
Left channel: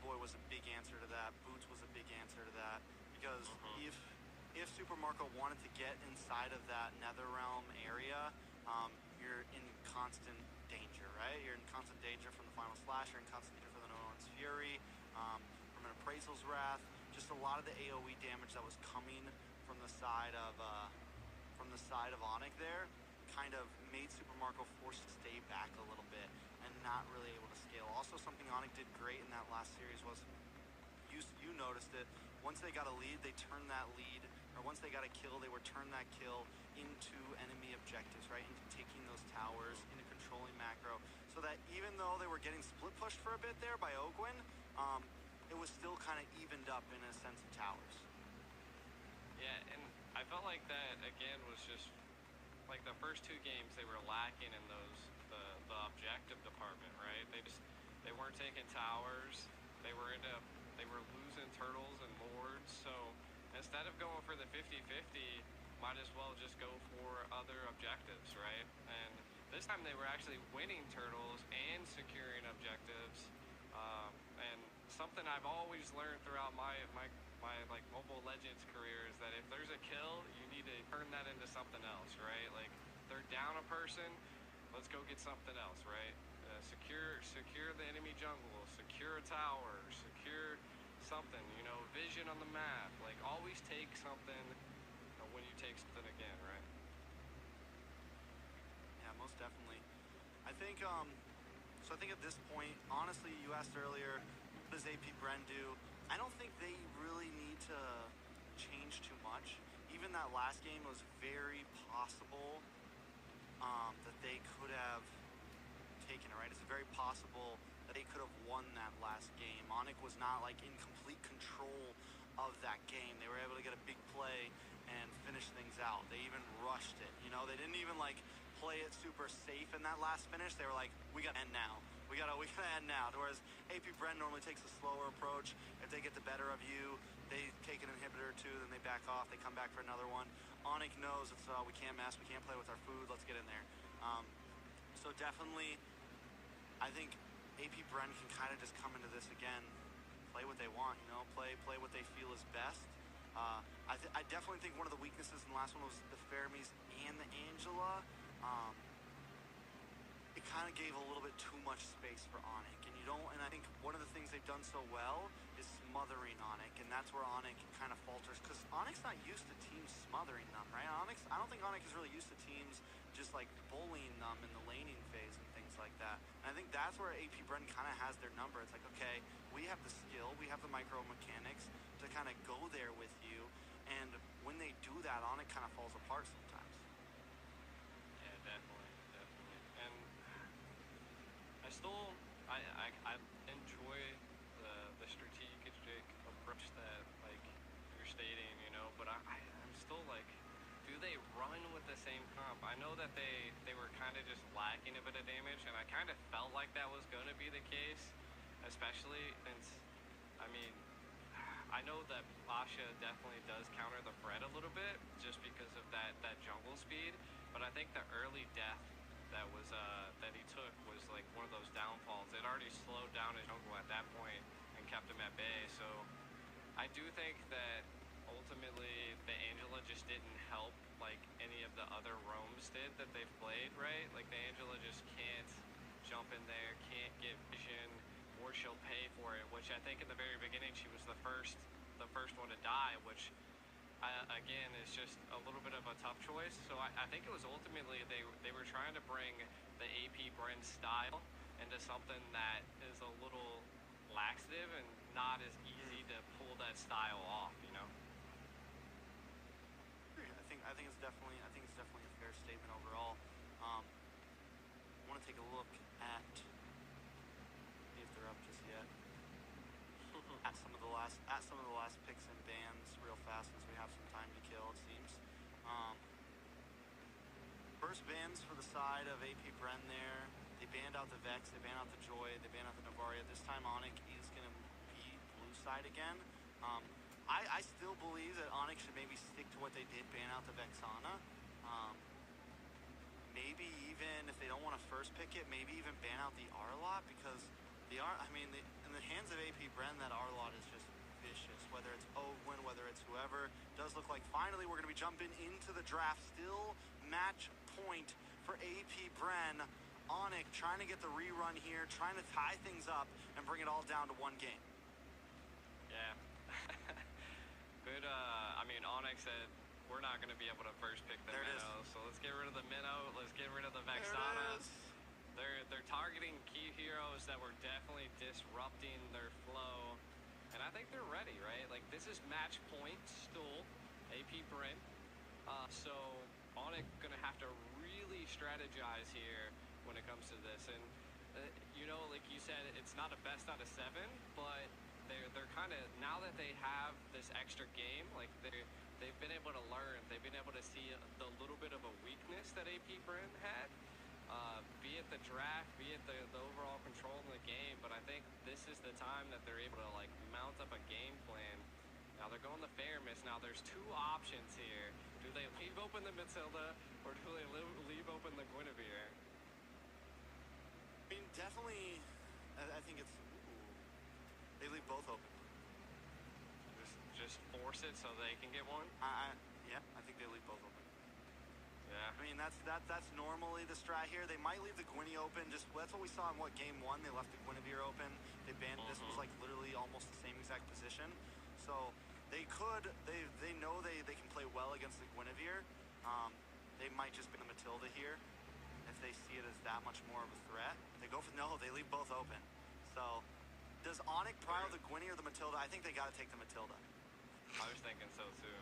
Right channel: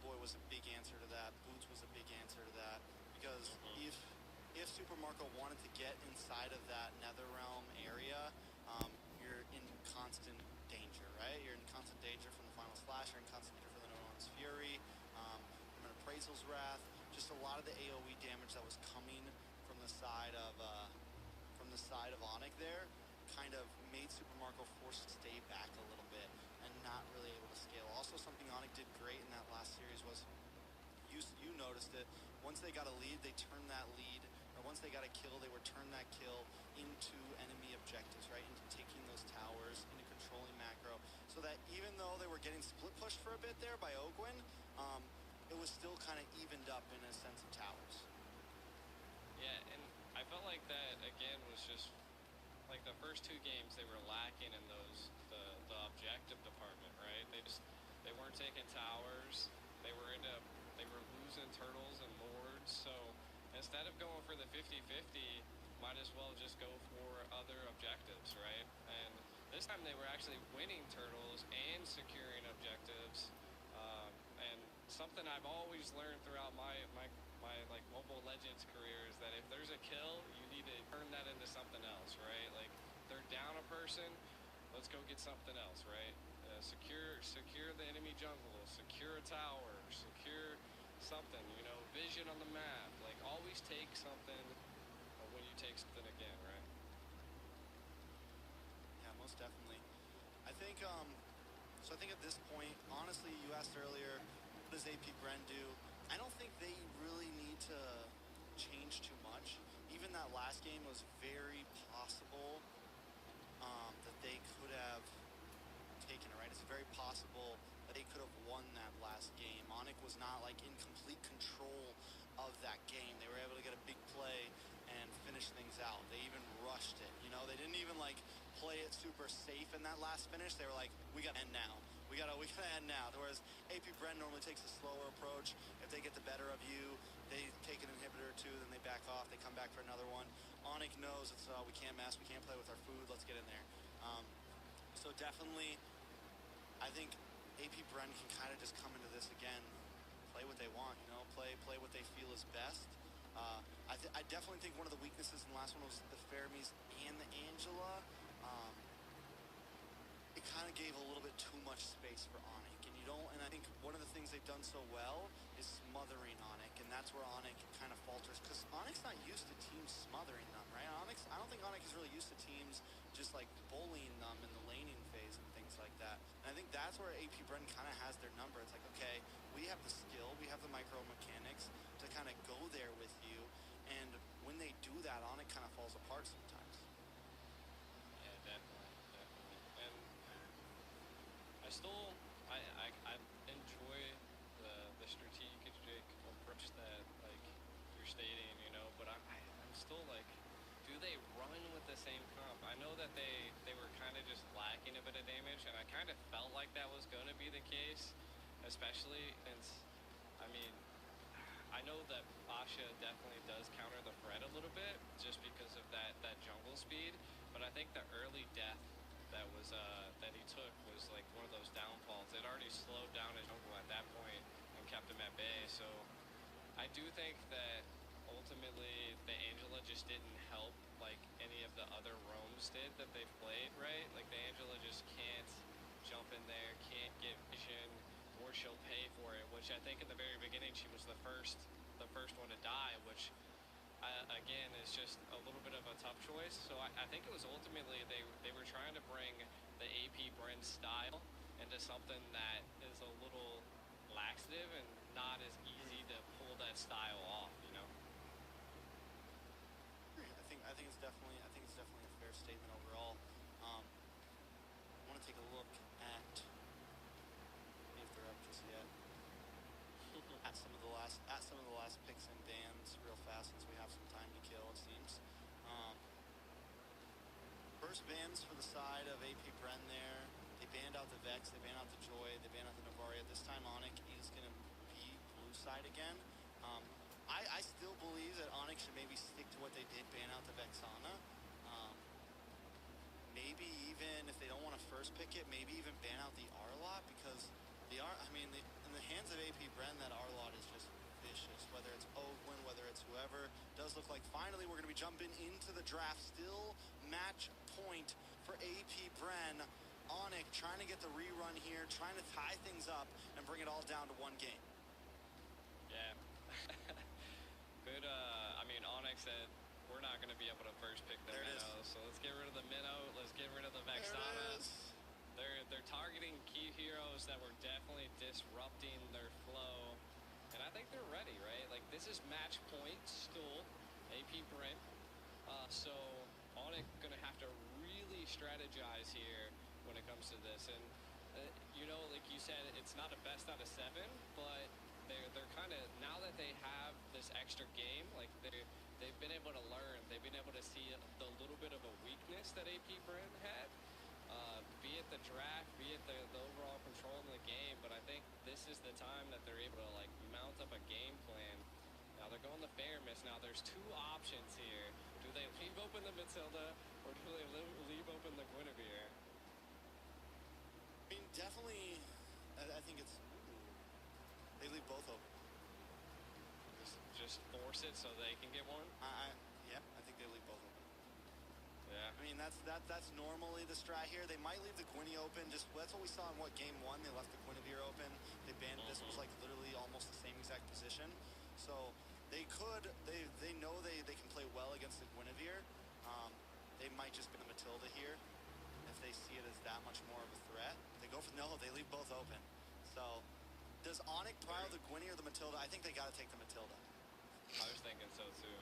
Boy was a big answer to that. Boots was a big answer to that. Because if Super Marco wanted to get inside of that Netherrealm area, you're in constant danger, right? You're in constant danger from the Final Slash, you're in constant danger from the No One's Fury, from an Appraisal's Wrath. Just a lot of the AoE damage that was coming from the side of Onyx there kind of made Super Marco forced to stay back a little bit and not really able to scale. Also, something Onyx did great in that last series was, you noticed it, once they got a lead, they turned that lead, or once they got a kill, they would turn that kill into enemy objectives, right? Into taking those towers, into controlling macro, so that even though they were getting split pushed for a bit there by Ogwyn, it was still kind of evened up in a sense of towers. Yeah, and I felt like that, again, was just, like, the first two games, they were lacking in the objective department, right? They weren't taking towers, they were losing turtles and lords, so instead of going for the 50-50, might as well just go for other objectives, right? And this time they were actually winning turtles and securing objectives, and something I've always learned throughout my like Mobile Legends career is that if there's a kill, you need to turn that into something else, right? Like, they're down a person, let's go get something else, right? Secure the enemy jungle, secure a tower, secure something, you know, vision on the map. Like, always take something when you take something again, right? Yeah, most definitely. I think, so I think at this point, honestly, you asked earlier, what does AP Bren do? I don't think they really need to change too much. Even that last game was very possible that they could have taken it, right? It's very possible that they could have won that last game. Onic was not like in complete control of that game. They were able to get a big play and finish things out. They even rushed it, you know? They didn't even like play it super safe in that last finish. They were like, we gotta end now. We gotta end now. Whereas AP Bren normally takes a slower approach. If they get the better of you, they take an inhibitor or two, then they back off. They come back for another one. Onic knows it's we can't mess. We can't play with our food. Let's get in there. So definitely, I think AP Bren can kind of just come into this again, play what they want. You know, play what they feel is best. I definitely think one of the weaknesses in the last one was the Fermis and the Angela. It kind of gave a little bit too much space for Onic, and I think one of the things they've done so well is smothering Onic, and that's where Onic kind of falters, because Onic's not used to teams smothering them, right? I don't think Onic is really used to teams just like bullying them in the laning phase and things like that. And I think that's where AP Bren kind of has their number. It's like, okay, we have the skill, we have the micro mechanics to kind of go there with you, and when they do that, Onic kind of falls apart sometimes. Yeah, definitely. And I enjoy the strategic approach that like you're stating, you know, but I'm still like, do they run with the same comp? I know that they were kind of just lacking a bit of damage, and I kind of felt like that was going to be the case, especially since, I mean, I know that Asha definitely does counter the Fred a little bit just because of that jungle speed, but I think the early death that he took was like one of those downfalls. It already slowed down his jungle at that point and kept him at bay. So I do think that ultimately the Angela just didn't help like any of the other roams did that they've played, right? Like the Angela just can't jump in there, can't get vision, or she'll pay for it, which I think in the very beginning she was the first one to die, which again is just a little bit of a tough choice. So I think it was ultimately they were trying to bring the AP Bren style into something that is a little laxative and not as easy to pull that style off, you know. I think it's definitely a fair statement overall. I want to take a look at, see if they're up just yet. at some of the last picks and bans real fast, since we have some time to kill, it seems. First bans for the side of AP Bren there. They banned out the Vex, they banned out the Joy, they banned out the Novaria. This time Onic is going to be blue side again. I still believe that Onic should maybe stick to what they did, ban out the Vexana. Maybe even, if they don't want to first pick it, maybe even ban out the Arlot, because in the hands of AP Bren, that Arlot is just vicious. Whether it's Ogwyn, whether it's whoever, does look like finally we're going to be jumping into the draft. Still match point for AP Bren. Onic trying to get the rerun here, trying to tie things up and bring it all down to one game. Yeah. Good, Onic said we're not going to be able to first pick the Minnow, so let's get rid of the Minnow, let's get rid of the Vexana. They're targeting key heroes that were definitely disrupting their flow, and I think they're ready, right? Like, this is match point still, AP Bren. So Onic gonna have to really strategize here when it comes to this, and like you said, it's not a best out of 7, but they're kind of, now that they have this extra game, like they've been able to learn, they've been able to see the little bit of a weakness that AP Bren had, be it the draft, be it the overall control in the game. But I think this is the time that they're able to like mount up a game plan. Now they're going the Fermis. Now there's two options here. Do they leave open the Matilda, or do they leave open the Guinevere? I mean, definitely, I think it's, they leave both open. Just force it so they can get one? Yeah, I think they leave both open. Yeah. I mean, that's normally the strat here. They might leave the Gwynny open. That's what we saw in game 1. They left the Guinevere open. They banned. This was like literally almost the same exact position. So they know they can play well against the Guinevere. They might just be the Matilda here if they see it as that much more of a threat. They go for no, they leave both open. So does Onyx prile the Gwynny or the Matilda? I think they got to take the Matilda. I was thinking so too.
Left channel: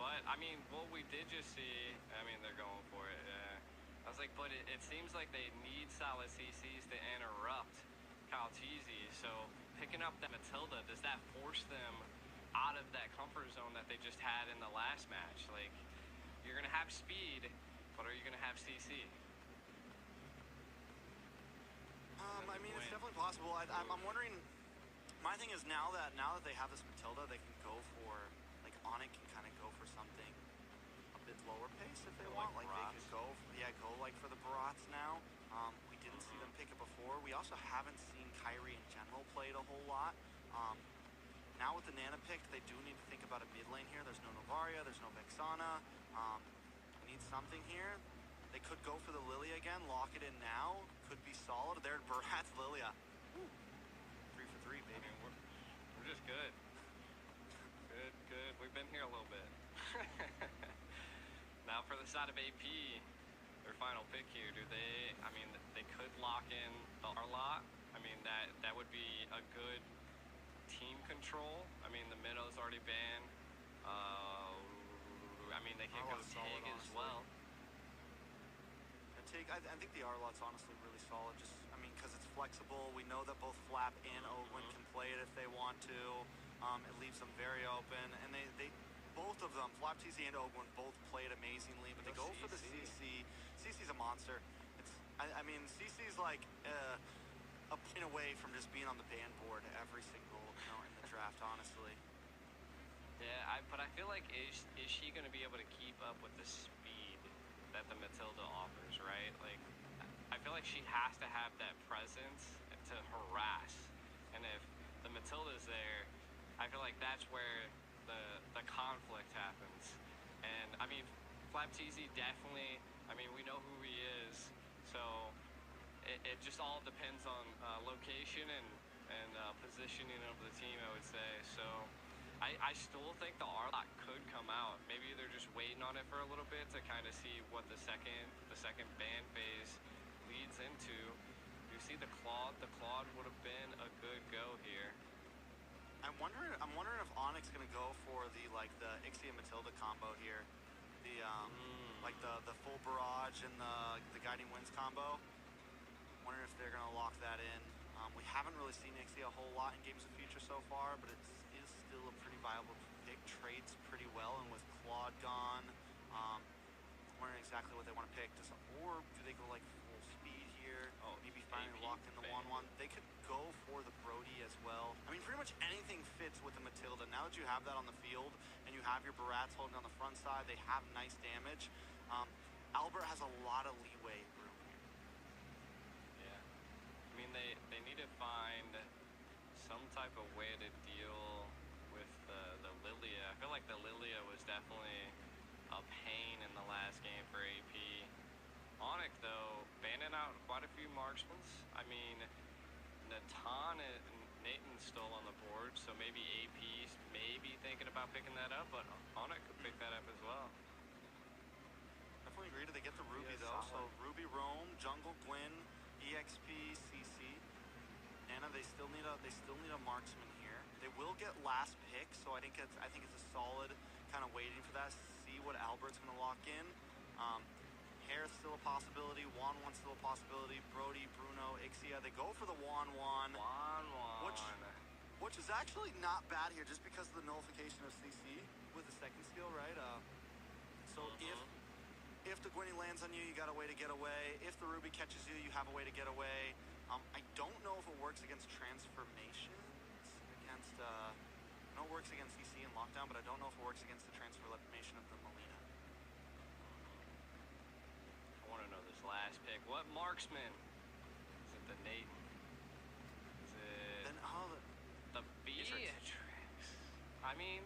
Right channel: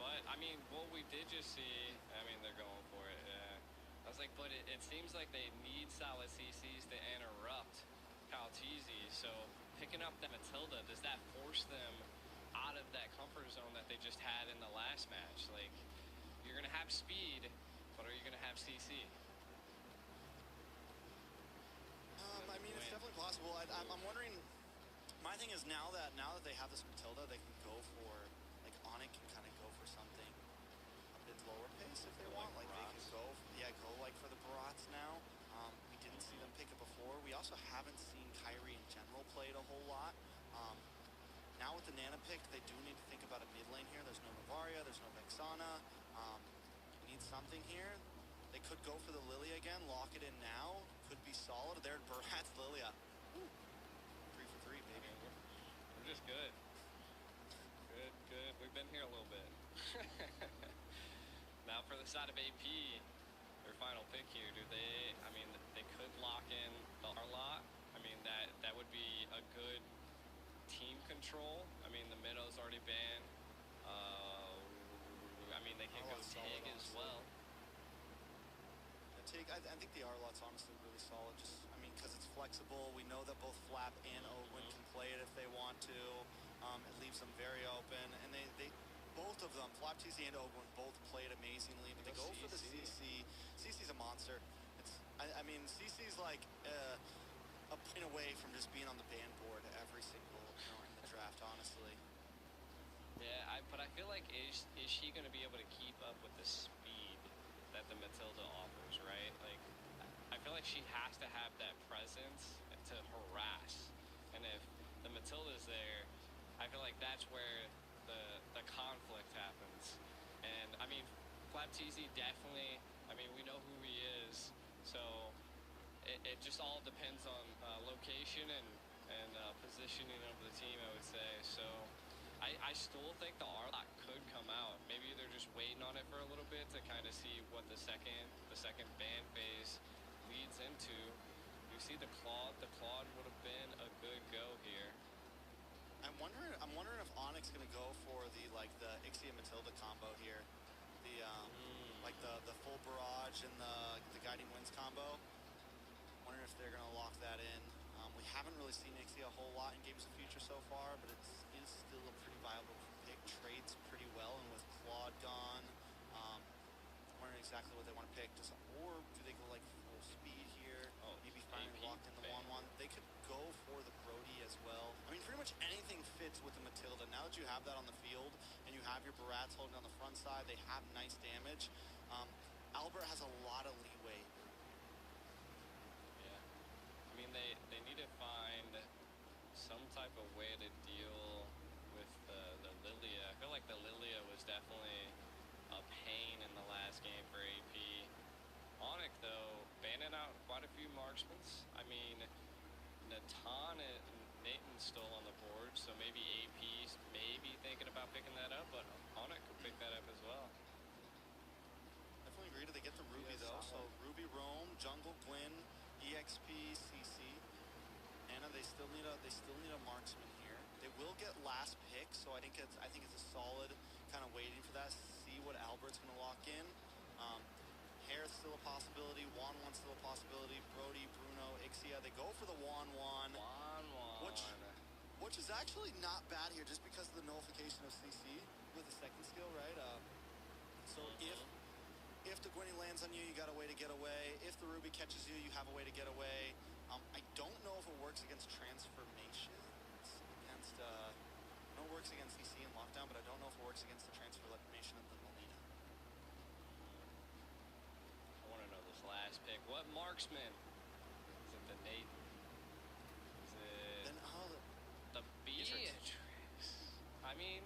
But I mean, what we did just see, I mean, they're going for it. Yeah. I was like, but it seems like they need solid CCs to interrupt Calteezy. So picking up that Matilda, does that force them out of that comfort zone that they just had in the last match? Like, you're gonna have speed, but are you gonna have CC? I mean, it's definitely possible. I'm wondering. My thing is now that they have this Matilda, they can go for like Onyx can kind of go for something a bit lower pace if they want. Like they could go like for the Barats now. We didn't see them pick it before. We also haven't seen Kyrie in general play it a whole lot. Now with the Nana pick, they do need to think about a mid lane here. There's no Novaria, there's no Vexana. We need something here. They could go for the Lilia again, lock it in now. Could be solid. There, Barats Lilia. Woo. 3 for 3, baby. I mean, we're just good. Good. We've been here a little bit. Now for the side of AP, their final pick here, I mean, they could lock in the Arlot. I mean, that would be a good team control. I mean, the Minnow's already banned. I mean, they could go Tig as well. I think the Arlot's honestly really solid. Just, I mean, because it's flexible. We know that both Flap and Ogwyn can play it if they want to. It leaves them very open, and they both of them, Flap TZ and Ogwyn, both played amazingly. But they go for the CC. CC's a monster. I mean, CC's like a point away from just being on the ban board every single in the draft. Honestly. Yeah, but I feel like is she going to be able to keep up with the speed that the Matilda offers, right? Like, I feel like she has to have that presence to harass. And if the Matilda's there, I feel like that's where the conflict happens. And, I mean, Flap TZ definitely, I mean, we know who he is. So it just all depends on location and positioning of the team, I would say. So I still think the Arlot could come out. Maybe they're just waiting on it for a little bit to kind of see what the second ban phase leads into. You see the Claude. The Claude would have been a good go here. I'm wondering if Onyx gonna go for the Ixia Matilda combo here, like the full barrage and the guiding winds combo. Wondering if they're gonna lock that in. We haven't really seen Ixia a whole lot in Games of Future so far, but it is still a pretty viable pick. Trades pretty well, and with Claude gone, wondering exactly what they want to pick. Or do they go like full speed here? Maybe finally lock in the Wan. They could go for the Brody as well. I mean, pretty much anything fits with the Matilda. Now that you have that on the field, and you have your Barats holding on the front side, they have nice damage. Albert has a lot of leeway room here. Yeah. I mean, they need to find some type of way to deal with the Lilia. I feel like the Lilia was definitely a pain in the last game for AP. Onyx, though, banning out quite a few marksmans. I mean, Natan and Nathan's still on the board, so maybe AP's maybe thinking about picking that up, but Onyx could pick that up as well. Definitely agree. Do they get the Ruby, though? So Ruby, Roam, Jungle, Gwyn, EXP, CC. Nana, they still need a marksman here. They will get last pick, so I think it's a solid kind of waiting for that. See what Albert's gonna lock in. Hair's still a possibility. Wan's still a possibility. Brody, Bruno, Ixia. They go for the Wan. Which is actually not bad here, just because of the nullification of CC with the second skill, right? So if the Gwynny lands on you, you got a way to get away. If the Ruby catches you, you have a way to get away. I don't know if it works against transformations. I know it works against CC and lockdown, but I don't know if it works against the transformation of the Melina. I want to know this last pick. What marksman? Is it the Nathan? Is it the Beatrix? I mean,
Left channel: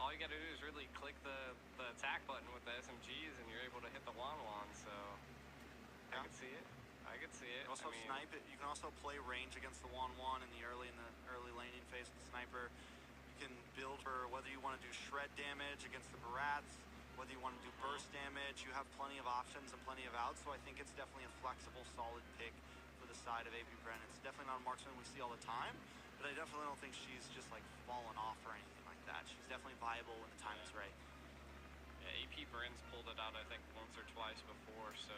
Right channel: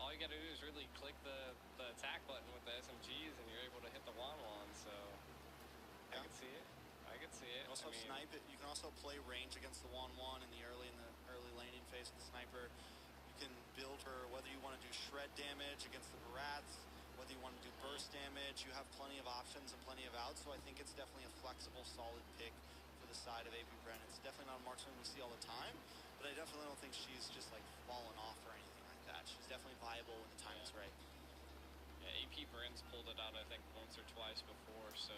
all you gotta do is really click the attack button with the SMGs, and you're able to hit the Wan. So I could see it. You can also snipe it. You can also play range against the Wan in the early laning phase with the sniper. you want to do shred damage against the Barats, whether you want to do burst damage, you have plenty of options and plenty of outs. So I think it's definitely a flexible, solid pick for the side of AP Bren. It's definitely not a marksman we see all the time, but I definitely don't think she's just like fallen off or anything like that. She's definitely viable when the time is right. Yeah, AP Bren's pulled it out, I think, once or twice before, so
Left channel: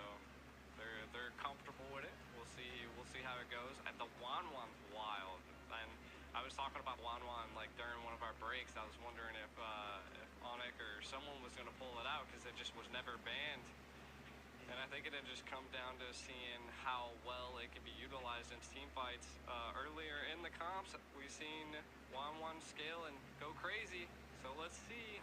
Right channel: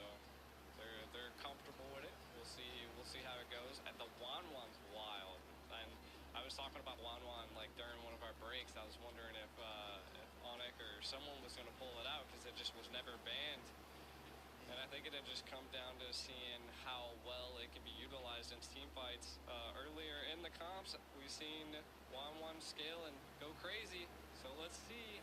they're comfortable with it. We'll see how it goes. And the Wanwan's wild. And I was talking about Wanwan like during one of our breaks. I was wondering if Onyx or someone was going to pull it out because it just was never banned. And I think it had just come down to seeing how well it can be utilized in team fights. Earlier in the comps, we've seen Wanwan scale and go crazy. So let's see.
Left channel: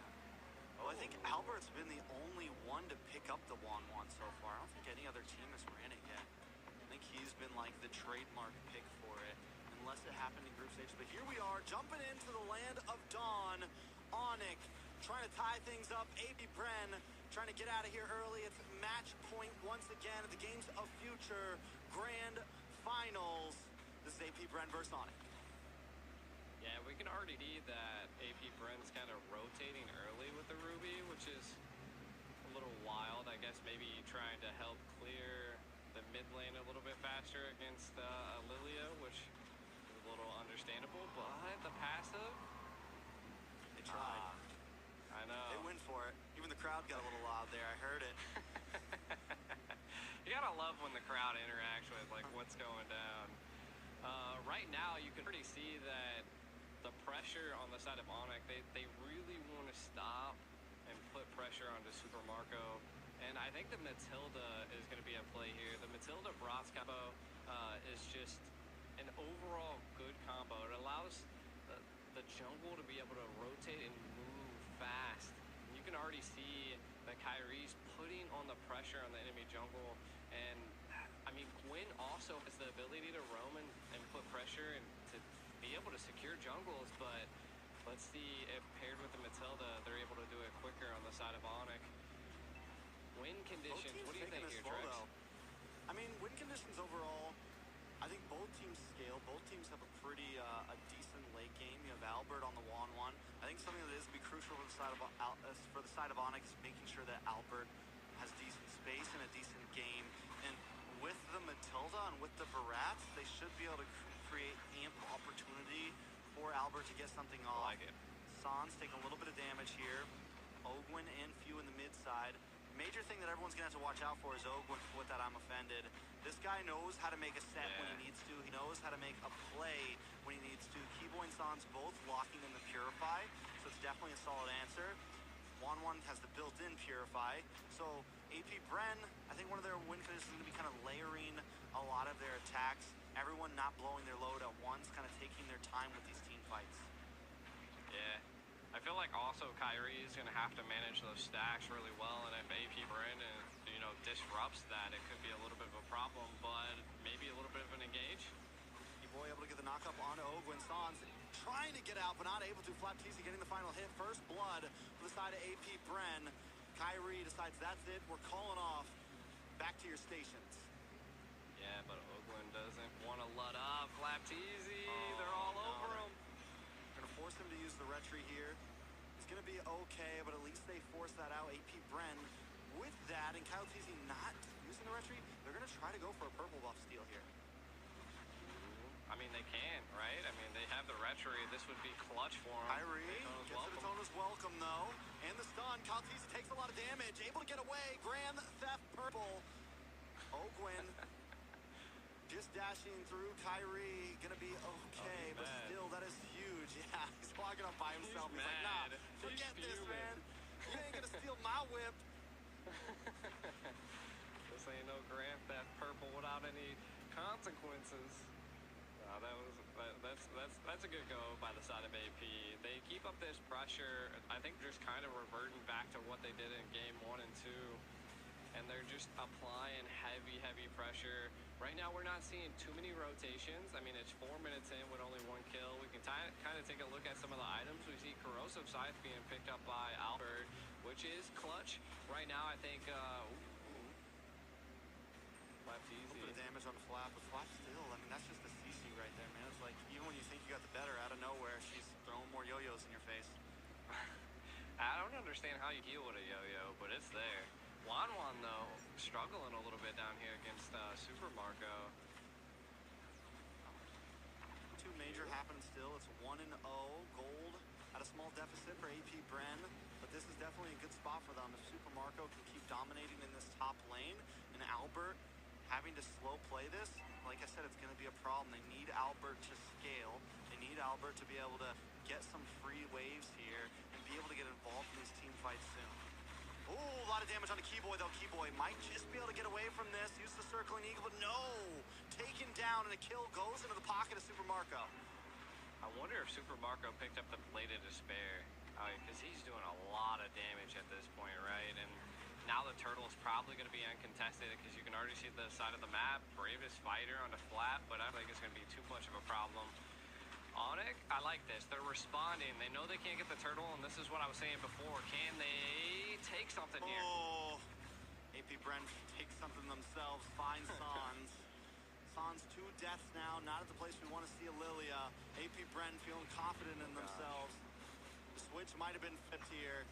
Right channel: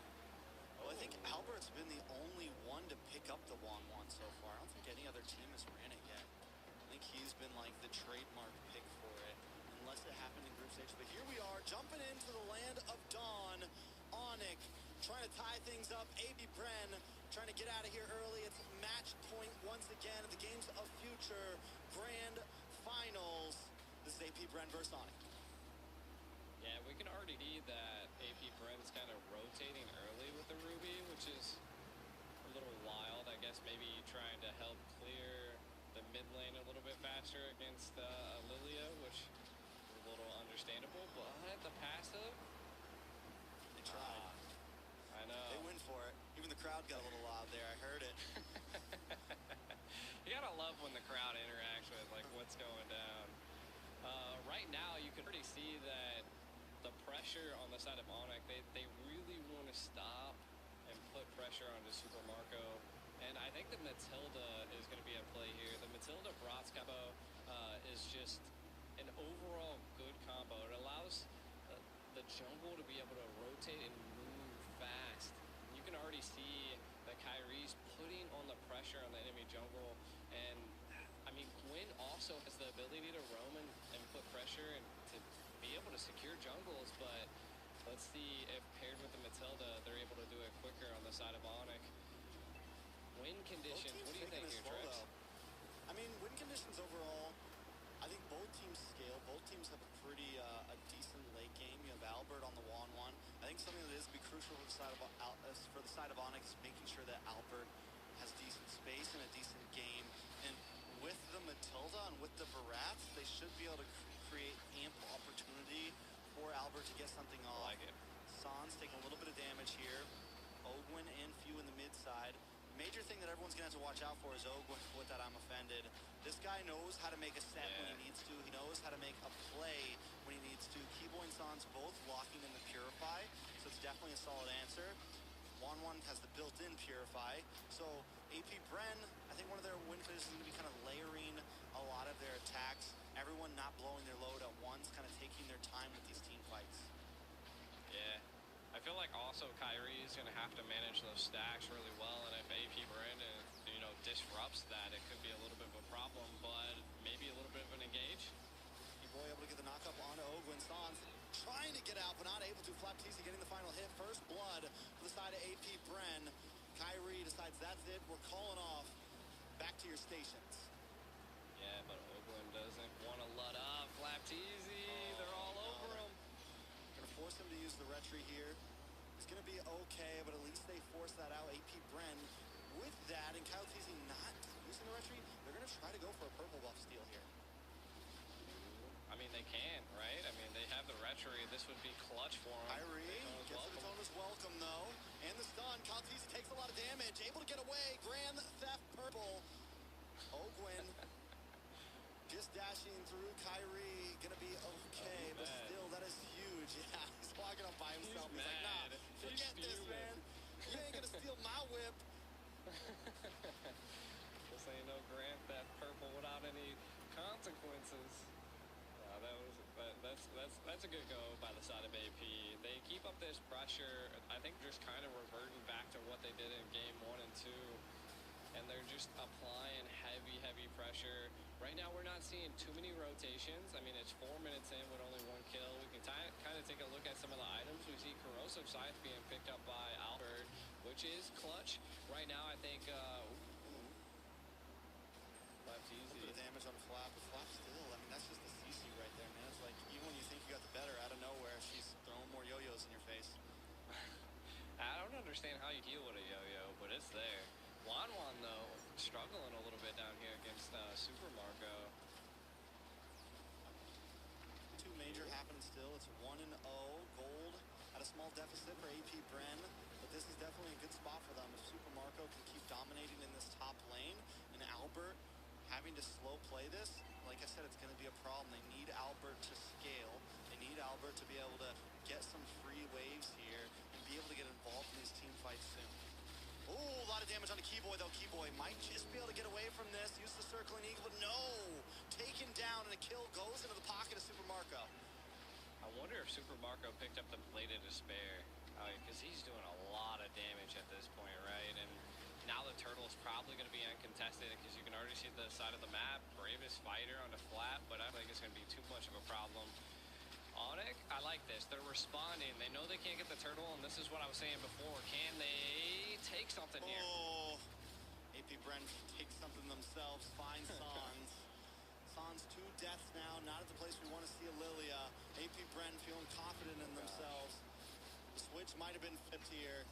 Well, I think Albert's been the only one to pick up the Wanwan so far. I don't think any other team has ran it yet. I think he's been like the trademark pick for it, unless it happened in group stage. But here we are, jumping into the land of Dawn. Onyx trying to tie things up. AP Bren trying to get out of here early. It's match point once again at the Games of Future Grand Finals. This is AP Bren versus Onyx. Yeah, we can already see that AP Bren's kind of rotating early with the Ruby, which is a little wild. I guess maybe trying to help clear the mid lane a little bit faster against Lilia, which is a little understandable. But the passive, they tried. I know. They went for it. Even the crowd got a little loud there. I heard it. You gotta love when the crowd interacts with like what's going down. Right now, you can already see that the pressure on the side of Onyx, they really want to stop and put pressure onto Super Marco. And I think the Matilda is going to be at play here. The Matilda Brats combo is just an overall good combo. It allows the jungle to be able to rotate and move fast. And you can already see that Kyrie's putting on the pressure on the enemy jungle. And I mean, Gwen also has the ability to roam and put pressure and to be able to secure jungles, but let's see if paired with the Matilda, they're able to do it quicker on the side of Onyx. Win conditions, what do you think here, Trex? I mean, win conditions overall, I think both teams scale. Both teams have a pretty a decent late game. You have Albert on the Wanwan. I think something that is going to be crucial for the side of Onyx, making sure that Albert has decent space and a decent game. And with the Matilda and with the Barats, they should be able to create ample opportunity for Albert to get something off. I like it. Sans taking a little bit of damage here. Ogwyn and Few in the mid side. Major thing that everyone's gonna have to watch out for is Ogwyn with that I'm offended. This guy knows how to make a set when he needs to. He knows how to make a play when he needs to. Keyboy and Sans both locking in the Purify, so it's definitely a solid answer. Wanwan has the built-in Purify. So AP Bren, I think one of their win conditions is going to be kind of layering a lot of their attacks. Everyone not blowing their load at once, kind of taking their time with these team fights. Yeah. I feel like also Kyrie is going to have to manage those stacks really well, and if AP Bren disrupts that, it could be a little bit of a problem, but maybe a little bit of an engage. Keyboy able to get the knockup onto Ogwyn. Sans trying to get out, but not able to. Flapteasy getting the final hit. First blood for the side of AP Bren. Kyrie decides that's it. We're calling off. Back to your stations. Yeah, but Ogwyn doesn't want to let up. Flapteasy, they're all over him. Going to force him to use the retry here. It's going to be okay, but at least they force that out. AP Bren with that, and Kyle Teasy not using the retry. They're going to try to go for a purple buff steal here. I mean, they can, right? I mean, they have the retry. This would be clutch for them. Kyrie gets the Daytona's welcome, though. And the stun. Kyle Teasy takes a lot of damage. Able to get away. Grand Theft Purple. Ogwyn just dashing through. Kyrie gonna be okay, but still, that is huge. Yeah, he's walking up by himself. He's like, nah, forget this, man. You ain't gonna steal my whip. This ain't no Grand Theft Purple without any consequences. That's a good go by the side of AP. They keep up this pressure. I think just kind of reverting back to what they did in game 1 and 2. And they're just applying heavy pressure. Right now, we're not seeing too many rotations. I mean, it's 4 minutes in with only 1 kill. We can kind of take a look at some of the items. We see Corrosive Scythe being picked up by Albert, which is clutch. Right now, I think, Flap's easy. A little bit of damage on the Flap, but Flap still, I mean, that's just the CC right there, man. It's like, even when you think you got the better, out of nowhere, she's throwing more yo-yos in your face. I don't understand how you heal with a yo-yo, but it's there. Wanwan, though, struggling a little bit down here against Super Marco. Two major happening still. It's 1-0 gold at a small deficit for AP Bren, but this is definitely a good spot for them if Super Marco can keep dominating in this top lane, and Albert having to slow play this. Like I said, it's going to be a problem. They need Albert to scale. They need Albert to be able to get some free waves here and be able to get involved in these team fights soon. Oh, a lot of damage on the Keyboy, though. Keyboy might just be able to get away from this. Use the circling eagle, but no! Taken down, and a kill goes into the pocket of Super Marco. I wonder if Super Marco picked up the Blade of Despair, because he's doing a lot of damage at this point, right? And now the turtle is probably going to be uncontested because you can already see the side of the map. Bravest fighter on the flat, but I think it's going to be too much of a problem. Onyx, I like this. They're responding. They know they can't get the turtle, and this is what I was saying before. Can they take something here? Oh, AP Bren takes something themselves. Finds Sans. Sans 2 deaths now. Not at the place we want to see a Lilia. AP Bren feeling confident in themselves. The switch might have been fit here.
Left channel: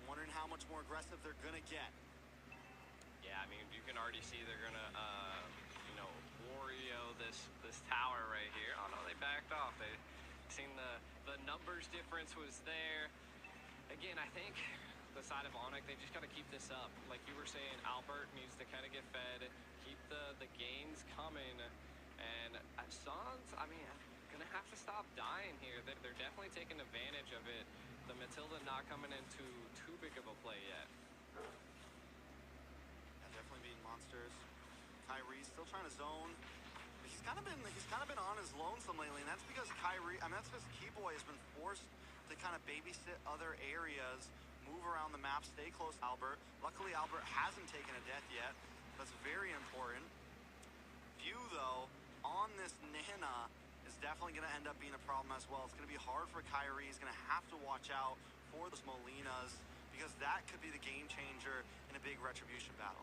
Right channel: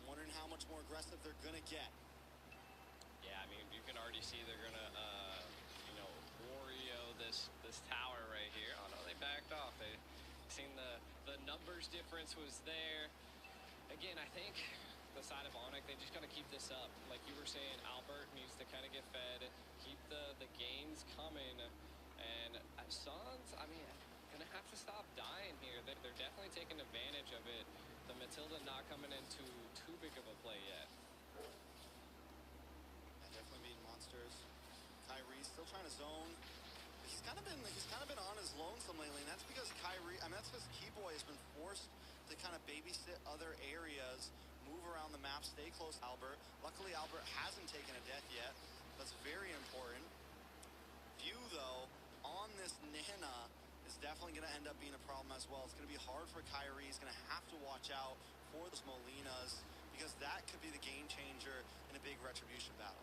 I'm wondering how much more aggressive they're going to get. Yeah, I mean, you can already see they're going to, Wario this tower right here. Oh, no, they backed off. They seen the numbers difference was there. Again, I think the side of Onyx, they just got to keep this up. Like you were saying, Albert needs to kind of get fed, keep the gains coming. And Sans, I mean, going to have to stop dying here. They're definitely taking advantage of it. The Matilda not coming into too big of a play yet. Yeah, definitely beating monsters. Kyrie still trying to zone. He's kind of been on his lonesome lately, and that's because that's because Keyboy has been forced to kind of babysit other areas, move around the map, stay close to Albert. Luckily, Albert hasn't taken a death yet. That's very important. View, though, on this Nana is definitely going to end up being a problem as well. It's going to be hard for Kyrie. He's going to have to watch out for those Molinas, because that could be the game changer in a big retribution battle.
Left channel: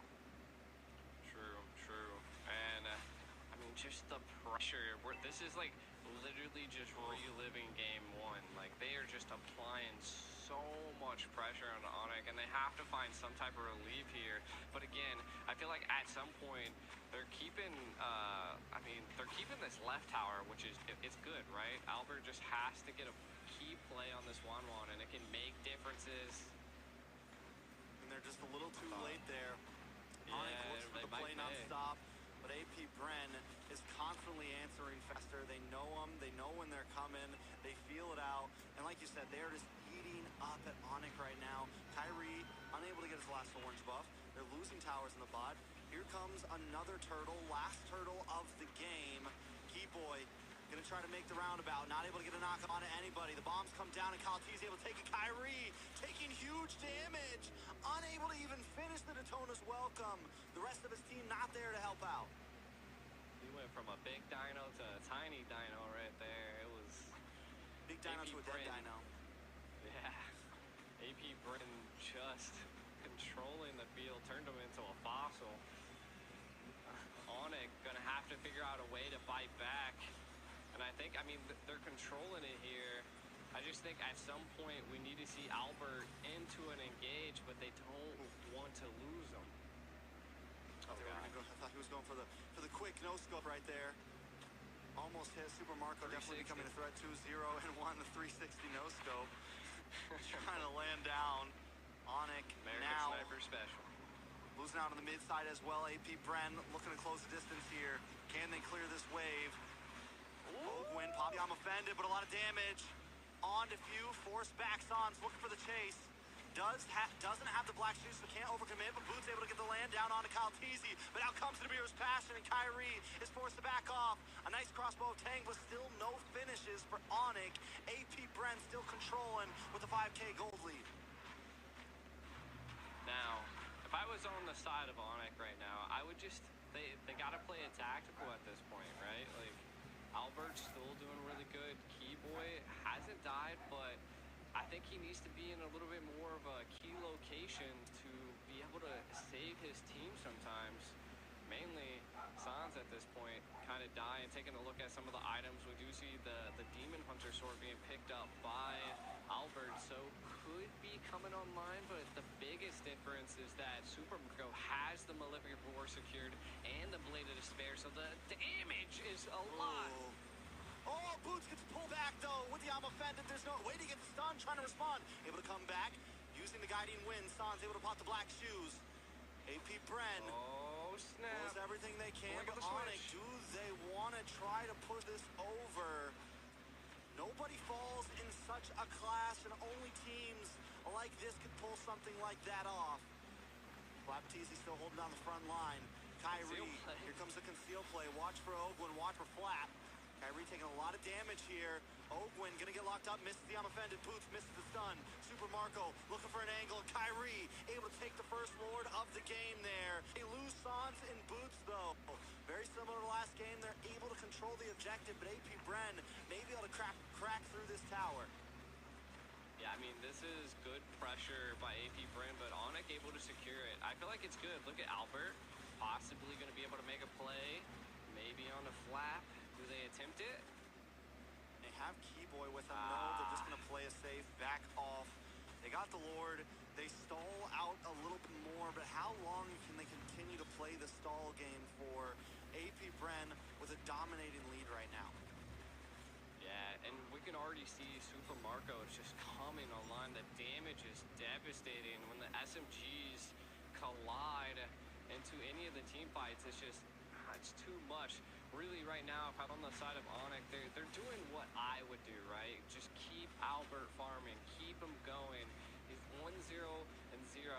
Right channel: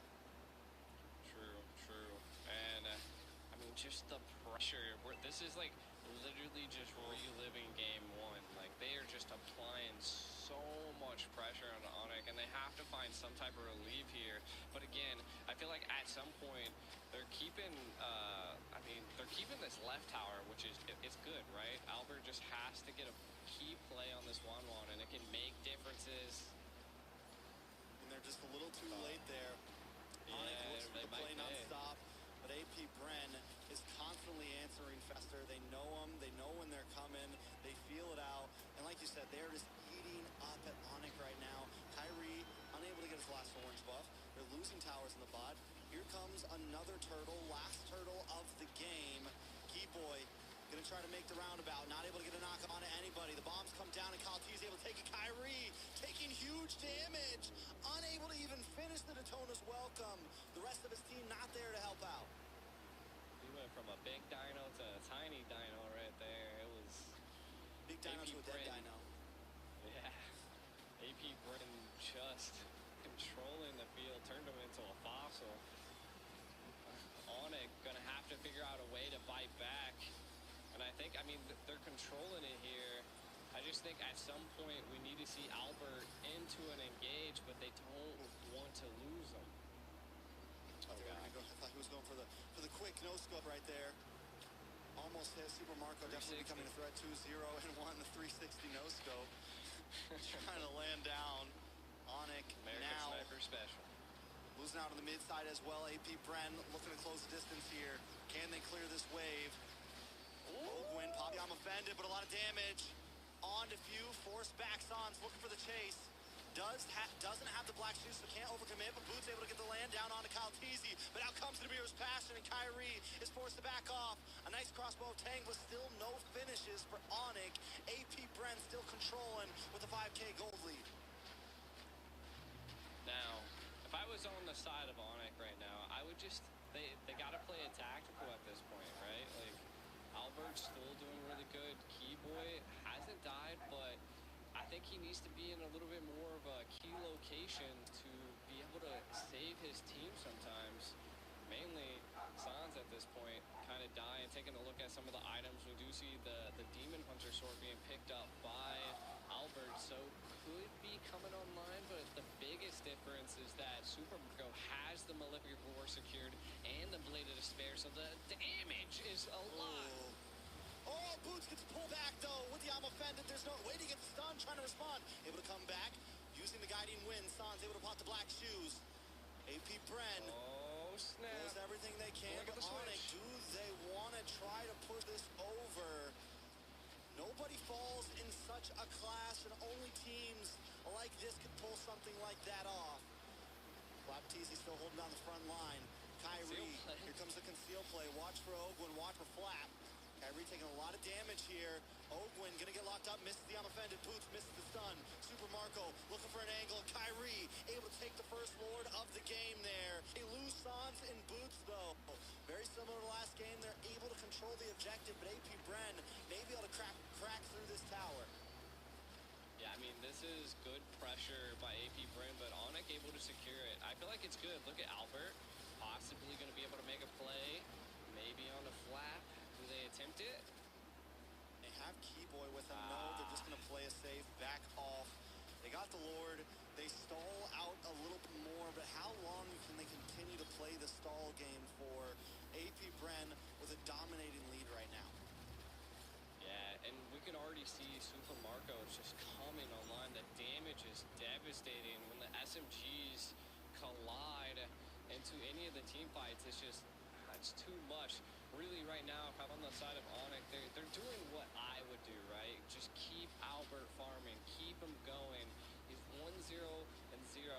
True. And, I mean, just the pressure. This is, like, literally just reliving game one. Like, they are just applying so much pressure on Onyx, and they have to find some type of relief here. But again, I feel like at some point they're keeping they're keeping this left tower, which is it's good, right? Albert just has to get a key play on this Wanwan, and it can make differences. And they're just a little too late there. Yeah, Onyx looks for the play non-stop, but AP Bren is constantly answering Fester. They know them. They know when they're coming. They feel it out. And like you said, they're just eating up at Onyx right now. Kyrie unable to get his last orange buff. They're losing towers in the bot. Here comes another turtle, last turtle of the game. Keyboy gonna try to make the roundabout, not able to get a knock on to anybody. The bombs come down, and Kalti's able to take it. Kyrie taking huge damage, unable to even finish the Daytona's welcome. The rest of his team not there to help out. He went from a big dino to a tiny dino right there. It was big dino to a dead dino. Yeah, AP Bren just controlling the field, turned him into a fossil. Onyx gonna have to figure out a way to bite back. And I think, they're controlling it here. I just think at some point we need to see Albert into an engage, but they don't want to lose him. Oh, God. I thought he was going for the quick no-scope right there. Almost hit. Super Marco definitely becoming a threat. 2-0 and 1, the 360 no-scope. Trying to land down. Onyx American now Sniper Special. losing out on the mid side as well. AP Bren looking to close the distance here. Can they clear this wave? Ogwin, Poppyam offended, but a lot of damage. On to Few, forced back Sans, looking for the chase. Doesn't have the black shoes, so can't overcommit, but Boots able to get the land down onto Kaltizi. But out comes the Demir's Passion, and Kyrie is forced to back off. A nice crossbow of Tang, but still no finishes for Onyx. AP Bren still controlling with a 5K gold lead. Now, if I was on the side of Onyx right now, I would just, they got to play it tactical at this point, right? Like, Albert's still doing really good. Keyboy hasn't died, but I think he needs to be in a little bit more of a key location to be able to save his team sometimes. Mainly, Sans at this point kind of dying. Taking a look at some of the items, we do see the Demon Hunter sword being picked up by Albert, so could be coming online, but the biggest difference is that Super Marco has the Malefic Roar secured and the Blade of Despair, so the damage is a lot. Oh, Boots gets pulled back, though, with the Alma Offended. There's no way to get the stun, trying to respond. Able to come back, using the Guiding Wind. Sans able to pop the Black Shoes. AP Bren. Oh, snap. Does everything they can, Look at but the Onyx, switch. do they want to try to push this over? Nobody falls in such a clash, and only teams like this could pull something like that off. Flapteezy still holding down the front line. Kyrie, here comes the conceal play. Watch for Ogwin, watch for Flap. Kyrie taking a lot of damage here. Ogwin gonna get locked up, misses the Offended. Boots misses the stun. Super Marco looking for an angle. Kyrie able to take the first Lord of the game there. They lose Sans and Boots though. Very similar to last game. They're able to control the objective, but AP Bren may be able to crack through this tower. Yeah, I mean, this is good pressure by AP Bren, but Onyx able to secure it. I feel like it's good. Look at Albert, possibly going to be able to make a play, maybe on the Flap. Do they attempt it? They have Keyboy with them. No, they're just going to play a safe, back off. They got the Lord. They stall out a little bit more, but how long can they continue to play the stall game for? AP Bren with a dominating lead right now. Yeah, and we can already see Super Marco is just coming online. The damage is devastating. When the SMGs collide into any of the team fights, it's too much. Really, right now, if I'm on the side of Onyx, they're doing what I would do, right? Just keep Albert farming, keep him going. He's 1-0 and 0.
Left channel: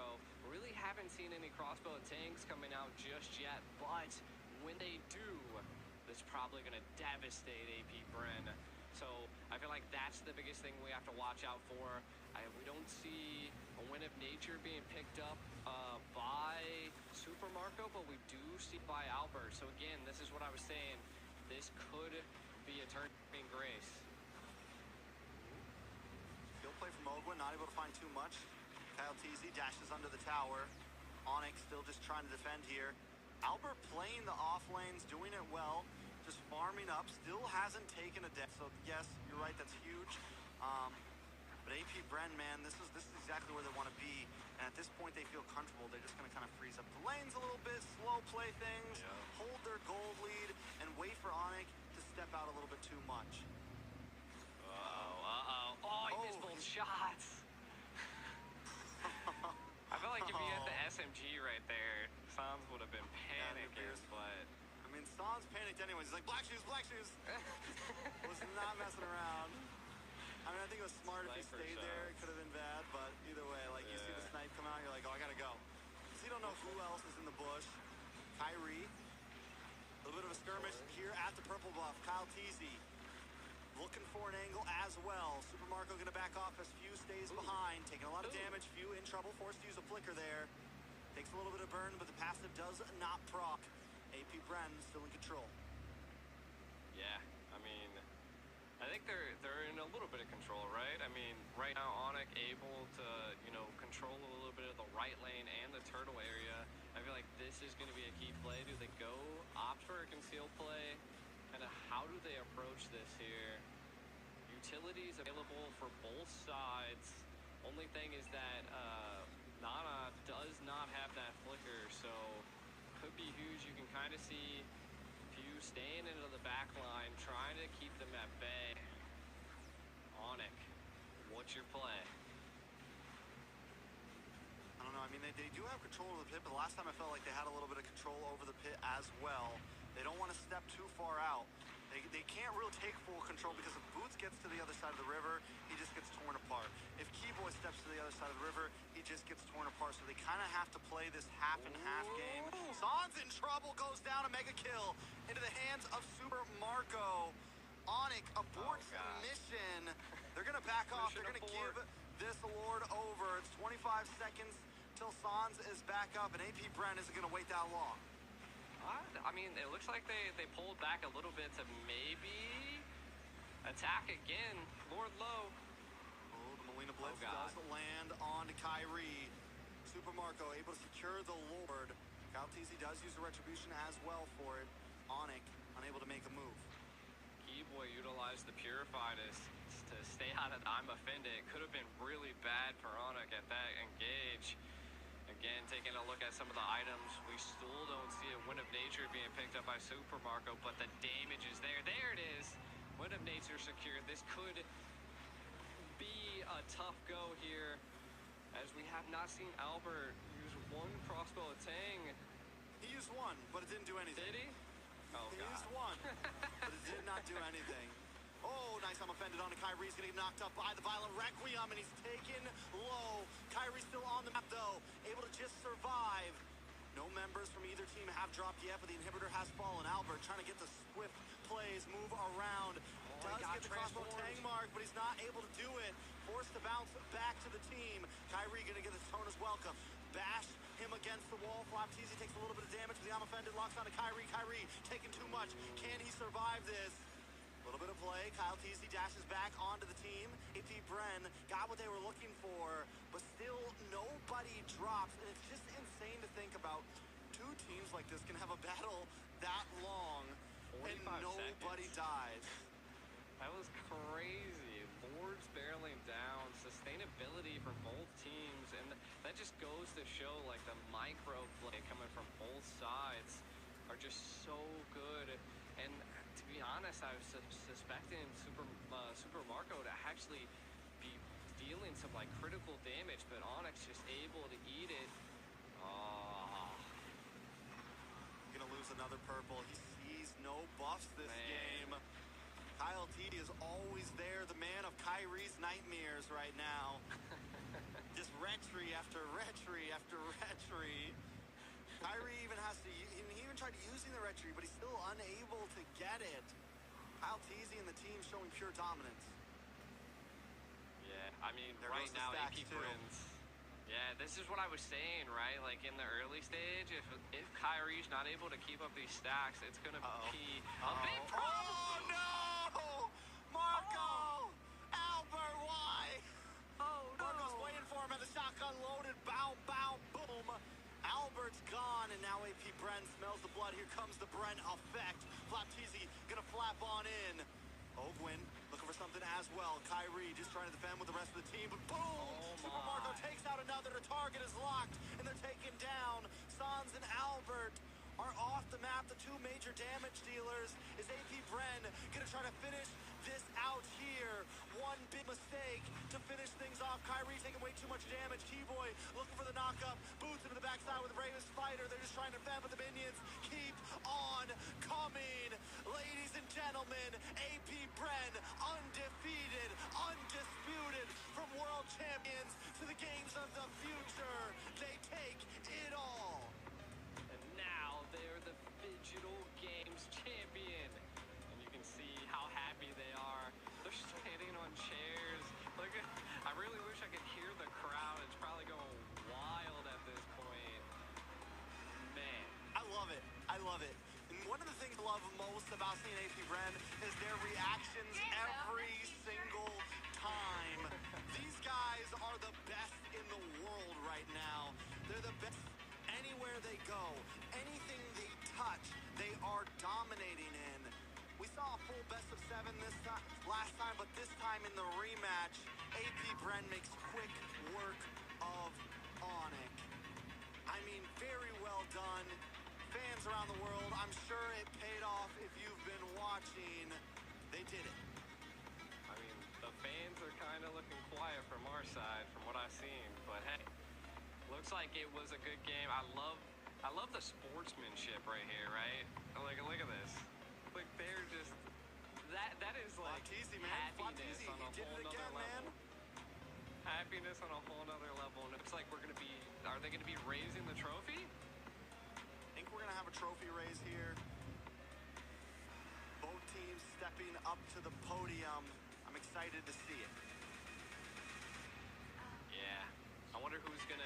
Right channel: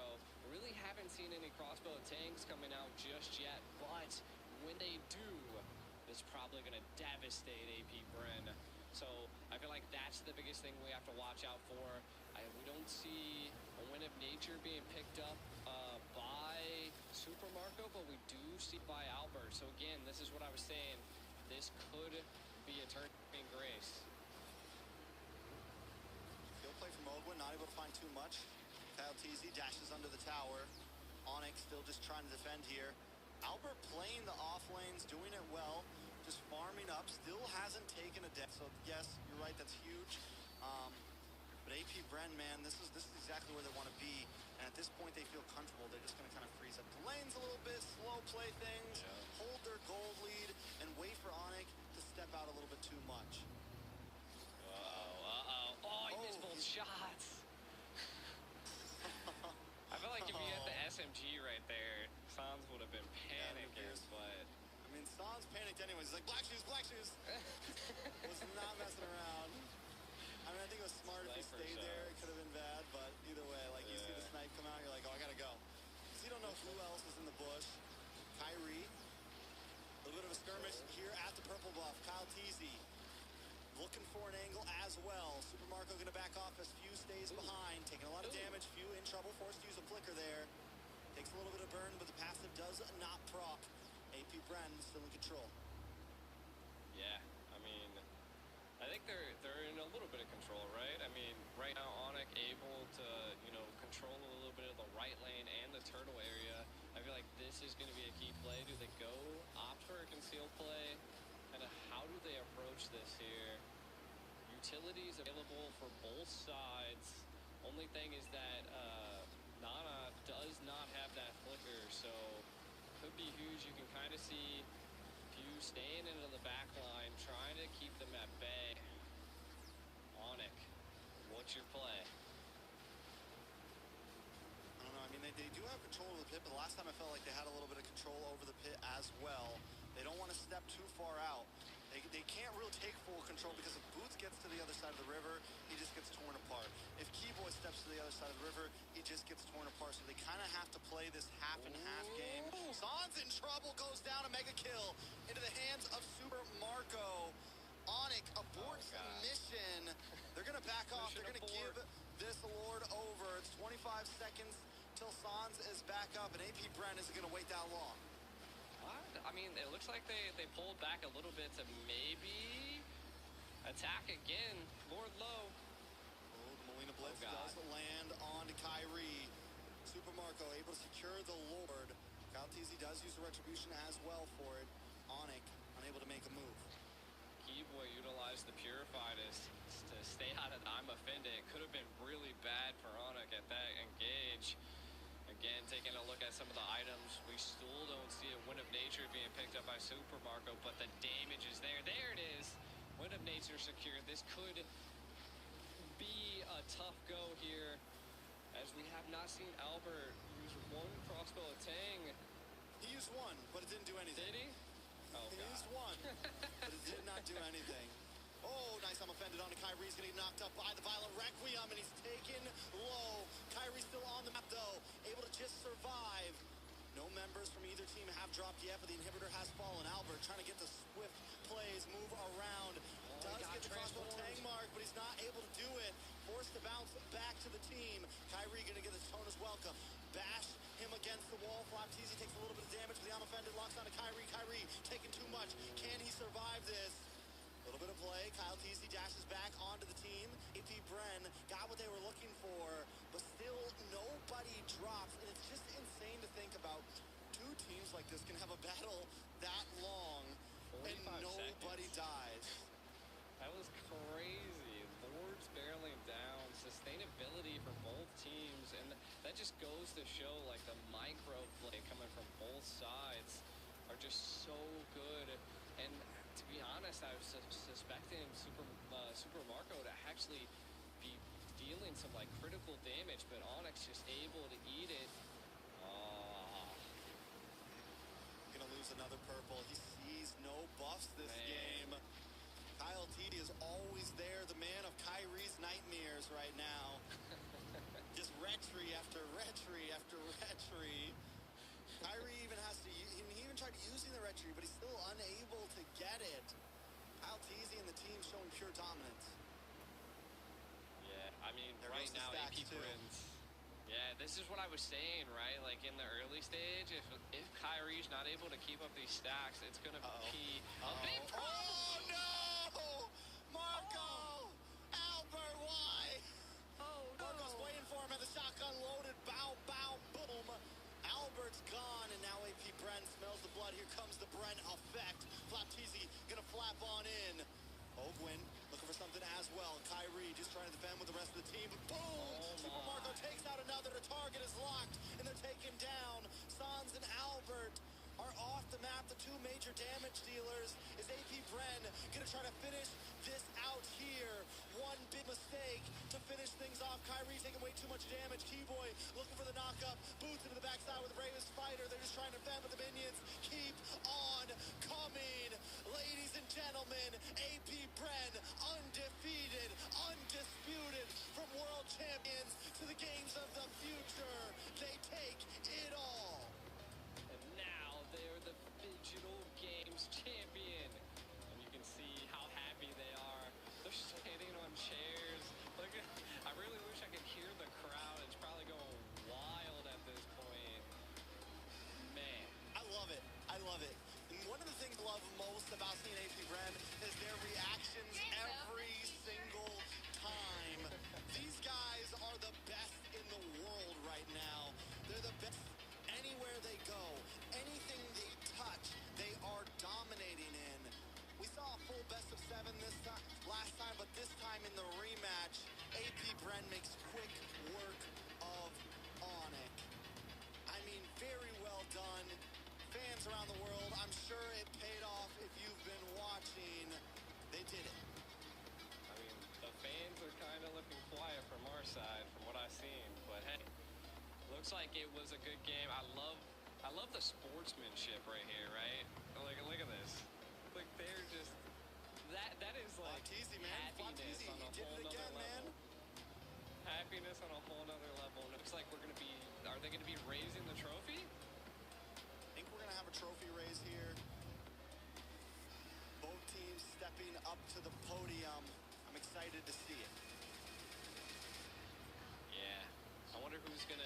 Really haven't seen any crossbow tanks coming out just yet, but when they do, it's probably going to devastate AP Bren. So I feel like that's the biggest thing we have to watch out for. We don't see a Wind of Nature being picked up by Super Marco, but we do see by Albert. So again, this is what I was saying. This could be a turning grace. Field play from Ogwin, not able to find too much. Kyle Teasy dashes under the tower. Onyx still just trying to defend here. Albert playing the off lanes, doing it well, just farming up, still hasn't taken a death. So yes, you're right, that's huge. But AP Bren, man, this is exactly where they want to be. And at this point, they feel comfortable. They're just going to kind of freeze up the lanes a little bit, slow play things, hold their gold lead, and wait for Onyx to step out a little bit too much. Oh, he missed both shots. I feel like if he had the SMG right there, Sans would have been panicking, but... I mean, Sans panicked anyways. He's like, black shoes, black shoes. Was not messing around. I mean, I think it was smart if he stayed there. It could have been bad, but either way, like, you see the snipe come out, you're like, oh, I gotta go. So you don't know who else is in the bush. Kyrie. A little bit of a skirmish here at the purple buff. Kyle Teasy looking for an angle as well. Super Marco gonna back off as Few stays behind, taking a lot of damage. Few in trouble, forced to use a flicker there. Takes a little bit of burn, but the passive does not proc. AP Bren still in control. Yeah, I mean, I think they're in a little bit of control, right? I mean, right now Onyx able to, control a little bit of the right lane and the turtle area. I feel like this is going to be a key play. Do they go opt for a conceal play? And how do they approach this here? Utilities available for both sides. Only thing is that Nana does not have that flicker, so could be huge. You can kind of see Few staying into the back line, trying to keep them at bay. Onyx, what's your play? I don't know. I mean, they do have control of the pit, but the last time I felt like they had a little bit of control over the pit as well. They don't want to step too far out. They can't really take full control because if Boots gets to the other side of the river, he just gets torn apart. If Keyboy steps to the other side of the river, he just gets torn apart. So they kind of have to play this half and half game. Sans in trouble, goes down, a mega kill into the hands of Super Marco. Onyx aborts the mission. They're going to back off. They're going to give this Lord over. It's 25 seconds till Sans is back up, and AP Bren isn't going to wait that long. I mean, it looks like they pulled back a little bit to maybe attack again. Lord Low. Oh, the Molina Blitz does land on Kyrie. Super Marco able to secure the Lord. Kyle Teasy does use the Retribution as well for it. Onyx unable to make a move. Keyboy utilized the Purify to stay out God, I'm offended. It could have been really bad for Onyx at that engage. Again, taking a look at some of the items, we still don't see a Wind of Nature being picked up by Super Marco, but the damage is there. There it is. Wind of Nature secured. This could be a tough go here, as we have not seen Albert use one crossbow at Tang. He used one, but it didn't do anything. Did he? Oh, he God. used one, but it did not do anything. Oh, nice. I'm offended on to Kyrie's going to get knocked up by the Violent Requiem, and he's taken low. Kyrie's still on the map, though, able to just survive. No members from either team have dropped yet, but the inhibitor has fallen. Albert trying to get the swift plays, move around. Does get the crossbow Tang mark, but he's not able to do it. Forced to bounce back to the team. Kyrie going to get his Tonus welcome. Bash him against the wall. Flopteezy takes a little bit of damage, but the I'm offended locks onto Kyrie. Kyrie taking too much. Can he survive this? A little bit of play. Kyle Teasy dashes back onto the team. AP Bren got what they were looking for, but still nobody drops. And it's just insane to think about two teams like this can have a battle that long and nobody dies. That was crazy. Lords barreling down, sustainability from both teams, and that just goes to show like the micro play coming from both sides are just so good. And to be honest, I was suspecting Super Marco to actually be dealing some like critical damage, but Onyx just able to eat it. Gonna lose another purple. He sees no buffs this game. Kyle T is always there, the man of Kyrie's nightmares right now. Just retry after retry after retry. Kyrie even has to, he even tried using the retry, but he's still unable to get it. Kyle Teasy and the team showing pure dominance. Yeah, I mean, There right goes the now, stacks, AP too. Bren's. Yeah, this is what I was saying, right? Like in the early stage, if Kyrie's not able to keep up these stacks, it's gonna be a big problem. Oh no! Marco! Albert, why? Oh no! Marco's waiting for him at the shotgun loaded. Bow, bow, boom. Albert's gone, and now AP Bren smells the blood. Here comes the Bren effect. Flopteezy gonna flap on in. Ogwin looking for something as well. Kyrie just trying to defend with the rest of the team, but boom! Super Marco takes out another. The target is locked, and they're taken down. Sans and Albert are off the map. The two major damage dealers. Is AP Bren gonna try to finish this out here? One big mistake to finish things off. Kyrie taking way too much damage. Keyboy looking for the knockup. Boots into the backside with the bravest fighter. They're just trying to defend, but the minions keep on coming. Ladies and gentlemen, AP Bren, undefeated, undisputed, from world champions to the games of the future. They take it all. And now they're the Digital Games champion. And you can see how happy they are. They're standing on chairs. Look, I really wish I could hear the crowd. It's probably going wild at this point. Man. I love it. I love it. And one of the things I love most about seeing AP Bren is their reactions every single time. These guys are the best in the world right now. They're the best anywhere they go. Anything they touch, they are dominating in. We saw a full best of 7 last time, but this time in the rematch, AP Bren makes quick work of Onyx. I mean, very well done. Fans around the world, I'm sure it paid off if you've been watching. They did it. I mean, the fans are kind of looking quiet from our side, from what I've seen. But hey, looks like it was a good game. I love the sportsmanship right here, right? Like, look at this. Like, they're just that is like Flopteezy, man. happiness Flopteezy, on a he did whole it nother again, man. level. Happiness on a whole nother level. And it looks like we're gonna be. Are they gonna be raising the trophy? I think we're gonna have a trophy raise here. Both teams stepping up to the podium. I'm excited to see it. Yeah. I wonder who's gonna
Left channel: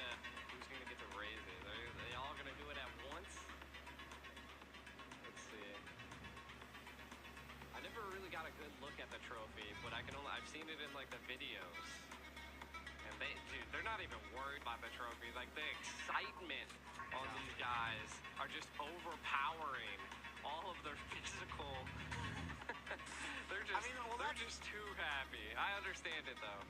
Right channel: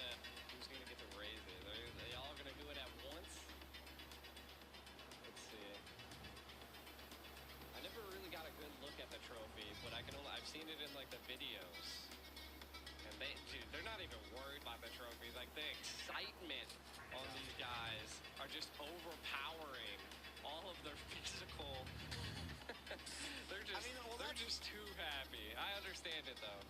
get to raise it. Are they all gonna do it at once? Let's see. I never really got a good look at the trophy, but I've seen it in like the videos. And they're not even worried about the trophy. Like the excitement on these guys are just overpowering all of their physical. They're just too happy. I understand. understand it though.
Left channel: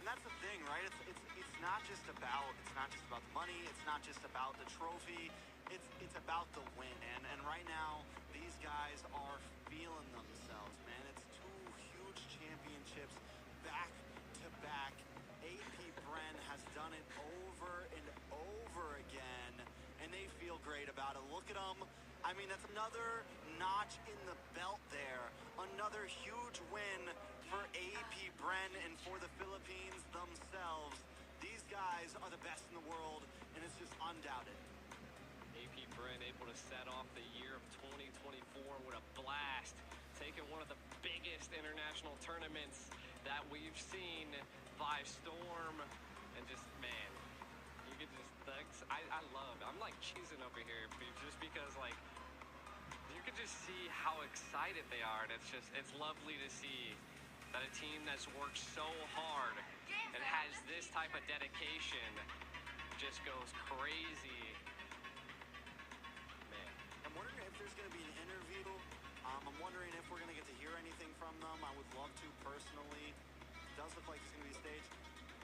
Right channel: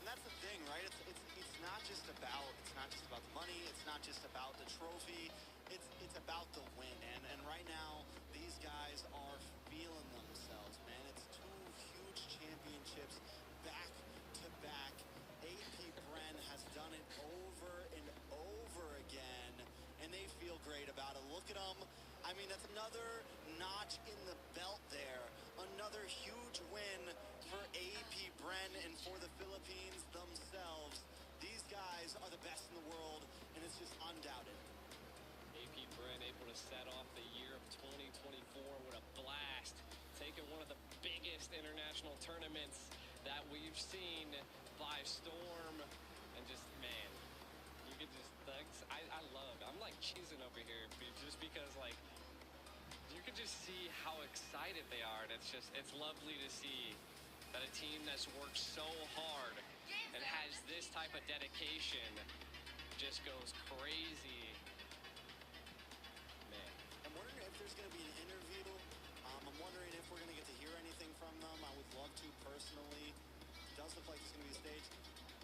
And that's the thing, right? It's not just about the money. It's not just about the trophy. It's about the win. And right now, these guys are feeling themselves, man. It's two huge championships back to back. AP Bren has done it over and over again, and they feel great about it. Look at them. I mean, that's another notch in the belt there. Another huge win for AP Bren and for the Philippines themselves. These guys are the best in the world, and it's just undoubted. AP Bren able to set off the year of 2024 with a blast, taking one of the biggest international tournaments that we've seen by storm, and just, man, you could just, I'm like cheesing over here, just because, like, you could just see how excited they are, and it's lovely to see that a team that's worked so hard and has this type of dedication just goes crazy. Man. I'm wondering if there's going to be an interview. I'm wondering if we're going to get to hear anything from them. I would love to personally. It does look like it's going to be staged.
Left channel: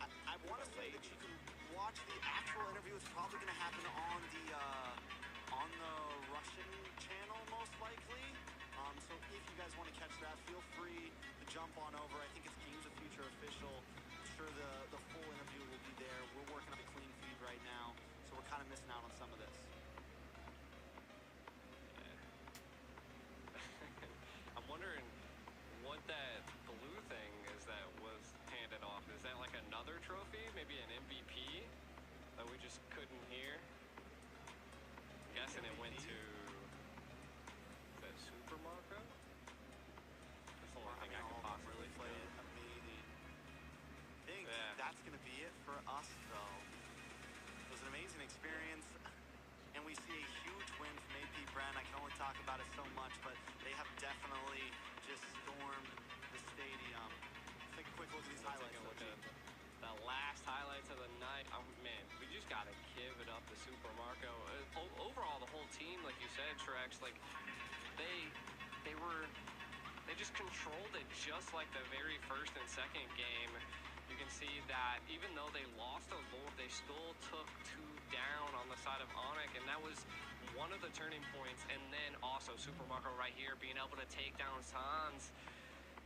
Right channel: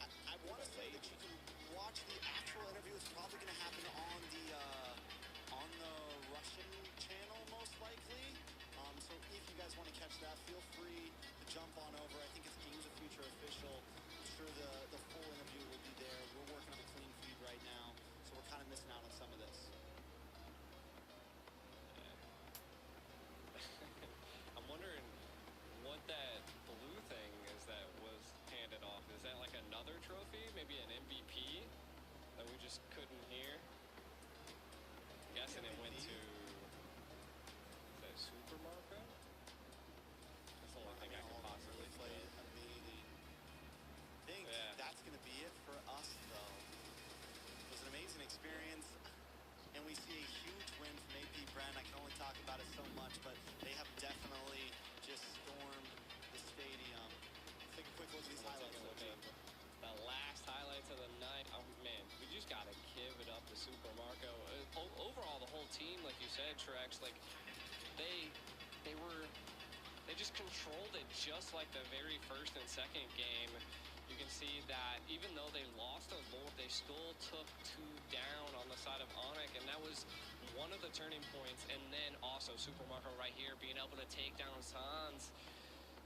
I want to say that you can watch the actual interview. It's probably going to happen on the Russian channel, most likely. So if you guys want to catch that, feel free to jump on over. I think it's Games of Future official. I'm sure the full interview will be there. We're working on a clean feed right now, so we're kind of missing out on some of this. I'm wondering what that blue thing is that was handed off. Is that like another trophy? Maybe an MVP that we just couldn't hear? I'm guessing it went to... Is that Super Marco? That's the only thing I can possibly play. Amazing. I think that's going to be it for us, though. It was an amazing experience, and we see a huge win from AP Bren. I can only talk about it so much, but they have definitely just stormed the stadium. Let's take a quick look at these highlights. Look at the last highlights of the night. Man, we just got to give it up to Super Marco. Overall, the whole team, like you said, Trex, like they just controlled it just like the very first and second game. You can see that even though they lost a Lord, they still took 2 down on the side of Onyx, and that was one of the turning points. And then also Super Marco right here being able to take down Sans.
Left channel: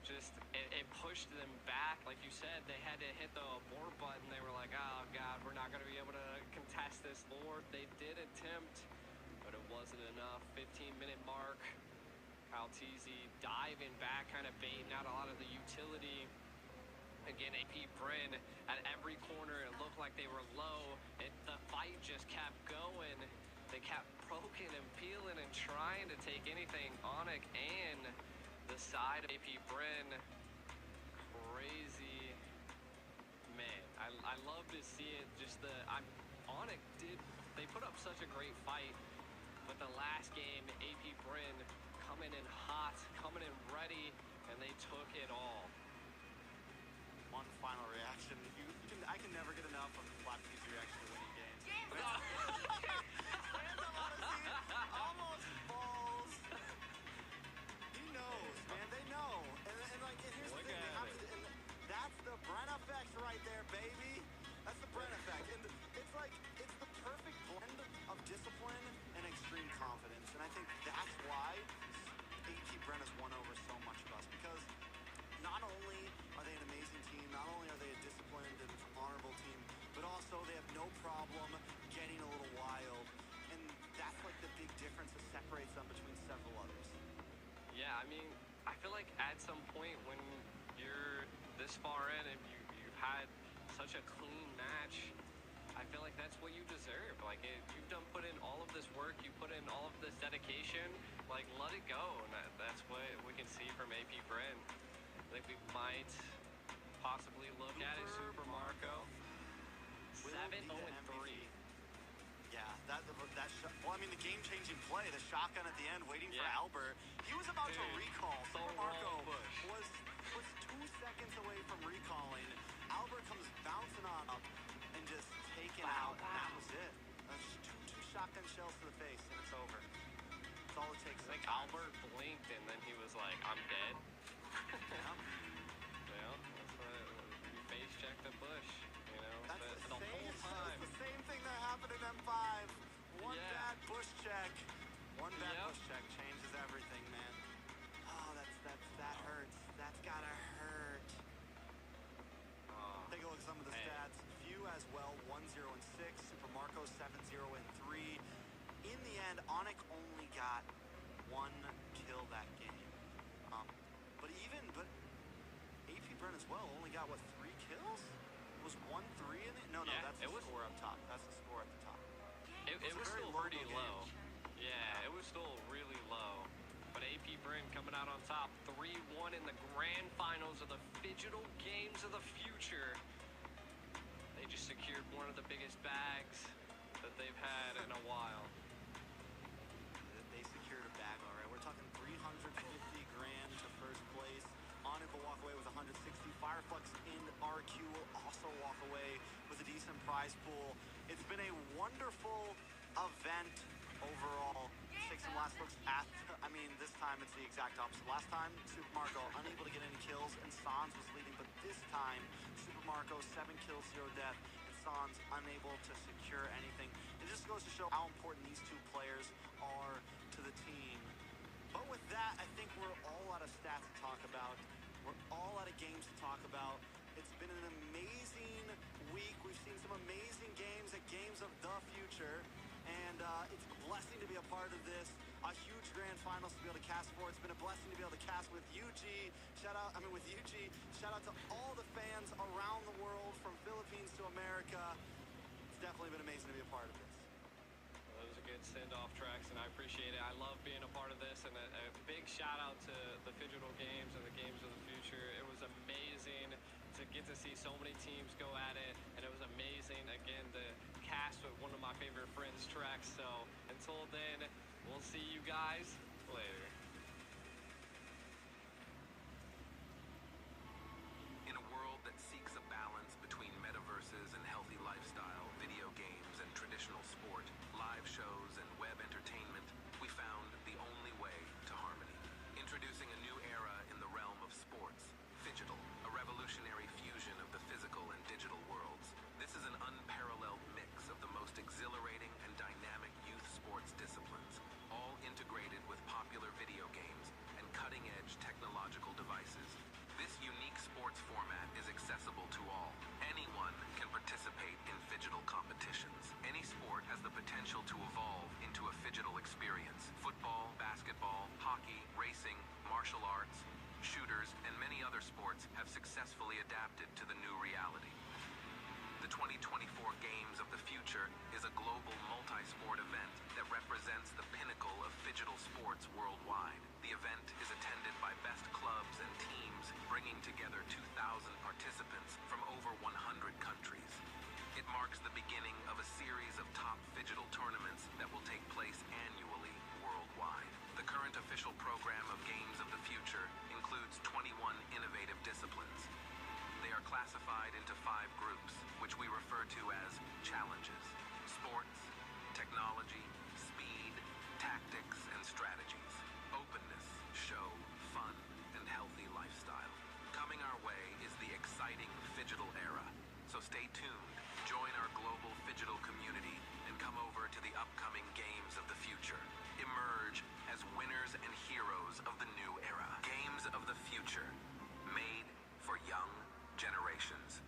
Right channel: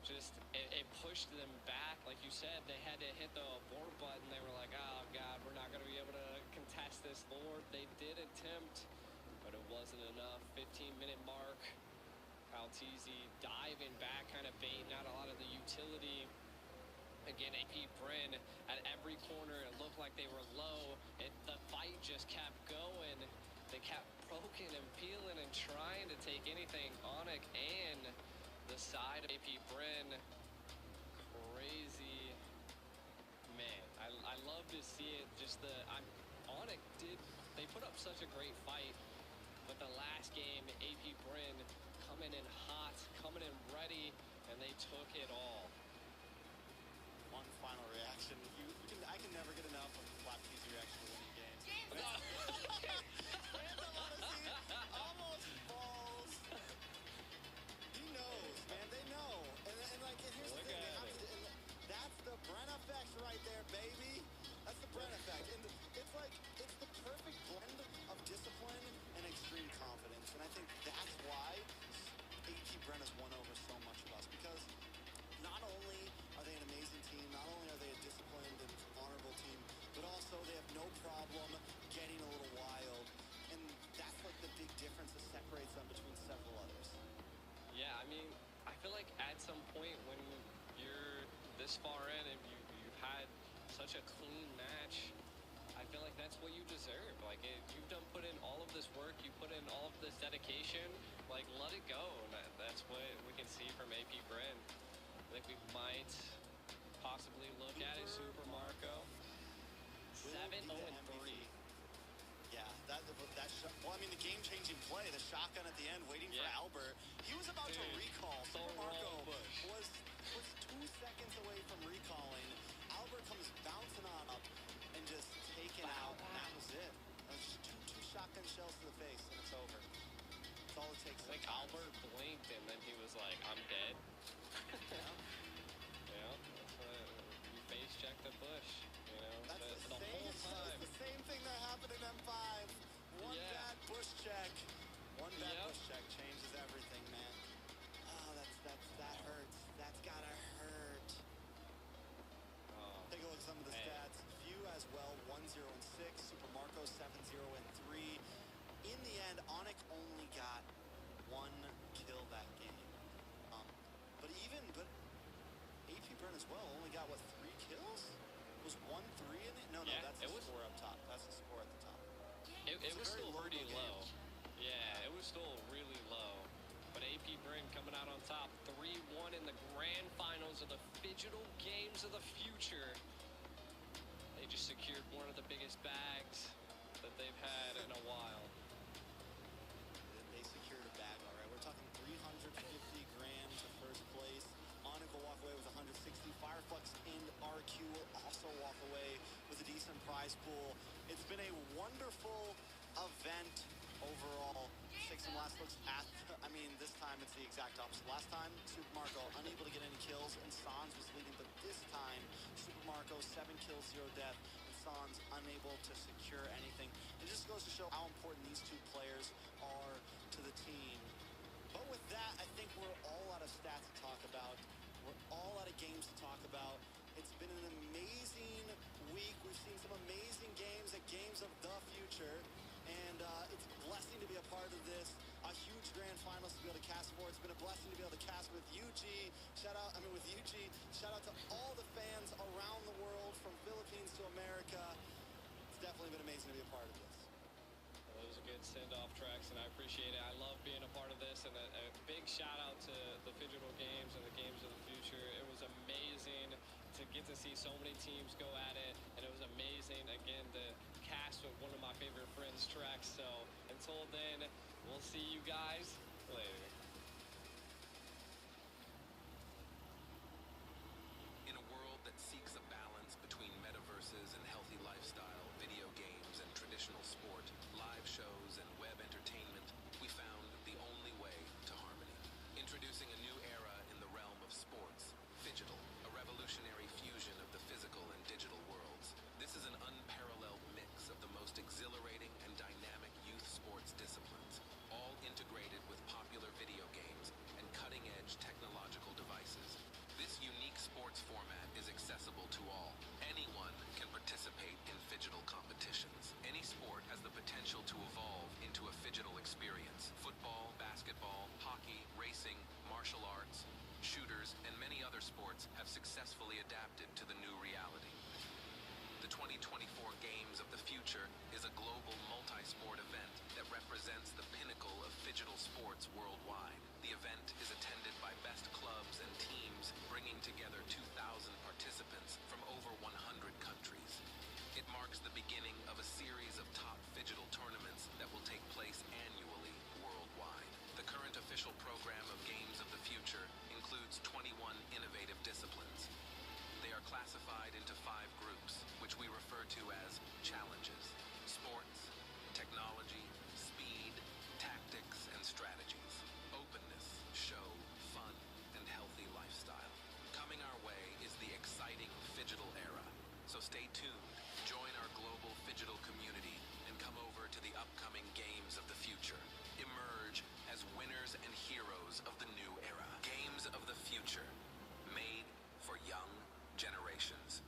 Just, it pushed them back. Like you said, they had to hit the abort button. They were like, oh, God, we're not going to be able to contest this Lord. They did attempt, but it wasn't enough. 15-minute mark. Kyle Teasy diving back, kind of baiting out a lot of the utility. Again, AP Bren at every corner. It looked like they were low. The fight just kept going. They kept poking and peeling and trying to take anything. Onyx and the side of AP Bren. Crazy. Man, I love to see it. Just Onyx they put up such a great fight, but the last game, AP Bren coming in hot, coming in ready, and they took it all. One final reaction. I can never get enough of the Flapkeys reaction to winning games. Fans I want to see almost falls. He knows, man. They know. And here's the thing. And that's the Bren effect right there, baby. That's the Bren effect. And it's the perfect blend of discipline and extreme confidence. And I think that's why AP Bren has won over so much of us, because not only are they an amazing team, not only are they a disciplined and honorable team, but also they have no problem getting a little wild. And that's like the big difference that separates them between several others. Yeah, I mean, I feel like at some point when you're this far in and you've had such a clean match, I feel like that's what you deserve. Like, you've put in all of this work, you put in all of this dedication, like, let it go. And that's what we can see from AP Bren. I think we might possibly look at it, Super Marco. 7-0-3. Yeah, well, I mean, the game-changing play, the shotgun at the end, waiting for Albert. He was about to recall. Super Marco was 2 seconds away from recalling. Albert comes bouncing on up and just taken out, and that was it. Just two shotgun shells to the face, and it's over. That's all it takes. Like, Albert blinked, and then he was like, I'm dead. Yeah. Yeah, push check. One bad Yep. push check changes everything, man. Oh, that hurts. That's gotta hurt. Take a look at some of the stats. Few as well, 1-0 and 6. Super Marco 7-0 and 3. In the end, Onyx only got 1 kill that game. But AP Brent as well only got, what, 3 kills? Was 1-3 in it? No, Yeah, that's the score up top. That's the score at the top. It a was very still low pretty game. low. Yeah, it was still really low. But AP Bryn coming out on top, 3-1 in the grand finals of the Phygital Games of the Future. They just secured one of the biggest bags that they've had in a while. They secured a bag, all right. We're talking 350 grand to first place. Onyx will walk away with 160. Fireflux and RQ will also walk away with a decent prize pool. It's been a wonderful event overall. Take some last looks at, this time it's the exact opposite. Last time, Super Marco unable to get any kills and Sans was leading, but this time, Super Marco 7 kills, 0 death, and Sans unable to secure anything. It just goes to show how important these two players are to the team. But with that, I think we're all out of stats to talk about. We're all out of games to talk about. It's been an amazing week. We've seen some amazing games at Games of the Future. And it's a blessing to be a part of this. A huge grand finals to be able to cast for. It's been a blessing to be able to cast with UG. Shout out to all the fans around the world, from Philippines to America. It's definitely been amazing to be a part of this. Well, it was a good send-off, Trax, and I appreciate it. I love being a part of this, and a big shout-out to the Phygital Games and the Games of the Future. It was amazing to get to see so many teams go at it, and it was amazing, again, to cast with one of my favorite friends, Trax. So until then, we'll see you guys later. In a world that seeks a balance between metaverses and healthy lifestyle, video games and traditional sport, live shows and web entertainment, we found the only way to harmony. Introducing a new era in the realm of sports, Phygital, a revolutionary fusion of the physical and digital worlds. This is an unparalleled mix of the most exhilarating and dynamic youth sports disciplines, all integrated with popular video games and cutting-edge technological devices. This unique sports format is accessible to all. Anyone can participate in Phygital competitions. Any sport has the potential to evolve into a Phygital experience. Football, basketball, hockey, racing, martial arts, shooters, and many other sports have successfully adapted to the new reality. The 2024 Games of the Future is a global multi-sport event that represents the pinnacle of Phygital sports worldwide. The event is attended by best clubs and teams, bringing together 2,000 participants from over 100 countries. It marks the beginning of a series of top Phygital tournaments that will take place annually worldwide. The current official program of Games of the Future includes 21 innovative disciplines. They are classified into 5 groups, which we refer to as challenges: sports, technology, speed, tactics, and strategies, openness, show, fun, and healthy lifestyle. Coming our way is the exciting Phygital era, so stay tuned, join our global Phygital community, and come over to the upcoming Games of the Future. Emerge as winners and heroes of the new era. Games of the Future, made for young generations.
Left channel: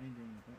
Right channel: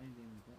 Anh dành có